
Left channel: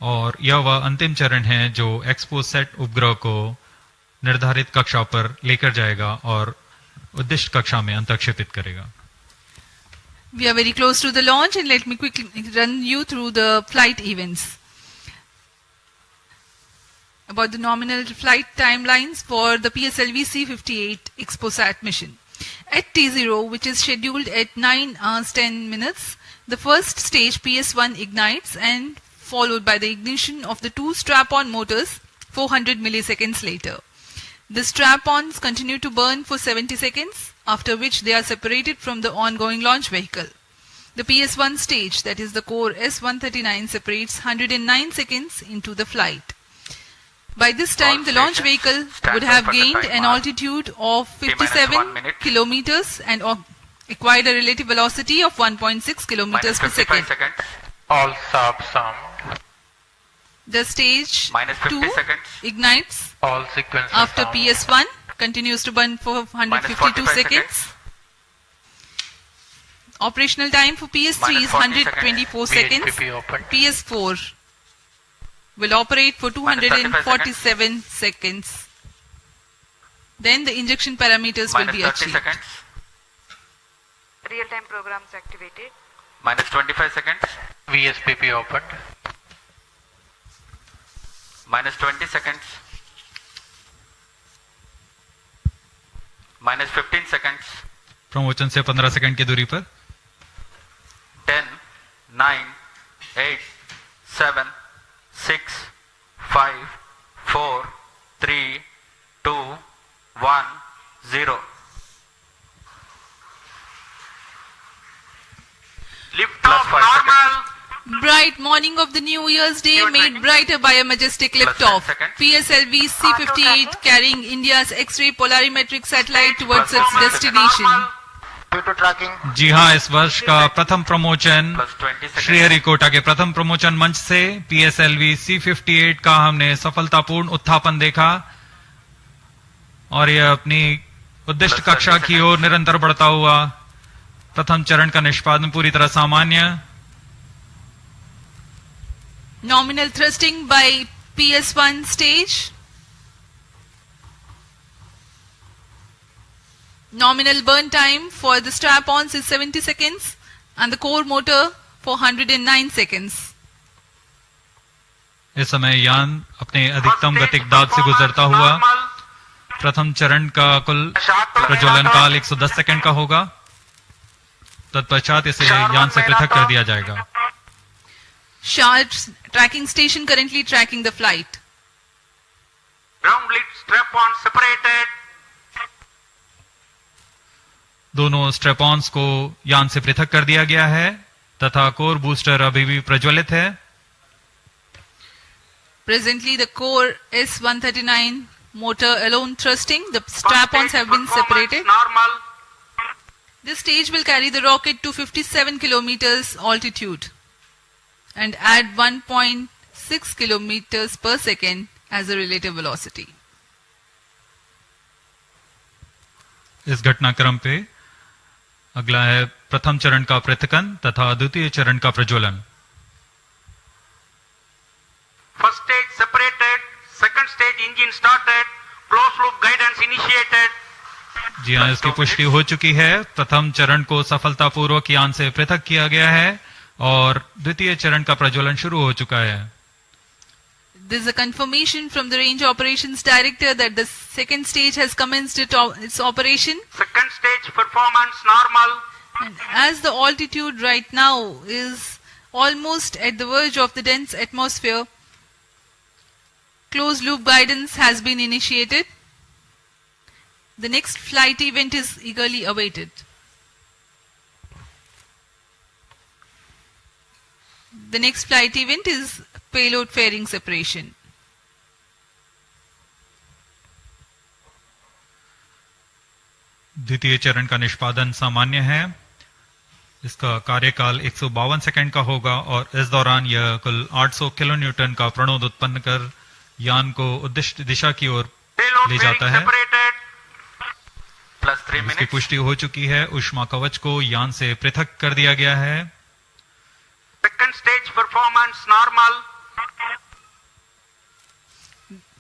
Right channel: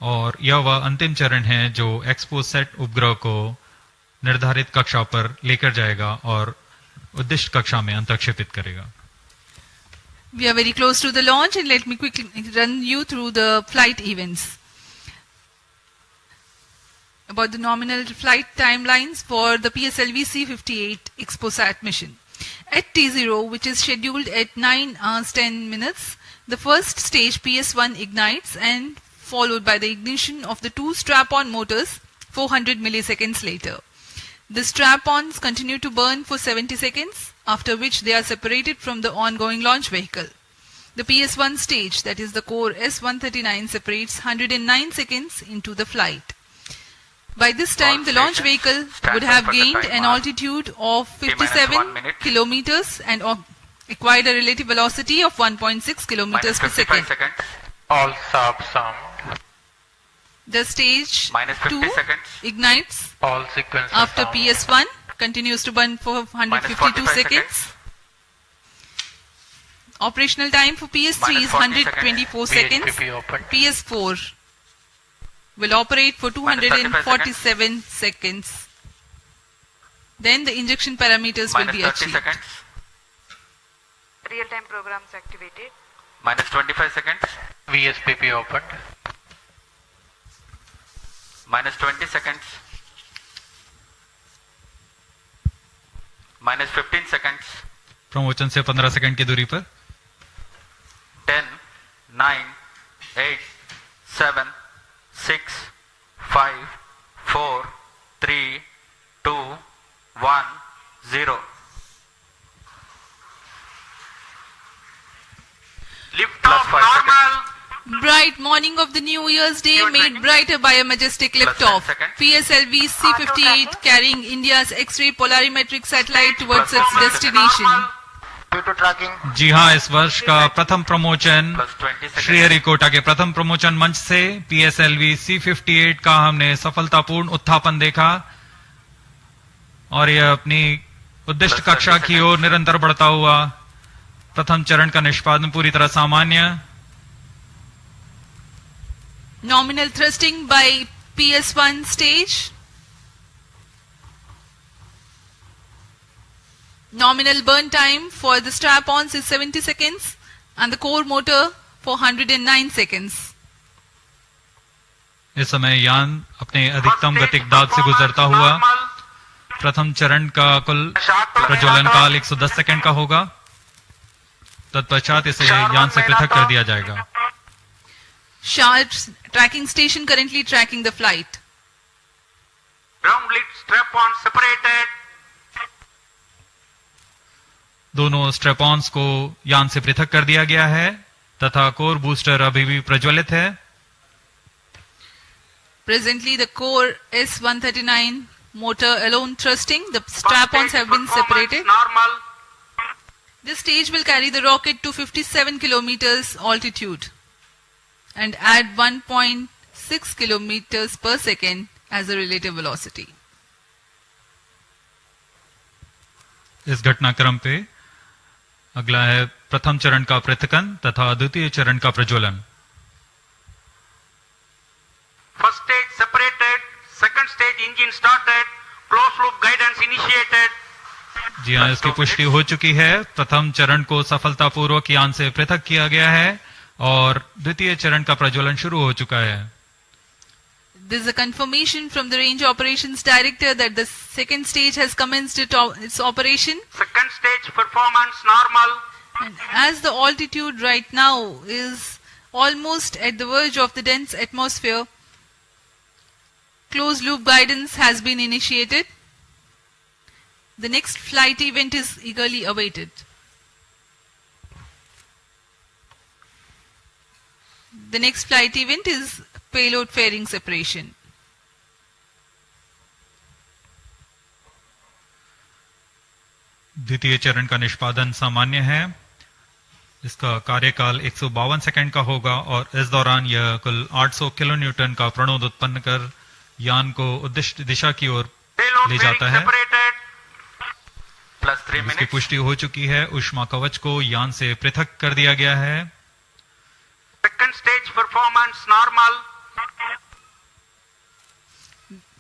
और यह वह अंतिम चरण है जो एक्सपोसैट उपग्रह को निर्धारित कक्षा पर लेकर जाएगा और उद्दिष्ट कक्षा में अंतक्षेपित करेगा. We are very close to the launch, and let me quickly run you through the flight events. About the nominal flight timelines for the PSLV-C58 XPoSat mission. At T0, which is scheduled at 9 hours 10 minutes, the first stage PS1 ignites and followed by the ignition of the two strap-on motors 400 milliseconds later. The strap-ons continue to burn for 70 seconds, after which they are separated from the ongoing launch vehicle. The PS1 stage, that is the core S139, separates 109 seconds into the flight. By this time, the launch vehicle would have gained an altitude of 57 kilometers and acquired a relative velocity of 1.6 kilometers per second. All subs armed. The stage 2 ignites All sequences after armed. PS1, continues to burn for 152 seconds. Operational time for PS3 is 124 seconds. VHPP open. PS4 will operate for 247 seconds. Then the injection parameters will be achieved. Real-time programs activated. Minus 25 seconds. VSPP opened. Minus 20 seconds. Minus 15 seconds. Promotion से 15 second की दूरी पर 10, 9, 8, 7, 6, 5, 4, 3, 2, 1, 0. Lift off normal. Bright morning of the New Year's Day made brighter by a majestic liftoff. PSLV-C58 carrying India's X-ray Polarimeter Satellite towards its destination. जी हाँ, इस वर्ष का प्रथम promotion Sriharikota के प्रथम प्रमोशन मंच से PSLV-C58 का हमने सफलतापूर्ण उत्थापन देखा और यह अपनी उद्दिष्ट कक्षा की ओर निरंतर बढ़ता हुआ. प्रथम चरण का निष्पादन पूरी तरह सामान्य. Nominal thrusting by PS1 stage. Nominal burn time for the strap-ons is 70 seconds and the core motor for 109 seconds. इस समय यान अपने अधिकतम गतिक दाब से गुजरता हुआ. प्रथम चरण का कुल प्रज्वलन काल 110 सेकंड का होगा. तत्पश्चात इसे यान से पृथक कर दिया जाएगा. Sharp's tracking station currently tracking the flight. Ground lit strap-on separated. दोनों स्ट्रेपॉन्स को यान से पृथक कर दिया गया है तथा कोर बूस्टर अभी भी प्रज्वलित है. Presently, the core S139 motor alone thrusting. The strap-ons have been separated. Normal. This stage will carry the rocket to 57 kilometers altitude and add 1.6 kilometers per second as a relative velocity. इस घटनाक्रम पे अगला है प्रथम चरण का पृथकन तथा द्वितीय चरण का प्रज्वलन. First stage separated. Second stage engine started. Closed loop guidance initiated. जी हाँ, इसकी पुष्टि हो चुकी है. प्रथम चरण को सफलतापूर्वक यान से पृथक किया गया है और द्वितीय चरण का प्रज्वलन शुरू हो चुका है. There is a confirmation from the Range Operations Director that the second stage has commenced its operation. Second stage performance normal. And as the altitude right now is almost at the verge of the dense atmosphere, closed loop guidance has been initiated. The next flight event is eagerly awaited. The next flight event is payload fairing separation. द्वितीय चरण का निष्पादन सामान्य है. इसका कार्यकाल 152 second का होगा और इस दौरान यह कुल 800 किलोन्यूटन का प्रणोद उत्पन्न कर यान को उद्दिष्ट दिशा की ओर ले जाता है. इसकी पुष्टि हो चुकी है. ऊष्मा कवच को यान से पृथक कर दिया गया है. Second stage performance normal.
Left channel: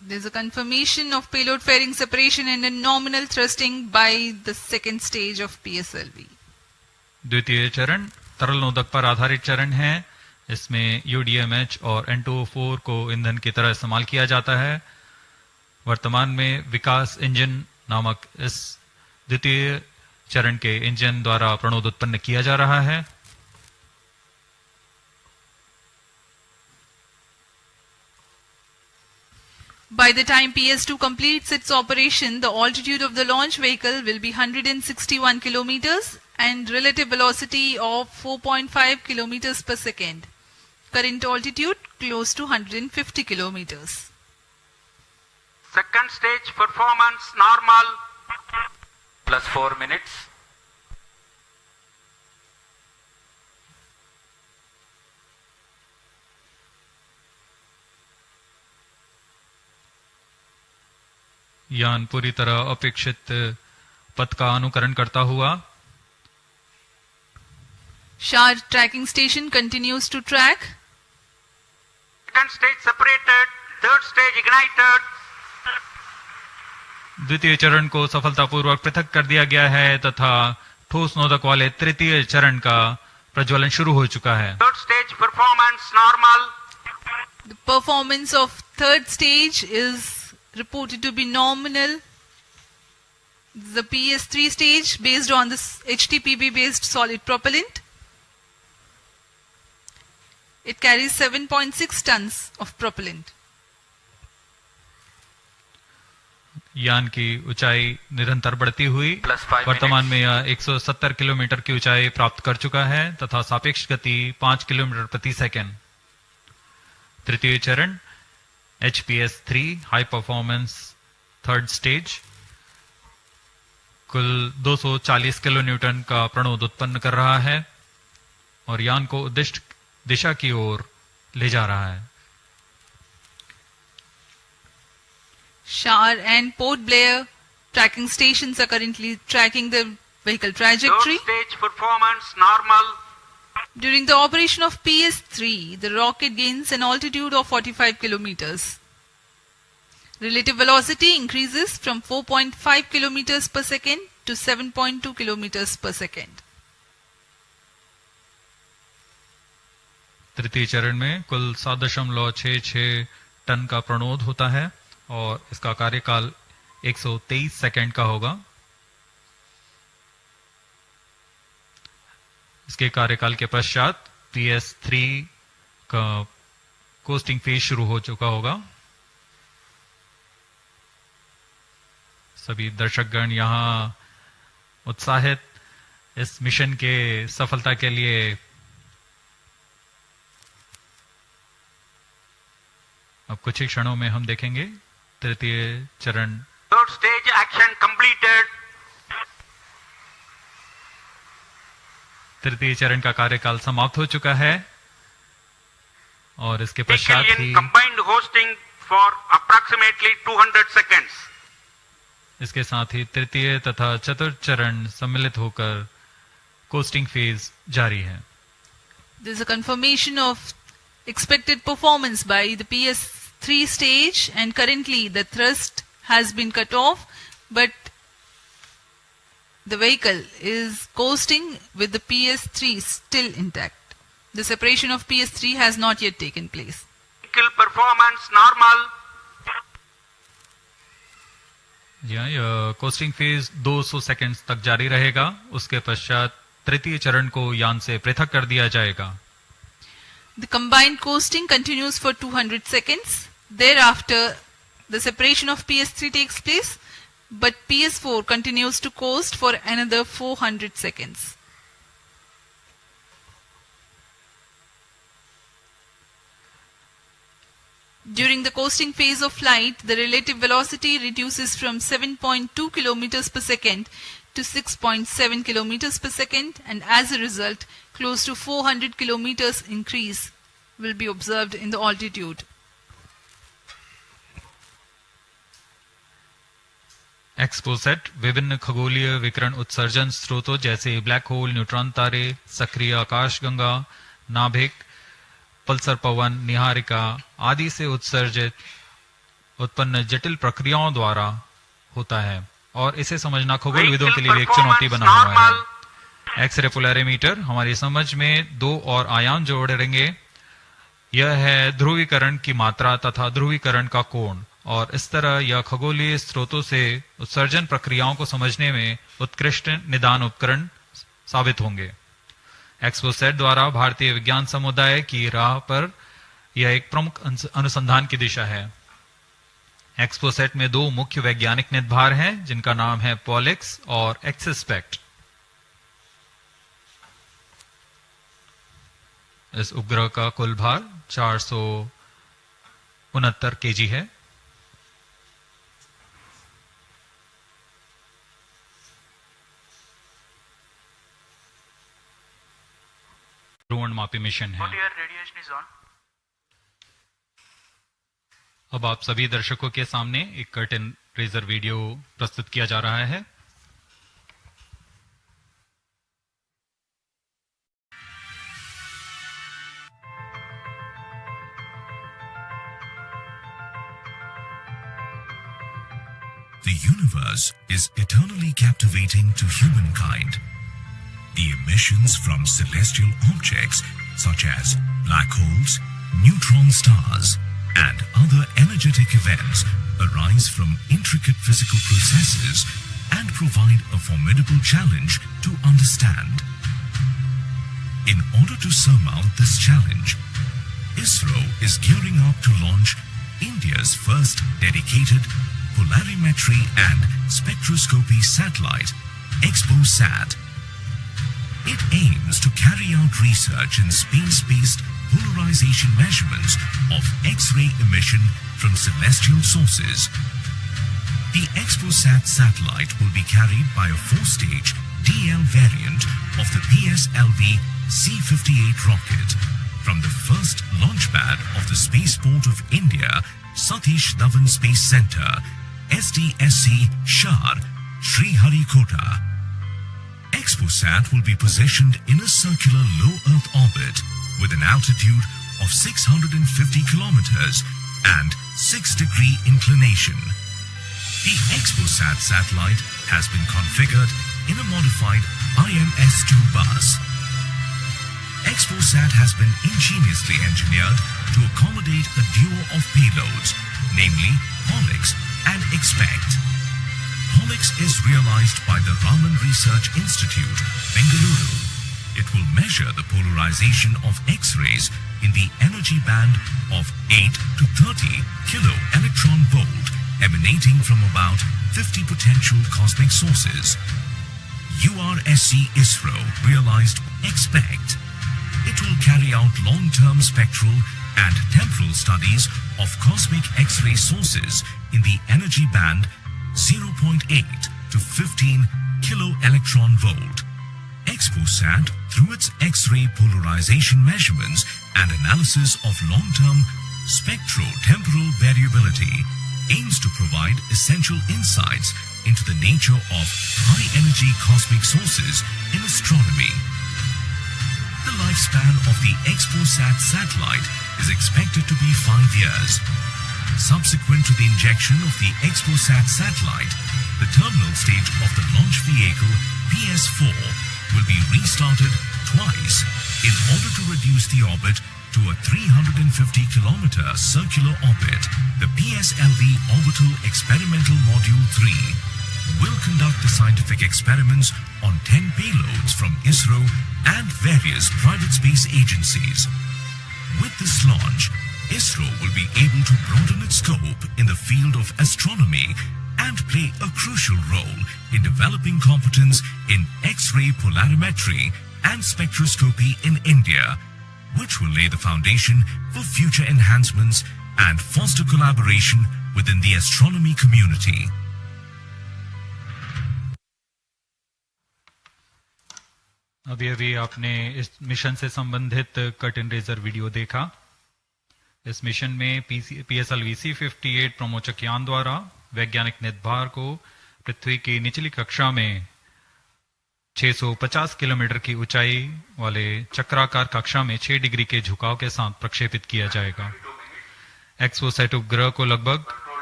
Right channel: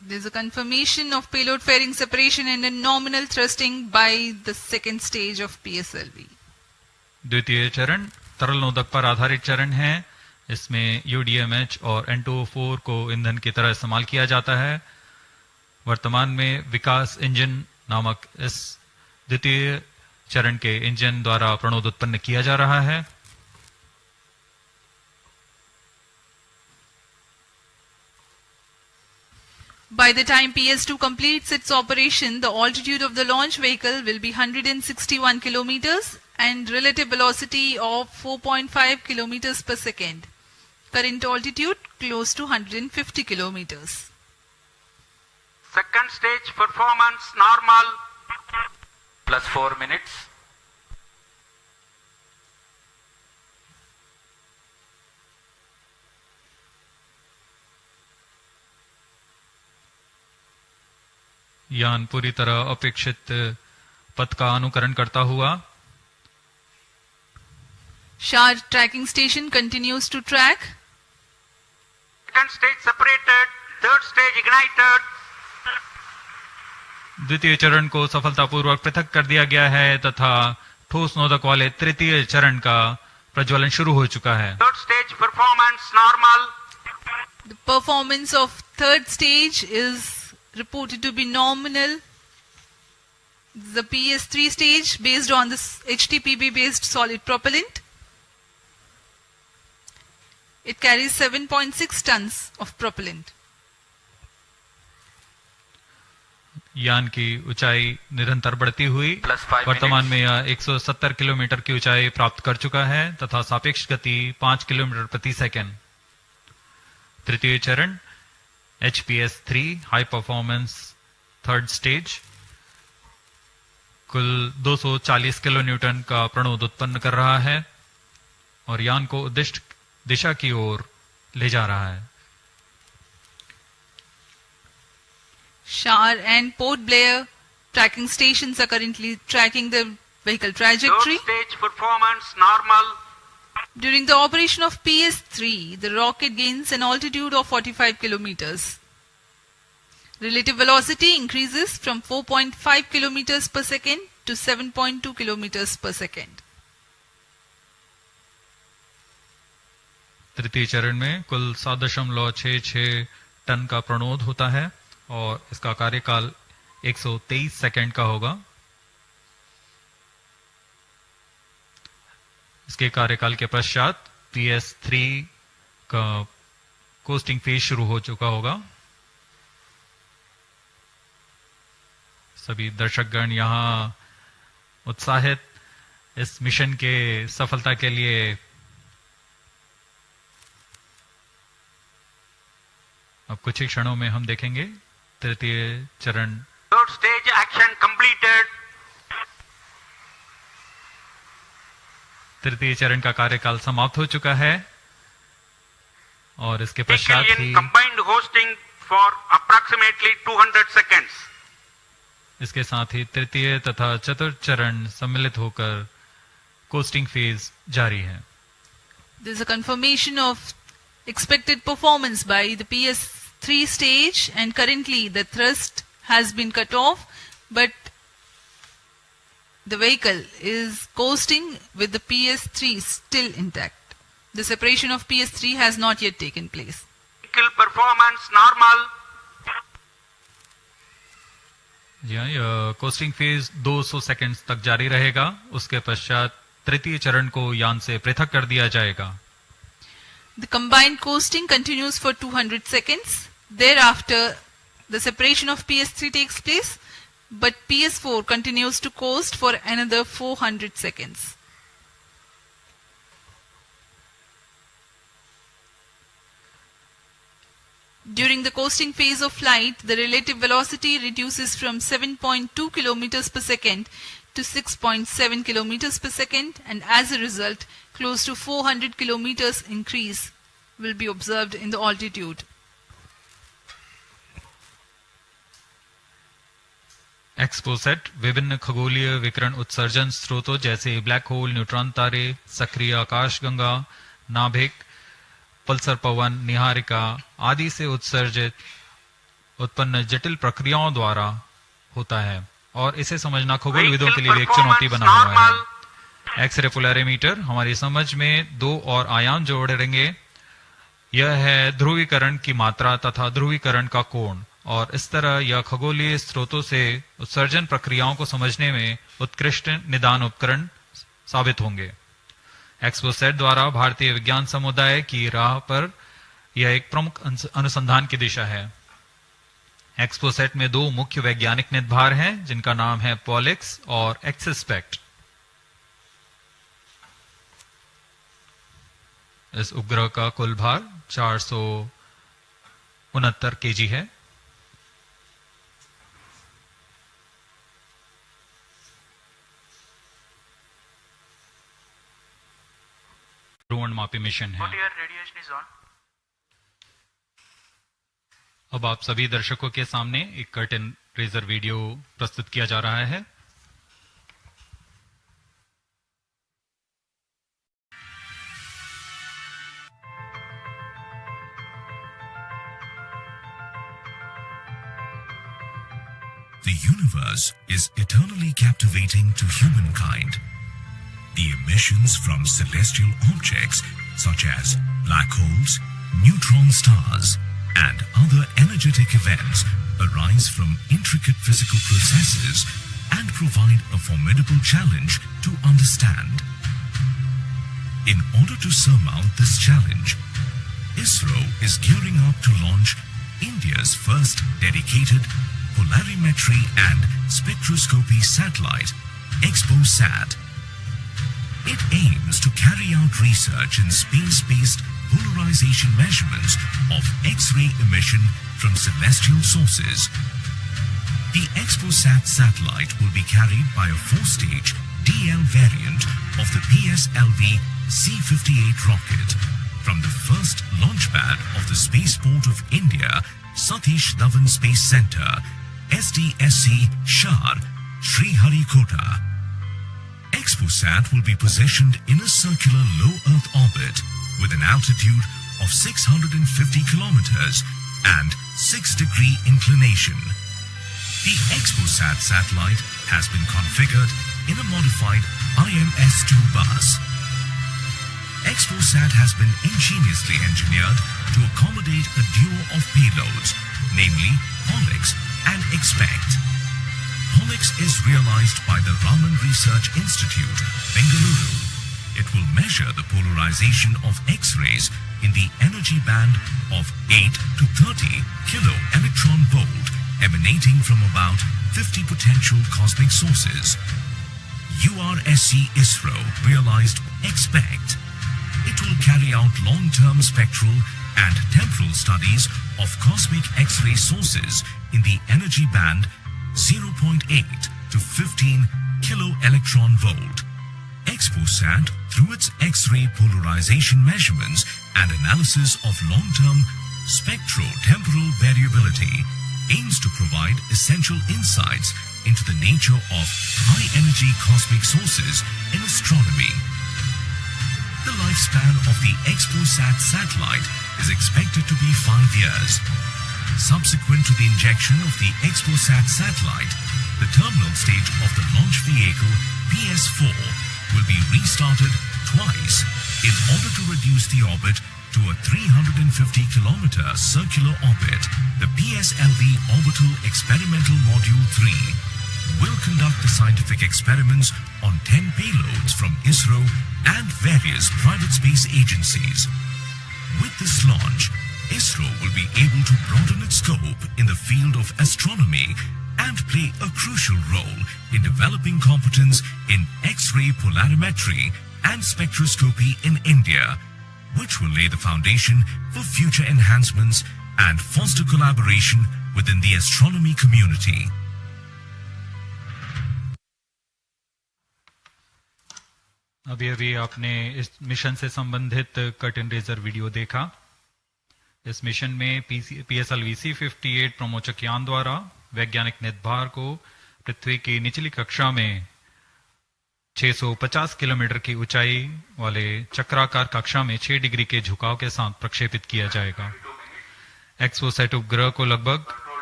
There's a confirmation of payload fairing separation and a nominal thrusting by the second stage of PSLV. द्वितीय चरण तरल नोदक पर आधारित चरण है। इसमें UDMH और N2O4 को ईंधन की तरह इस्तेमाल किया जाता है। वर्तमान में विकास इंजन नामक इस द्वितीय चरण के इंजन द्वारा प्रणोद उत्पन्न किया जा रहा है। By the time PS2 completes its operation, the altitude of the launch vehicle will be 161 kilometers and relative velocity of 4.5 kilometers per second. Current altitude close to 150 kilometers. Second stage performance normal. Plus 4 minutes. यान पूरी तरह अपेक्षित पथ का अनुकरण करता हुआ SHAR tracking station continues to track. Second stage separated. Third stage ignited. द्वितीय चरण को सफलतापूर्वक पृथक कर दिया गया है तथा ठोस नोदक वाले तृतीय चरण का प्रज्वलन शुरू हो चुका है। Third stage performance normal. The performance of third stage is reported to be nominal. The PS3 stage based on this HTPB based solid propellant. It carries 7.6 tons of propellant. यान की ऊंचाई निरंतर बढ़ती हुई वर्तमान में यह 170 किलोमीटर की ऊंचाई प्राप्त कर चुका है तथा सापेक्ष गति 5 किलोमीटर प्रति सेकंड। तृतीय चरण HPS3 high performance third stage कुल 240 किलो न्यूटन का प्रणोद उत्पन्न कर रहा है और यान को उद्दिष्ट दिशा की ओर ले जा रहा है। SHAR and Port Blair tracking stations are currently tracking the vehicle trajectory. Third stage performance normal. During the operation of PS3, the rocket gains an altitude of 45 kilometers. Relative velocity increases from 4.5 kilometers per second to 7.2 kilometers per second. तृतीय चरण में कुल 7.66 ton का प्रणोद होता है और इसका कार्यकाल 123 सेकंड का होगा। इसके कार्यकाल के पश्चात PS3 का कोस्टिंग फेज शुरू हो चुका होगा। सभी दर्शकगण यहां उत्साहित इस मिशन के सफलता के लिए अब कुछ ही क्षणों में हम देखेंगे तृतीय चरण। Third stage action completed. तृतीय चरण का कार्यकाल समाप्त हो चुका है और इसके पश्चात ही combined hosting for approximately 200 seconds. इसके साथ ही तृतीय तथा चतुर्थ चरण सम्मिलित होकर कोस्टिंग फेज जारी है। There is a confirmation of expected performance by the PS3 stage and currently the thrust has been cut off but the vehicle is coasting with the PS3 still intact. The separation of PS3 has not yet taken place. Vehicle performance normal. जी हाँ, यह costing phase 200 seconds तक जारी रहेगा। उसके पश्चात तृतीय चरण को यान से पृथक कर दिया जाएगा। The combined coasting continues for 200 seconds. Thereafter, the separation of PS3 takes place, but PS4 continues to coast for another 400 seconds. During the coasting phase of flight, the relative velocity reduces from 7.2 kilometers per second to 6.7 kilometers per second, and as a result, close to 400 kilometers increase will be observed in the altitude. XPoSat विभिन्न खगोलीय विकिरण उत्सर्जन स्रोतों जैसे black hole, neutron तारे, सक्रिय आकाशगंगा, नाभिक, पल्सर पवन, निहारिका आदि से उत्सर्जित उत्पन्न जटिल प्रक्रियाओं द्वारा होता है और इसे समझना खगोलविदों के लिए एक चुनौती बना हुआ है। एक्सरे पोलैरिमीटर हमारी समझ में दो और आयाम जोड़ेंगे। यह है ध्रुवीकरण की मात्रा तथा ध्रुवीकरण का कोण, और इस तरह यह खगोलीय स्रोतों से उत्सर्जन प्रक्रियाओं को समझने में उत्कृष्ट निदान उपकरण साबित होंगे। एक्सपोसैट द्वारा भारतीय विज्ञान समुदाय की राह पर यह एक प्रमुख अनुसंधान की दिशा है। एक्सपोसैट में दो मुख्य वैज्ञानिक निदभार हैं जिनका नाम है पॉलिक्स और एक्सस्पेक्ट। इस उपग्रह का कुल भार 469 केजी है। ध्रुवणमापी मिशन है। अब आप सभी दर्शकों के सामने एक कर्टन रेजर वीडियो प्रस्तुत किया जा रहा है। The universe is eternally captivating to humankind. The emissions from celestial objects such as black holes, neutron stars, and other energetic events arise from intricate physical processes and provide a formidable challenge to understand. In order to surmount this challenge, Isro is gearing up to launch India's first dedicated polarimetry and spectroscopy satellite, XPoSat. It aims to carry out research in space-based polarization measurements of X-ray emission from celestial sources. The XPoSat satellite will be carried by a 4-stage DL variant of the PSLV-C58 rocket from the first launch pad of the Spaceport of India, Satish Dhawan Space Center, SDSC, Shar, Sriharikota. XPoSat will be positioned in a circular low Earth orbit with an altitude of 650 kilometers and 6-degree inclination. The XPoSat satellite has been configured in a modified IMS-2 bus. XPoSat has been ingeniously engineered to accommodate a duo of payloads, namely Pollux and Expect. Pollux is realized by the Raman Research Institute, Bengaluru. It will measure the polarization of X-rays in the energy band of 8 to 30 kilo electron volt emanating from about 50 potential cosmic sources. URSC Isro realized Expect. It will carry out long-term spectral and temporal studies of cosmic X-ray sources in the energy band 0.8 to 15 kilo electron volt. XPoSat, through its X-ray polarization measurements and analysis of long-term spectro-temporal variability, aims to provide essential insights into the nature of high-energy cosmic sources in astronomy. The lifespan of the XPoSat satellite is expected to be 5 years. Subsequent to the injection of the XPoSat satellite, the terminal stage of the launch vehicle PS4 will be restarted twice in order to reduce the orbit to a 350-kilometer circular orbit. The PSLV Orbital Experimental Module 3 will conduct the scientific experiments on 10 payloads from Isro and various private space agencies. With this launch, Isro will be able to broaden its scope in the field of astronomy and play a crucial role in developing competence in X-ray polarimetry and spectroscopy in India, which will lay the foundation for future enhancements and foster collaboration within the astronomy community. अभी अभी आपने इस mission से संबंधित curtain raiser video देखा। इस mission में PSLV-C58 प्रमोचक यान द्वारा वैज्ञानिक निदभार को पृथ्वी की निचली कक्षा में 650 किलोमीटर की ऊंचाई वाले चक्राकार कक्षा में 6 डिग्री के झुकाव के साथ प्रक्षेपित किया जाएगा। एक्सपोसैट उपग्रह को लगभग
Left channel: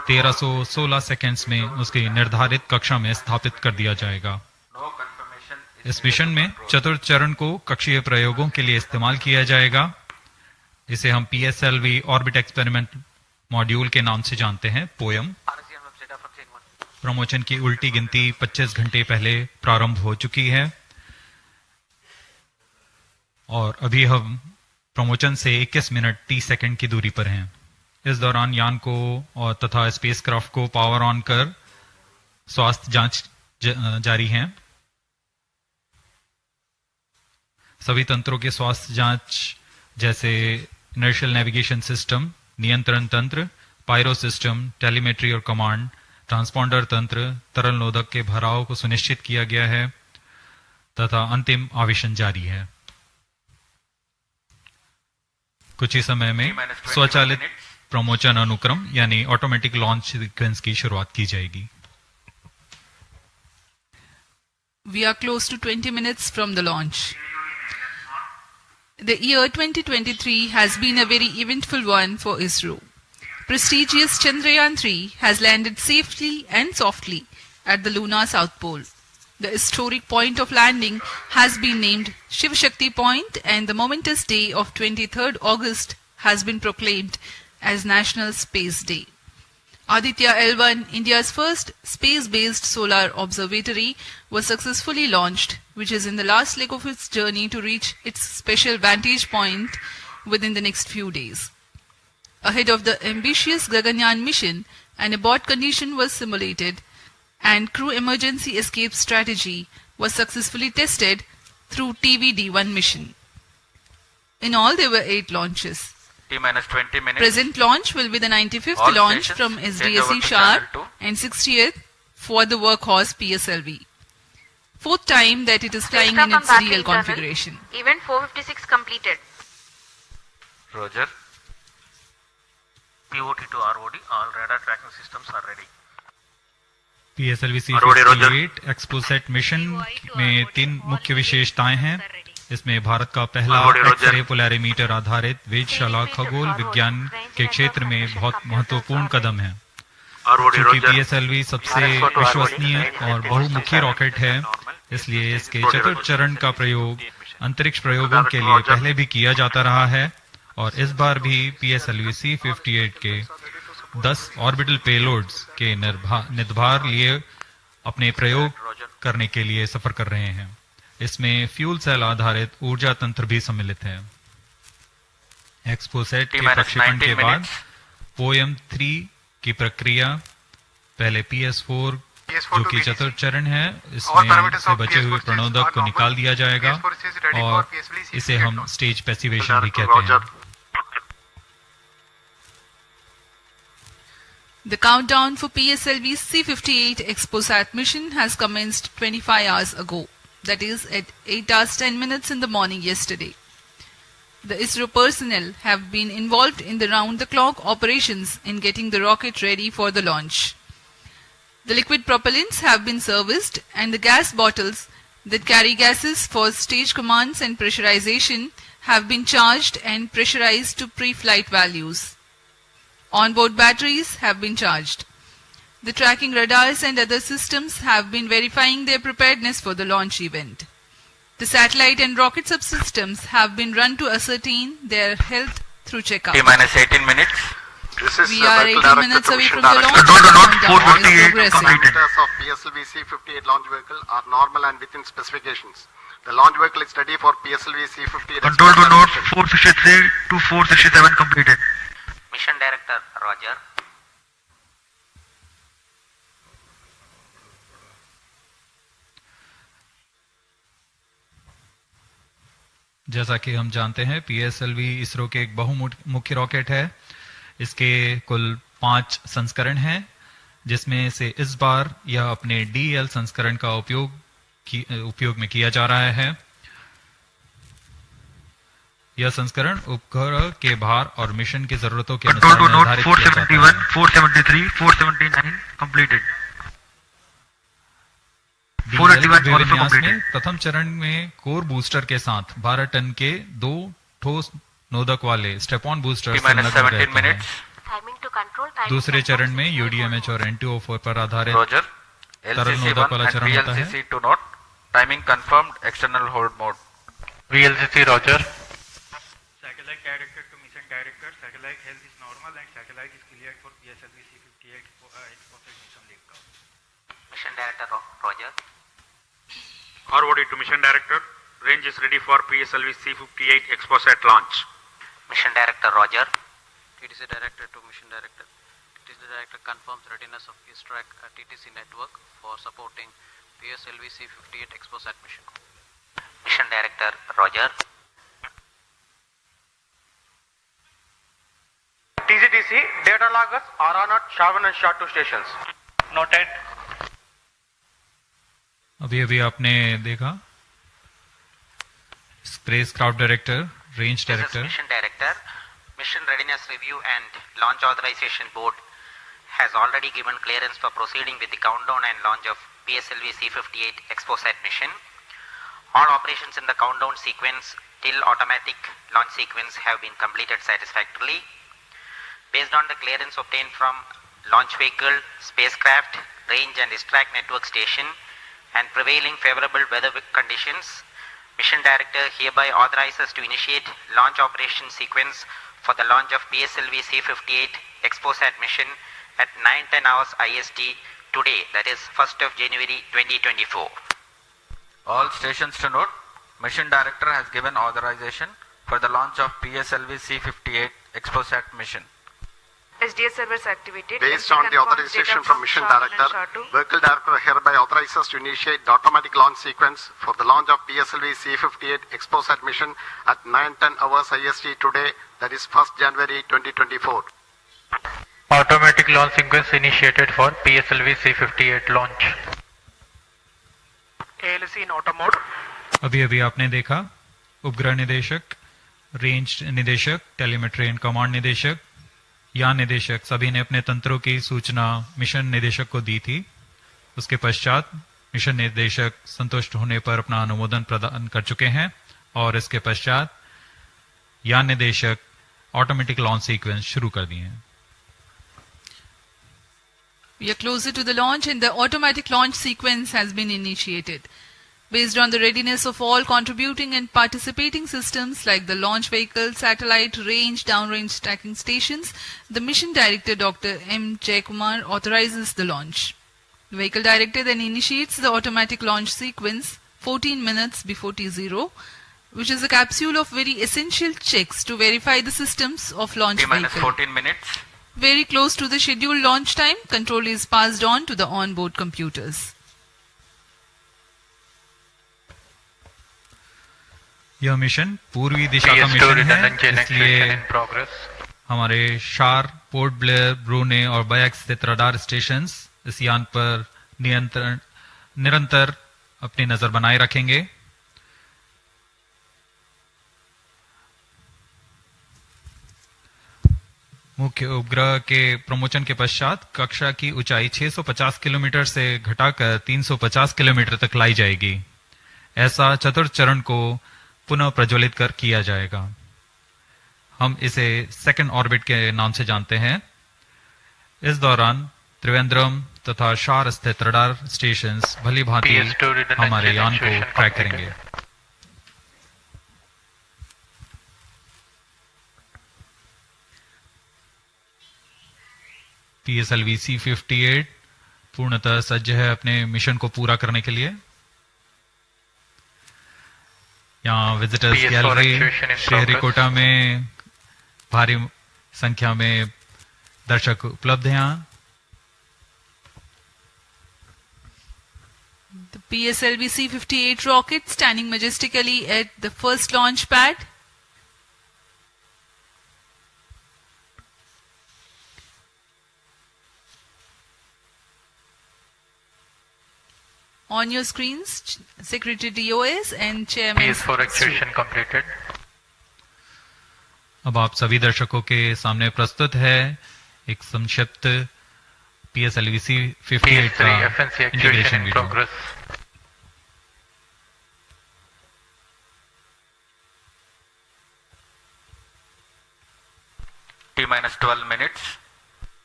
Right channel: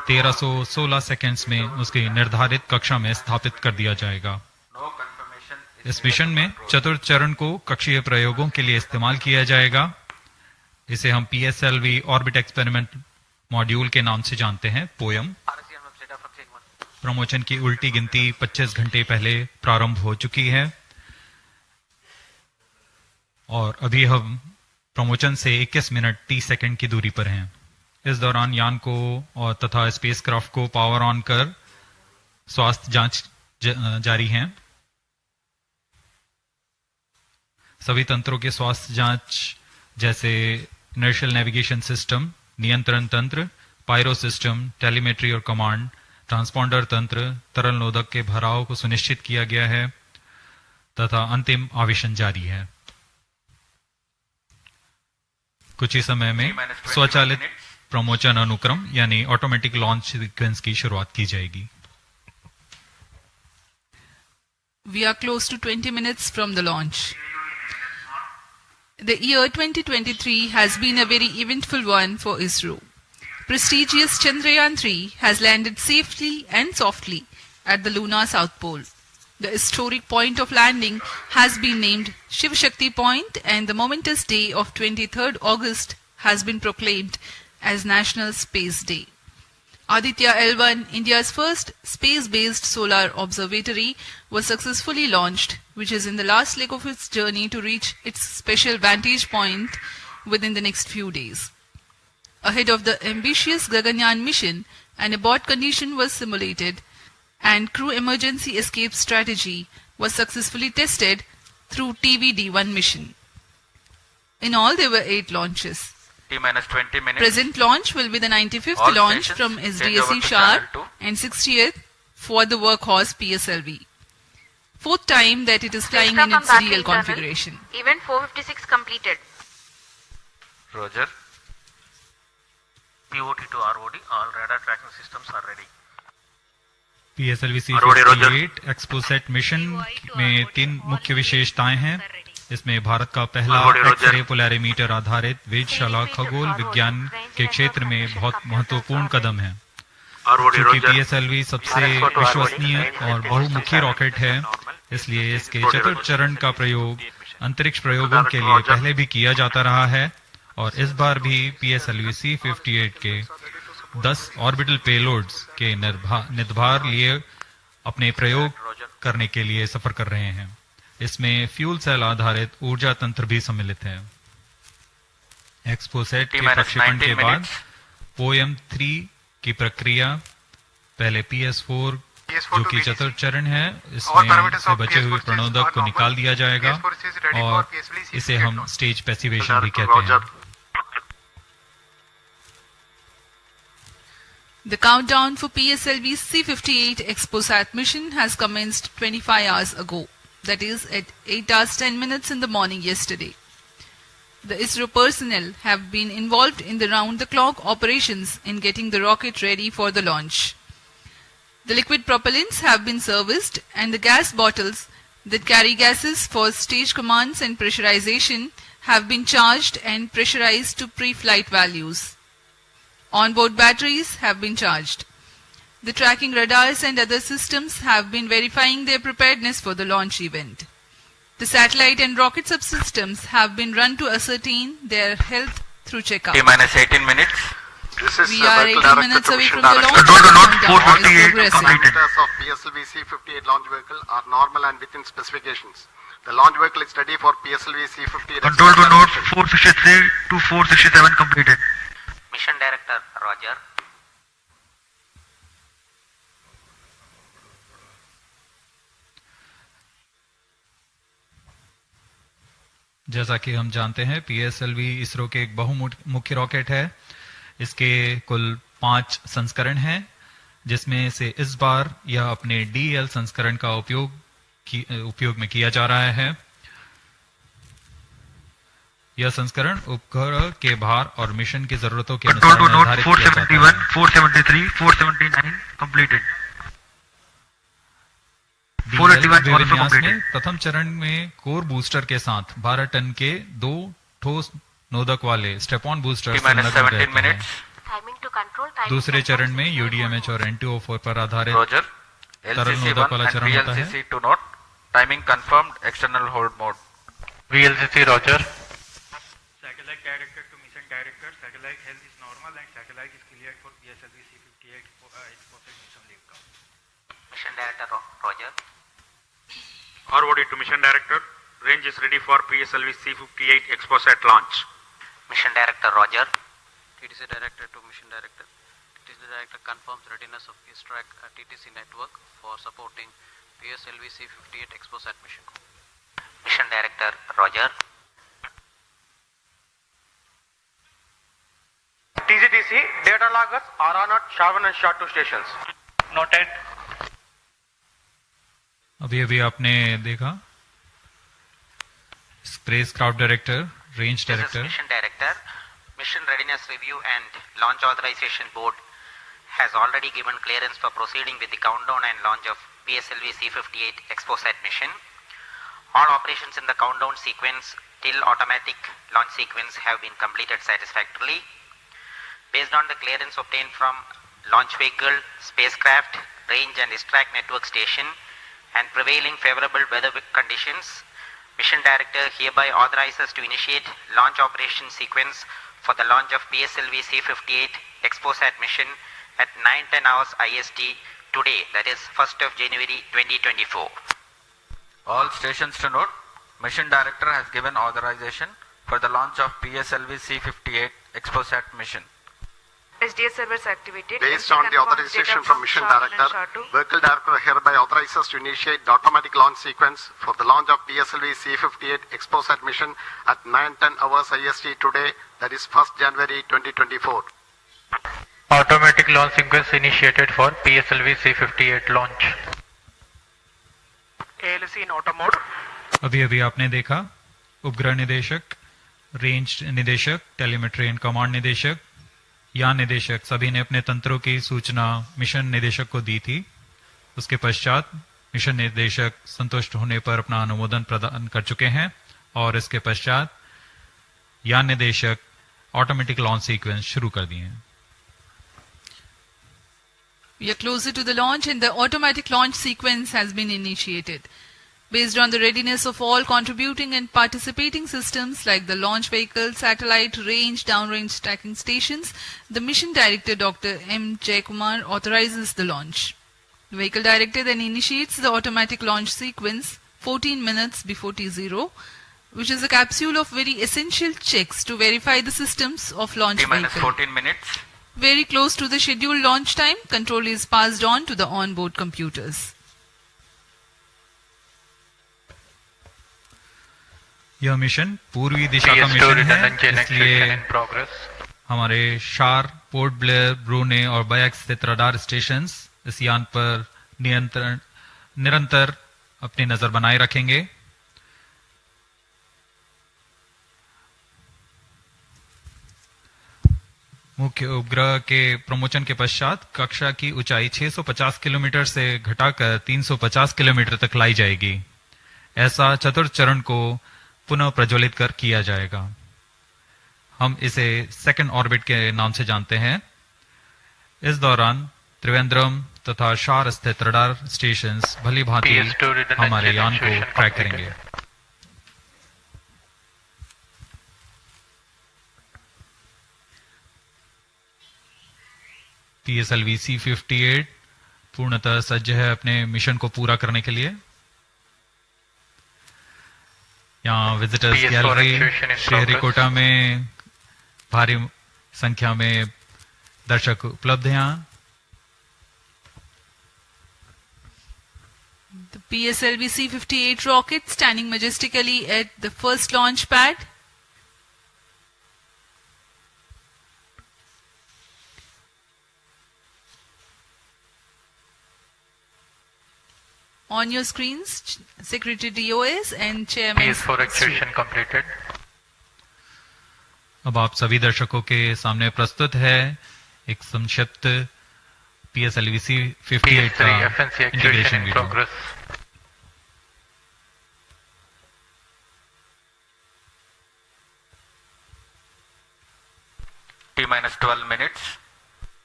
1316 सेकंड्स में उसकी निर्धारित कक्षा में स्थापित कर दिया जाएगा। इस मिशन में चतुर्थ चरण को कक्षीय प्रयोगों के लिए इस्तेमाल किया जाएगा। इसे हम PSLV ऑर्बिट एक्सपेरिमेंट मॉड्यूल के नाम से जानते हैं, पोयम। प्रमोशन की उल्टी गिनती 25 घंटे पहले प्रारंभ हो चुकी है और अभी हम प्रमोशन से 21 मिनट 30 सेकंड की दूरी पर हैं। इस दौरान यान को और तथा स्पेसक्राफ्ट को पावर ऑन कर स्वास्थ्य जांच जारी है। सभी तंत्रों के स्वास्थ्य जांच जैसे इनर्शियल नेविगेशन सिस्टम, नियंत्रण तंत्र, पायरो सिस्टम, टेलीमेट्री और कमांड, ट्रांसपॉन्डर तंत्र, तरल नोदक के भराव को सुनिश्चित किया गया है तथा अंतिम आवेशन जारी है। कुछ ही समय में स्वचालित प्रमोशन अनुक्रम यानी ऑटोमेटिक लॉन्च सीक्वेंस की शुरुआत की जाएगी। We are close to 20 minutes from the launch. The year 2023 has been a very eventful one for Isro. Prestigious Chandrayaan-3 has landed safely and softly at the lunar south pole. The historic point of landing has been named Shiv Shakti Point, and the momentous day of 23rd August has been proclaimed as National Space Day. Aditya L1, India's first space-based solar observatory, was successfully launched, which is in the last leg of its journey to reach its special vantage point within the next few days. Ahead of the ambitious Gaganyaan mission, an abort condition was simulated and crew emergency escape strategy was successfully tested through TVD-1 mission. In all, there were 8 launches. T-minus 20 minutes. Present launch will be the 95th All launch stations from change SDSC over to Shar channel 2. and 60th for the workhorse PSLV. 4th time that it is flying in its real configuration. Event 456 completed. Roger. POT to ROD, all radar tracking systems are ready. PSLV-C58 XPoSat mission में 3 मुख्य विशेषताएं हैं। इसमें भारत का पहला x-ray polarimeter आधारित वेधशाला खगोल विज्ञान के क्षेत्र में बहुत महत्वपूर्ण कदम है। क्योंकि PSLV सबसे विश्वसनीय और बहुमुखी रॉकेट है, इसलिए इसके चतुर्थ चरण का प्रयोग अंतरिक्ष प्रयोगों के लिए पहले भी किया जाता रहा है और इस बार भी PSLV-C58 के 10 ऑर्बिटल पेलोड्स के निर्धार लिए अपने प्रयोग करने के लिए सफर कर रहे हैं। इसमें फ्यूल सेल आधारित ऊर्जा तंत्र भी सम्मिलित है। XPoSat के प्रक्षेपण के बाद पोयम 3 की प्रक्रिया पहले PS4 जो कि चतुर्थ चरण है, इसमें से बचे हुए प्रणोदक को निकाल दिया जाएगा और इसे हम स्टेज पैसिवेशन भी कहते हैं। The countdown for PSLV-C58 XPoSat mission has commenced 25 hours ago. That is at 8 hours 10 minutes in the morning yesterday. The Isro personnel have been involved in the round-the-clock operations in getting the rocket ready for the launch. The liquid propellants have been serviced and the gas bottles that carry gases for stage commands and pressurization have been charged and pressurized to pre-flight values. Onboard batteries have been charged. The tracking radars and other systems have been verifying their preparedness for the launch event. The satellite and rocket subsystems have been run to ascertain their health through checkup. T-minus 18 minutes. We are 18 minutes away from the launch. Control to North Countdown is 448 progressing. completed. Parameters of PSLV-C58 launch vehicle are normal and within specifications. The launch vehicle is ready for PSLV-C58. Control to North 453 to 467 completed. Mission Director, Roger. जैसा कि हम जानते हैं PSLV ISRO के एक बहुमुखी rocket है। इसके कुल 5 संस्करण हैं, जिसमें से इस बार यह अपने DL संस्करण का उपयोग में किया जा रहा है। यह संस्करण उपग्रह के भार और मिशन की जरूरतों के अनुसार निर्धारित किया जाता है। 473, 479 completed. विन्यास में प्रथम चरण में कोर बूस्टर के साथ 12 टन के 2 ठोस नोदक वाले स्टेप ऑन बूस्टर संलग्न रहते हैं। Timing to control timing दूसरे and चरण में poised यूडीएमएच और N2O4 पर आधारित Roger. तरल नोदक वाला LCC1 and चरण होता है। VLCC2 note. Timing confirmed. External hold mode. VLCC Roger. Satellite director to mission director. Satellite health is normal and satellite is cleared for PSLV-C58 XPoSat mission liftoff. Mission Director Roger. ROD to Mission Director. Range is ready for PSLV-C58 XPoSat launch. Mission Director Roger. TTC Director to Mission Director. TTC Director confirms readiness of X-ray at TTC network for supporting PSLV-C58 XPoSat mission. Mission Director Roger. TGTC data logger are on at Shavan and SHA2 stations. Noted. अभी आपने देखा space craft director, range This is director, Mission Director. Mission Readiness Review and Launch Authorization Board has already given clearance for proceeding with the countdown and launch of PSLV-C58 XPoSat mission. All operations in the countdown sequence till automatic launch sequence have been completed satisfactorily. Based on the clearance obtained from launch vehicle, spacecraft, range and distract network station and prevailing favorable weather conditions, Mission Director hereby authorizes to initiate launch operation sequence for the launch of PSLV-C58 XPoSat mission at 9:10 hours IST today, that is 1st of January 2024. All stations to note, Mission Director has given authorization for the launch of PSLV-C58 XPoSat mission. SDS servers activated. Based on the authorization from Mission Director, Vehicle Director hereby authorizes to initiate the automatic launch sequence for the launch of PSLV-C58 XPoSat mission at 9:10 hours IST today, that is 1st January 2024. Automatic launch sequence initiated for PSLV-C58 launch. ALC in auto mode. अभी आपने देखा उपग्रह निदेशक, range निदेशक, telemetry and command निदेशक, यान निदेशक सभी ने अपने तंत्रों की सूचना मिशन निदेशक को दी थी। उसके पश्चात मिशन निदेशक संतुष्ट होने पर अपना अनुमोदन प्रदान कर चुके हैं और इसके पश्चात यान निदेशक ऑटोमेटिक लॉन्च सीक्वेंस शुरू कर दिए हैं। We are closer to the launch and the automatic launch sequence has been initiated. Based on the readiness of all contributing and participating systems like the launch vehicle, satellite, range, downrange tracking stations, the Mission Director Dr. M. Jaikumar authorizes the launch. The Vehicle Director then initiates the automatic launch sequence 14 minutes before T0, which is a capsule of very essential checks to verify the systems of launch T-minus vehicle. 14 minutes. Very close to the scheduled launch time, control is passed on to the onboard computers. यह mission पूर्वी दिशा का mission है, इसलिए हमारे शार, port Blair, ब्रूने और bike स्थित radar stations इस यान पर निरंतर अपनी नजर बनाए रखेंगे। मुख्य उपग्रह के प्रमोशन के पश्चात कक्षा की ऊंचाई 650 किलोमीटर से घटाकर 350 किलोमीटर तक लाई जाएगी। ऐसा चतुर्थ चरण को पुनः प्रज्वलित कर किया जाएगा। हम इसे सेकंड ऑर्बिट के नाम से जानते हैं। इस दौरान त्रिवेंद्रम तथा शार स्थित रडार स्टेशंस भली भांति हमारे यान को ट्रैक करेंगे। PSLV-C58 पूर्णतः सज्ज है अपने मिशन को पूरा करने के लिए। यहाँ विजिटर्स गैलरी श्रीहरिकोटा में भारी संख्या में दर्शक उपलब्ध हैं। यहाँ The PSLV-C58 rocket standing majestically at the first launch pad. On your screens, Secretary DOS and Chairman. PS4 activation completed. अब आप सभी दर्शकों के सामने प्रस्तुत है एक संक्षिप्त PSLV-C58 का integration video. T-minus 12 minutes.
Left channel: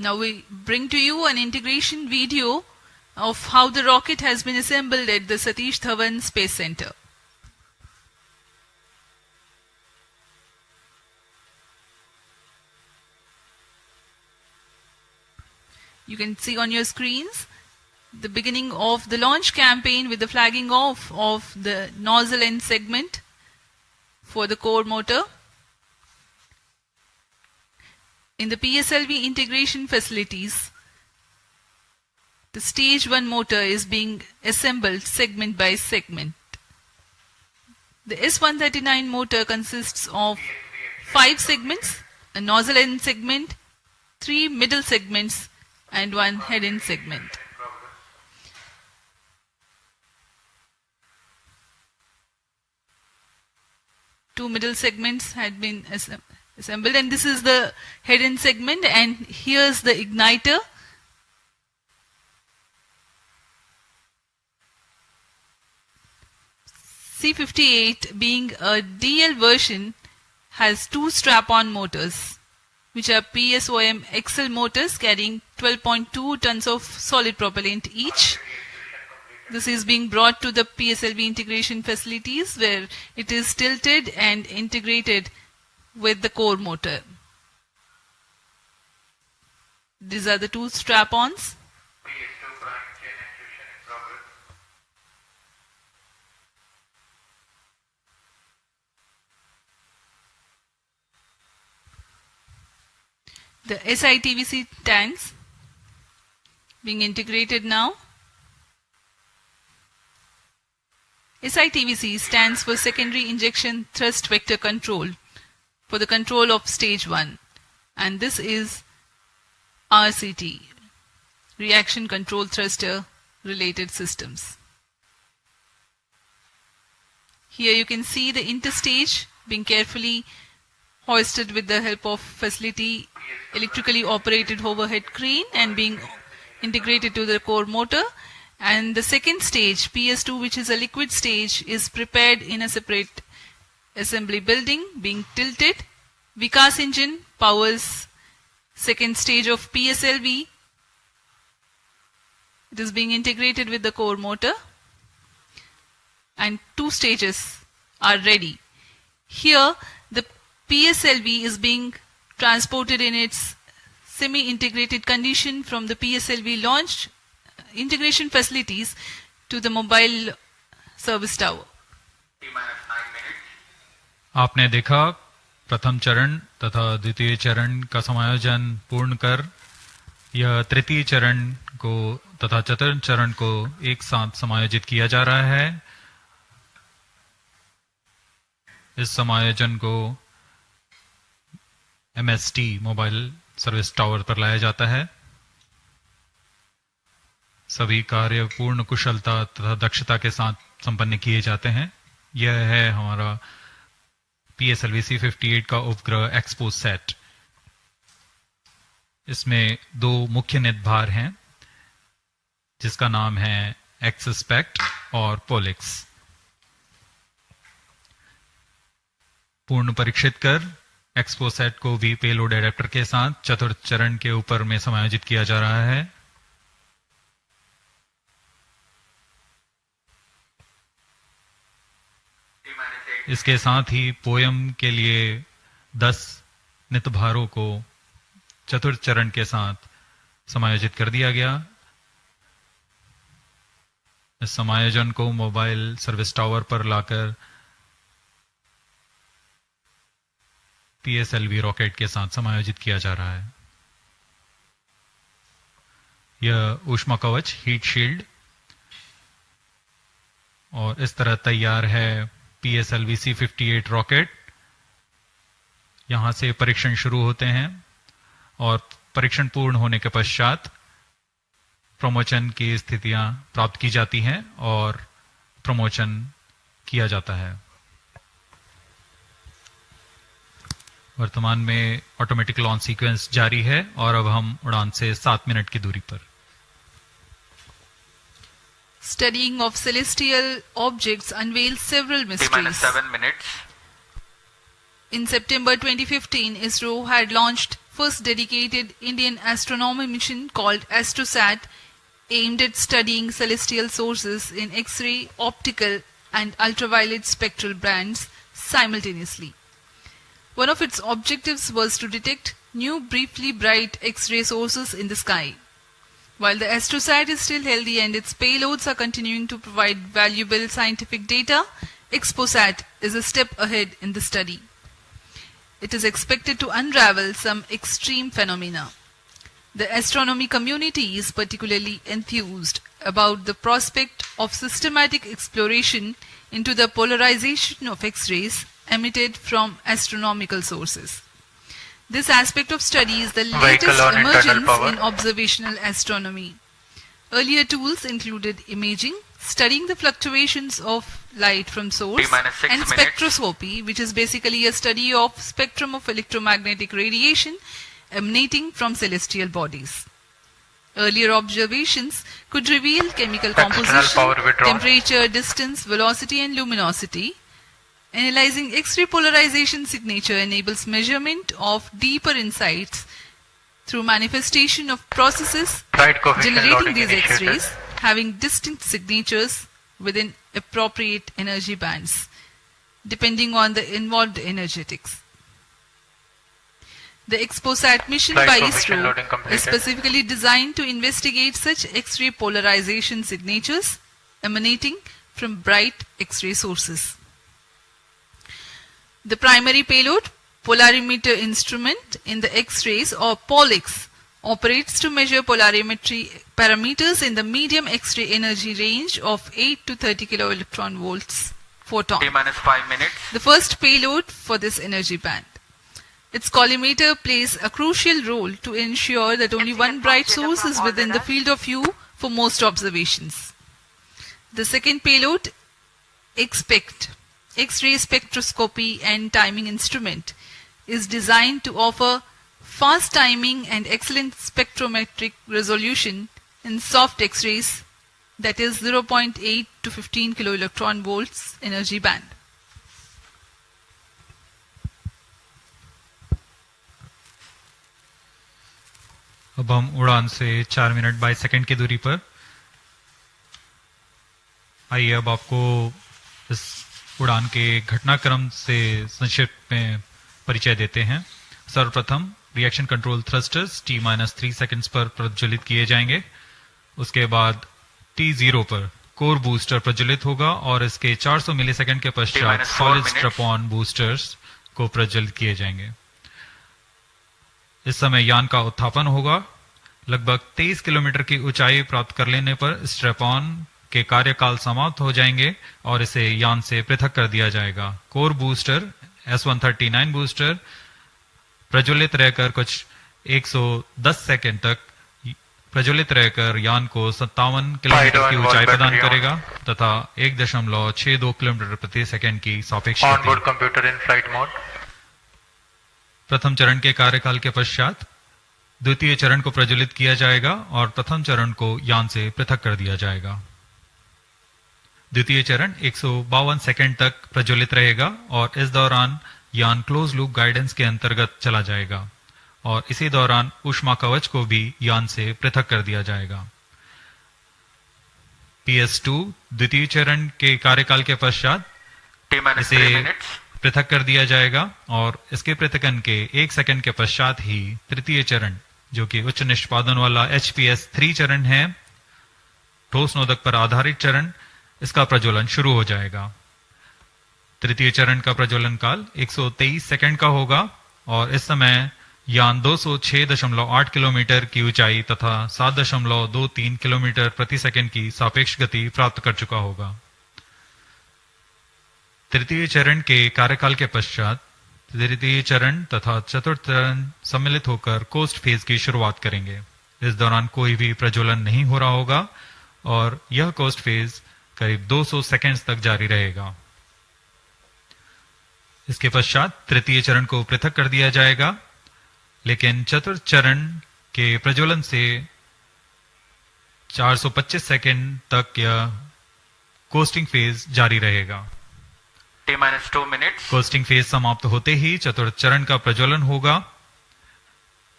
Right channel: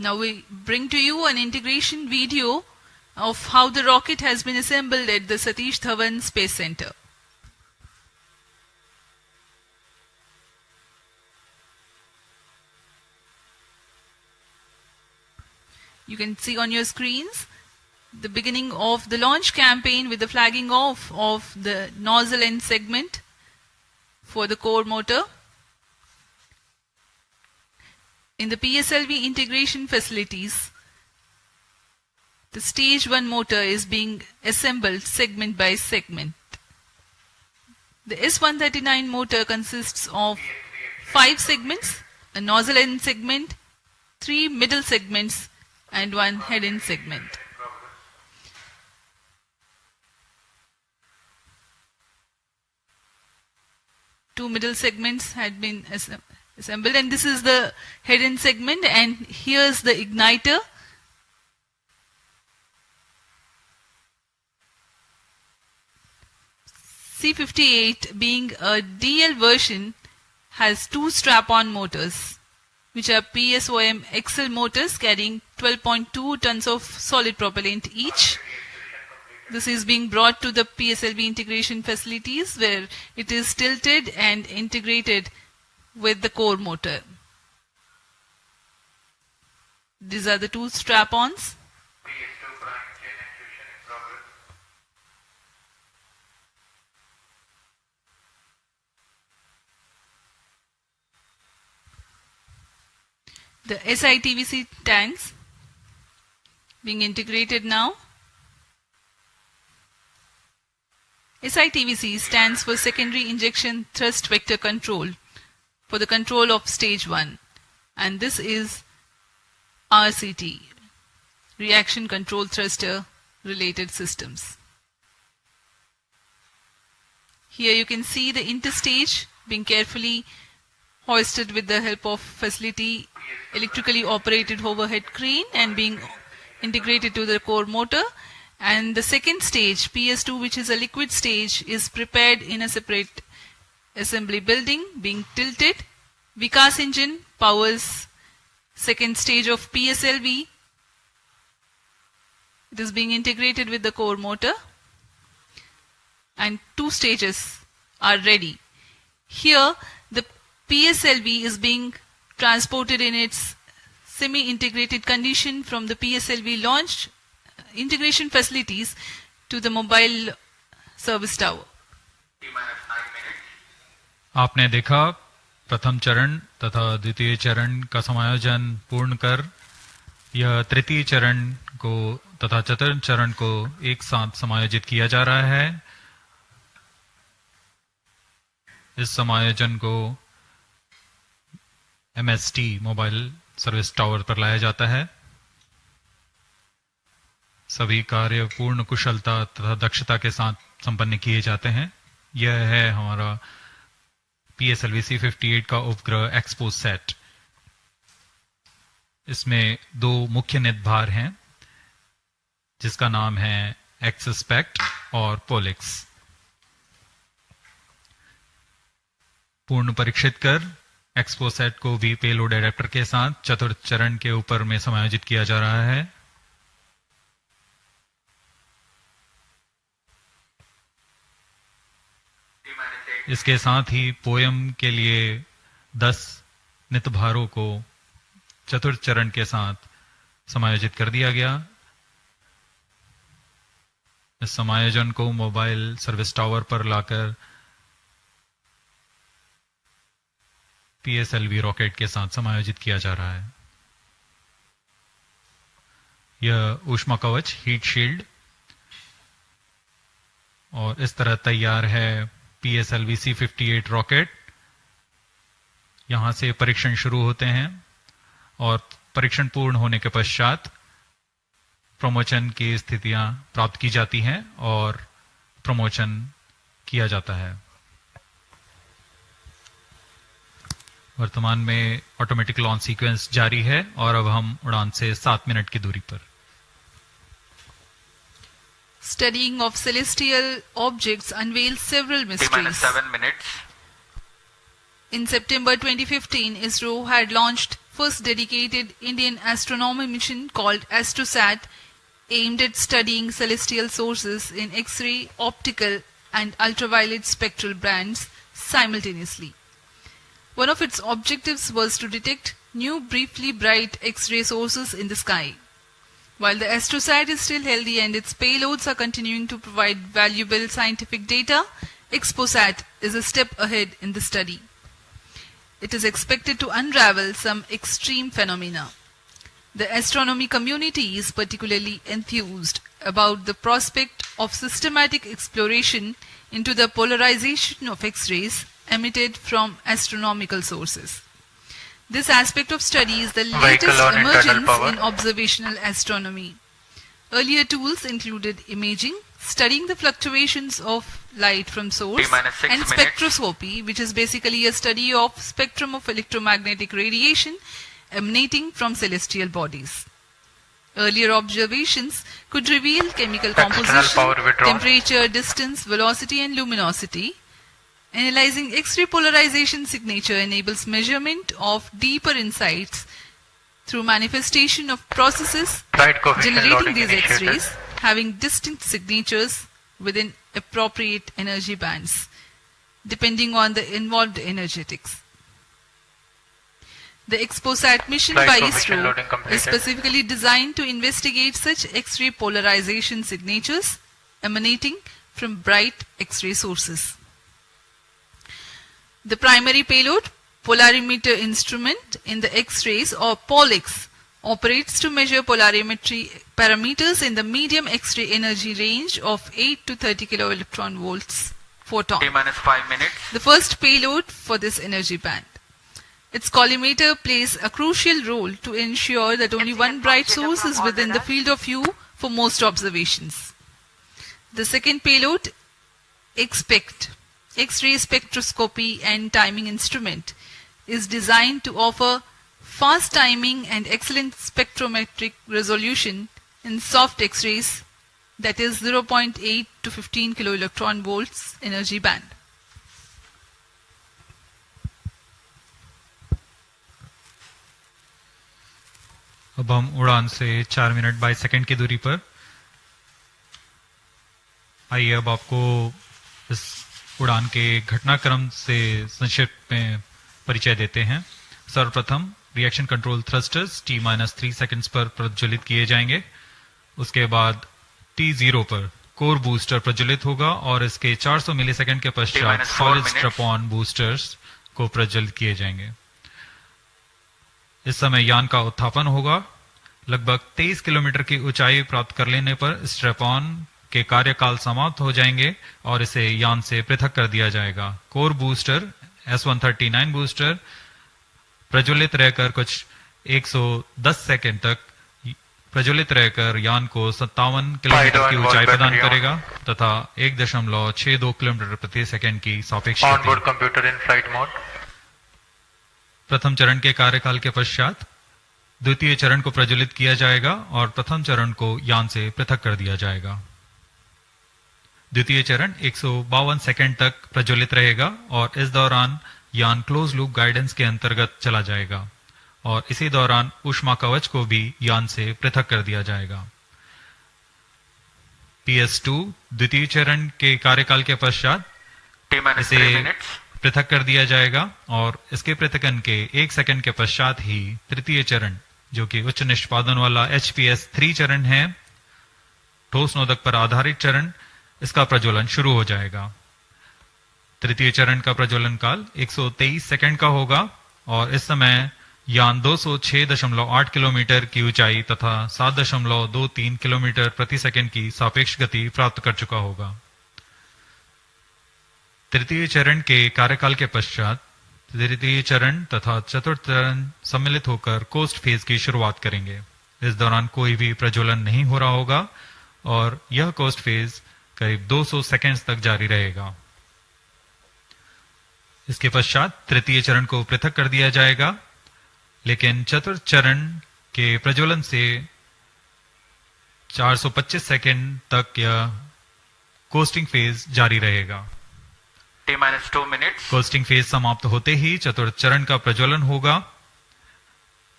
Now we bring to you an integration video of how the rocket has been assembled at the Satish Dhawan Space Center. You can see on your screens the beginning of the launch campaign with the flagging off of the nozzle end segment for the core motor. In the PSLV integration facilities, the stage 1 motor is being assembled segment by segment. The S139 motor consists of 5 segments, a nozzle end segment, 3 middle segments, and 1 head end segment. Two middle segments had been assembled, and this is the head end segment, and here's the igniter. C58, being a DL version, has 2 strap-on motors, which are PSOM XL motors carrying 12.2 tons of solid propellant each. This is being brought to the PSLV integration facilities where it is tilted and integrated with the core motor. These are the 2 strap-ons. The SITVC tanks being integrated now. SITVC stands for Secondary Injection Thrust Vector Control for the control of stage 1, and this is RCT, Reaction Control Thruster Related Systems. Here you can see the interstage being carefully hoisted with the help of facility electrically operated overhead crane and being integrated to the core motor. And the second stage, PS2, which is a liquid stage, is prepared in a separate assembly building, being tilted. Vikas engine powers second stage of PSLV. It is being integrated with the core motor, and 2 stages are ready. Here, the PSLV is being transported in its semi-integrated condition from the PSLV launch integration facilities to the mobile service tower. आपने देखा प्रथम चरण तथा द्वितीय चरण का समायोजन पूर्ण कर यह तृतीय चरण को तथा चतुर्थ चरण को एक साथ समायोजित किया जा रहा है। इस समायोजन को MST मोबाइल सर्विस टावर पर लाया जाता है। सभी कार्य पूर्ण कुशलता तथा दक्षता के साथ संपन्न किए जाते हैं। यह है हमारा PSLV-C58 का उपग्रह XPoSat। इसमें 2 मुख्य निदभार हैं, जिसका नाम है XSPECT और POLIX। पूर्ण परीक्षित कर XPoSat को भी पेलोड एडेप्टर के साथ चतुर्थ चरण के ऊपर में समायोजित किया जा रहा है। इसके साथ ही पोयम के लिए 10 नितभारों को चतुर्थ चरण के साथ समायोजित कर दिया गया। इस समायोजन को मोबाइल सर्विस टावर पर लाकर PSLV रॉकेट के साथ समायोजित किया जा रहा है। यह ऊष्मा कवच हीट शील्ड और इस तरह तैयार है PSLV-C58 रॉकेट। यहां से परीक्षण शुरू होते हैं और परीक्षण पूर्ण होने के पश्चात प्रमोचन की स्थितियां प्राप्त की जाती हैं और प्रमोचन किया जाता है। वर्तमान में ऑटोमेटिक लॉन्च सीक्वेंस जारी है और अब हम उड़ान से 7 मिनट की दूरी पर। Studying of celestial objects unveils several mysteries. 7 minutes. In September 2015, Isro had launched first dedicated Indian astronomy mission called XPoSat, aimed at studying celestial sources in X-ray, optical and ultraviolet spectral bands simultaneously. One of its objectives was to detect new briefly bright X-ray sources in the sky. While the XPoSat is still healthy and its payloads are continuing to provide valuable scientific data, XPoSat is a step ahead in the study. It is expected to unravel some extreme phenomena. The astronomy community is particularly enthused about the prospect of systematic exploration into the polarization of X-rays emitted from astronomical sources. This aspect of study is the latest emergence in observational astronomy. Earlier tools included imaging, studying the fluctuations of light from source, and spectroscopy, which is basically a study of spectrum of electromagnetic radiation emanating from celestial bodies. Earlier observations could reveal chemical composition, temperature, distance, velocity and luminosity. Analyzing X-ray polarization signature enables measurement of deeper insights through manifestation of processes generating these X-rays having distinct signatures within appropriate energy bands, depending on the involved energetics. The XPoSat mission by Isro is specifically designed to investigate such X-ray polarization signatures emanating from bright X-ray sources. The primary payload, polarimeter instrument in the X-rays or POLIX, operates to measure polarimetry parameters in the medium X-ray energy range of 8 to 30 kiloelectron volts photon. T-5 minutes. The first payload for this energy band. Its collimator plays a crucial role to ensure that only one bright source is within the field of view for most observations. The second payload, XPECT, X-ray spectroscopy and timing instrument, is designed to offer fast timing and excellent spectrometric resolution in soft X-rays, that is 0.8 to 15 kiloelectron volts energy band. अब हम उड़ान से 4 minute 22 second की दूरी पर। आइए अब आपको इस उड़ान के घटनाक्रम से संक्षिप्त में परिचय देते हैं। सर्वप्रथम reaction control thrusters T-3 seconds पर प्रज्वलित किए जाएंगे। उसके बाद T0 पर कोर बूस्टर प्रज्वलित होगा और इसके 400 मिलीसेकंड के पश्चात सॉलिड स्ट्रैप-ऑन बूस्टर्स को प्रज्वलित किए जाएंगे। इस समय यान का उत्थापन होगा। लगभग 23 किलोमीटर की ऊंचाई प्राप्त कर लेने पर स्ट्रैप-ऑन के कार्यकाल समाप्त हो जाएंगे और इसे यान से पृथक कर दिया जाएगा। कोर बूस्टर S139 बूस्टर प्रज्वलित रहकर कुछ 110 सेकंड तक प्रज्वलित रहकर यान को 57 किलोमीटर की ऊंचाई प्रदान करेगा तथा 1.62 किलोमीटर प्रति सेकंड की सापेक्ष गति। प्रथम चरण के कार्यकाल के पश्चात द्वितीय चरण को प्रज्वलित किया जाएगा और प्रथम चरण को यान से पृथक कर दिया जाएगा। द्वितीय चरण 152 सेकंड तक प्रज्वलित रहेगा और इस दौरान यान क्लोज लूप गाइडेंस के अंतर्गत चला जाएगा और इसी दौरान ऊष्मा कवच को भी यान से पृथक कर दिया जाएगा। PS2 द्वितीय चरण के कार्यकाल के पश्चात इसे पृथक कर दिया जाएगा और इसके पृथकन के 1 सेकंड के पश्चात ही तृतीय चरण, जो कि उच्च निष्पादन वाला HPS3 चरण है, ठोस नोदक पर आधारित चरण, इसका प्रज्वलन शुरू हो जाएगा। तृतीय चरण का प्रज्वलन काल 123 सेकंड का होगा और इस समय यान 206.8 किलोमीटर की ऊंचाई तथा 7.23 किलोमीटर प्रति सेकंड की सापेक्ष गति प्राप्त कर चुका होगा। तृतीय चरण के कार्यकाल के पश्चात तृतीय चरण तथा चतुर्थ चरण सम्मिलित होकर कोस्ट फेज की शुरुआत करेंगे। इस दौरान कोई भी प्रज्वलन नहीं हो रहा होगा और यह कोस्ट फेज करीब 200 सेकंड्स तक जारी रहेगा। इसके पश्चात तृतीय चरण को पृथक कर दिया जाएगा, लेकिन चतुर्थ चरण के प्रज्वलन से 425 सेकंड तक यह कोस्टिंग फेज जारी रहेगा। T-2 minutes. कोस्टिंग फेज समाप्त होते ही चतुर्थ चरण का प्रज्वलन होगा।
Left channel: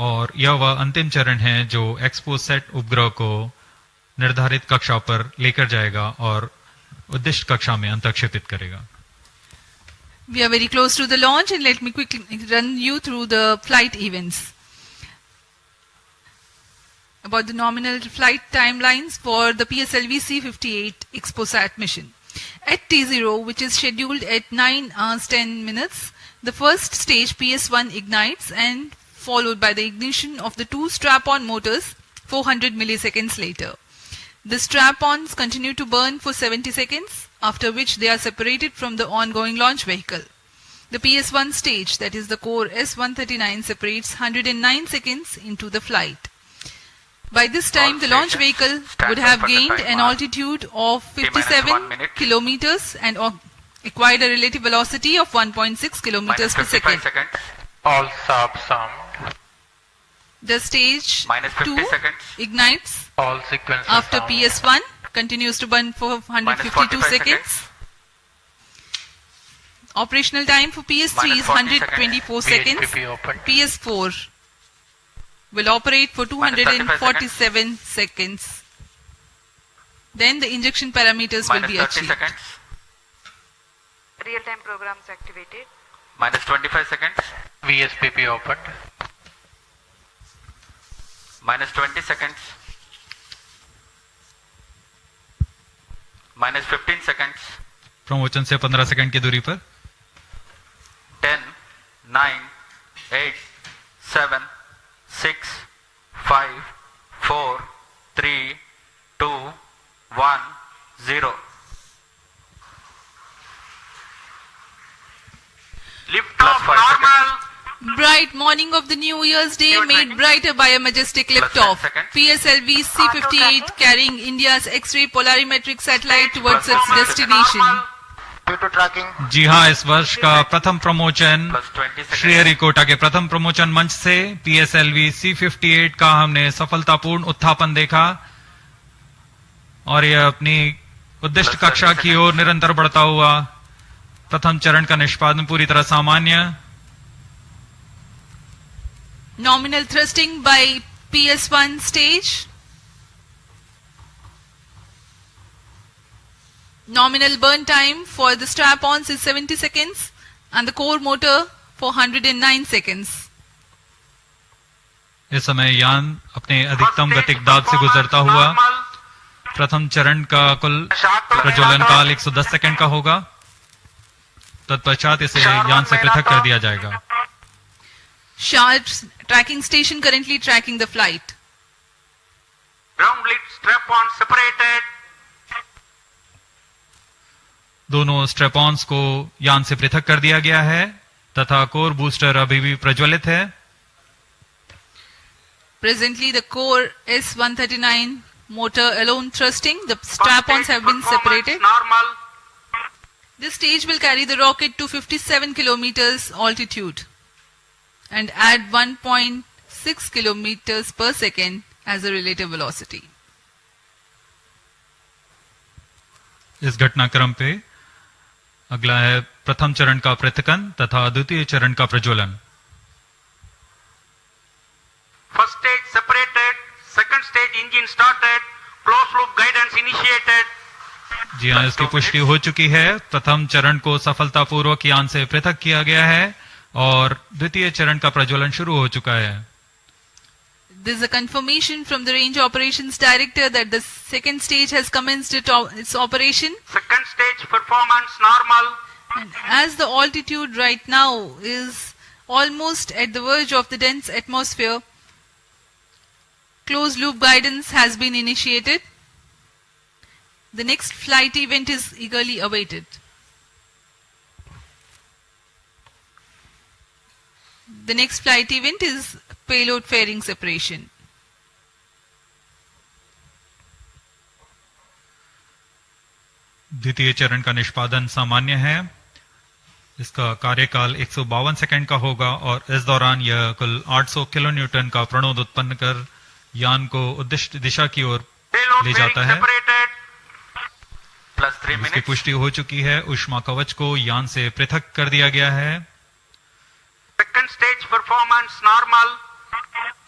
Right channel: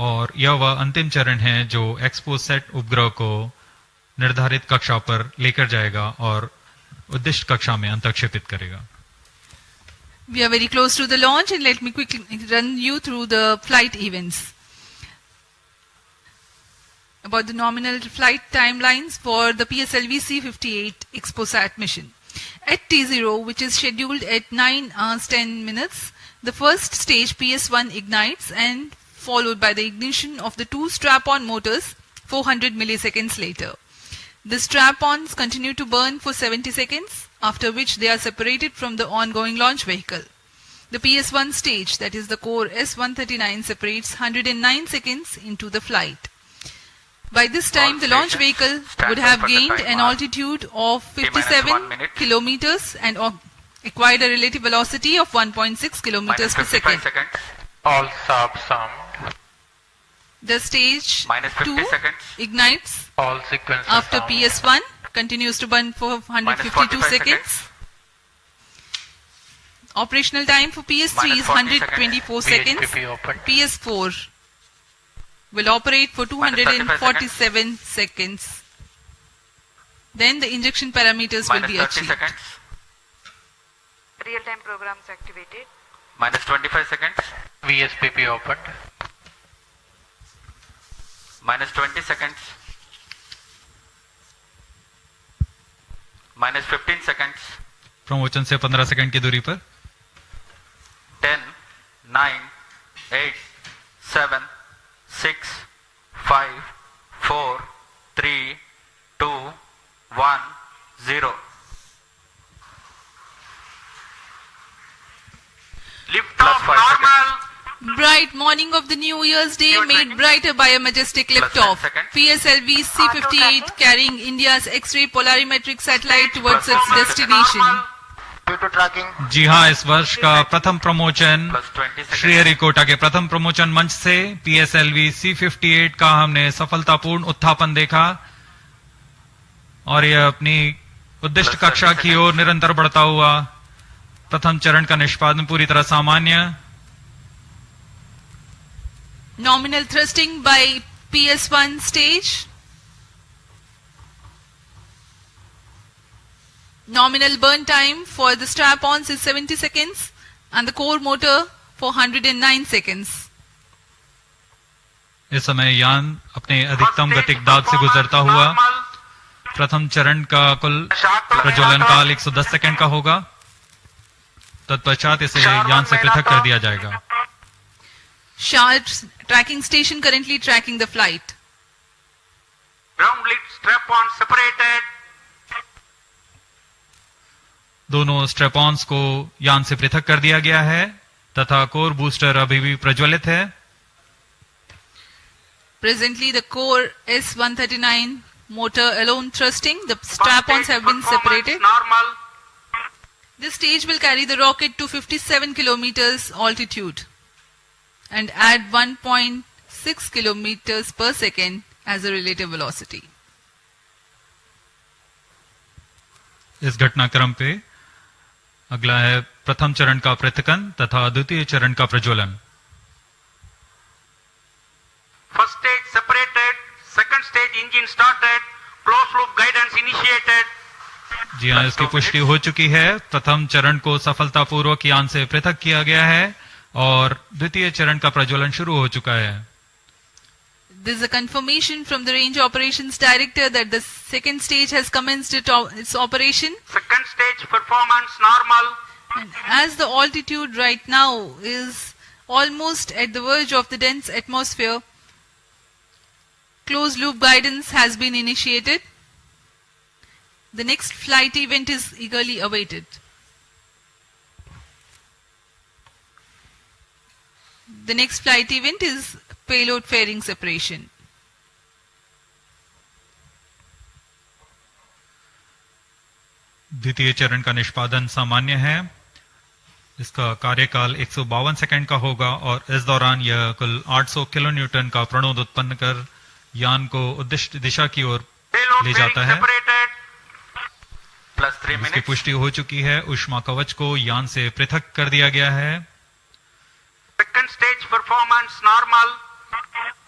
और यह वह अंतिम चरण है जो एक्सपोसैट उपग्रह को निर्धारित कक्षा पर लेकर जाएगा और उद्दिष्ट कक्षा में अंतक्षेपित करेगा. We are very close to the launch, and let me quickly run you through the flight events. About the nominal flight timelines for the PSLV-C58 XPoSat mission. At T0, which is scheduled at 9 hours 10 minutes, the first stage PS1 ignites and followed by the ignition of the two strap-on motors 400 milliseconds later. The strap-ons continue to burn for 70 seconds, after which they are separated from the ongoing launch vehicle. The PS1 stage, that is the core S139, separates 109 seconds into the flight. By this time, the launch vehicle would have gained an altitude of 57 kilometers and acquired a relative velocity of 1.6 kilometers per second. All subs The stage 2 ignites all sequences after PS1, continues to burn for 152 seconds. Operational time for PS3 is 124 seconds. PS4 will operate for 247 seconds. Then the injection parameters will be achieved. Real-time programs activated. Minus 25 seconds. VSPP opened. Minus 20 seconds. Minus 15 seconds. Promotion से 15 second की दूरी पर 10, 9, 8, 7, 6, 5, 4, 3, 2, 1, 0. Lift off normal. Bright morning of the New Year's Day made brighter by a majestic liftoff. PSLV-C58 carrying India's X-ray Polarimeter Satellite towards its destination. जी हाँ, इस वर्ष का प्रथम promotion Sriharikota के प्रथम प्रमोशन मंच से PSLV-C58 का हमने सफलतापूर्ण उत्थापन देखा और यह अपनी उद्दिष्ट कक्षा की ओर निरंतर बढ़ता हुआ. प्रथम चरण का निष्पादन पूरी तरह सामान्य. Nominal thrusting by PS1 stage. Nominal burn time for the strap-ons is 70 seconds and the core motor for 109 seconds. इस समय यान अपने अधिकतम गतिक दाब से गुजरता हुआ. प्रथम चरण का कुल प्रज्वलन काल 110 सेकंड का होगा. तत्पश्चात इसे यान से पृथक कर दिया जाएगा. Sharp tracking station currently tracking the flight. Ground lead strap-on separated. दोनों स्ट्रैप-ऑन्स को यान से पृथक कर दिया गया है तथा कोर बूस्टर अभी भी प्रज्वलित है. Presently the core S139 motor alone thrusting. The strap-ons have been separated. Normal. This stage will carry the rocket to 57 kilometers altitude and add 1.6 kilometers per second as a relative velocity. इस घटनाक्रम पे अगला है प्रथम चरण का पृथकन तथा द्वितीय चरण का प्रज्वलन. First stage separated. Second stage engine started. Closed loop guidance initiated. जी हाँ, इसकी पुष्टि हो चुकी है. प्रथम चरण को सफलतापूर्वक यान से पृथक किया गया है और द्वितीय चरण का प्रज्वलन शुरू हो चुका है. There is a confirmation from the Range Operations Director that the second stage has commenced its operation. Second stage performance normal. And as the altitude right now is almost at the verge of the dense atmosphere, closed loop guidance has been initiated. The next flight event is eagerly awaited. The next flight event is payload fairing separation. द्वितीय चरण का निष्पादन सामान्य है. इसका कार्यकाल 152 second का होगा और इस दौरान यह कुल 800 किलो न्यूटन का प्रणोद उत्पन्न कर यान को उद्दिष्ट दिशा की ओर ले जाता है. इसकी पुष्टि हो चुकी है. ऊष्मा कवच को यान से पृथक कर दिया गया है. Second stage performance normal.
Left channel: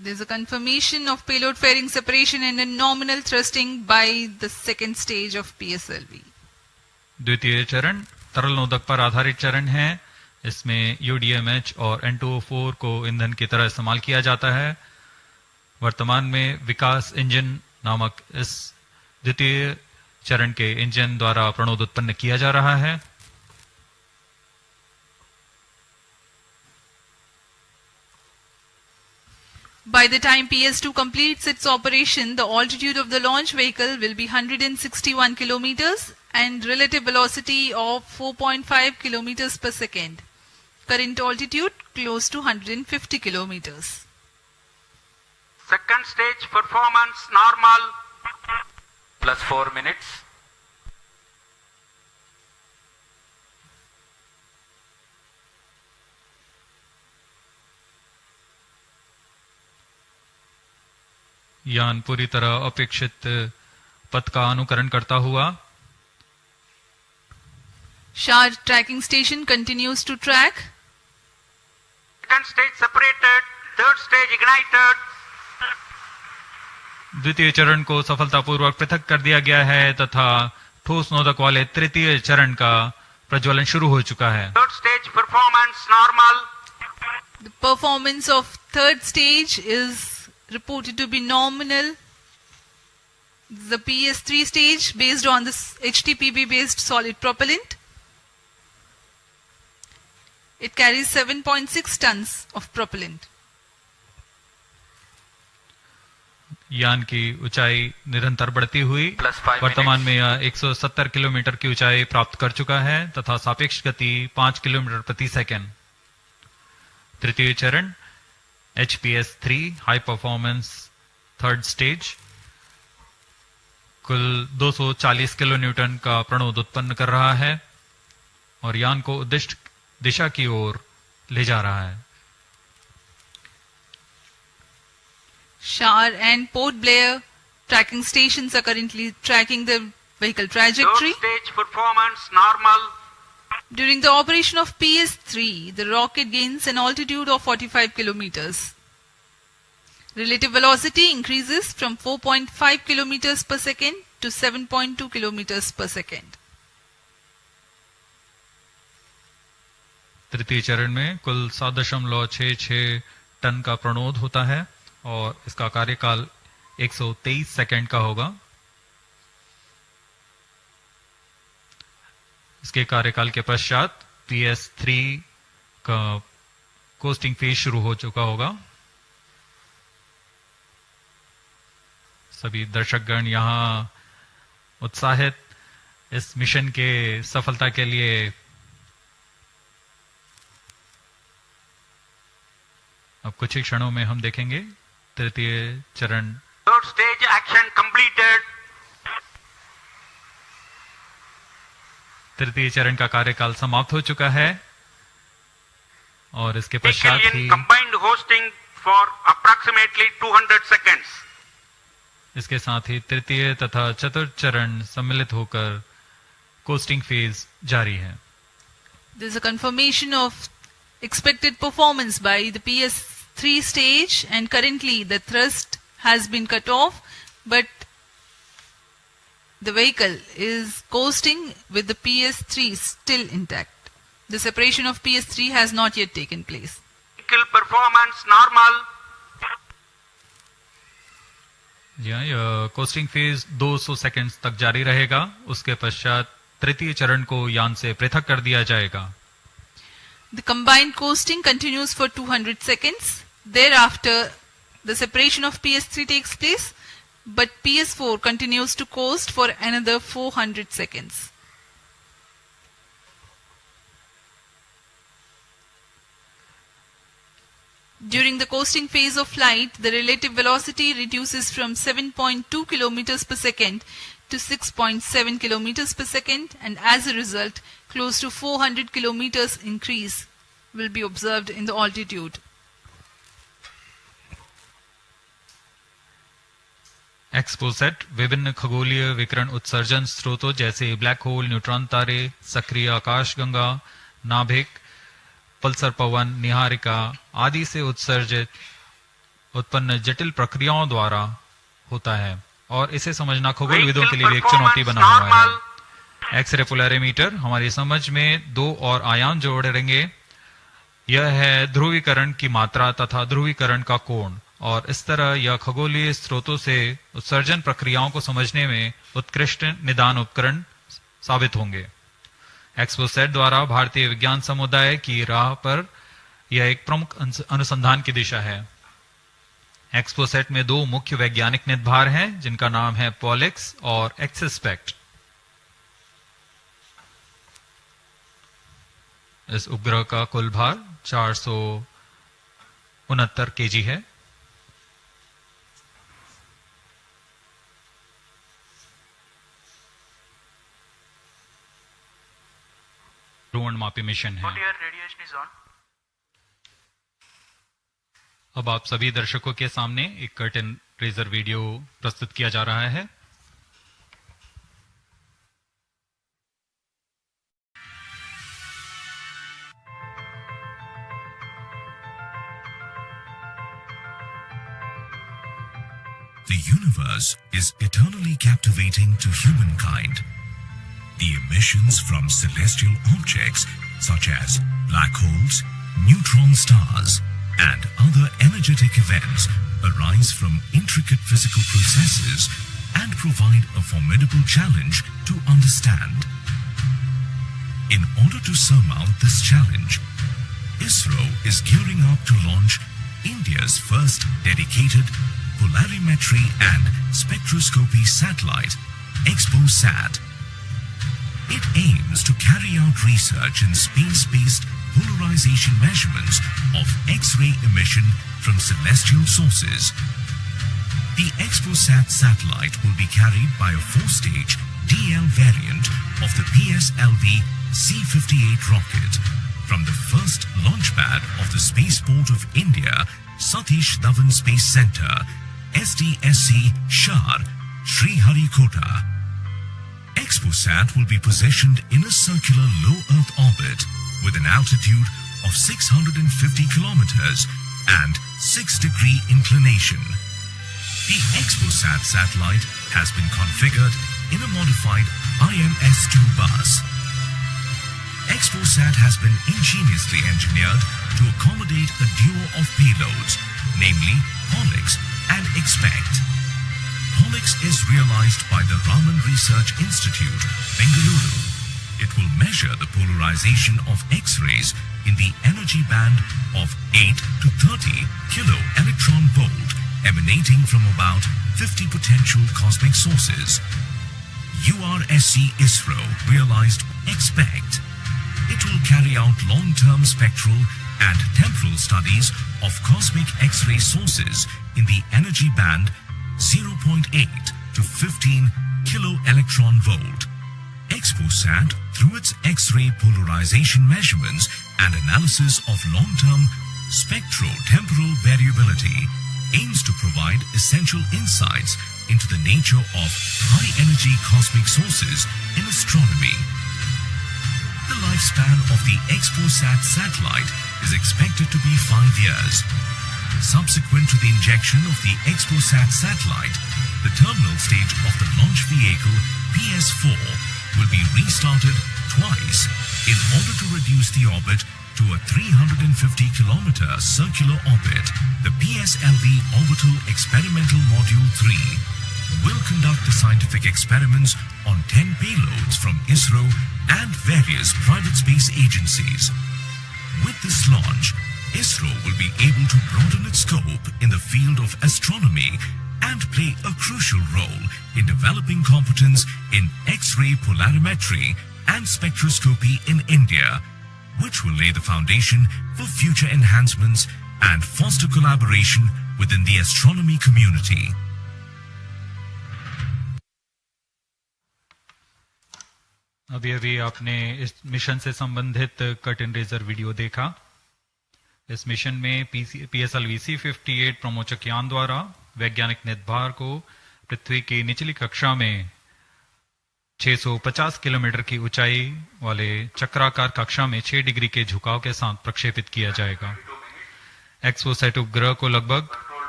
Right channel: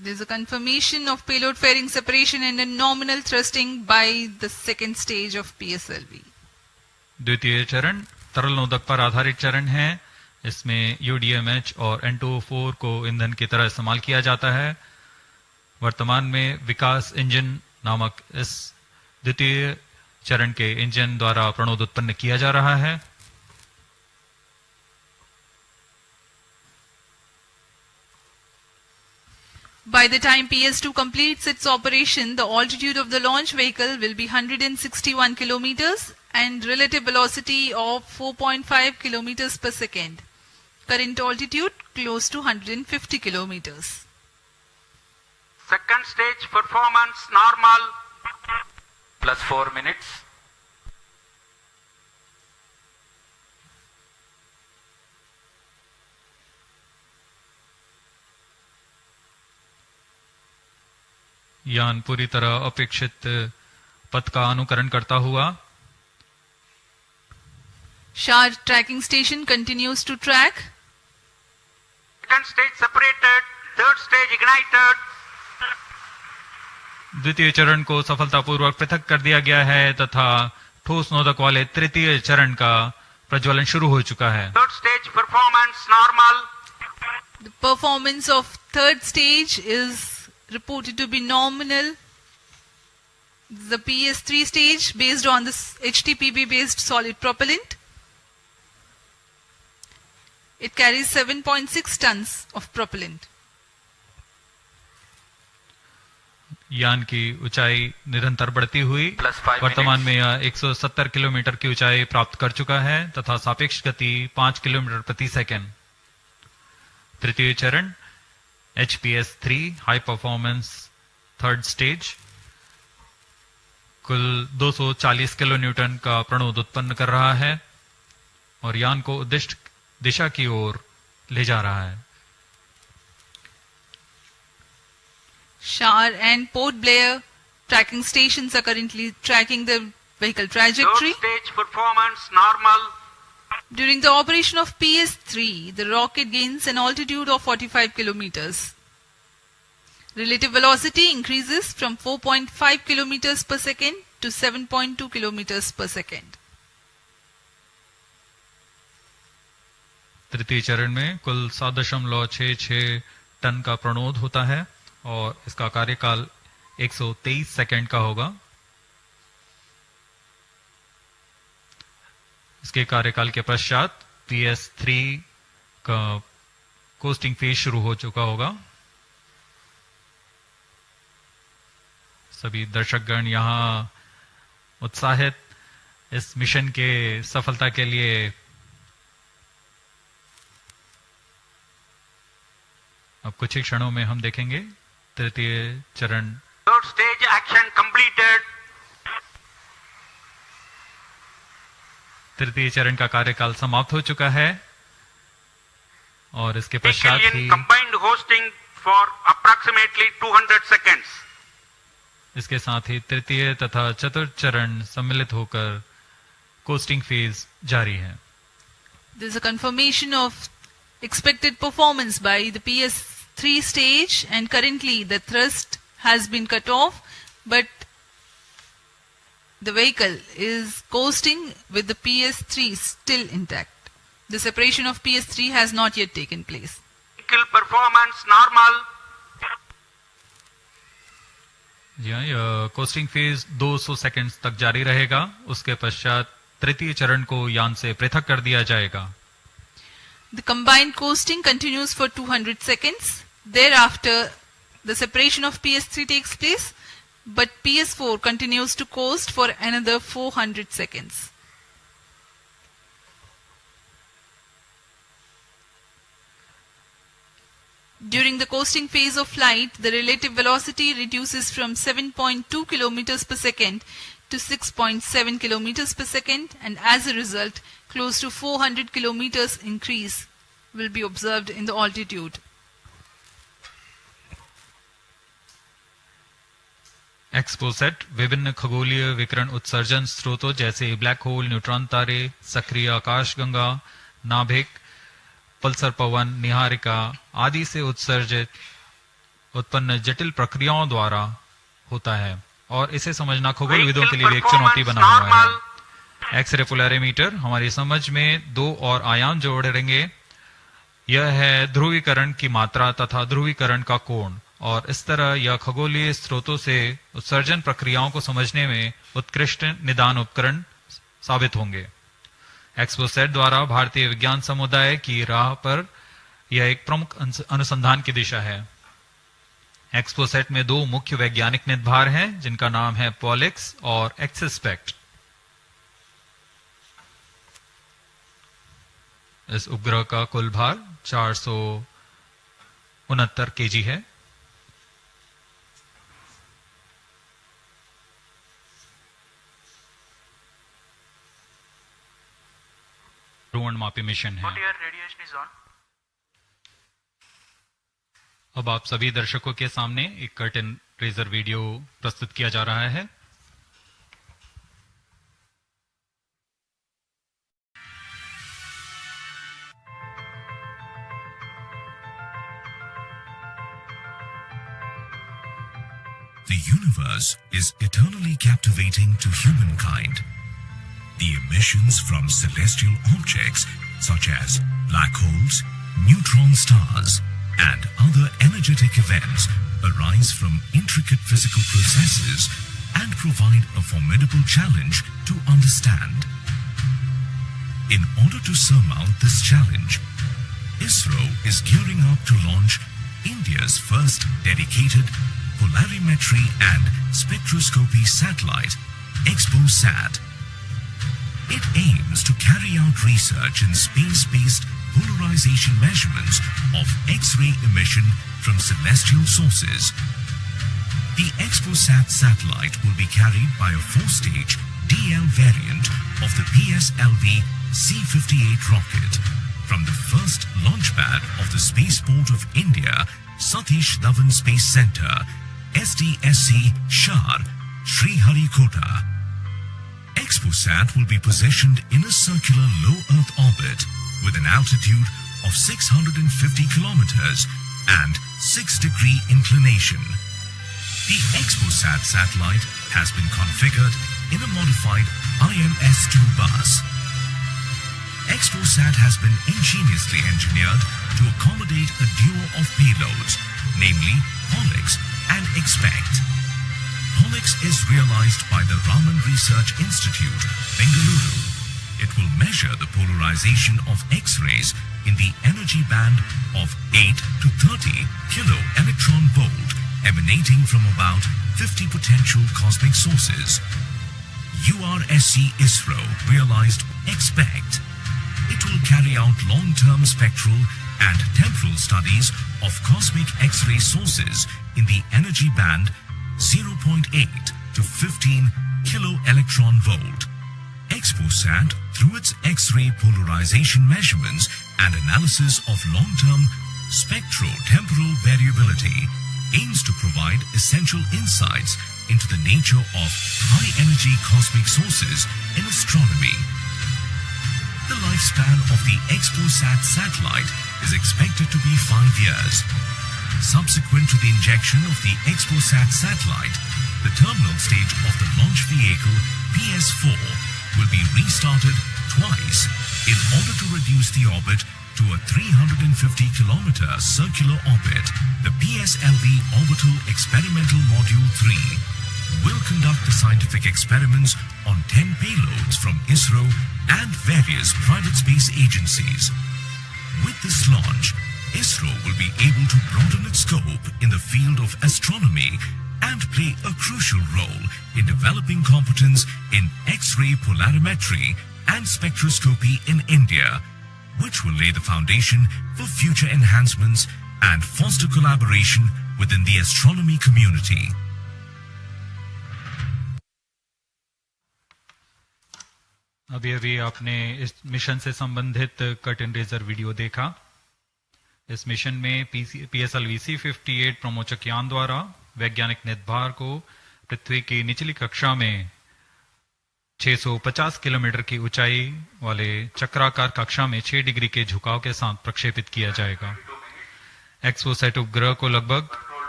There is a confirmation of payload fairing separation and a nominal thrusting by the second stage of PSLV. द्वितीय चरण तरल नोदक पर आधारित चरण है। इसमें UDMH और N2O4 को ईंधन की तरह इस्तेमाल किया जाता है। वर्तमान में विकास इंजन नामक इस द्वितीय चरण के इंजन द्वारा प्रणोद उत्पन्न किया जा रहा है। By the time PS2 completes its operation, the altitude of the launch vehicle will be 161 kilometers and relative velocity of 4.5 kilometers per second. Current altitude close to 150 kilometers. Second stage performance normal. Plus 4 minutes. यान पूरी तरह अपेक्षित पथ का अनुकरण करता हुआ SHAR tracking station continues to track. Second stage separated, third stage ignited. द्वितीय चरण को सफलतापूर्वक पृथक कर दिया गया है तथा ठोस नोदक वाले तृतीय चरण का प्रज्वलन शुरू हो चुका है। Third stage performance normal. The performance of third stage is reported to be nominal. The PS3 stage based on this HTPB based solid propellant. It carries 7.6 tons of propellant. यान की ऊंचाई निरंतर बढ़ती हुई वर्तमान में यह 170 किलोमीटर की ऊंचाई प्राप्त कर चुका है तथा सापेक्ष गति 5 किलोमीटर प्रति सेकंड। तृतीय चरण HPS3 high performance third stage कुल 240 किलो न्यूटन का प्रणोद उत्पन्न कर रहा है और यान को उद्दिष्ट दिशा की ओर ले जा रहा है। SHAR and Port Blair tracking stations are currently tracking the vehicle trajectory. Third stage performance normal. During the operation of PS3, the rocket gains an altitude of 45 kilometers. Relative velocity increases from 4.5 kilometers per second to 7.2 kilometers per second. तृतीय चरण में कुल 7.66 ton का प्रणोद होता है और इसका कार्यकाल 123 सेकंड का होगा। इसके कार्यकाल के पश्चात PS3 का कोस्टिंग फेज शुरू हो चुका होगा। सभी दर्शकगण यहाँ उत्साहित इस मिशन के सफलता के लिए अब कुछ ही क्षणों में हम देखेंगे तृतीय चरण। Third stage action completed. तृतीय चरण का कार्यकाल समाप्त हो चुका है और इसके पश्चात ही combined hosting for approximately 200 seconds. इसके साथ ही तृतीय तथा चतुर्थ चरण सम्मिलित होकर कोस्टिंग फेज जारी है। There is a confirmation of expected performance by the PS3 stage and currently the thrust has been cut off but the vehicle is coasting with the PS3 still intact. The separation of PS3 has not yet taken place. Vehicle performance normal. यह costing phase 200 seconds तक जारी रहेगा। उसके पश्चात तृतीय चरण को यान से पृथक कर दिया जाएगा। The combined coasting continues for 200 seconds. Thereafter, the separation of PS3 takes place, but PS4 continues to coast for another 400 seconds. During the coasting phase of flight, the relative velocity reduces from 7.2 kilometers per second to 6.7 kilometers per second, and as a result, close to 400 kilometers increase will be observed in the altitude. XPoSat विभिन्न खगोलीय विकिरण उत्सर्जन स्रोतों जैसे black hole, neutron तारे, सक्रिय आकाशगंगा, नाभिक, पल्सर पवन, निहारिका आदि से उत्सर्जित उत्पन्न जटिल प्रक्रियाओं द्वारा होता है और इसे समझना खगोलविदों के लिए भी एक चुनौती बना हुआ है। एक्सरे पोलैरिमीटर हमारी समझ में दो और आयाम जोड़ेंगे। यह है ध्रुवीकरण की मात्रा तथा ध्रुवीकरण का कोण, और इस तरह यह खगोलीय स्रोतों से उत्सर्जन प्रक्रियाओं को समझने में उत्कृष्ट निदान उपकरण साबित होंगे। एक्सपोसैट द्वारा भारतीय विज्ञान समुदाय की राह पर यह एक प्रमुख अनुसंधान की दिशा है। एक्सपोसैट में दो मुख्य वैज्ञानिक निदभार हैं जिनका नाम है पॉलिक्स और एक्सस्पेक्ट। इस उपग्रह का कुल भार 469 केजी है। ध्रुवणमापी मिशन है। अब आप सभी दर्शकों के सामने एक कर्टेन रेजर वीडियो प्रस्तुत किया जा रहा है। The universe is eternally captivating to humankind. The emissions from celestial objects such as black holes, neutron stars, and other energetic events arise from intricate physical processes and provide a formidable challenge to understand. In order to surmount this challenge, Isro is gearing up to launch India's first dedicated polarimetry and spectroscopy satellite, XPoSat. It aims to carry out research in space-based polarization measurements of X-ray emission from celestial sources. The XPoSat satellite will be carried by a 4-stage DL variant of the PSLV-C58 rocket from the first launch pad of the Spaceport of India, Satish Dhawan Space Center, SDSC, Shar, Sriharikota. XPoSat will be positioned in a circular low Earth orbit with an altitude of 650 kilometers and 6-degree inclination. The XPoSat satellite has been configured in a modified IMS-2 bus. XPoSat has been ingeniously engineered to accommodate a duo of payloads, namely Pollux and Expect. Pollux is realized by the Raman Research Institute, Bengaluru. It will measure the polarization of X-rays in the energy band of 8 to 30 kilo electron volt emanating from about 50 potential cosmic sources. URSC Isro realized Expect. It will carry out long-term spectral and temporal studies of cosmic X-ray sources in the energy band 0.8 to 15 kilo electron volt. XPoSat, through its X-ray polarization measurements and analysis of long-term spectro-temporal variability, aims to provide essential insights into the nature of high-energy cosmic sources in astronomy. The lifespan of the XPoSat satellite is expected to be 5 years. Subsequent to the injection of the XPoSat satellite, the terminal stage of the launch vehicle PS4 will be restarted twice in order to reduce the orbit to a 350-kilometer circular orbit. The PSLV Orbital Experimental Module 3 will conduct the scientific experiments on 10 payloads from Isro and various private space agencies. With this launch, Isro will be able to broaden its scope in the field of astronomy and play a crucial role in developing competence in X-ray polarimetry and spectroscopy in India, which will lay the foundation for future enhancements and foster collaboration within the astronomy community. अभी आपने इस mission से संबंधित curtain razor video देखा। इस mission में PSLV-C58 प्रमोचक यान द्वारा वैज्ञानिक निदभार को पृथ्वी की निचली कक्षा में 650 किलोमीटर की ऊंचाई वाले चक्राकार कक्षा में 6 डिग्री के झुकाव के साथ प्रक्षेपित किया जाएगा। एक्सपोसैट उपग्रह को लगभग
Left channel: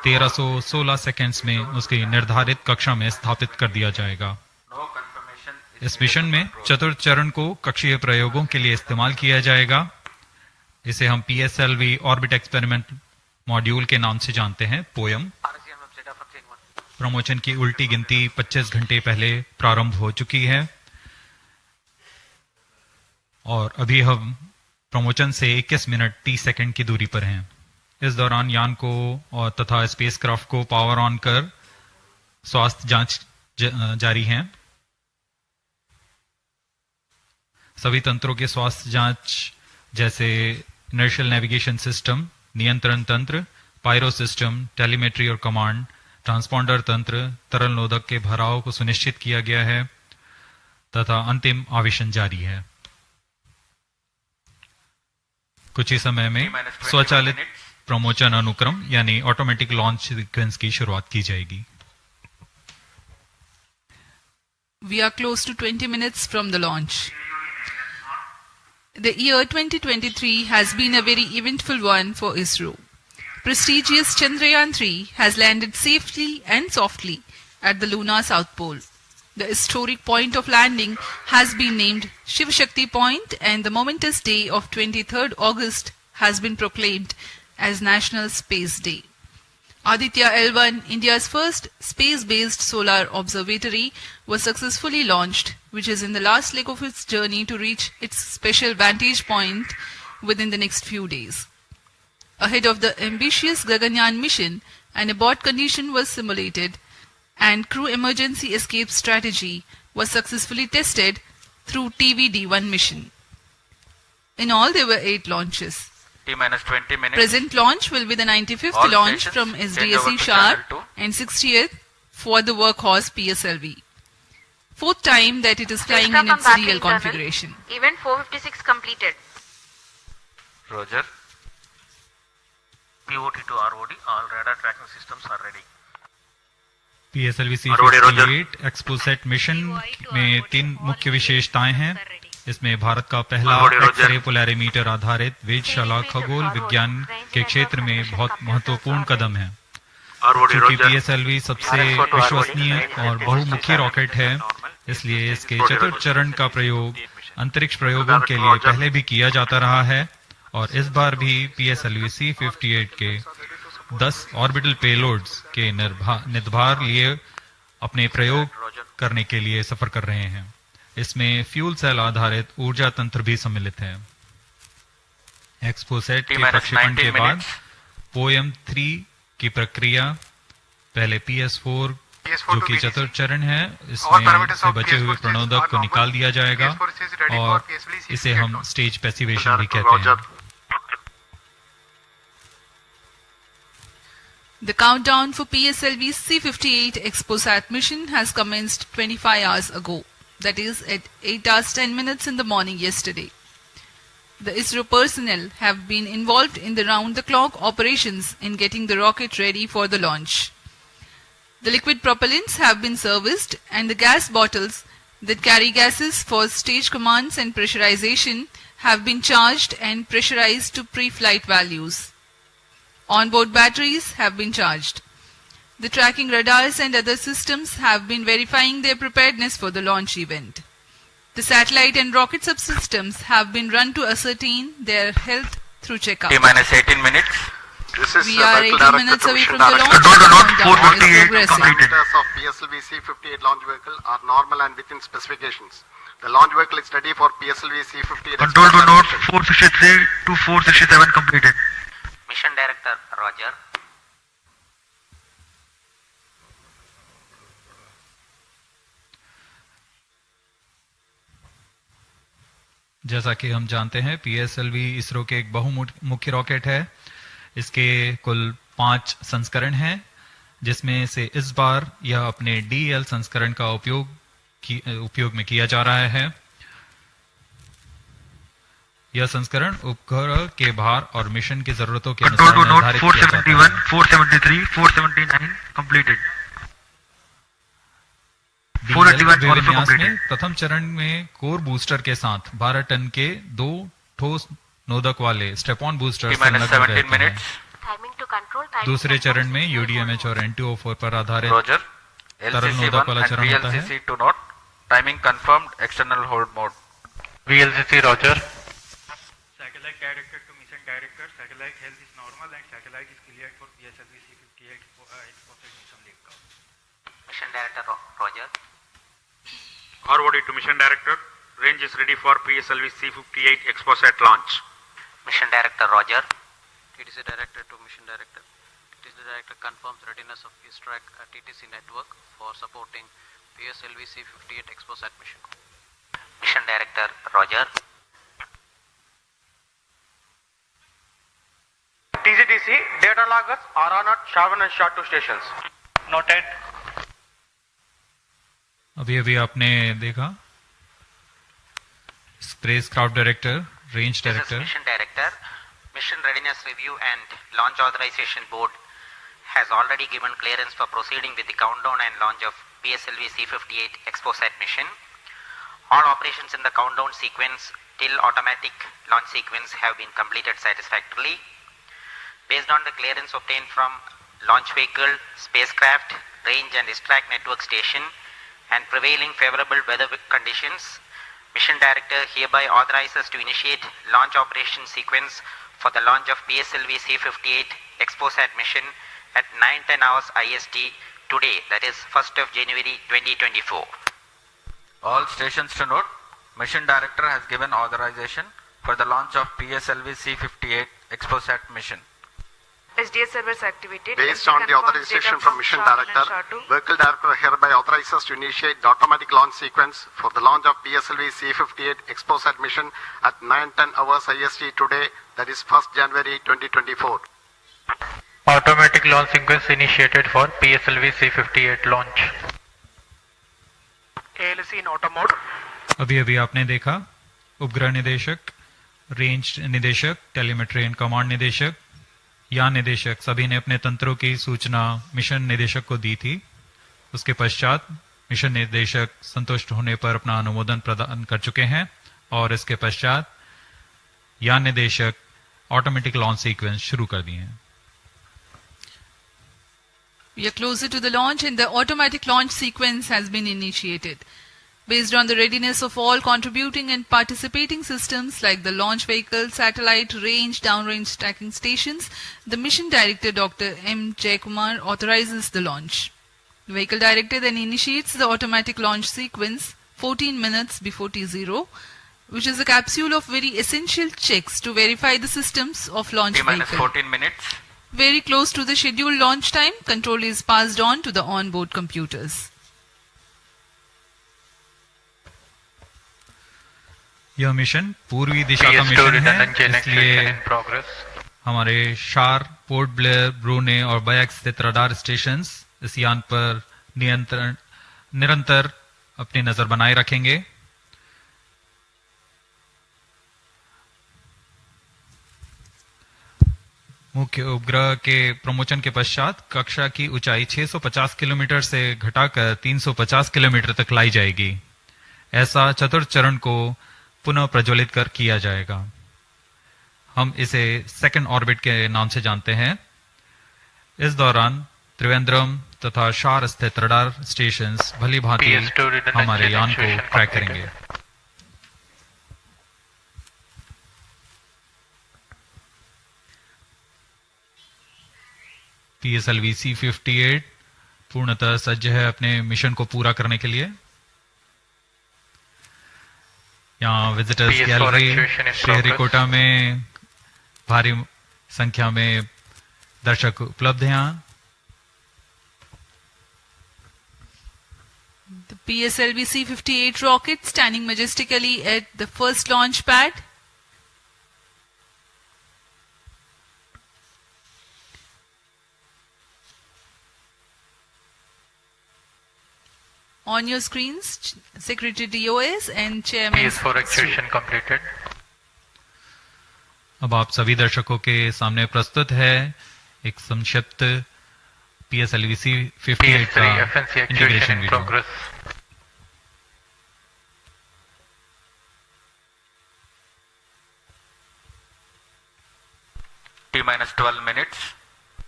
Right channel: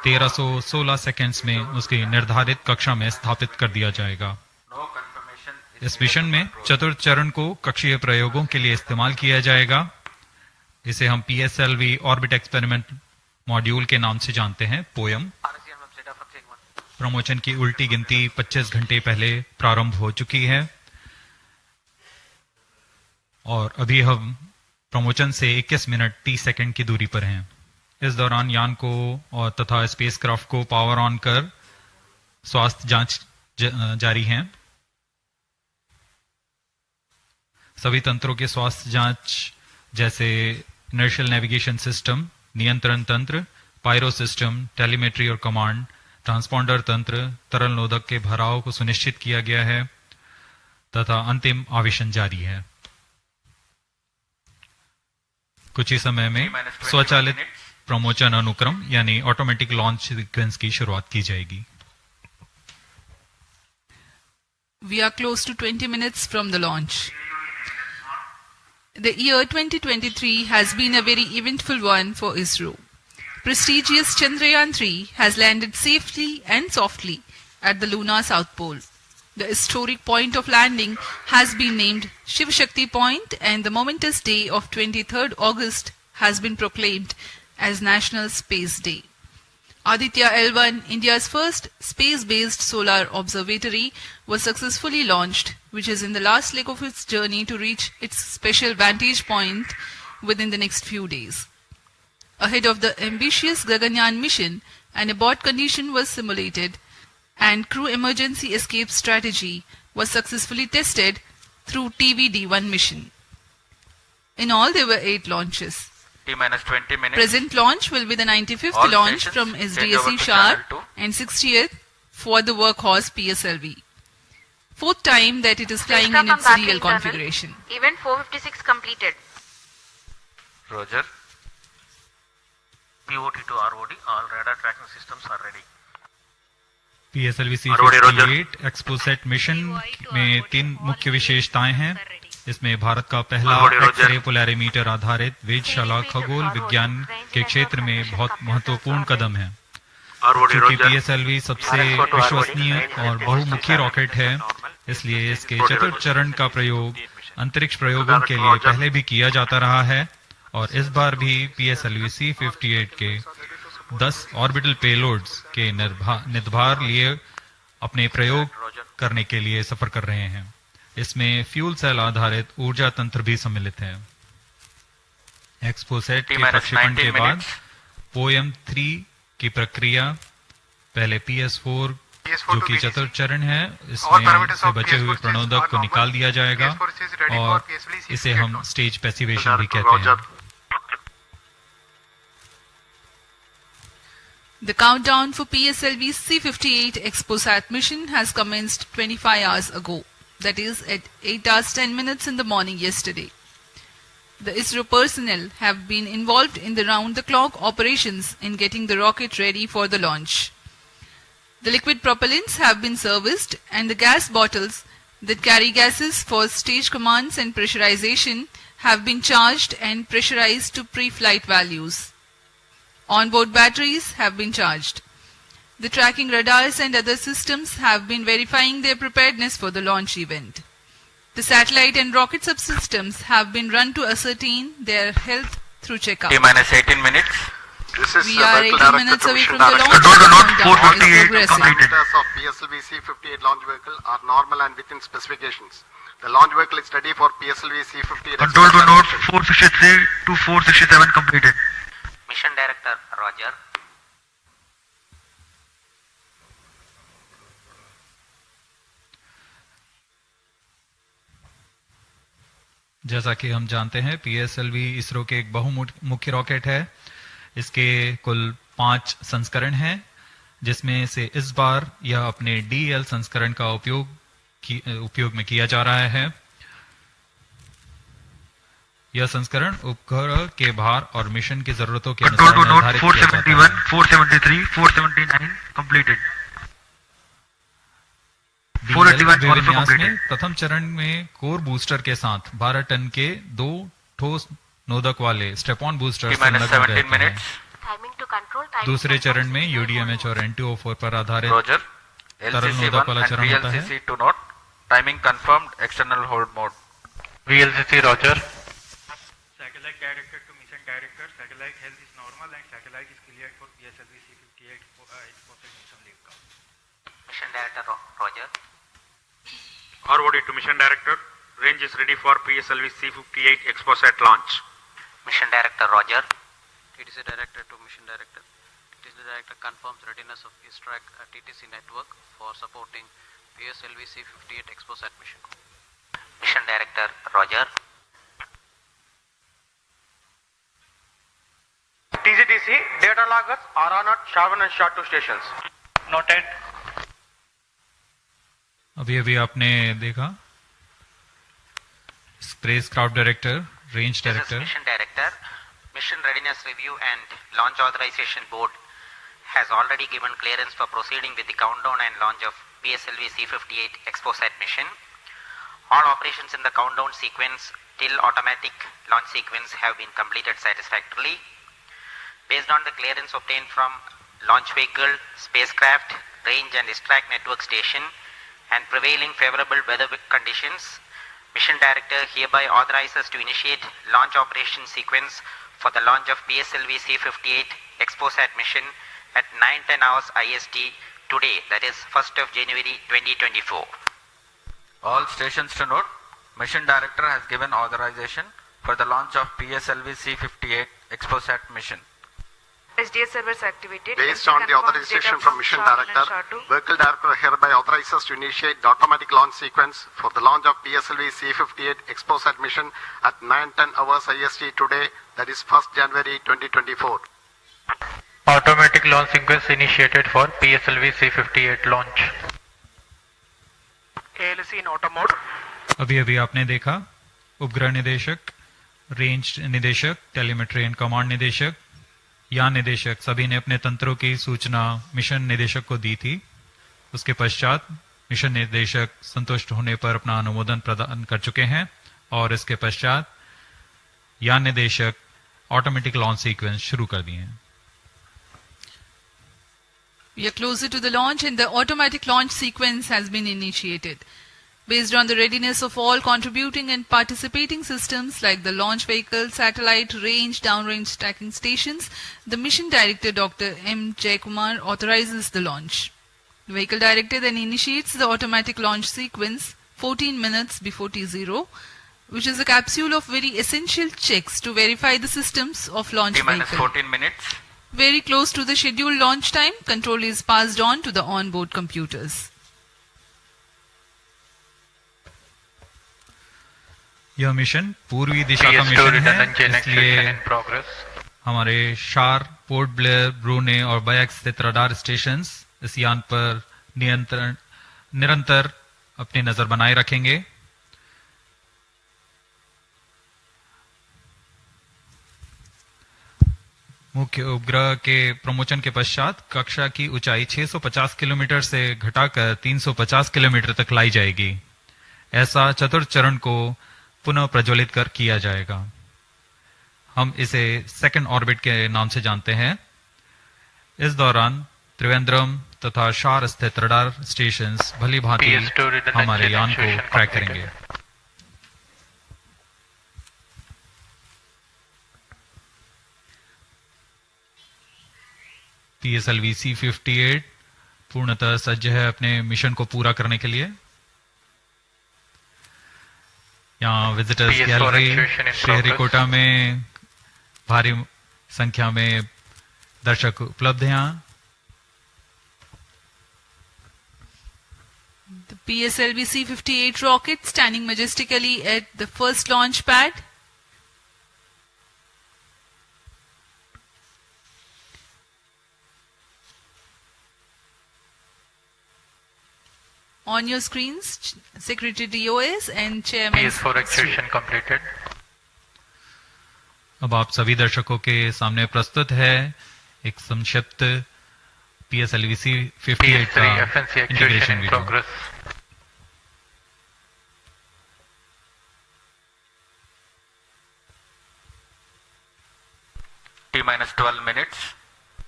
1316 सेकंड्स में उसकी निर्धारित कक्षा में स्थापित कर दिया जाएगा। इस मिशन में चतुर्थ चरण को कक्षीय प्रयोगों के लिए इस्तेमाल किया जाएगा। इसे हम PSLV ऑर्बिट एक्सपेरिमेंट मॉड्यूल के नाम से जानते हैं, पोयम। प्रमोशन की उल्टी गिनती 25 घंटे पहले प्रारंभ हो चुकी है और अभी हम प्रमोशन से 21 मिनट 30 सेकंड की दूरी पर हैं। इस दौरान यान को और तथा स्पेसक्राफ्ट को पावर ऑन कर स्वास्थ्य जांच जारी है। सभी तंत्रों के स्वास्थ्य जांच जैसे इनर्शियल नेविगेशन सिस्टम, नियंत्रण तंत्र, पायरो सिस्टम, टेलीमेट्री और कमांड, ट्रांसपॉन्डर तंत्र, तरल नोदक के भराव को सुनिश्चित किया गया है तथा अंतिम आवेशन जारी है। कुछ ही समय में स्वचालित प्रमोचन अनुक्रम यानी ऑटोमेटिक लॉन्च सीक्वेंस की शुरुआत की जाएगी। We are close to 20 minutes from the launch. The year 2023 has been a very eventful one for Isro. Prestigious Chandrayaan-3 has landed safely and softly at the lunar south pole. The historic point of landing has been named Shiv Shakti Point, and the momentous day of 23rd August has been proclaimed as National Space Day. Aditya L1, India's first space-based solar observatory, was successfully launched, which is in the last leg of its journey to reach its special vantage point within the next few days. Ahead of the ambitious Gaganyaan mission, an abort condition was simulated and crew emergency escape strategy was successfully tested through TVD-1 mission. In all, there were 8 launches. T-minus 20 minutes. Present launch will be the 95th All launch stations, from change SDSC over to Shar channel 2. and 60th for the workhorse PSLV. 4th time that it is flying in its real configuration. Event 456 completed. Roger. POT to ROD, all radar tracking systems are ready. PSLV-C58 XPoSat mission में 3 मुख्य विशेषताएं हैं। इसमें भारत का पहला X-ray Polarimeter आधारित वेधशाला खगोल विज्ञान के क्षेत्र में बहुत महत्वपूर्ण कदम है। क्योंकि PSLV सबसे विश्वसनीय और बहुमुखी रॉकेट है, इसलिए इसके चतुर्थ चरण का प्रयोग अंतरिक्ष प्रयोगों के लिए पहले भी किया जाता रहा है और इस बार भी PSLV-C58 के 10 ऑर्बिटल पेलोड्स के निर्धार लिए अपने प्रयोग करने के लिए सफर कर रहे हैं। इसमें फ्यूल सेल आधारित ऊर्जा तंत्र भी सम्मिलित है। XPoSat के प्रक्षेपण के बाद पोयम 3 की प्रक्रिया पहले PS4 जो कि चतुर्थ चरण है, इसमें से बचे हुए प्रणोदक को निकाल दिया जाएगा और इसे हम स्टेज पैसिवेशन भी कहते हैं। The countdown for PSLV-C58 XPoSat mission has commenced 25 hours ago, that is at 8 hours 10 minutes in the morning yesterday. The Isro personnel have been involved in the round-the-clock operations in getting the rocket ready for the launch. The liquid propellants have been serviced and the gas bottles that carry gases for stage commands and pressurization have been charged and pressurized to pre-flight values. Onboard batteries have been charged. The tracking radars and other systems have been verifying their preparedness for the launch event. The satellite and rocket subsystems have been run to ascertain their health through checkup. T-minus 18 minutes. We are 18 minutes away from the launch. The parameters of PSLV-C58 launch vehicle are normal and within specifications. The launch vehicle is ready for PSLV-C58. Control to node 463 to 467 completed. Mission Director, Roger. जैसा कि हम जानते हैं, PSLV ISRO के एक बहुमुखी rocket है। इसके कुल 5 संस्करण हैं, जिसमें से इस बार यह अपने DL संस्करण का उपयोग में किया जा रहा है। यह संस्करण उपग्रह के भार और मिशन की जरूरतों के अनुसार निर्धारित किया जाता है। 473, 479 completed. विन्यास में प्रथम चरण में कोर बूस्टर के साथ 12 टन के 2 ठोस नोदक वाले स्टेप ऑन बूस्टर संलग्न रहते हैं। to control timing दूसरे controls चरण में in UDMH और N2O4 पर आधारित Roger. तरल नोदक वाला LCC1 and चरण होता है। VLCC to note. Timing confirmed. External hold mode. VLCC Roger. Satellite director to mission director. Satellite health is normal and satellite is cleared for PSLV-C58 XPoSat mission liftoff. Mission Director Roger. ROD to Mission Director. Range is ready for PSLV-C58 XPoSat launch. Mission Director Roger. TTC Director to Mission Director. TTC Director confirms readiness of X-ray at TTC network for supporting PSLV-C58 XPoSat mission. Mission Director Roger. TCTC data loggers are on at Shavan and SHA-2 stations. Noted. अभी आपने देखा spacecraft director, range This is director, Mission Director. Mission Readiness Review and Launch Authorization Board has already given clearance for proceeding with the countdown and launch of PSLV-C58 XPoSat mission. All operations in the countdown sequence till automatic launch sequence have been completed satisfactorily. Based on the clearance obtained from launch vehicle, spacecraft, range and distract network station and prevailing favorable weather conditions, Mission Director hereby authorizes to initiate launch operation sequence for the launch of PSLV-C58 XPoSat mission at 9:10 hours IST today, that is 1st of January 2024. All stations to note. Mission Director has given authorization for the launch of PSLV-C58 XPoSat mission. SDS servers activated. Based on the authorization from Mission Director, Vehicle Director hereby authorizes to initiate the automatic launch sequence for the launch of PSLV-C58 XPoSat mission at 9:10 hours IST today, that is 1st January 2024. Automatic launch sequence initiated for PSLV-C58 launch. ALC in auto mode. अभी आपने देखा उपग्रह निदेशक, range निदेशक, telemetry and command निदेशक, यान निदेशक सभी ने अपने तंत्रों की सूचना मिशन निदेशक को दी थी। उसके पश्चात मिशन निदेशक संतुष्ट होने पर अपना अनुमोदन प्रदान कर चुके हैं और इसके पश्चात यान निदेशक ऑटोमेटिक लॉन्च सीक्वेंस शुरू कर दिए हैं। We are closer to the launch and the automatic launch sequence has been initiated. Based on the readiness of all contributing and participating systems like the launch vehicle, satellite, range, downrange tracking stations, the Mission Director Dr. M. Jaikumar authorizes the launch. The Vehicle Director then initiates the automatic launch sequence 14 minutes before T0, which is a capsule of very essential checks to verify the systems of launch vehicle. 14 minutes. Very close to the scheduled launch time, control is passed on to the onboard computers. यह mission पूर्वी दिशा का mission है, इसलिए हमारे शार, port Blair, ब्रूने और bikes स्थित radar stations इस यान पर निरंतर अपनी नजर बनाए रखेंगे। मुख्य उपग्रह के प्रमोचन के पश्चात कक्षा की ऊंचाई 650 किलोमीटर से घटाकर 350 किलोमीटर तक लाई जाएगी। ऐसा चतुर्थ चरण को पुनः प्रज्वलित कर किया जाएगा। हम इसे सेकंड ऑर्बिट के नाम से जानते हैं। इस दौरान त्रिवेंद्रम तथा शार स्थित रडार स्टेशंस भली भांति हमारे यान को ट्रैक करेंगे। PSLV-C58 पूर्णतः सज्ज है अपने मिशन को पूरा करने के लिए। यहाँ विजिटर्स गैलरी श्रीहरिकोटा में भारी संख्या में दर्शक उपलब्ध हैं। यहाँ The PSLV-C58 rocket standing majestically at the first launch pad. On your screens, Secretary DOS and Chairman. PS4 actuation completed. अब आप सभी दर्शकों के सामने प्रस्तुत है एक संक्षिप्त PSLV-C58 का integration video. T-12 minutes.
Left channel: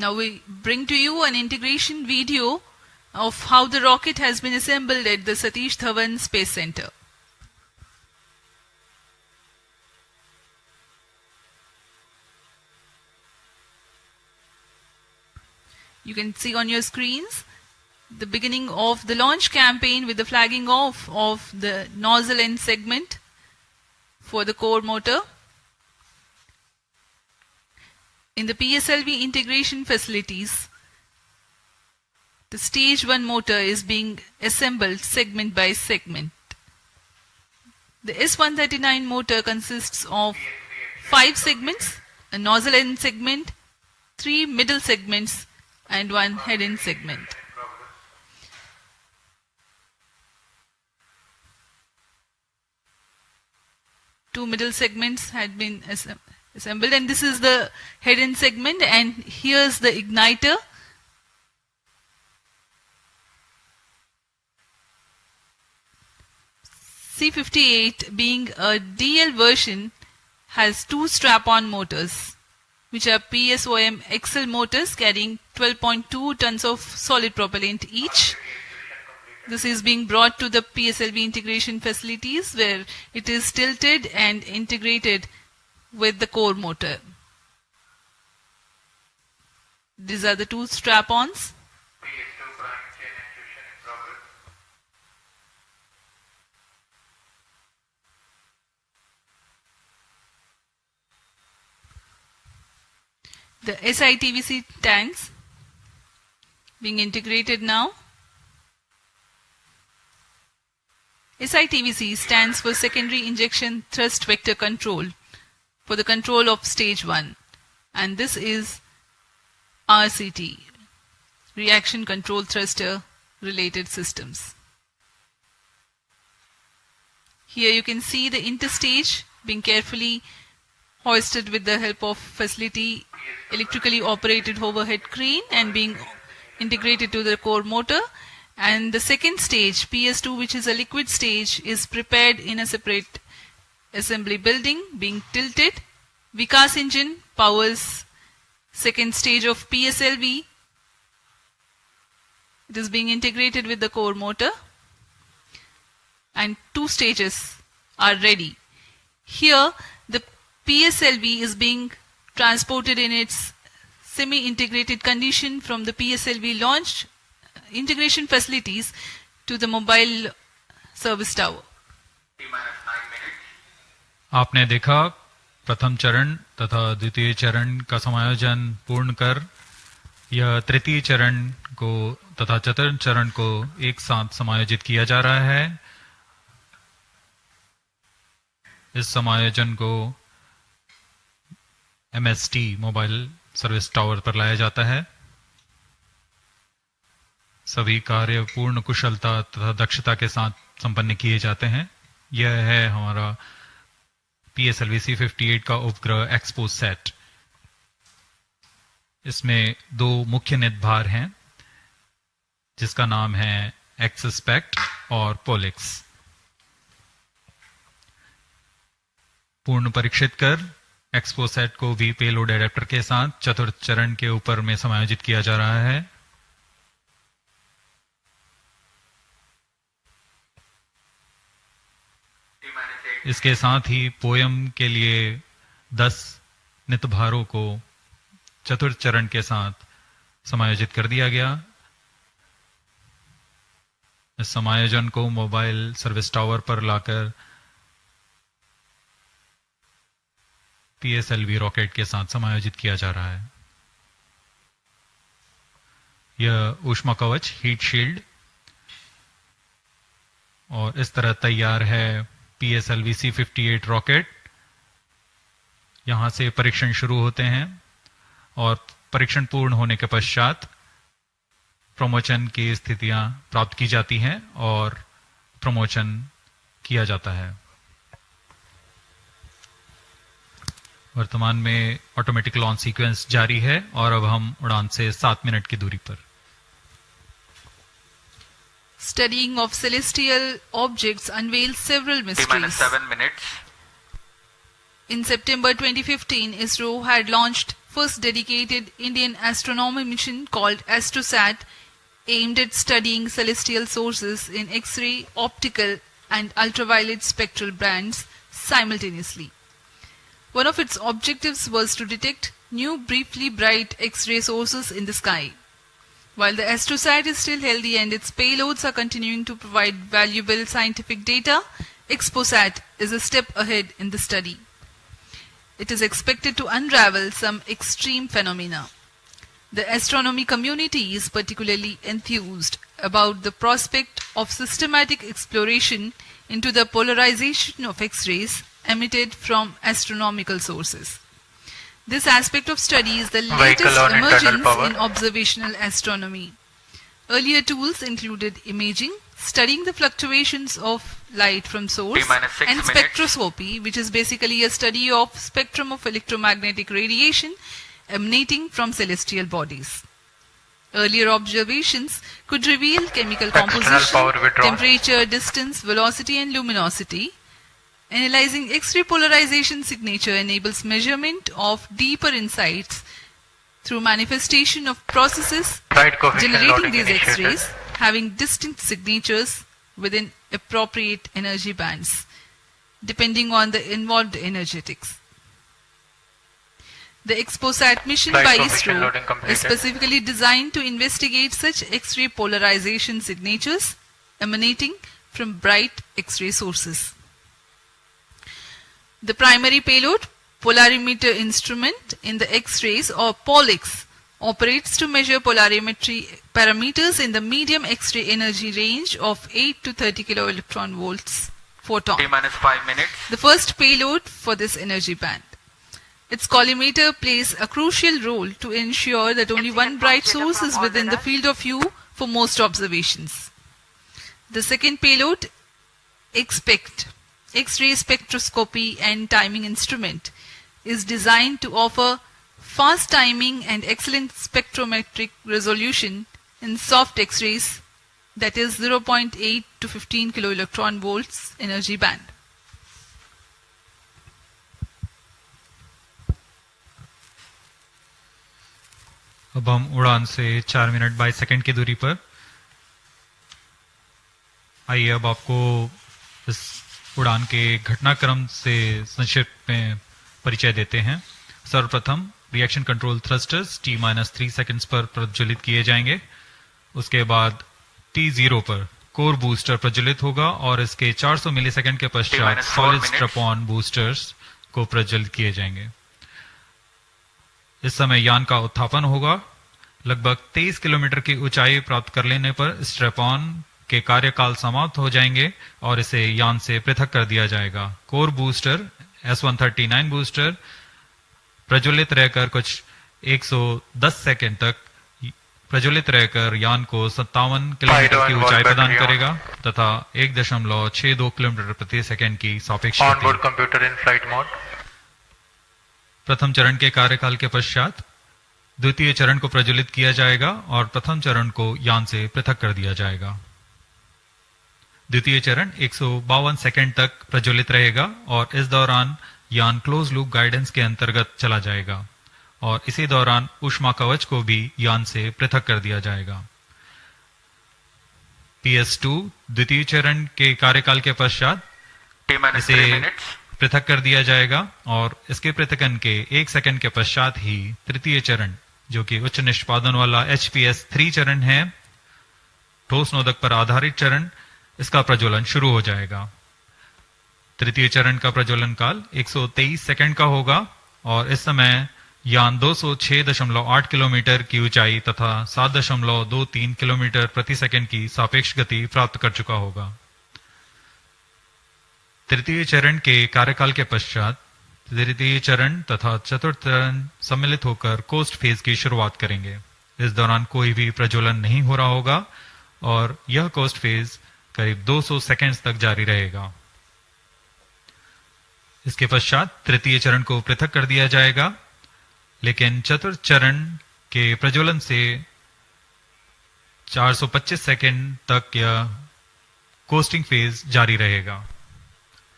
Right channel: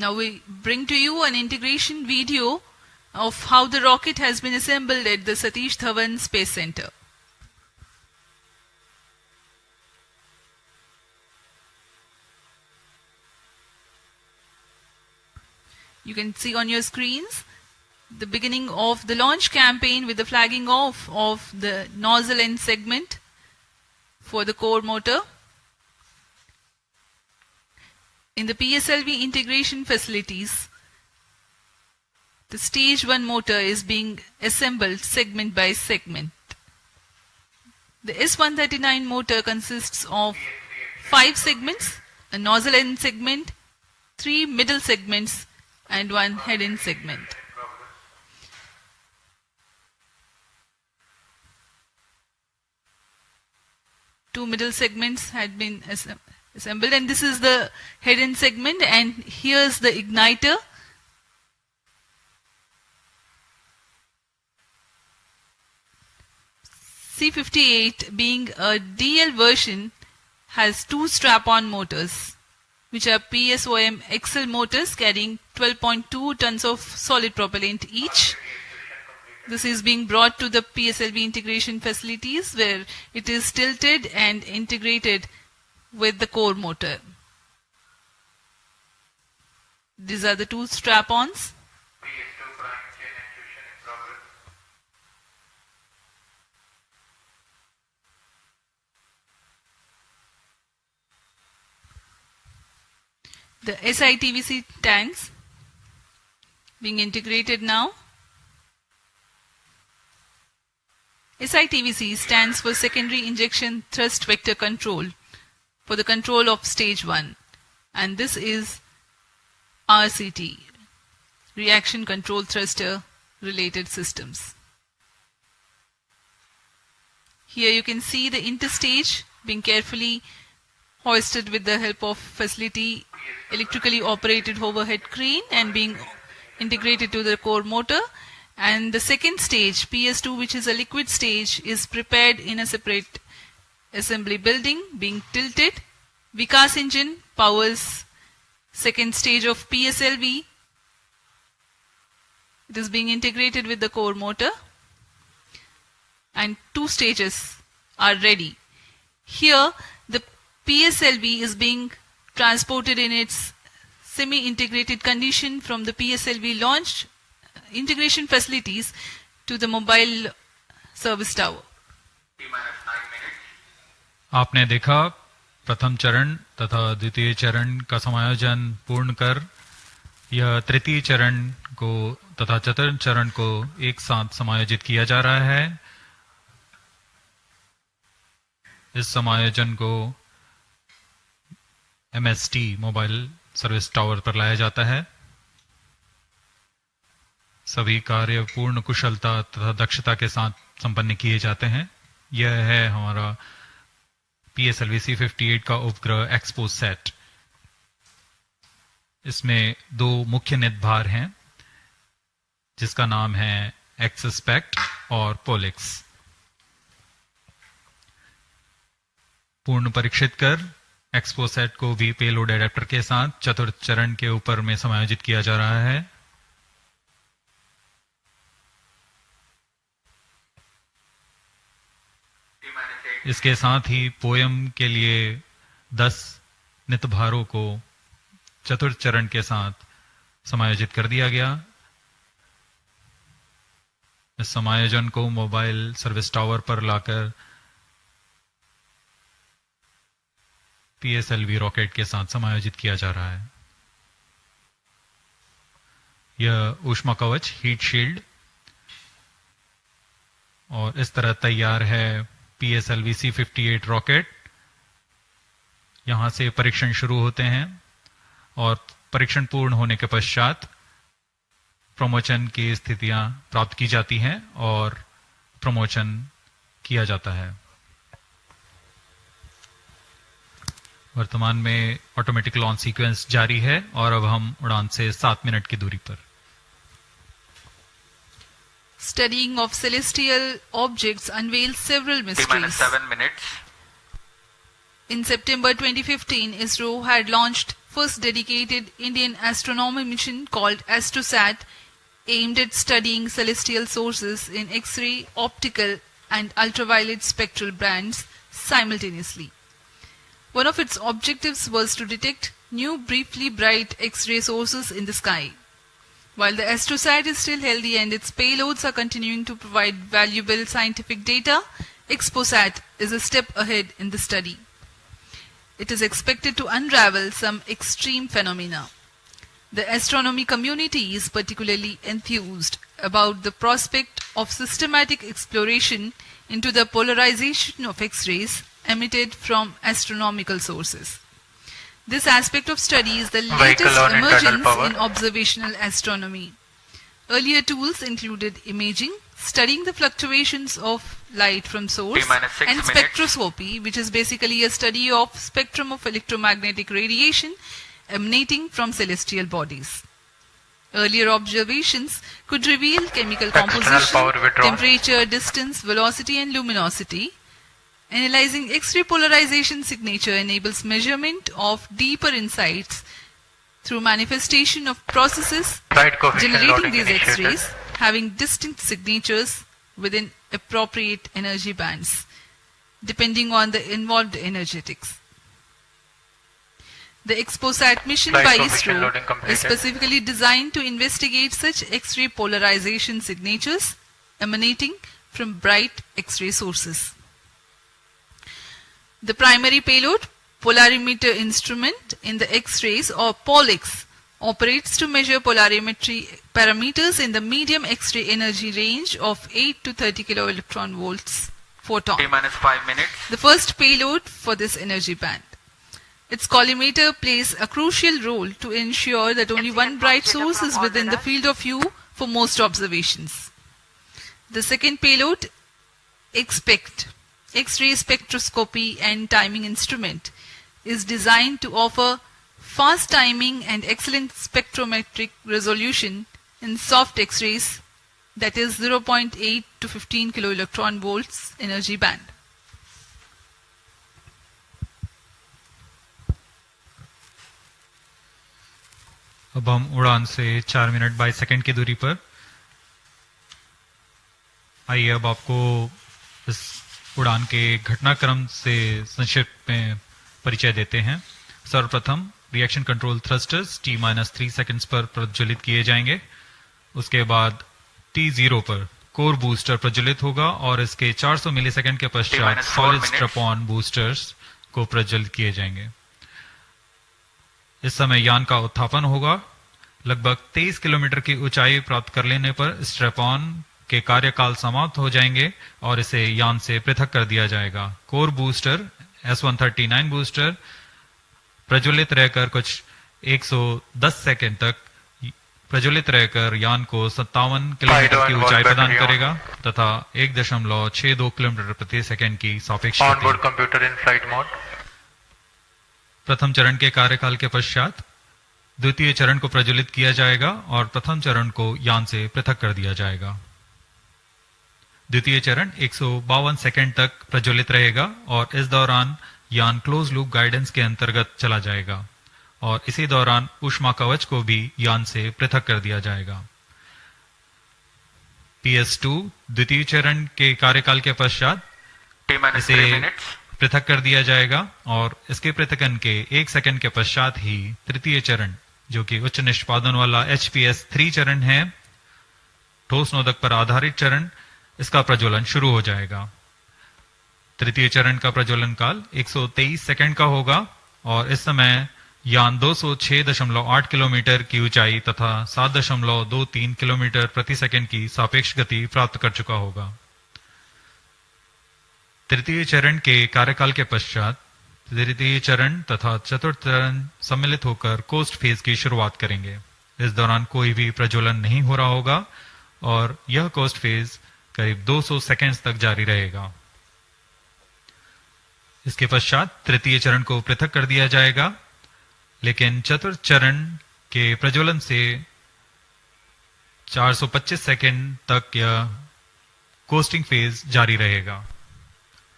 Now we bring to you an integration video of how the rocket has been assembled at the Satish Dhawan Space Center. You can see on your screens the beginning of the launch campaign with the flagging off of the nozzle end segment for the core motor. In the PSLV integration facilities, the stage 1 motor is being assembled segment by segment. The S139 motor consists of 5 segments, a nozzle end segment, 3 middle segments, and 1 head end segment. Two middle segments had been assembled, and this is the head end segment, and here's the igniter. C58, being a DL version, has 2 strap-on motors, which are PSOM XL motors carrying 12.2 tons of solid propellant each. This is being brought to the PSLV integration facilities where it is tilted and integrated with the core motor. These are the 2 strap-ons. The SITVC tanks being integrated now. SITVC stands for Secondary Injection Thrust Vector Control, for the control of stage 1, and this is RCT, Reaction Control Thruster Related Systems. Here you can see the interstage being carefully hoisted with the help of facility electrically operated overhead crane and being integrated to the core motor. And the second stage, PS2, which is a liquid stage, is prepared in a separate assembly building, being tilted. Vikas engine powers second stage of PSLV. It is being integrated with the core motor, and 2 stages are ready. Here, the PSLV is being transported in its semi-integrated condition from the PSLV launch integration facilities to the mobile service tower. आपने देखा प्रथम चरण तथा द्वितीय चरण का समायोजन पूर्ण कर यह तृतीय चरण को तथा चतुर्थ चरण को एक साथ समायोजित किया जा रहा है। इस समायोजन को MST मोबाइल सर्विस टावर पर लाया जाता है। सभी कार्य पूर्ण कुशलता तथा दक्षता के साथ संपन्न किए जाते हैं। यह है हमारा PSLV-C58 का उपग्रह XPoSat। इसमें 2 मुख्य निदभार हैं, जिसका नाम है XSPECT और पोलिक्स। पूर्ण परीक्षित कर XPoSat को भी पेलोड एडेप्टर के साथ चतुर्थ चरण के ऊपर में समायोजित किया जा रहा है। इसके साथ ही पोयम के लिए 10 नितभारों को चतुर्थ चरण के साथ समायोजित कर दिया गया। इस समायोजन को मोबाइल सर्विस टावर पर लाकर PSLV रॉकेट के साथ समायोजित किया जा रहा है। यह ऊष्मा कवच हीट शील्ड और इस तरह तैयार है PSLV-C58 रॉकेट। यहां से परीक्षण शुरू होते हैं और परीक्षण पूर्ण होने के पश्चात प्रमोशन की स्थितियां प्राप्त की जाती हैं और प्रमोशन किया जाता है। वर्तमान में ऑटोमेटिक लॉन्च सीक्वेंस जारी है और अब हम उड़ान से 7 मिनट की दूरी पर। Studying of celestial objects unveils several mysteries. T-7 minutes. In September 2015, ISRO had launched first dedicated Indian astronomy mission called XPoSat, aimed at studying celestial sources in X-ray, optical and ultraviolet spectral bands simultaneously. One of its objectives was to detect new briefly bright X-ray sources in the sky. While the XPoSat is still healthy and its payloads are continuing to provide valuable scientific data, XPoSat is a step ahead in the study. It is expected to unravel some extreme phenomena. The astronomy community is particularly enthused about the prospect of systematic exploration into the polarization of X-rays emitted from astronomical sources. This aspect of study is the latest emergence in observational astronomy. Earlier tools included imaging, studying the fluctuations of light from source, and spectroscopy, which is basically a study of spectrum of electromagnetic radiation emanating from celestial bodies. Earlier observations could reveal chemical composition, temperature, distance, velocity and luminosity. Analyzing X-ray polarization signature enables measurement of deeper insights through manifestation of processes generating these X-rays having distinct signatures within appropriate energy bands, depending on the involved energetics. The XPoSat mission by ISRO is specifically designed to investigate such X-ray polarization signatures emanating from bright X-ray sources. The primary payload, polarimeter instrument in the X-rays or POLIX, operates to measure polarimetry parameters in the medium X-ray energy range of 8 to 30 kiloelectron volts photon. T-5 minutes. The first payload for this energy band. Its collimator plays a crucial role to ensure that only one bright source is within the field of view for most observations. The second payload, XPECT, X-ray spectroscopy and timing instrument, is designed to offer fast timing and excellent spectrometric resolution in soft X-rays, that is 0.8 to 15 kiloelectron volts energy band. अब हम उड़ान से 4 minute 22 second की दूरी पर। आइए अब आपको इस उड़ान के घटनाक्रम से संक्षिप्त में परिचय देते हैं। सर्वप्रथम reaction control thrusters T-3 seconds पर प्रज्वलित किए जाएंगे। उसके बाद T0 पर कोर बूस्टर प्रज्वलित होगा और इसके 400 मिलीसेकंड के पश्चात सॉलिड स्ट्रैप-ऑन बूस्टर्स को प्रज्वलित किए जाएंगे। इस समय यान का उत्थापन होगा। लगभग 23 किलोमीटर की ऊंचाई प्राप्त कर लेने पर स्ट्रैप-ऑन के कार्यकाल समाप्त हो जाएंगे और इसे यान से पृथक कर दिया जाएगा। कोर बूस्टर S139 बूस्टर प्रज्वलित रहकर कुछ 110 सेकंड तक प्रज्वलित रहकर यान को 57 किलोमीटर की ऊंचाई प्रदान करेगा तथा 1.62 किलोमीटर प्रति सेकंड की सापेक्ष गति। प्रथम चरण के कार्यकाल के पश्चात द्वितीय चरण को प्रज्वलित किया जाएगा और प्रथम चरण को यान से पृथक कर दिया जाएगा। द्वितीय चरण 152 सेकंड तक प्रज्वलित रहेगा और इस दौरान यान क्लोज लूप गाइडेंस के अंतर्गत चला जाएगा और इसी दौरान ऊष्मा कवच को भी यान से पृथक कर दिया जाएगा। PS2 द्वितीय चरण के कार्यकाल के पश्चात इसे पृथक कर दिया जाएगा और इसके पृथकन के 1 सेकंड के पश्चात ही तृतीय चरण, जो कि उच्च निष्पादन वाला HPS3 चरण है, ठोस नोदक पर आधारित चरण, इसका प्रज्वलन शुरू हो जाएगा। तृतीय चरण का प्रज्वलन काल 123 सेकंड का होगा और इस समय यान 206.8 किलोमीटर की ऊंचाई तथा 7.23 किलोमीटर प्रति सेकंड की सापेक्ष गति प्राप्त कर चुका होगा। तृतीय चरण के कार्यकाल के पश्चात तृतीय चरण तथा चतुर्थ चरण सम्मिलित होकर कोस्ट फेज की शुरुआत करेंगे। इस दौरान कोई भी प्रज्वलन नहीं हो रहा होगा और यह कोस्ट फेज करीब 200 सेकंड्स तक जारी रहेगा। इसके पश्चात तृतीय चरण को पृथक कर दिया जाएगा, लेकिन चतुर्थ चरण के प्रज्वलन से 425 सेकंड तक यह कोस्टिंग फेज जारी रहेगा।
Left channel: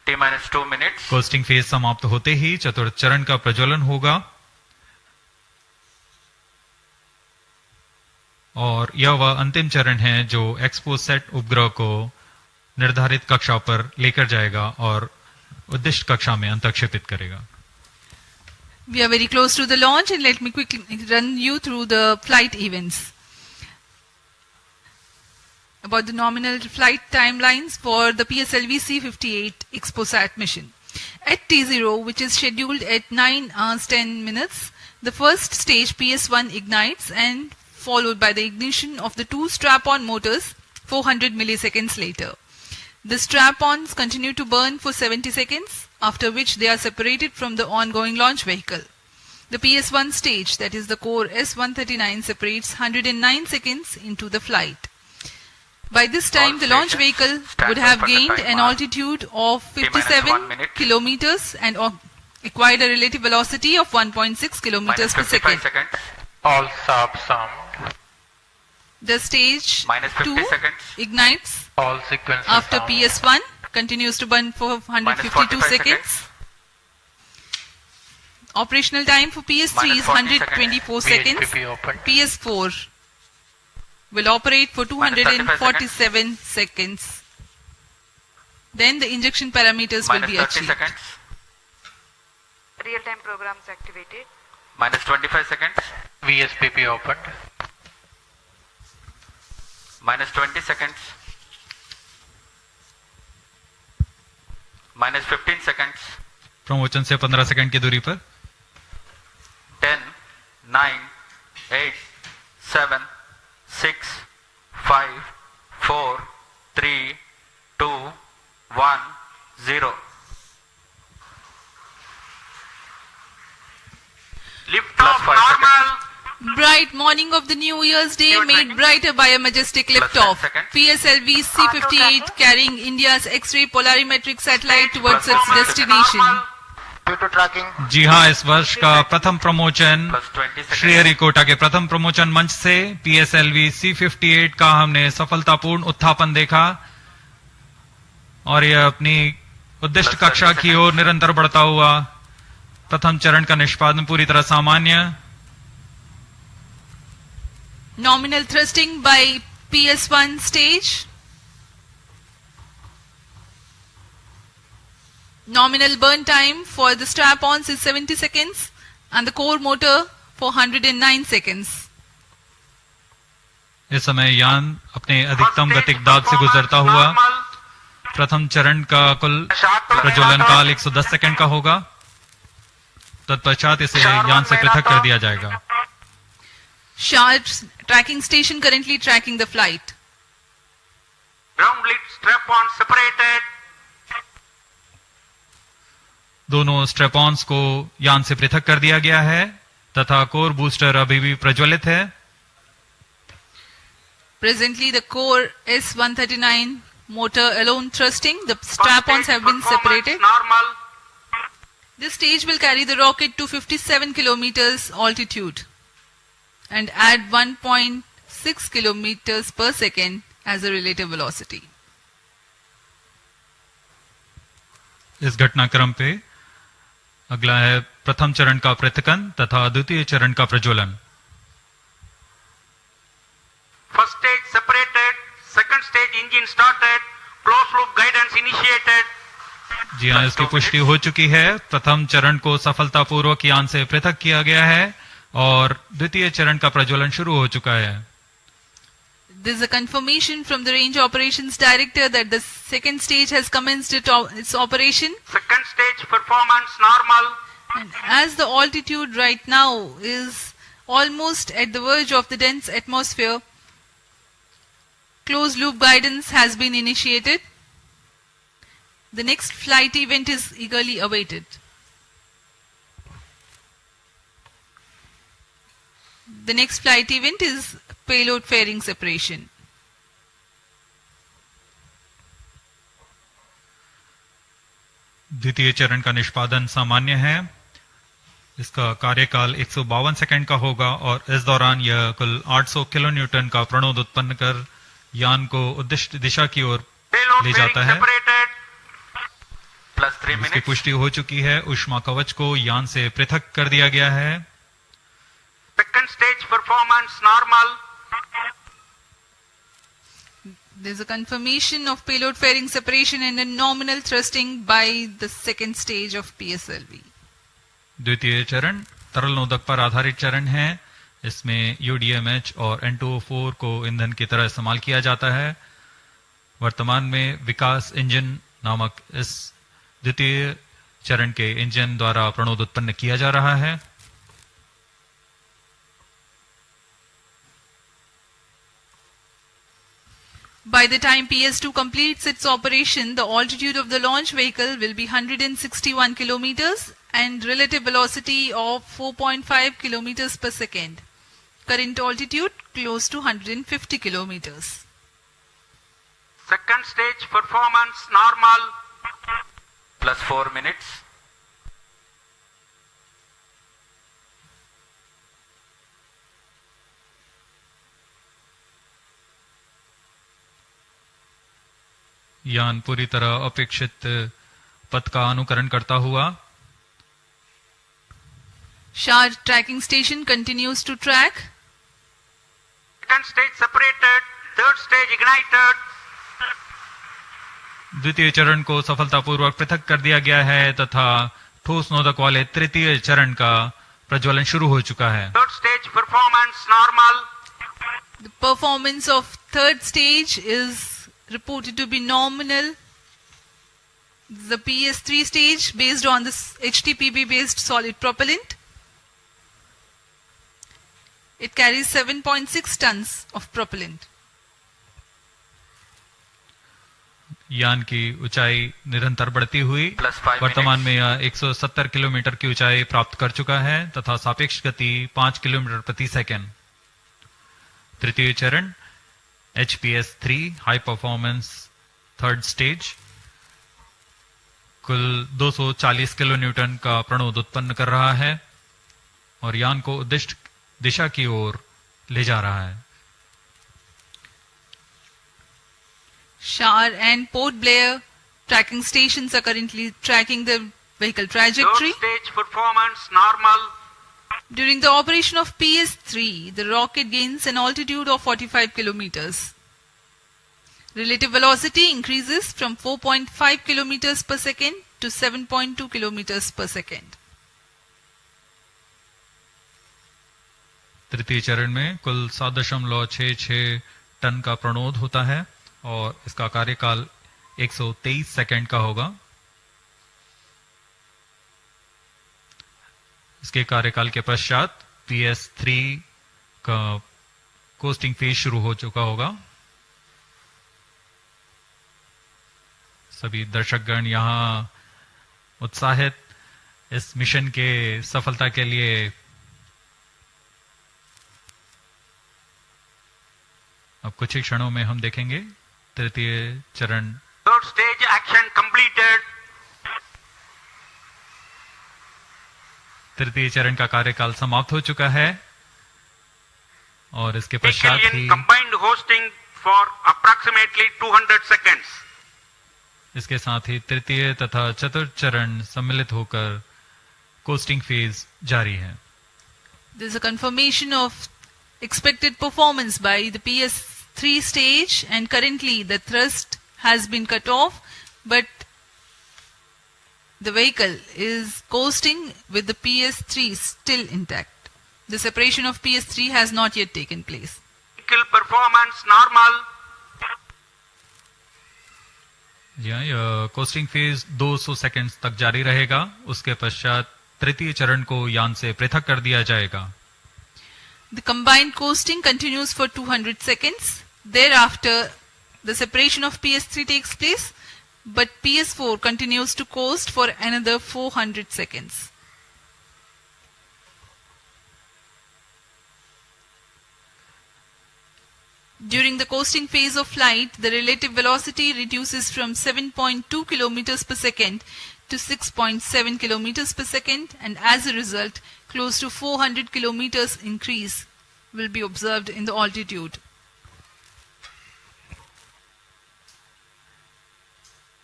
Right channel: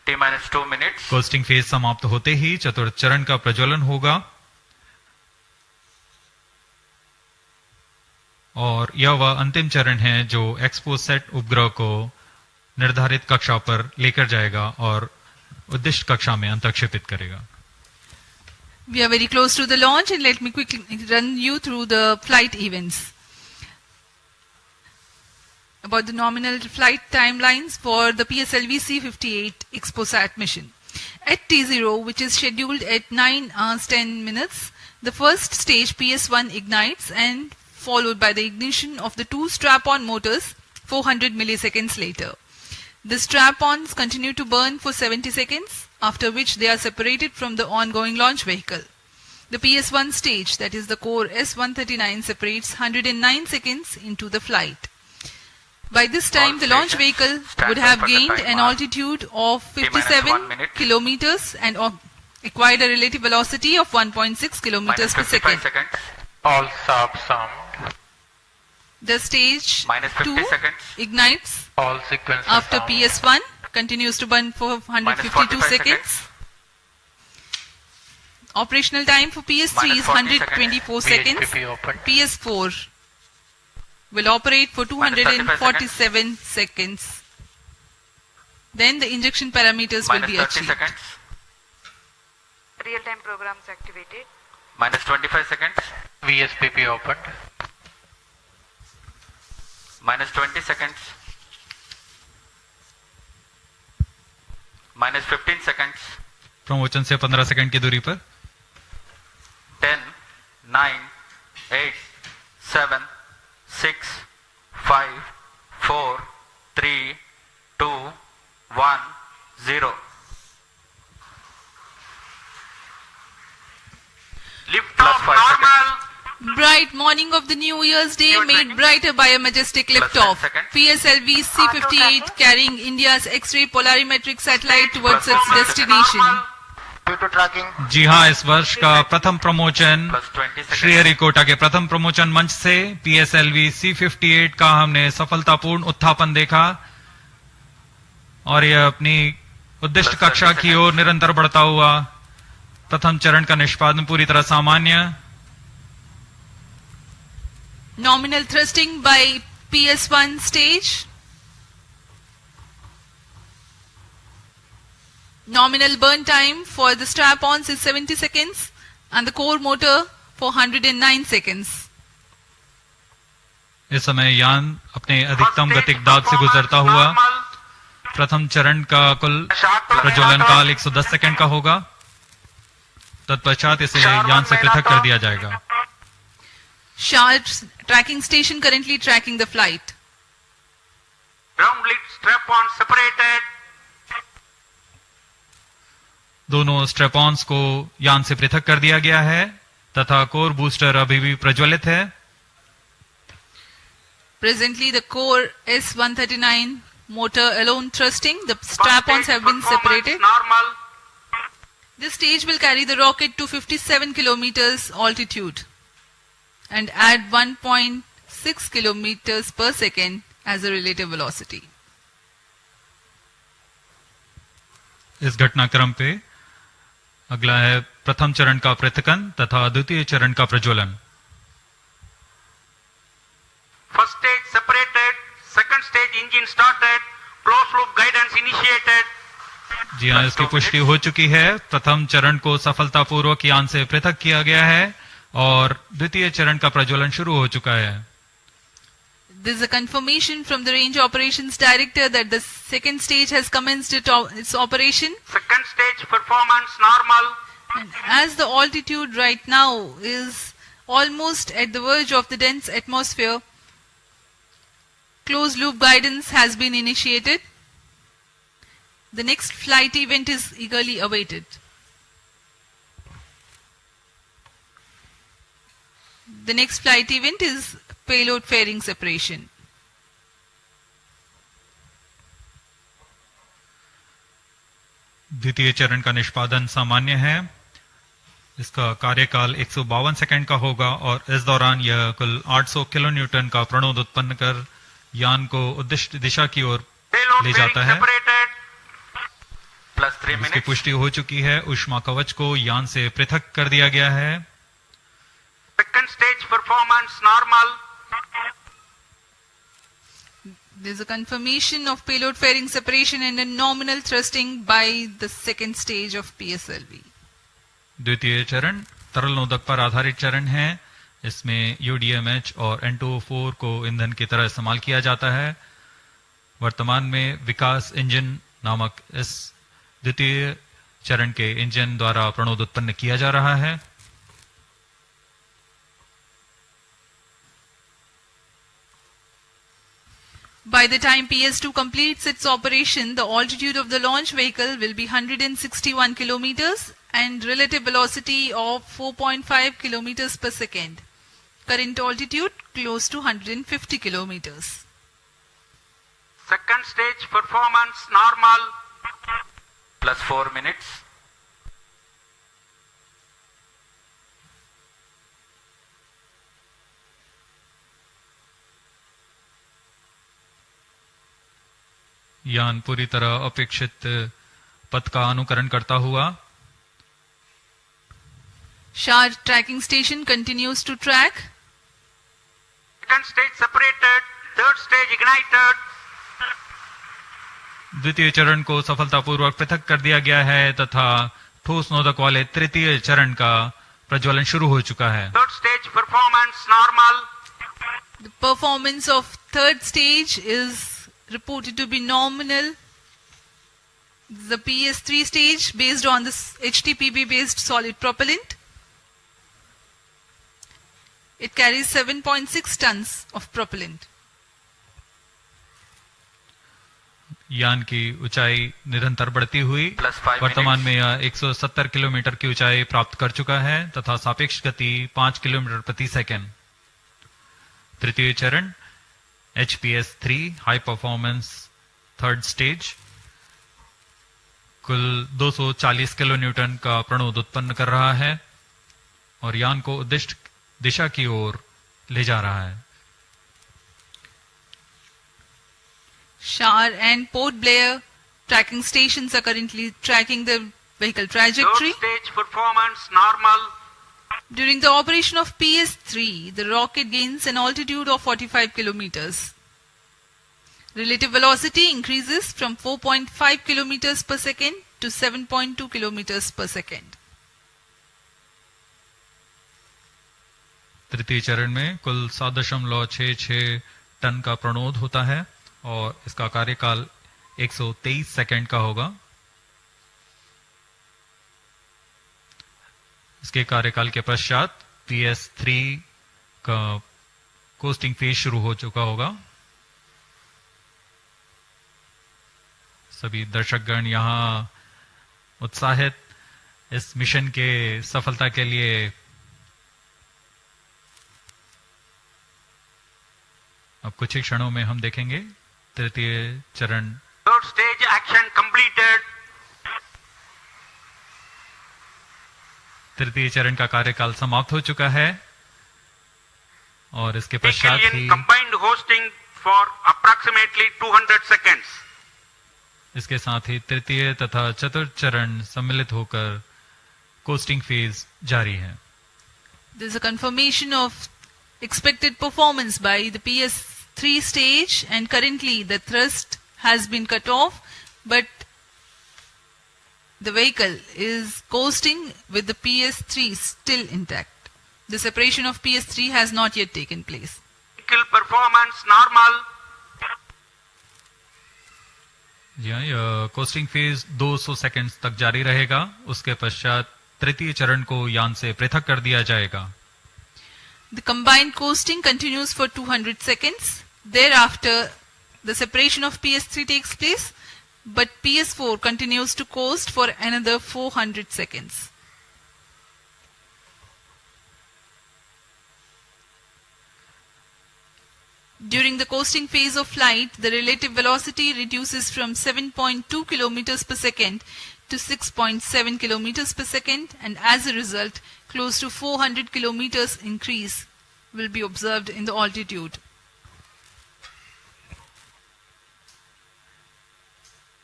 T-2 minutes. कोस्टिंग फेज समाप्त होते ही चतुर्थ चरण का प्रज्वलन होगा और यह वह अंतिम चरण है जो एक्सपोसैट उपग्रह को निर्धारित कक्षा पर लेकर जाएगा और उद्दिष्ट कक्षा में अंतक्षेपित करेगा. We are very close to the launch and let me quickly run you through the flight events. About the nominal flight timelines for the PSLV-C58 XPoSat mission. At T0, which is scheduled at 9 hours 10 minutes, the first stage PS1 ignites and followed by the ignition of the two strap-on motors 400 milliseconds later. The strap-ons continue to burn for 70 seconds, after which they are separated from the ongoing launch vehicle. The PS1 stage, that is the core S139, separates 109 seconds into the flight. By this time, the launch vehicle would have gained an altitude of 57 kilometers and acquired a relative velocity of 1.6 kilometers per second. All subs some. The stage 2 ignites All sequences after down. PS1, continues to burn for 152 seconds. Operational time for PS3 is 124 seconds. VHPP open. PS4 will operate for 247 seconds. Then the injection parameters will be achieved. Seconds. Real-time programs activated. Minus 25 seconds. VSPP opened. Minus 20 seconds. Minus 15 seconds. प्रमोचन से 15 second की दूरी पर 10, 9, 8, 7, 6, 5, 4, 3, 2, 1, 0. Liftoff normal. Bright morning of the New Year's Day made brighter by a majestic liftoff. PSLV-C58 carrying India's X-ray Polarimeter Satellite towards its destination. Due to tracking. जी हाँ, इस वर्ष का प्रथम प्रमोचन श्रीहरिकोटा के प्रथम प्रमोचन मंच से PSLV-C58 का हमने सफलतापूर्ण उत्थापन देखा और यह अपनी उद्दिष्ट कक्षा की ओर निरंतर बढ़ता हुआ. प्रथम चरण का निष्पादन पूरी तरह सामान्य. Nominal thrusting by PS1 stage. Nominal burn time for the strap-ons is 70 seconds and the core motor for 109 seconds. इस समय यान अपने अधिकतम गतिक दाब से गुजरता हुआ. प्रथम चरण का कुल प्रज्वलन काल 110 सेकंड का होगा. तत्पश्चात इसे यान से पृथक कर दिया जाएगा. Sharp tracking station currently tracking the flight. Ground lead strap-on separated. दोनों स्ट्रेपॉन्स को यान से पृथक कर दिया गया है तथा कोर बूस्टर अभी भी प्रज्वलित है. Presently, the core S139 motor alone thrusting. The strap-ons have been separated. Normal. This stage will carry the rocket to 57 kilometers altitude and add 1.6 kilometers per second as a relative velocity. इस घटनाक्रम पे अगला है प्रथम चरण का पृथकन तथा द्वितीय चरण का प्रज्वलन. First stage separated. Second stage engine started. Closed loop guidance initiated. जी हाँ, इसकी पुष्टि हो चुकी है. प्रथम चरण को सफलतापूर्वक यान से पृथक किया गया है और द्वितीय चरण का प्रज्वलन शुरू हो चुका है. This is a confirmation from the Range Operations Director that the second stage has commenced its operation. Second stage performance normal. And as the altitude right now is almost at the verge of the dense atmosphere, closed loop guidance has been initiated. The next flight event is eagerly awaited. The next flight event is payload fairing separation. द्वितीय चरण का निष्पादन सामान्य है. इसका कार्यकाल 152 second का होगा और इस दौरान यह कुल 800 किलो न्यूटन का प्रणोद उत्पन्न कर यान को उद्दिष्ट दिशा की ओर ले जाता है. plus 3 इसकी minutes. पुष्टि हो चुकी है। ऊष्मा कवच को यान से पृथक कर दिया गया है। Second stage performance normal. There is a confirmation of payload fairing separation and a nominal thrusting by the second stage of PSLV. द्वितीय चरण तरल नोदक पर आधारित चरण है। इसमें UDMH और N2O4 को ईंधन की तरह इस्तेमाल किया जाता है। वर्तमान में विकास इंजन नामक इस द्वितीय चरण के इंजन द्वारा प्रणोद उत्पन्न किया जा रहा है। By the time PS2 completes its operation, the altitude of the launch vehicle will be 161 kilometers and relative velocity of 4.5 kilometers per second. Current altitude close to 150 kilometers. Second stage performance normal. Plus 4 minutes. यान पूरी तरह अपेक्षित पथ का अनुकरण करता हुआ SHAR tracking station continues to track. Second stage separated. Third stage ignited. द्वितीय चरण को सफलतापूर्वक पृथक कर दिया गया है तथा ठोस नोदक वाले तृतीय चरण का प्रज्वलन शुरू हो चुका है। Third stage performance normal. The performance of third stage is reported to be nominal. The PS3 stage based on this HTPB based solid propellant. It carries 7.6 tons of propellant. यान की ऊंचाई निरंतर बढ़ती हुई वर्तमान में यह 170 किलोमीटर की ऊंचाई प्राप्त कर चुका है तथा सापेक्ष गति 5 किलोमीटर प्रति सेकंड। तृतीय चरण HPS3 high performance third stage कुल 240 किलो न्यूटन का प्रणोद उत्पन्न कर रहा है और यान को उद्दिष्ट दिशा की ओर ले जा रहा है। SHAR and Port Blair tracking stations are currently tracking the vehicle trajectory. Third stage performance normal. During the operation of PS3, the rocket gains an altitude of 45 kilometers. Relative velocity increases from 4.5 kilometers per second to 7.2 kilometers per second. तृतीय चरण में कुल 7.66 ton का प्रणोद होता है और इसका कार्यकाल 123 सेकंड का होगा। इसके कार्यकाल के पश्चात PS3 का कोस्टिंग फेज शुरू हो चुका होगा। सभी दर्शकगण यहाँ उत्साहित इस मिशन के सफलता के लिए अब कुछ ही क्षणों में हम देखेंगे तृतीय चरण। Third stage action completed. तृतीय चरण का कार्यकाल समाप्त हो चुका है और इसके पश्चात ही combined hosting for approximately 200 seconds. इसके साथ ही तृतीय तथा चतुर्थ चरण सम्मिलित होकर कोस्टिंग फेज जारी है। There is a confirmation of expected performance by the PS3 stage and currently the thrust has been cut off but the vehicle is coasting with the PS3 still intact. The separation of PS3 has not yet taken place. Vehicle performance normal. यह costing phase 200 seconds तक जारी रहेगा। उसके पश्चात तृतीय चरण को यान से पृथक कर दिया जाएगा। The combined coasting continues for 200 seconds. Thereafter, the separation of PS3 takes place, but PS4 continues to coast for another 400 seconds. During the coasting phase of flight, the relative velocity reduces from 7.2 kilometers per second to 6.7 kilometers per second, and as a result, close to 400 kilometers increase will be observed in the altitude.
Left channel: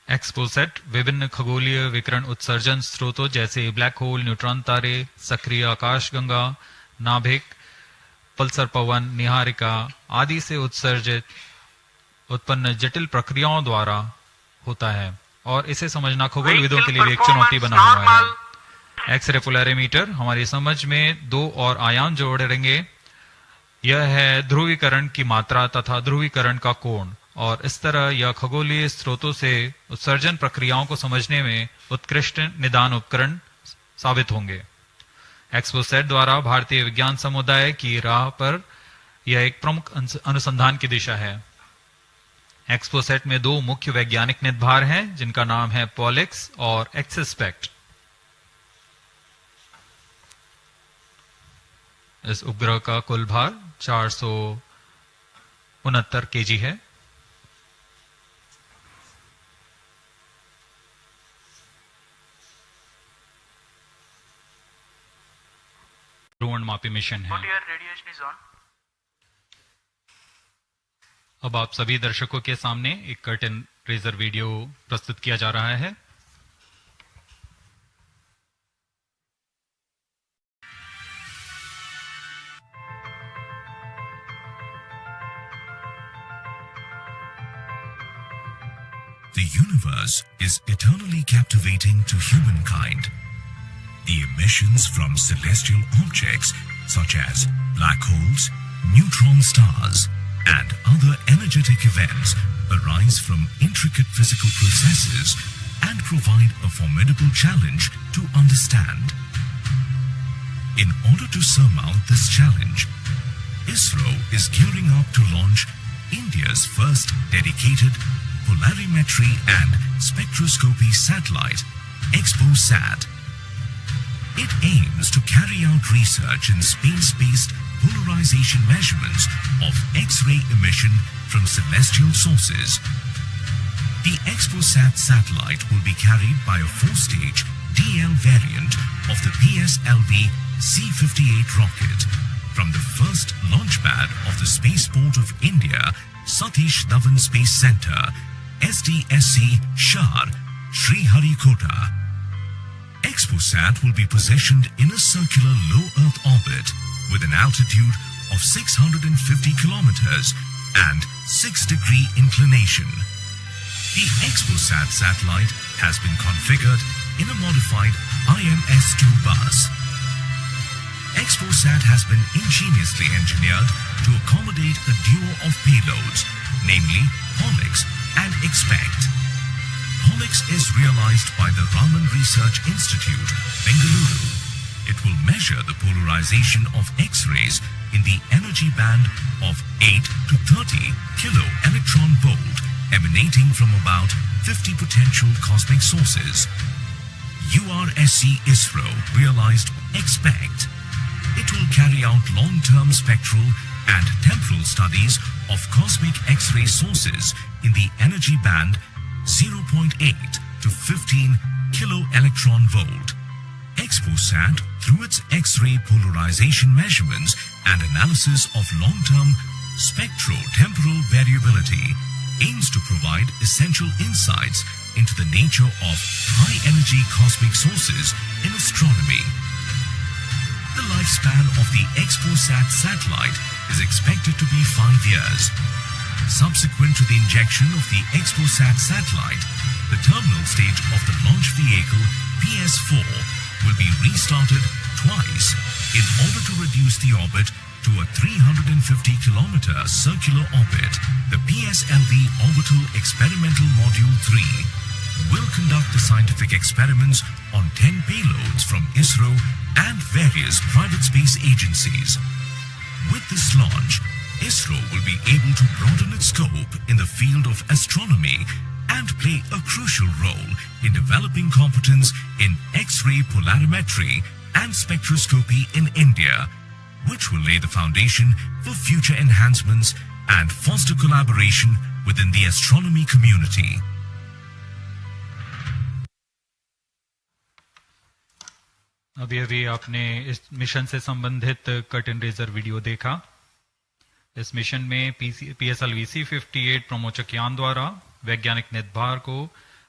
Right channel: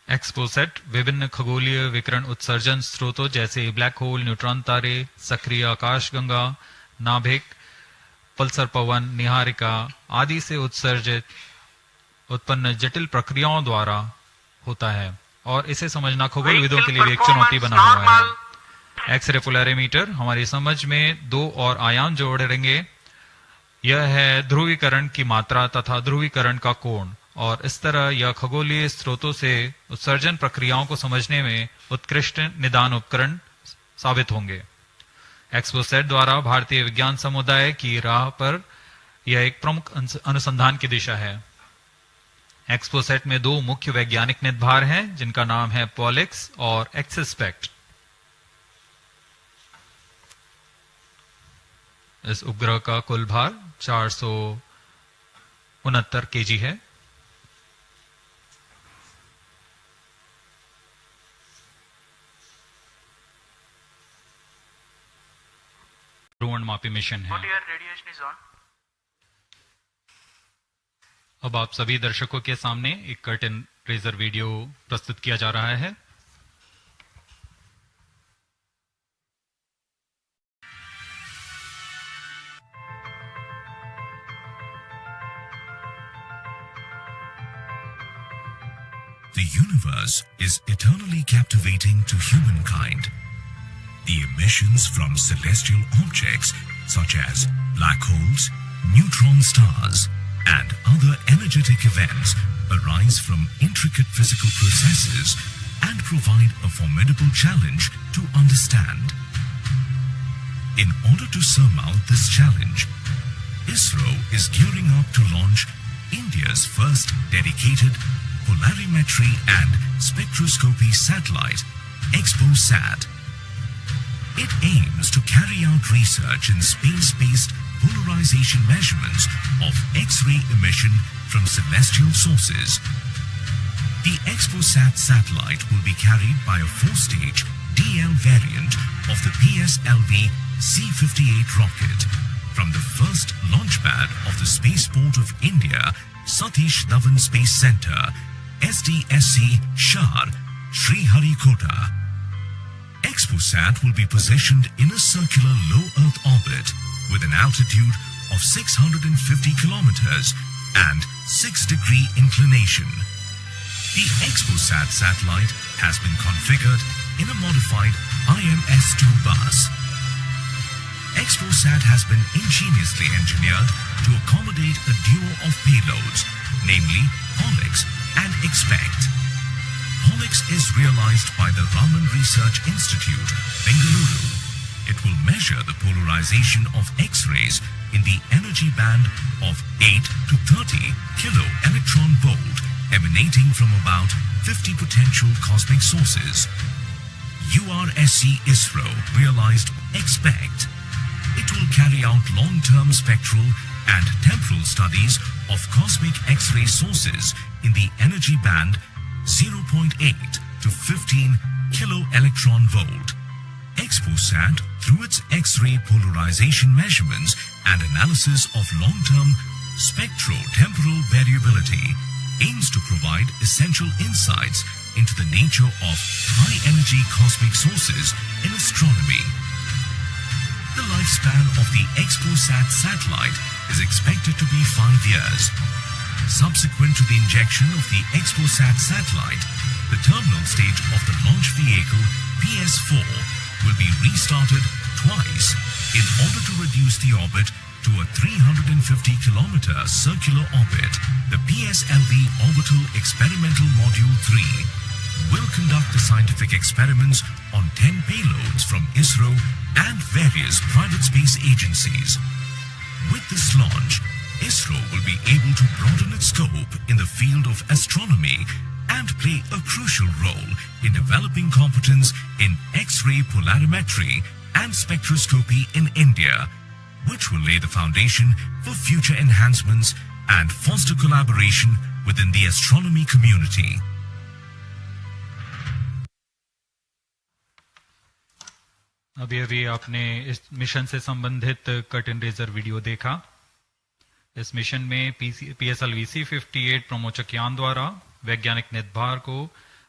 XPoSat विभिन्न खगोलीय विकिरण उत्सर्जन स्रोतों जैसे black hole, neutron तारे, सक्रिय आकाशगंगा, नाभिक, पल्सर पवन, निहारिका आदि से उत्सर्जित उत्पन्न जटिल प्रक्रियाओं द्वारा होता है और इसे समझना खगोलविदों के लिए भी एक चुनौती बना हुआ है। एक्सरे पोलैरिमीटर हमारी समझ में दो और आयाम जोड़ेंगे। यह है ध्रुवीकरण की मात्रा तथा ध्रुवीकरण का कोण, और इस तरह यह खगोलीय स्रोतों से उत्सर्जन प्रक्रियाओं को समझने में उत्कृष्ट निदान उपकरण साबित होंगे। एक्सपोसेट द्वारा भारतीय विज्ञान समुदाय की राह पर यह एक प्रमुख अनुसंधान की दिशा है। एक्सपोसेट में दो मुख्य वैज्ञानिक निदभार हैं जिनका नाम है पॉलिक्स और एक्सस्पेक्ट। इस उपग्रह का कुल भार 469 केजी है। ध्रुवणमापी मिशन है। अब आप सभी दर्शकों के सामने एक कर्टेन रेजर वीडियो प्रस्तुत किया जा रहा है। The universe is eternally captivating to humankind. The emissions from celestial objects such as black holes, neutron stars, and other energetic events arise from intricate physical processes and provide a formidable challenge to understand. In order to surmount this challenge, Isro is gearing up to launch India's first dedicated polarimetry and spectroscopy satellite, XPoSat. It aims to carry out research in space-based polarization measurements of X-ray emission from celestial sources. The XPoSat satellite will be carried by a 4-stage DL variant of the PSLV-C58 rocket from the first launch pad of the Spaceport of India, Satish Dhawan Space Center, SDSC, Shar, Sriharikota. XPoSat will be positioned in a circular low Earth orbit with an altitude of 650 kilometers and 6-degree inclination. The XPoSat satellite has been configured in a modified IMS-2 bus. XPoSat has been ingeniously engineered to accommodate a duo of payloads, namely Polix and Expect. Polix is realized by the Raman Research Institute, Bengaluru. It will measure the polarization of X-rays in the energy band of 8 to 30 kilo electron volt emanating from about 50 potential cosmic sources. URSC Isro realized Expect. It will carry out long-term spectral and temporal studies of cosmic X-ray sources in the energy band 0.8 to 15 kilo electron volt. XPoSat, through its X-ray polarization measurements and analysis of long-term spectro-temporal variability, aims to provide essential insights into the nature of high-energy cosmic sources in astronomy. The lifespan of the XPoSat satellite is expected to be 5 years. Subsequent to the injection of the XPoSat satellite, the terminal stage of the launch vehicle PS4 will be restarted twice in order to reduce the orbit to a 350-kilometer circular orbit. The PSLV Orbital Experimental Module 3 will conduct the scientific experiments on 10 payloads from Isro and various private space agencies. With this launch, Isro will be able to broaden its scope in the field of astronomy and play a crucial role in developing competence in X-ray polarimetry and spectroscopy in India, which will lay the foundation for future enhancements and foster collaboration within the astronomy community. अभी आपने इस mission से संबंधित curtain razor video देखा। इस mission में PSLV-C58 प्रमोचक यान द्वारा वैज्ञानिक निदभार को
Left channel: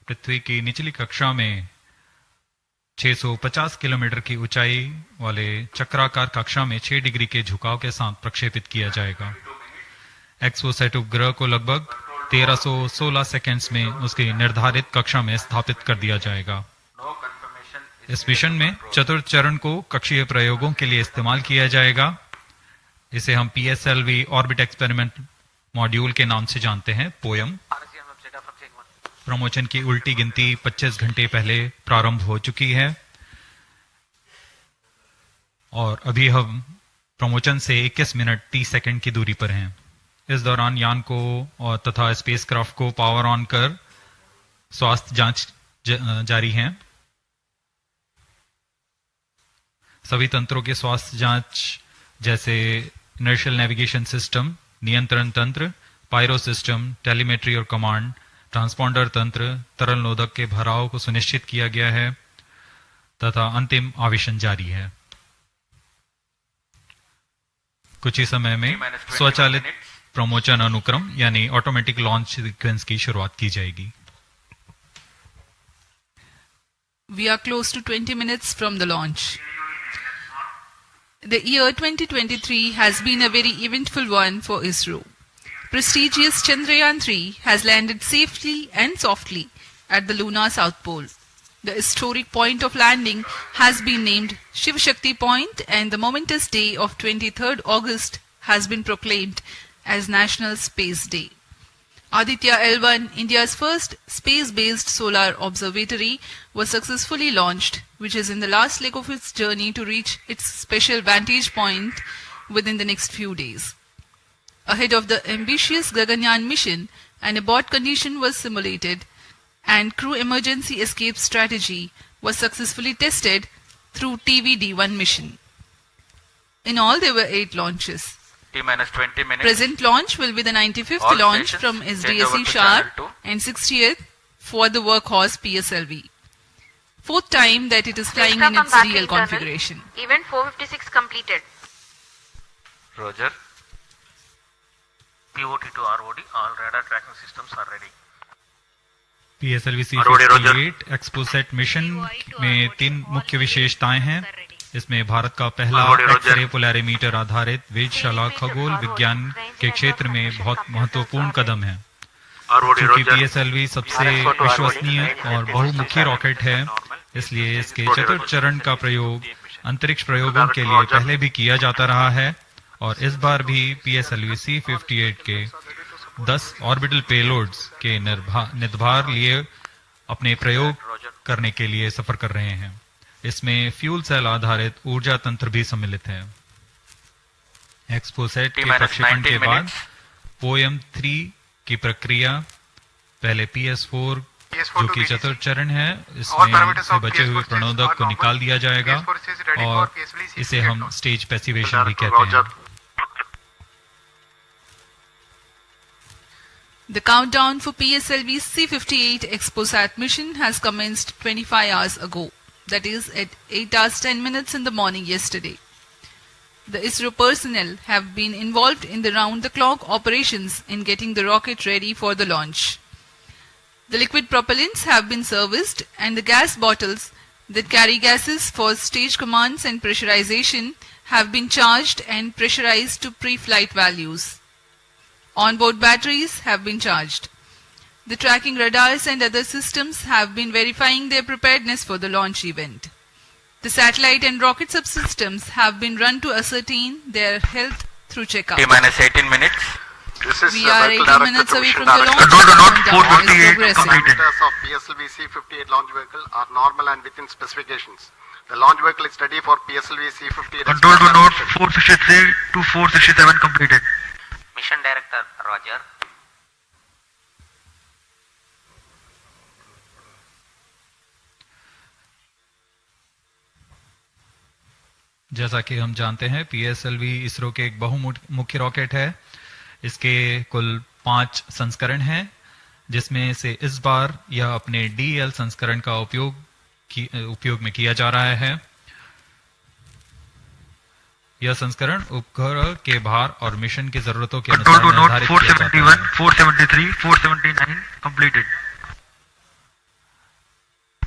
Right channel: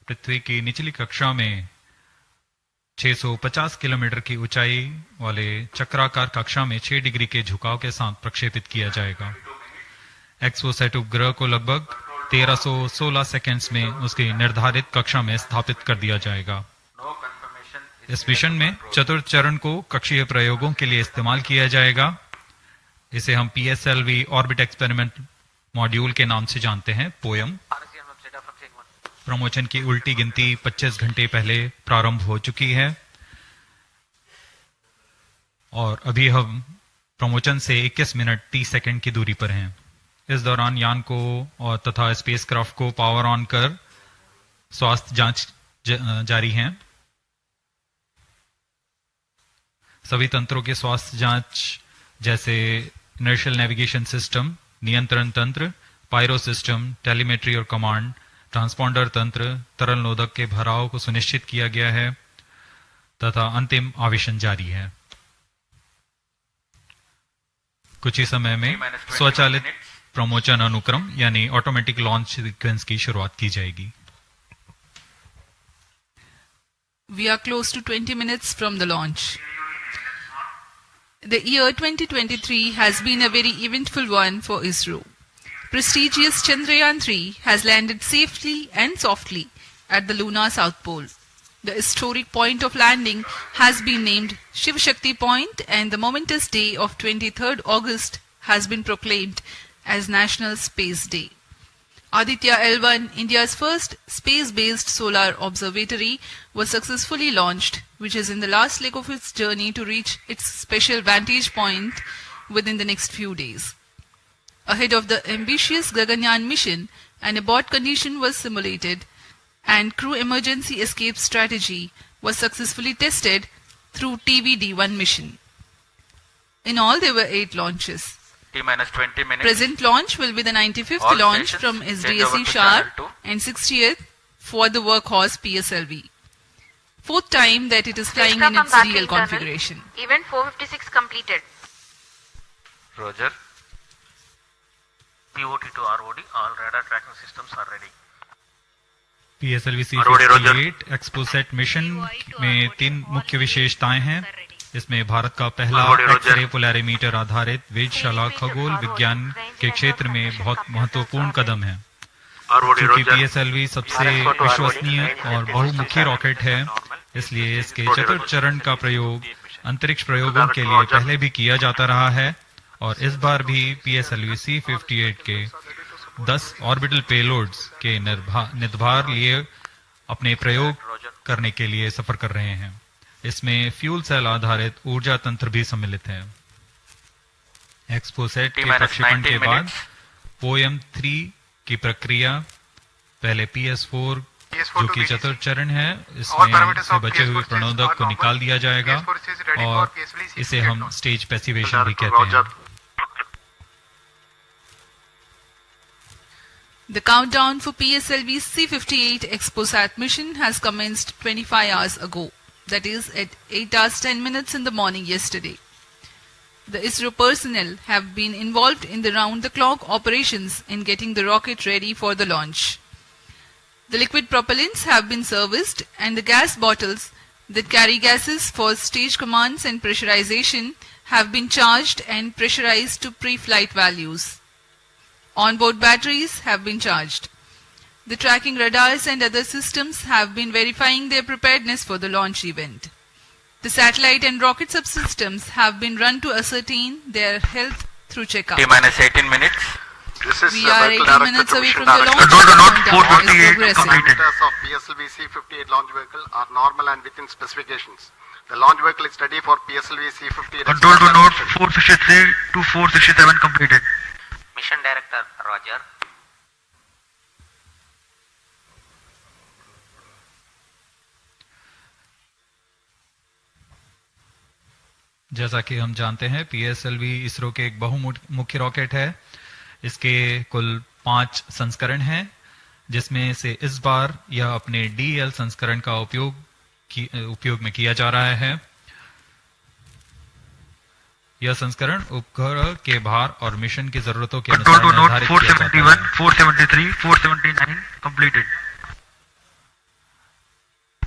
पृथ्वी की निचली कक्षा में 650 किलोमीटर की ऊंचाई वाले चक्राकार कक्षा में 6 डिग्री के झुकाव के साथ प्रक्षेपित किया जाएगा। एक्सपोसैट उपग्रह को लगभग 1316 सेकेंड्स में उसकी निर्धारित कक्षा में स्थापित कर दिया जाएगा। इस मिशन में चतुर्थ चरण को कक्षीय प्रयोगों के लिए इस्तेमाल किया जाएगा। इसे हम PSLV ऑर्बिट एक्सपेरिमेंट मॉड्यूल के नाम से जानते हैं, पोयम। प्रमोशन की उल्टी गिनती 25 घंटे पहले प्रारंभ हो चुकी है और अभी हम प्रमोशन से 21 मिनट 30 सेकंड की दूरी पर हैं। इस दौरान यान को और तथा स्पेसक्राफ्ट को पावर ऑन कर स्वास्थ्य जांच जारी है। सभी तंत्रों के स्वास्थ्य जांच जैसे इनर्शियल नेविगेशन सिस्टम, नियंत्रण तंत्र, पायरो सिस्टम, टेलीमेट्री और कमांड, ट्रांसपॉन्डर तंत्र, तरल नोदक के भराव को सुनिश्चित किया गया है तथा अंतिम आवेशन जारी है। कुछ ही समय में स्वचालित प्रमोशन अनुक्रम यानी ऑटोमेटिक लॉन्च सीक्वेंस की शुरुआत की जाएगी। We are close to 20 minutes from the launch. The year 2023 has been a very eventful one for Isro. Prestigious Chandrayaan-3 has landed safely and softly at the lunar south pole. The historic point of landing has been named Shiv Shakti Point, and the momentous day of 23rd August has been proclaimed as National Space Day. Aditya L1, India's first space-based solar observatory, was successfully launched, which is in the last leg of its journey to reach its special vantage point within the next few days. Ahead of the ambitious Gaganyaan mission, an abort condition was simulated and crew emergency escape strategy was successfully tested through TVD-1 mission. In all, there were 8 launches. T-minus 20 minutes. Present launch will be the 95th All launch stations from change over SDSC to Shar channel 2. and 60th for the workhorse PSLV. 4th time that it is flying in its real configuration. Event 456 completed. Roger. POT to ROD, all radar tracking systems are ready. PSLV-C58 XPoSat mission में 3 मुख्य विशेषताएं हैं। इसमें भारत का पहला X-ray Polarimeter आधारित वेधशाला खगोल विज्ञान के क्षेत्र में बहुत महत्वपूर्ण कदम है। क्योंकि PSLV सबसे विश्वसनीय और बहुमुखी रॉकेट है, इसलिए इसके चतुर्थ चरण का प्रयोग अंतरिक्ष प्रयोगों के लिए पहले भी किया जाता रहा है और इस बार भी PSLV-C58 के 10 ऑर्बिटल पेलोड्स के निर्धार लिए अपने प्रयोग करने के लिए सफर कर रहे हैं। इसमें फ्यूल सेल आधारित ऊर्जा तंत्र भी सम्मिलित है। एक्सपोसैट के प्रक्षेपण के बाद पोयम 3 की प्रक्रिया पहले PS4 जो कि चतुर्थ चरण है, इसमें से बचे हुए प्रणोदक को निकाल दिया जाएगा और इसे हम स्टेज पैसिवेशन भी कहते हैं। The countdown for PSLV-C58 XPoSat mission has commenced 25 hours ago, that is at 8 hours 10 minutes in the morning yesterday. The Isro personnel have been involved in the round-the-clock operations in getting the rocket ready for the launch. The liquid propellants have been serviced and the gas bottles that carry gases for stage commands and pressurization have been charged and pressurized to pre-flight values. Onboard batteries have been charged. The tracking radars and other systems have been verifying their preparedness for the launch event. The satellite and rocket subsystems have been run to ascertain their health through checkup. T-minus 18 minutes. We are 18 minutes away from the launch. Countdown is progressing. Of PSLV-C58 launch vehicle are normal and within specifications. The launch vehicle is ready for PSLV-C58. Control to Node 463 to 467 completed. Mission Director, Roger. जैसा कि हम जानते हैं, PSLV ISRO के एक बहुमुखी rocket है। इसके कुल 5 संस्करण हैं, जिसमें से इस बार यह अपने DL संस्करण का उपयोग में किया जा रहा है। यह संस्करण उपग्रह के भार और मिशन की जरूरतों के अनुसार निर्धारित किया जाता है। 471, 473, 479 completed.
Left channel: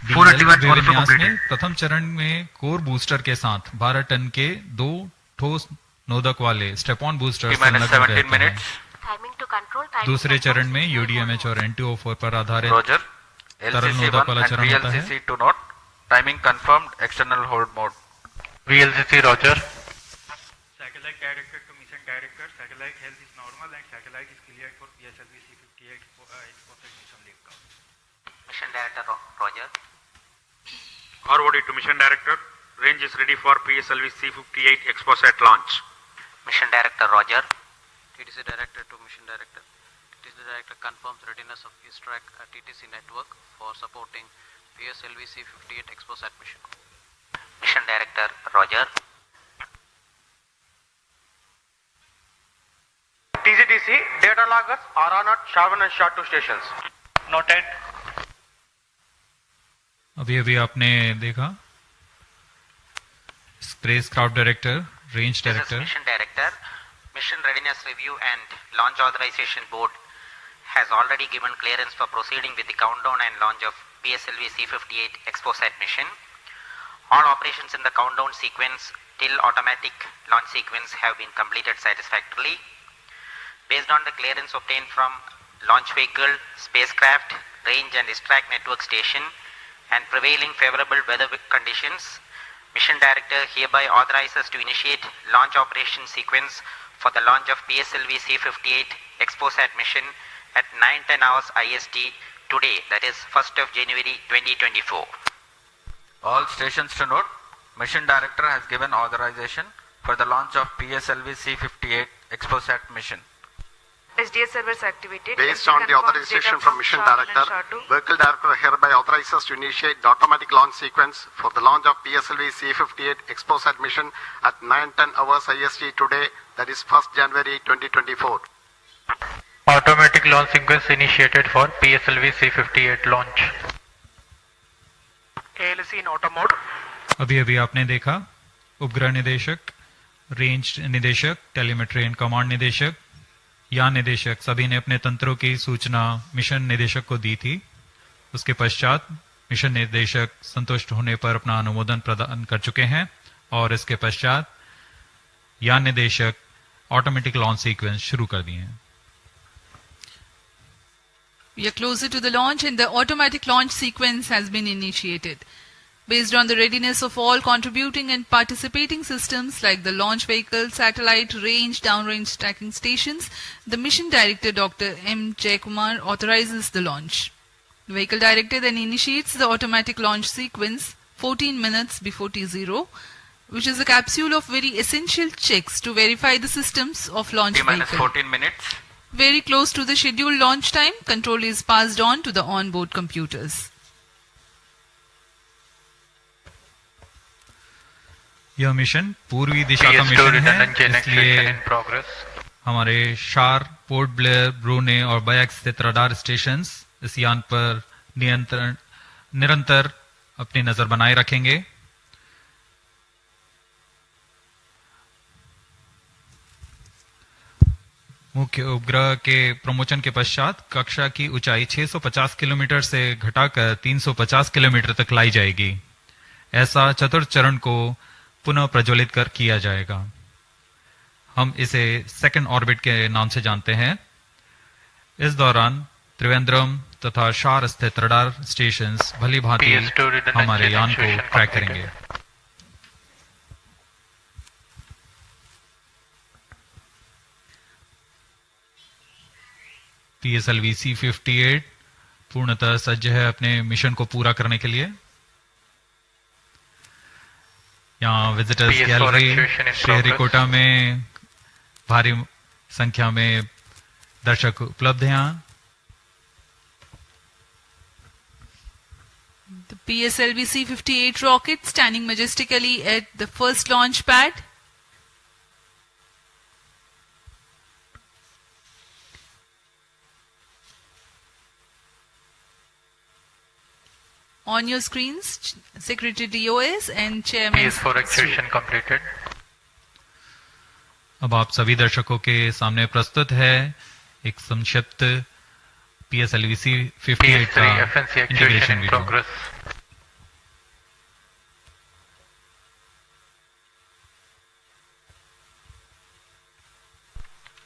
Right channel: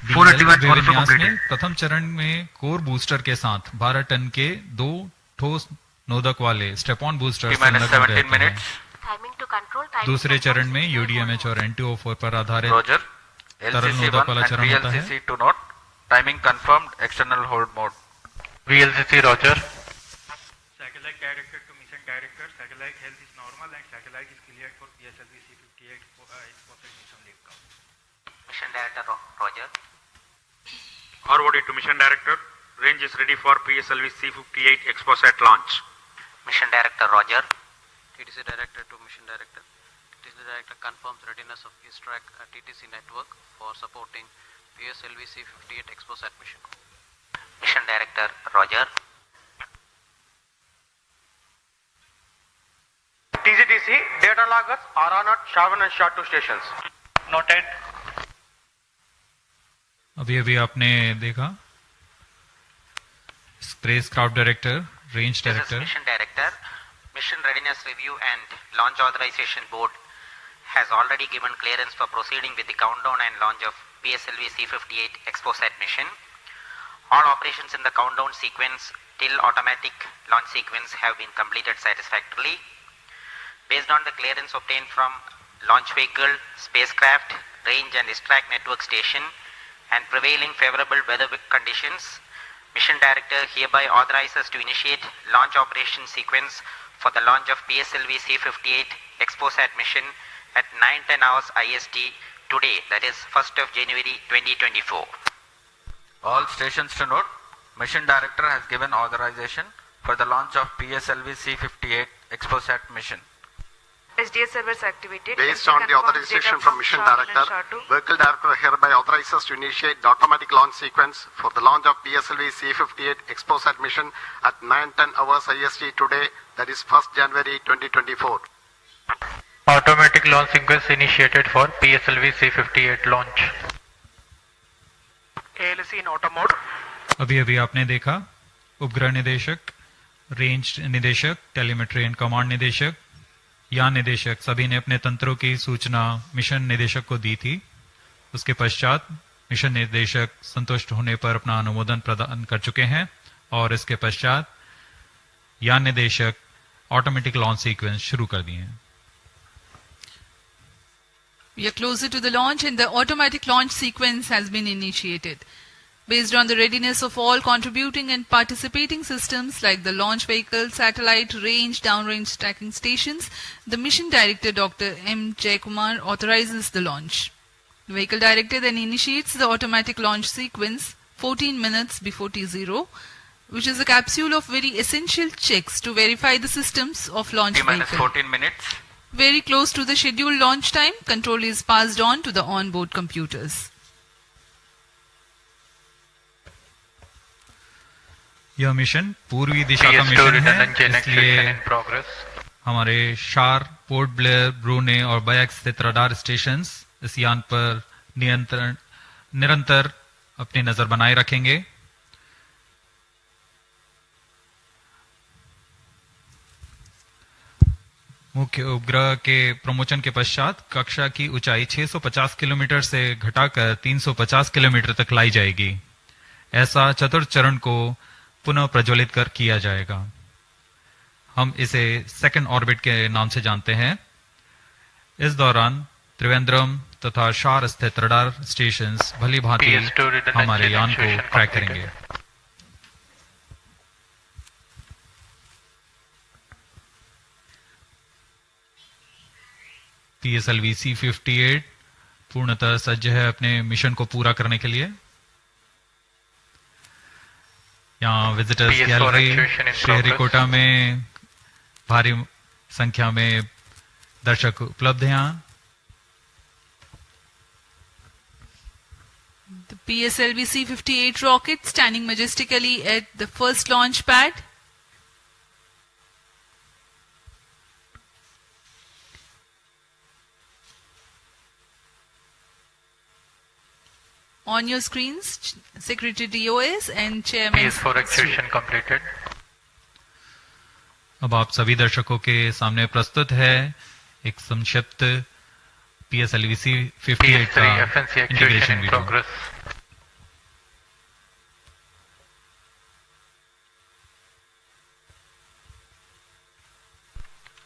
481 also विन्यास completed. में प्रथम चरण में कोर बूस्टर के साथ 12 टन के 2 ठोस नोदक वाले स्टेप-ऑन बूस्टर संलग्न रहते हैं। Timing to control. दूसरे चरण में UDMH और NTO4 पर आधारित Roger. तरल LCC नोदक 1 वाला and चरण होता है। VLCC 2 note. Timing confirmed. External hold mode. VLCC Roger. Satellite director to mission director. Satellite health is normal and satellite is cleared for PSLV-C58 XPoSat mission liftoff. Mission Director Roger. ROD to Mission Director. Range is ready for PSLV-C58 XPoSat launch. Mission Director Roger. TTC Director to Mission Director. TTC Director confirms readiness of X-ray at TTC network for supporting PSLV-C58 XPoSat mission. Mission Director Roger. TCTC data loggers are on at Shavan and SHA-2 stations. Noted. अभी आपने देखा spacecraft director, range This is director, Mission Director. Mission Readiness Review and Launch Authorization Board has already given clearance for proceeding with the countdown and launch of PSLV-C58 XPoSat mission. All operations in the countdown sequence till automatic launch sequence have been completed satisfactorily. Based on the clearance obtained from launch vehicle, spacecraft, range and distract network station and prevailing favorable weather conditions, Mission Director hereby authorizes to initiate launch operation sequence for the launch of PSLV-C58 XPoSat mission at 9:10 hours IST today, that is 1st of January 2024. All stations to note, Mission Director has given authorization for the launch of PSLV-C58 XPoSat mission. SDS servers activated. Based on the authorization from Mission Director, Vehicle Director hereby authorizes to initiate the automatic launch sequence for the launch of PSLV-C58 XPoSat mission at 9:10 hours IST today, that is 1st January 2024. Automatic launch sequence initiated for PSLV-C58 launch. ALC in auto mode. अभी आपने देखा उपग्रह निदेशक, range निदेशक, telemetry and command निदेशक, यान निदेशक सभी ने अपने तंत्रों की सूचना मिशन निदेशक को दी थी। उसके पश्चात मिशन निदेशक संतुष्ट होने पर अपना अनुमोदन प्रदान कर चुके हैं और इसके पश्चात यान निदेशक ऑटोमेटिक लॉन्च सीक्वेंस शुरू कर दिए हैं। We are closer to the launch and the automatic launch sequence has been initiated. Based on the readiness of all contributing and participating systems like the launch vehicle, satellite, range, downrange tracking stations, the Mission Director Dr. M. Jaikumar authorizes the launch. The Vehicle Director then initiates the automatic launch sequence 14 minutes before T0, which is a capsule of very essential checks to verify the systems of launch vehicle. 14 minutes. Very close to the scheduled launch time, control is passed on to the onboard computers. यह mission पूर्वी दिशा का mission है, इसलिए हमारे शार, port Blair, ब्रूने और bikes स्थित radar stations इस यान पर निरंतर अपनी नजर बनाए रखेंगे। मुख्य उपग्रह के प्रमोशन के पश्चात कक्षा की ऊंचाई 650 किलोमीटर से घटाकर 350 किलोमीटर तक लाई जाएगी। ऐसा चतुर्थ चरण को पुनः प्रज्वलित कर किया जाएगा। हम इसे सेकंड ऑर्बिट के नाम से जानते हैं। इस दौरान त्रिवेंद्रम तथा शार स्थित रडार स्टेशंस भली भांति हमारे यान को ट्रैक करेंगे। PSLV-C58 पूर्णतः सज्ज है अपने मिशन को पूरा करने के लिए। यहाँ विजिटर्स गैलरी श्रीहरिकोटा में भारी संख्या में दर्शक उपलब्ध हैं। यहाँ The PSLV-C58 rocket standing majestically at the first launch pad. On your screens, Secretary DOS and Chairman. PS4 activation completed. अब आप सभी दर्शकों के सामने प्रस्तुत है एक संक्षिप्त PSLV-C58 का integration video.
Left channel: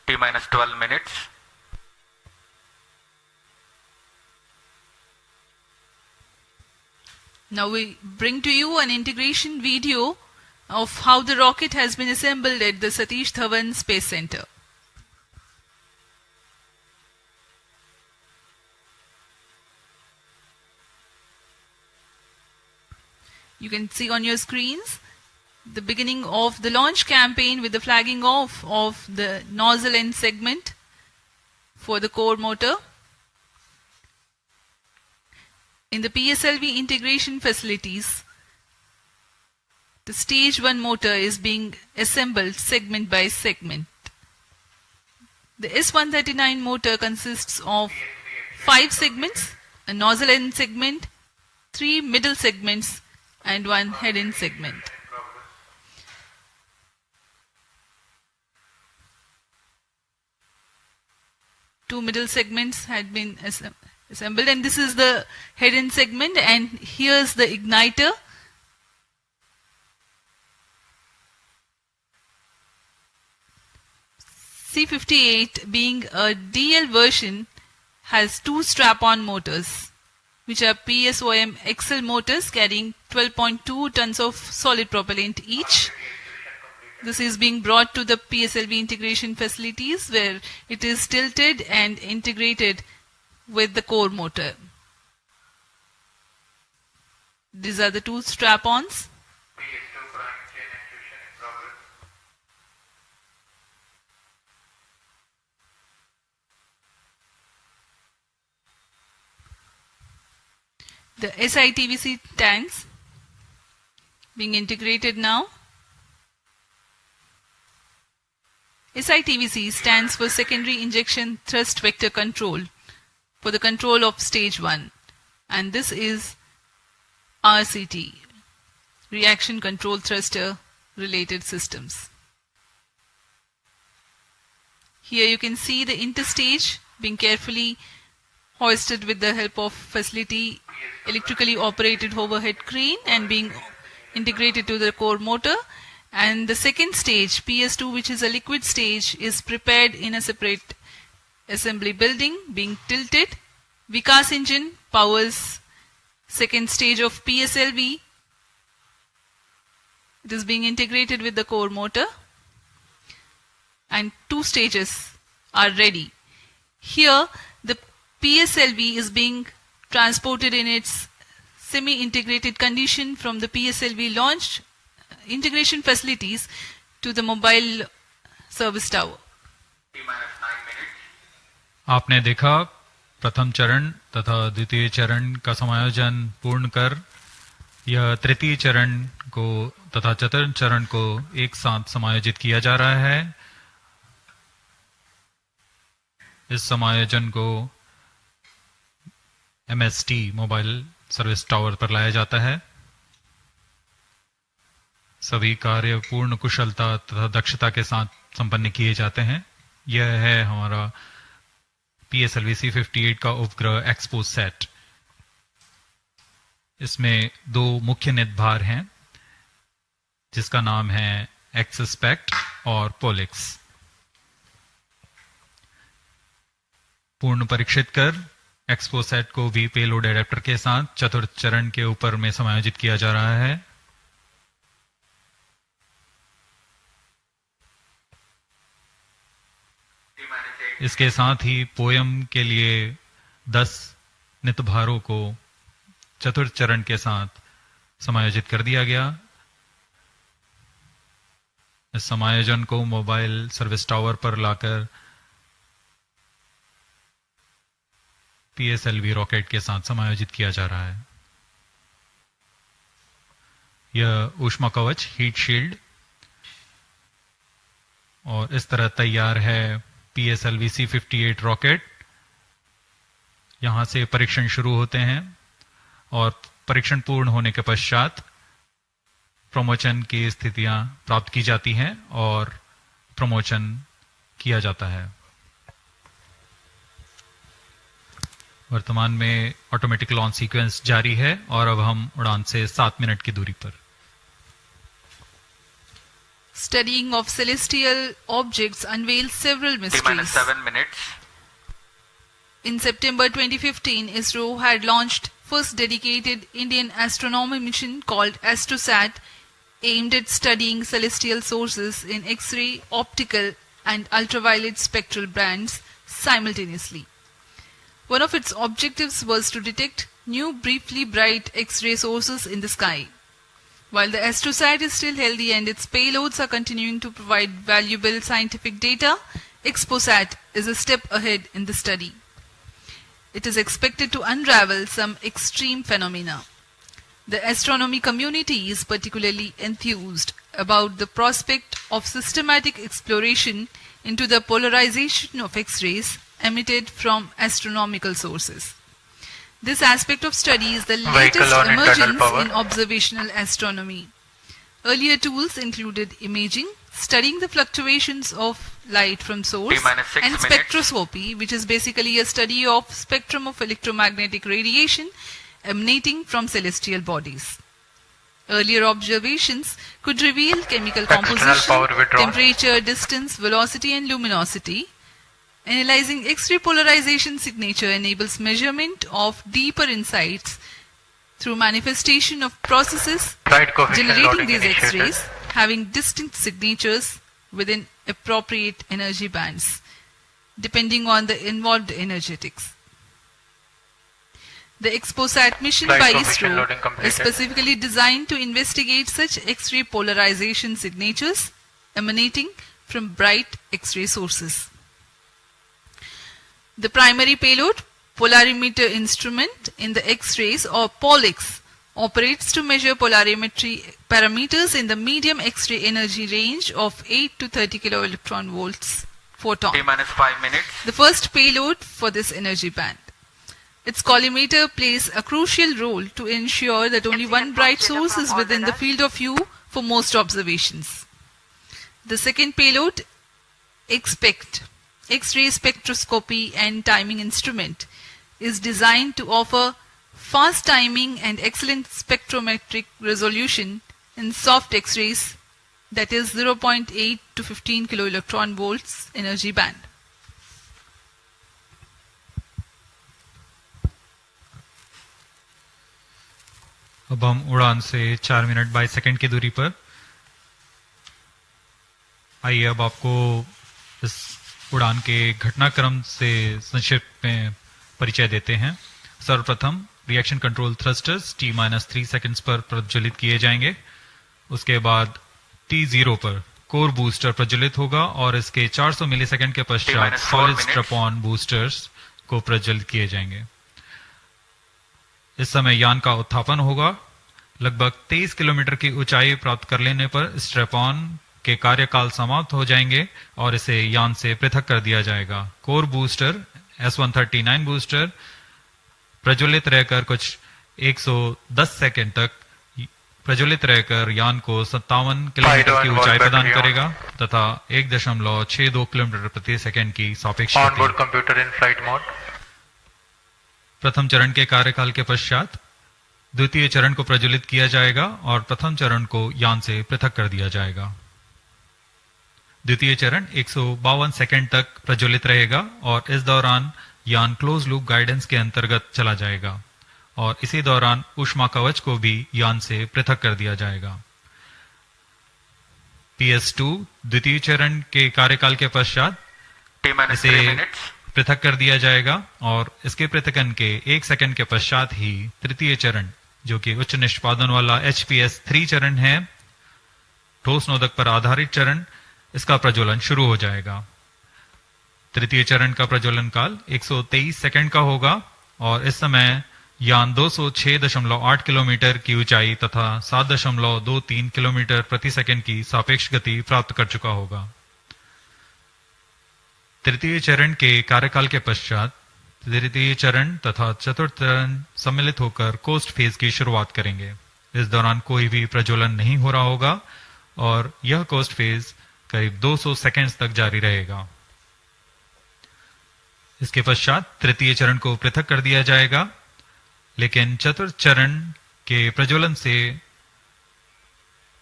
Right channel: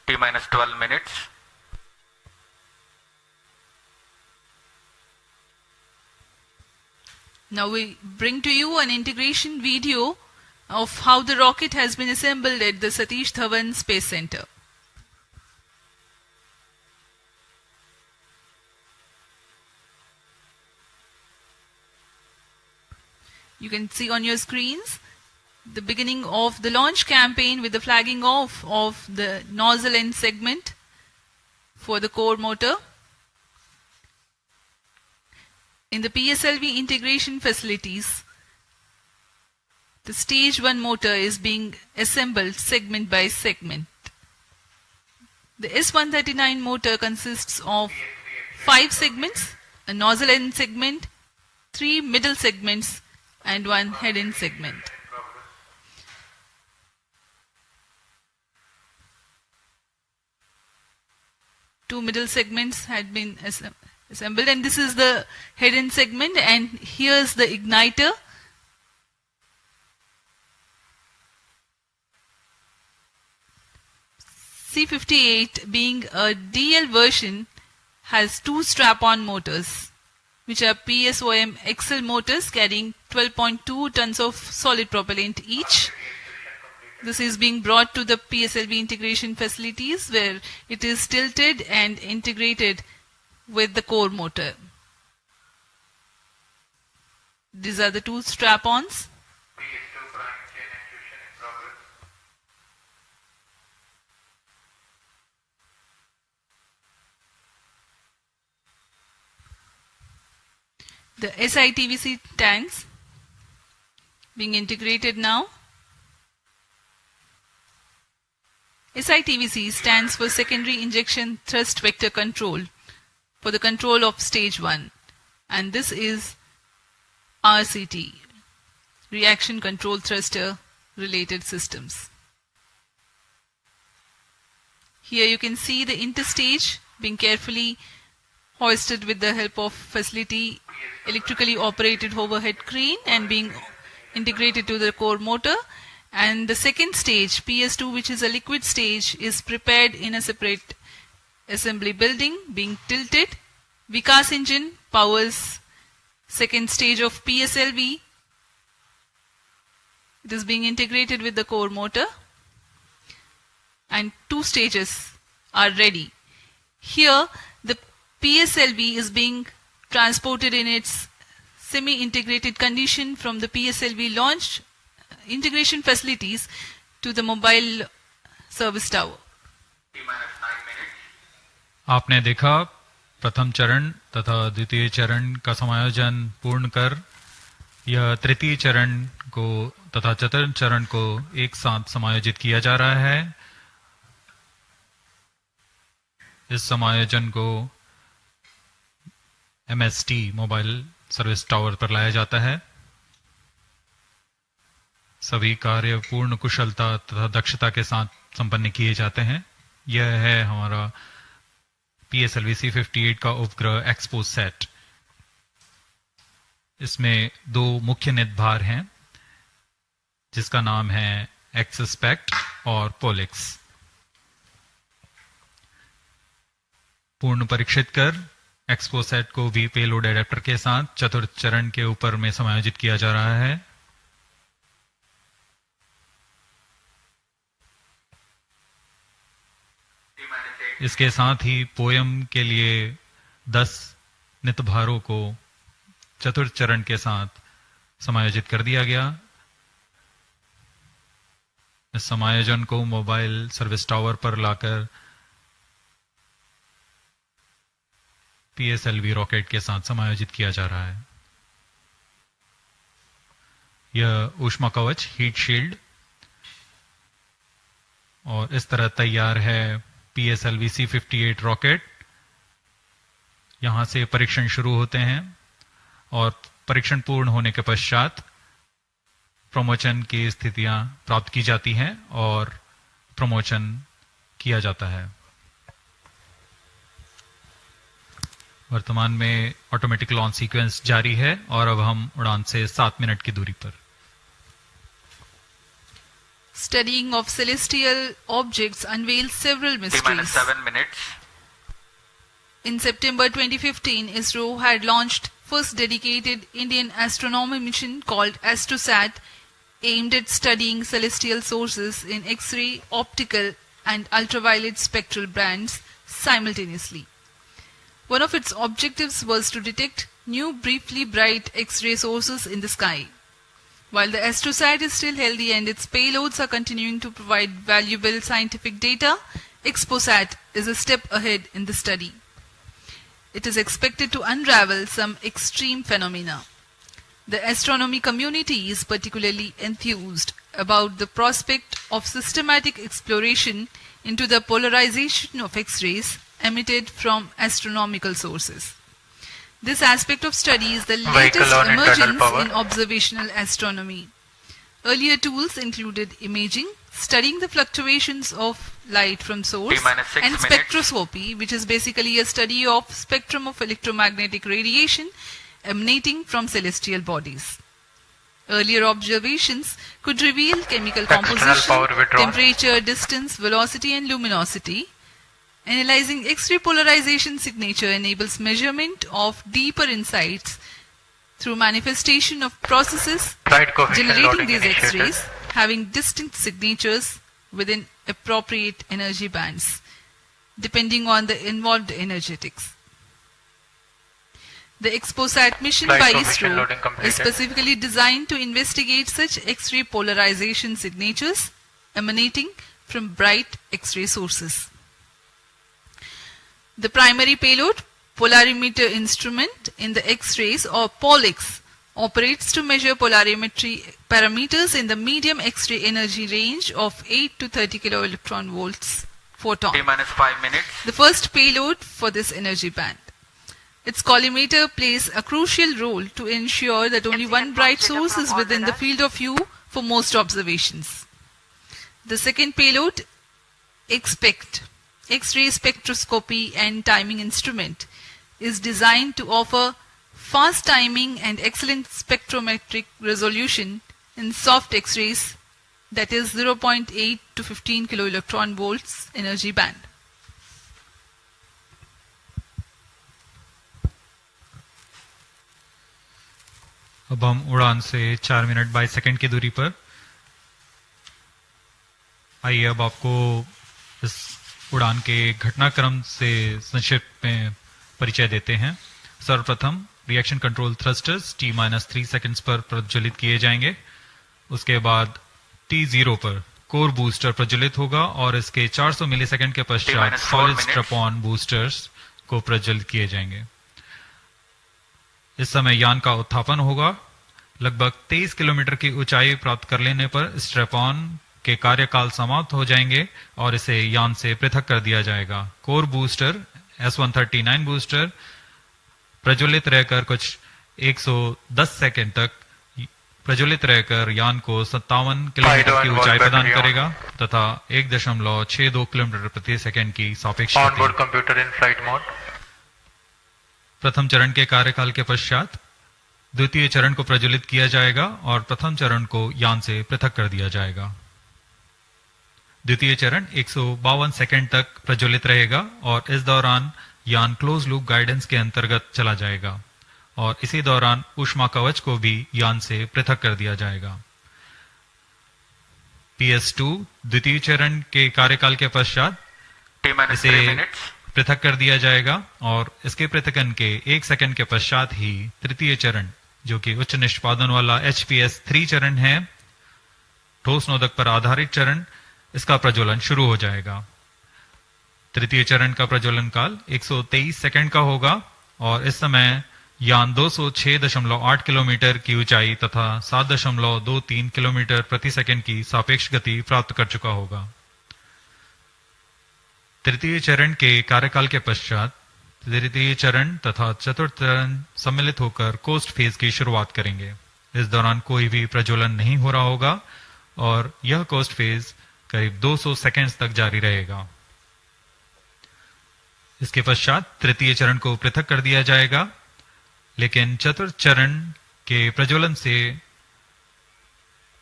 T minus 12 minutes. Now we bring to you an integration video of how the rocket has been assembled at the Satish Dhawan Space Center. You can see on your screens the beginning of the launch campaign with the flagging off of the nozzle end segment for the core motor. In the PSLV integration facilities, the stage 1 motor is being assembled segment by segment. The S139 motor consists of 5 segments, a nozzle end segment, 3 middle segments, and 1 head end segment. Two middle segments had been assembled, and this is the head end segment, and here's the igniter. C58, being a DL version, has 2 strap-on motors, which are PSOM XL motors carrying 12.2 tons of solid propellant each. This is being brought to the PSLV integration facilities where it is tilted and integrated with the core motor. These are the 2 strap-ons. The SITVC tanks being integrated now. SITVC stands for Secondary Injection Thrust Vector Control, for the control of stage 1, and this is RCT, Reaction Control Thruster Related Systems. Here you can see the interstage being carefully hoisted with the help of facility electrically operated overhead crane and being integrated to the core motor. And the second stage, PS2, which is a liquid stage, is prepared in a separate assembly building, being tilted. Vikas engine powers second stage of PSLV. It is being integrated with the core motor, and 2 stages are ready. Here, the PSLV is being transported in its semi-integrated condition from the PSLV launch integration facilities to the mobile service tower. आपने देखा प्रथम चरण तथा द्वितीय चरण का समायोजन पूर्ण कर यह तृतीय चरण को तथा चतुर्थ चरण को एक साथ समायोजित किया जा रहा है। इस समायोजन को MST मोबाइल सर्विस टावर पर लाया जाता है। सभी कार्य पूर्ण कुशलता तथा दक्षता के साथ संपन्न किए जाते हैं। यह है हमारा PSLV-C58 का उपग्रह XPoSat। इसमें 2 मुख्य निदभार हैं, जिसका नाम है XSPECT और POLIX। पूर्ण परीक्षित कर XPoSat को भी पेलोड एडेप्टर के साथ चतुर्थ चरण के ऊपर में समायोजित किया जा रहा है। इसके साथ ही पोयम के लिए 10 नितभारों को चतुर्थ चरण के साथ समायोजित कर दिया गया। इस समायोजन को मोबाइल सर्विस टावर पर लाकर PSLV रॉकेट के साथ समायोजित किया जा रहा है। यह ऊष्मा कवच हीट शील्ड और इस तरह तैयार है PSLV-C58 रॉकेट। यहां से परीक्षण शुरू होते हैं और परीक्षण पूर्ण होने के पश्चात प्रमोचन की स्थितियां प्राप्त की जाती हैं और प्रमोचन किया जाता है। वर्तमान में ऑटोमेटिक लॉन्च सीक्वेंस जारी है और अब हम उड़ान से 7 मिनट की दूरी पर। studying of celestial objects unveils several mysteries. 7 minutes. In September 2015, Isro had launched first dedicated Indian astronomy mission called XPoSat, aimed at studying celestial sources in X-ray, optical and ultraviolet spectral bands simultaneously. One of its objectives was to detect new briefly bright X-ray sources in the sky. While the XPoSat is still healthy and its payloads are continuing to provide valuable scientific data, XPoSat is a step ahead in the study. It is expected to unravel some extreme phenomena. The astronomy community is particularly enthused about the prospect of systematic exploration into the polarization of X-rays emitted from astronomical sources. This aspect of study is the latest emergence in observational astronomy. Earlier tools included imaging, studying the fluctuations of light from source, and spectroscopy, which is basically a study of spectrum of electromagnetic radiation emanating from celestial bodies. Earlier observations could reveal chemical composition, temperature, distance, velocity and luminosity. Analyzing X-ray polarization signature enables measurement of deeper insights through manifestation of processes generating these X-rays having distinct signatures within appropriate energy bands, depending on the involved energetics. The XPoSat mission by Isro is specifically designed to investigate such X-ray polarization signatures emanating from bright X-ray sources. The primary payload, polarimeter instrument in the X-rays or POLIX, operates to measure polarimetry parameters in the medium X-ray energy range of 8 to 30 kiloelectron volts photon. T-5 minutes. The first payload for this energy band. Its collimator plays a crucial role to ensure that only one bright source is within the field of view for most observations. The second payload, XPECT, X-ray spectroscopy and timing instrument, is designed to offer fast timing and excellent spectrometric resolution in soft X-rays, that is 0.8 to 15 kiloelectron volts energy band. अब हम उड़ान से 4 minute 22 second की दूरी पर। आइए अब आपको इस उड़ान के घटनाक्रम से संक्षिप्त में परिचय देते हैं। सर्वप्रथम reaction control thrusters T-3 seconds पर प्रज्वलित किए जाएंगे। उसके बाद T0 पर कोर बूस्टर प्रज्वलित होगा और इसके 400 मिलीसेकंड के पश्चात सॉलिड स्ट्रैप-ऑन बूस्टर्स को प्रज्वलित किए जाएंगे। इस समय यान का उत्थापन होगा। लगभग 23 किलोमीटर की ऊंचाई प्राप्त कर लेने पर स्ट्रैप-ऑन के कार्यकाल समाप्त हो जाएंगे और इसे यान से पृथक कर दिया जाएगा। कोर बूस्टर S139 बूस्टर प्रज्वलित रहकर कुछ 110 सेकंड तक प्रज्वलित रहकर यान को 57 किलोमीटर की ऊंचाई प्रदान करेगा तथा 1.62 किलोमीटर प्रति सेकंड की सापेक्ष गति। प्रथम चरण के कार्यकाल के पश्चात द्वितीय चरण को प्रज्वलित किया जाएगा और प्रथम चरण को यान से पृथक कर दिया जाएगा। द्वितीय चरण 152 सेकंड तक प्रज्वलित रहेगा और इस दौरान यान क्लोज लूप गाइडेंस के अंतर्गत चला जाएगा और इसी दौरान ऊष्मा कवच को भी यान से पृथक कर दिया जाएगा। PS2 द्वितीय चरण के कार्यकाल के पश्चात इसे पृथक कर दिया जाएगा और इसके पृथकन के 1 सेकंड के पश्चात ही तृतीय चरण, जो कि उच्च निष्पादन वाला HPS3 चरण है, ठोस नोदक पर आधारित चरण, इसका प्रज्वलन शुरू हो जाएगा। तृतीय चरण का प्रज्वलन काल 123 सेकंड का होगा और इस समय यान 206.8 किलोमीटर की ऊंचाई तथा 7.23 किलोमीटर प्रति सेकंड की सापेक्ष गति प्राप्त कर चुका होगा। तृतीय चरण के कार्यकाल के पश्चात तृतीय चरण तथा चतुर्थ चरण सम्मिलित होकर कोस्ट फेज की शुरुआत करेंगे। इस दौरान कोई भी प्रज्वलन नहीं हो रहा होगा और यह कोस्ट फेज करीब 200 सेकंड्स तक जारी रहेगा। इसके पश्चात तृतीय चरण को पृथक कर दिया जाएगा, लेकिन चतुर्थ चरण के प्रज्वलन से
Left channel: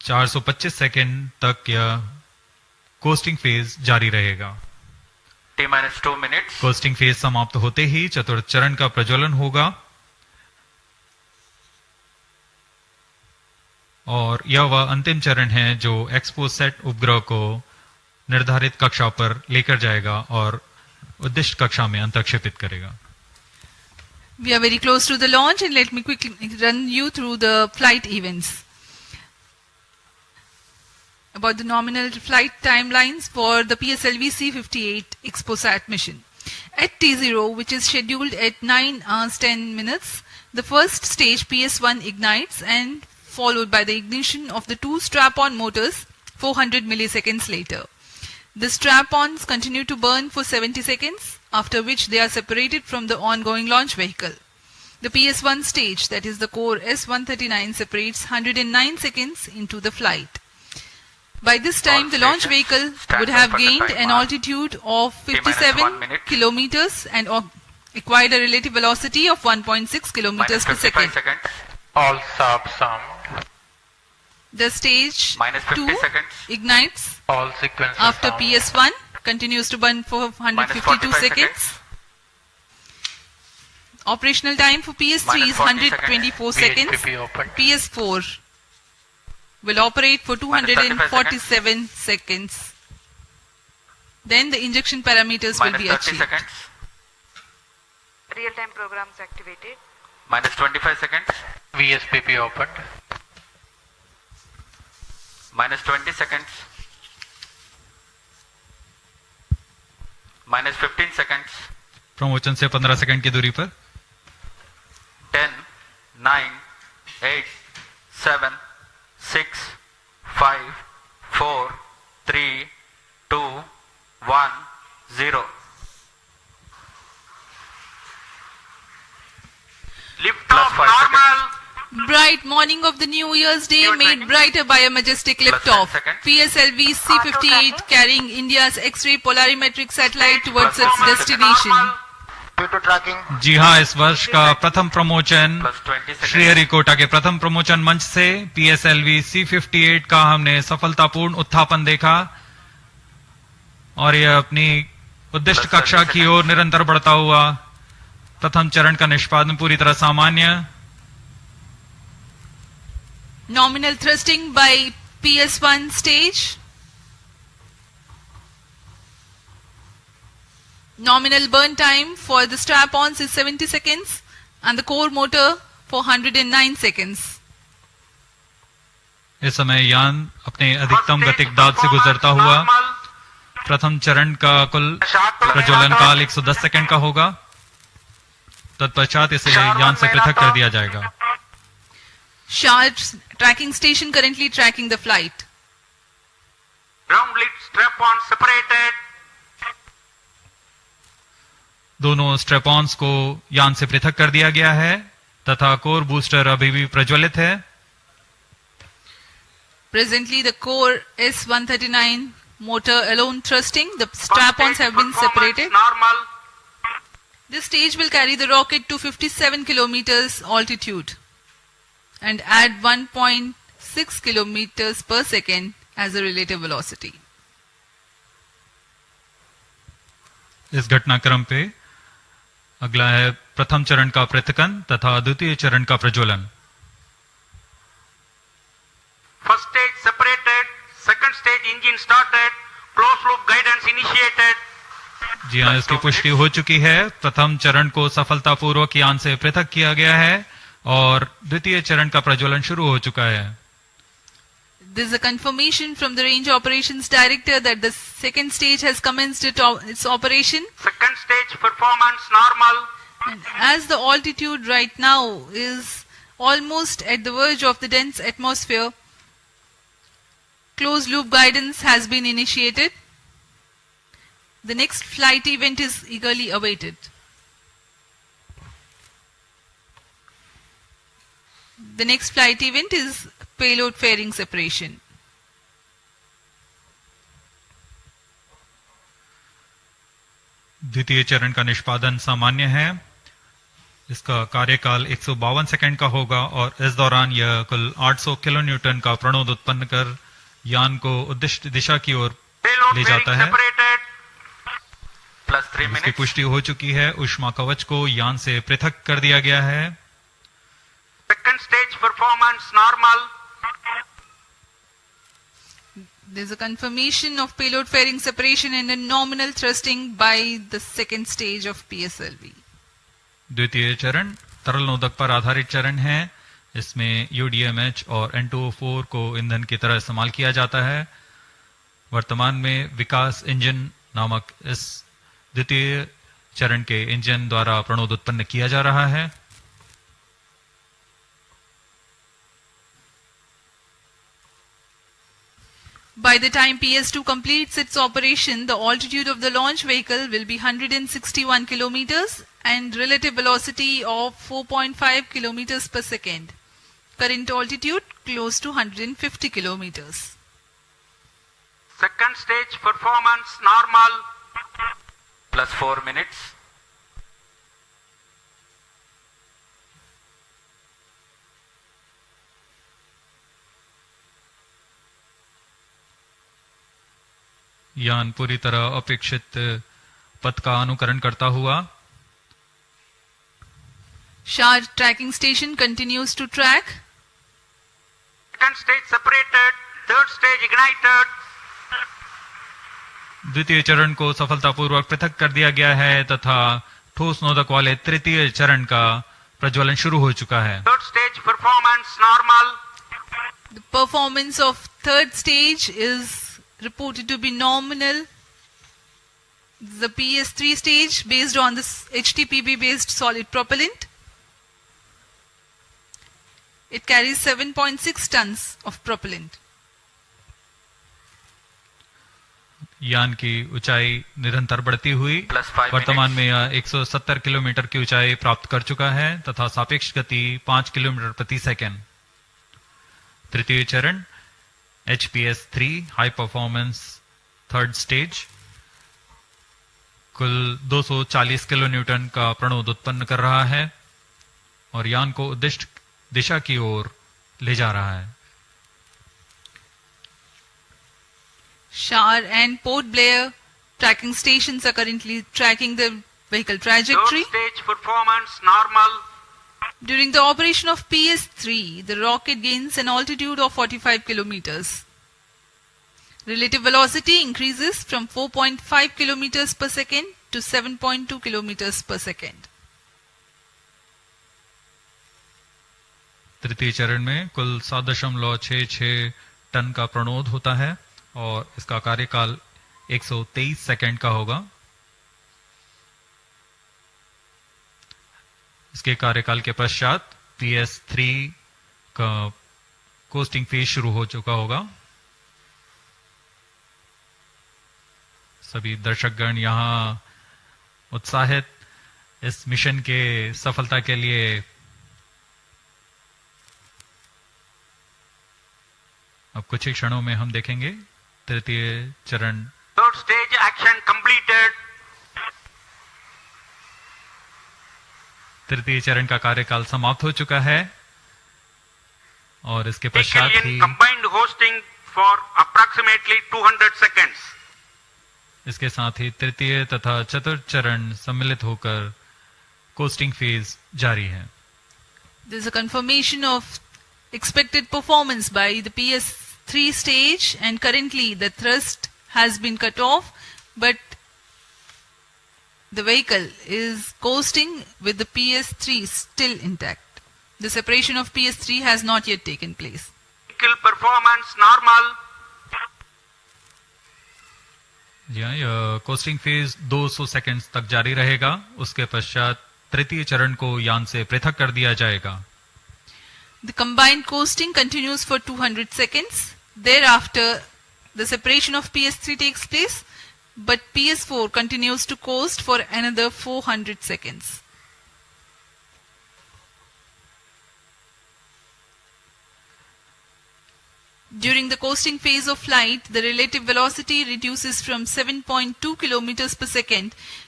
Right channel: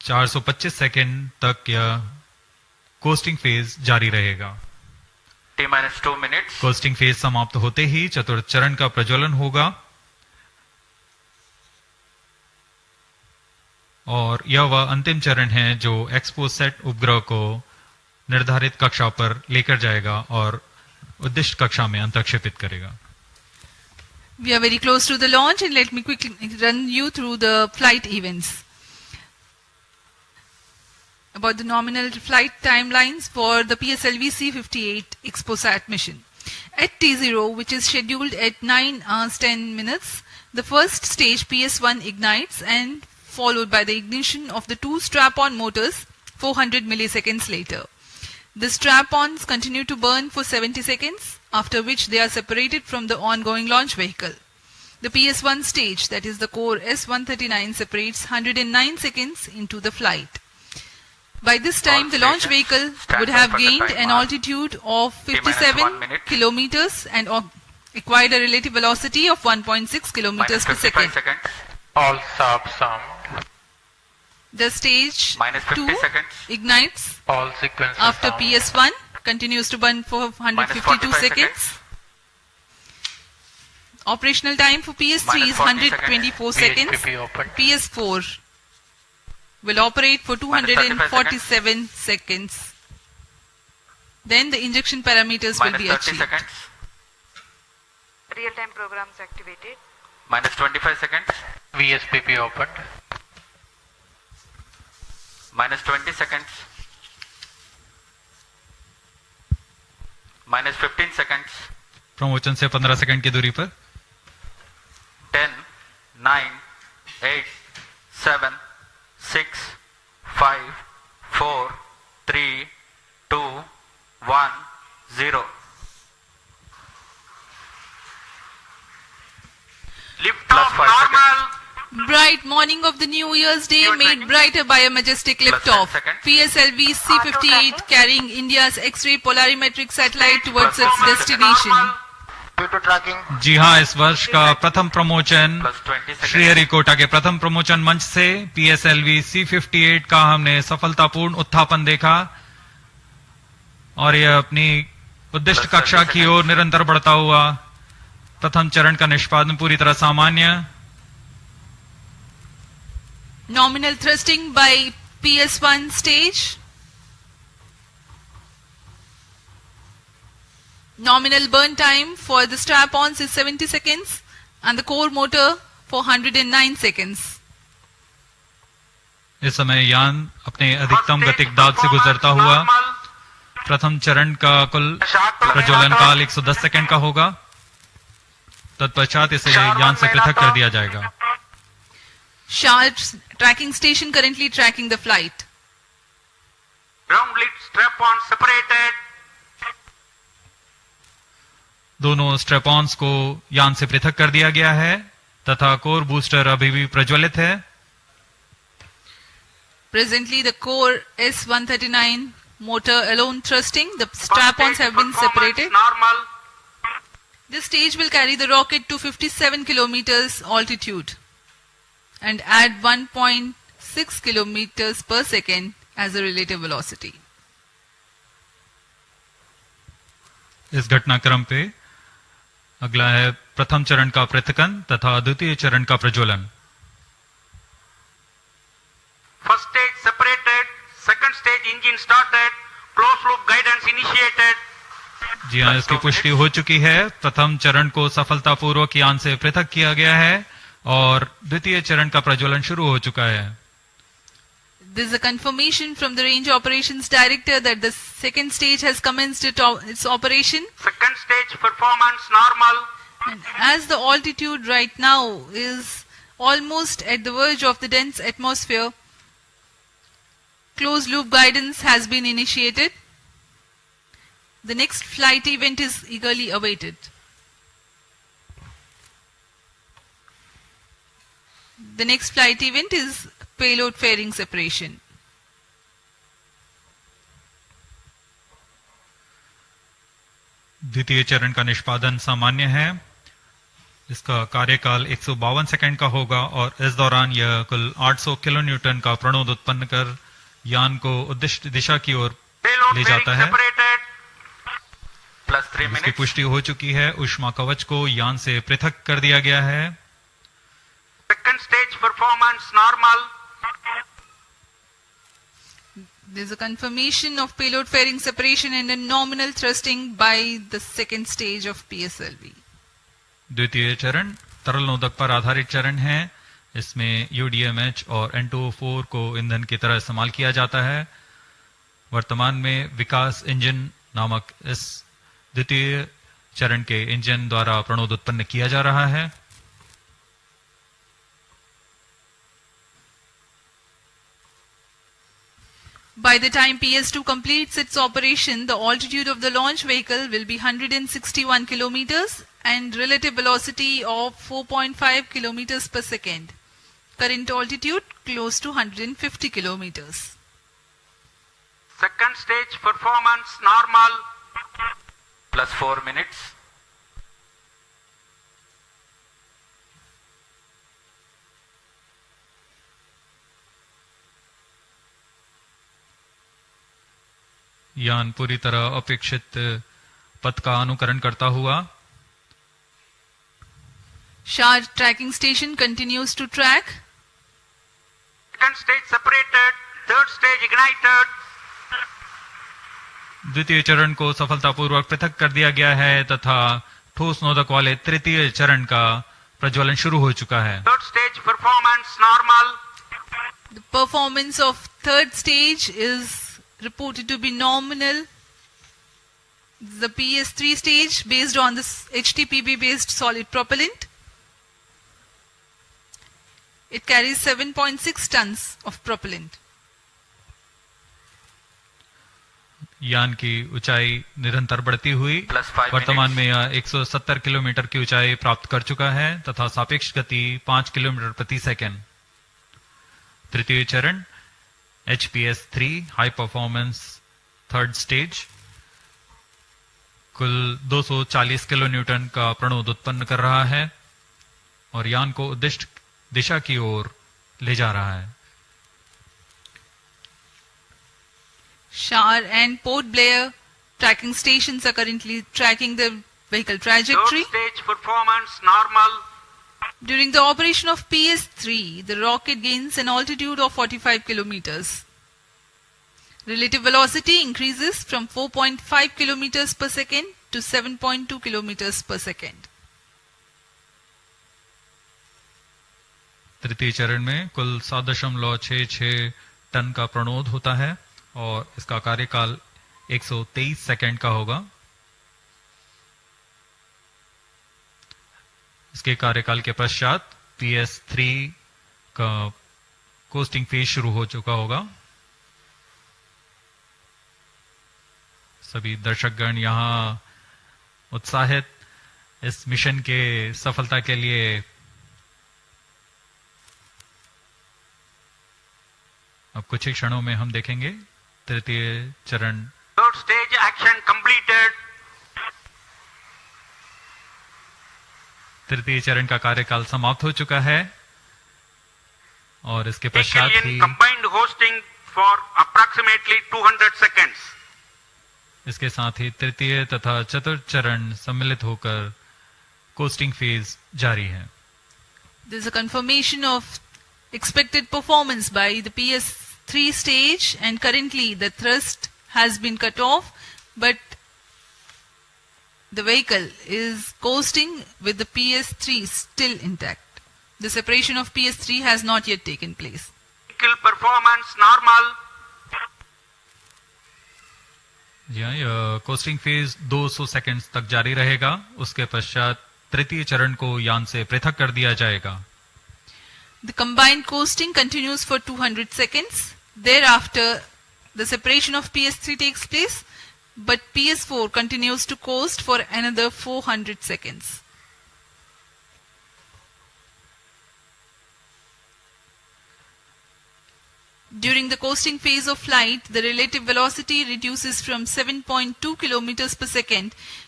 425 सेकंड तक यह कोस्टिंग फेज जारी रहेगा। T-2 minutes. कोस्टिंग फेज समाप्त होते ही चतुर्थ चरण का प्रज्वलन होगा और यह वह अंतिम चरण है जो एक्सपोसैट उपग्रह को निर्धारित कक्षा पर लेकर जाएगा और उद्दिष्ट कक्षा में अंतर्क्षेपित करेगा। We are very close to the launch and let me quickly run you through the flight events. About the nominal flight timelines for the PSLV-C58 XPoSat mission. At T0, which is scheduled at 9 hours 10 minutes, the first stage PS1 ignites and followed by the ignition of the two strap-on motors 400 milliseconds later. The strap-ons continue to burn for 70 seconds, after which they are separated from the ongoing launch vehicle. The PS1 stage, that is the core S139, separates 109 seconds into the flight. By this time, the launch vehicle would have gained an altitude of 57 kilometers and acquired a relative velocity of 1.6 kilometers per second. All subs armed. The stage 2 ignites All sequences after armed. PS1, continues to burn for 152 seconds. Operational time for PS3 is 124 seconds. VHPP open. PS4 will operate for 247 seconds. Then the injection parameters will be achieved. Seconds. Real-time programs activated. Minus 25 seconds. VHPP opened. Minus 20 seconds. Minus 15 seconds. प्रमोचन से 15 second की दूरी पर 10, 9, 8, 7, 6, 5, 4, 3, 2, 1, 0. Lift off normal. Bright morning of the New Year's Day made brighter by a majestic liftoff. PSLV-C58 carrying India's X-ray Polarimeter Satellite towards its destination. Due to tracking. जी हाँ, इस वर्ष का प्रथम प्रमोचन श्रीहरिकोटा के प्रथम प्रमोचन मंच से PSLV-C58 का हमने सफलतापूर्ण उत्थापन देखा और यह अपनी उद्दिष्ट कक्षा की ओर निरंतर बढ़ता हुआ। प्रथम चरण का निष्पादन पूरी तरह सामान्य। Nominal thrusting by PS1 stage. Nominal burn time for the strap-ons is 70 seconds and the core motor for 109 seconds. इस समय यान अपने अधिकतम गतिक दाब से गुजरता हुआ प्रथम चरण का कुल प्रज्वलन काल 110 सेकंड का होगा। तत्पश्चात इसे यान से पृथक कर दिया जाएगा। Sharp's tracking station currently tracking the flight. Ground lead strap-on separated. दोनों स्ट्रेपॉन्स को यान से पृथक कर दिया गया है तथा कोर बूस्टर अभी भी प्रज्वलित है। Presently, the core S139 motor alone thrusting. The strap-ons have been separated. Normal. This stage will carry the rocket to 57 kilometers altitude and add 1.6 kilometers per second as a relative velocity. इस घटनाक्रम पे अगला है प्रथम चरण का पृथकन तथा द्वितीय चरण का प्रज्वलन। First stage separated. Second stage engine started. Closed loop guidance initiated. जी हाँ, इसकी पुष्टि हो चुकी है। प्रथम चरण को सफलतापूर्वक यान से पृथक किया गया है और द्वितीय चरण का प्रज्वलन शुरू हो चुका है। There is a confirmation from the Range Operations Director that the second stage has commenced its operation. Second stage performance normal. And as the altitude right now is almost at the verge of the dense atmosphere, closed loop guidance has been initiated. The next flight event is eagerly awaited. The next flight event is payload fairing separation. द्वितीय चरण का निष्पादन सामान्य है। इसका कार्यकाल 152 second का होगा और इस दौरान यह कुल 800 किलो न्यूटन का प्रणोद उत्पन्न कर यान को उद्दिष्ट दिशा की ओर ले जाता है। इसकी पुष्टि हो चुकी है। ऊष्मा कवच को यान से पृथक कर दिया गया है। Second stage performance normal. There is a confirmation of payload fairing separation and a nominal thrusting by the second stage of PSLV. द्वितीय चरण तरल नोदक पर आधारित चरण है। इसमें UDMH और N2O4 को ईंधन की तरह इस्तेमाल किया जाता है। वर्तमान में विकास इंजन नामक इस द्वितीय चरण के इंजन द्वारा प्रणोद उत्पन्न किया जा रहा है। By the time PS2 completes its operation, the altitude of the launch vehicle will be 161 kilometers and relative velocity of 4.5 kilometers per second. Current altitude close to 150 kilometers. Second stage performance normal. Plus 4 minutes. यान पूरी तरह अपेक्षित पथ का अनुकरण करता हुआ SHAR tracking station continues to track. Second stage separated. Third stage ignited. द्वितीय चरण को सफलतापूर्वक पृथक कर दिया गया है तथा ठोस नोदक वाले तृतीय चरण का प्रज्वलन शुरू हो चुका है। Third stage performance normal. The performance of third stage is reported to be nominal. The PS3 stage based on this HTPB based solid propellant. It carries 7.6 tons of propellant. यान की ऊंचाई निरंतर बढ़ती हुई वर्तमान में यह 170 किलोमीटर की ऊंचाई प्राप्त कर चुका है तथा सापेक्ष गति 5 किलोमीटर प्रति सेकंड। तृतीय चरण HPS3 high performance third stage कुल 240 किलो न्यूटन का प्रणोद उत्पन्न कर रहा है और यान को उद्दिष्ट दिशा की ओर ले जा रहा है। SHAR and Port Blair tracking stations are currently tracking the vehicle trajectory. Third stage performance normal. During the operation of PS3, the rocket gains an altitude of 45 kilometers. Relative velocity increases from 4.5 kilometers per second to 7.2 kilometers per second. तृतीय चरण में कुल 7.66 ton का प्रणोद होता है और इसका कार्यकाल 123 सेकंड का होगा। इसके कार्यकाल के पश्चात PS3 का कोस्टिंग फेज शुरू हो चुका होगा। सभी दर्शकगण यहाँ उत्साहित इस मिशन के सफलता के लिए अब कुछ ही क्षणों में हम देखेंगे तृतीय चरण। Third stage action completed. तृतीय चरण का कार्यकाल समाप्त हो चुका है और इसके पश्चात ही combined hosting for approximately 200 seconds. इसके साथ ही तृतीय तथा चतुर्थ चरण सम्मिलित होकर कोस्टिंग फेज जारी है। There is a confirmation of expected performance by the PS3 stage and currently the thrust has been cut off but the vehicle is coasting with the PS3 still intact. The separation of PS3 has not yet taken place. Vehicle performance normal. जी हाँ, यह costing phase 200 seconds तक जारी रहेगा। उसके पश्चात तृतीय चरण को यान से पृथक कर दिया जाएगा। The combined coasting continues for 200 seconds. Thereafter, the separation of PS3 takes place, but PS4 continues to coast for another 400 seconds. During the coasting phase of flight, the relative velocity reduces from 7.2 kilometers per second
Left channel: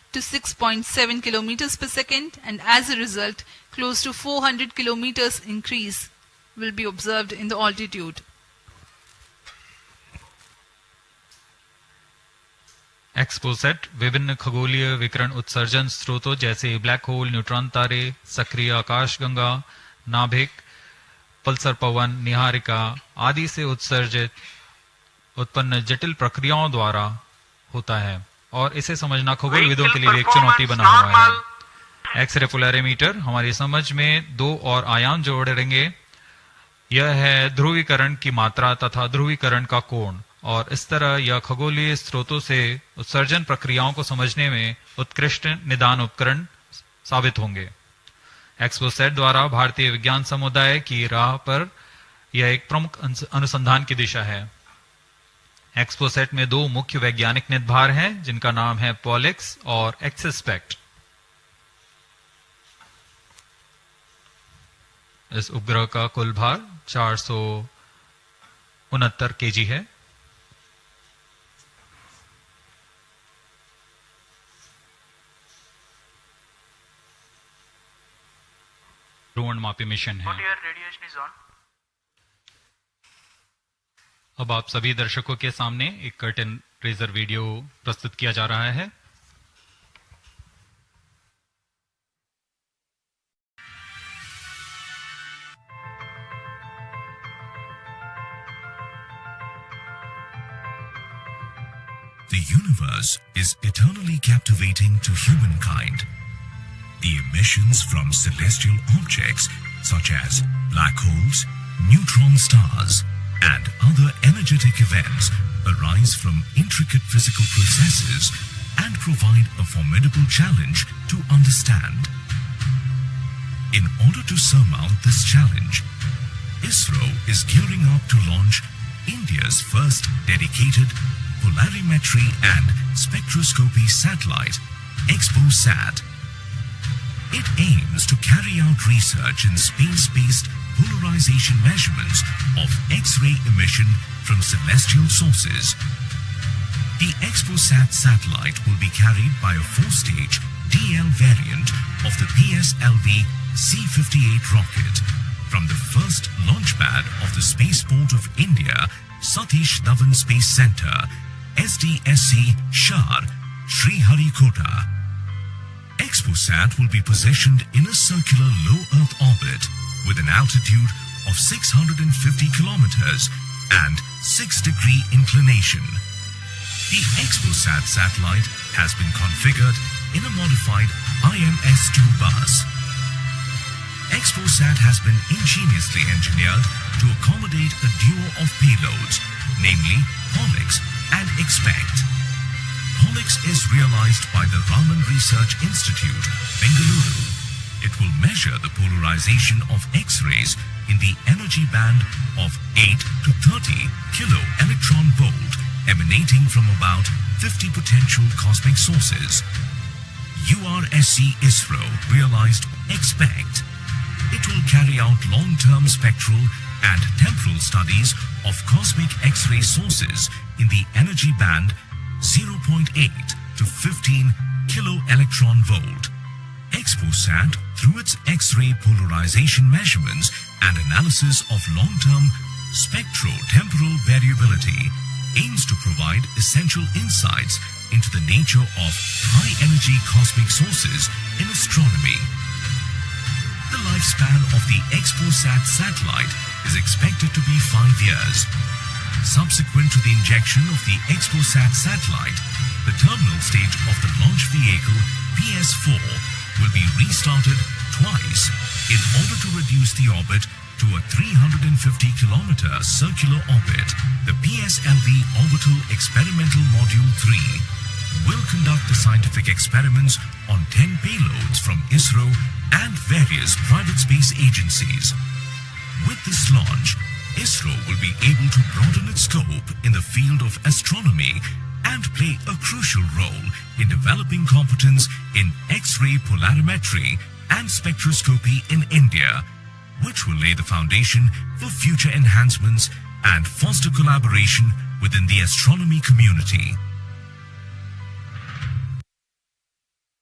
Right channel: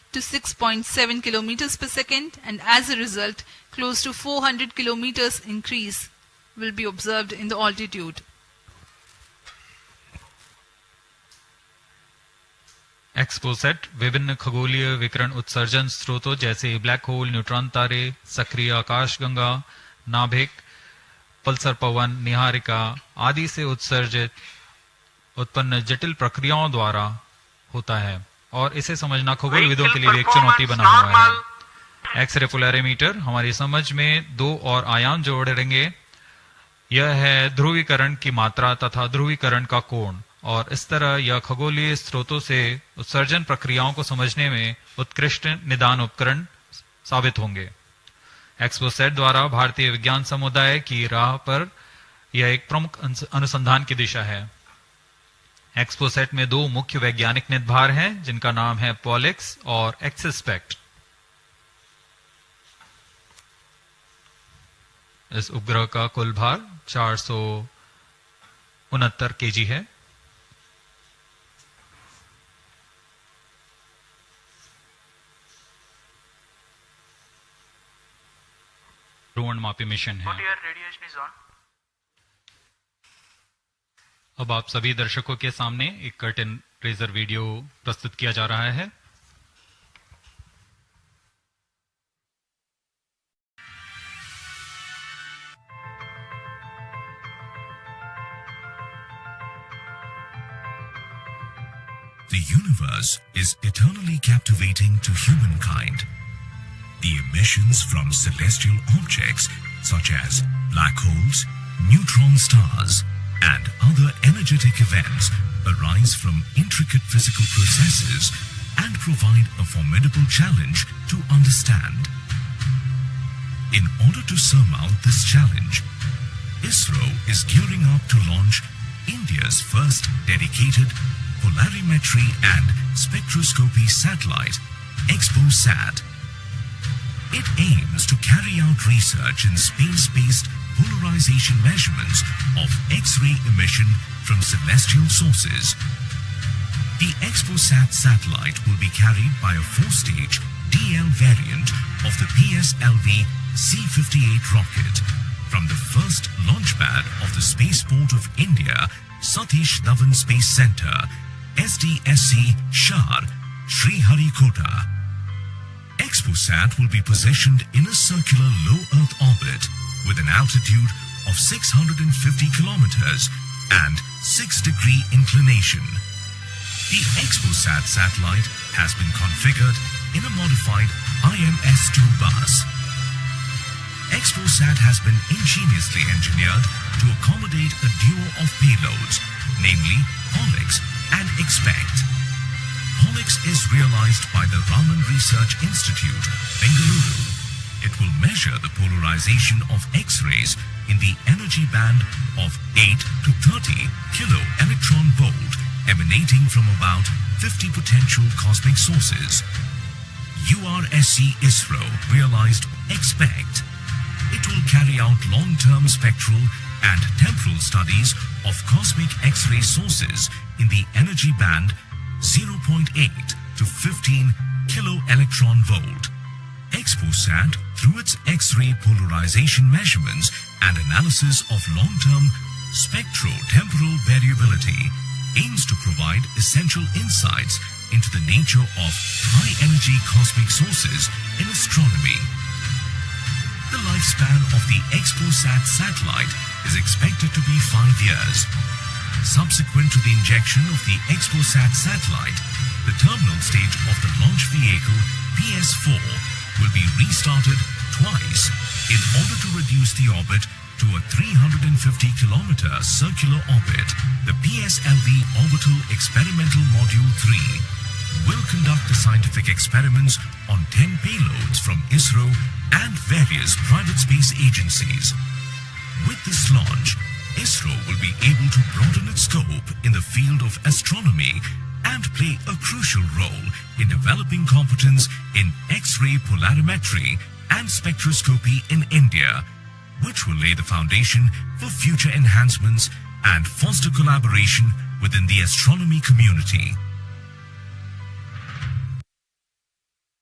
to 6.7 kilometers per second, and as a result, close to 400 kilometers increase will be observed in the altitude. XPoSat विभिन्न खगोलीय विकिरण उत्सर्जन स्रोतों जैसे black hole, neutron तारे, सक्रिय आकाशगंगा, नाभिक, पल्सर पवन, निहारिका आदि से उत्सर्जित उत्पन्न जटिल प्रक्रियाओं द्वारा होता है और इसे समझना खगोलविदों के लिए एक चुनौती बना हुआ है। एक्सरे पोलैरिमीटर हमारी समझ में दो और आयाम जोड़ेंगे। यह है ध्रुवीकरण की मात्रा तथा ध्रुवीकरण का कोण, और इस तरह यह खगोलीय स्रोतों से उत्सर्जन प्रक्रियाओं को समझने में उत्कृष्ट निदान उपकरण साबित होंगे। एक्सपोसैट द्वारा भारतीय विज्ञान समुदाय की राह पर यह एक प्रमुख अनुसंधान की दिशा है। एक्सपोसैट में दो मुख्य वैज्ञानिक निदभार हैं जिनका नाम है पॉलिक्स और एक्सस्पेक्ट। इस उपग्रह का कुल भार 469 केजी है। ध्रुवणमापी मिशन है। अब आप सभी दर्शकों के सामने एक कर्टन रेजर वीडियो प्रस्तुत किया जा रहा है। The universe is eternally captivating to humankind. The emissions from celestial objects such as black holes, neutron stars, and other energetic events arise from intricate physical processes and provide a formidable challenge to understand. In order to surmount this challenge, Isro is gearing up to launch India's first dedicated polarimetry and spectroscopy satellite, XPoSat. It aims to carry out research in space-based polarization measurements of X-ray emission from celestial sources. The XPoSat satellite will be carried by a 4-stage DL variant of the PSLV-C58 rocket from the first launch pad of the Spaceport of India, Satish Dhawan Space Center, SDSC, Shar, Sriharikota. XPoSat will be positioned in a circular low Earth orbit with an altitude of 650 kilometers and 6-degree inclination. The XPoSat satellite has been configured in a modified IMS-2 bus. XPoSat has been ingeniously engineered to accommodate a duo of payloads, namely Pollux and Expect. Pollux is realized by the Raman Research Institute, Bengaluru. It will measure the polarization of X-rays in the energy band of 8 to 30 kilo electron volt emanating from about 50 potential cosmic sources. URSC Isro realized Expect. It will carry out long-term spectral and temporal studies of cosmic X-ray sources in the energy band 0.8 to 15 kilo electron volt. XPoSat, through its X-ray polarization measurements and analysis of long-term spectro-temporal variability, aims to provide essential insights into the nature of high-energy cosmic sources in astronomy. The lifespan of the XPoSat satellite is expected to be 5 years. Subsequent to the injection of the XPoSat satellite, the terminal stage of the launch vehicle PS4 will be restarted twice in order to reduce the orbit to a 350-kilometer circular orbit. The PSLV Orbital Experimental Module 3 will conduct the scientific experiments on 10 payloads from Isro and various private space agencies. With this launch, Isro will be able to broaden its scope in the field of astronomy and play a crucial role in developing competence in X-ray polarimetry and spectroscopy in India, which will lay the foundation for future enhancements and foster collaboration within the astronomy community.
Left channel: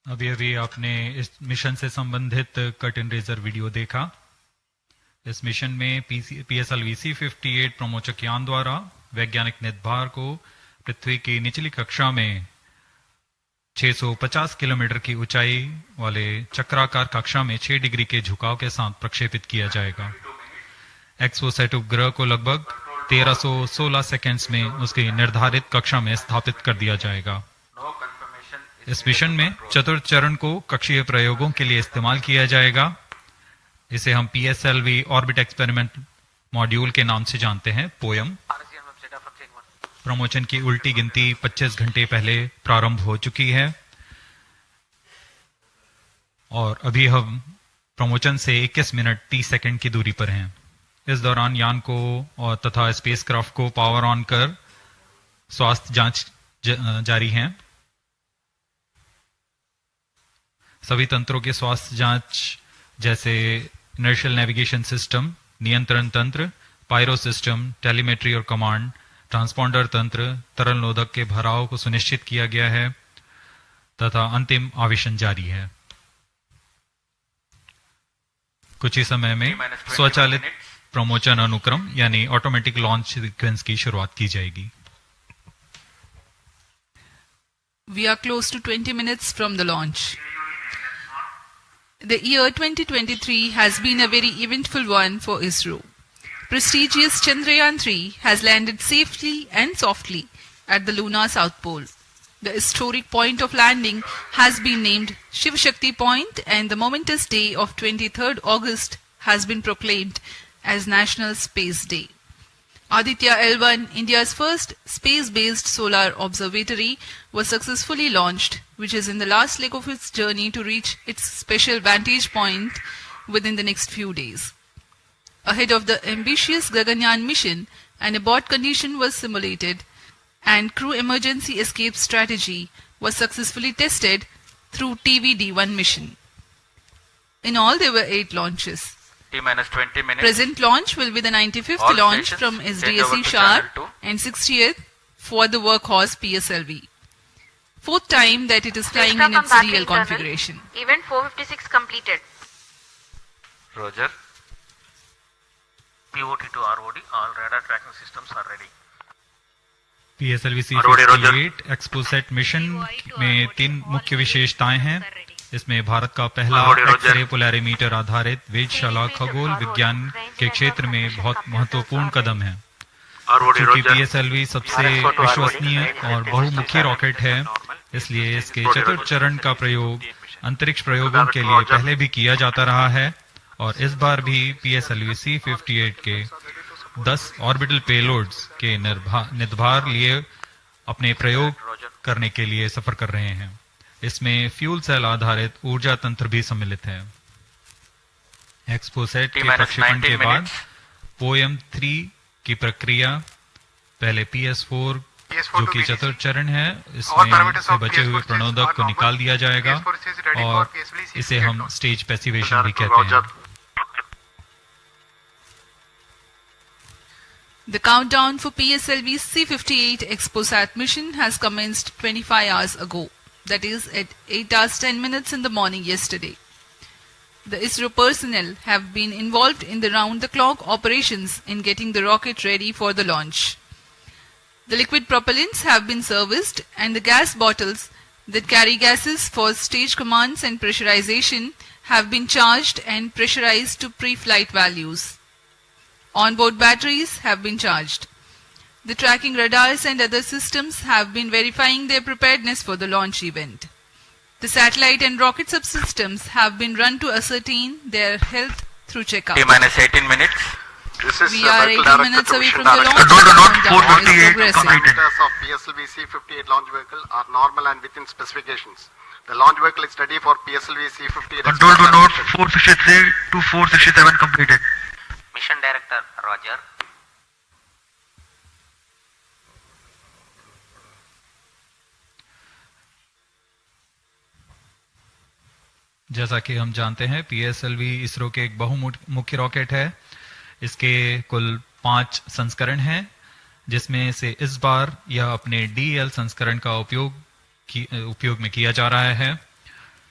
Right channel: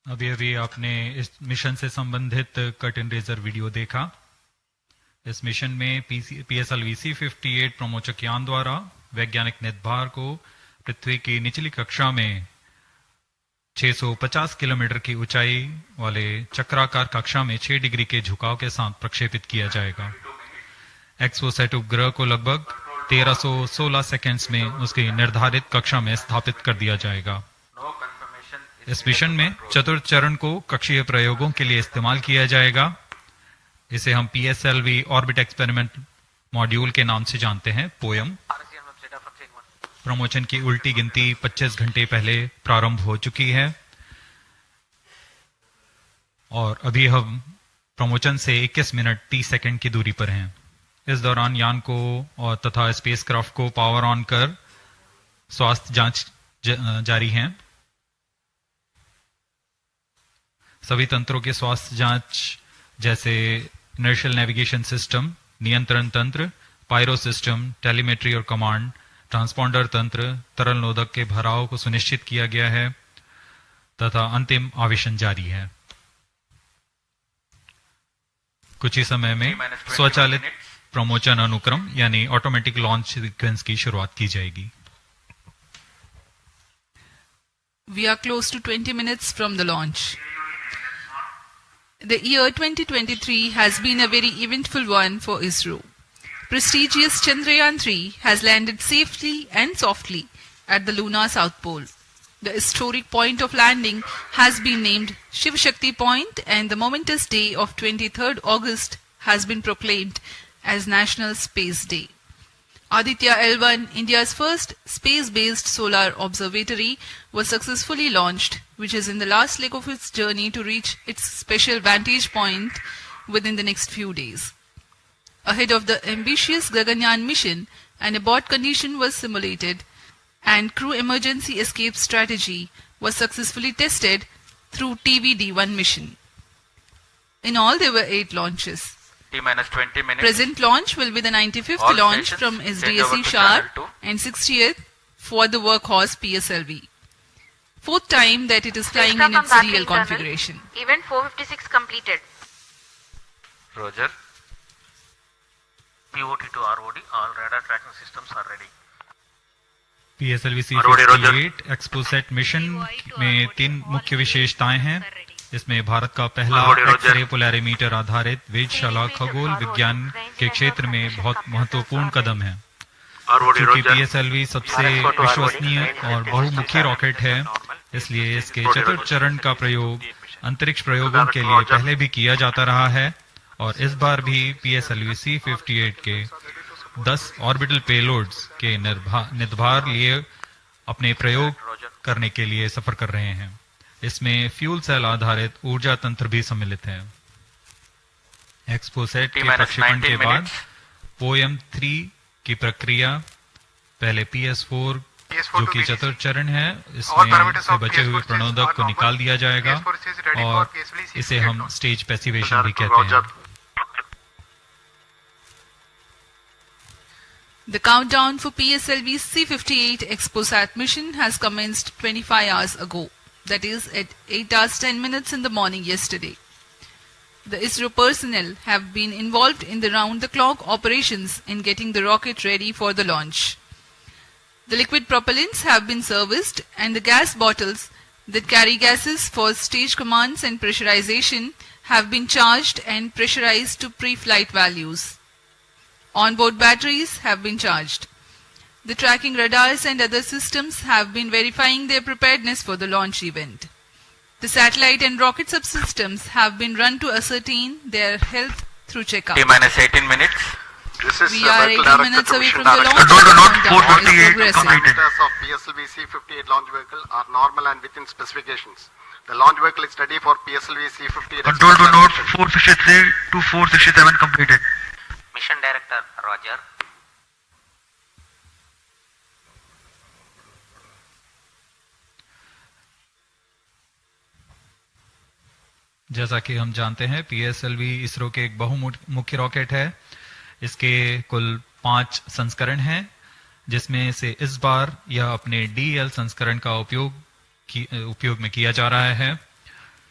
अभी अभी आपने इस mission से संबंधित cut in razor video देखा। इस mission में PSLV-C58 प्रमोचक यान द्वारा वैज्ञानिक निर्धार को पृथ्वी की निचली कक्षा में 650 किलोमीटर की ऊंचाई वाले चक्राकार कक्षा में 6 डिग्री के झुकाव के साथ प्रक्षेपित किया जाएगा। XPoSat उपग्रह को लगभग 1316 सेकेंड्स में उसकी निर्धारित कक्षा में स्थापित कर दिया जाएगा। इस मिशन में चतुर्थ चरण को कक्षीय प्रयोगों के लिए इस्तेमाल किया जाएगा। इसे हम PSLV ऑर्बिट एक्सपेरिमेंट मॉड्यूल के नाम से जानते हैं, पोयम। प्रमोशन की उल्टी गिनती 25 घंटे पहले प्रारंभ हो चुकी है और अभी हम प्रमोशन से 21 मिनट 30 सेकंड की दूरी पर हैं। इस दौरान यान को और तथा स्पेसक्राफ्ट को पावर ऑन कर स्वास्थ्य जांच जारी है। सभी तंत्रों के स्वास्थ्य जांच जैसे इनर्शियल नेविगेशन सिस्टम, नियंत्रण तंत्र, पायरो सिस्टम, टेलीमेट्री और कमांड, ट्रांसपॉन्डर तंत्र, तरल नोदक के भराव को सुनिश्चित किया गया है तथा अंतिम आवेशन जारी है। कुछ ही समय में स्वचालित प्रमोशन अनुक्रम यानी ऑटोमेटिक लॉन्च सीक्वेंस की शुरुआत की जाएगी। We are close to 20 minutes from the launch. The year 2023 has been a very eventful one for Isro. Prestigious Chandrayaan-3 has landed safely and softly at the lunar south pole. The historic point of landing has been named Shiv Shakti Point, and the momentous day of 23rd August has been proclaimed as National Space Day. Aditya L1, India's first space-based solar observatory, was successfully launched, which is in the last leg of its journey to reach its special vantage point within the next few days. Ahead of the ambitious Gaganyaan mission, an abort condition was simulated and crew emergency escape strategy was successfully tested through TVD-1 mission. In all, there were 8 launches. T-20 minutes. Present launch will be the 95th All launch from stations, SDSC change over to Sharp channel 2. and 60th for the workhorse PSLV. 4th time that it is flying in its real configuration. Event 456 completed. Roger. POT to ROD, all radar tracking systems are ready. PSLV-C58 XPoSat mission में 3 मुख्य विशेषताएं हैं। इसमें भारत का पहला X-ray Polarimeter आधारित वेधशाला खगोल विज्ञान के क्षेत्र में बहुत महत्वपूर्ण कदम है। क्योंकि PSLV सबसे विश्वसनीय और बहुमुखी रॉकेट है, इसलिए इसके चतुर्थ चरण का प्रयोग अंतरिक्ष प्रयोगों के लिए पहले भी किया जाता रहा है और इस बार भी PSLV-C58 के 10 ऑर्बिटल पेलोड्स के निर्धार लिए अपने प्रयोग करने के लिए सफर कर रहे हैं। इसमें फ्यूल सेल आधारित ऊर्जा तंत्र भी सम्मिलित है। XPoSat के प्रक्षेपण के बाद पोयम 3 की प्रक्रिया पहले PS4 जो कि चतुर्थ चरण है, इसमें से बचे हुए प्रणोदक को निकाल दिया जाएगा और इसे हम स्टेज पैसिवेशन भी कहते हैं। The countdown for PSLV-C58 XPoSat mission has commenced 25 hours ago. That is at 8 hours 10 minutes in the morning yesterday. The Isro personnel have been involved in the round-the-clock operations in getting the rocket ready for the launch. The liquid propellants have been serviced and the gas bottles that carry gases for stage commands and pressurization have been charged and pressurized to pre-flight values. Onboard batteries have been charged. The tracking radars and other systems have been verifying their preparedness for the launch event. The satellite and rocket subsystems have been run to ascertain their health through checkup. T-18 minutes. We are 18 minutes away from the launch. Countdown is progressing. Parameters of PSLV-C58 launch vehicle are normal and within specifications. The launch vehicle is ready for PSLV-C58. Control to note 463 to 467 completed. Mission Director, Roger. जैसा कि हम जानते हैं PSLV ISRO के एक बहुमुखी rocket है। इसके कुल 5 संस्करण हैं, जिसमें से इस बार यह अपने DL संस्करण का उपयोग में किया जा रहा है।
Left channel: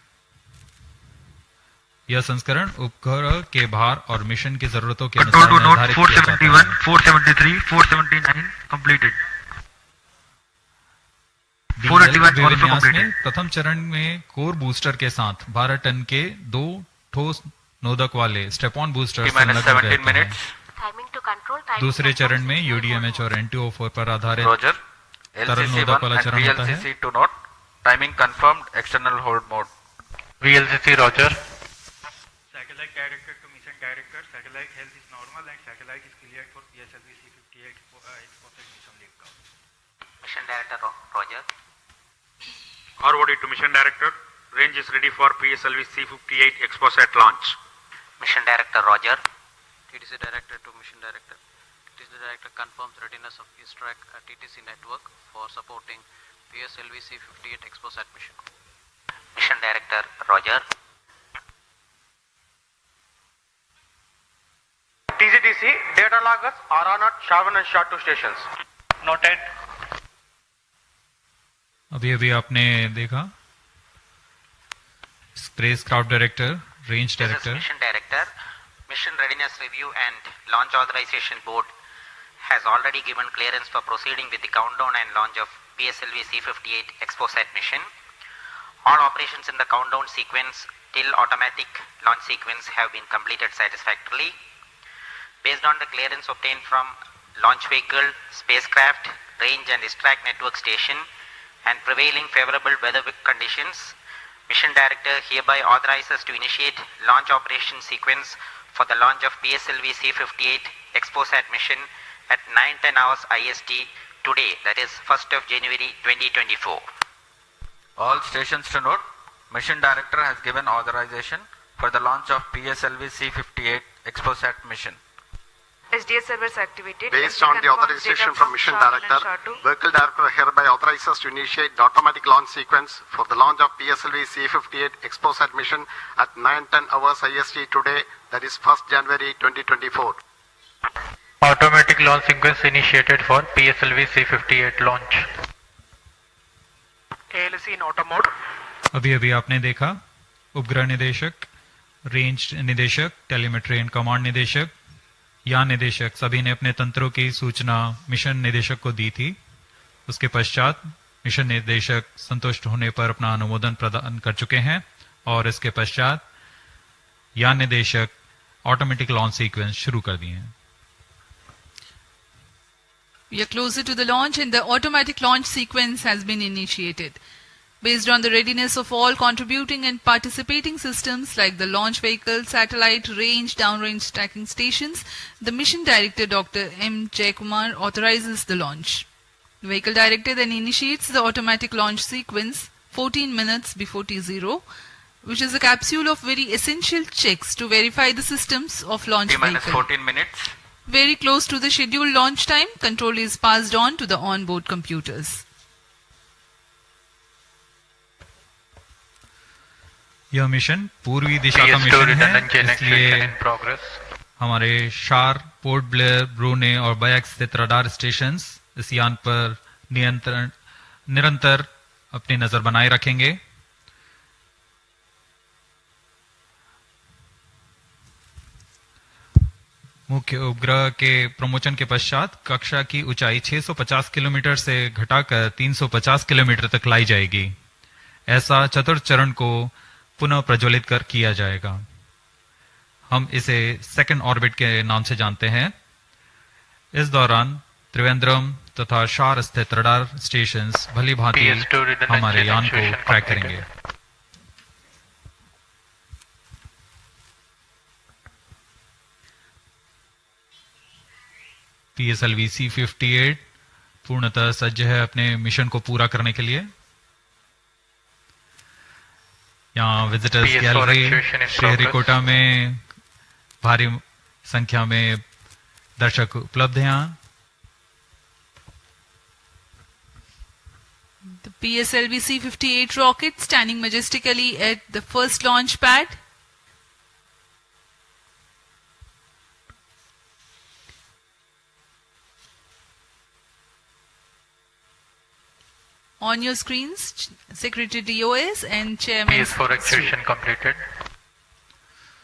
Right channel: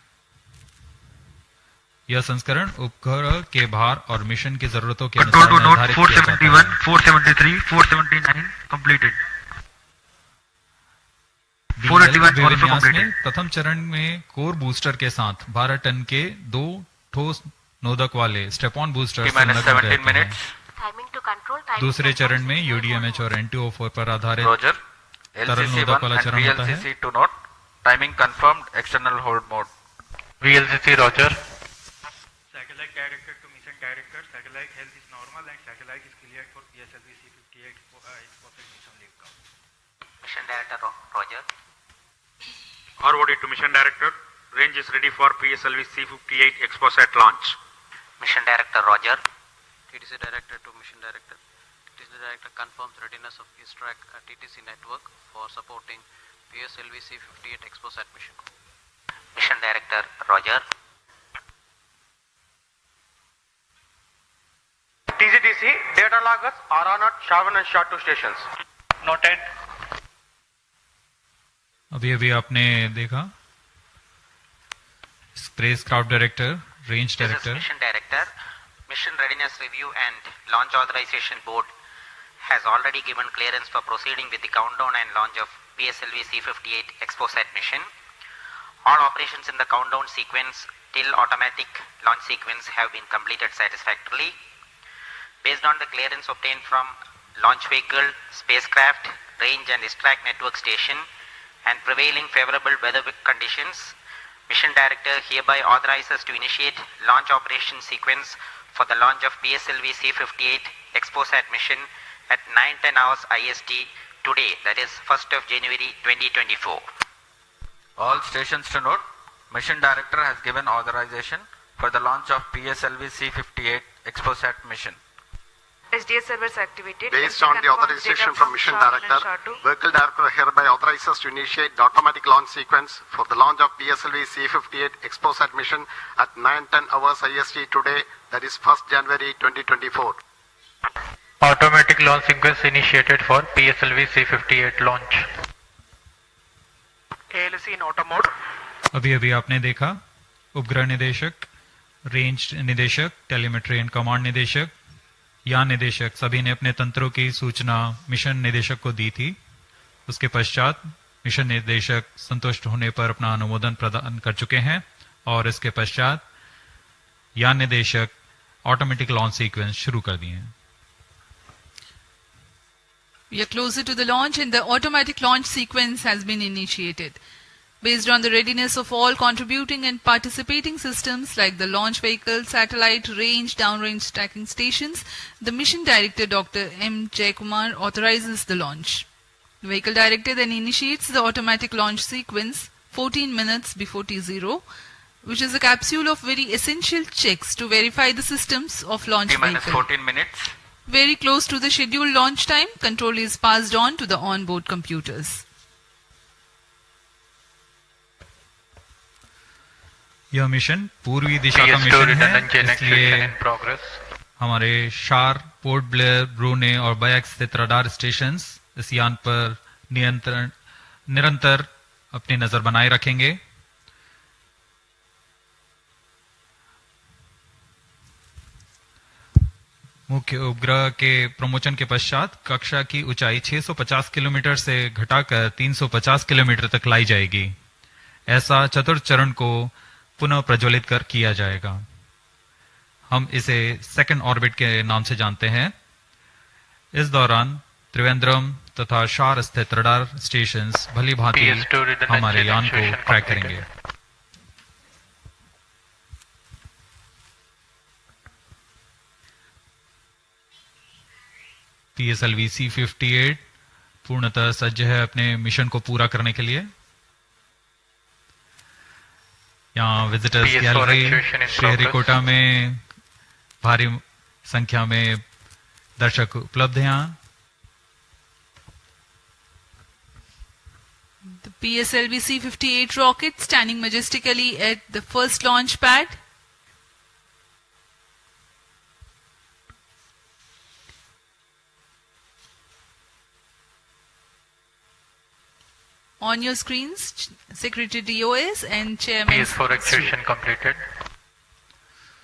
यह संस्करण उपग्रह के भार और मिशन की जरूरतों के Control अनुसार to note निर्धारित किया जाता 471, है। 473, 479 completed. DL 481 also विन्यास completed. में प्रथम चरण में कोर बूस्टर के साथ 12 टन के 2 ठोस नोदक वाले स्टेप-ऑन बूस्टर संलग्न रहते हैं। Timing to control. दूसरे चरण में UDMH और NTO4 पर आधारित Roger. तरल नोदक वाला LCC1 and चरण होता है। VLCC to note. Timing confirmed. External hold mode. VLCC Roger. Satellite director to mission director. Satellite health is normal and satellite is cleared for PSLV-C58 XPoSat mission liftoff. Mission Director Roger. ROD to Mission Director. Range is ready for PSLV-C58 XPoSat launch. Mission Director Roger. TTC Director to Mission Director. TTC Director confirms readiness of his track at TTC network for supporting PSLV-C58 XPoSat mission. Mission Director Roger. TGTC data loggers are on at Shavan and SHA 2 stations. Noted. अभी अभी आपने देखा spacecraft director, range This is director, Mission Director. Mission Readiness Review and Launch Authorization Board has already given clearance for proceeding with the countdown and launch of PSLV-C58 XPoSat mission. All operations in the countdown sequence till automatic launch sequence have been completed satisfactorily. Based on the clearance obtained from launch vehicle, spacecraft, range and ISTRAC network station and prevailing favorable weather conditions, Mission Director hereby authorizes to initiate launch operation sequence for the launch of PSLV-C58 XPoSat mission at 9:10 hours IST today, that is 1st of January 2024. All stations to note. Mission Director has given authorization for the launch of PSLV-C58 XPoSat mission. SDS servers activated. Based on the authorization from Mission Director, Vehicle Director hereby authorizes to initiate the automatic launch sequence for the launch of PSLV-C58 XPoSat mission at 9:10 hours IST today, that is 1st January 2024. Automatic launch sequence initiated for PSLV-C58 launch. ALC in auto mode. अभी अभी आपने देखा उपग्रह निदेशक, range निदेशक, telemetry and command निदेशक, यान निदेशक सभी ने अपने तंत्रों की सूचना मिशन निदेशक को दी थी। उसके पश्चात मिशन निदेशक संतुष्ट होने पर अपना अनुमोदन प्रदान कर चुके हैं और इसके पश्चात यान निदेशक ऑटोमेटिक लॉन्च सीक्वेंस शुरू कर दिए हैं। We are closer to the launch and the automatic launch sequence has been initiated. Based on the readiness of all contributing and participating systems like the launch vehicle, satellite, range, downrange tracking stations, the Mission Director Dr. M. Jaikumar authorizes the launch. The Vehicle Director then initiates the automatic launch sequence 14 minutes before T0, which is a capsule of very essential checks to verify the systems of launch vehicle. 14 minutes. Very close to the scheduled launch time, control is passed on to the onboard computers. यह mission पूर्वी दिशा का mission है, इसलिए हमारे शार, port Blair, ब्रूने और back स्थित radar stations इस यान पर निरंतर अपनी नजर बनाए रखेंगे। मुख्य उपग्रह के प्रमोशन के पश्चात कक्षा की ऊंचाई 650 किलोमीटर से घटाकर 350 किलोमीटर तक लाई जाएगी। ऐसा चतुर्थ चरण को पुनः प्रज्वलित किया जाएगा। हम इसे सेकंड ऑर्बिट के नाम से जानते हैं। इस दौरान त्रिवेंद्रम तथा शार स्थित रडार स्टेशंस भली भांति हमारे यान को ट्रैक करेंगे। PSLV-C58 पूर्णतः सज्ज है अपने मिशन को पूरा करने के लिए। यहाँ विजिटर्स गैलरी श्रीहरिकोटा में भारी संख्या में दर्शक उपलब्ध हैं। यहाँ The PSLV-C58 rocket standing majestically at the first launch pad. On your screens, Secretary DOS and Chairman. PS4 execution completed.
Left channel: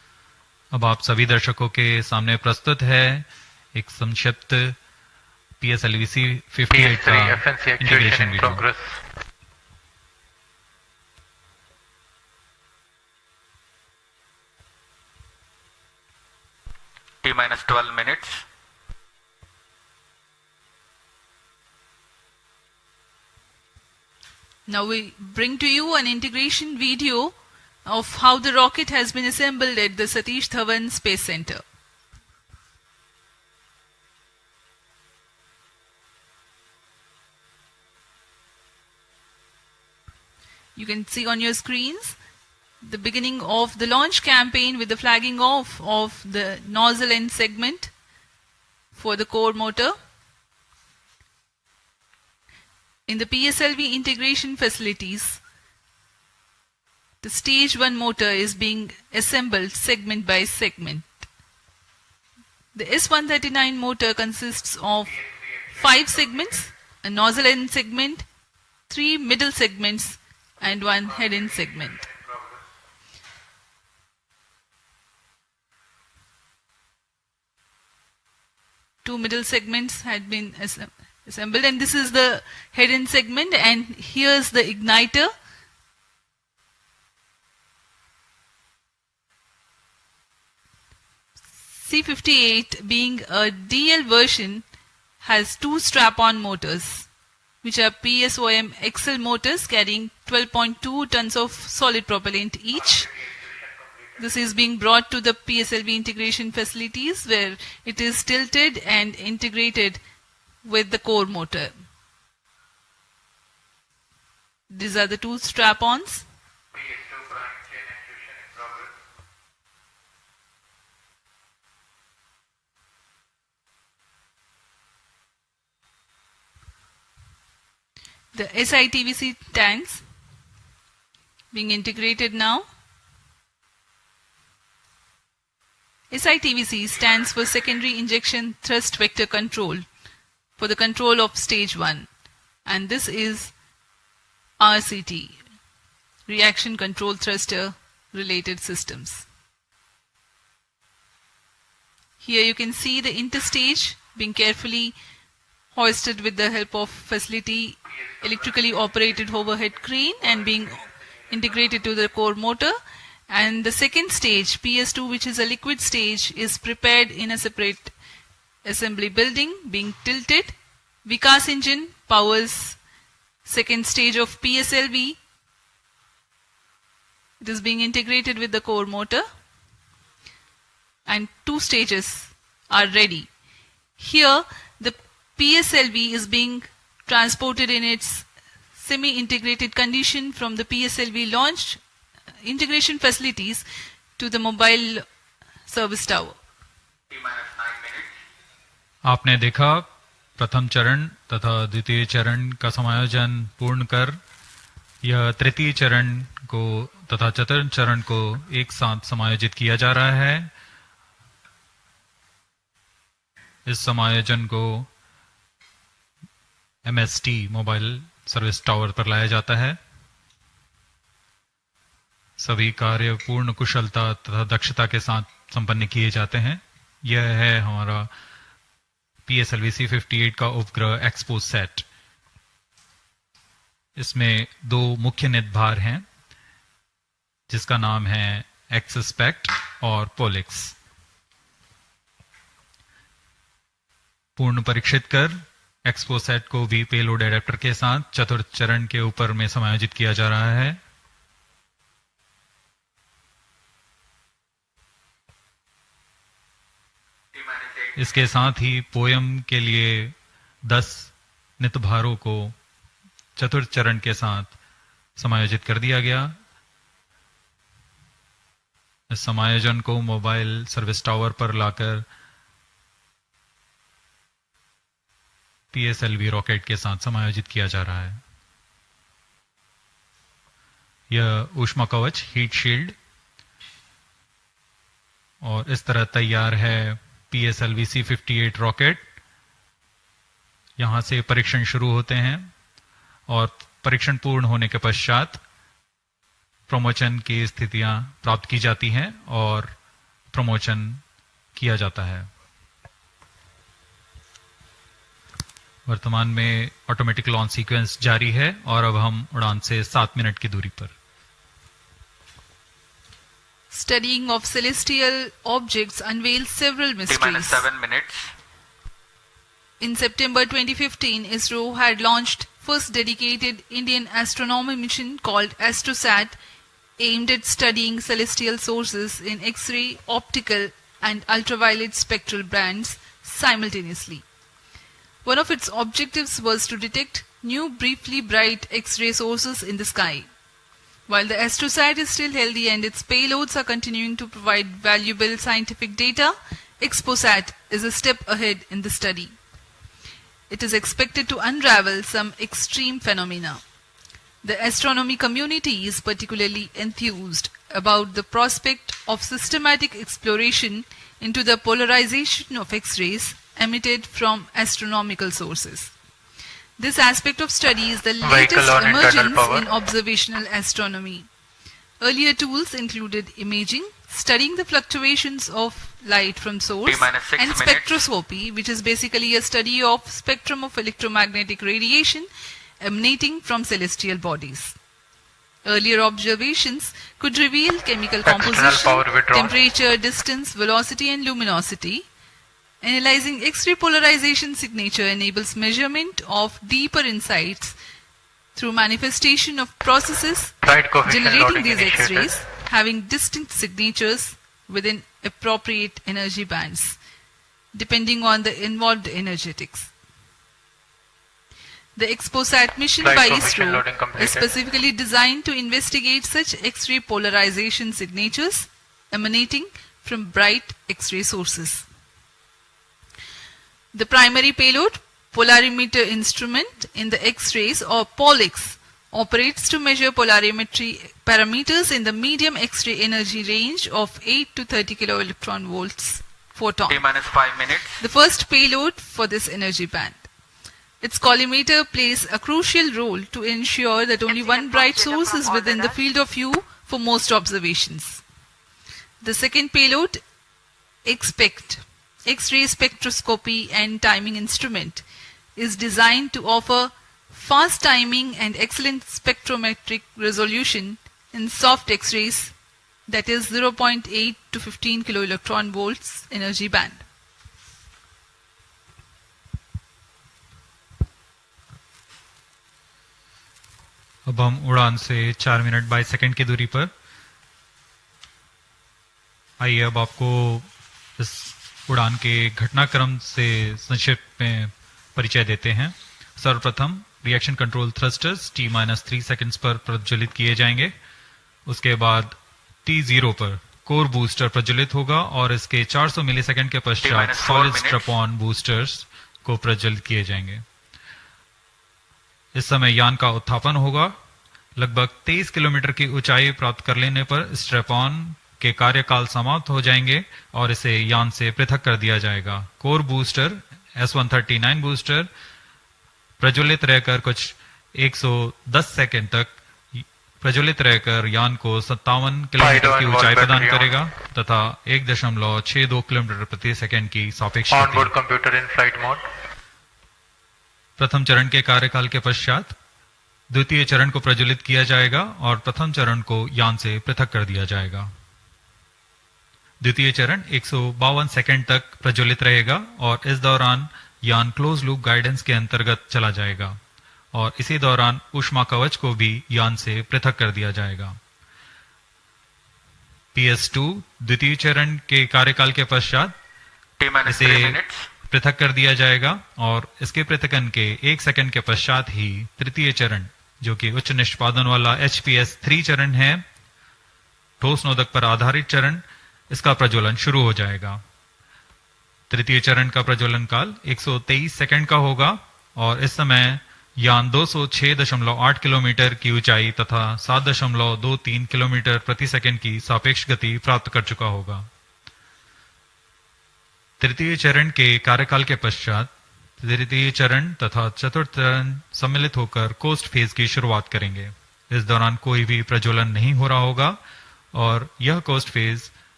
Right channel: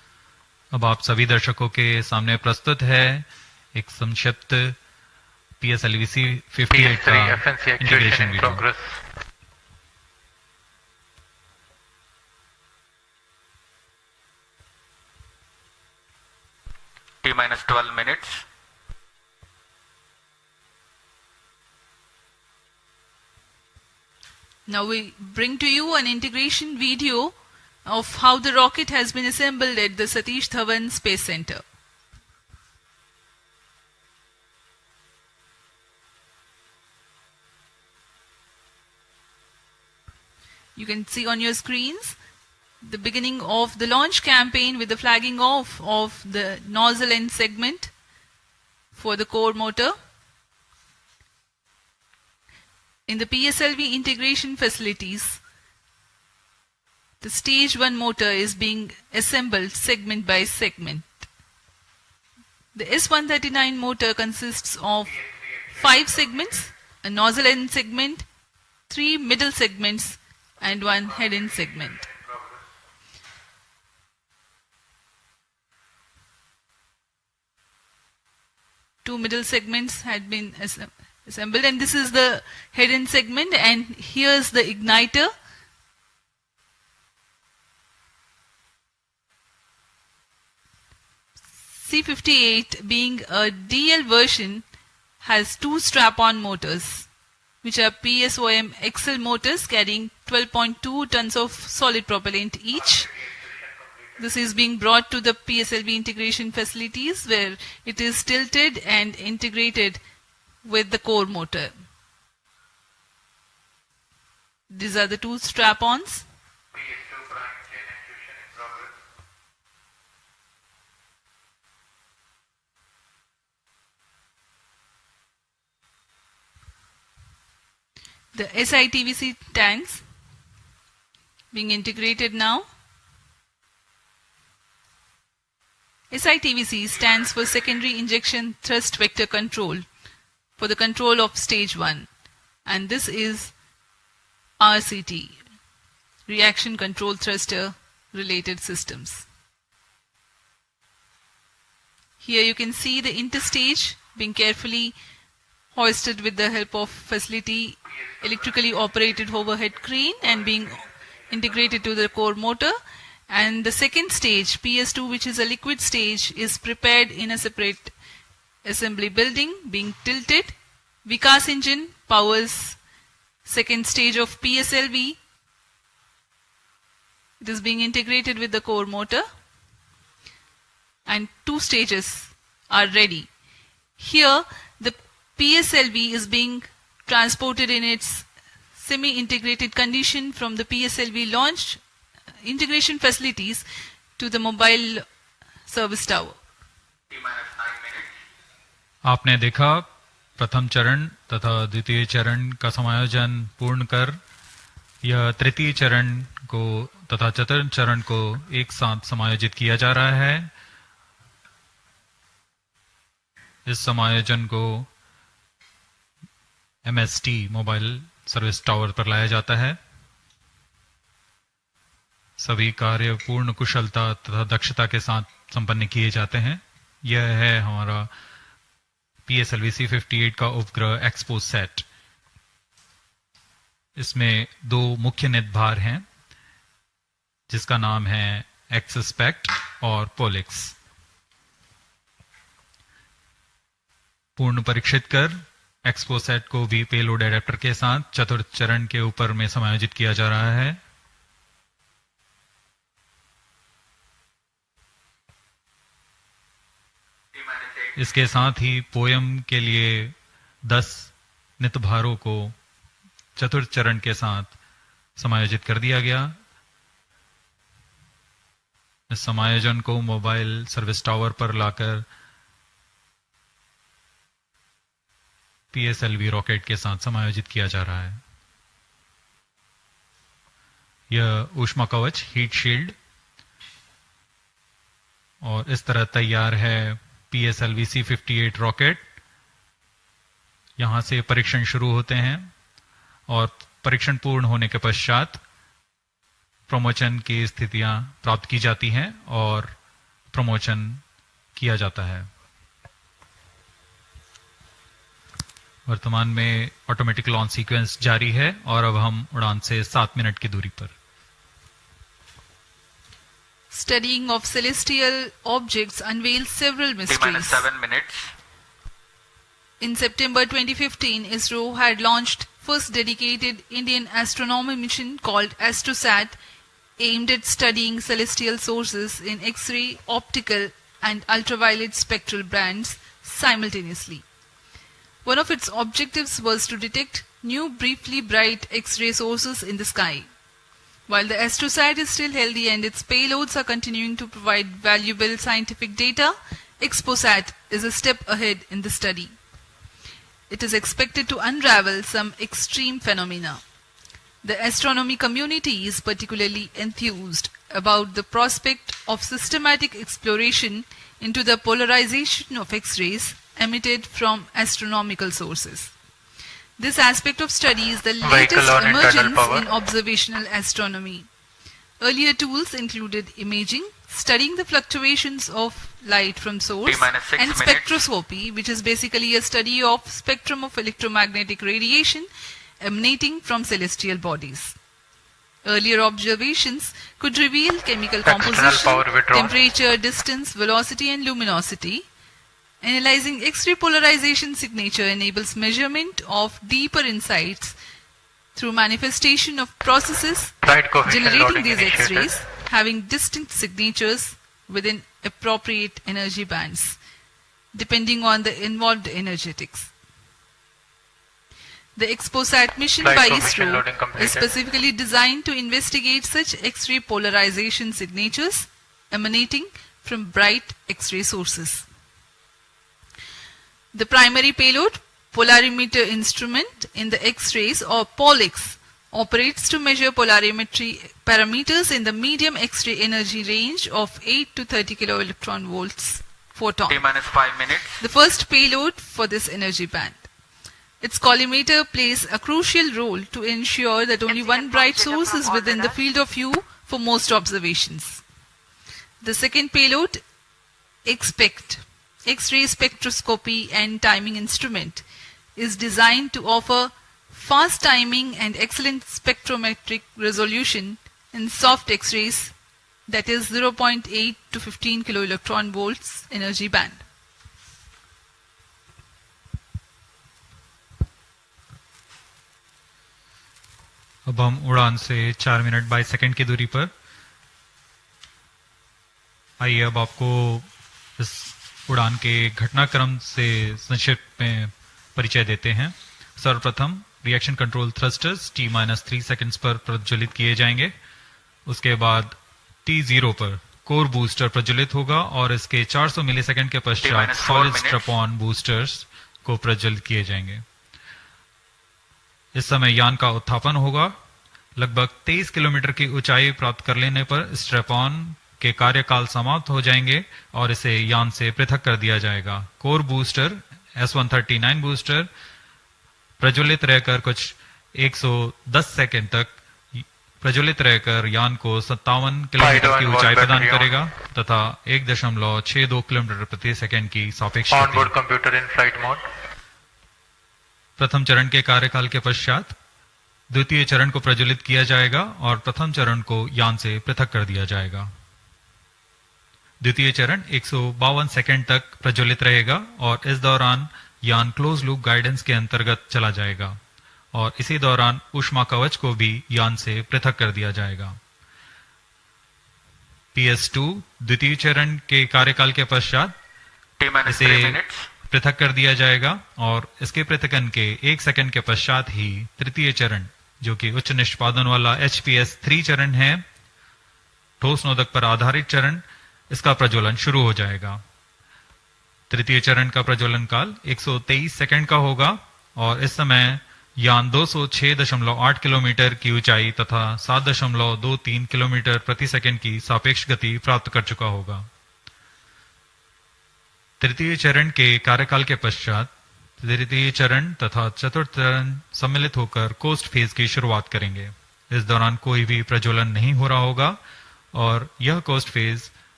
अब आप सभी दर्शकों के सामने प्रस्तुत है एक संक्षिप्त PSLV-C58 का integration video. T-12 minutes. Now we bring to you an integration video of how the rocket has been assembled at the Satish Dhawan Space Center. You can see on your screens the beginning of the launch campaign with the flagging off of the nozzle end segment for the core motor. In the PSLV integration facilities, the stage 1 motor is being assembled segment by segment. The S139 motor consists of 5 segments, a nozzle end segment, 3 middle segments, and 1 head end segment. Two middle segments had been assembled, and this is the head end segment, and here's the igniter. C58, being a DL version, has 2 strap-on motors, which are PSOM XL motors carrying 12.2 tons of solid propellant each. This is being brought to the PSLV integration facilities where it is tilted and integrated with the core motor. These are the 2 strap-ons. The SITVC tanks being integrated now. SITVC stands for Secondary Injection Thrust Vector Control for the control of stage 1, and this is RCT, Reaction Control Thruster related systems. Here you can see the interstage being carefully hoisted with the help of facility electrically operated overhead crane and being integrated to the core motor. And the second stage, PS2, which is a liquid stage, is prepared in a separate assembly building, being tilted. Vikas engine powers second stage of PSLV. It is being integrated with the core motor, and 2 stages are ready. Here, the PSLV is being transported in its semi-integrated condition from the PSLV launch integration facilities to the mobile service tower. आपने देखा प्रथम चरण तथा द्वितीय चरण का समायोजन पूर्ण कर यह तृतीय चरण को तथा चतुर्थ चरण को एक साथ समायोजित किया जा रहा है। इस समायोजन को MST मोबाइल सर्विस टावर पर लाया जाता है। सभी कार्य पूर्ण कुशलता तथा दक्षता के साथ संपन्न किए जाते हैं। यह है हमारा PSLV-C58 का उपग्रह XPoSat। इसमें 2 मुख्य निदभार हैं जिसका नाम है XSPECT और POLIX। पूर्ण परीक्षित कर XPoSat को भी पेलोड एडेप्टर के साथ चतुर्थ चरण के ऊपर में समायोजित किया जा रहा है। इसके साथ ही पोयम के लिए 10 नितभारों को चतुर्थ चरण के साथ समायोजित कर दिया गया। इस समायोजन को मोबाइल सर्विस टावर पर लाकर PSLV रॉकेट के साथ समायोजित किया जा रहा है। यह ऊष्मा कवच हीट शील्ड और इस तरह तैयार है PSLV-C58 रॉकेट। यहां से परीक्षण शुरू होते हैं और परीक्षण पूर्ण होने के पश्चात प्रमोशन की स्थितियां प्राप्त की जाती हैं और प्रमोशन किया जाता है। वर्तमान में ऑटोमेटिक लॉन्च सीक्वेंस जारी है और अब हम उड़ान से 7 मिनट की दूरी पर। Studying of celestial objects unveils several mysteries. 7 minutes. In September 2015, Isro had launched first dedicated Indian astronomy mission called XPoSat, aimed at studying celestial sources in X-ray, optical and ultraviolet spectral bands simultaneously. One of its objectives was to detect new briefly bright X-ray sources in the sky. While the XPoSat is still healthy and its payloads are continuing to provide valuable scientific data, XPoSat is a step ahead in the study. It is expected to unravel some extreme phenomena. The astronomy community is particularly enthused about the prospect of systematic exploration into the polarization of X-rays emitted from astronomical sources. This aspect of study is the latest emergence in observational astronomy. Earlier tools included imaging, studying the fluctuations of light from source, and spectroscopy, which is basically a study of spectrum of electromagnetic radiation emanating from celestial bodies. Earlier observations could reveal chemical composition, temperature, distance, velocity, and luminosity. Analyzing X-ray polarization signature enables measurement of deeper insights through manifestation of processes generating these X-rays having distinct signatures within appropriate energy bands, depending on the involved energetics. The XPoSat mission by Isro is specifically designed to investigate such X-ray polarization signatures emanating from bright X-ray sources. The primary payload, polarimeter instrument in the X-rays or POLIX, operates to measure polarimetry parameters in the medium X-ray energy range of 8 to 30 kiloelectron volts photon. T-5 minutes. The first payload for this energy band. Its collimator plays a crucial role to ensure that only one bright source is within the field of view for most observations. The second payload, XPECT, X-ray spectroscopy and timing instrument, is designed to offer fast timing and excellent spectrometric resolution in soft X-rays, that is 0.8 to 15 kiloelectron volts energy band. अब हम उड़ान से 4 minute 22 second की दूरी पर। आइए अब आपको इस उड़ान के घटनाक्रम से संक्षिप्त में परिचय देते हैं। सर्वप्रथम reaction control thrusters T-3 seconds पर प्रज्वलित किए जाएंगे। उसके बाद T0 पर कोर बूस्टर प्रज्वलित होगा और इसके 400 मिलीसेकंड के पश्चात सॉलिड स्ट्रैप-ऑन बूस्टर्स को प्रज्वलित किए जाएंगे। इस समय यान का उत्थापन होगा। लगभग 23 किलोमीटर की ऊंचाई प्राप्त कर लेने पर स्ट्रैप-ऑन के कार्यकाल समाप्त हो जाएंगे और इसे यान से पृथक कर दिया जाएगा। कोर बूस्टर S139 बूस्टर प्रज्वलित रहकर कुछ 110 सेकंड तक प्रज्वलित रहकर यान को 57 किलोमीटर की ऊंचाई प्रदान करेगा तथा 1.62 किलोमीटर प्रति सेकंड की सापेक्ष गति। प्रथम चरण के कार्यकाल के पश्चात द्वितीय चरण को प्रज्वलित किया जाएगा और प्रथम चरण को यान से पृथक कर दिया जाएगा। द्वितीय चरण 152 सेकंड तक प्रज्वलित रहेगा और इस दौरान यान क्लोज लूप गाइडेंस के अंतर्गत चला जाएगा और इसी दौरान ऊष्मा कवच को भी यान से पृथक कर दिया जाएगा। PS2 द्वितीय चरण के कार्यकाल के पश्चात इसे पृथक कर दिया जाएगा और इसके पृथकन के 1 सेकंड के पश्चात ही तृतीय चरण, जो कि उच्च निष्पादन वाला HPS3 चरण है, ठोस नोदक पर आधारित चरण, इसका प्रज्वलन शुरू हो जाएगा। तृतीय चरण का प्रज्वलन काल 123 सेकंड का होगा और इस समय यान 206.8 किलोमीटर की ऊंचाई तथा 7.23 किलोमीटर प्रति सेकंड की सापेक्ष गति प्राप्त कर चुका होगा। तृतीय चरण के कार्यकाल के पश्चात तृतीय चरण तथा चतुर्थ चरण सम्मिलित होकर कोस्ट फेज की शुरुआत करेंगे। इस दौरान कोई भी प्रज्वलन नहीं हो रहा होगा और यह कोस्ट फेज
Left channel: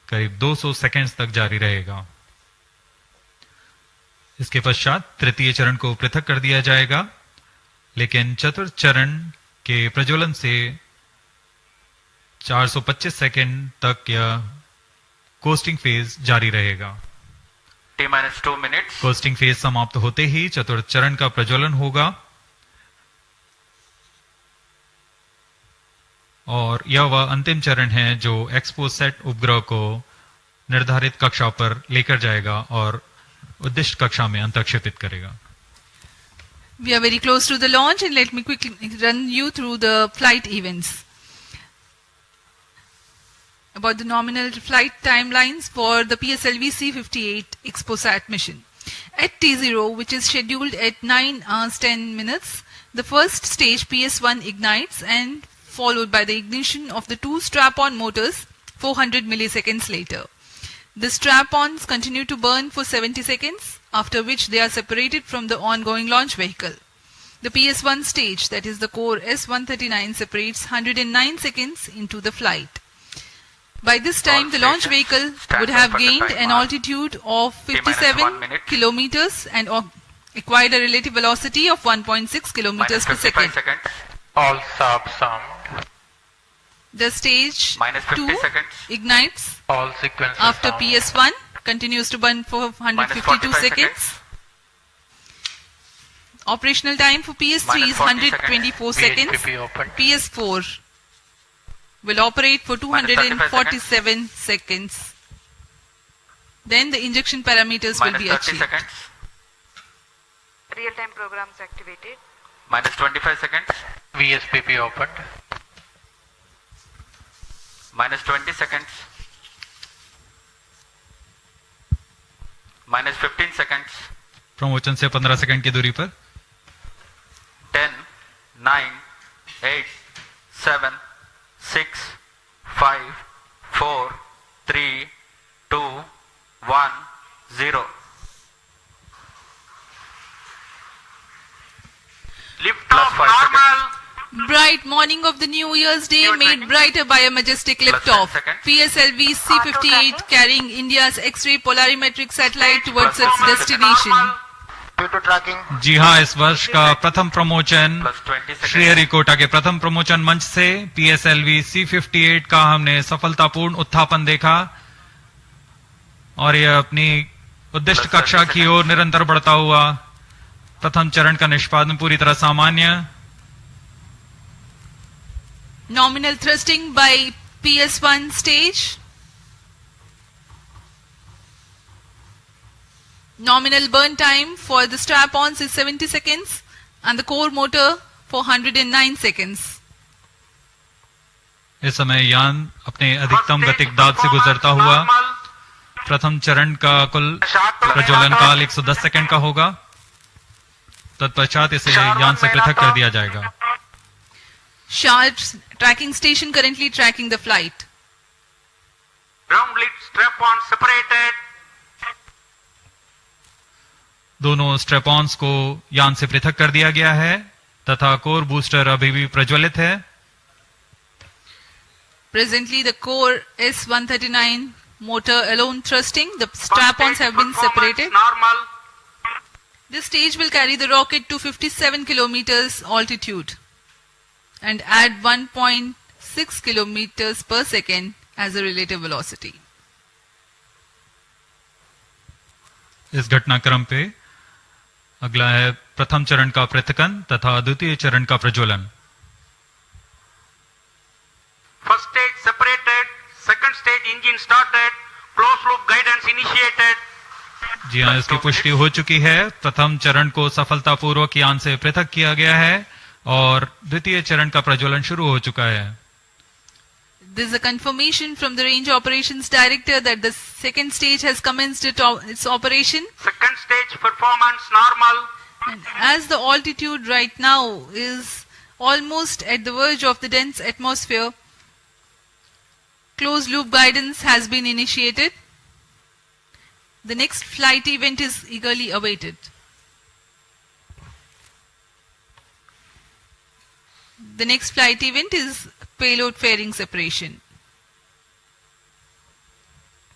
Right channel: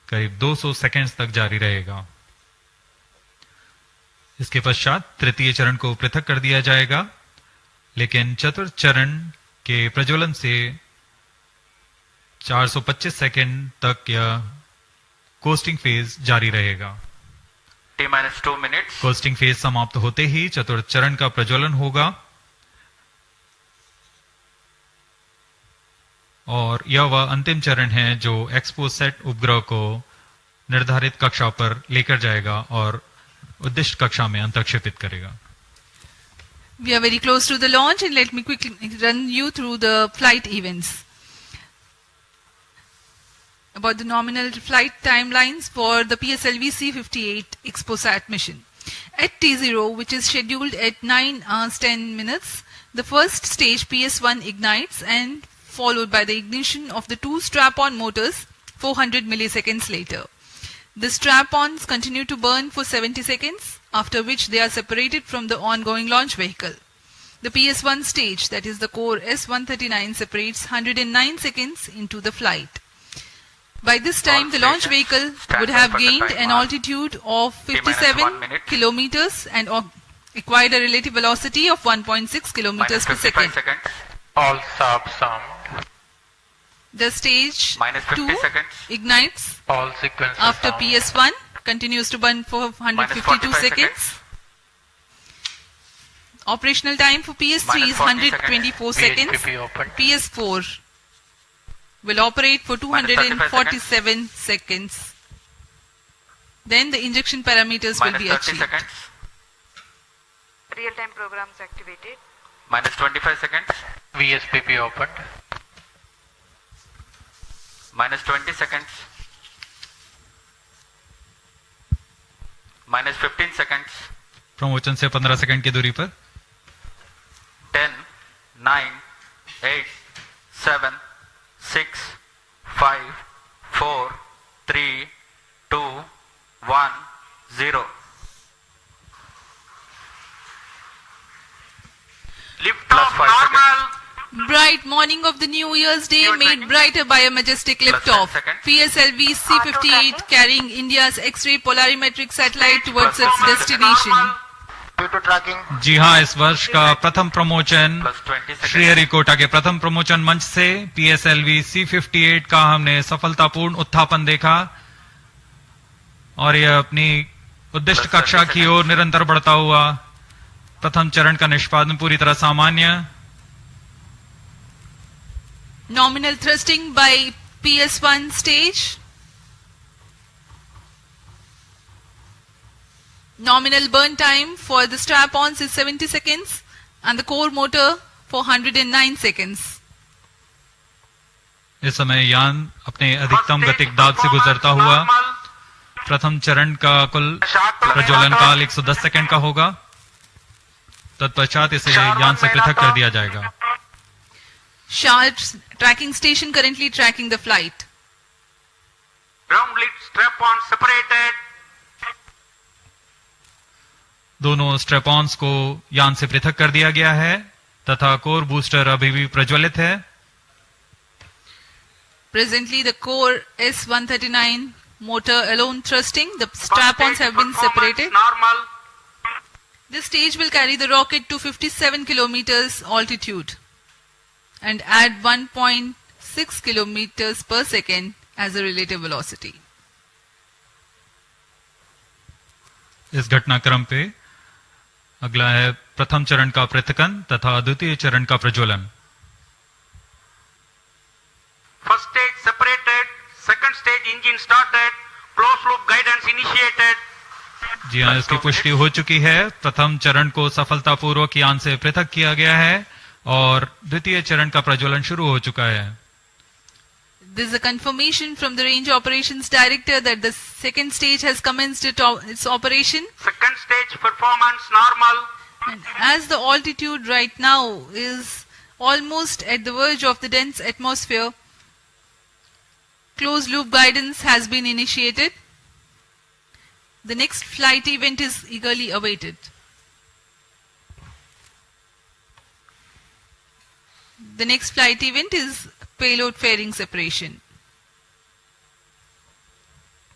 करीब 200 सेकंड्स तक जारी रहेगा। इसके पश्चात तृतीय चरण को पृथक कर दिया जाएगा, लेकिन चतुर्थ चरण के प्रज्वलन से 425 सेकंड तक यह कोस्टिंग फेज जारी रहेगा। T-2 minutes। कोस्टिंग फेज समाप्त होते ही चतुर्थ चरण का प्रज्वलन होगा और यह वह अंतिम चरण है जो XPoSat उपग्रह को निर्धारित कक्षा पर लेकर जाएगा और उद्दिष्ट कक्षा में अंतक्षेपित करेगा। We are very close to the launch and let me quickly run you through the flight events. About the nominal flight timelines for the PSLV-C58 XPoSat mission. At T0, which is scheduled at 9 hours 10 minutes, the first stage PS1 ignites and followed by the ignition of the two strap-on motors 400 milliseconds later. The strap-ons continue to burn for 70 seconds, after which they are separated from the ongoing launch vehicle. The PS1 stage, that is the core S139, separates 109 seconds into the flight. By this time, the launch vehicle would have gained an altitude of 57 kilometers and acquired a relative velocity of 1.6 kilometers per second. All subs armed. The stage 2 ignites All sequences after armed. PS1, continues to burn for 152 seconds. Operational time for PS3 is 124 seconds. VHPP open. PS4 will operate for 247 seconds. Then the injection parameters will be achieved. Real-time programs activated. Minus 25 seconds. VHPP opened. Minus 20 seconds. Minus 15 seconds. प्रमोचन से 15 second की दूरी पर 10, 9, 8, 7, 6, 5, 4, 3, 2, 1, 0. Lift Plus off 5 normal. Bright morning of the New Year's Day made brighter by a majestic liftoff. PSLV-C58 carrying India's X-ray Polarimeter Satellite towards its destination. Due to tracking. जी हाँ, इस वर्ष का प्रथम प्रमोचन Plus 20 seconds. Sriharikota के प्रथम प्रमोचन मंच से PSLV-C58 का हमने सफलतापूर्ण उत्थापन देखा और यह अपनी उद्दिष्ट कक्षा की ओर निरंतर बढ़ता हुआ। प्रथम चरण का निष्पादन पूरी तरह सामान्य। Nominal thrusting by PS1 stage. Nominal burn time for the strap-ons is 70 seconds and the core motor for 109 seconds. इस समय यान अपने अधिकतम गतिक दाब से गुजरता हुआ। प्रथम चरण का कुल प्रज्वलन काल 110 सेकंड का होगा। तत्पश्चात इसे यान से पृथक कर दिया जाएगा। Sharp's tracking station currently tracking the flight. Ground lid strap-on separated. दोनों स्ट्रेपॉन्स को यान से पृथक कर दिया गया है तथा कोर बूस्टर अभी भी प्रज्वलित है। Presently, the core S139 motor alone thrusting. The strap-ons have been separated. Normal. This stage will carry the rocket to 57 kilometers altitude and add 1.6 kilometers per second as a relative velocity. इस घटनाक्रम पे अगला है प्रथम चरण का पृथकन तथा द्वितीय चरण का प्रज्वलन। First stage separated. Second stage engine started. Closed loop guidance initiated. जी हाँ, इसकी पुष्टि हो चुकी है। प्रथम चरण को सफलतापूर्वक यान से पृथक किया गया है और द्वितीय चरण का प्रज्वलन शुरू हो चुका है। There is a confirmation from the Range Operations Director that the second stage has commenced its operation. Second stage performance normal. And as the altitude right now is almost at the verge of the dense atmosphere, closed loop guidance has been initiated. The next flight event is eagerly awaited. The next flight event is payload fairing separation.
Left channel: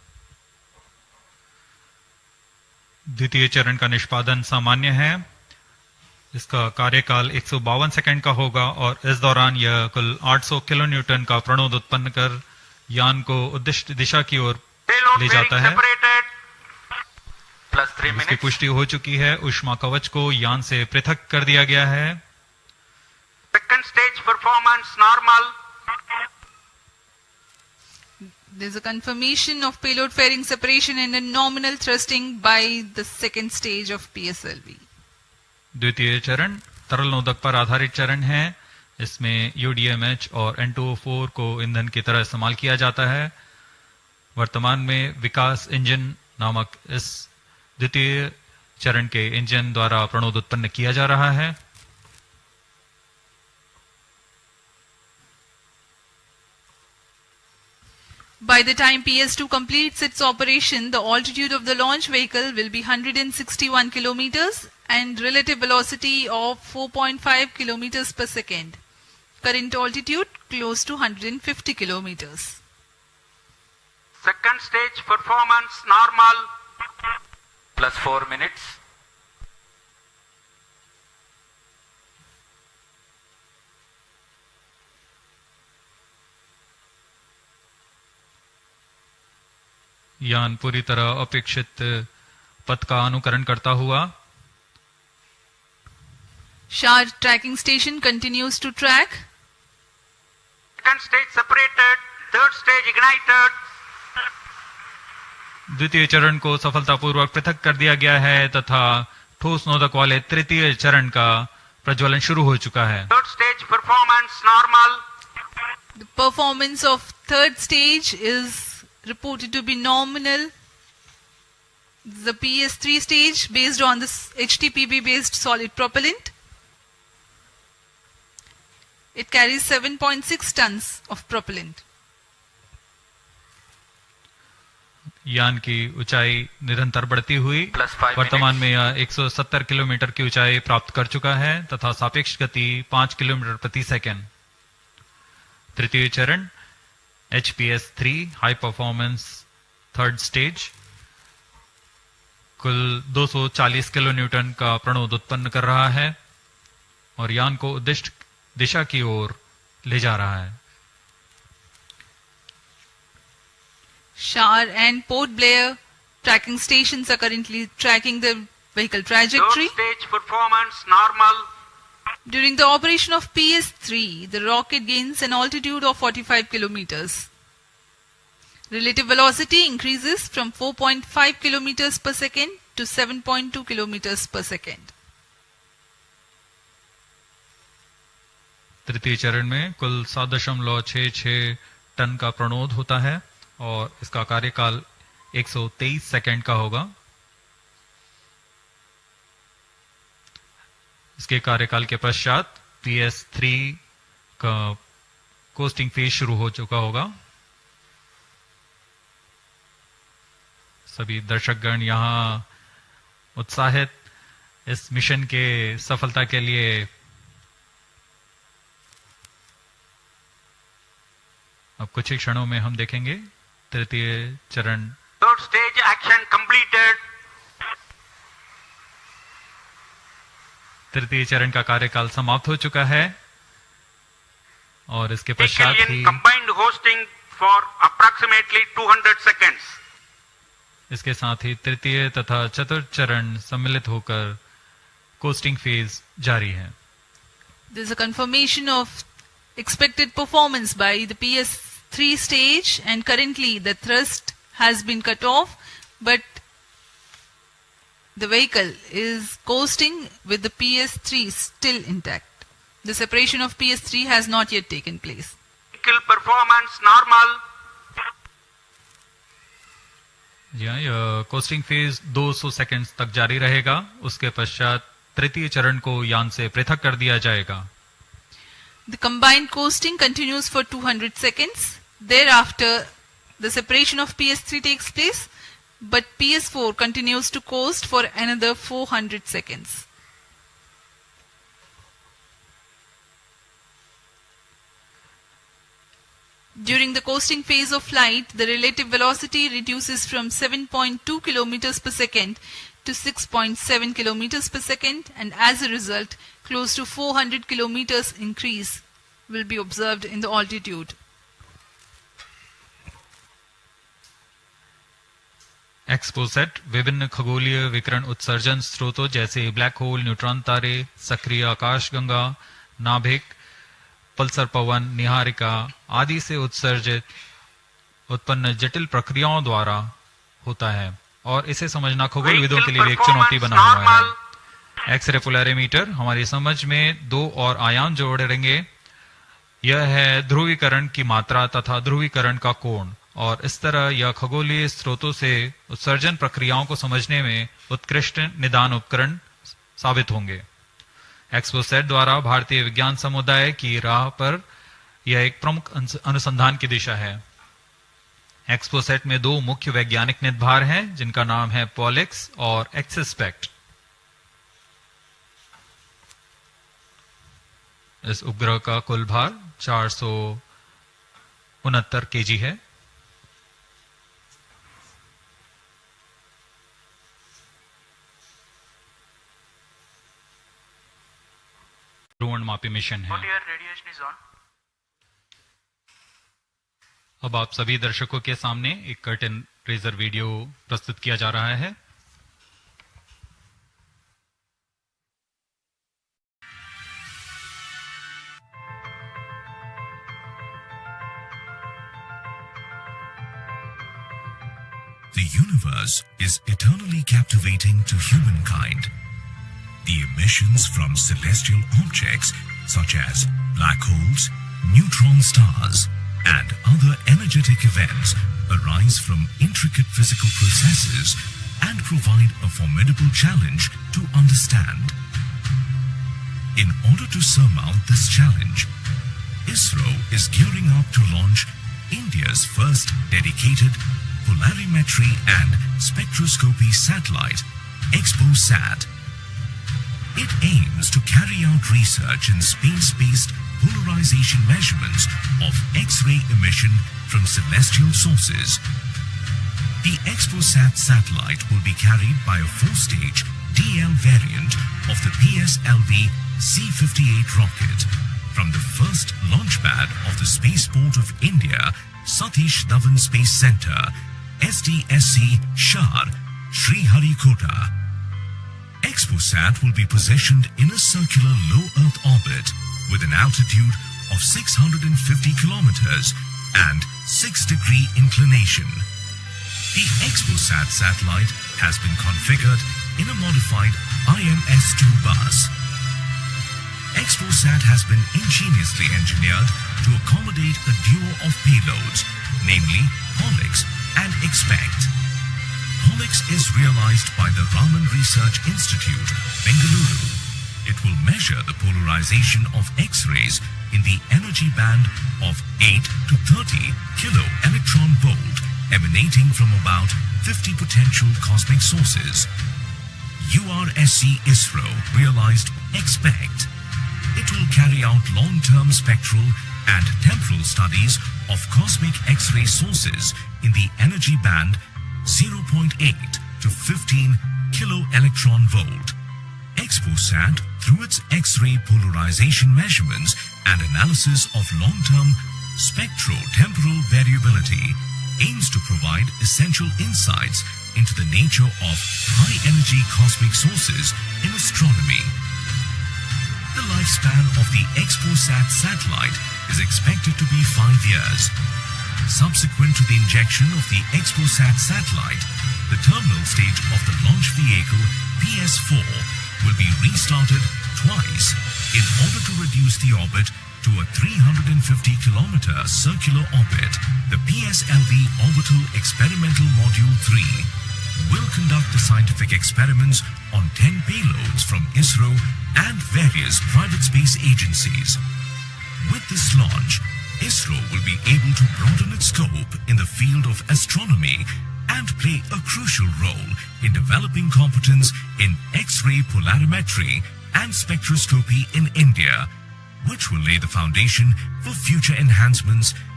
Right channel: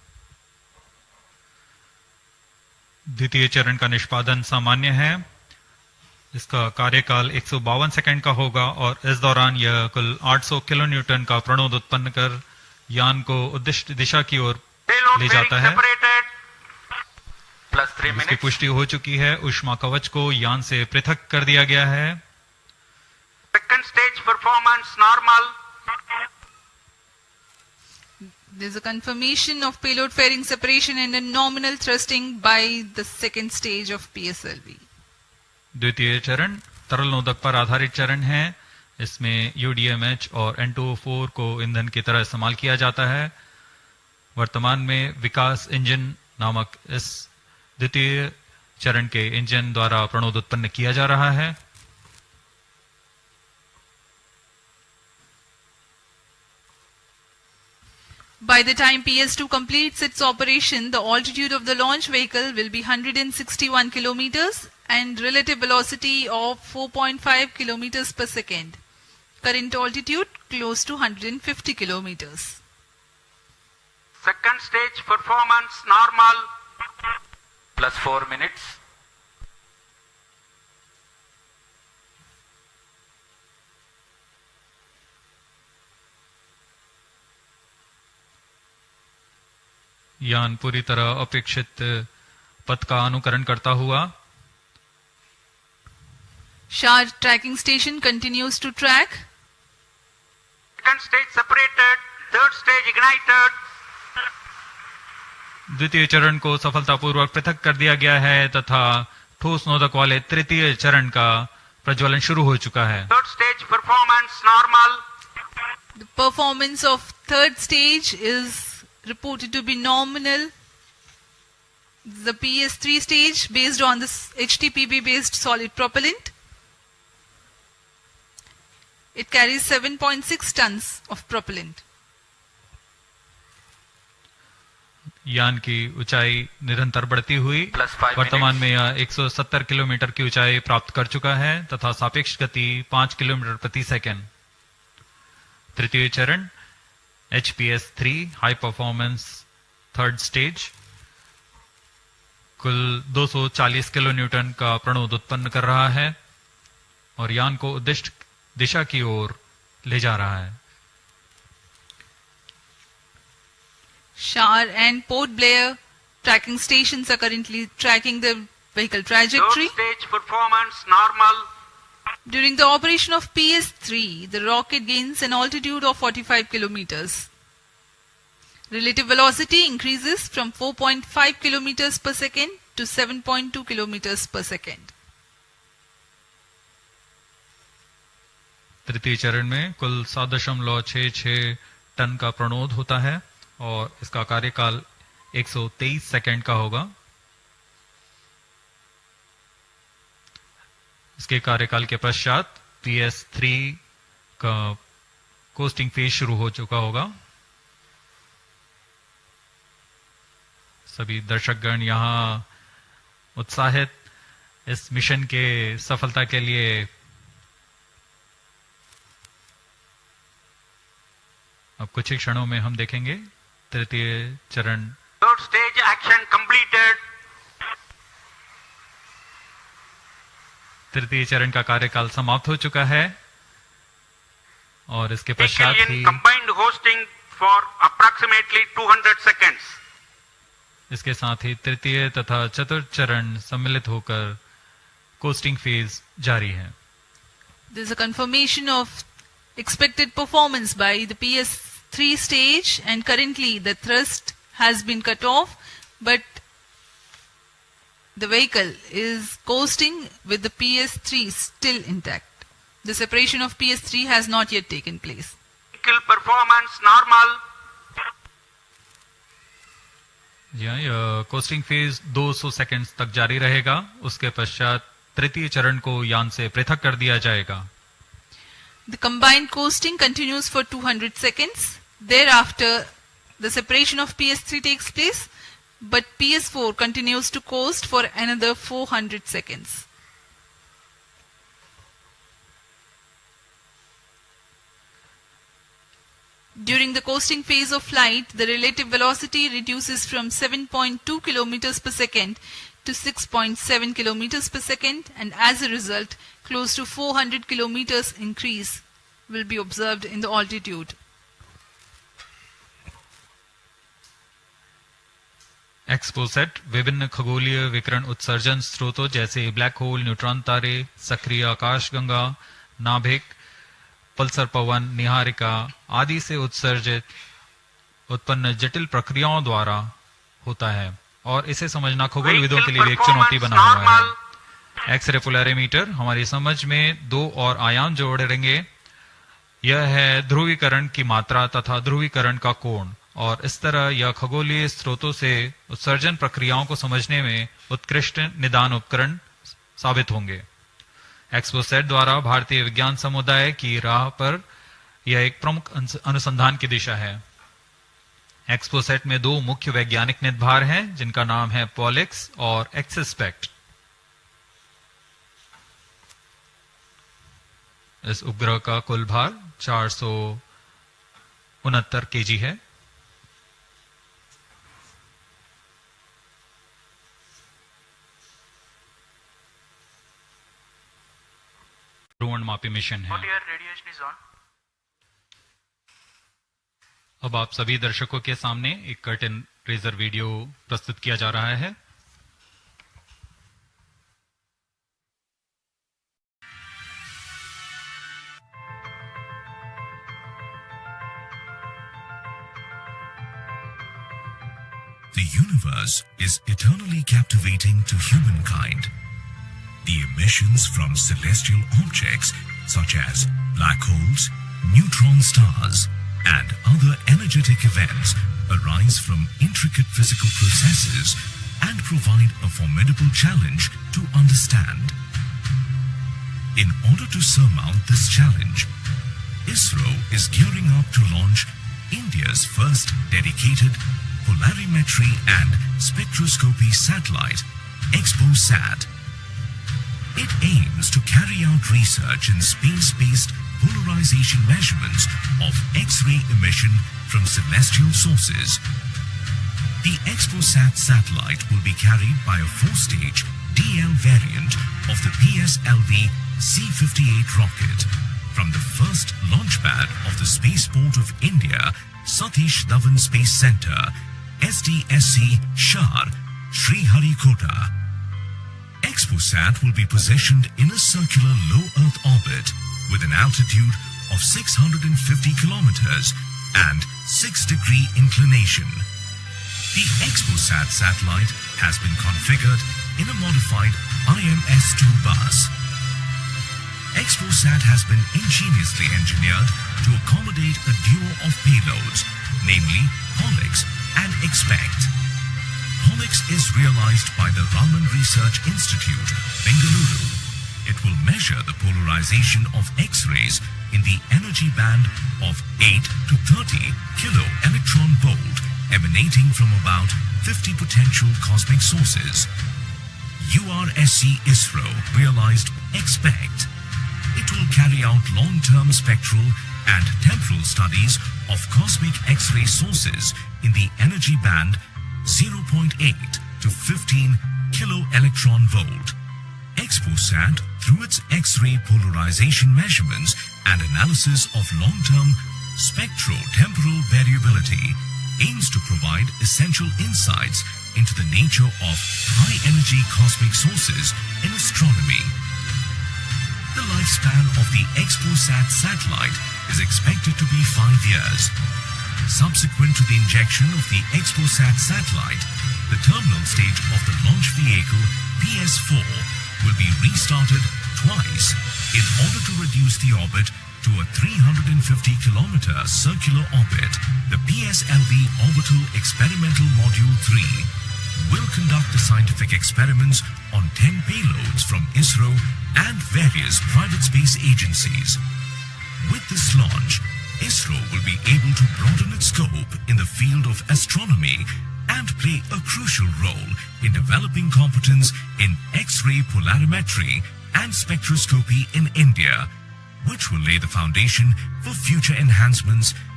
द्वितीय चरण का निष्पादन सामान्य है। इसका कार्यकाल 152 second का होगा और इस दौरान यह कुल 800 किलो न्यूटन का प्रणोद उत्पन्न कर यान को उद्दिष्ट दिशा की ओर ले जाता है। इसकी पुष्टि हो चुकी है। ऊष्मा कवच को यान से पृथक कर दिया गया है। Second stage performance normal. There's a confirmation of payload fairing separation and a nominal thrusting by the second stage of PSLV. द्वितीय चरण तरल नोदक पर आधारित चरण है। इसमें UDMH और N2O4 को ईंधन की तरह इस्तेमाल किया जाता है। वर्तमान में विकास इंजन नामक इस द्वितीय चरण के इंजन द्वारा प्रणोद उत्पन्न किया जा रहा है। By the time PS2 completes its operation, the altitude of the launch vehicle will be 161 kilometers and relative velocity of 4.5 kilometers per second. Current altitude close to 150 kilometers. Second stage performance normal. Plus 4 minutes. यान पूरी तरह अपेक्षित पथ का अनुकरण करता हुआ SHAR tracking station continues to track. Second stage separated. Third stage ignited. द्वितीय चरण को सफलतापूर्वक पृथक कर दिया गया है तथा ठोस नोदक वाले तृतीय चरण का प्रज्वलन शुरू हो चुका है। Third stage performance normal. The performance of third stage is reported to be nominal. The PS3 stage based on this HTPB based solid propellant. It carries 7.6 tons of propellant. यान की ऊंचाई निरंतर बढ़ती हुई वर्तमान में यह 170 किलोमीटर की ऊंचाई प्राप्त कर चुका है तथा सापेक्ष गति 5 किलोमीटर प्रति सेकंड। तृतीय चरण HPS3 high performance third stage कुल 240 किलो न्यूटन का प्रणोद उत्पन्न कर रहा है और यान को उद्दिष्ट दिशा की ओर ले जा रहा है। SHAR and Port Blair tracking stations are currently tracking the vehicle trajectory. Third stage performance normal. During the operation of PS3, the rocket gains an altitude of 45 kilometers. Relative velocity increases from 4.5 kilometers per second to 7.2 kilometers per second. तृतीय चरण में कुल 7.66 ton का प्रणोद होता है और इसका कार्यकाल 123 सेकंड का होगा। इसके कार्यकाल के पश्चात PS3 का कोस्टिंग फेज शुरू हो चुका होगा। सभी दर्शकगण यहाँ उत्साहित इस मिशन के सफलता के लिए अब कुछ ही क्षणों में हम देखेंगे तृतीय चरण। Third stage action completed. तृतीय चरण का कार्यकाल समाप्त हो चुका है और इसके पश्चात ही combined hosting for approximately 200 seconds. इसके साथ ही तृतीय तथा चतुर्थ चरण सम्मिलित होकर कोस्टिंग फेज जारी है। There is a confirmation of expected performance by the PS3 stage and currently the thrust has been cut off but the vehicle is coasting with the PS3 still intact. The separation of PS3 has not yet taken place. Vehicle performance normal. जी हाँ, यह costing phase 200 seconds तक जारी रहेगा। उसके पश्चात तृतीय चरण को यान से पृथक कर दिया जाएगा। The combined coasting continues for 200 seconds. Thereafter, the separation of PS3 takes place, but PS4 continues to coast for another 400 seconds. During the coasting phase of flight, the relative velocity reduces from 7.2 km per second to 6.7 km per second, and as a result, close to 400 km increase will be observed in the altitude. XPoSat विभिन्न खगोलीय विकिरण उत्सर्जन स्रोतों जैसे black hole, neutron तारे, सक्रिय आकाशगंगा, नाभिक, पल्सर पवन, निहारिका आदि से उत्सर्जित उत्पन्न जटिल प्रक्रियाओं द्वारा होता है और इसे समझना खगोलविदों के लिए एक चुनौती बना हुआ है। एक्सरे पोलैरिमीटर हमारी समझ में दो और आयाम जोड़ेंगे। यह है ध्रुवीकरण की मात्रा तथा ध्रुवीकरण का कोण, और इस तरह यह खगोलीय स्रोतों से उत्सर्जन प्रक्रियाओं को समझने में उत्कृष्ट निदान उपकरण साबित होंगे। एक्सपोसैट द्वारा भारतीय विज्ञान समुदाय की राह पर यह एक प्रमुख अनुसंधान की दिशा है। एक्सपोसैट में दो मुख्य वैज्ञानिक निदभार हैं जिनका नाम है पॉलिक्स और एक्सस्पेक्ट। इस उपग्रह का कुल भार 469 केजी है। ध्रुवणमापी मिशन है। अब आप सभी दर्शकों के सामने एक कर्टन रेजर वीडियो प्रस्तुत किया जा रहा है। The universe is eternally captivating to humankind. The emissions from celestial objects such as black holes, neutron stars, and other energetic events arise from intricate physical processes and provide a formidable challenge to understand. In order to surmount this challenge, Isro is gearing up to launch India's first dedicated polarimetry and spectroscopy satellite, XPoSat. It aims to carry out research in space-based polarization measurements of X-ray emission from celestial sources. The XPoSat satellite will be carried by a 4-stage DL variant of the PSLV-C58 rocket from the first launch pad of the Spaceport of India, Satish Dhawan Space Center, SDSC, Shar, Sriharikota. XPoSat will be positioned in a circular low Earth orbit with an altitude of 650 kilometers and 6-degree inclination. The XPoSat satellite has been configured in a modified IMS-2 bus. XPoSat has been ingeniously engineered to accommodate a duo of payloads, namely Pollux and Expect. Pollux is realized by the Raman Research Institute, Bengaluru. It will measure the polarization of X-rays in the energy band of 8 to 30 kilo electron volt emanating from about 50 potential cosmic sources. URSC Isro realized Expect. It will carry out long-term spectral and temporal studies of cosmic X-ray sources in the energy band 0.8 to 15 kilo electron volt. XPoSat, through its X-ray polarization measurements and analysis of long-term spectro-temporal variability, aims to provide essential insights into the nature of high-energy cosmic sources in astronomy. The lifespan of the XPoSat satellite is expected to be 5 years. Subsequent to the injection of the XPoSat satellite, the terminal stage of the launch vehicle PS4 will be restarted twice in order to reduce the orbit to a 350-kilometer circular orbit. The PSLV Orbital Experimental Module 3 will conduct the scientific experiments on 10 payloads from Isro and various private space agencies. With this launch, Isro will be able to broaden its scope in the field of astronomy and play a crucial role in developing competence in X-ray polarimetry and spectroscopy in India, which will lay the foundation for future enhancements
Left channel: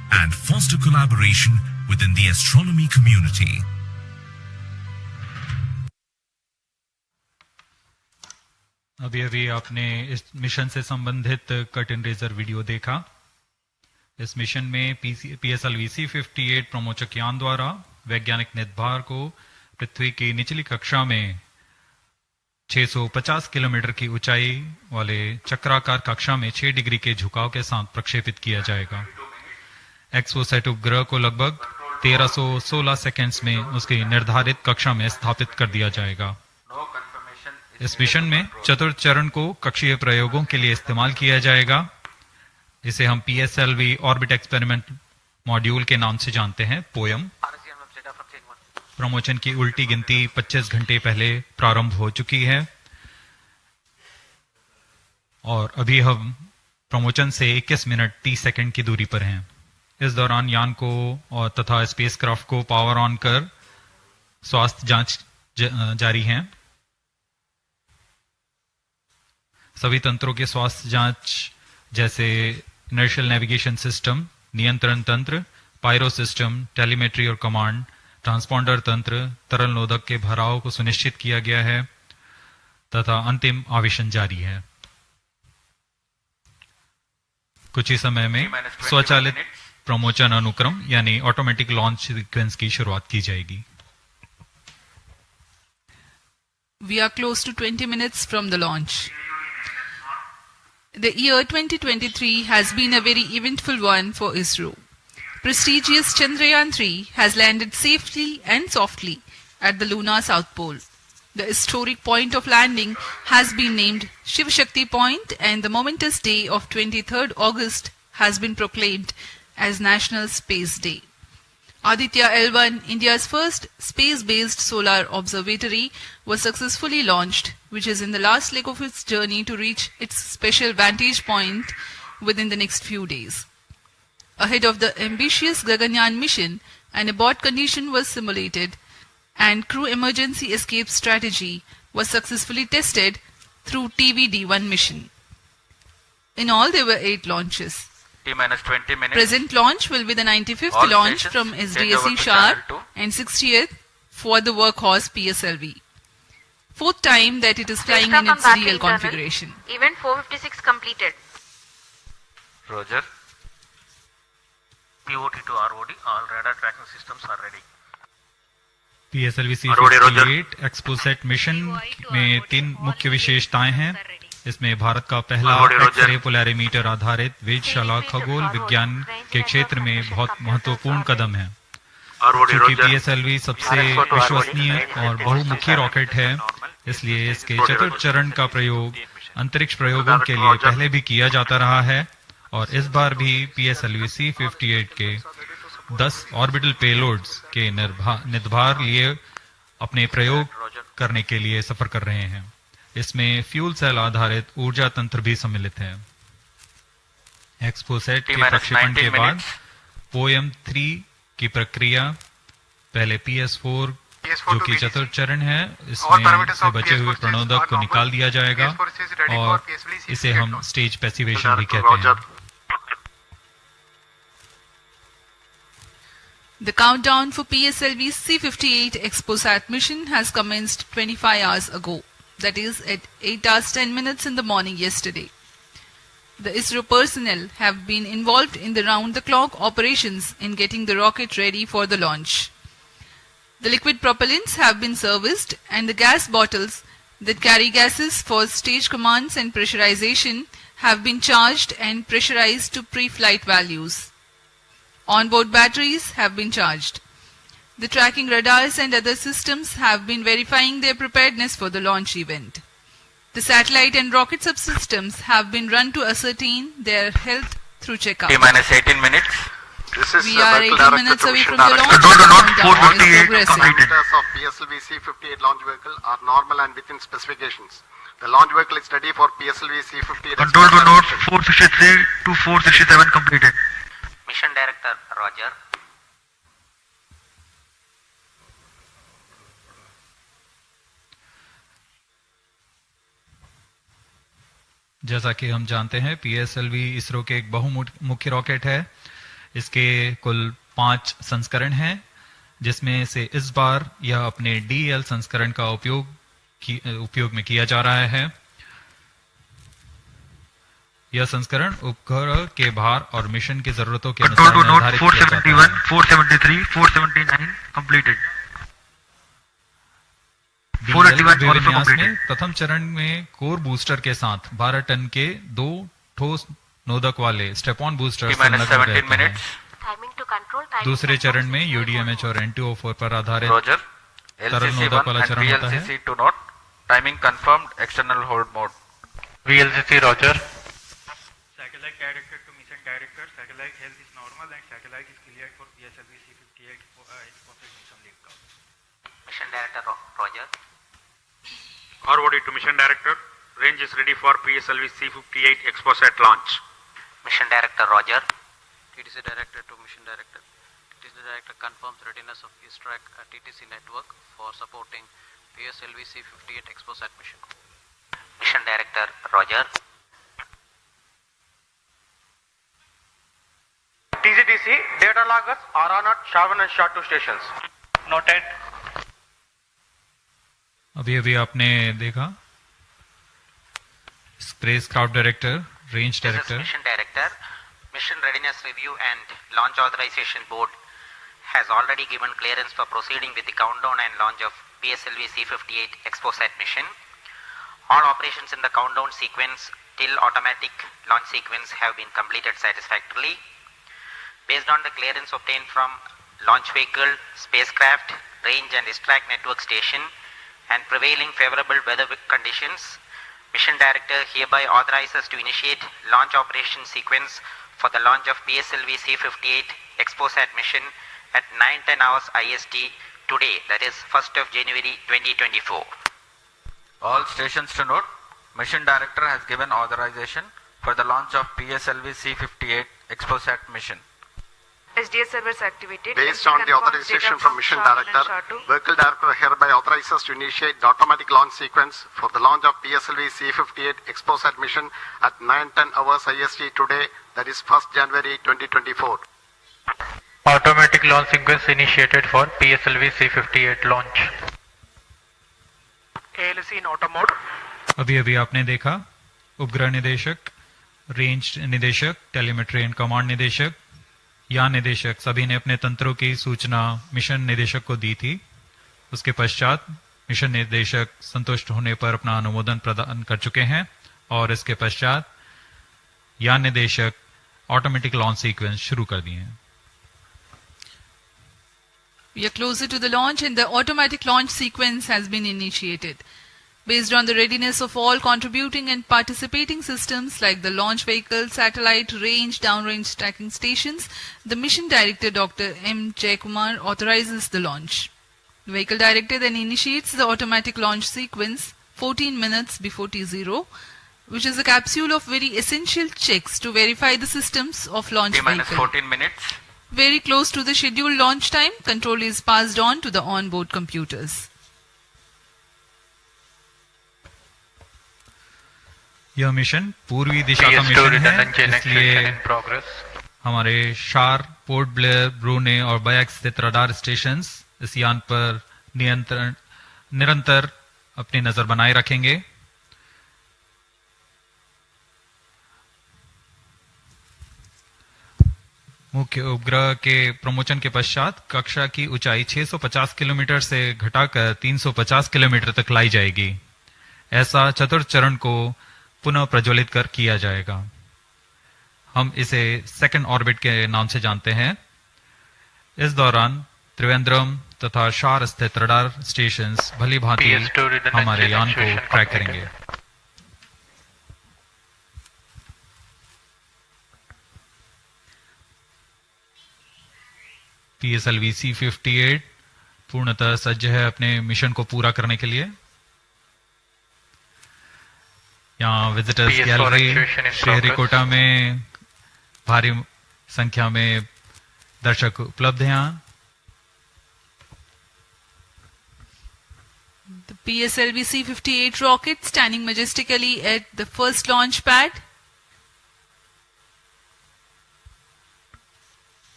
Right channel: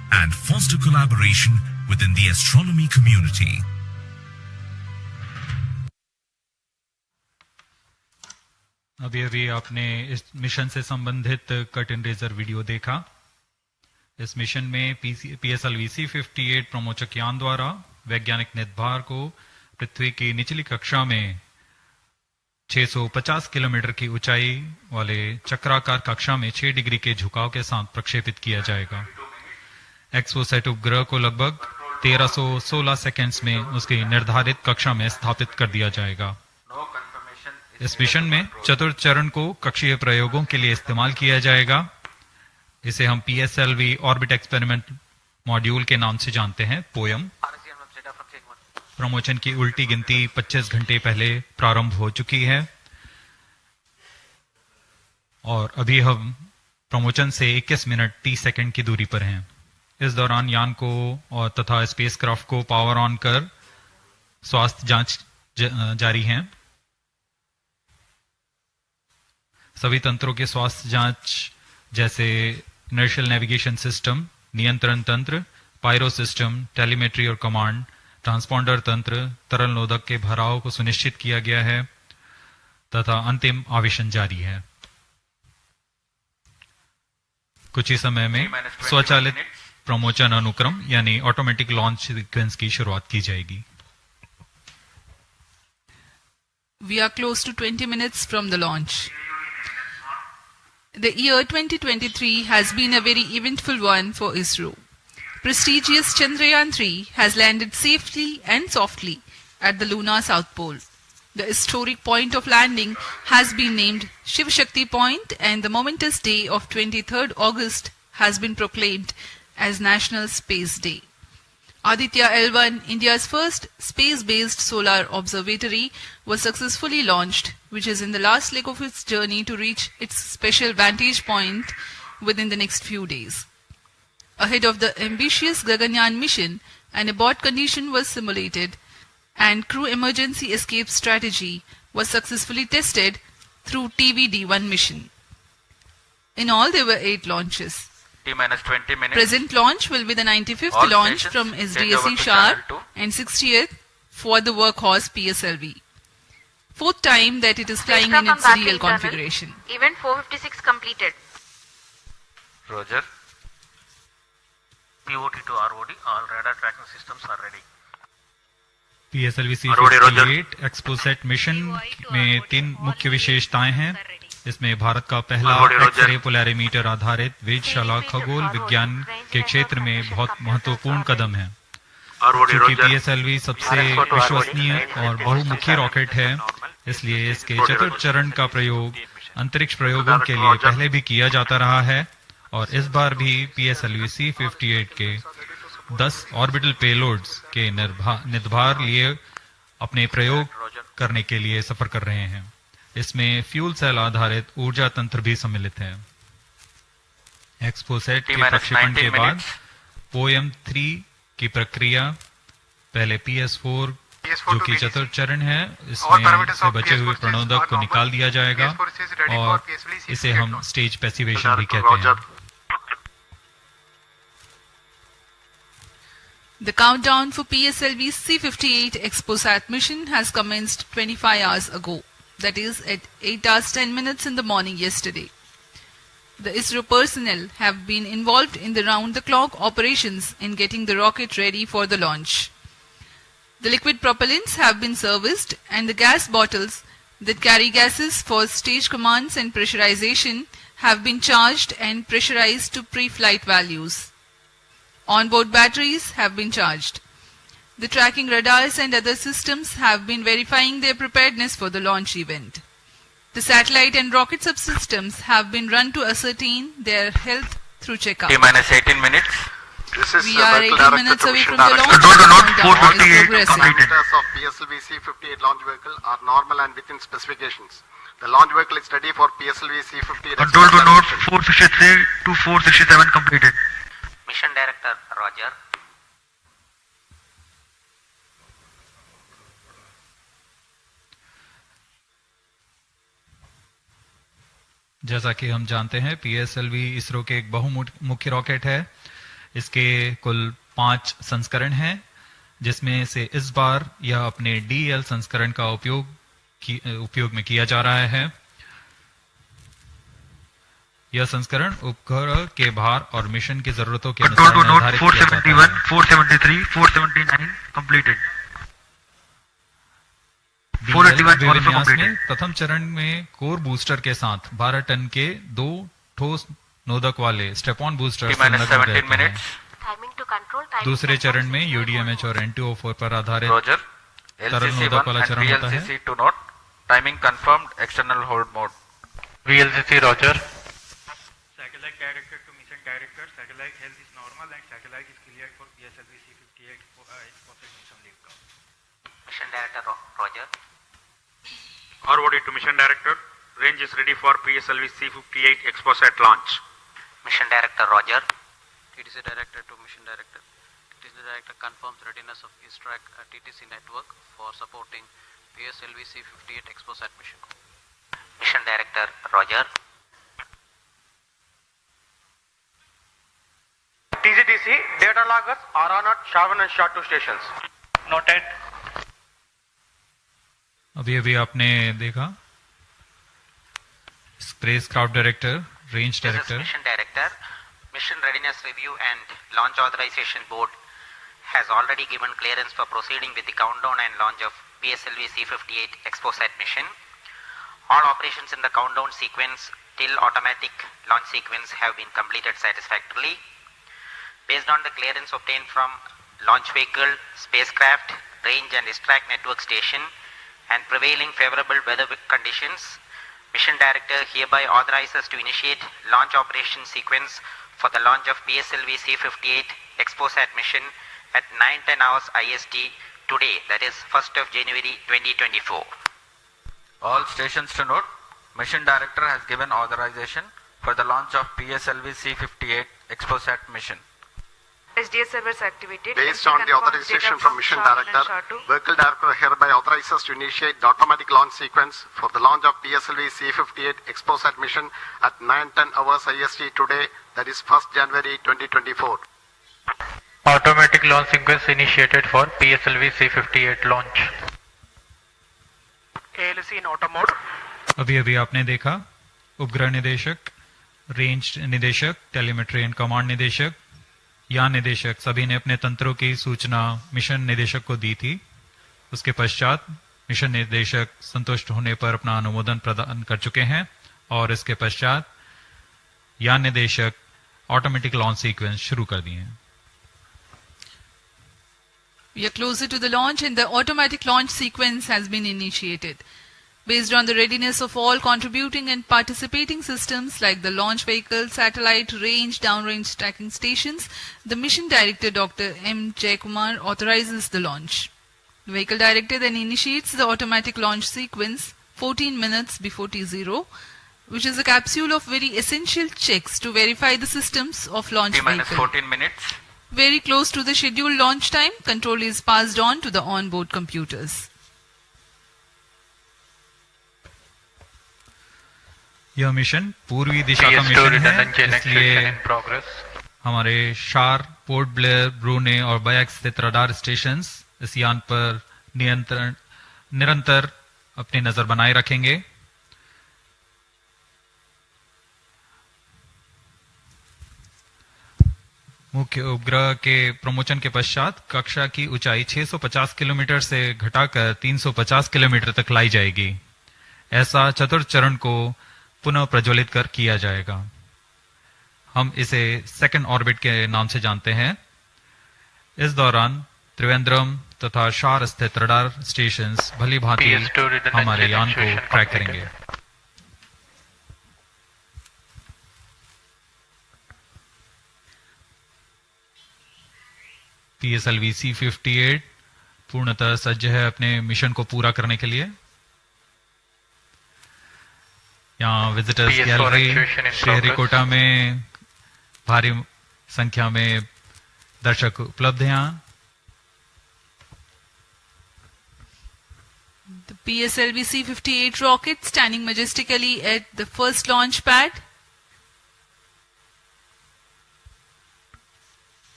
and foster collaboration within the astronomy community. अभी अभी आपने इस mission से संबंधित cut in razor video देखा। इस mission में PSLV-C58 प्रमोचक यान द्वारा वैज्ञानिक निर्धार को पृथ्वी की निचली कक्षा में 650 किलोमीटर की ऊंचाई वाले चक्राकार कक्षा में 6 डिग्री के झुकाव के साथ प्रक्षेपित किया जाएगा। एक्सपोसैट उपग्रह को लगभग 1316 सेकेंड्स में उसकी निर्धारित कक्षा में स्थापित कर दिया जाएगा। इस मिशन में चतुर्थ चरण को कक्षीय प्रयोगों के लिए इस्तेमाल किया जाएगा। इसे हम PSLV ऑर्बिट एक्सपेरिमेंट मॉड्यूल के नाम से जानते हैं, पोयम। प्रमोशन की उल्टी गिनती 25 घंटे पहले प्रारंभ हो चुकी है और अभी हम प्रमोशन से 21 मिनट 30 सेकंड की दूरी पर हैं। इस दौरान यान को और तथा स्पेसक्राफ्ट को पावर ऑन कर स्वास्थ्य जांच जारी है। सभी तंत्रों के स्वास्थ्य जांच जैसे इनर्शियल नेविगेशन सिस्टम, नियंत्रण तंत्र, पायरो सिस्टम, टेलीमेट्री और कमांड, ट्रांसपॉन्डर तंत्र, तरल नोदक के भराव को सुनिश्चित किया गया है तथा अंतिम आवेशन जारी है। कुछ ही समय में स्वचालित प्रमोचन अनुक्रम यानी ऑटोमेटिक लॉन्च सीक्वेंस की शुरुआत की जाएगी। We are close to 20 minutes from the launch. The year 2023 has been a very eventful one for Isro. Prestigious Chandrayaan-3 has landed safely and softly at the lunar south pole. The historic point of landing has been named Shiv Shakti Point, and the momentous day of 23rd August has been proclaimed as National Space Day. Aditya L1, India's first space-based solar observatory, was successfully launched, which is in the last leg of its journey to reach its special vantage point within the next few days. Ahead of the ambitious Gaganyaan mission, an abort condition was simulated and crew emergency escape strategy was successfully tested through TVD-1 mission. In all, there were 8 launches. T-20 minutes. Present launch will be the 95th All launch from SDSC Sharp and 60th for the workhorse PSLV. 4th time that it is flying in its real configuration. Event 456 completed. Roger. POT to ROD, all radar tracking systems are ready. PSLV-C58 XPoSat mission में 3 मुख्य विशेषताएं हैं। इसमें भारत का पहला X-ray Polarimeter आधारित वेधशाला खगोल विज्ञान के क्षेत्र में बहुत महत्वपूर्ण कदम है। क्योंकि PSLV सबसे विश्वसनीय और बहुमुखी रॉकेट है, इसलिए इसके चतुर्थ चरण का प्रयोग अंतरिक्ष प्रयोगों के लिए पहले भी किया जाता रहा है और इस बार भी PSLV-C58 के 10 ऑर्बिटल पेलोड्स के निर्धार लिए अपने प्रयोग करने के लिए सफर कर रहे हैं। इसमें फ्यूल सेल आधारित ऊर्जा तंत्र भी सम्मिलित है। एक्सपोसैट के प्रक्षेपण के बाद पोयम 3 की प्रक्रिया पहले PS4 जो कि चतुर्थ चरण है, इसमें से बचे हुए प्रणोदक को निकाल दिया जाएगा और इसे हम स्टेज पैसिवेशन भी कहते हैं। The countdown for PSLV-C58 XPoSat mission has commenced 25 hours ago. That is at 8 hours 10 minutes in the morning yesterday. The ISRO personnel have been involved in the round-the-clock operations in getting the rocket ready for the launch. The liquid propellants have been serviced and the gas bottles that carry gases for stage commands and pressurization have been charged and pressurized to pre-flight values. Onboard batteries have been charged. The tracking radars and other systems have been verifying their preparedness for the launch event. The satellite and rocket subsystems have been run to ascertain their health through checkup. T-18 minutes. We are 18 minutes away from the launch. Control the launch Countdown is 458 progressing. completed. Parameters of PSLV-C58 launch vehicle are normal and within specifications. The launch vehicle is ready for PSLV-C58. Control the note 463 to 467 completed. Mission Director Roger. जैसा कि हम जानते हैं PSLV ISRO के एक बहुमुखी rocket है। इसके कुल 5 संस्करण हैं, जिसमें से इस बार यह अपने DL संस्करण का उपयोग में किया जा रहा है। यह संस्करण उपग्रह के भार और मिशन की जरूरतों के अनुसार निर्धारित किया जाता है। 473, 479 completed. DL विन्यास में प्रथम चरण में कोर बूस्टर के साथ 12 टन के 2 ठोस नोदक वाले स्टेप-ऑन बूस्टर संलग्न रहते हैं। दूसरे चरण में UDMH और NTO4 पर आधारित तरल नोदक वाला चरण होता है। Timing confirmed, external hold mode. VLCC Roger. Satellite director to mission director. Satellite health is normal and satellite is cleared for PSLV-C58 XPoSat mission liftoff. Mission director Roger. ROD to mission director. Range is ready for PSLV-C58 XPoSat launch. Mission director Roger. TTC director to mission director. TTC director confirms readiness of X-ray at TTC network for supporting PSLV-C58 XPoSat mission. Mission director Roger. TGTC data loggers are on at Shavan and SHA 2 stations. Noted. अभी आपने देखा spacecraft director, range director. Mission director, mission readiness review and launch authorization board has already given clearance for proceeding with the countdown and launch of PSLV-C58 XPoSat mission. All operations in the countdown sequence till automatic launch sequence have been completed satisfactorily. Based on the clearance obtained from launch vehicle, spacecraft, range and extract network station and prevailing favorable weather conditions, Mission Director hereby authorizes to initiate launch operation sequence for the launch of PSLV-C58 XPoSat mission at 9:10 hours IST today, that is 1st of January 2024. All stations to note, Mission Director has given authorization for the launch of PSLV-C58 XPoSat mission. SDS servers activated. Based on the authorization from Mission Director, Vehicle Director hereby authorizes to initiate the automatic launch sequence for the launch of PSLV-C58 XPoSat mission at 9:10 hours IST today, that is 1st January 2024. Automatic launch sequence initiated for PSLV-C58 launch. ALC in auto mode. अभी आपने देखा उपग्रह निदेशक, range निदेशक, telemetry and command निदेशक, यान निदेशक सभी ने अपने तंत्रों की सूचना मिशन निदेशक को दी थी। उसके पश्चात मिशन निदेशक संतुष्ट होने पर अपना अनुमोदन प्रदान कर चुके हैं और इसके पश्चात यान निदेशक ऑटोमेटिक लॉन्च सीक्वेंस शुरू कर दिए हैं। We are closer to the launch and the automatic launch sequence has been initiated. Based on the readiness of all contributing and participating systems like the launch vehicle, satellite, range, downrange tracking stations, the Mission Director Dr. M. Jaikumar authorizes the launch. The Vehicle Director then initiates the automatic launch sequence 14 minutes before T0, which is a capsule of very essential checks to verify the systems of launch vehicle. 14 minutes. Very close to the scheduled launch time, control is passed on to the onboard computers. यह mission पूर्वी दिशा का mission है, इसलिए हमारे शार, port Blair, ब्रूने और bike स्थित radar stations इस यान पर निरंतर अपनी नजर बनाए रखेंगे। मुख्य उपग्रह के प्रमोशन के पश्चात कक्षा की ऊंचाई 650 किलोमीटर से घटाकर 350 किलोमीटर तक लाई जाएगी। ऐसा चतुर्थ चरण को पुनः प्रज्वलित कर किया जाएगा। हम इसे सेकंड ऑर्बिट के नाम से जानते हैं। इस दौरान त्रिवेंद्रम तथा शार स्थित रडार स्टेशंस भली भांति हमारे यान को ट्रैक करेंगे। PSLV-C58 पूर्णतः सज्ज है अपने मिशन को पूरा करने के लिए। यहाँ विजिटर्स गैलरी श्रीहरिकोटा में भारी संख्या में दर्शक उपलब्ध हैं। यहाँ The PSLV-C58 rocket standing majestically at the first launch pad.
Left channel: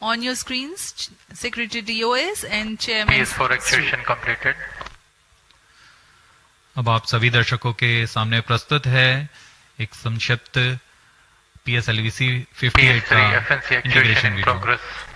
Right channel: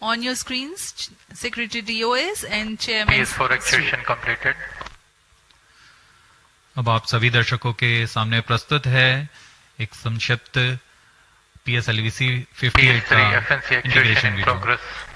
On your screens, Secretary DOS and Chairman. PS4 activation completed. अब आप सभी दर्शकों के सामने प्रस्तुत है एक संक्षिप्त PSLV-C58 का इंटीग्रेशन वीडियो।